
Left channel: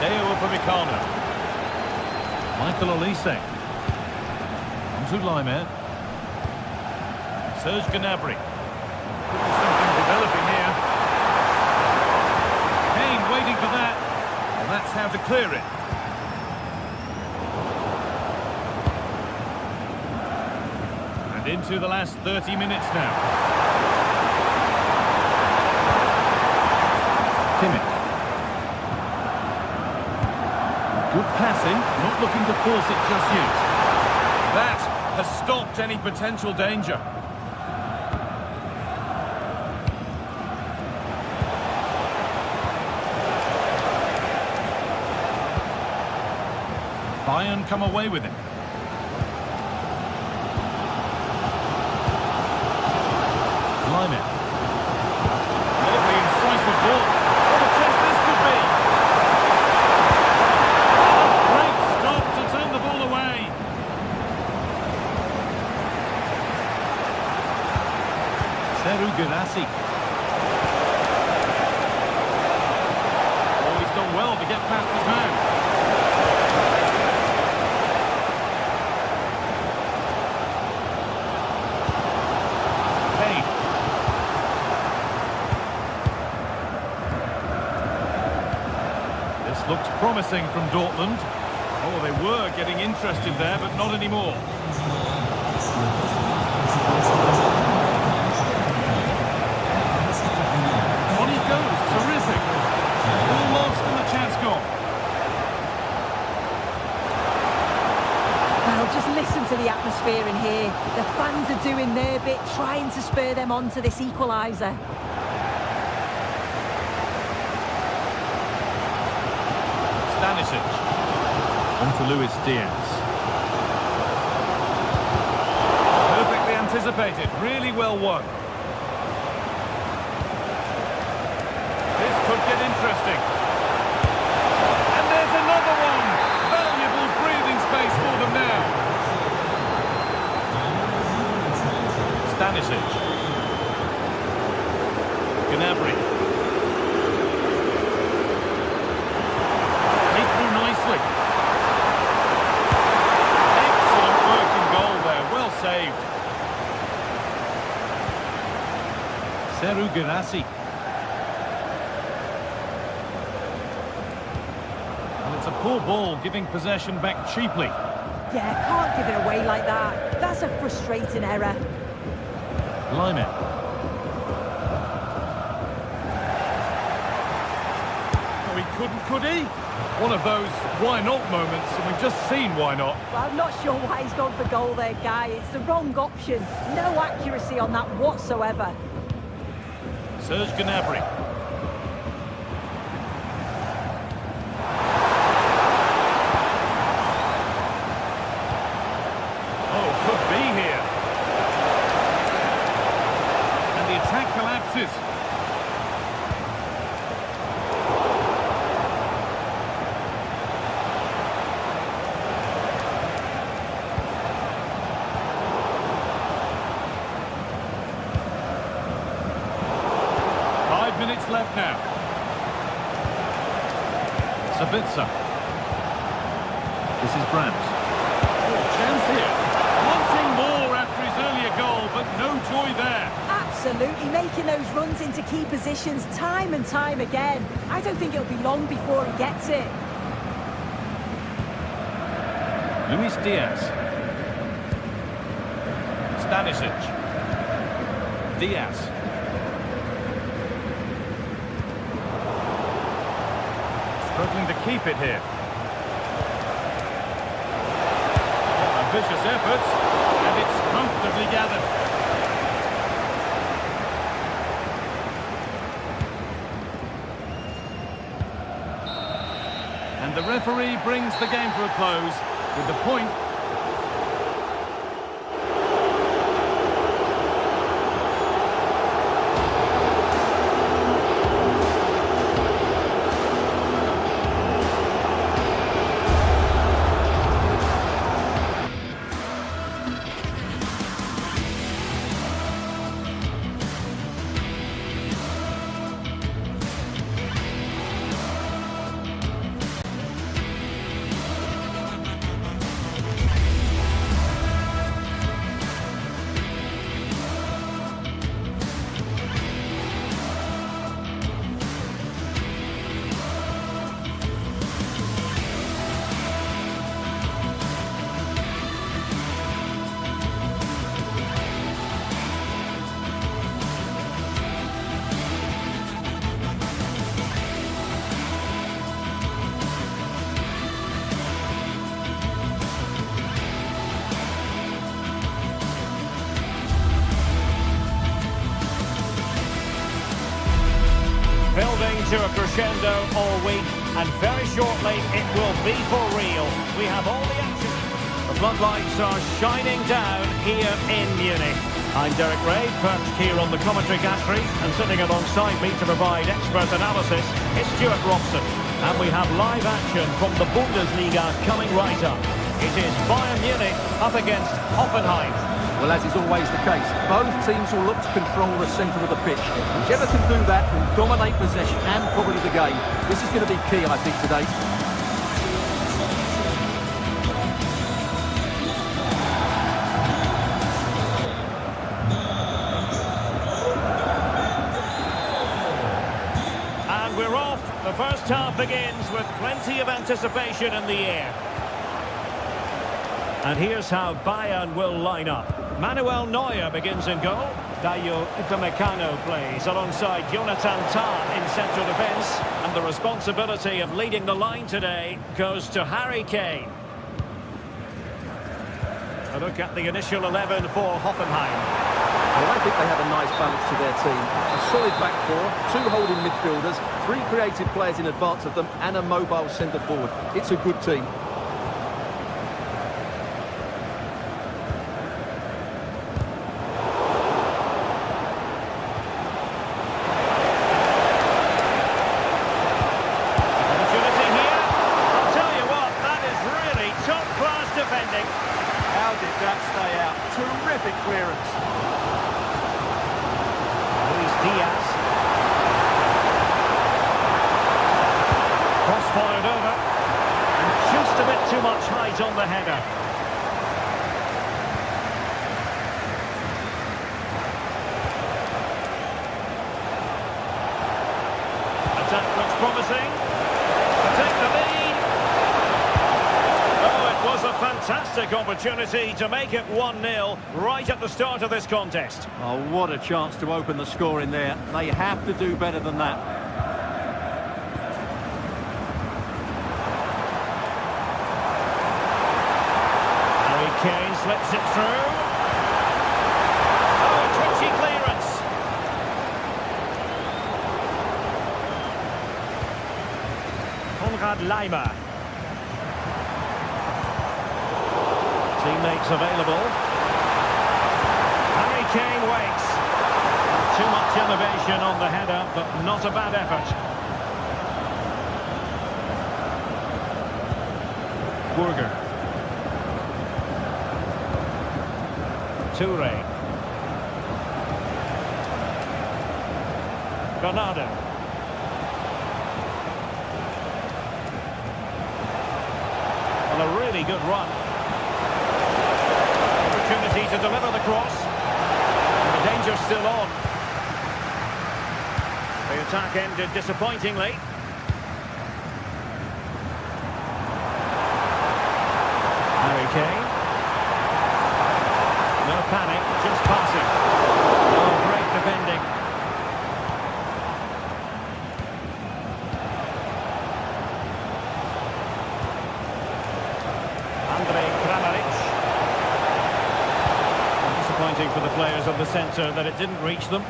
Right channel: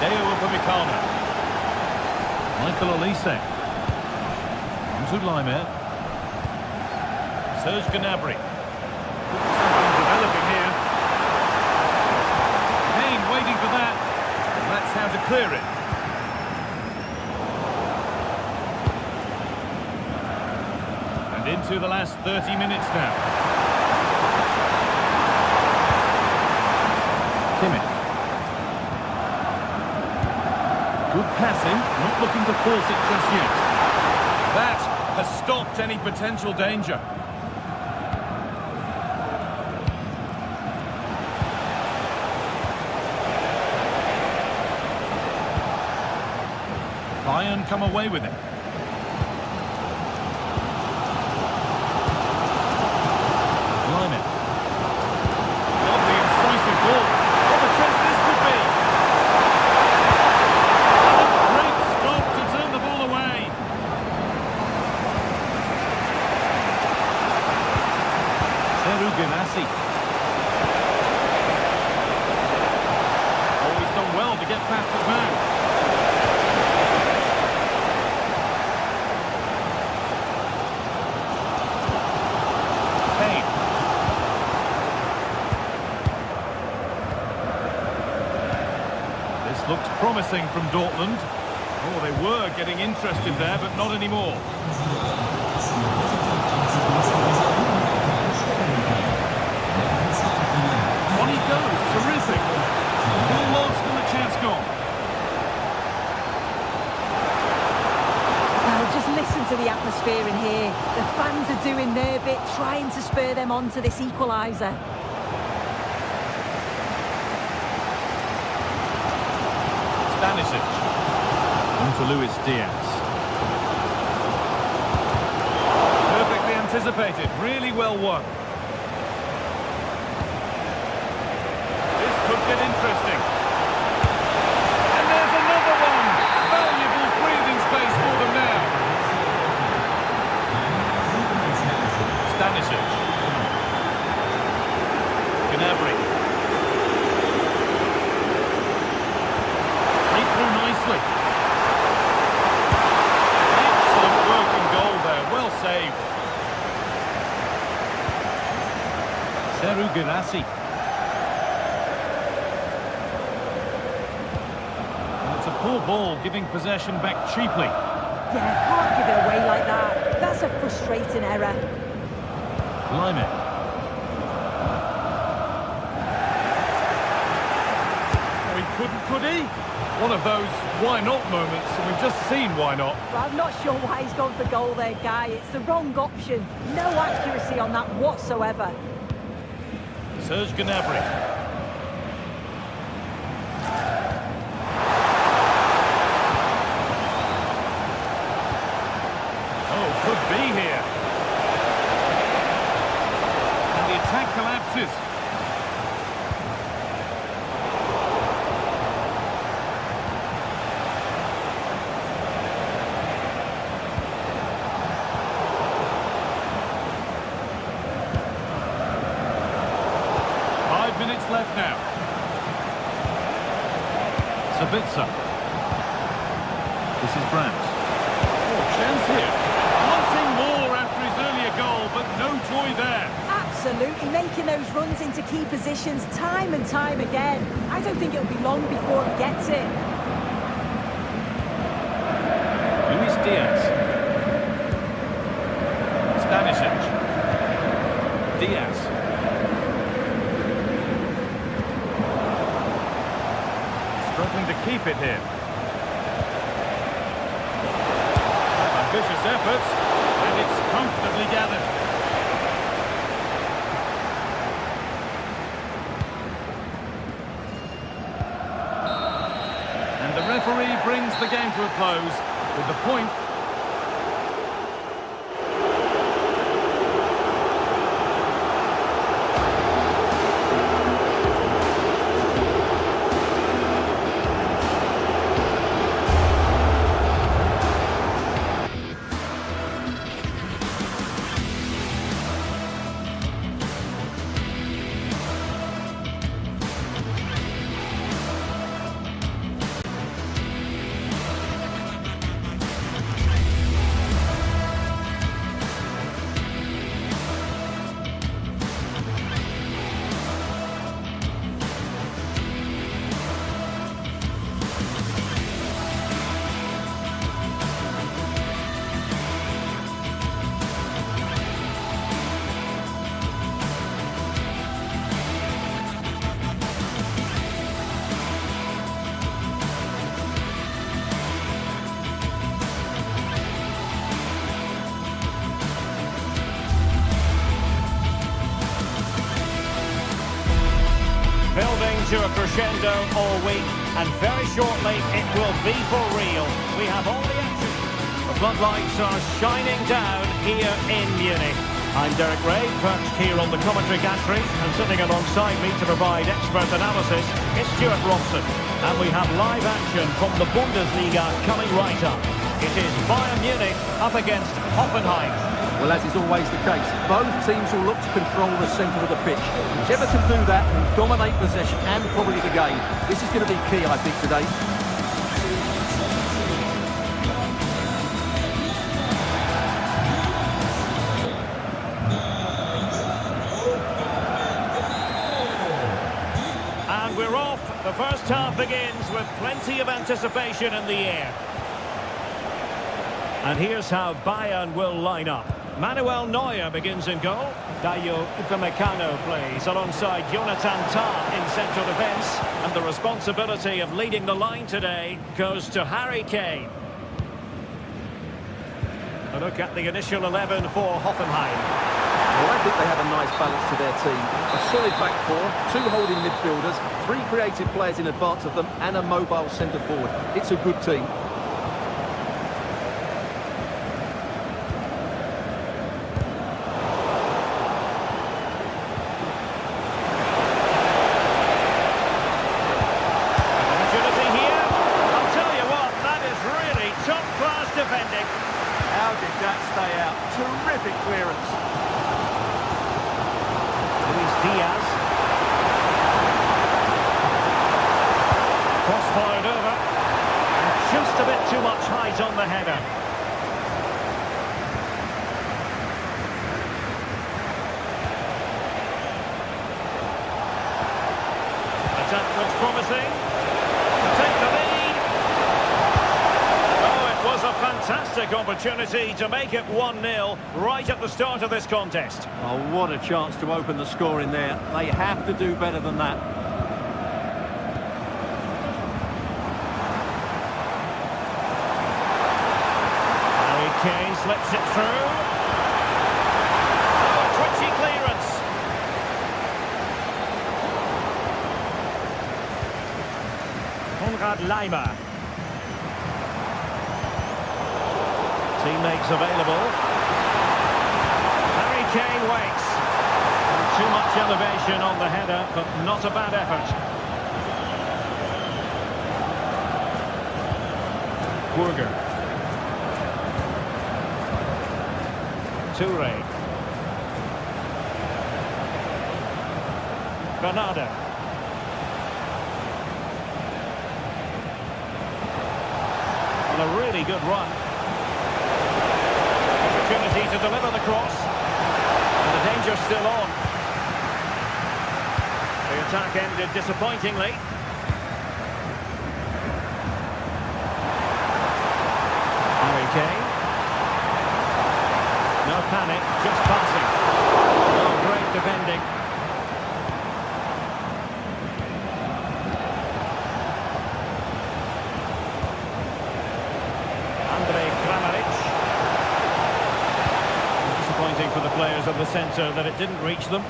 Deo Upamecano. Michael Olise. On to Laimer. Serge Gnabry. Could be something developing here. Kane waiting for that. And that's how to clear it. And into the last 30 minutes now. Kimmich. Good passing, not looking to force it just yet. That has stopped any potential danger. Bayern come away with it. Laimer. Lovely incisive ball. What a chance this could be. And a great stop to turn the ball away. Seru Guirassy. Oh, he's done well to get past his man. Kane. This looks promising from Dortmund. Oh, they were getting interested there, but not anymore. goes. Terrific. Ball lost and the chance gone. Well, just listen to the atmosphere in here. The fans are doing their bit, trying to spur them on to this equaliser. Stanisic. On to Luis Diaz. Perfectly anticipated. Really well won. This could get interesting. And there's another one. Valuable breathing space for them now. Stanisic. Gnabry. Played through nicely. Excellent working goal there. Well saved. Seru Girassi. And it's a poor ball, giving possession back cheaply. Yeah, can't give it away like that. That's a frustrating error. Lyman. Oh, he couldn't, could he? One of those why not moments, and we've just seen why not. Well, I'm not sure why he's gone for goal there, Guy. It's the wrong option. No accuracy on that whatsoever. Serge Gnabry. Oh, could be here. And the attack collapses. Minutes left now. Sabitzer. This is Brandt. Oh, chance here. Wanting more after his earlier goal, but no joy there. Absolutely, making those runs into key positions time and time again. I don't think it'll be long before he gets it. Luis Diaz. Stanisic. Diaz. Struggling to keep it here. Ambitious efforts, and it's comfortably gathered. And the referee brings the game to a close with the point. Building to a crescendo all week, and very shortly it will be for real. We have all the action. The floodlights are shining down here in Munich. I'm Derek Ray, perched here on the commentary gantry, and sitting alongside me to provide expert analysis is Stuart Robson. And we have live action from the Bundesliga coming right up. It is Bayern Munich up against Hoffenheim. Well, as is always the case, both teams will look to control the centre of the pitch. Whichever can do that will dominate possession and probably the game. This is going to be key, I think, today. And we're off. The first half begins with plenty of anticipation in the air. And here's how Bayern will line up. Manuel Neuer begins in goal. Dayo Upamecano plays alongside Jonathan Tah in central defence. And the responsibility of leading the line today goes to Harry Kane. A look at the initial 11 for Hoffenheim. Well, I think they have a nice balance to their team. A solid back four, 2 holding midfielders, 3 creative players in advance of them, and a mobile centre forward. It's a good team. Top-class defending. How did that stay out? Terrific clearance. Luis Diaz. Cross fired over. And just a bit too much height on the header. Attack looks promising. To take the lead. Was a fantastic opportunity to make it 1-0 right at the start of this contest. Oh, what a chance to open the score in there. They have to do better than that. Harry Kane slips it through. Oh, a twitchy clearance. Konrad Laimer. Teammates available. Harry Kane waits. Too much elevation on the header, but not a bad effort. Burger. Toure. Bernardo. On a really good run. Opportunity to deliver the cross. And the danger's still on. The attack ended disappointingly. Harry Kane. No panic, just passing. Oh, great defending. Andrej Kramaric. Disappointing for the players of the centre that it didn't reach them.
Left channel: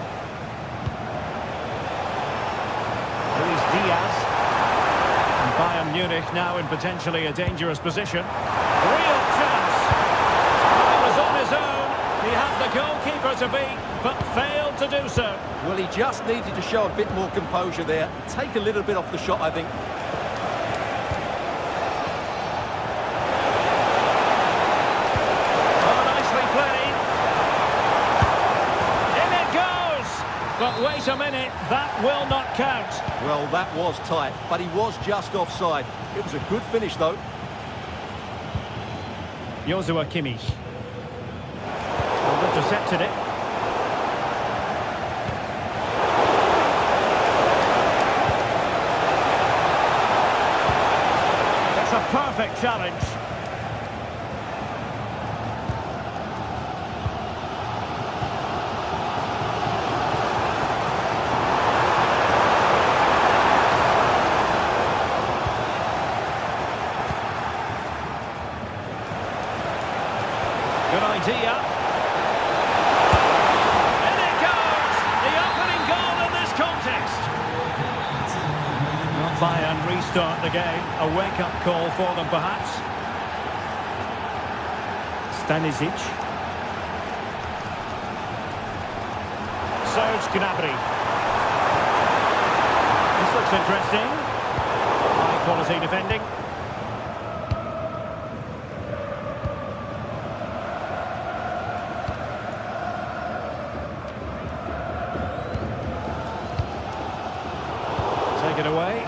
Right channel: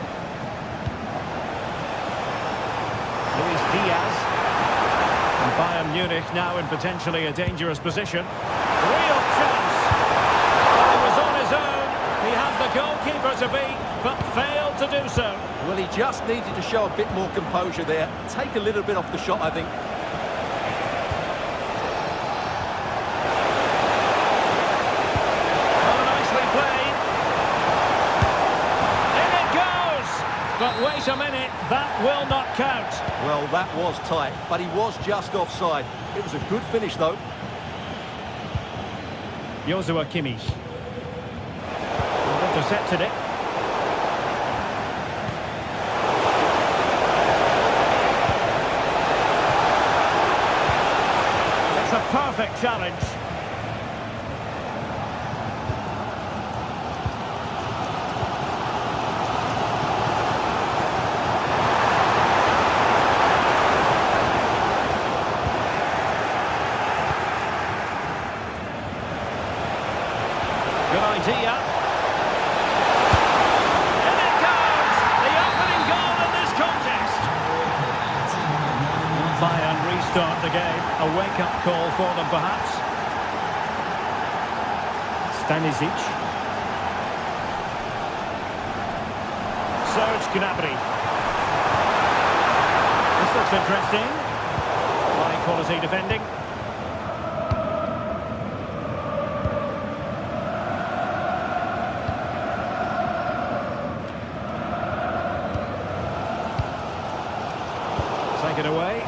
Luis Diaz. And Bayern Munich now in potentially a dangerous position. Real chance. Well, he was on his own. He had the goalkeeper to beat, but failed to do so. Well, he just needed to show a bit more composure there. Take a little bit off the shot, I think. Oh, nicely played. But wait a minute, that will not count. Well, that was tight, but he was just offside. It was a good finish, though. Joshua Kimmich. And intercepted it. It's a perfect challenge. Good idea. In it goes! The opening goal in this contest. Bayern restart the game. A wake-up call for them, perhaps. Stanisic. Serge Gnabry. This looks interesting. High-quality defending. Take it away.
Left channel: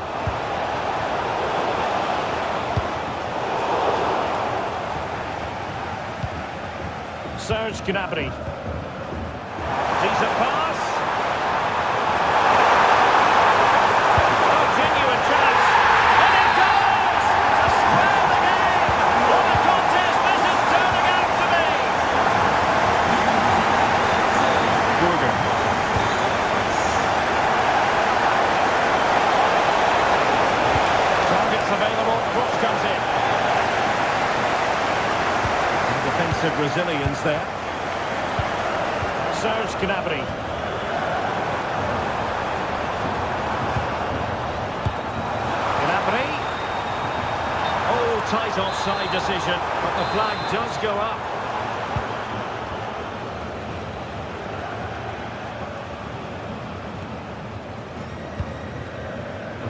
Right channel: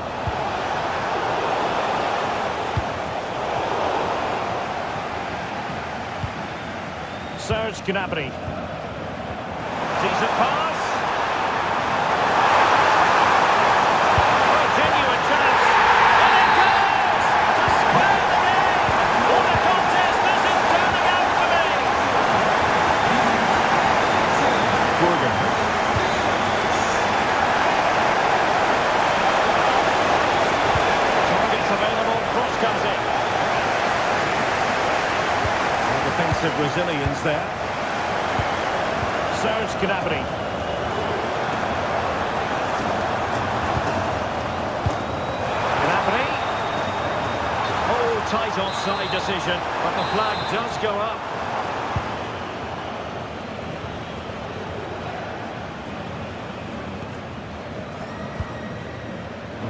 Serge Gnabry. Decent pass. Oh, genuine chance. And it goes! To square the game! What a contest this is turning out to be! Oh, cross comes in. Defensive resilience there. Serge Gnabry. Gnabry. Oh, tight offside decision, but the flag does go up.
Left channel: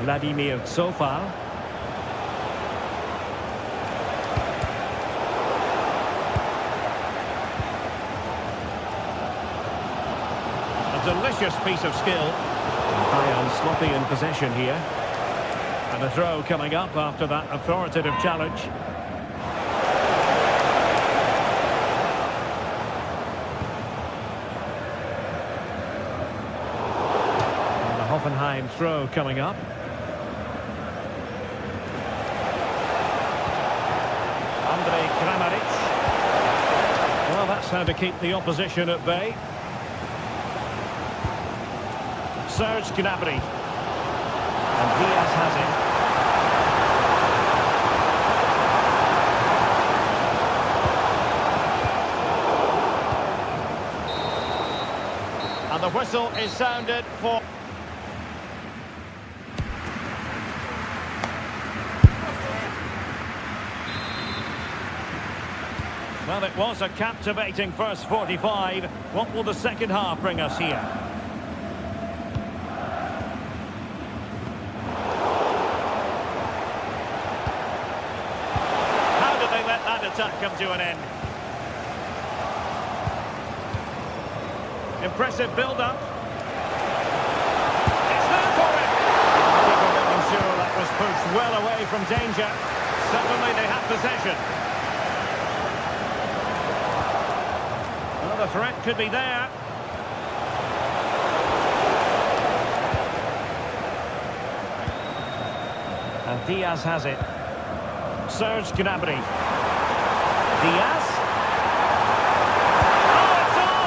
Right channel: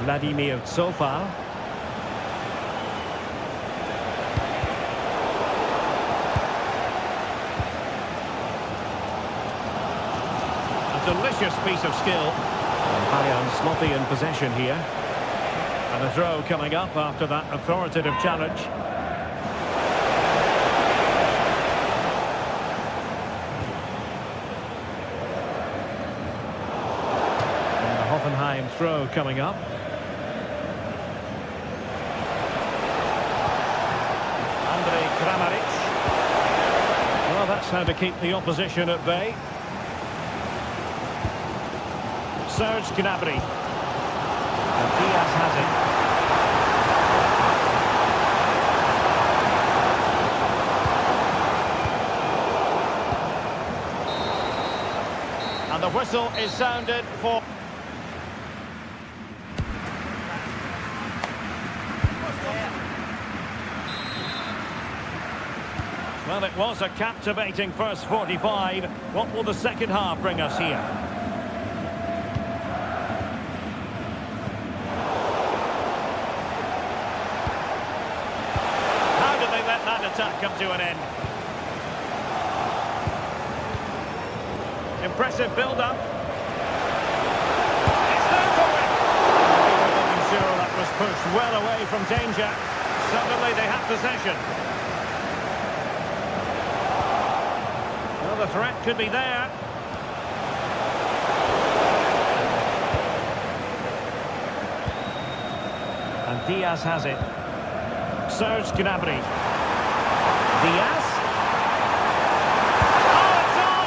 Vladimir Sofal. A delicious piece of skill. And Bayern sloppy in possession here. And a throw coming up after that authoritative challenge. And the Hoffenheim throw coming up. Andre Kramaric. Well, that's how to keep the opposition at bay. Serge Gnabry. And Diaz has it. And the whistle is sounded for... Well, it was a captivating first 45. What will the second half bring us here? How did they let that attack come to an end? Impressive build-up. It's there for him. The keeper making sure that was pushed well away from danger. Suddenly they have possession. Well, the threat could be there. And Diaz has it. Serge Gnabry. Diaz. Oh, it's on!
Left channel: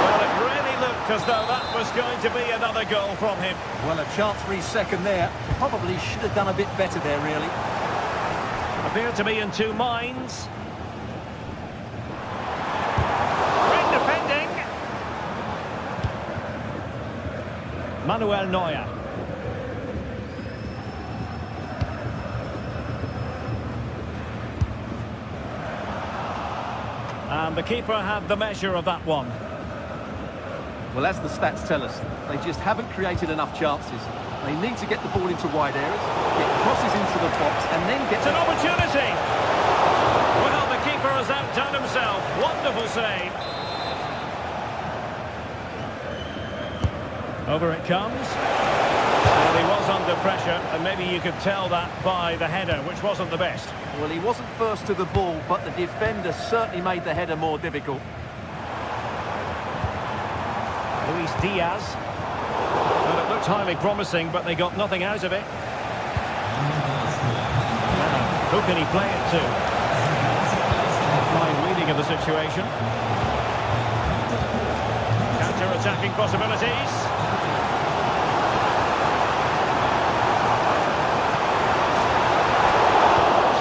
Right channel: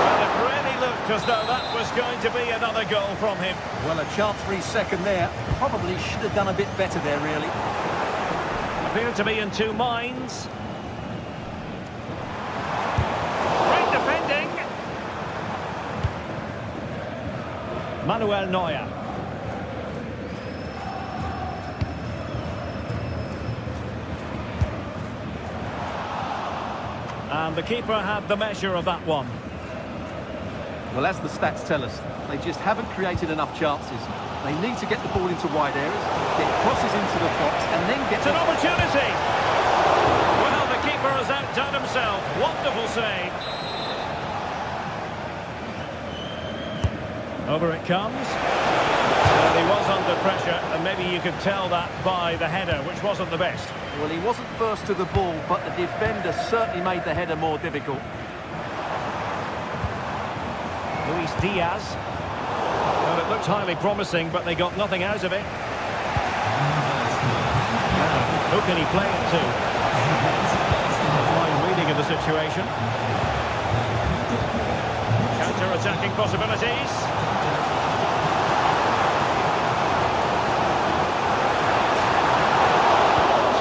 Well, it really looked as though that was going to be another goal from him. Well, a chance for his second there. Probably should have done a bit better there, really. Appear to be in two minds. Great defending. Manuel Neuer. And the keeper had the measure of that one. Well, as the stats tell us, they just haven't created enough chances. They need to get the ball into wide areas, get crosses into the box, and then get... It's an opportunity! Well, the keeper has outdone himself. Wonderful save. Over it comes. Well, he was under pressure, and maybe you could tell that by the header, which wasn't the best. Well, he wasn't first to the ball, but the defender certainly made the header more difficult. Luis Diaz. Well, it looked highly promising, but they got nothing out of it. Now, who can he play it to? A fine reading of the situation. Counter-attacking possibilities.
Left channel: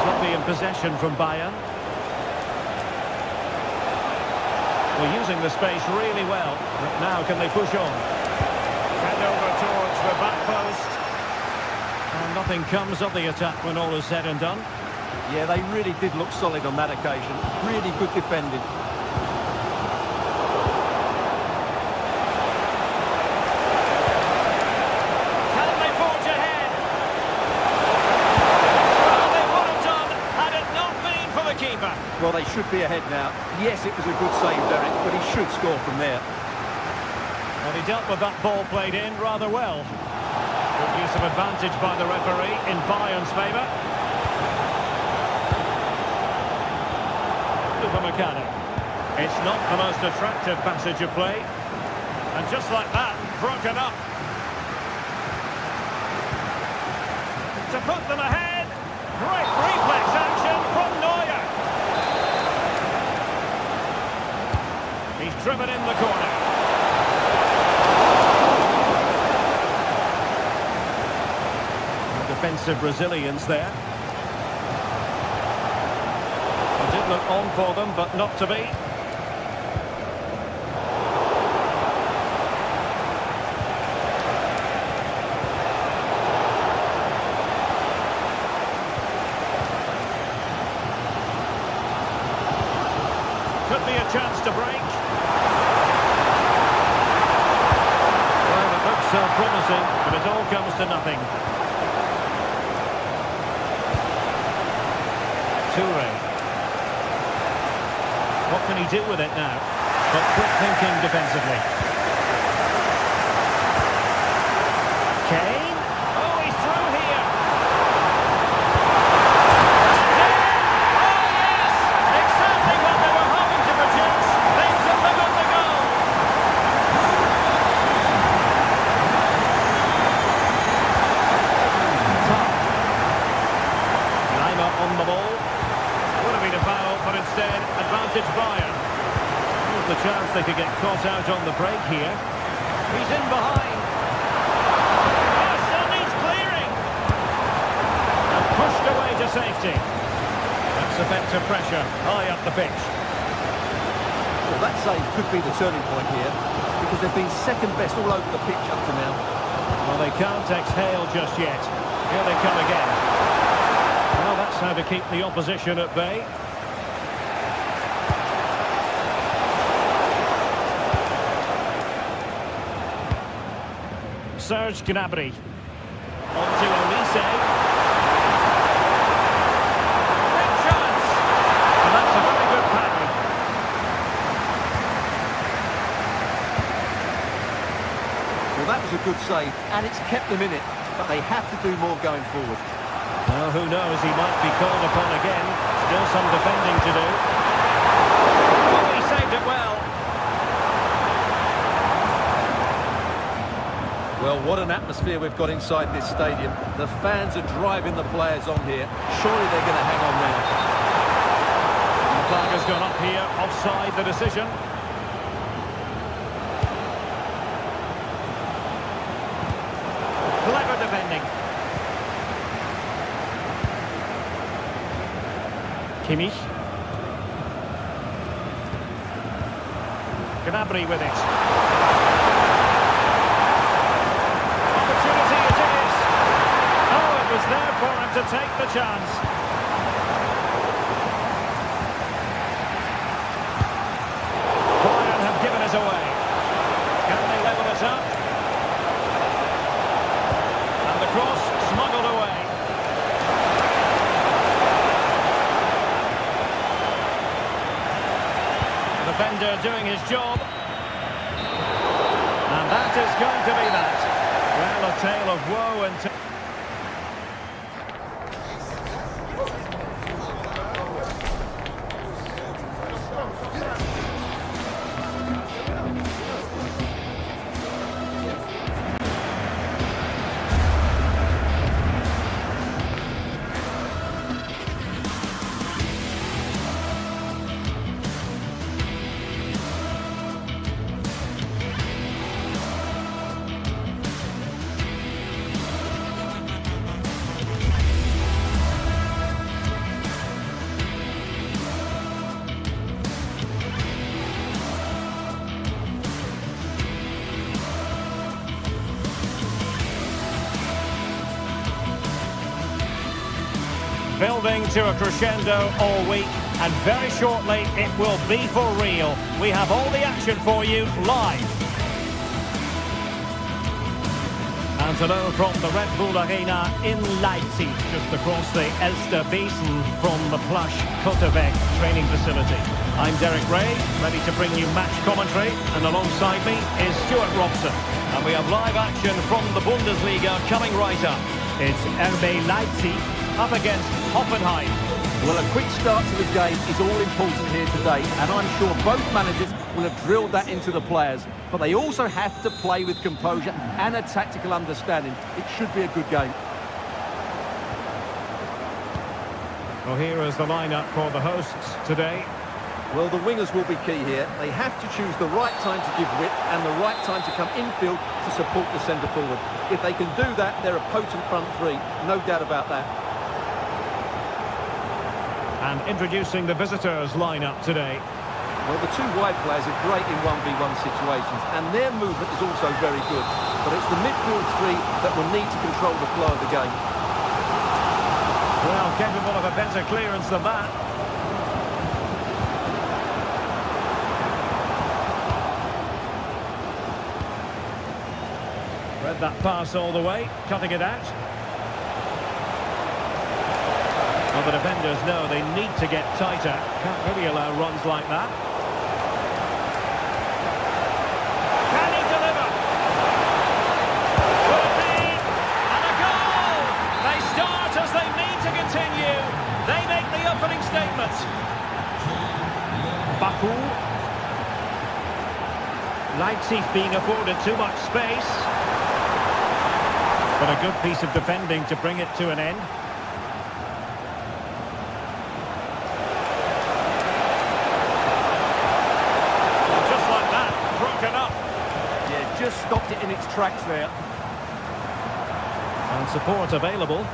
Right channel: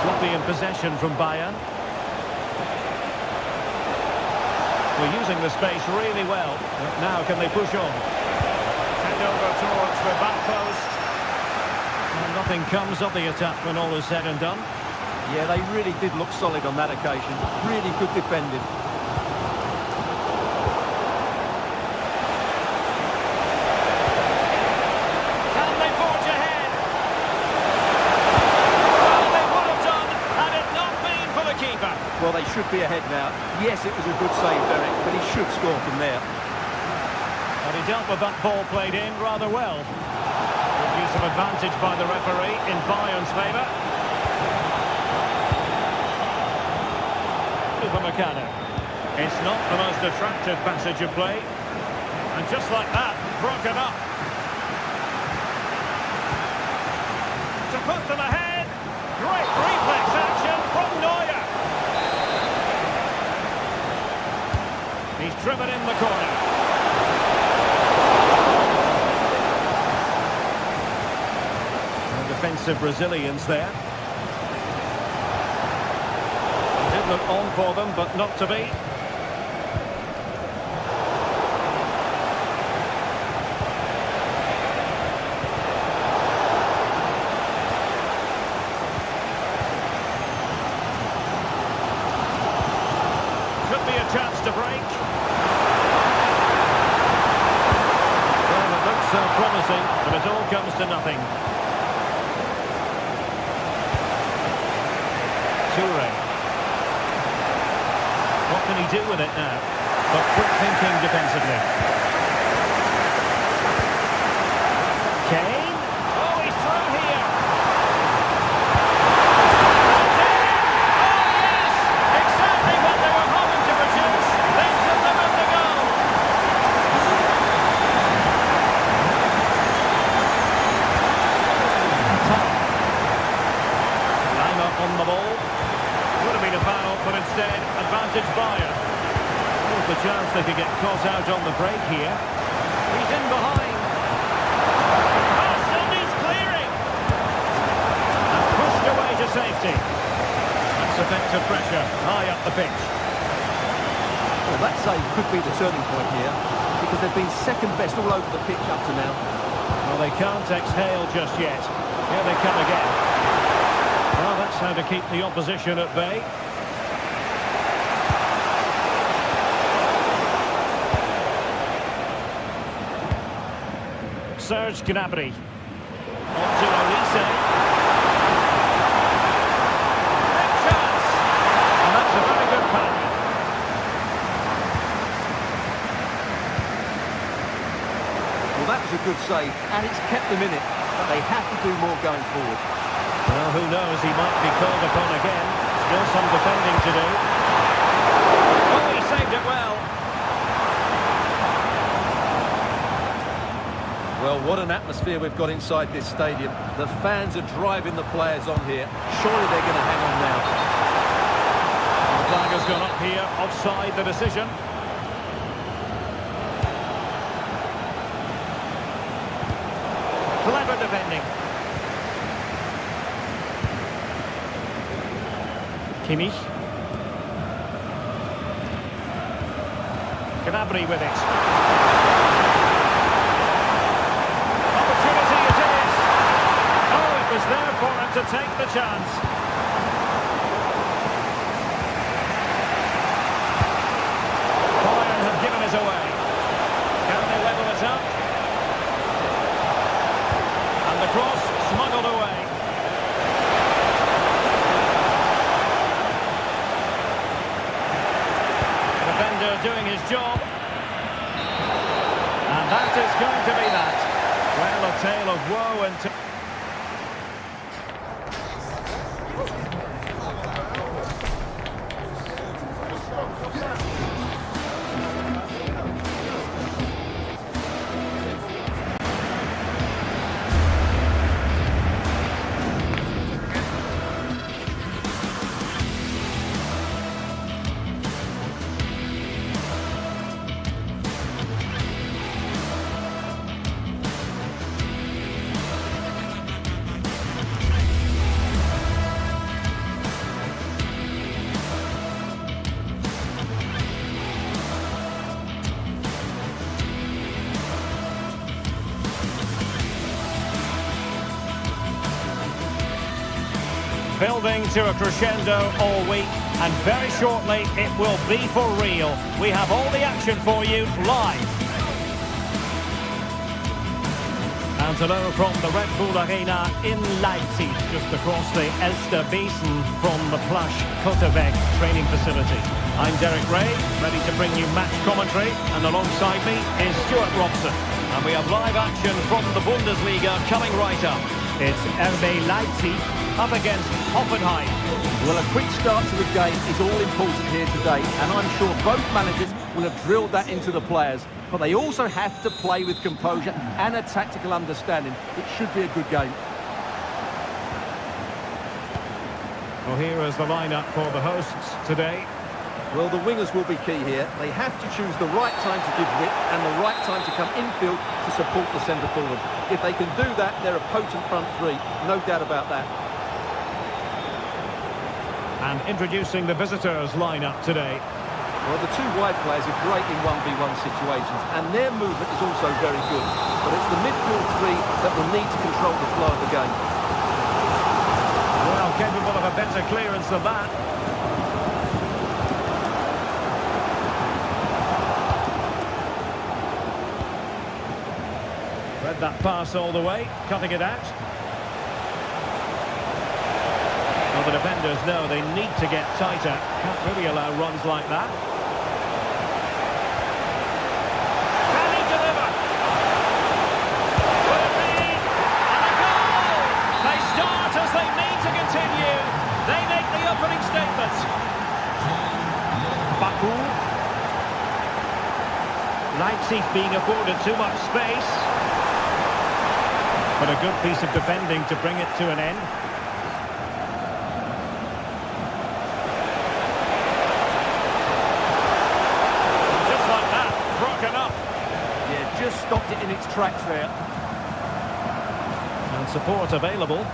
Sloppy in possession from Bayern. We're using the space really well. But now can they push on? Head over towards the back post. And nothing comes of the attack when all is said and done. Yeah, they really did look solid on that occasion. Really good defending. Can they forge ahead? Well, they would have done had it not been for the keeper. Well, they should be ahead now. Yes, it was a good save, Derek, but he should score from there. Well, he dealt with that ball played in rather well. Good use of advantage by the referee in Bayern's favour. Upamecano. It's not the most attractive passage of play. And just like that, broken up. To put them ahead. Great reflex action from Neuer. He's driven in the corner. Defensive resilience there. Could look on for them, but not to be. Could be a chance to break. Well, it looks so promising, but it all comes to nothing. Toure. What can he do with it now? But quick thinking defensively. Kane. Oh, he's through here. And in! Oh, yes! Exactly what they were hoping to produce. They've delivered the goal. Top. Lima on the ball. Would have been a foul, but instead, advantage Bayern. There's the chance they could get caught out on the break here. He's in behind. Oh, still needs clearing. And pushed away to safety. That's effective pressure, high up the pitch. Well, that save could be the turning point here, because they've been second best all over the pitch up to now. Well, they can't exhale just yet. Here they come again. Well, that's how to keep the opposition at bay. Serge Gnabry. On to Olise. Big chance! And that's a very good parry. Well, that was a good save, and it's kept them in it, but they have to do more going forward. Well, who knows, he might be called upon again. Still some defending to do. Oh, he saved it well. Well, what an atmosphere we've got inside this stadium. The fans are driving the players on here. Surely they're going to hang on now. And the flag has gone up here, offside the decision. Clever defending. Kimmich. Gnabry with it. Opportunity it is. Oh, it was there for him to take the chance. Bayern have given us away. Can they level it up? And the cross smuggled away. Defender doing his job. And that is going to be that. Well, a tale of woe and... Building to a crescendo all week, and very shortly it will be for real. We have all the action for you live. And hello from the Red Bull Arena in Leipzig, just across the Elsterbeesen from the plush Kotterbeck training facility. I'm Derek Ray, ready to bring you match commentary, and alongside me is Stuart Robson. And we have live action from the Bundesliga coming right up. It's RB Leipzig up against Hoffenheim. Well, a quick start to the game is all important here today, and I'm sure both managers will have drilled that into the players. But they also have to play with composure and a tactical understanding. It should be a good game. Well, here is the lineup for the hosts today. Well, the wingers will be key here. They have to choose the right time to give width and the right time to come infield to support the centre forward. If they can do that, they're a potent front three. No doubt about that. And introducing the visitors lineup today. Well, the two wide players are great in 1v1 situations, and their movement is also very good. But it's the midfield three that will need to control the flow of the game. Well, capable of a better clearance than that. Read that pass all the way, cutting it out. Well, the defenders know they need to get tighter. Can't really allow runs like that. Can he deliver? Will it be? And a goal! They start as they mean to continue. They make the opening statement. Baku. Leipzig being afforded too much space. But a good piece of defending to bring it to an end. And just like that, broken up. Yeah, just stopped it in its tracks there. And support available.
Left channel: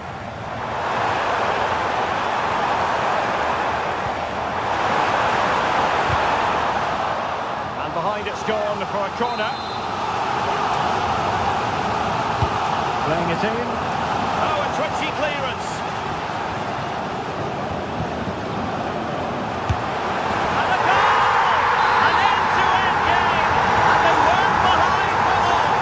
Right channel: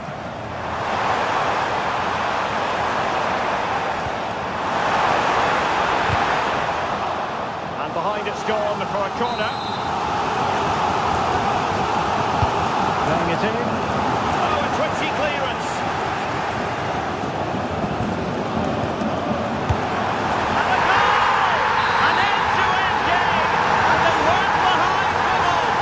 And behind it's gone for a corner. Playing it in. Oh, a twitchy clearance. And a goal! An end-to-end game. And they weren't behind for long.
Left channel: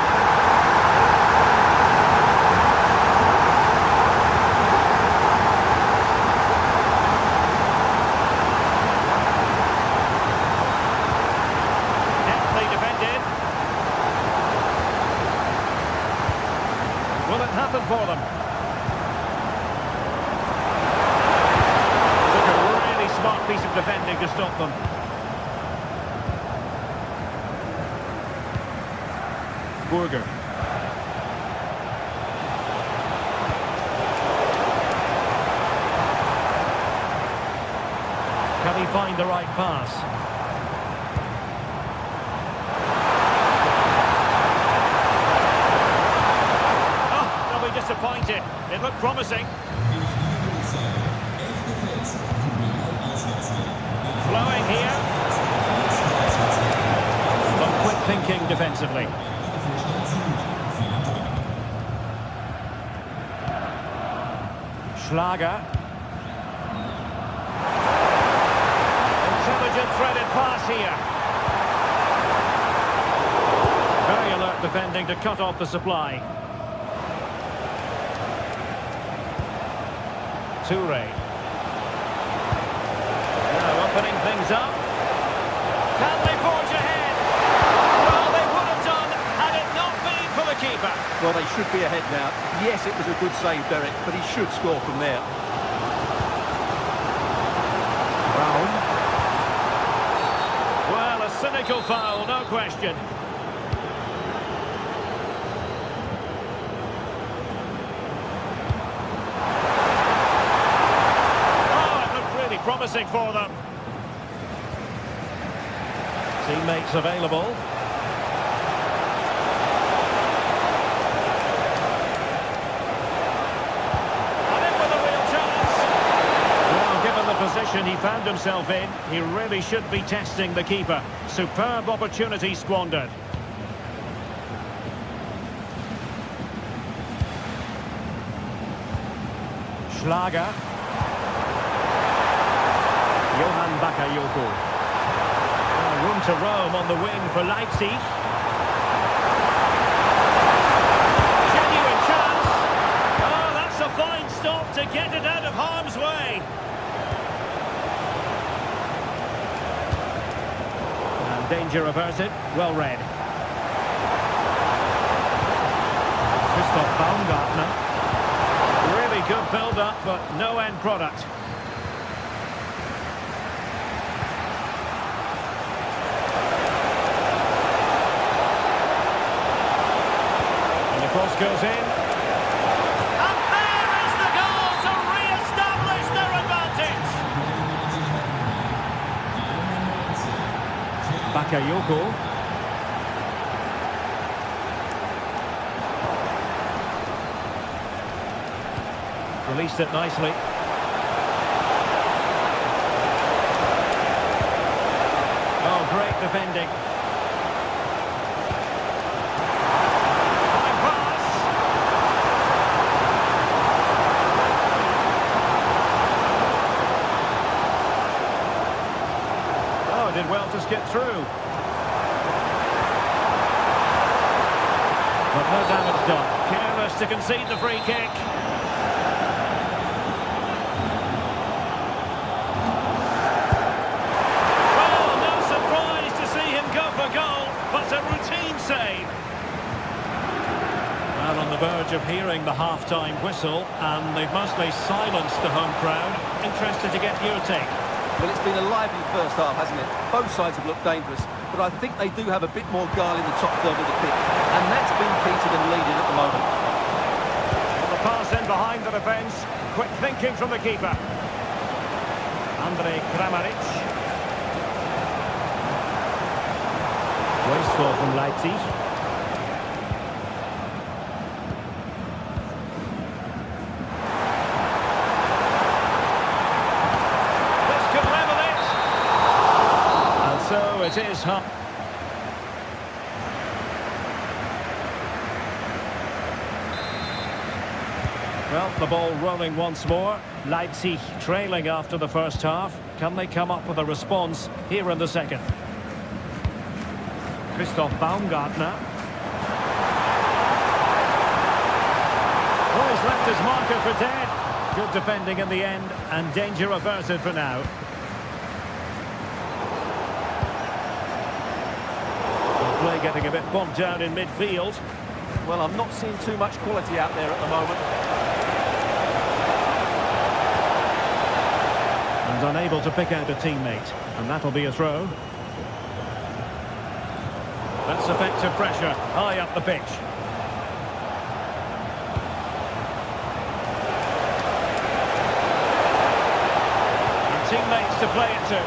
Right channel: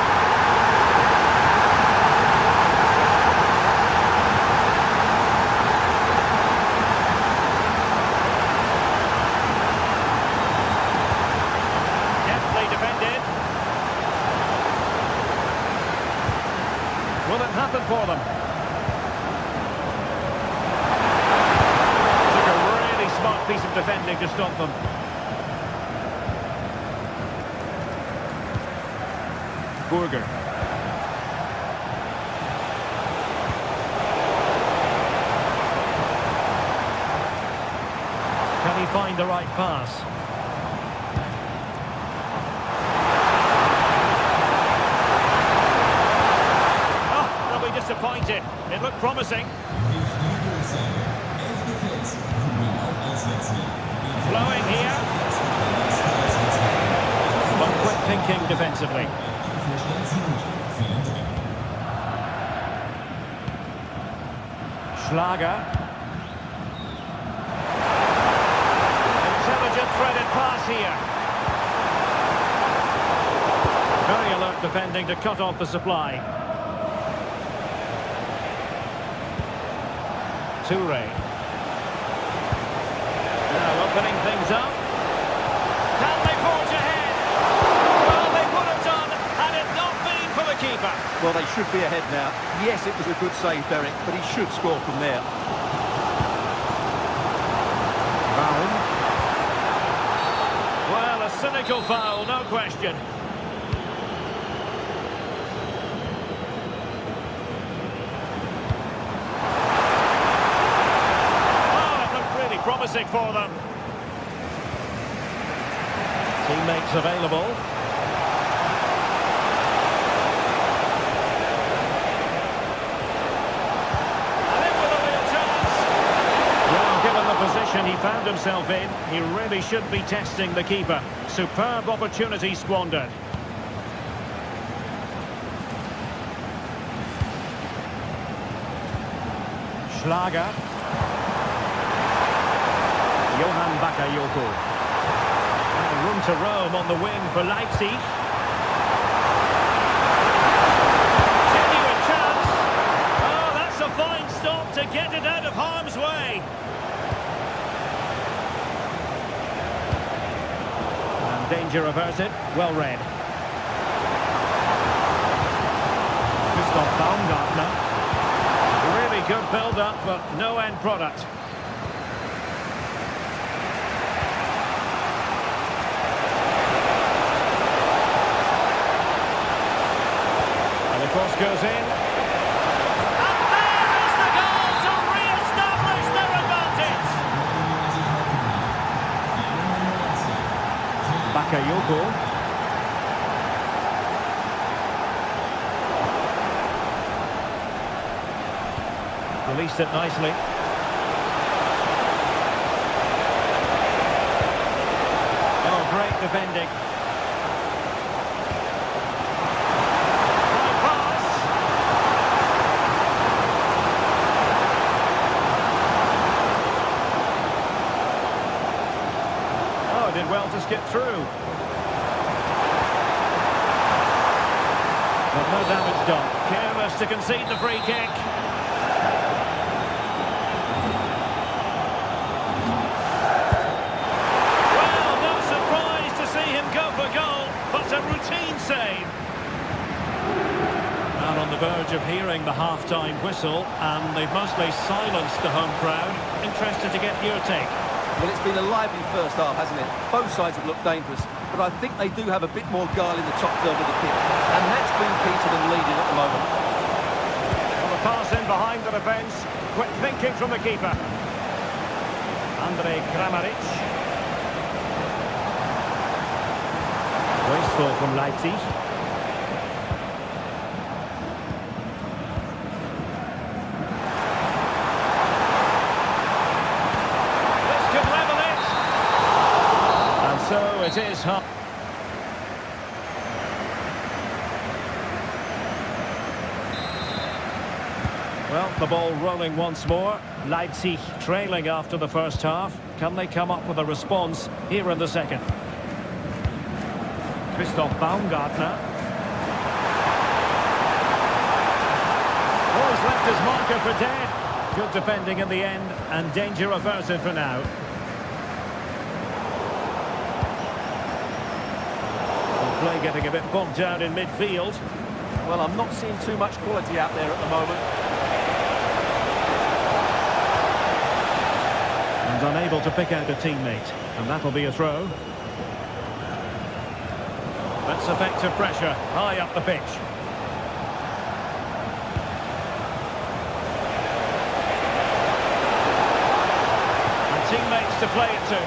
Deftly defended. Will it happen for them? Took a really smart piece of defending to stop them. Burger. Can he find the right pass? Disappointed. It looked promising. Flowing here. But quick thinking defensively. Schlager. Intelligent threaded pass here. Very alert defending to cut off the supply. Toure. Now opening things up. Can they forge ahead? Well, they would have done had it not been for the keeper. Well, they should be ahead now. Yes, it was a good save, Derek, but he should score from there. Brown. Well, a cynical foul, no question. Promising for them. Teammates available. And in with a real chance. Well, given the position he found himself in, he really should be testing the keeper. Superb opportunity squandered. Schlager. Johan Bakayoko. Room to roam on the wing for Leipzig. Genuine chance. Oh, that's a fine stop to get it out of harm's way. And danger averted. Well read. Christoph Baumgartner. Really good build-up, but no end product. Cross goes in. And there is the goal to re-establish their advantage. Bakayoko. Released it nicely. defending. Fine pass. Oh, did well to skip through. But no damage done. Careless to concede the free kick. Well, no surprise to see him go for goal, but a routine save. And on the verge of hearing the half-time whistle, and they've mostly silenced the home crowd. Interested to get your take. Well, it's been a lively first half, hasn't it? Both sides have looked dangerous, but I think they do have a bit more guile in the top third of the pitch, and that's been key to them leading at the moment. Well, the pass in behind the defence. Quick thinking from the keeper. Kramaric. Wasteful from Leipzig. This could level it. And so it is. Well, the ball rolling once more. Leipzig trailing after the first half. Can they come up with a response here in the second? Christoph Baumgartner. Oh, he's left his marker for dead. Good defending in the end, and danger averted for now. Well, play getting a bit bogged down in midfield. Well, I'm not seeing too much quality out there at the moment. And unable to pick out a teammate. And that'll be a throw. That's effective pressure high up the pitch. And teammates to play it to.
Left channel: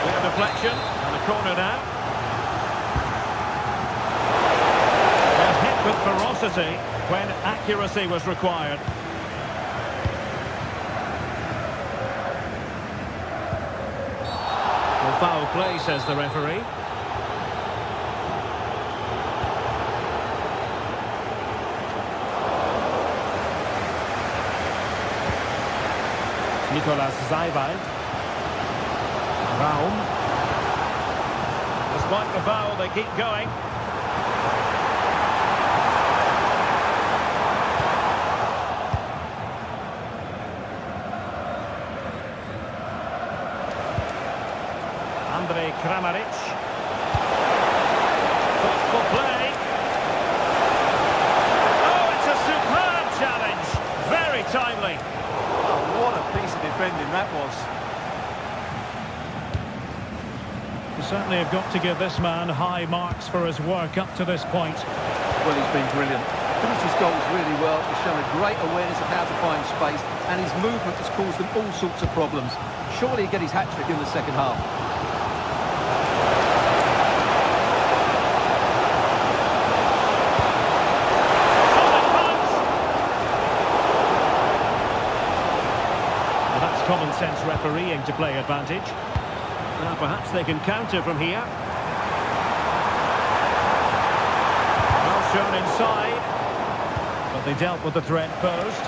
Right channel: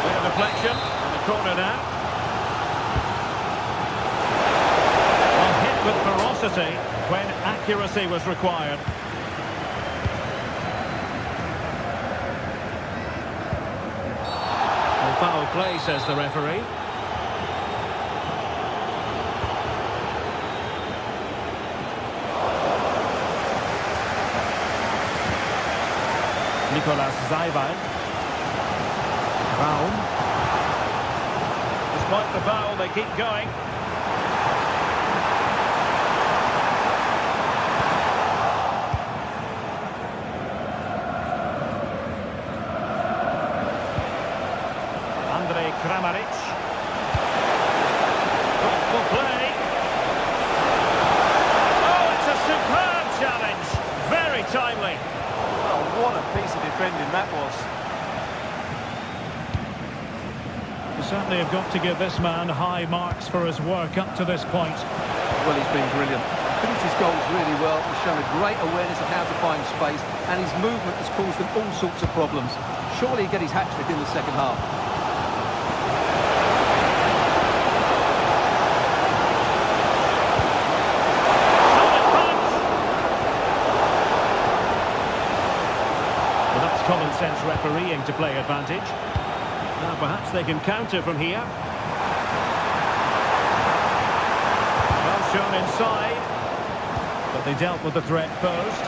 Clear deflection and a corner now. Well, hit with ferocity when accuracy was required. Well, foul play, says the referee. Nicolas Seiwald. Raum. Despite the foul, they keep going. Kramaric. Thoughtful play. Oh, it's a superb challenge. Very timely. Oh, what a piece of defending that was. You certainly have got to give this man high marks for his work up to this point. Well, he's been brilliant. He finished his goals really well. He's shown a great awareness of how to find space, and his movement has caused them all sorts of problems. Surely he'll get his hat-trick in the second half. Common sense refereeing to play advantage. Now perhaps they can counter from here. Well shown inside, but they dealt with the threat posed.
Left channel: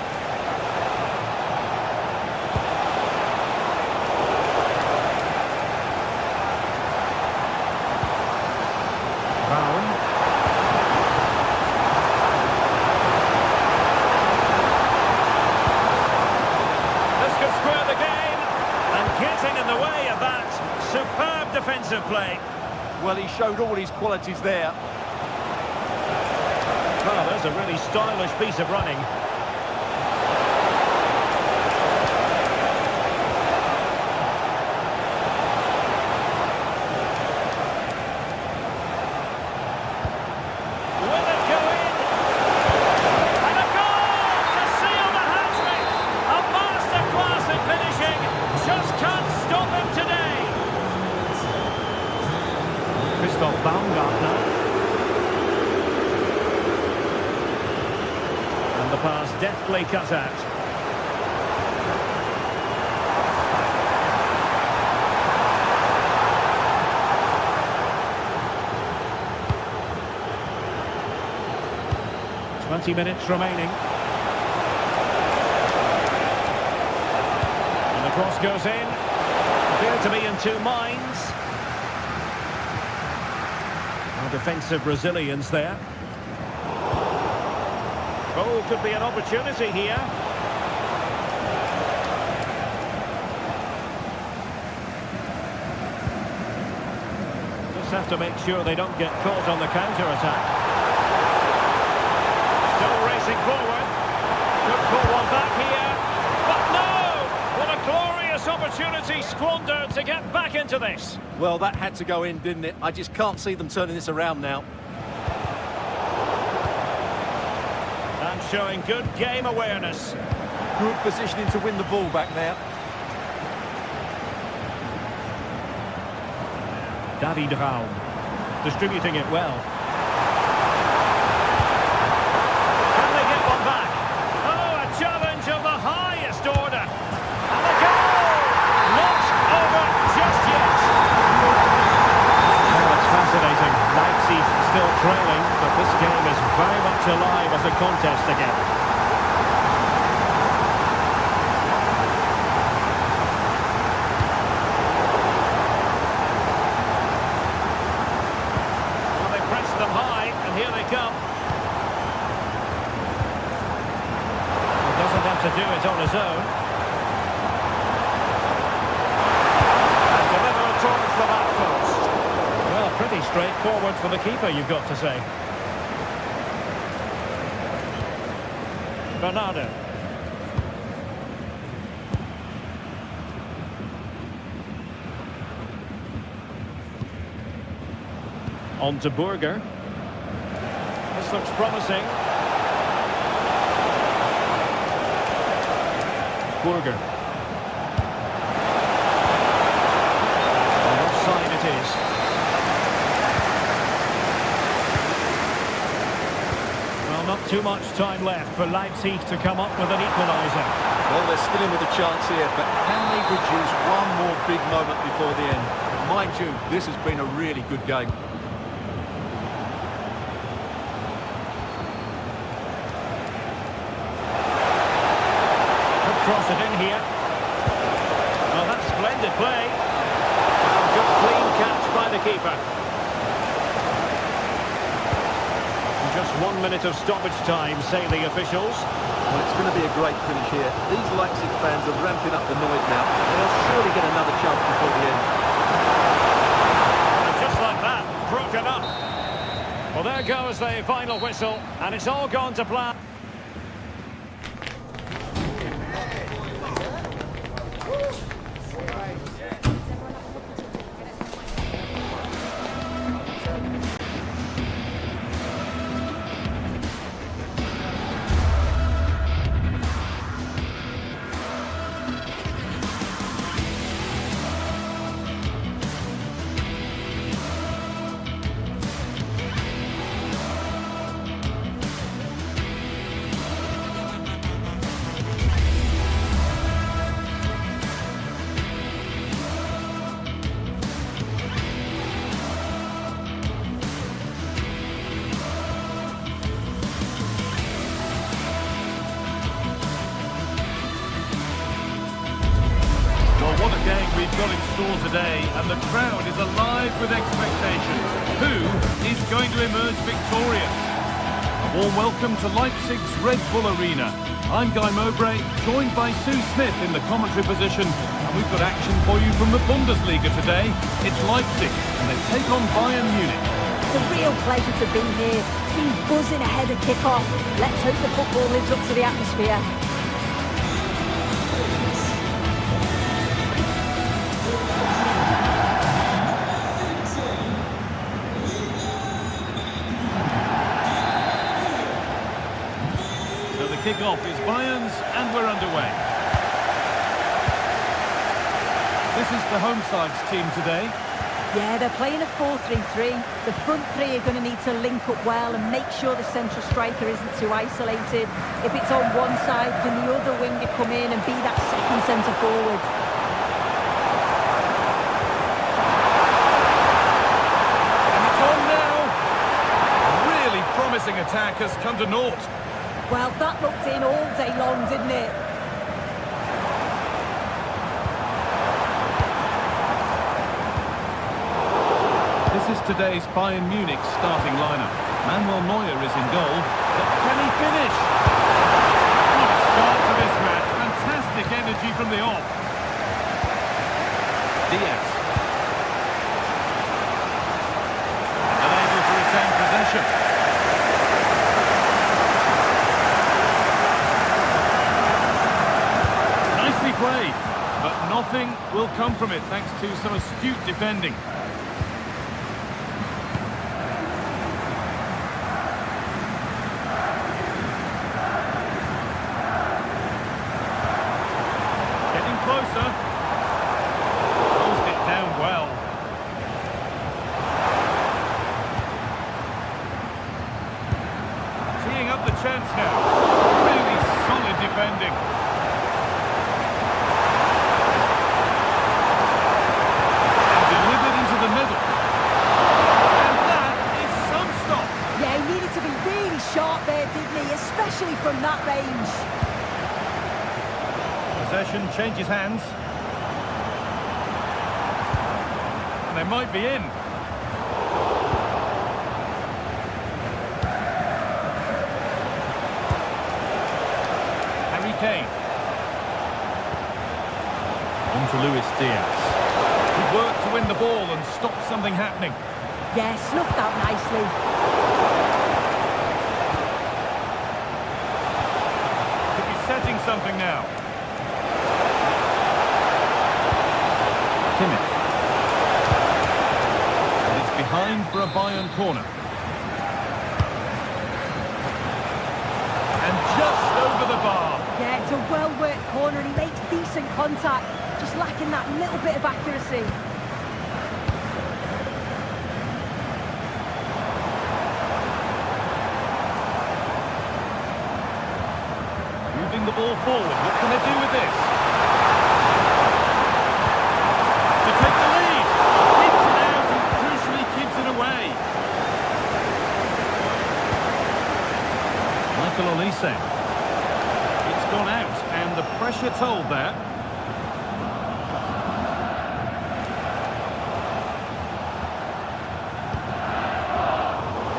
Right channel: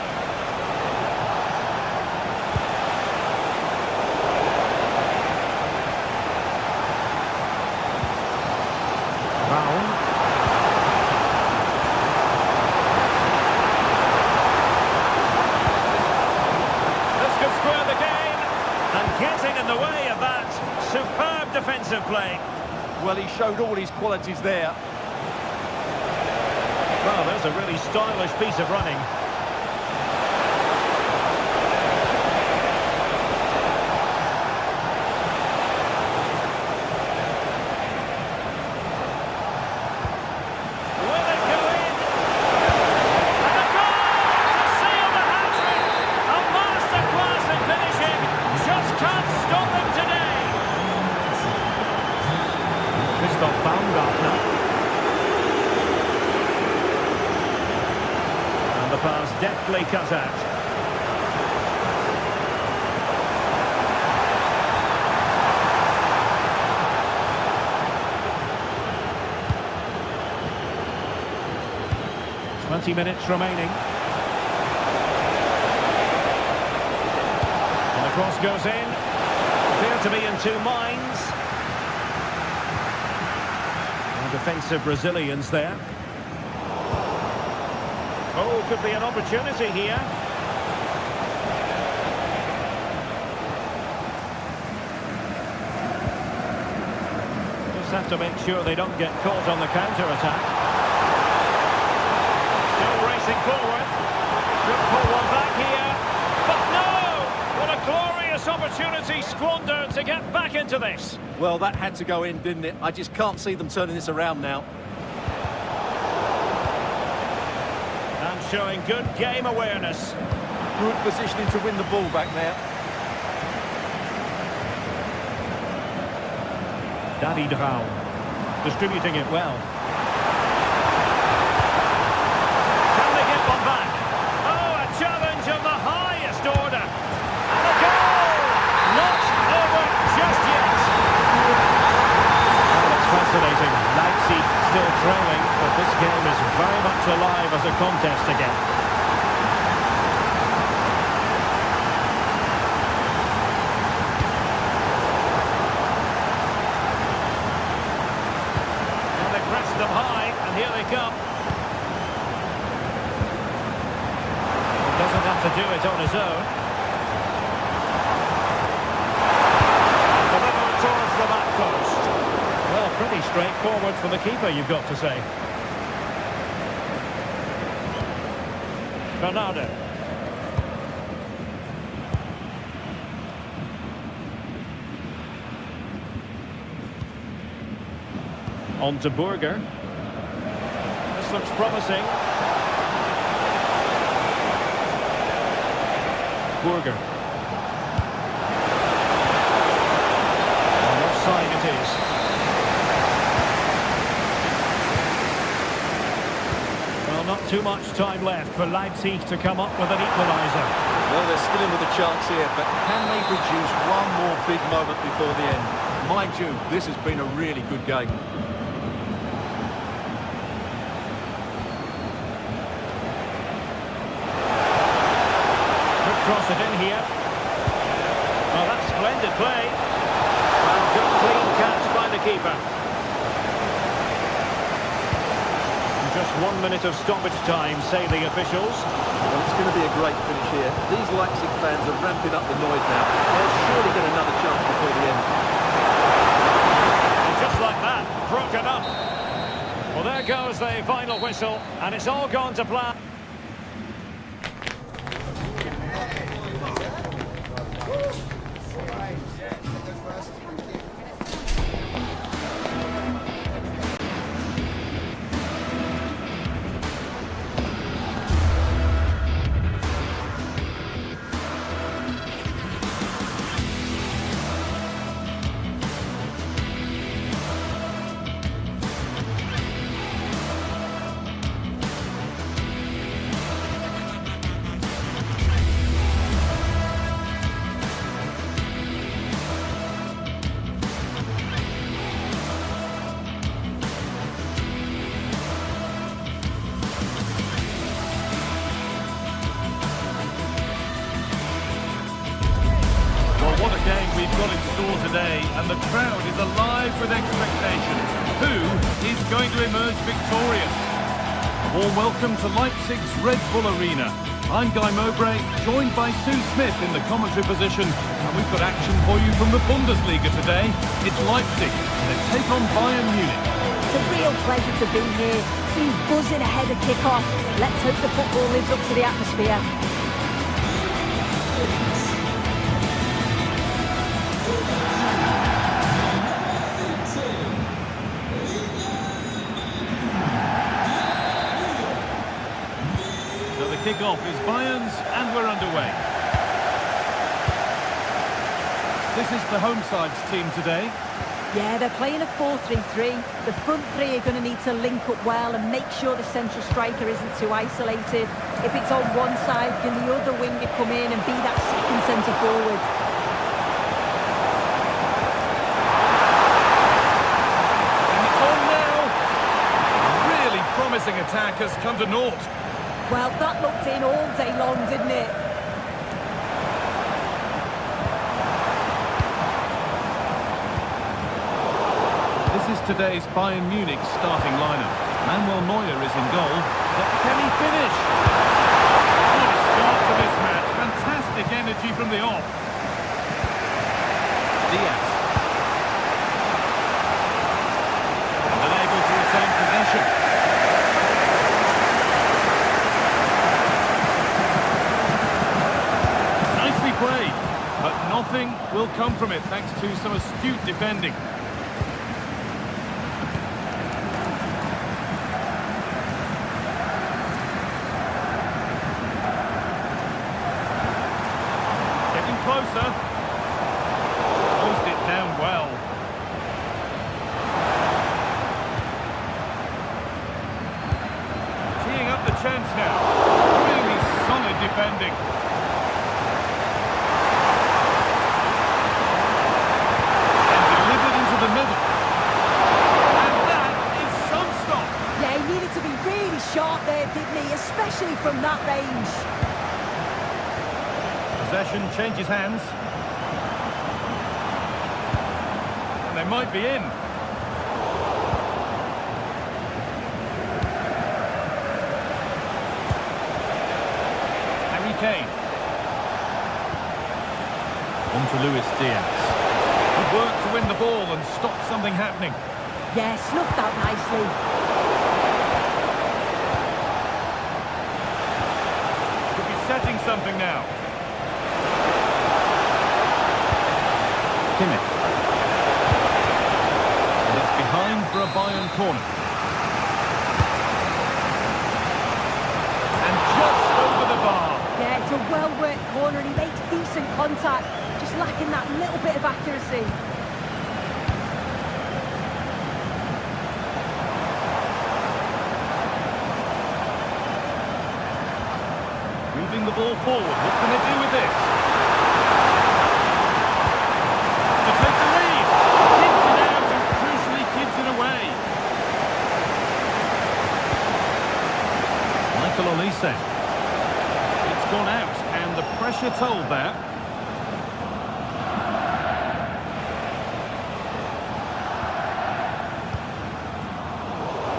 Raum. Could square the game, and getting in the way of that superb defensive play. Well, he showed all his qualities there. Well, there's a really stylish piece of running. Will it go in? And a goal to seal the hat-trick! A masterclass in finishing. Just can't stop him today. Christoph Baumgartner. And the pass deftly cut out. 20 minutes remaining. And the cross goes in. Appear to be in two minds. Well, defensive Brazilians there. Oh, could be an opportunity here. Just have to make sure they don't get caught on the counter-attack. Still racing forward. Could pull one back here. But no! What a glorious opportunity squandered to get back into this. Well, that had to go in, didn't it? I just can't see them turning this around now. And showing good game awareness. Good positioning to win the ball back now. David Raum distributing it well. Can they get one back? Oh, a challenge of the highest order. And a goal! Not over just yet. Well, it's fascinating. Leipzig still trailing, but this game is very much alive as a contest again. Well, they pressed them high, and here they come. Well, doesn't have to do it on his own. And deliver towards the back post. Well, pretty straightforward for the keeper, you've got to say. Bernardo. On to Burger. This looks promising. Burger. And offside it is. Well, not too much time left for Leipzig to come up with an equaliser. Well, they're still in with a chance here, but can they produce one more big moment before the end? Mind you, this has been a really good game. Could cross it in here. Oh, that's splendid play. Well, good clean catch by the keeper. Just 1 minute of stoppage time, say the officials. Well, it's going to be a great finish here. These Leipzig fans are ramping up the noise now. They'll surely get another chance before the end. And just like that, broken up. Well, there goes the final whistle, and it's all gone to plan. What a game we've got in store today, and the crowd is alive with expectation. Who is going to emerge victorious? A warm welcome to Leipzig's Red Bull Arena. I'm Guy Mowbray, joined by Sue Smith in the commentary position, and we've got action for you from the Bundesliga today. It's Leipzig, and they take on Bayern Munich. It's a real pleasure to be here. It's been buzzing ahead of kick-off. Let's hope the football lives up to the atmosphere. So the kick-off is Bayern's, and we're underway. This is the home side's team today. Yeah, they're playing a 4-3-3. The front three are going to need to link up well and make sure the central striker isn't too isolated. If it's on one side, can the other winger come in and be that second centre forward? And it's on now. A really promising attack has come to naught. Well, that looked in all day long, didn't it? This is today's Bayern Munich starting lineup. Manuel Neuer is in goal. But can he finish? What a start to this match. Fantastic energy from the off. Diaz. And unable to retain possession. Nicely played, but nothing will come from it thanks to some astute defending. Getting closer. Closed it down well. Teeing up the chance now. Really solid defending. The middle. And that is some stop. Yeah, he needed to be really sharp there, didn't he? Especially from that range. Possession changes hands. And they might be in. Harry Kane. On to Luis Diaz. Good work to win the ball and stop something happening. Yeah, snuffed out nicely. Could be setting something now. Kimmich. And it's behind for a Bayern corner. And just over the bar. Yeah, it's a well-worked corner and he makes decent contact. Just lacking that little bit of accuracy. Moving the ball forward. What can they do with this? To take the lead. Keeps it out and crucially keeps it away. Michael Olise. It's gone out and the pressure told there.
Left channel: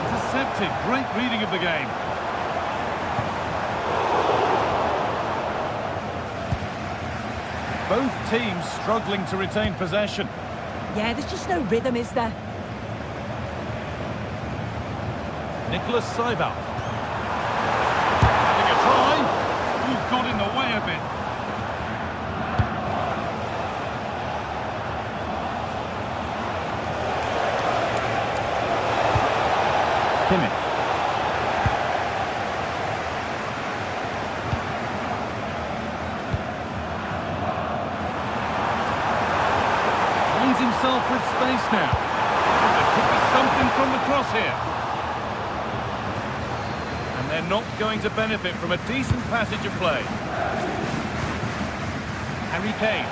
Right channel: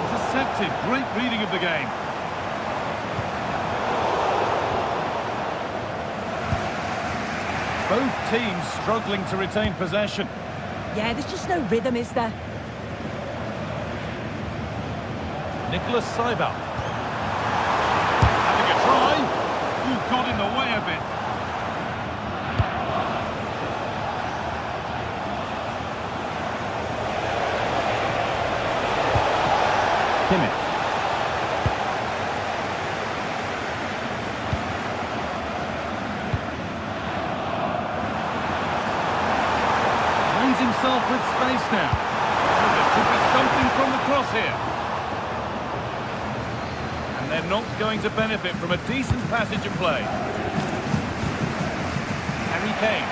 Intercepted. Great reading of the game. Both teams struggling to retain possession. Yeah, there's just no rhythm, is there? Nicholas Seibel. Having a try. Ooh, got in the way of it. Kimmich. Finds himself with space now. Oh, there could be something from the cross here. And they're not going to benefit from a decent passage of play. Harry Kane.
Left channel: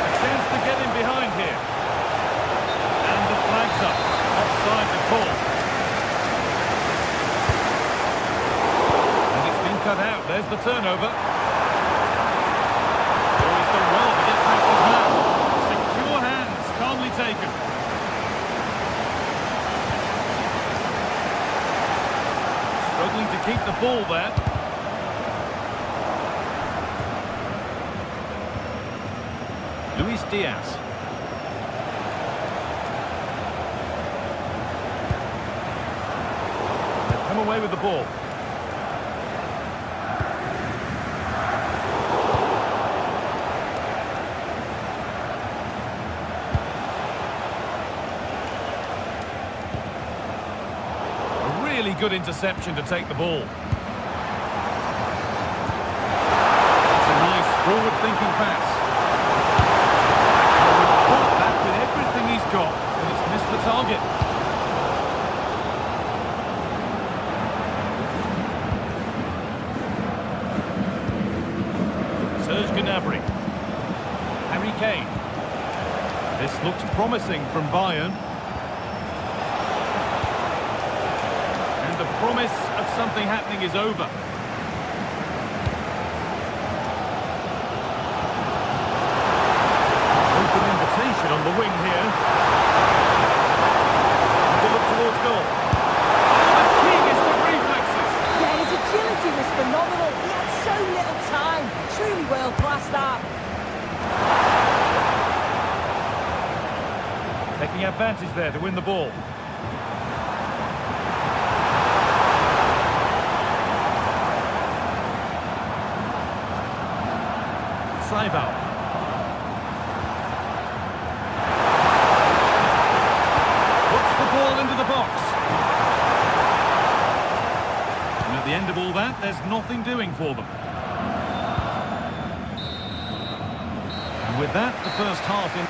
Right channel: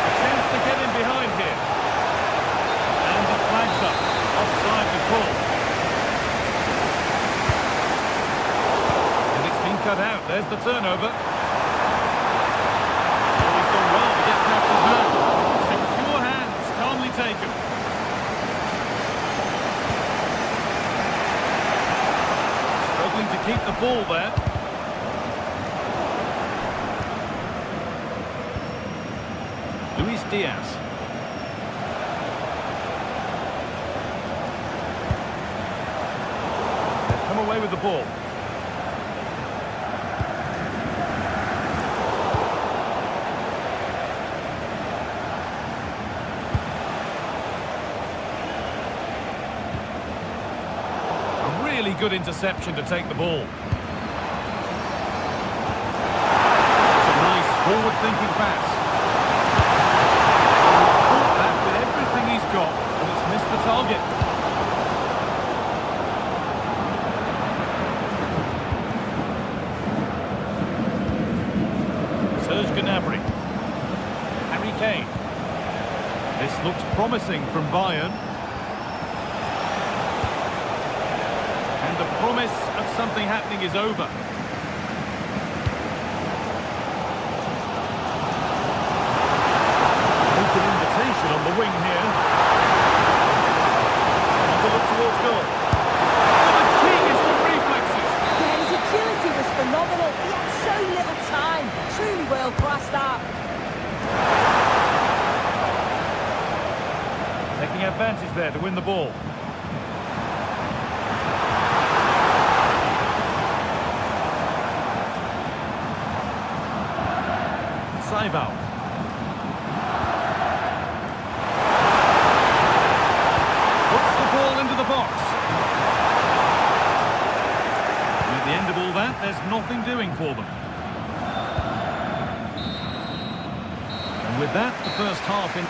A chance to get in behind here. And the flag's up. Offside the call. And it's been cut out. There's the turnover. Oh, he's done well to get past his man. Secure hands, calmly taken. Struggling to keep the ball there. Luis Diaz. Come away with the ball. A really good interception to take the ball. It's a nice forward-thinking pass. Well, he caught that with everything he's got, but it's missed the target. Gnabry. Harry Kane. This looks promising from Bayern. And the promise of something happening is over. Open invitation on the wing here. And to look towards goal. Oh, the keenest of reflexes. Yeah, his agility was phenomenal. He had so little time. Truly world-class, that. Taking advantage there to win the ball. Saival. Puts the ball into the box. And at the end of all that, there's nothing doing for them. And with that, the first half in...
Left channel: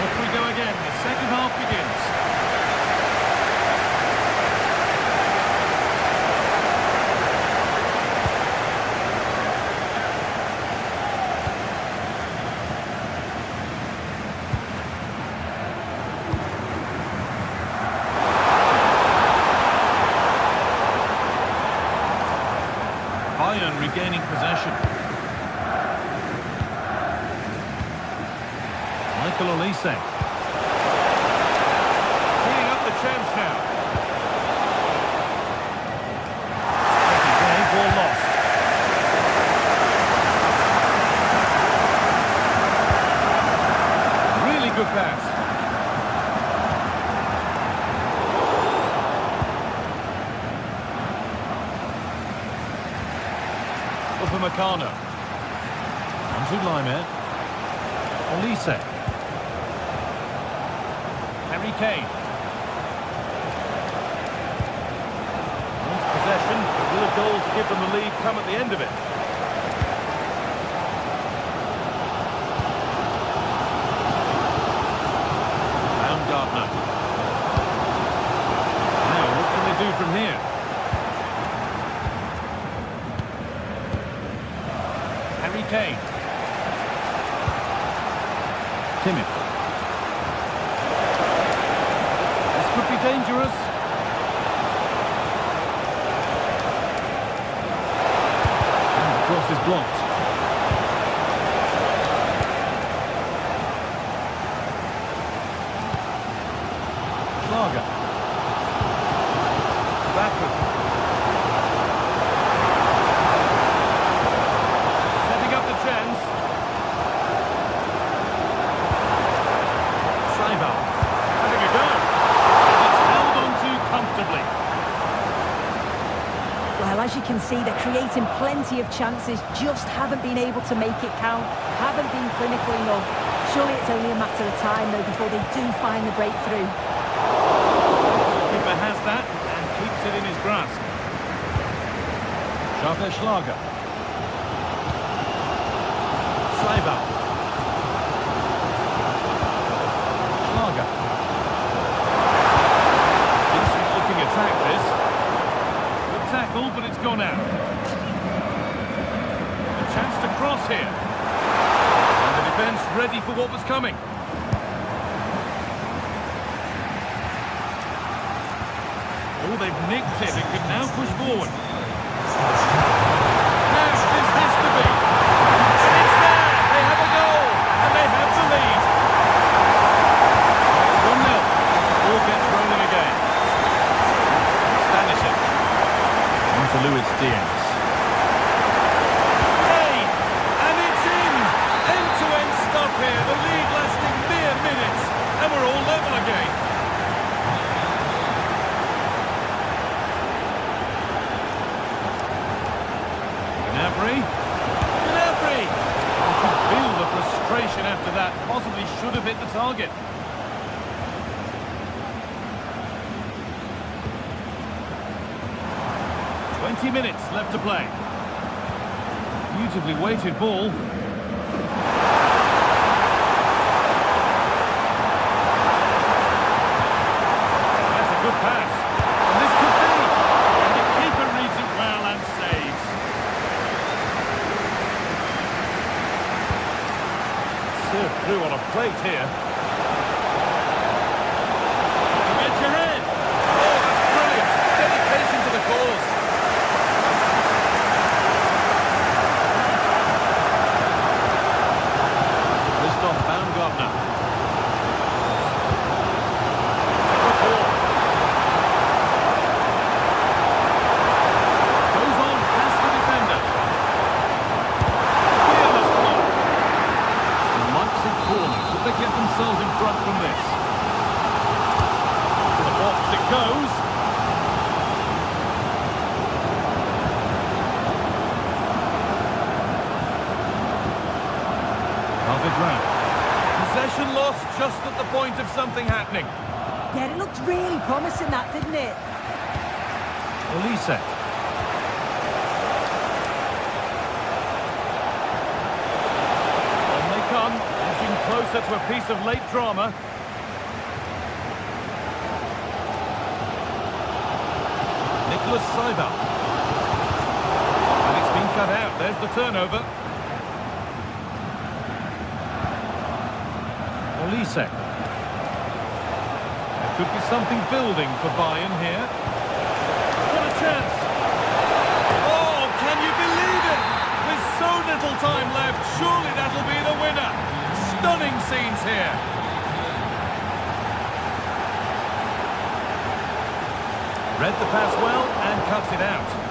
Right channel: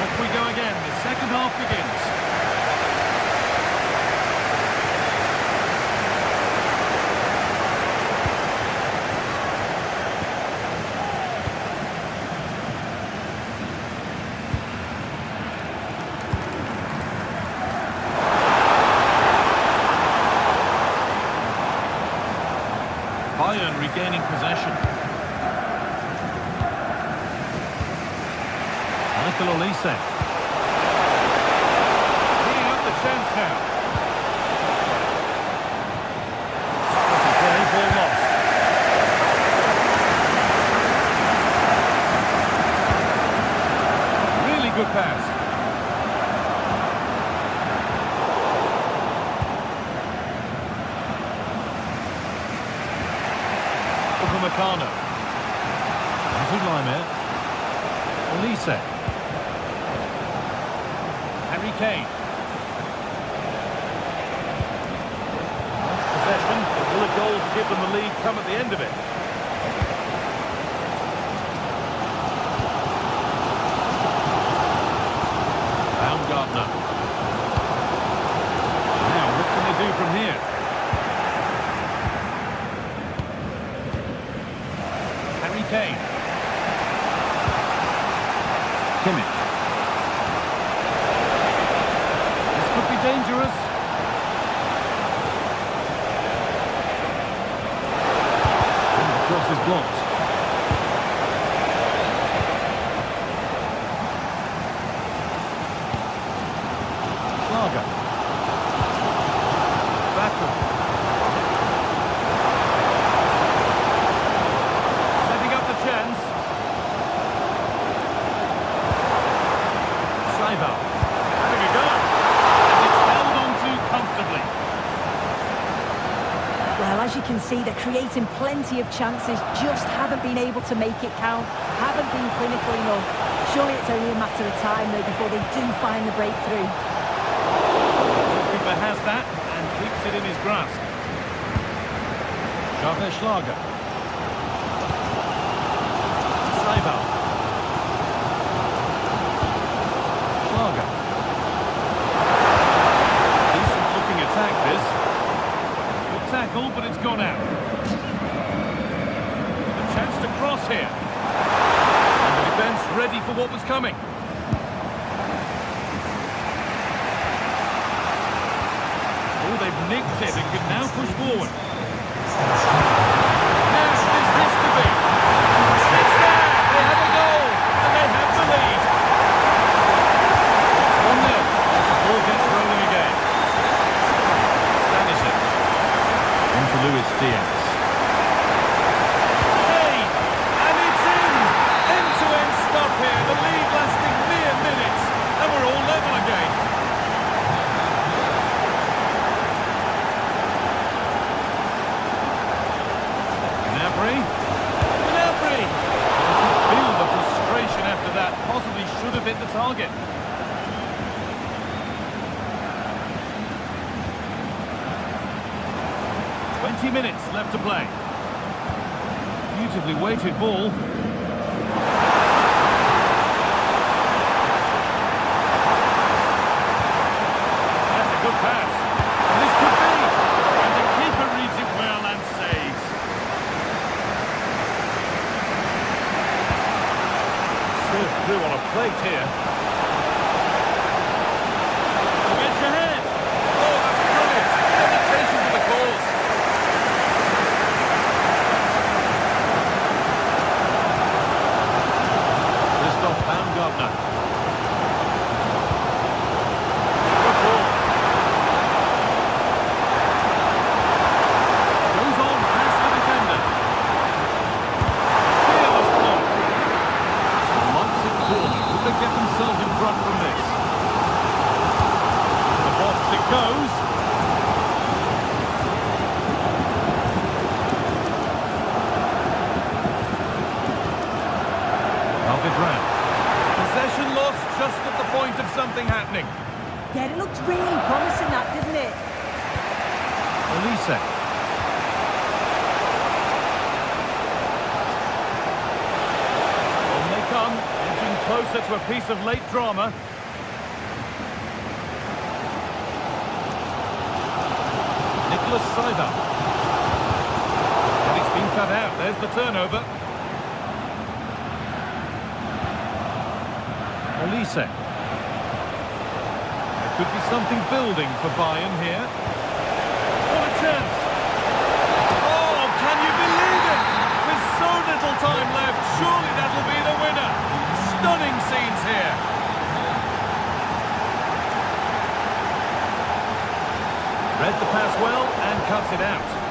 Off we go again. The second half begins. Bayern regaining possession. Michael Olise. Teeing up the chance now. Steady play, ball lost. Really good pass. Upamecano. Onto Laimer. Olise. Harry Kane. Wants possession, but will a goal to give them the lead come at the end of it? Baumgartner. Now, what can they do from here? Harry Kane. Kimmich. This could be dangerous. And the cross is blocked. Schlager. Baku. Chance. Saival having a go, and it's held on to comfortably. Well, as you can see, they're creating plenty of chances, just haven't been able to make it count, haven't been clinical enough. Surely it's only a matter of time, though, before they do find the breakthrough. The keeper has that and keeps it in his grasp. Schlager. Saival. Schlager. Decent looking attack, this. Good tackle, but it's gone out. A chance to cross here. And the defence ready for what was coming. Oh, they've nicked it and can now push forward. Now, this has to be. And it's there! They have a goal, and they have the lead. It's 1-0, as the ball gets rolling again. Stanisic. On to Luis Diaz. Hey! And it's in! End-to-end stuff here, the lead lasting mere minutes, and we're all level again. Gnabry. You could feel the frustration after that. Possibly should have hit the target. "20 minutes left to play. Beautifully weighted ball. That's a good pass. And this could be. And the keeper reads it well and saves. Served through on a plate here. To get your head. Oh, that's brilliant. Dedication to the cause. Baumgartner. Good ball. Goes on past the defender. Fearless block. Leipzig corner. Could they get themselves in front from this? To the box it goes. David Rand. Possession lost just at the point of something happening. Yeah, it looked really promising, that, didn't it? Olise. On they come, edging closer to a piece of late drama. Nicholas Seiber. And it's been cut out. There's the turnover. Olise. There could be something building for Bayern here. What a chance! Oh, can you believe it? With so little time left, surely that'll be the winner. Stunning scenes here. Read the pass well and cuts it out.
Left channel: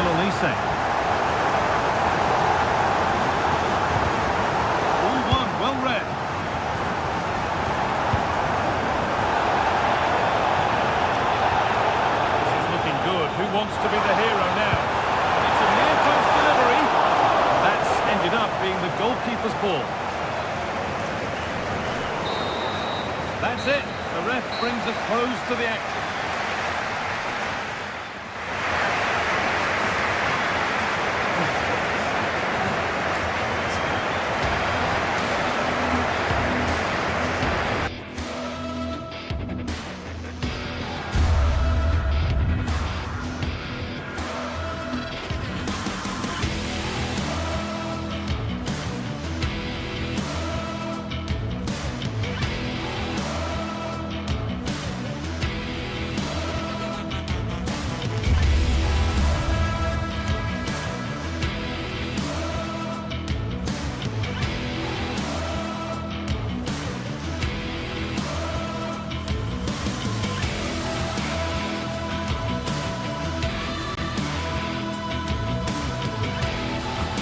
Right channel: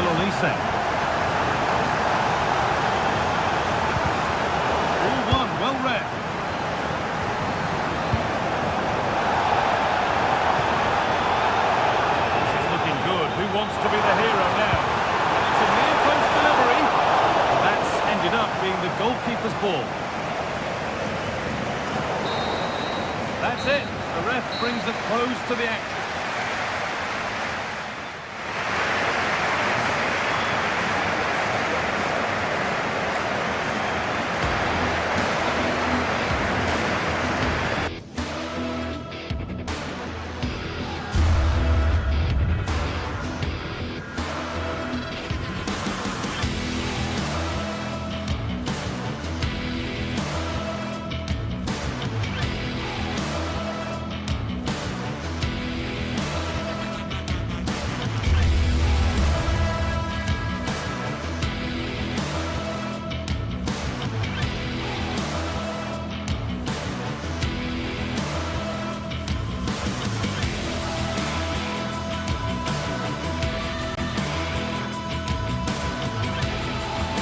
Olise. All one, well read. This is looking good. Who wants to be the hero now? And it's a near post delivery. That's ended up being the goalkeeper's ball. That's it. The ref brings a close to the action.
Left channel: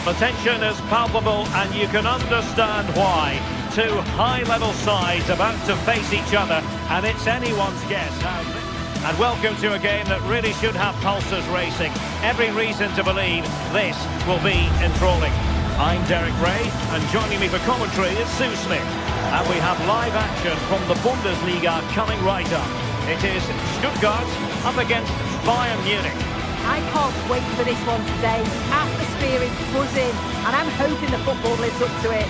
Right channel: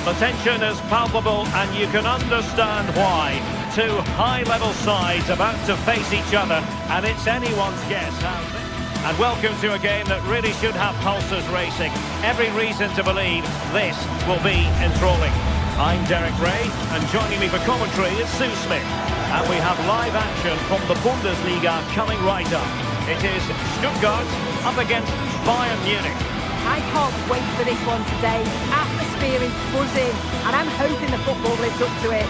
The tension is palpable and you can understand why. Two high-level sides about to face each other, and it's anyone's guess how this... And welcome to a game that really should have pulses racing. Every reason to believe this will be enthralling. I'm Derek Ray, and joining me for commentary is Sue Smith. And we have live action from the Bundesliga coming right up. It is Stuttgart up against Bayern Munich. I can't wait for this one today. The atmosphere is buzzing, and I'm hoping the football lives up to it.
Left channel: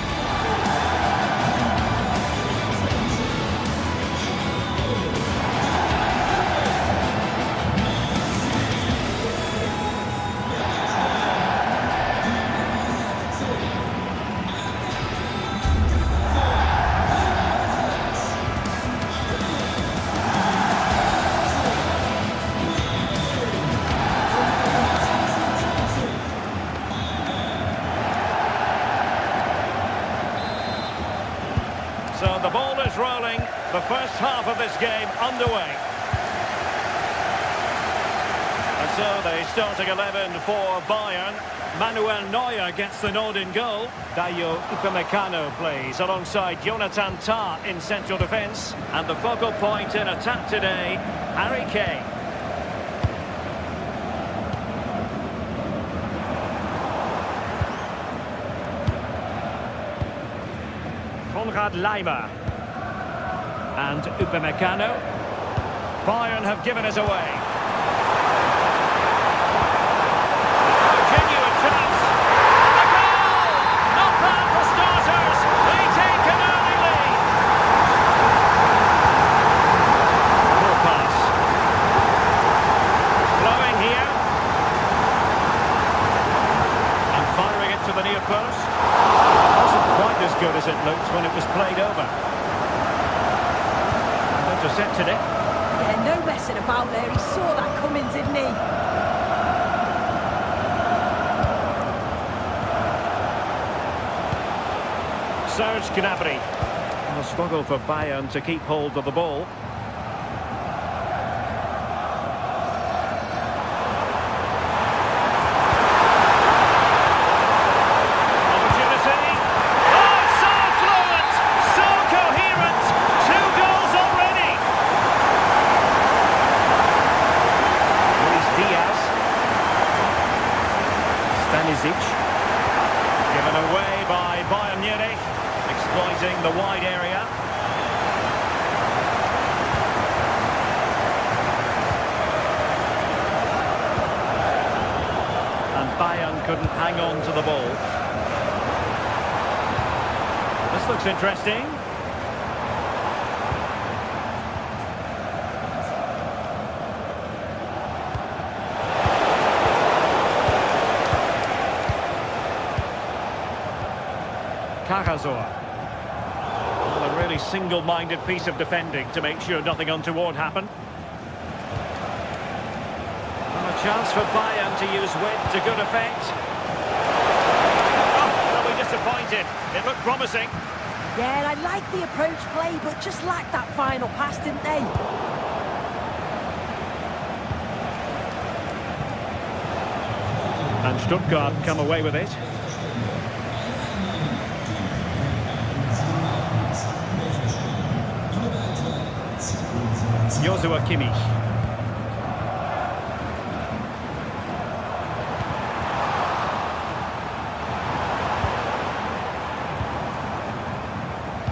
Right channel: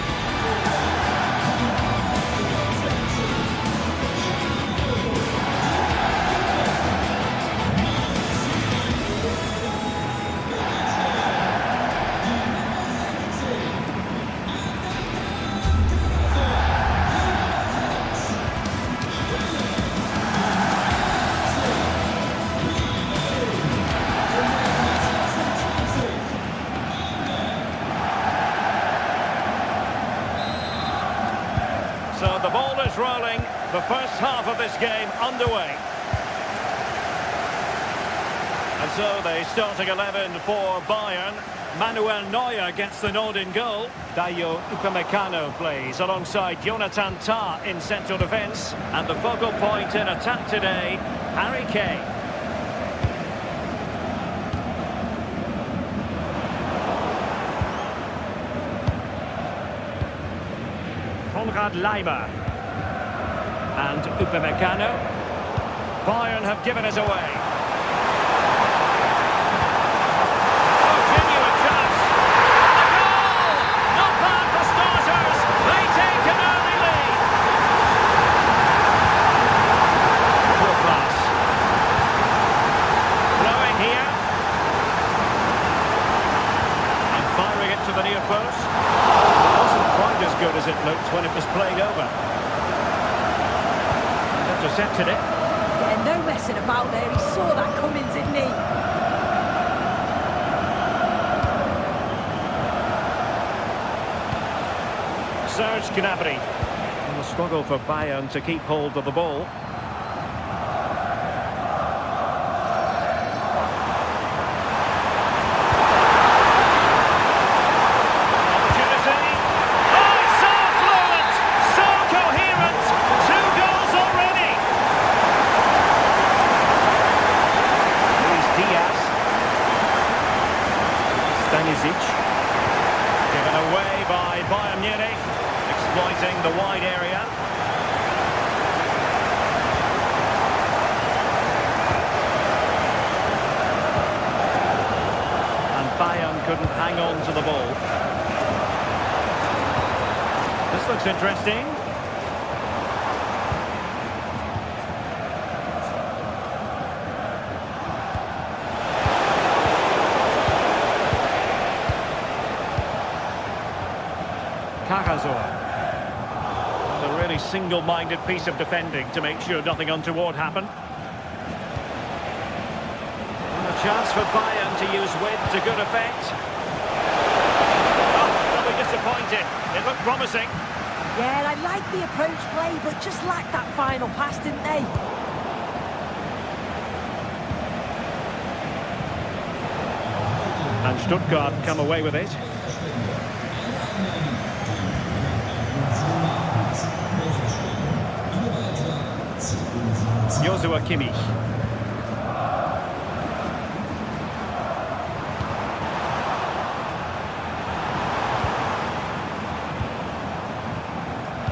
So the ball is rolling, the first half of this game underway. And so the starting 11 for Bayern. Manuel Neuer gets the nod in goal. Dayo Upamecano plays alongside Jonathan Tah in central defence. And the focal point in attack today, Harry Kane. Konrad Laimer. And Upamecano. Bayern have given us away. Oh, genuine chance. And a goal! Not bad for starters. They take an early lead. Poor pass. Blowing here. And firing it to the near post. It wasn't quite as good as it looked when it was played over. And intercepted it. Yeah, no messing about there. He saw that coming, didn't he? Serge Gnabry. And a struggle for Bayern to keep hold of the ball. Opportunity. Oh, it's so fluent, so coherent. 2 goals already. Luis Diaz. Stanisic. Given away by Bayern Munich. Exploiting the wide area. And Bayern couldn't hang on to the ball. This looks interesting. Cajazor. A really single-minded piece of defending to make sure nothing untoward happened. And a chance for Bayern to use width to good effect. Oh, they'll be disappointed. It looked promising. Yeah, I liked the approach play, but just lacked that final pass, didn't they? And Stuttgart come away with it. Joshua Kimmich.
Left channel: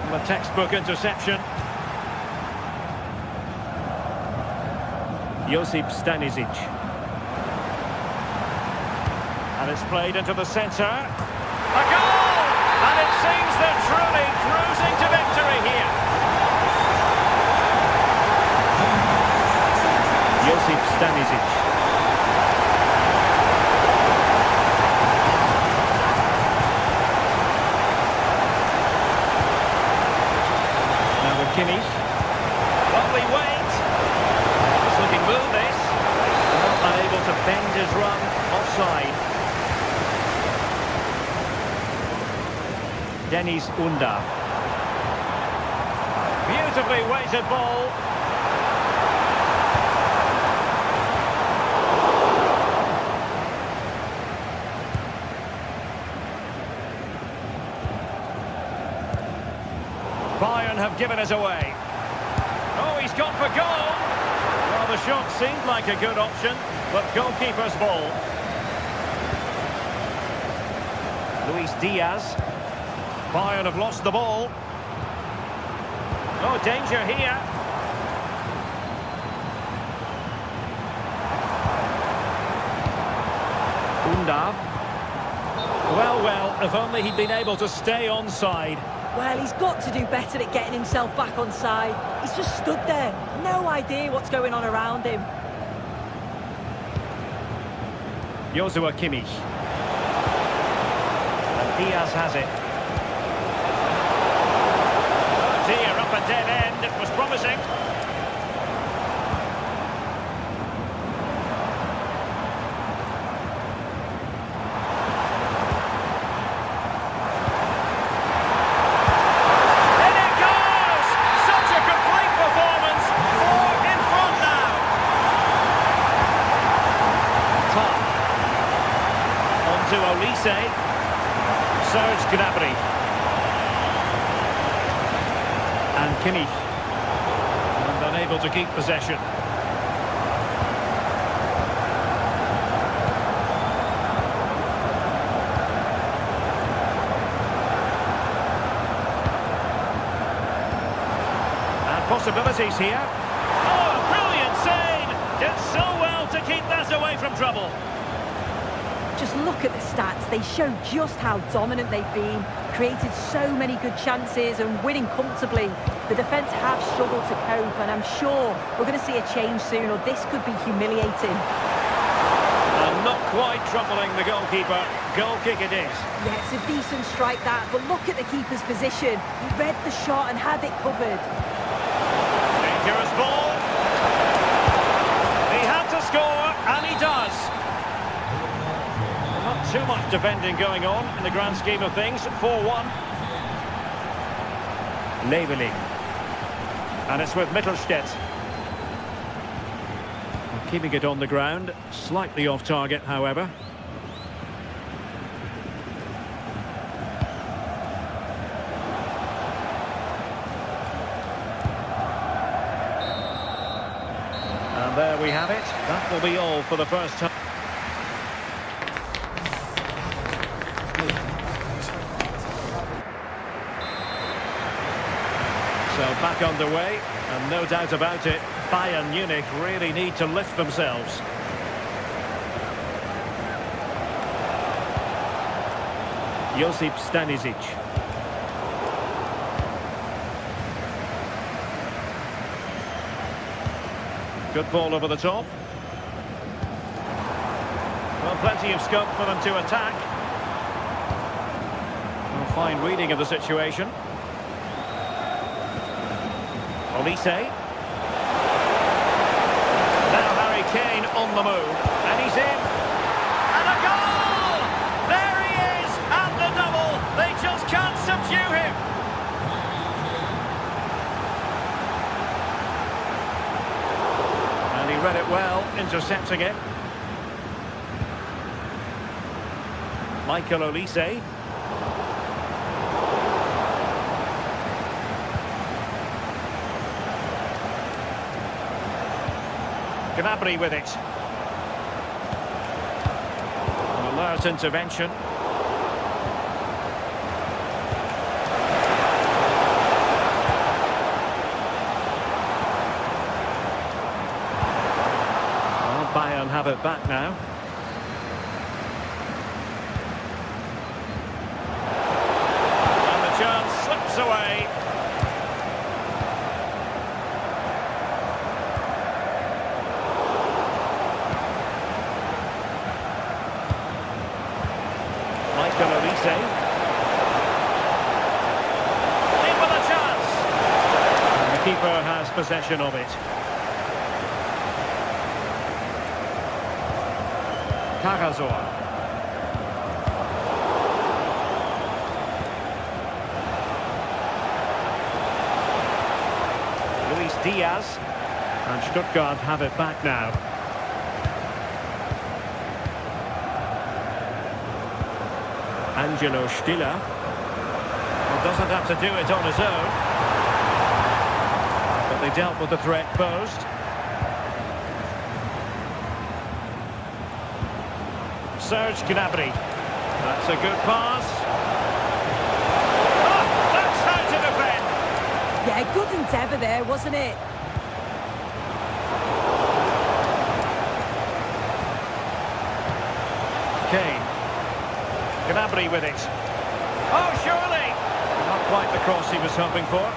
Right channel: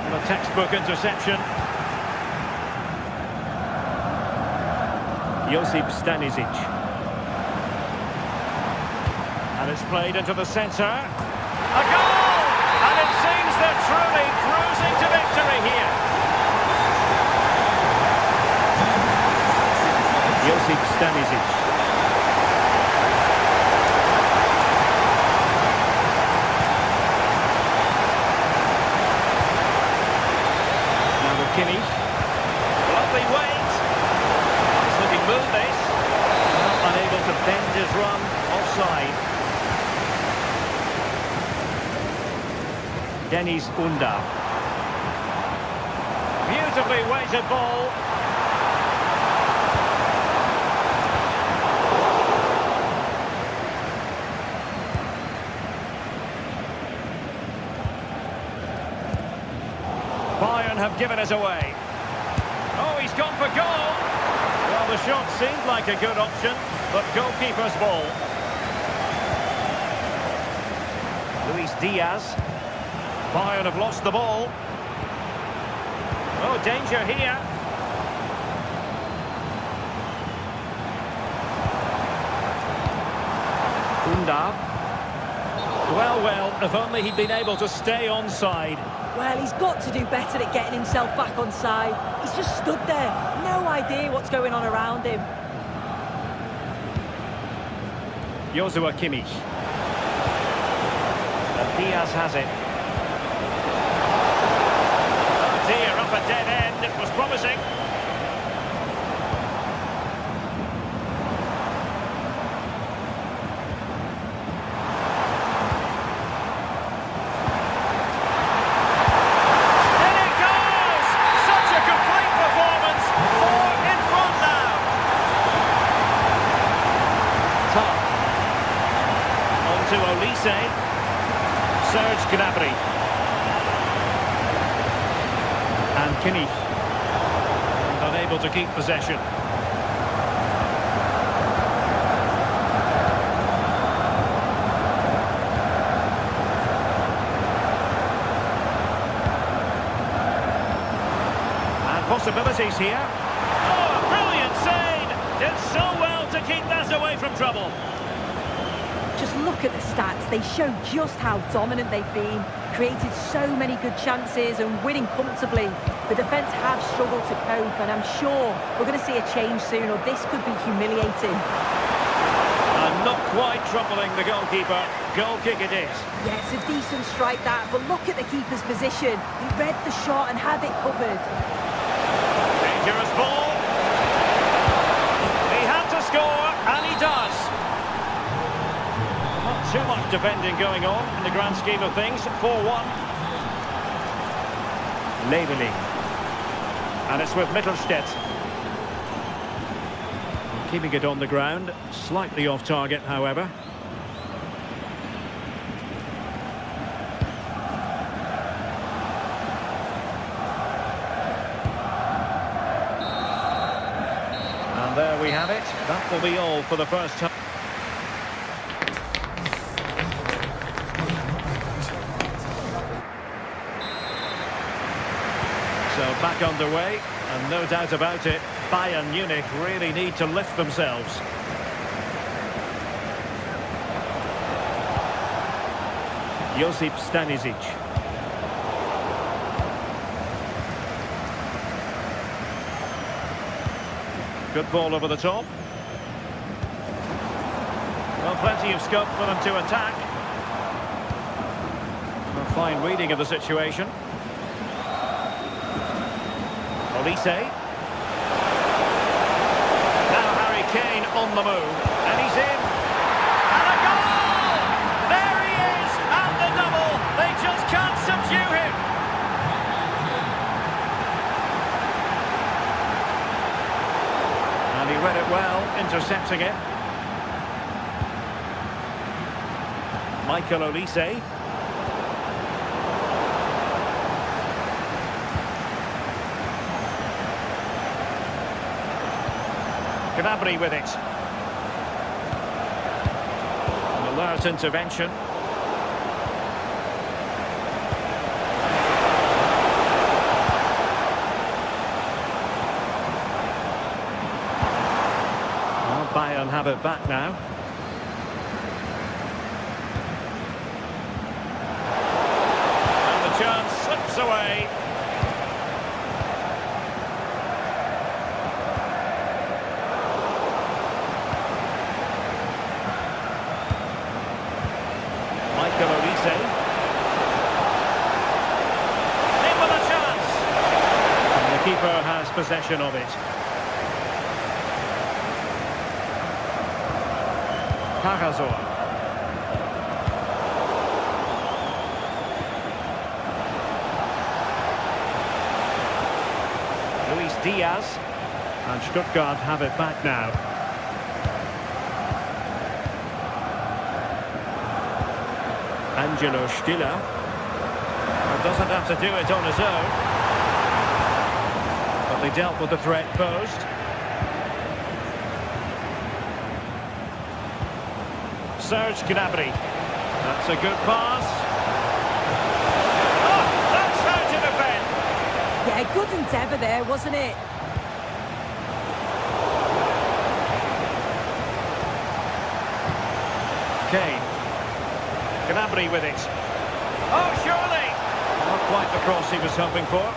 And a textbook interception. Josip Stanisic. And it's played into the centre. A goal! And it seems they're truly cruising to victory here. Josip Stanisic. Now with Kimmich. Lovely weight. Nice looking move this. Well, unable to bend his run. Offside. Dennis Undav. Beautifully weighted ball. Bayern have given us away. Oh, he's gone for goal. Well, the shot seemed like a good option, but goalkeeper's ball. Luis Diaz. Bayern have lost the ball. Oh, danger here. Undav. Well, if only he'd been able to stay onside. Well, he's got to do better at getting himself back on side. He's just stood there. No idea what's going on around him. Joshua Kimmich. And Diaz has it. Oh dear, up a dead end. It was promising. On to Olise. Serge Gnabry. And Kimmich. And unable to keep possession. possibilities here. Oh, a brilliant save! Did so well to keep that away from trouble. Just look at the stats. They show just how dominant they've been, created so many good chances and winning comfortably. The defence have struggled to cope, and I'm sure we're going to see a change soon, or this could be humiliating. And not quite troubling the goalkeeper. Goal kick it is. Yeah, it's a decent strike that, but look at the keeper's position. He read the shot and had it covered. Dangerous ball. He had to score, and he does. Not too much defending going on in the grand scheme of things. 4-1. Leveling. And it's with Mittelstädt. Keeping it on the ground. Slightly off target, however. And there we have it. That will be all for the first time. So back underway, and no doubt about it, Bayern Munich really need to lift themselves. Josip Stanisic. Good ball over the top. Well, plenty of scope for them to attack. A fine reading of the situation. Olise. Now Harry Kane on the move, and he's in. And a goal! There he is, at the double. They just can't subdue him. And he read it well, intercepting it. Michael Olise. Gnabry with it. An alert intervention. Well, Bayern have it back now. And the chance slips away. Michael Olise. In with a chance. And the keeper has possession of it. Carrazor. Luis Diaz. And Stuttgart have it back now. Angelo Stiller. Well, doesn't have to do it on his own. But they dealt with the threat posed. Serge Gnabry. That's a good pass. Oh, that's how to defend. Yeah, good endeavour there, wasn't it? Kane. Gnabry with it. Oh, surely! Not quite the cross he was hoping for.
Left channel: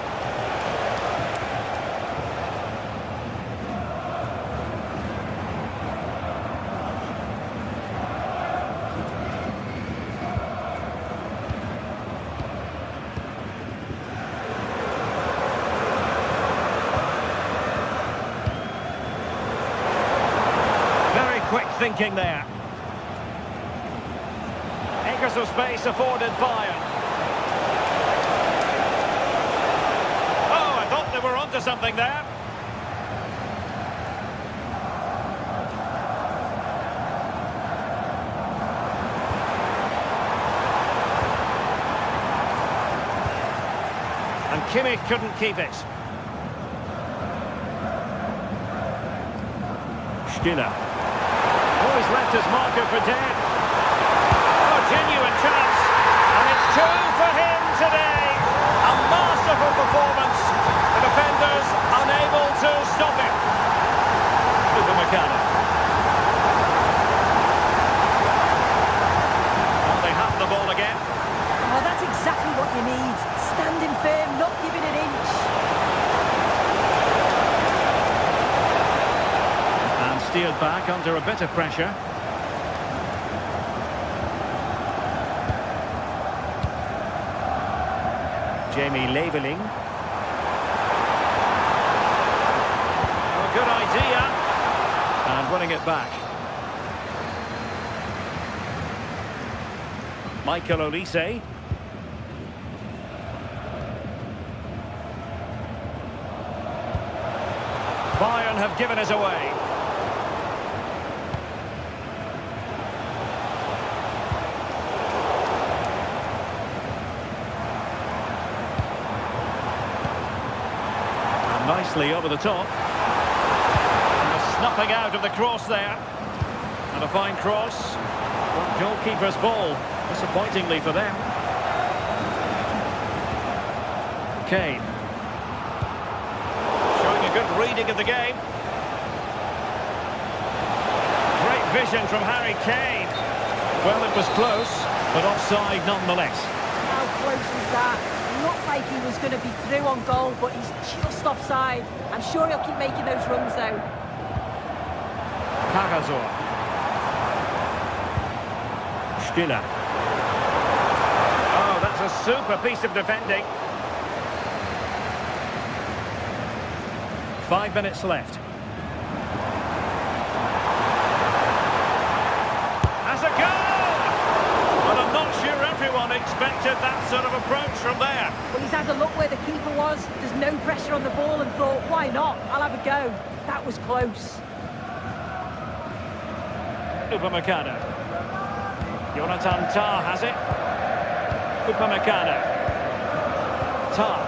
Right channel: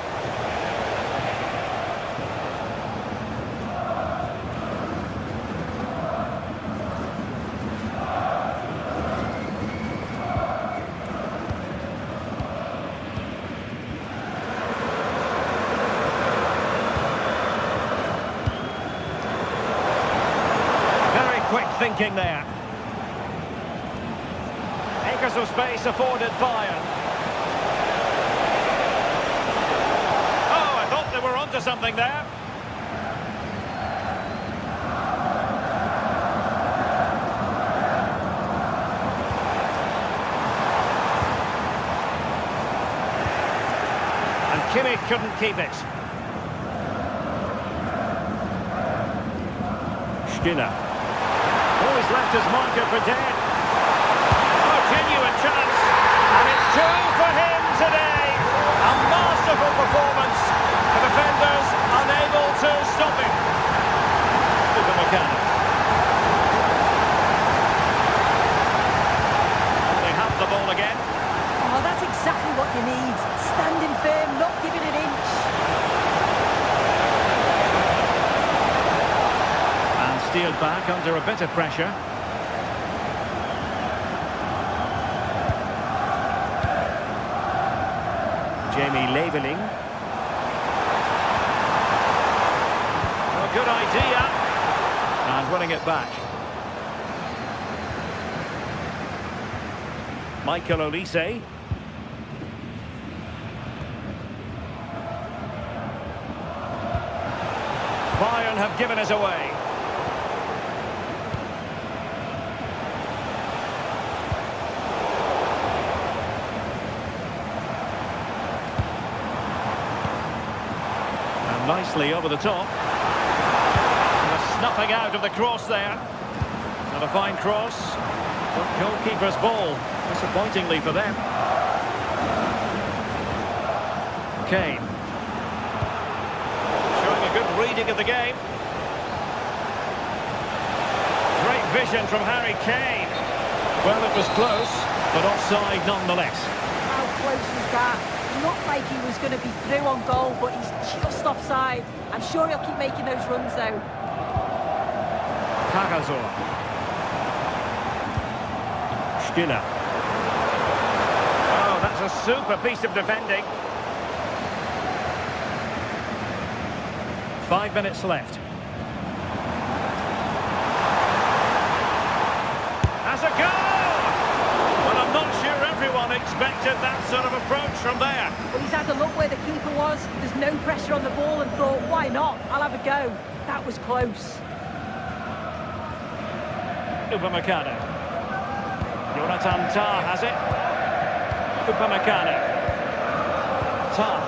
Very quick thinking there. Acres of space afforded Bayern. Oh, I thought they were onto something there. And Kimmich couldn't keep it. Stiller. Always left his marker for dead. Genuine chance, and it's 2 for him today. A masterful performance. The defenders unable to stop him. Upamecano. Well, they have the ball again. Oh, that's exactly what you need. Standing firm, not giving an inch. And steered back under a bit of pressure. Jamie Leveling. Oh, good idea. And winning it back. Michael Olise. Bayern have given us away. And nicely over the top. And the snuffing out of the cross there. And a fine cross. But goalkeeper's ball, disappointingly for them. Kane. Showing a good reading of the game. Great vision from Harry Kane. Well, it was close, but offside nonetheless. How close was that? Looked like he was going to be through on goal, but he's just offside. I'm sure he'll keep making those runs, though. Cagazor. Stiller. Oh, that's a super piece of defending. 5 minutes left. Has a goal! Well, I'm not sure everyone expected that sort of approach from there. Well, he's had a look where the keeper was. There's no pressure on the ball and thought, why not? I'll have a go. That was close. Upamecano. Jonathan Tah has it. Upamecano. Tah.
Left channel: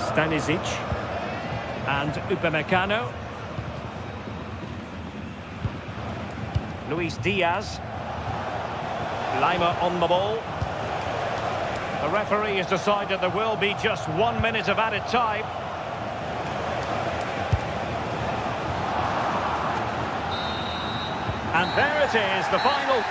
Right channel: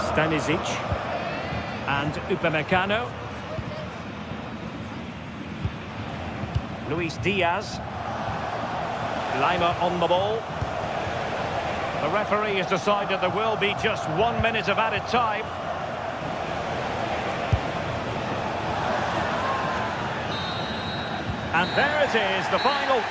Stanisic. And Upamecano. Luis Diaz. Lima on the ball. The referee has decided there will be just 1 minute of added time. And there it is, the final.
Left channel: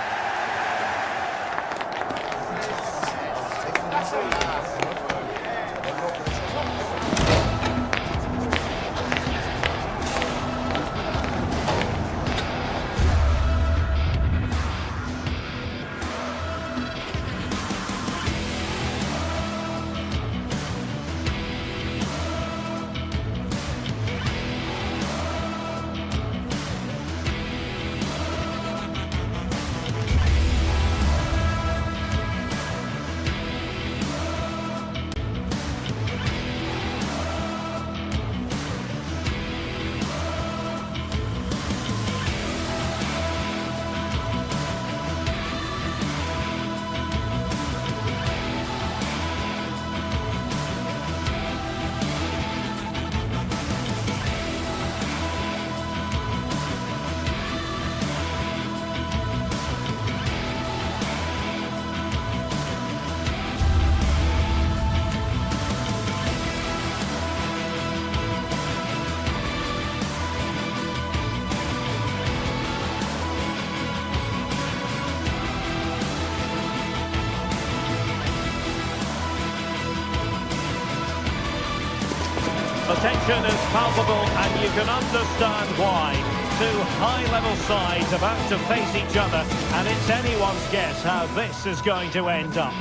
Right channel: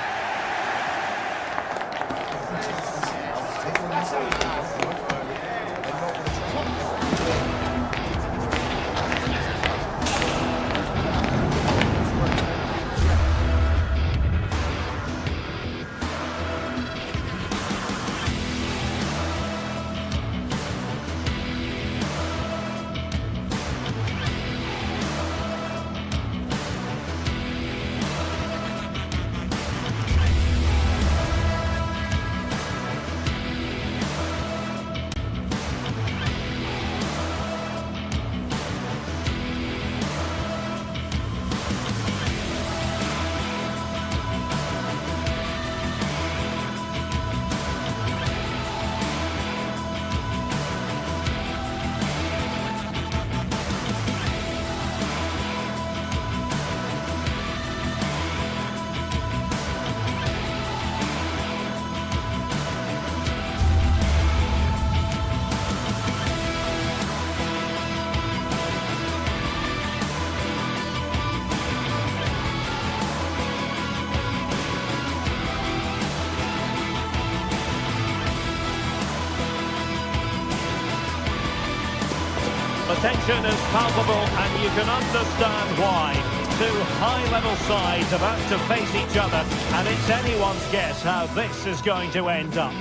The tension is palpable and you can understand why. Two high-level sides about to face each other, and it's anyone's guess how this is going to end up.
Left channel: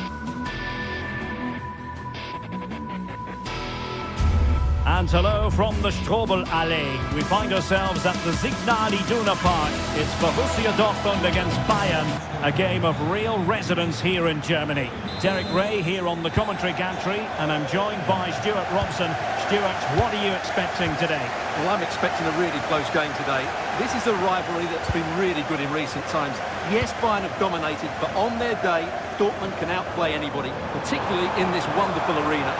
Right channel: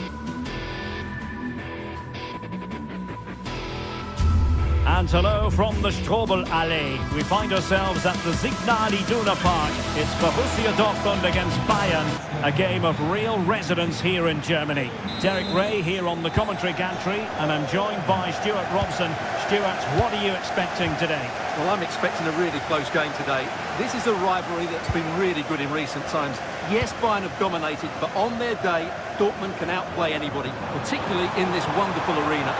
And hello from the Strobel-Allee. We find ourselves at the Signal Iduna Park. It's Borussia Dortmund against Bayern, a game of real resonance here in Germany. Derek Ray here on the commentary gantry, and I'm joined by Stuart Robson. Stuart, what are you expecting today? Well, I'm expecting a really close game today. This is a rivalry that's been really good in recent times. Yes, Bayern have dominated, but on their day, Dortmund can outplay anybody, particularly in this wonderful arena.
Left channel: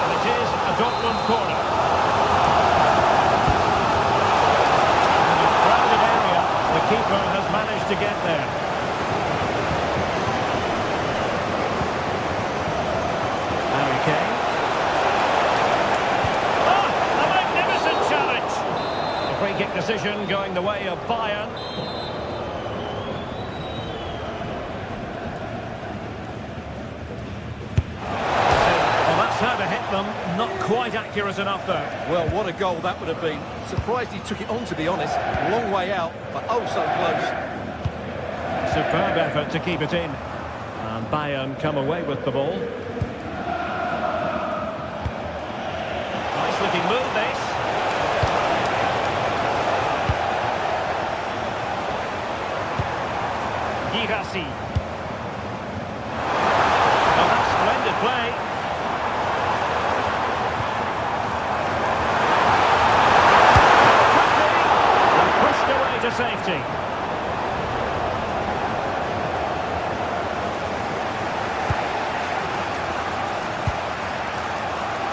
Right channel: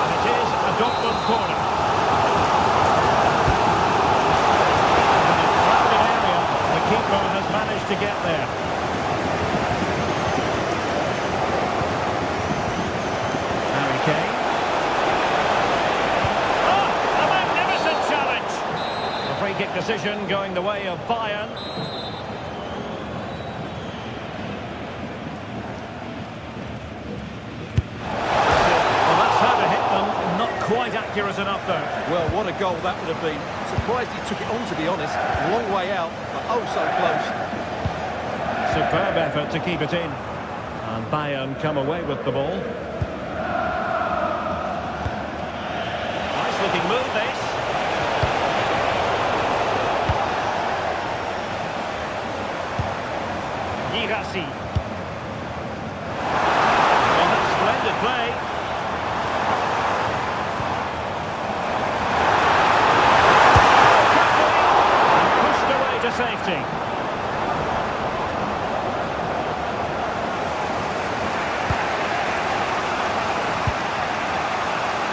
And it is a Dortmund corner. In a crowded area, the keeper has managed to get there. strategic decision going the way of Bayern. Well, that's how to hit them. Not quite accurate enough, though. Well, what a goal that would have been. Surprised he took it on, to be honest. Long way out, but oh so close. Superb effort to keep it in. And Bayern come away with the ball. Nice looking move, this. Girassi. Well, that's splendid play. And pushed away to safety.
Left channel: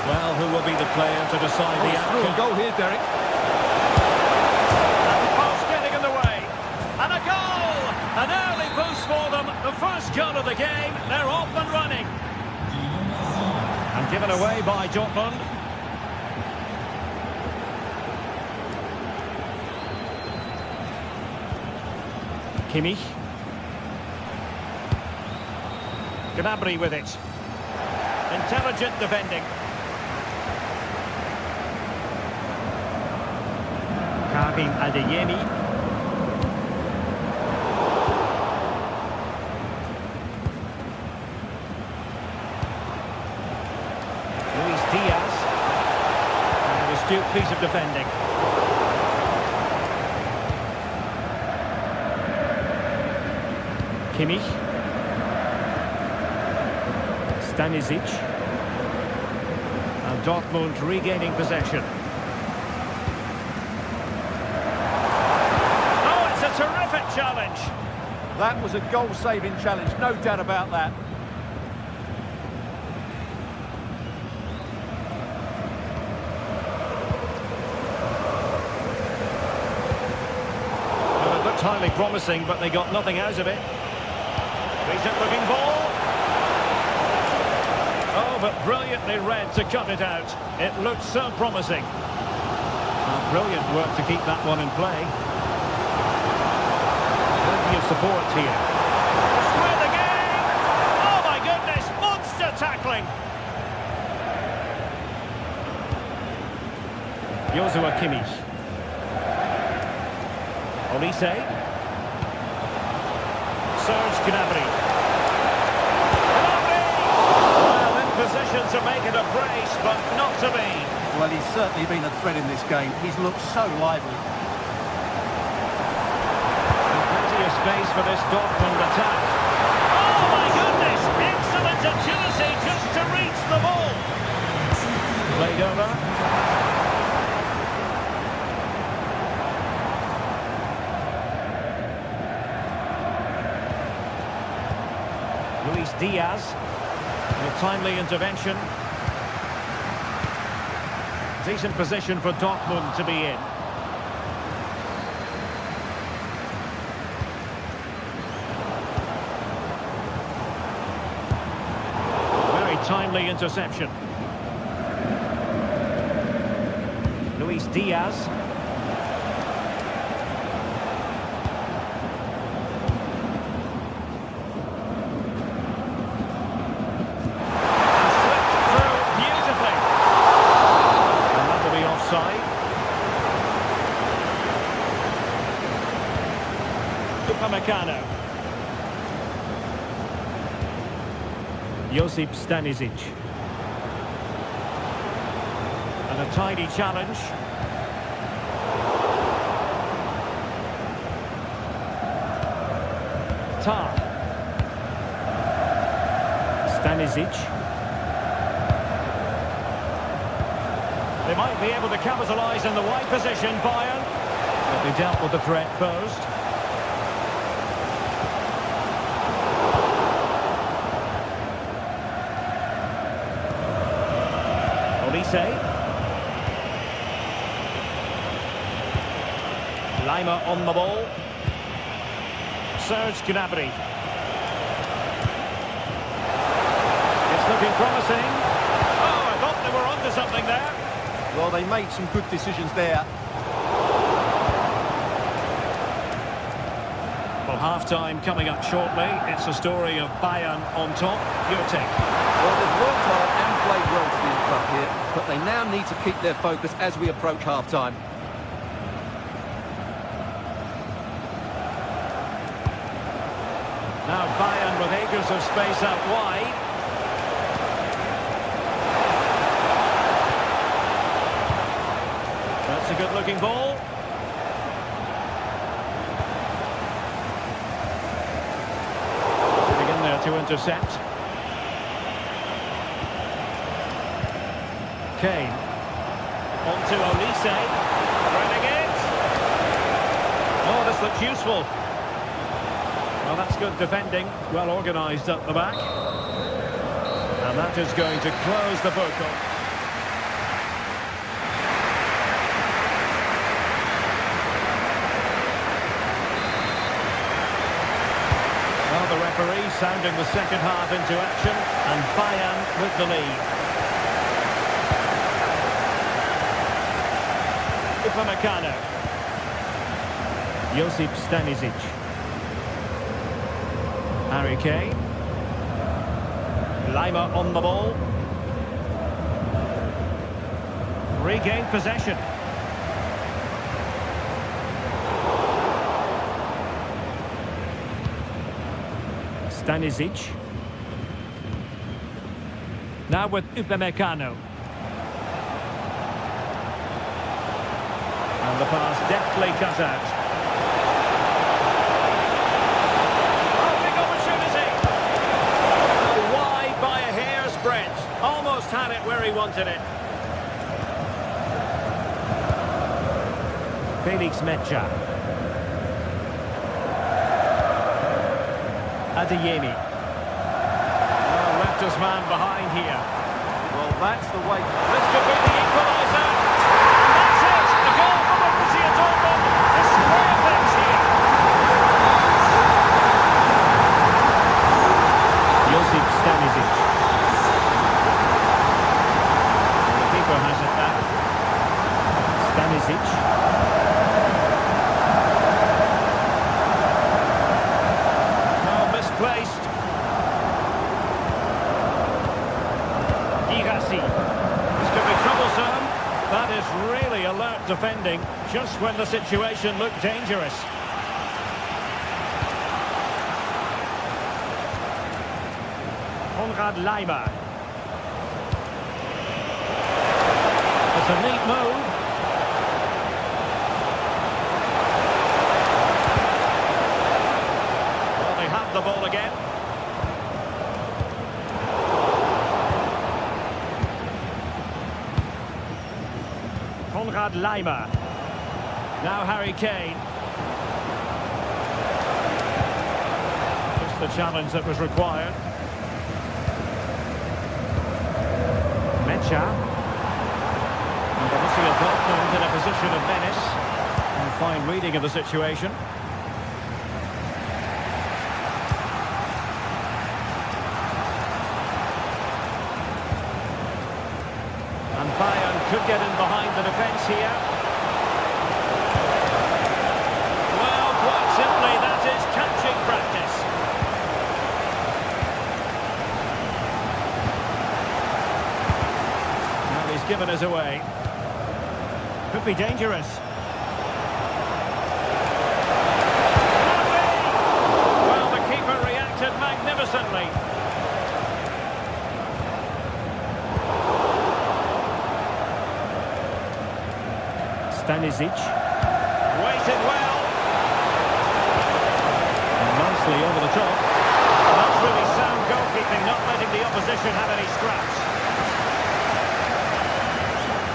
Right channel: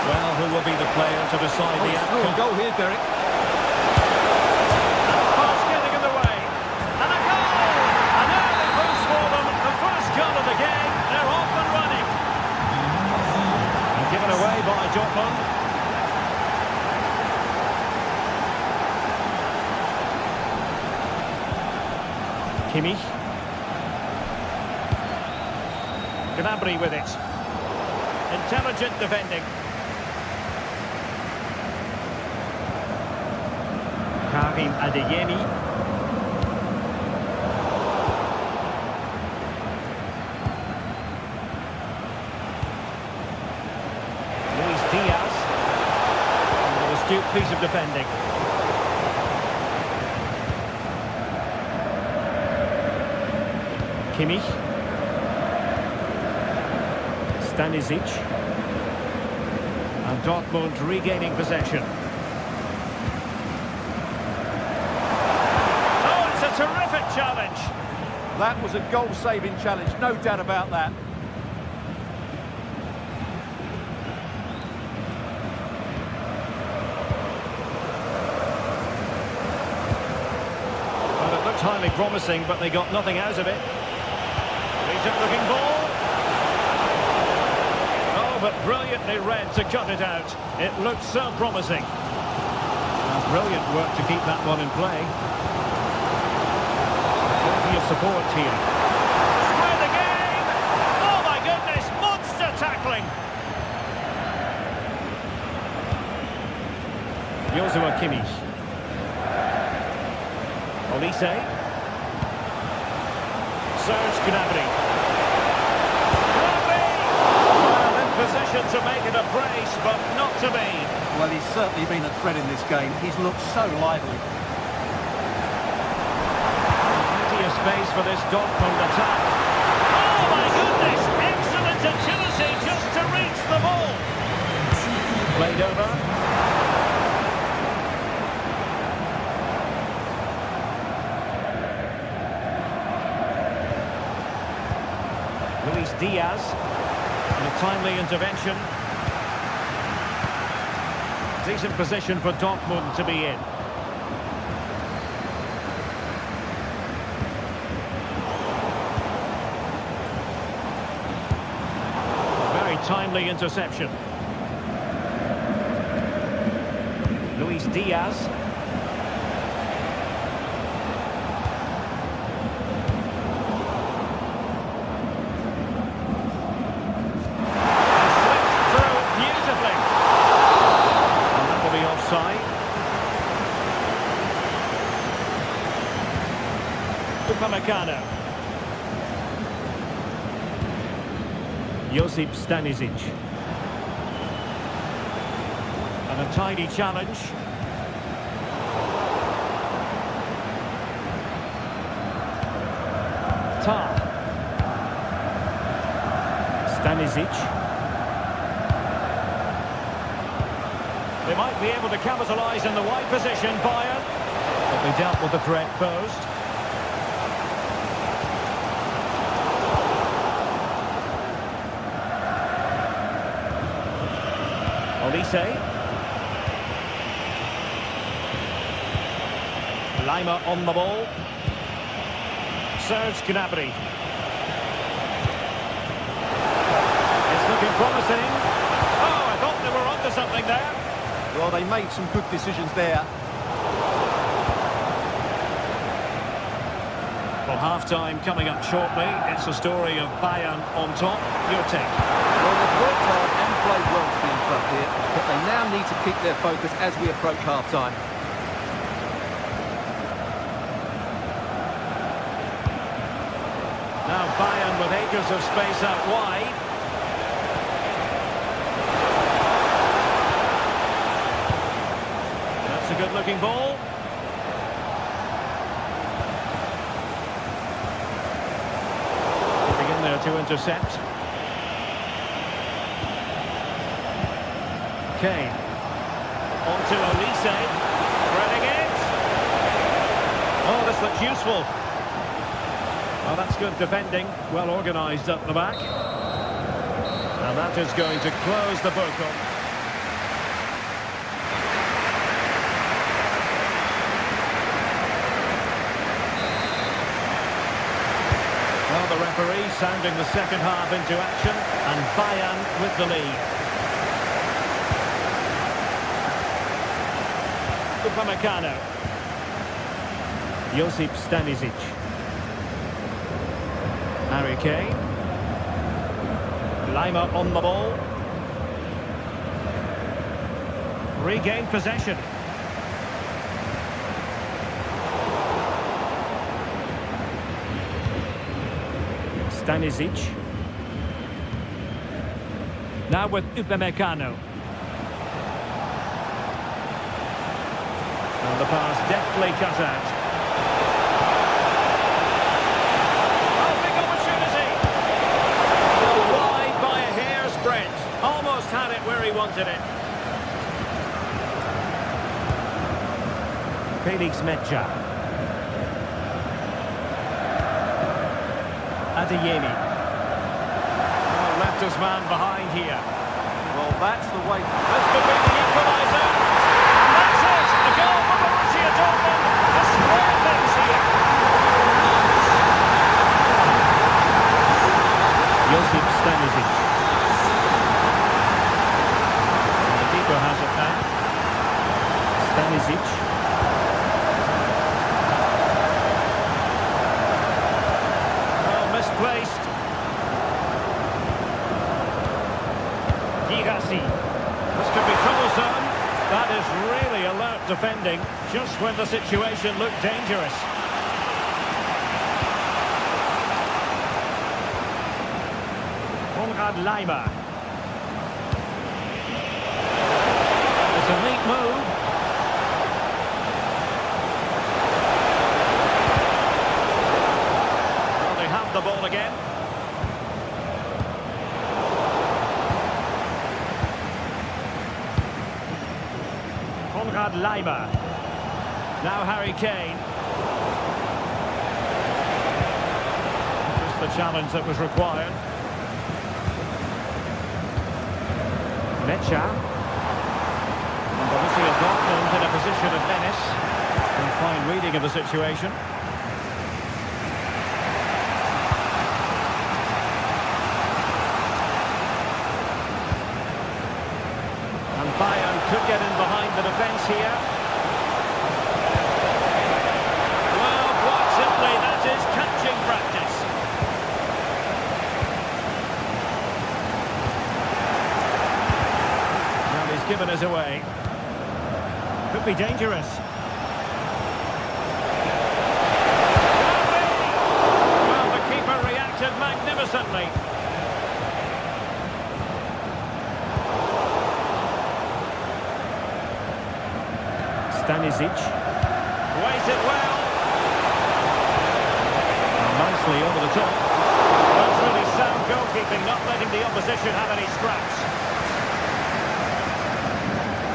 Well, who will be the player to decide the outcome? Goal here, Derek. And the pass getting in the way. And a goal! An early boost for them. The first goal of the game. They're off and running. And given away by Dortmund. Kimmich. Gnabry with it. Intelligent defending. Karim Adeyemi. Luis Diaz. And an astute piece of defending. Kimmich. Stanisic. And Dortmund regaining possession. Terrific challenge. That was a goal-saving challenge, no doubt about that. Well, it looked highly promising, but they got nothing out of it. Decent-looking ball. Oh, but brilliantly read to cut it out. It looked so promising. Well, brilliant work to keep that one in play. Plenty of support here. Square the game! Oh my goodness, monster tackling! Joshua Kimmich. Olise. Serge Gnabry. Gnabry! Well, in position to make it a brace, but not to be. Well, he's certainly been a threat in this game. He's looked so lively. Of space for this Dortmund attack. Oh my goodness! Excellent agility just to reach the ball. Played over. Luis Diaz. And a timely intervention. Decent position for Dortmund to be in. Timely interception. Luis Diaz. And slipped through beautifully. And that will be offside. Upamecano. Josip Stanisic. And a tidy challenge. Tar. Stanisic. They might be able to capitalise in the wide position, Bayern. But they dealt with the threat posed. Olise. Lima on the ball. Serge Gnabry. It's looking promising. Oh, I thought they were onto something there. Well, they made some good decisions there. Well, half-time coming up shortly. It's a story of Bayern on top. Your take? Well, they've worked hard and played well to be in front here, but they now need to keep their focus as we approach half-time. Now Bayern with acres of space out wide. That's a good-looking ball. Getting in there to intercept. Kane. On to Olise. Threading it. Oh, this looks useful. Well, that's good defending. Well organised up the back. And that is going to close the book on. Well, the referee sounding the second half into action, and Bayern with the lead. Upamecano. Josip Stanisic. Harry Kane. Lima on the ball. Regained possession. Stanisic. Now with Upamecano. And the pass deftly cut out. Oh, big opportunity! Oh, wide by a hair's breadth. Almost had it where he wanted it. Felix Mecha. Adeyemi. Oh, left his man behind here. Well, that's the way. This could be the equaliser. And that's it. A goal for Borussia Dortmund to square things here. Josip Stanisic. And the keeper has it back. Stanisic. Misplaced. Girassi. This could be troublesome. That is really alert defending, just when the situation looked dangerous. Konrad Laimer. It's a neat move. Have the ball again. Konrad Laimer. Now Harry Kane. Just the challenge that was required. Mecha. And Borussia Dortmund in a position of menace. And fine reading of the situation. And Bayern could get in behind the defence here. Well, quite simply, that is catching practice. Now he's given us away. Could be dangerous. Could be! Well, the keeper reacted magnificently. Stanisic. Waited well. And nicely over the top. That's really sound goalkeeping, not letting the opposition have any scraps.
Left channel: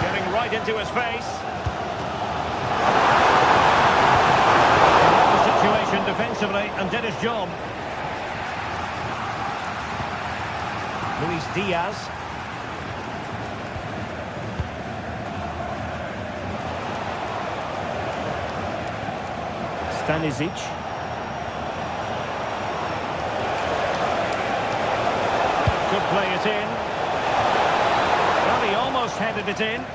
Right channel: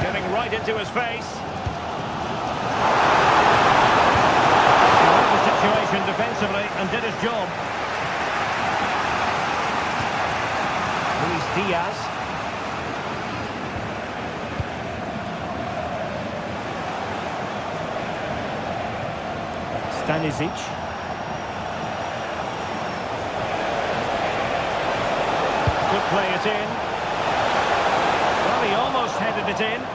Getting right into his face. He read the situation defensively and did his job. Luis Diaz. Stanisic. Could play it in. Well, he almost headed it in.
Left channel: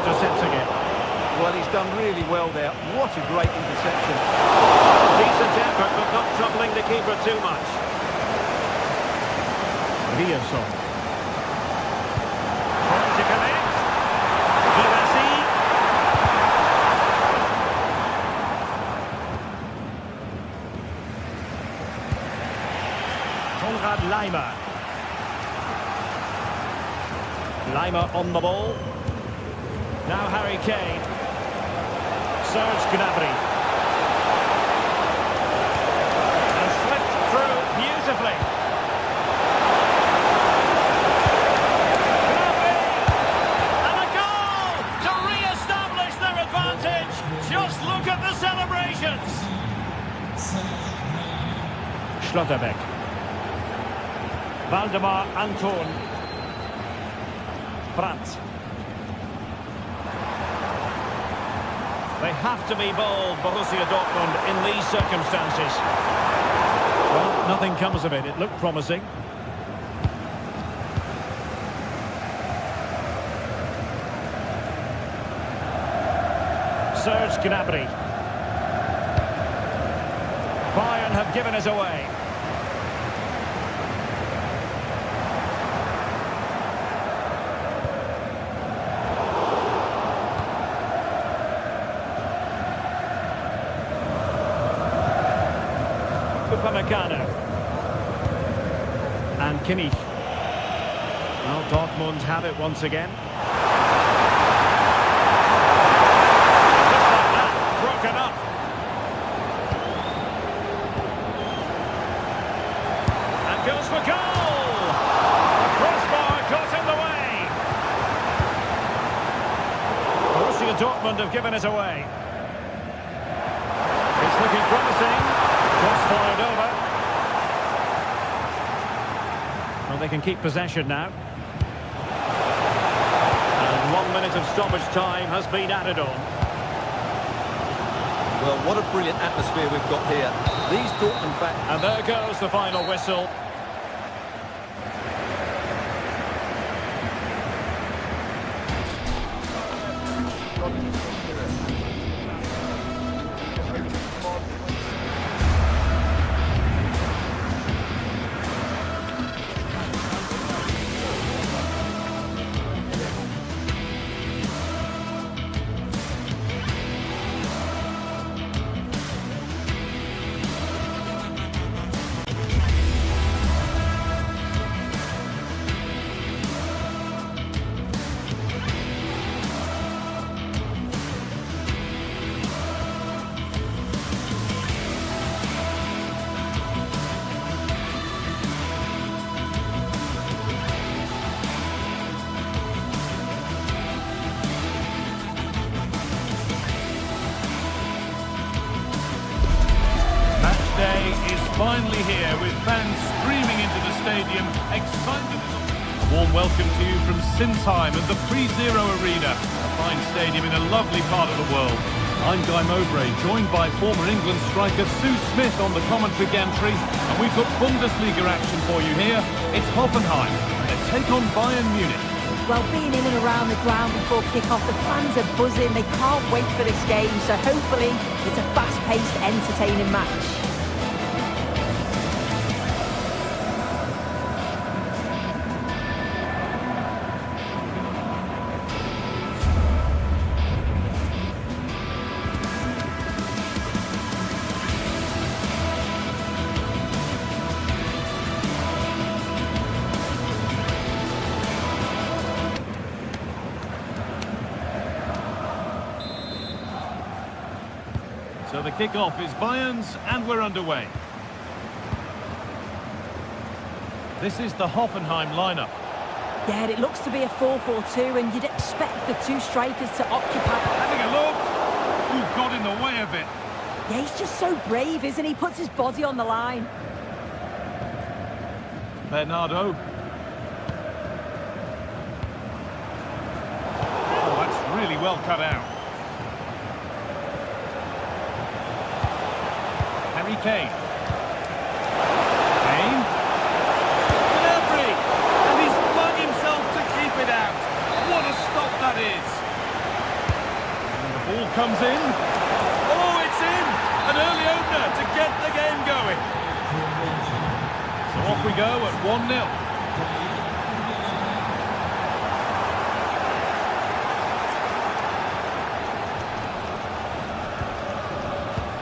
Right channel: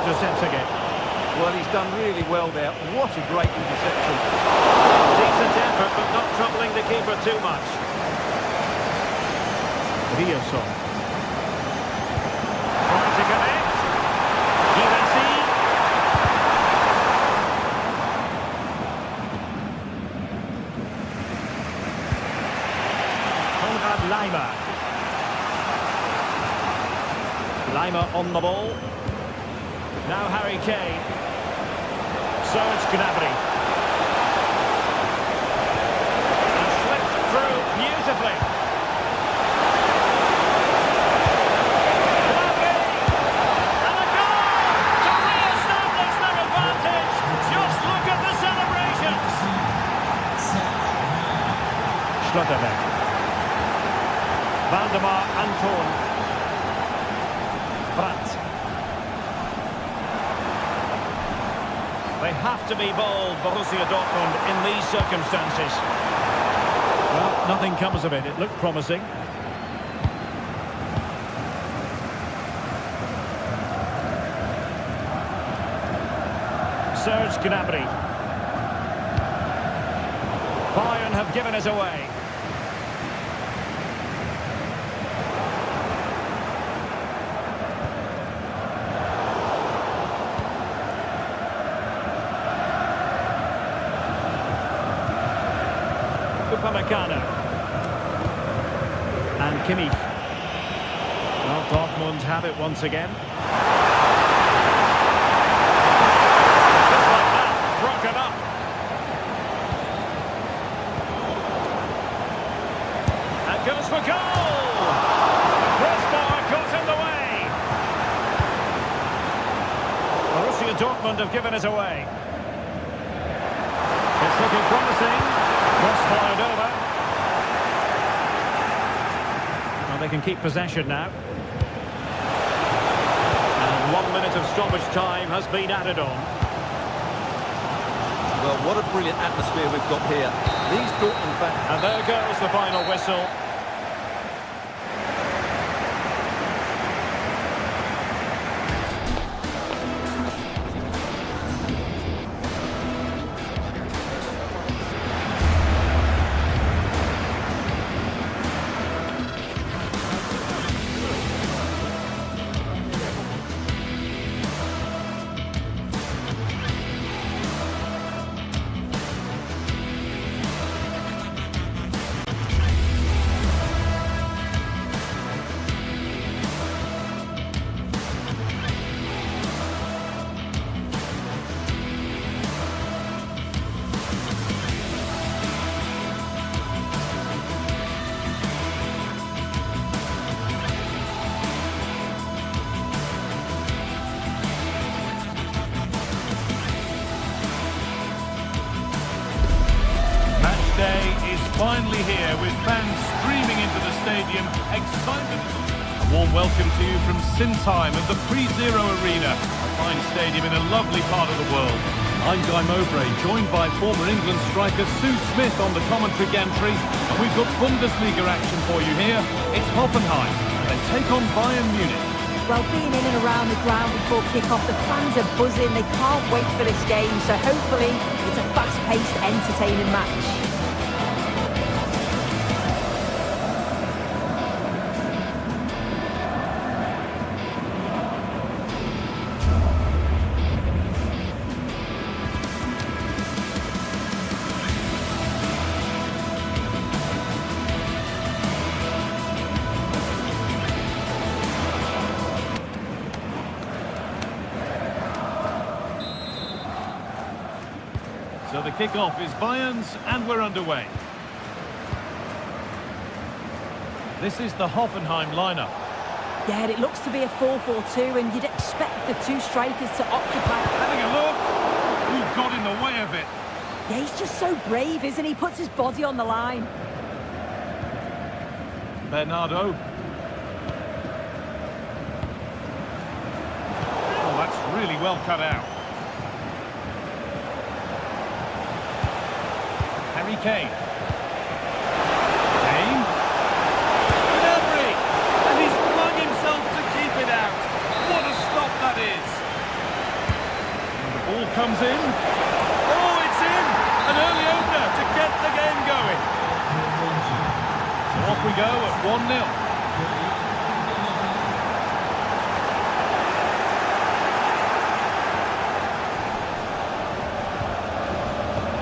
intercepting it. Well, he's done really well there. What a great interception. Decent effort, but not troubling the keeper too much. Riasson. Trying to connect. Girassi. Konrad Laimer. Laimer on the ball. Now Harry Kane. Serge Gnabry. And slipped through beautifully. Gnabry! And a goal to re-establish their advantage. Just look at the celebrations. Schlotterbeck. Waldemar Anton. Brandt. They have to be bold, Borussia Dortmund, in these circumstances. Well, nothing comes of it. It looked promising. Serge Gnabry. Bayern have given us away. Upamecano. And Kimmich. Well, Dortmund have it once again. Just like that, broken up. And goes for goal! The crossbar caught in the way. Borussia Dortmund have given us away. It's looking promising. Cross fired over. Well, they can keep possession now. And 1 minute of stoppage time has been added on. Well, what a brilliant atmosphere we've got here. These Dortmund fans... And there goes the final whistle. Day is finally here with fans streaming into the stadium. Excitement. A warm welcome to you from Sinsheim and the Pre-Zero Arena, a fine stadium in a lovely part of the world. I'm Guy Mowbray, joined by former England striker Sue Smith on the commentary gantry, and we've got Bundesliga action for you here. It's Hoffenheim, and they take on Bayern Munich. Well, being in and around the ground before kick-off, the fans are buzzing. They can't wait for this game, so hopefully it's a fast-paced, entertaining match. So the kick-off is Bayern's, and we're underway. This is the Hoffenheim lineup. Yeah, it looks to be a 4-4-2, and you'd expect the two strikers to occupy... Having a look. Who got in the way of it? Yeah, he's just so brave, isn't he? Puts his body on the line. Bernardo. Oh, that's really well cut out. Harry Kane. Kane. Gnabry! And he's flung himself to keep it out. What a stop that is! Ball comes in. Oh, it's in! An early opener to get the game going. So off we go at 1-0.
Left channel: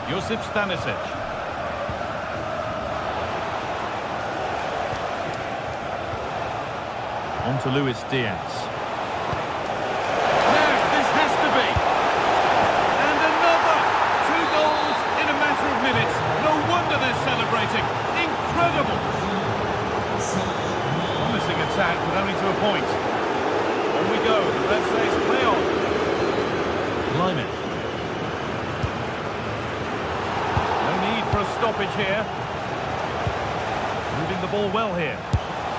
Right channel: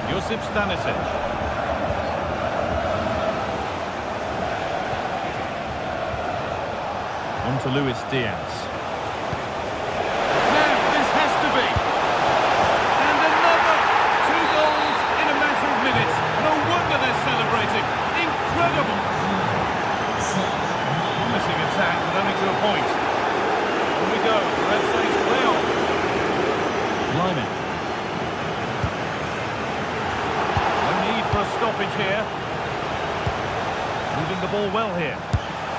Josip Stanisic. On to Luis Diaz. Now, this has to be. And another! 2 goals in a matter of minutes. No wonder they're celebrating. Incredible! Promising attack, but only to a point. On we go. The ref says play on. Lyman. No need for a stoppage here. Moving the ball well here.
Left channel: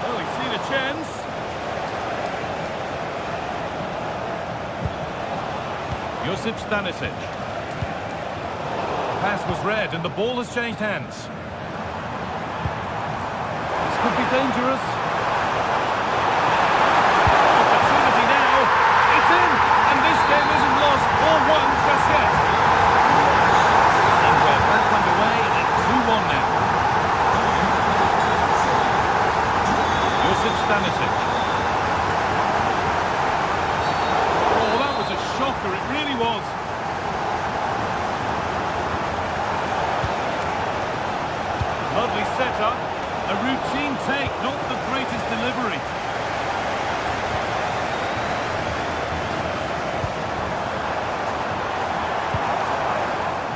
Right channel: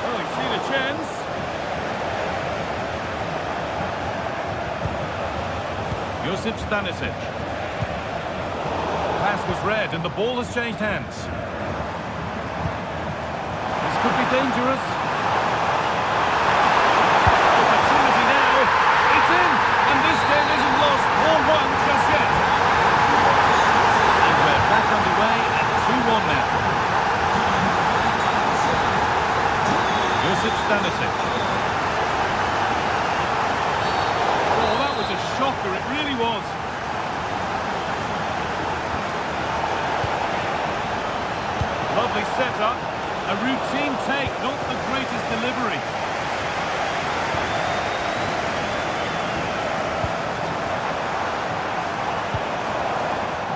Oh, he's seen a chance. Josip Stanisic. Pass was read and the ball has changed hands. This could be dangerous. Opportunity now. It's in! And this game isn't lost or won just yet. And we're back underway at 2-1 now. Josip Stanisic. Oh, that was a shocker, it really was. Lovely setup. A routine take, not the greatest delivery.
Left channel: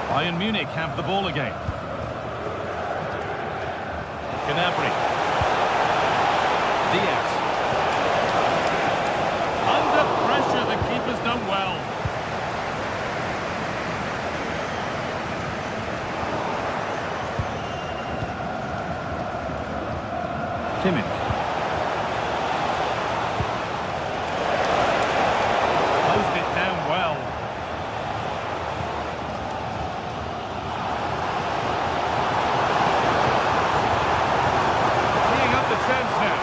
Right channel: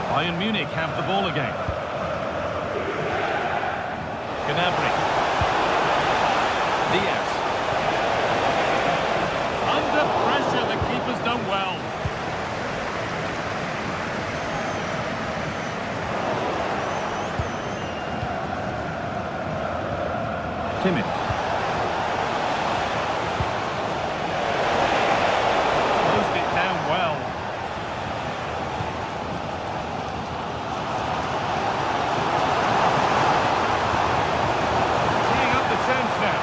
Bayern Munich have the ball again. Gnabry. Diaz. Under pressure, the keeper's done well. Kimmich. Closed it down well. Teeing up the chance now.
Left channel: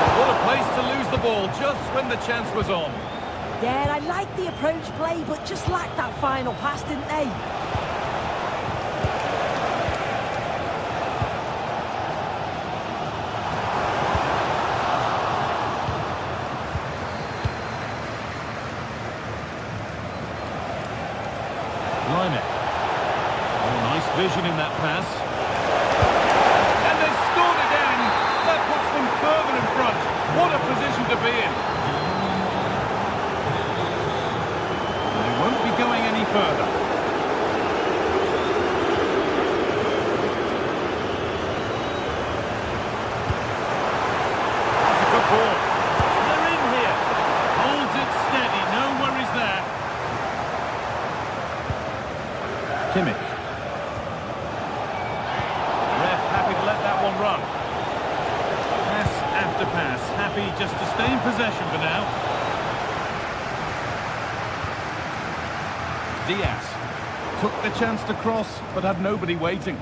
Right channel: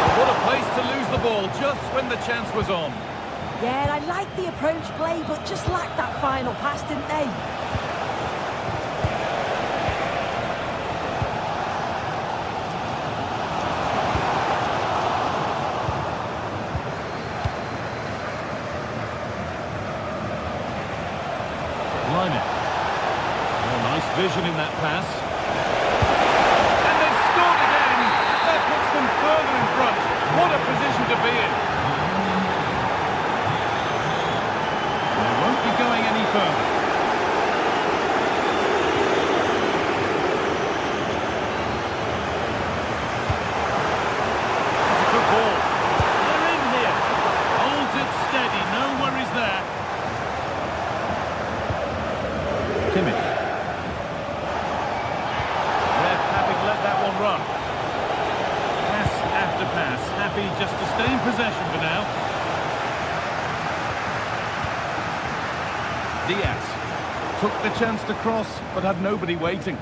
But what a place to lose the ball just when the chance was on. Yeah, I like the approach play, but just lacked that final pass, didn't they? Lyman. Oh, nice vision in that pass. And they've scored again. That puts them further in front. What a position to be in. And they won't be going any further. That's a good ball. They're in here. Holds it steady. No worries there. Kimmich. Ref happy to let that one run. Pass after pass. Happy just to stay in possession for now. Diaz. Took the chance to cross, but had nobody waiting.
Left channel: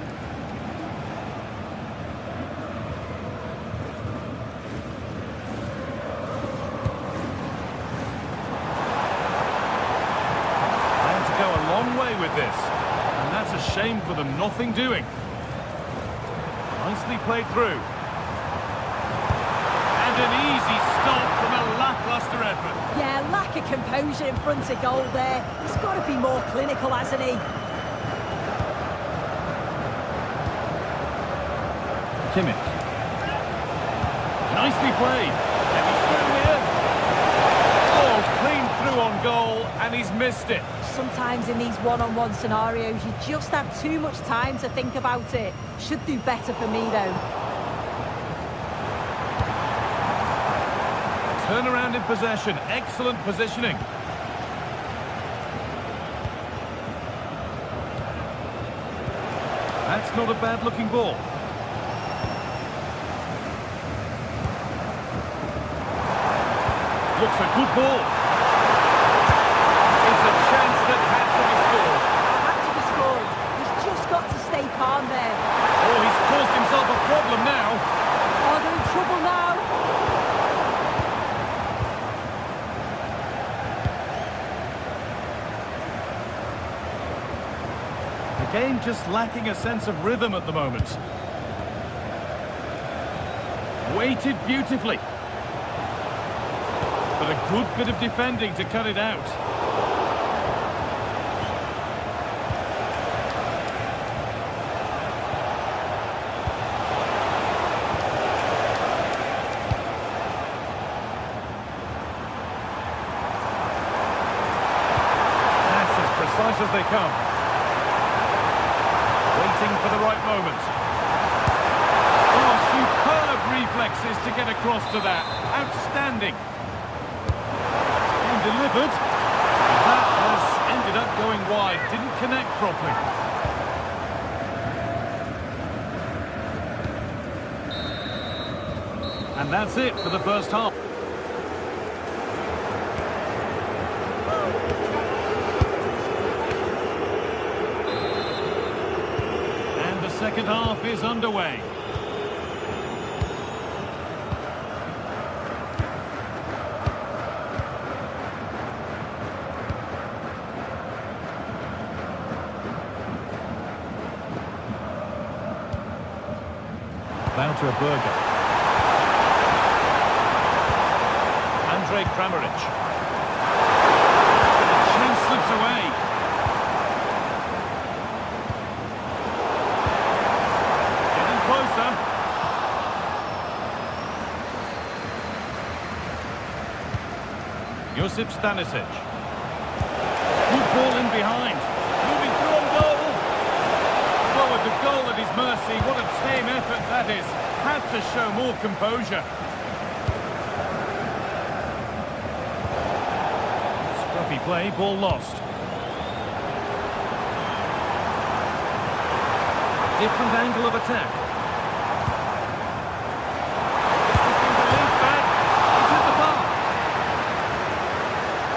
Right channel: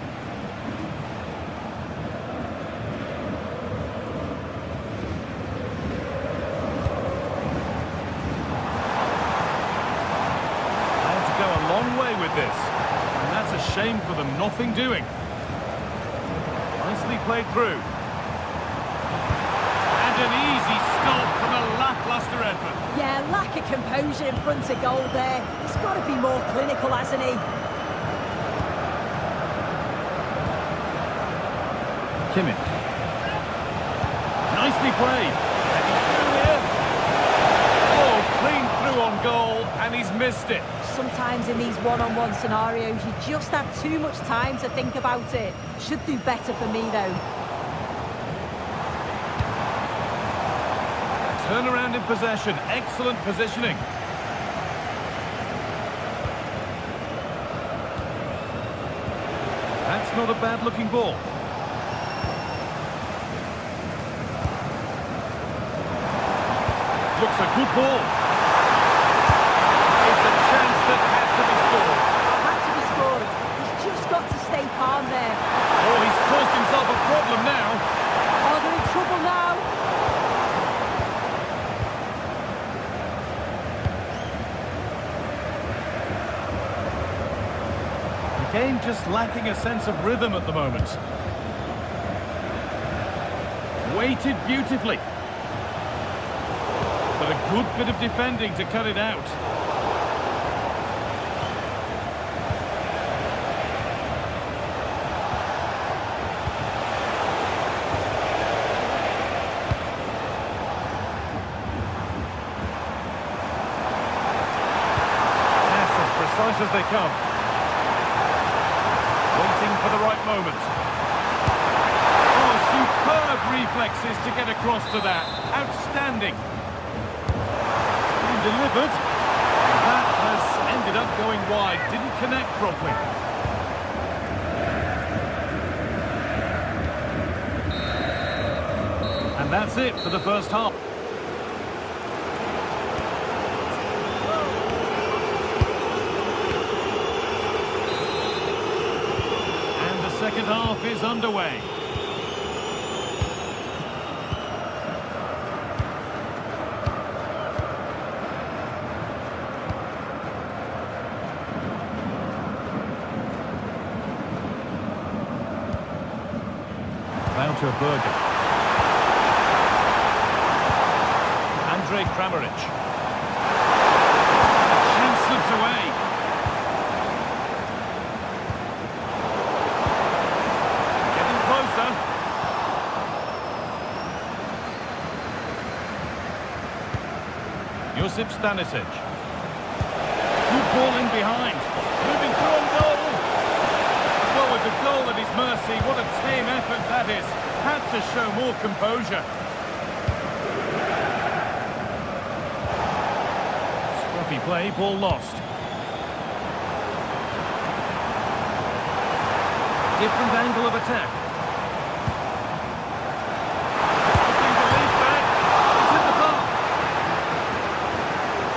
Plan to go a long way with this. And that's a shame for them, nothing doing. Nicely played through. And an easy stop from a lacklustre effort. Yeah, lack of composure in front of goal there. He's got to be more clinical, hasn't he? Kimmich. Nicely played. And he's through here. Oh, clean through on goal, and he's missed it. Sometimes in these one-on-one scenarios, you just have too much time to think about it. Should do better for me, though. Turnaround in possession. Excellent positioning. That's not a bad-looking ball. Looks a good ball. It's a chance that had to be scored. Had to be scored. He's just got to stay calm there. Oh, he's caused himself a problem now. Oh, they're in trouble now. game just lacking a sense of rhythm at the moment. Weighted beautifully. But a good bit of defending to cut it out. That's as precise as they come. Waiting for the right moment. Oh, superb reflexes to get across to that. Outstanding. It's been delivered. That has ended up going wide. Didn't connect properly. And that's it for the first half. And the second half is underway. Wouter Berger. Andre Kramaric. The chance slips away. Getting closer. Josip Stanisic. Good ball in behind. Moving through on goal. Well, with the goal at his mercy, what a tame effort that is. Had to show more composure. Scruffy play, ball lost. Different angle of attack. Just looking to lead back. He's hit the bar.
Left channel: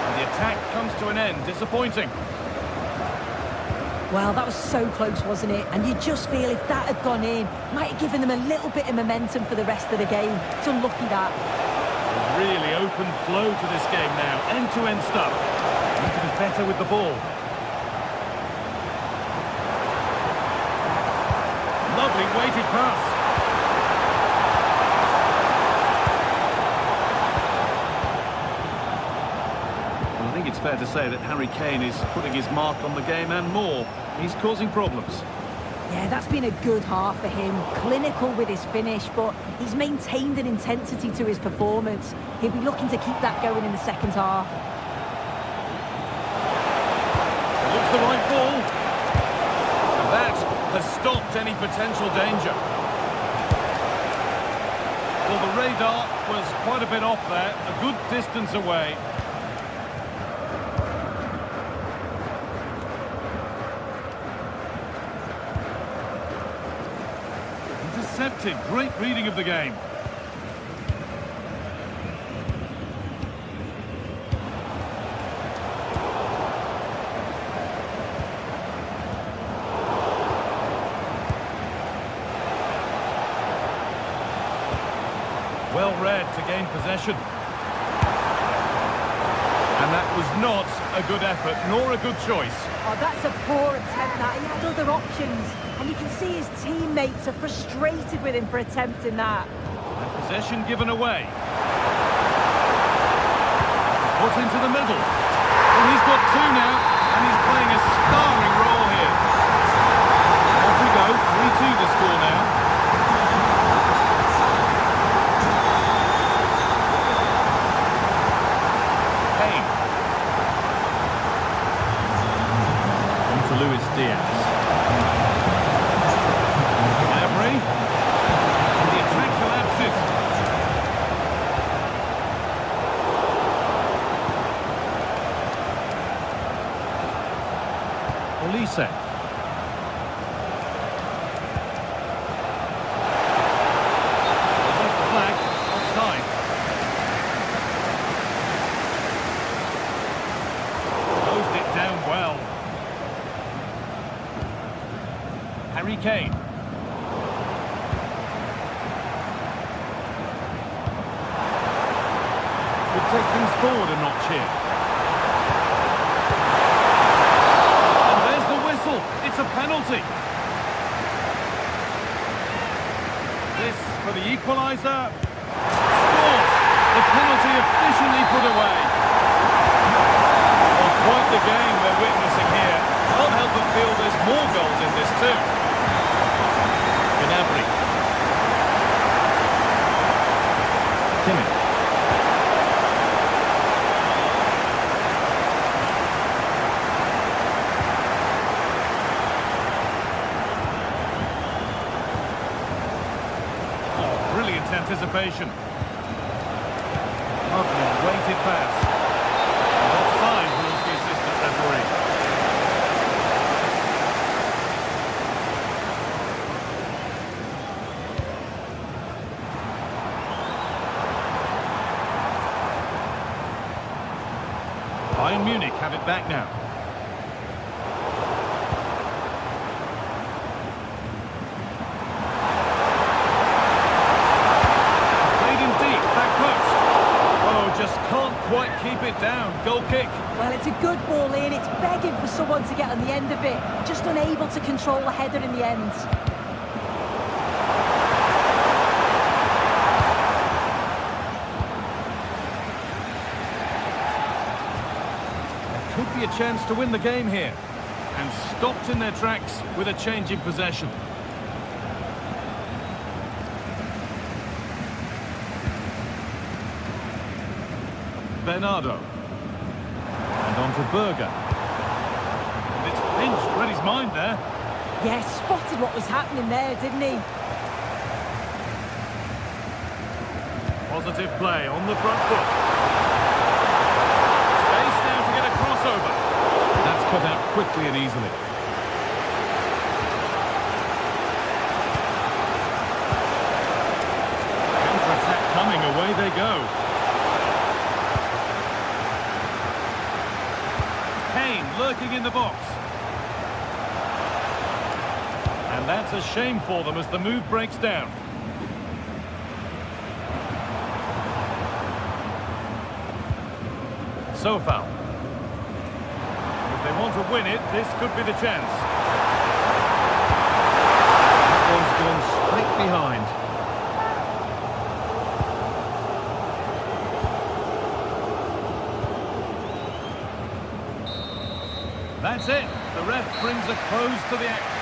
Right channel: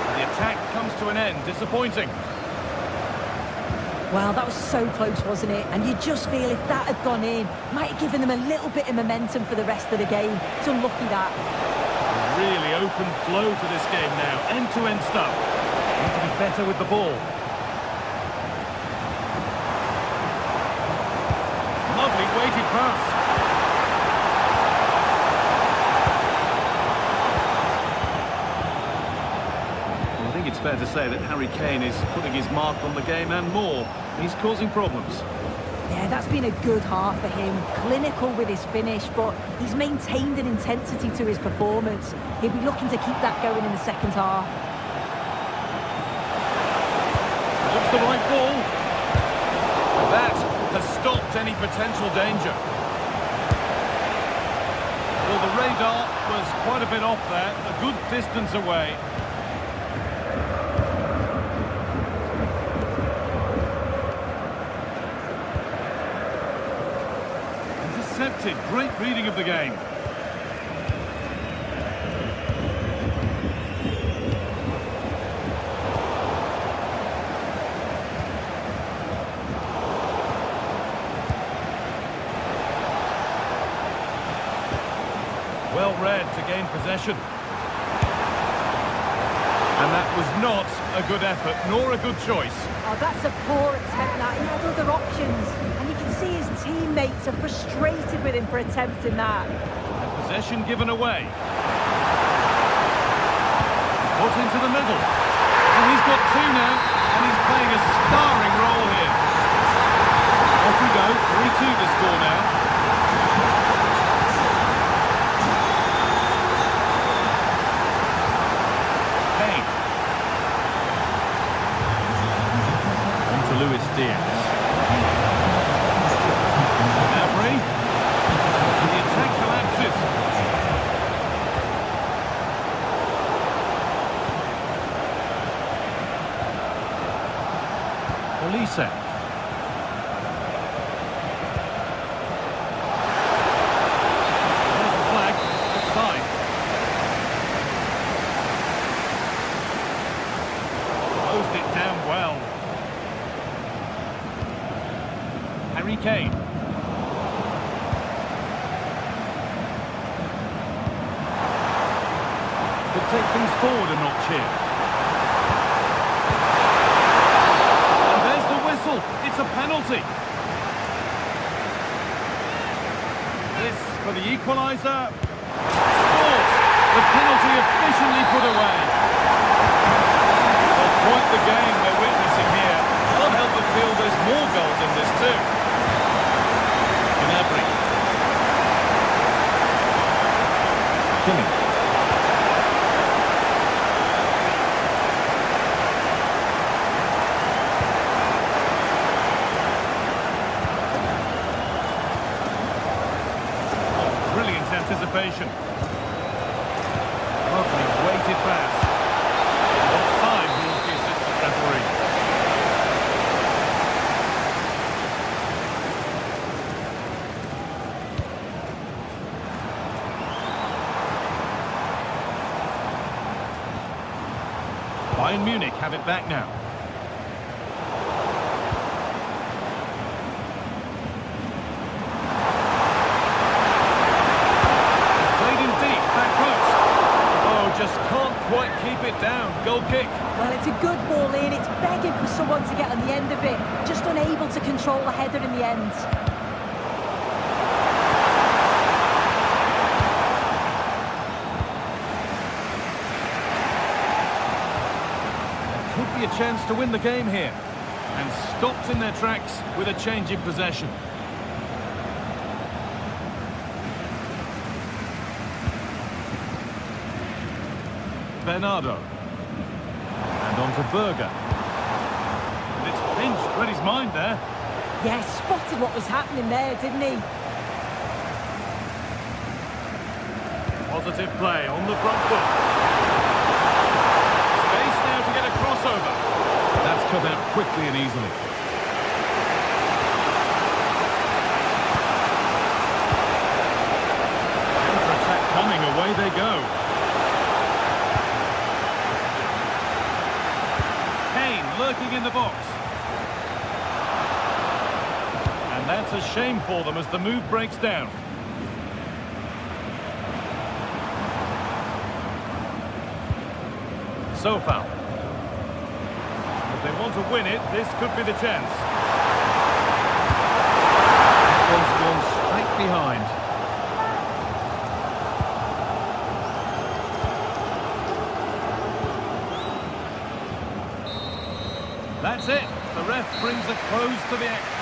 And the attack comes to an end. Disappointing. Well, that was so close, wasn't it? And you just feel if that had gone in, might have given them a little bit of momentum for the rest of the game. It's unlucky that. A really open flow to this game now. End-to-end stuff. Need to be better with the ball. Lovely weighted pass. Well, I think it's fair to say that Harry Kane is putting his mark on the game and more. He's causing problems. Yeah, that's been a good half for him. Clinical with his finish, but he's maintained an intensity to his performance. He'll be looking to keep that going in the second half. It looks the right ball. And that has stopped any potential danger. Well, the radar was quite a bit off there, a good distance away. Intercepted, great reading of the game. Well read to gain possession. And that was not a good effort, nor a good choice. Oh, that's a poor attempt, that. He had other options. And you can see his teammates are frustrated with him for attempting that. And possession given away. Put into the middle. Well, he's got two now, and he's playing a starring role here. Off we go, 3-2 to score now. Kane. On to Luis Diaz. Gnabry. And the attack collapses. Olise. There's the flag. Offside. Closed it down well. Harry Kane. Could take things forward a notch here. And there's the whistle. whistle. It's a penalty. This for the equaliser. Scores. The penalty efficiently put away. Well, quite the game we're witnessing here. Can't help but feel there's more goals in this too. Gnabry. Kimmich. Oh, brilliant anticipation. Lovely weighted pass. And offside rules the assistant referee. Bayern Munich have it back now. Played in deep, back post. Oh, just can't quite keep it down. Goal kick. Well, it's a good ball in. It's begging for someone to get on the end of it. Just unable to control the header in the end. Could be a chance to win the game here. And stopped in their tracks with a change in possession. Bernardo. And on to Berger. And it's pinched, read his mind there. Yeah, spotted what was happening there, didn't he? Positive play on the front foot. Space now to get a crossover. That's cut out quickly and easily. Counter-attack coming, away they go. Kane lurking in the box. And that's a shame for them as the move breaks down. So foul. If they want to win it, this could be the chance. That one's gone straight behind. That's it. The ref brings a close to the action.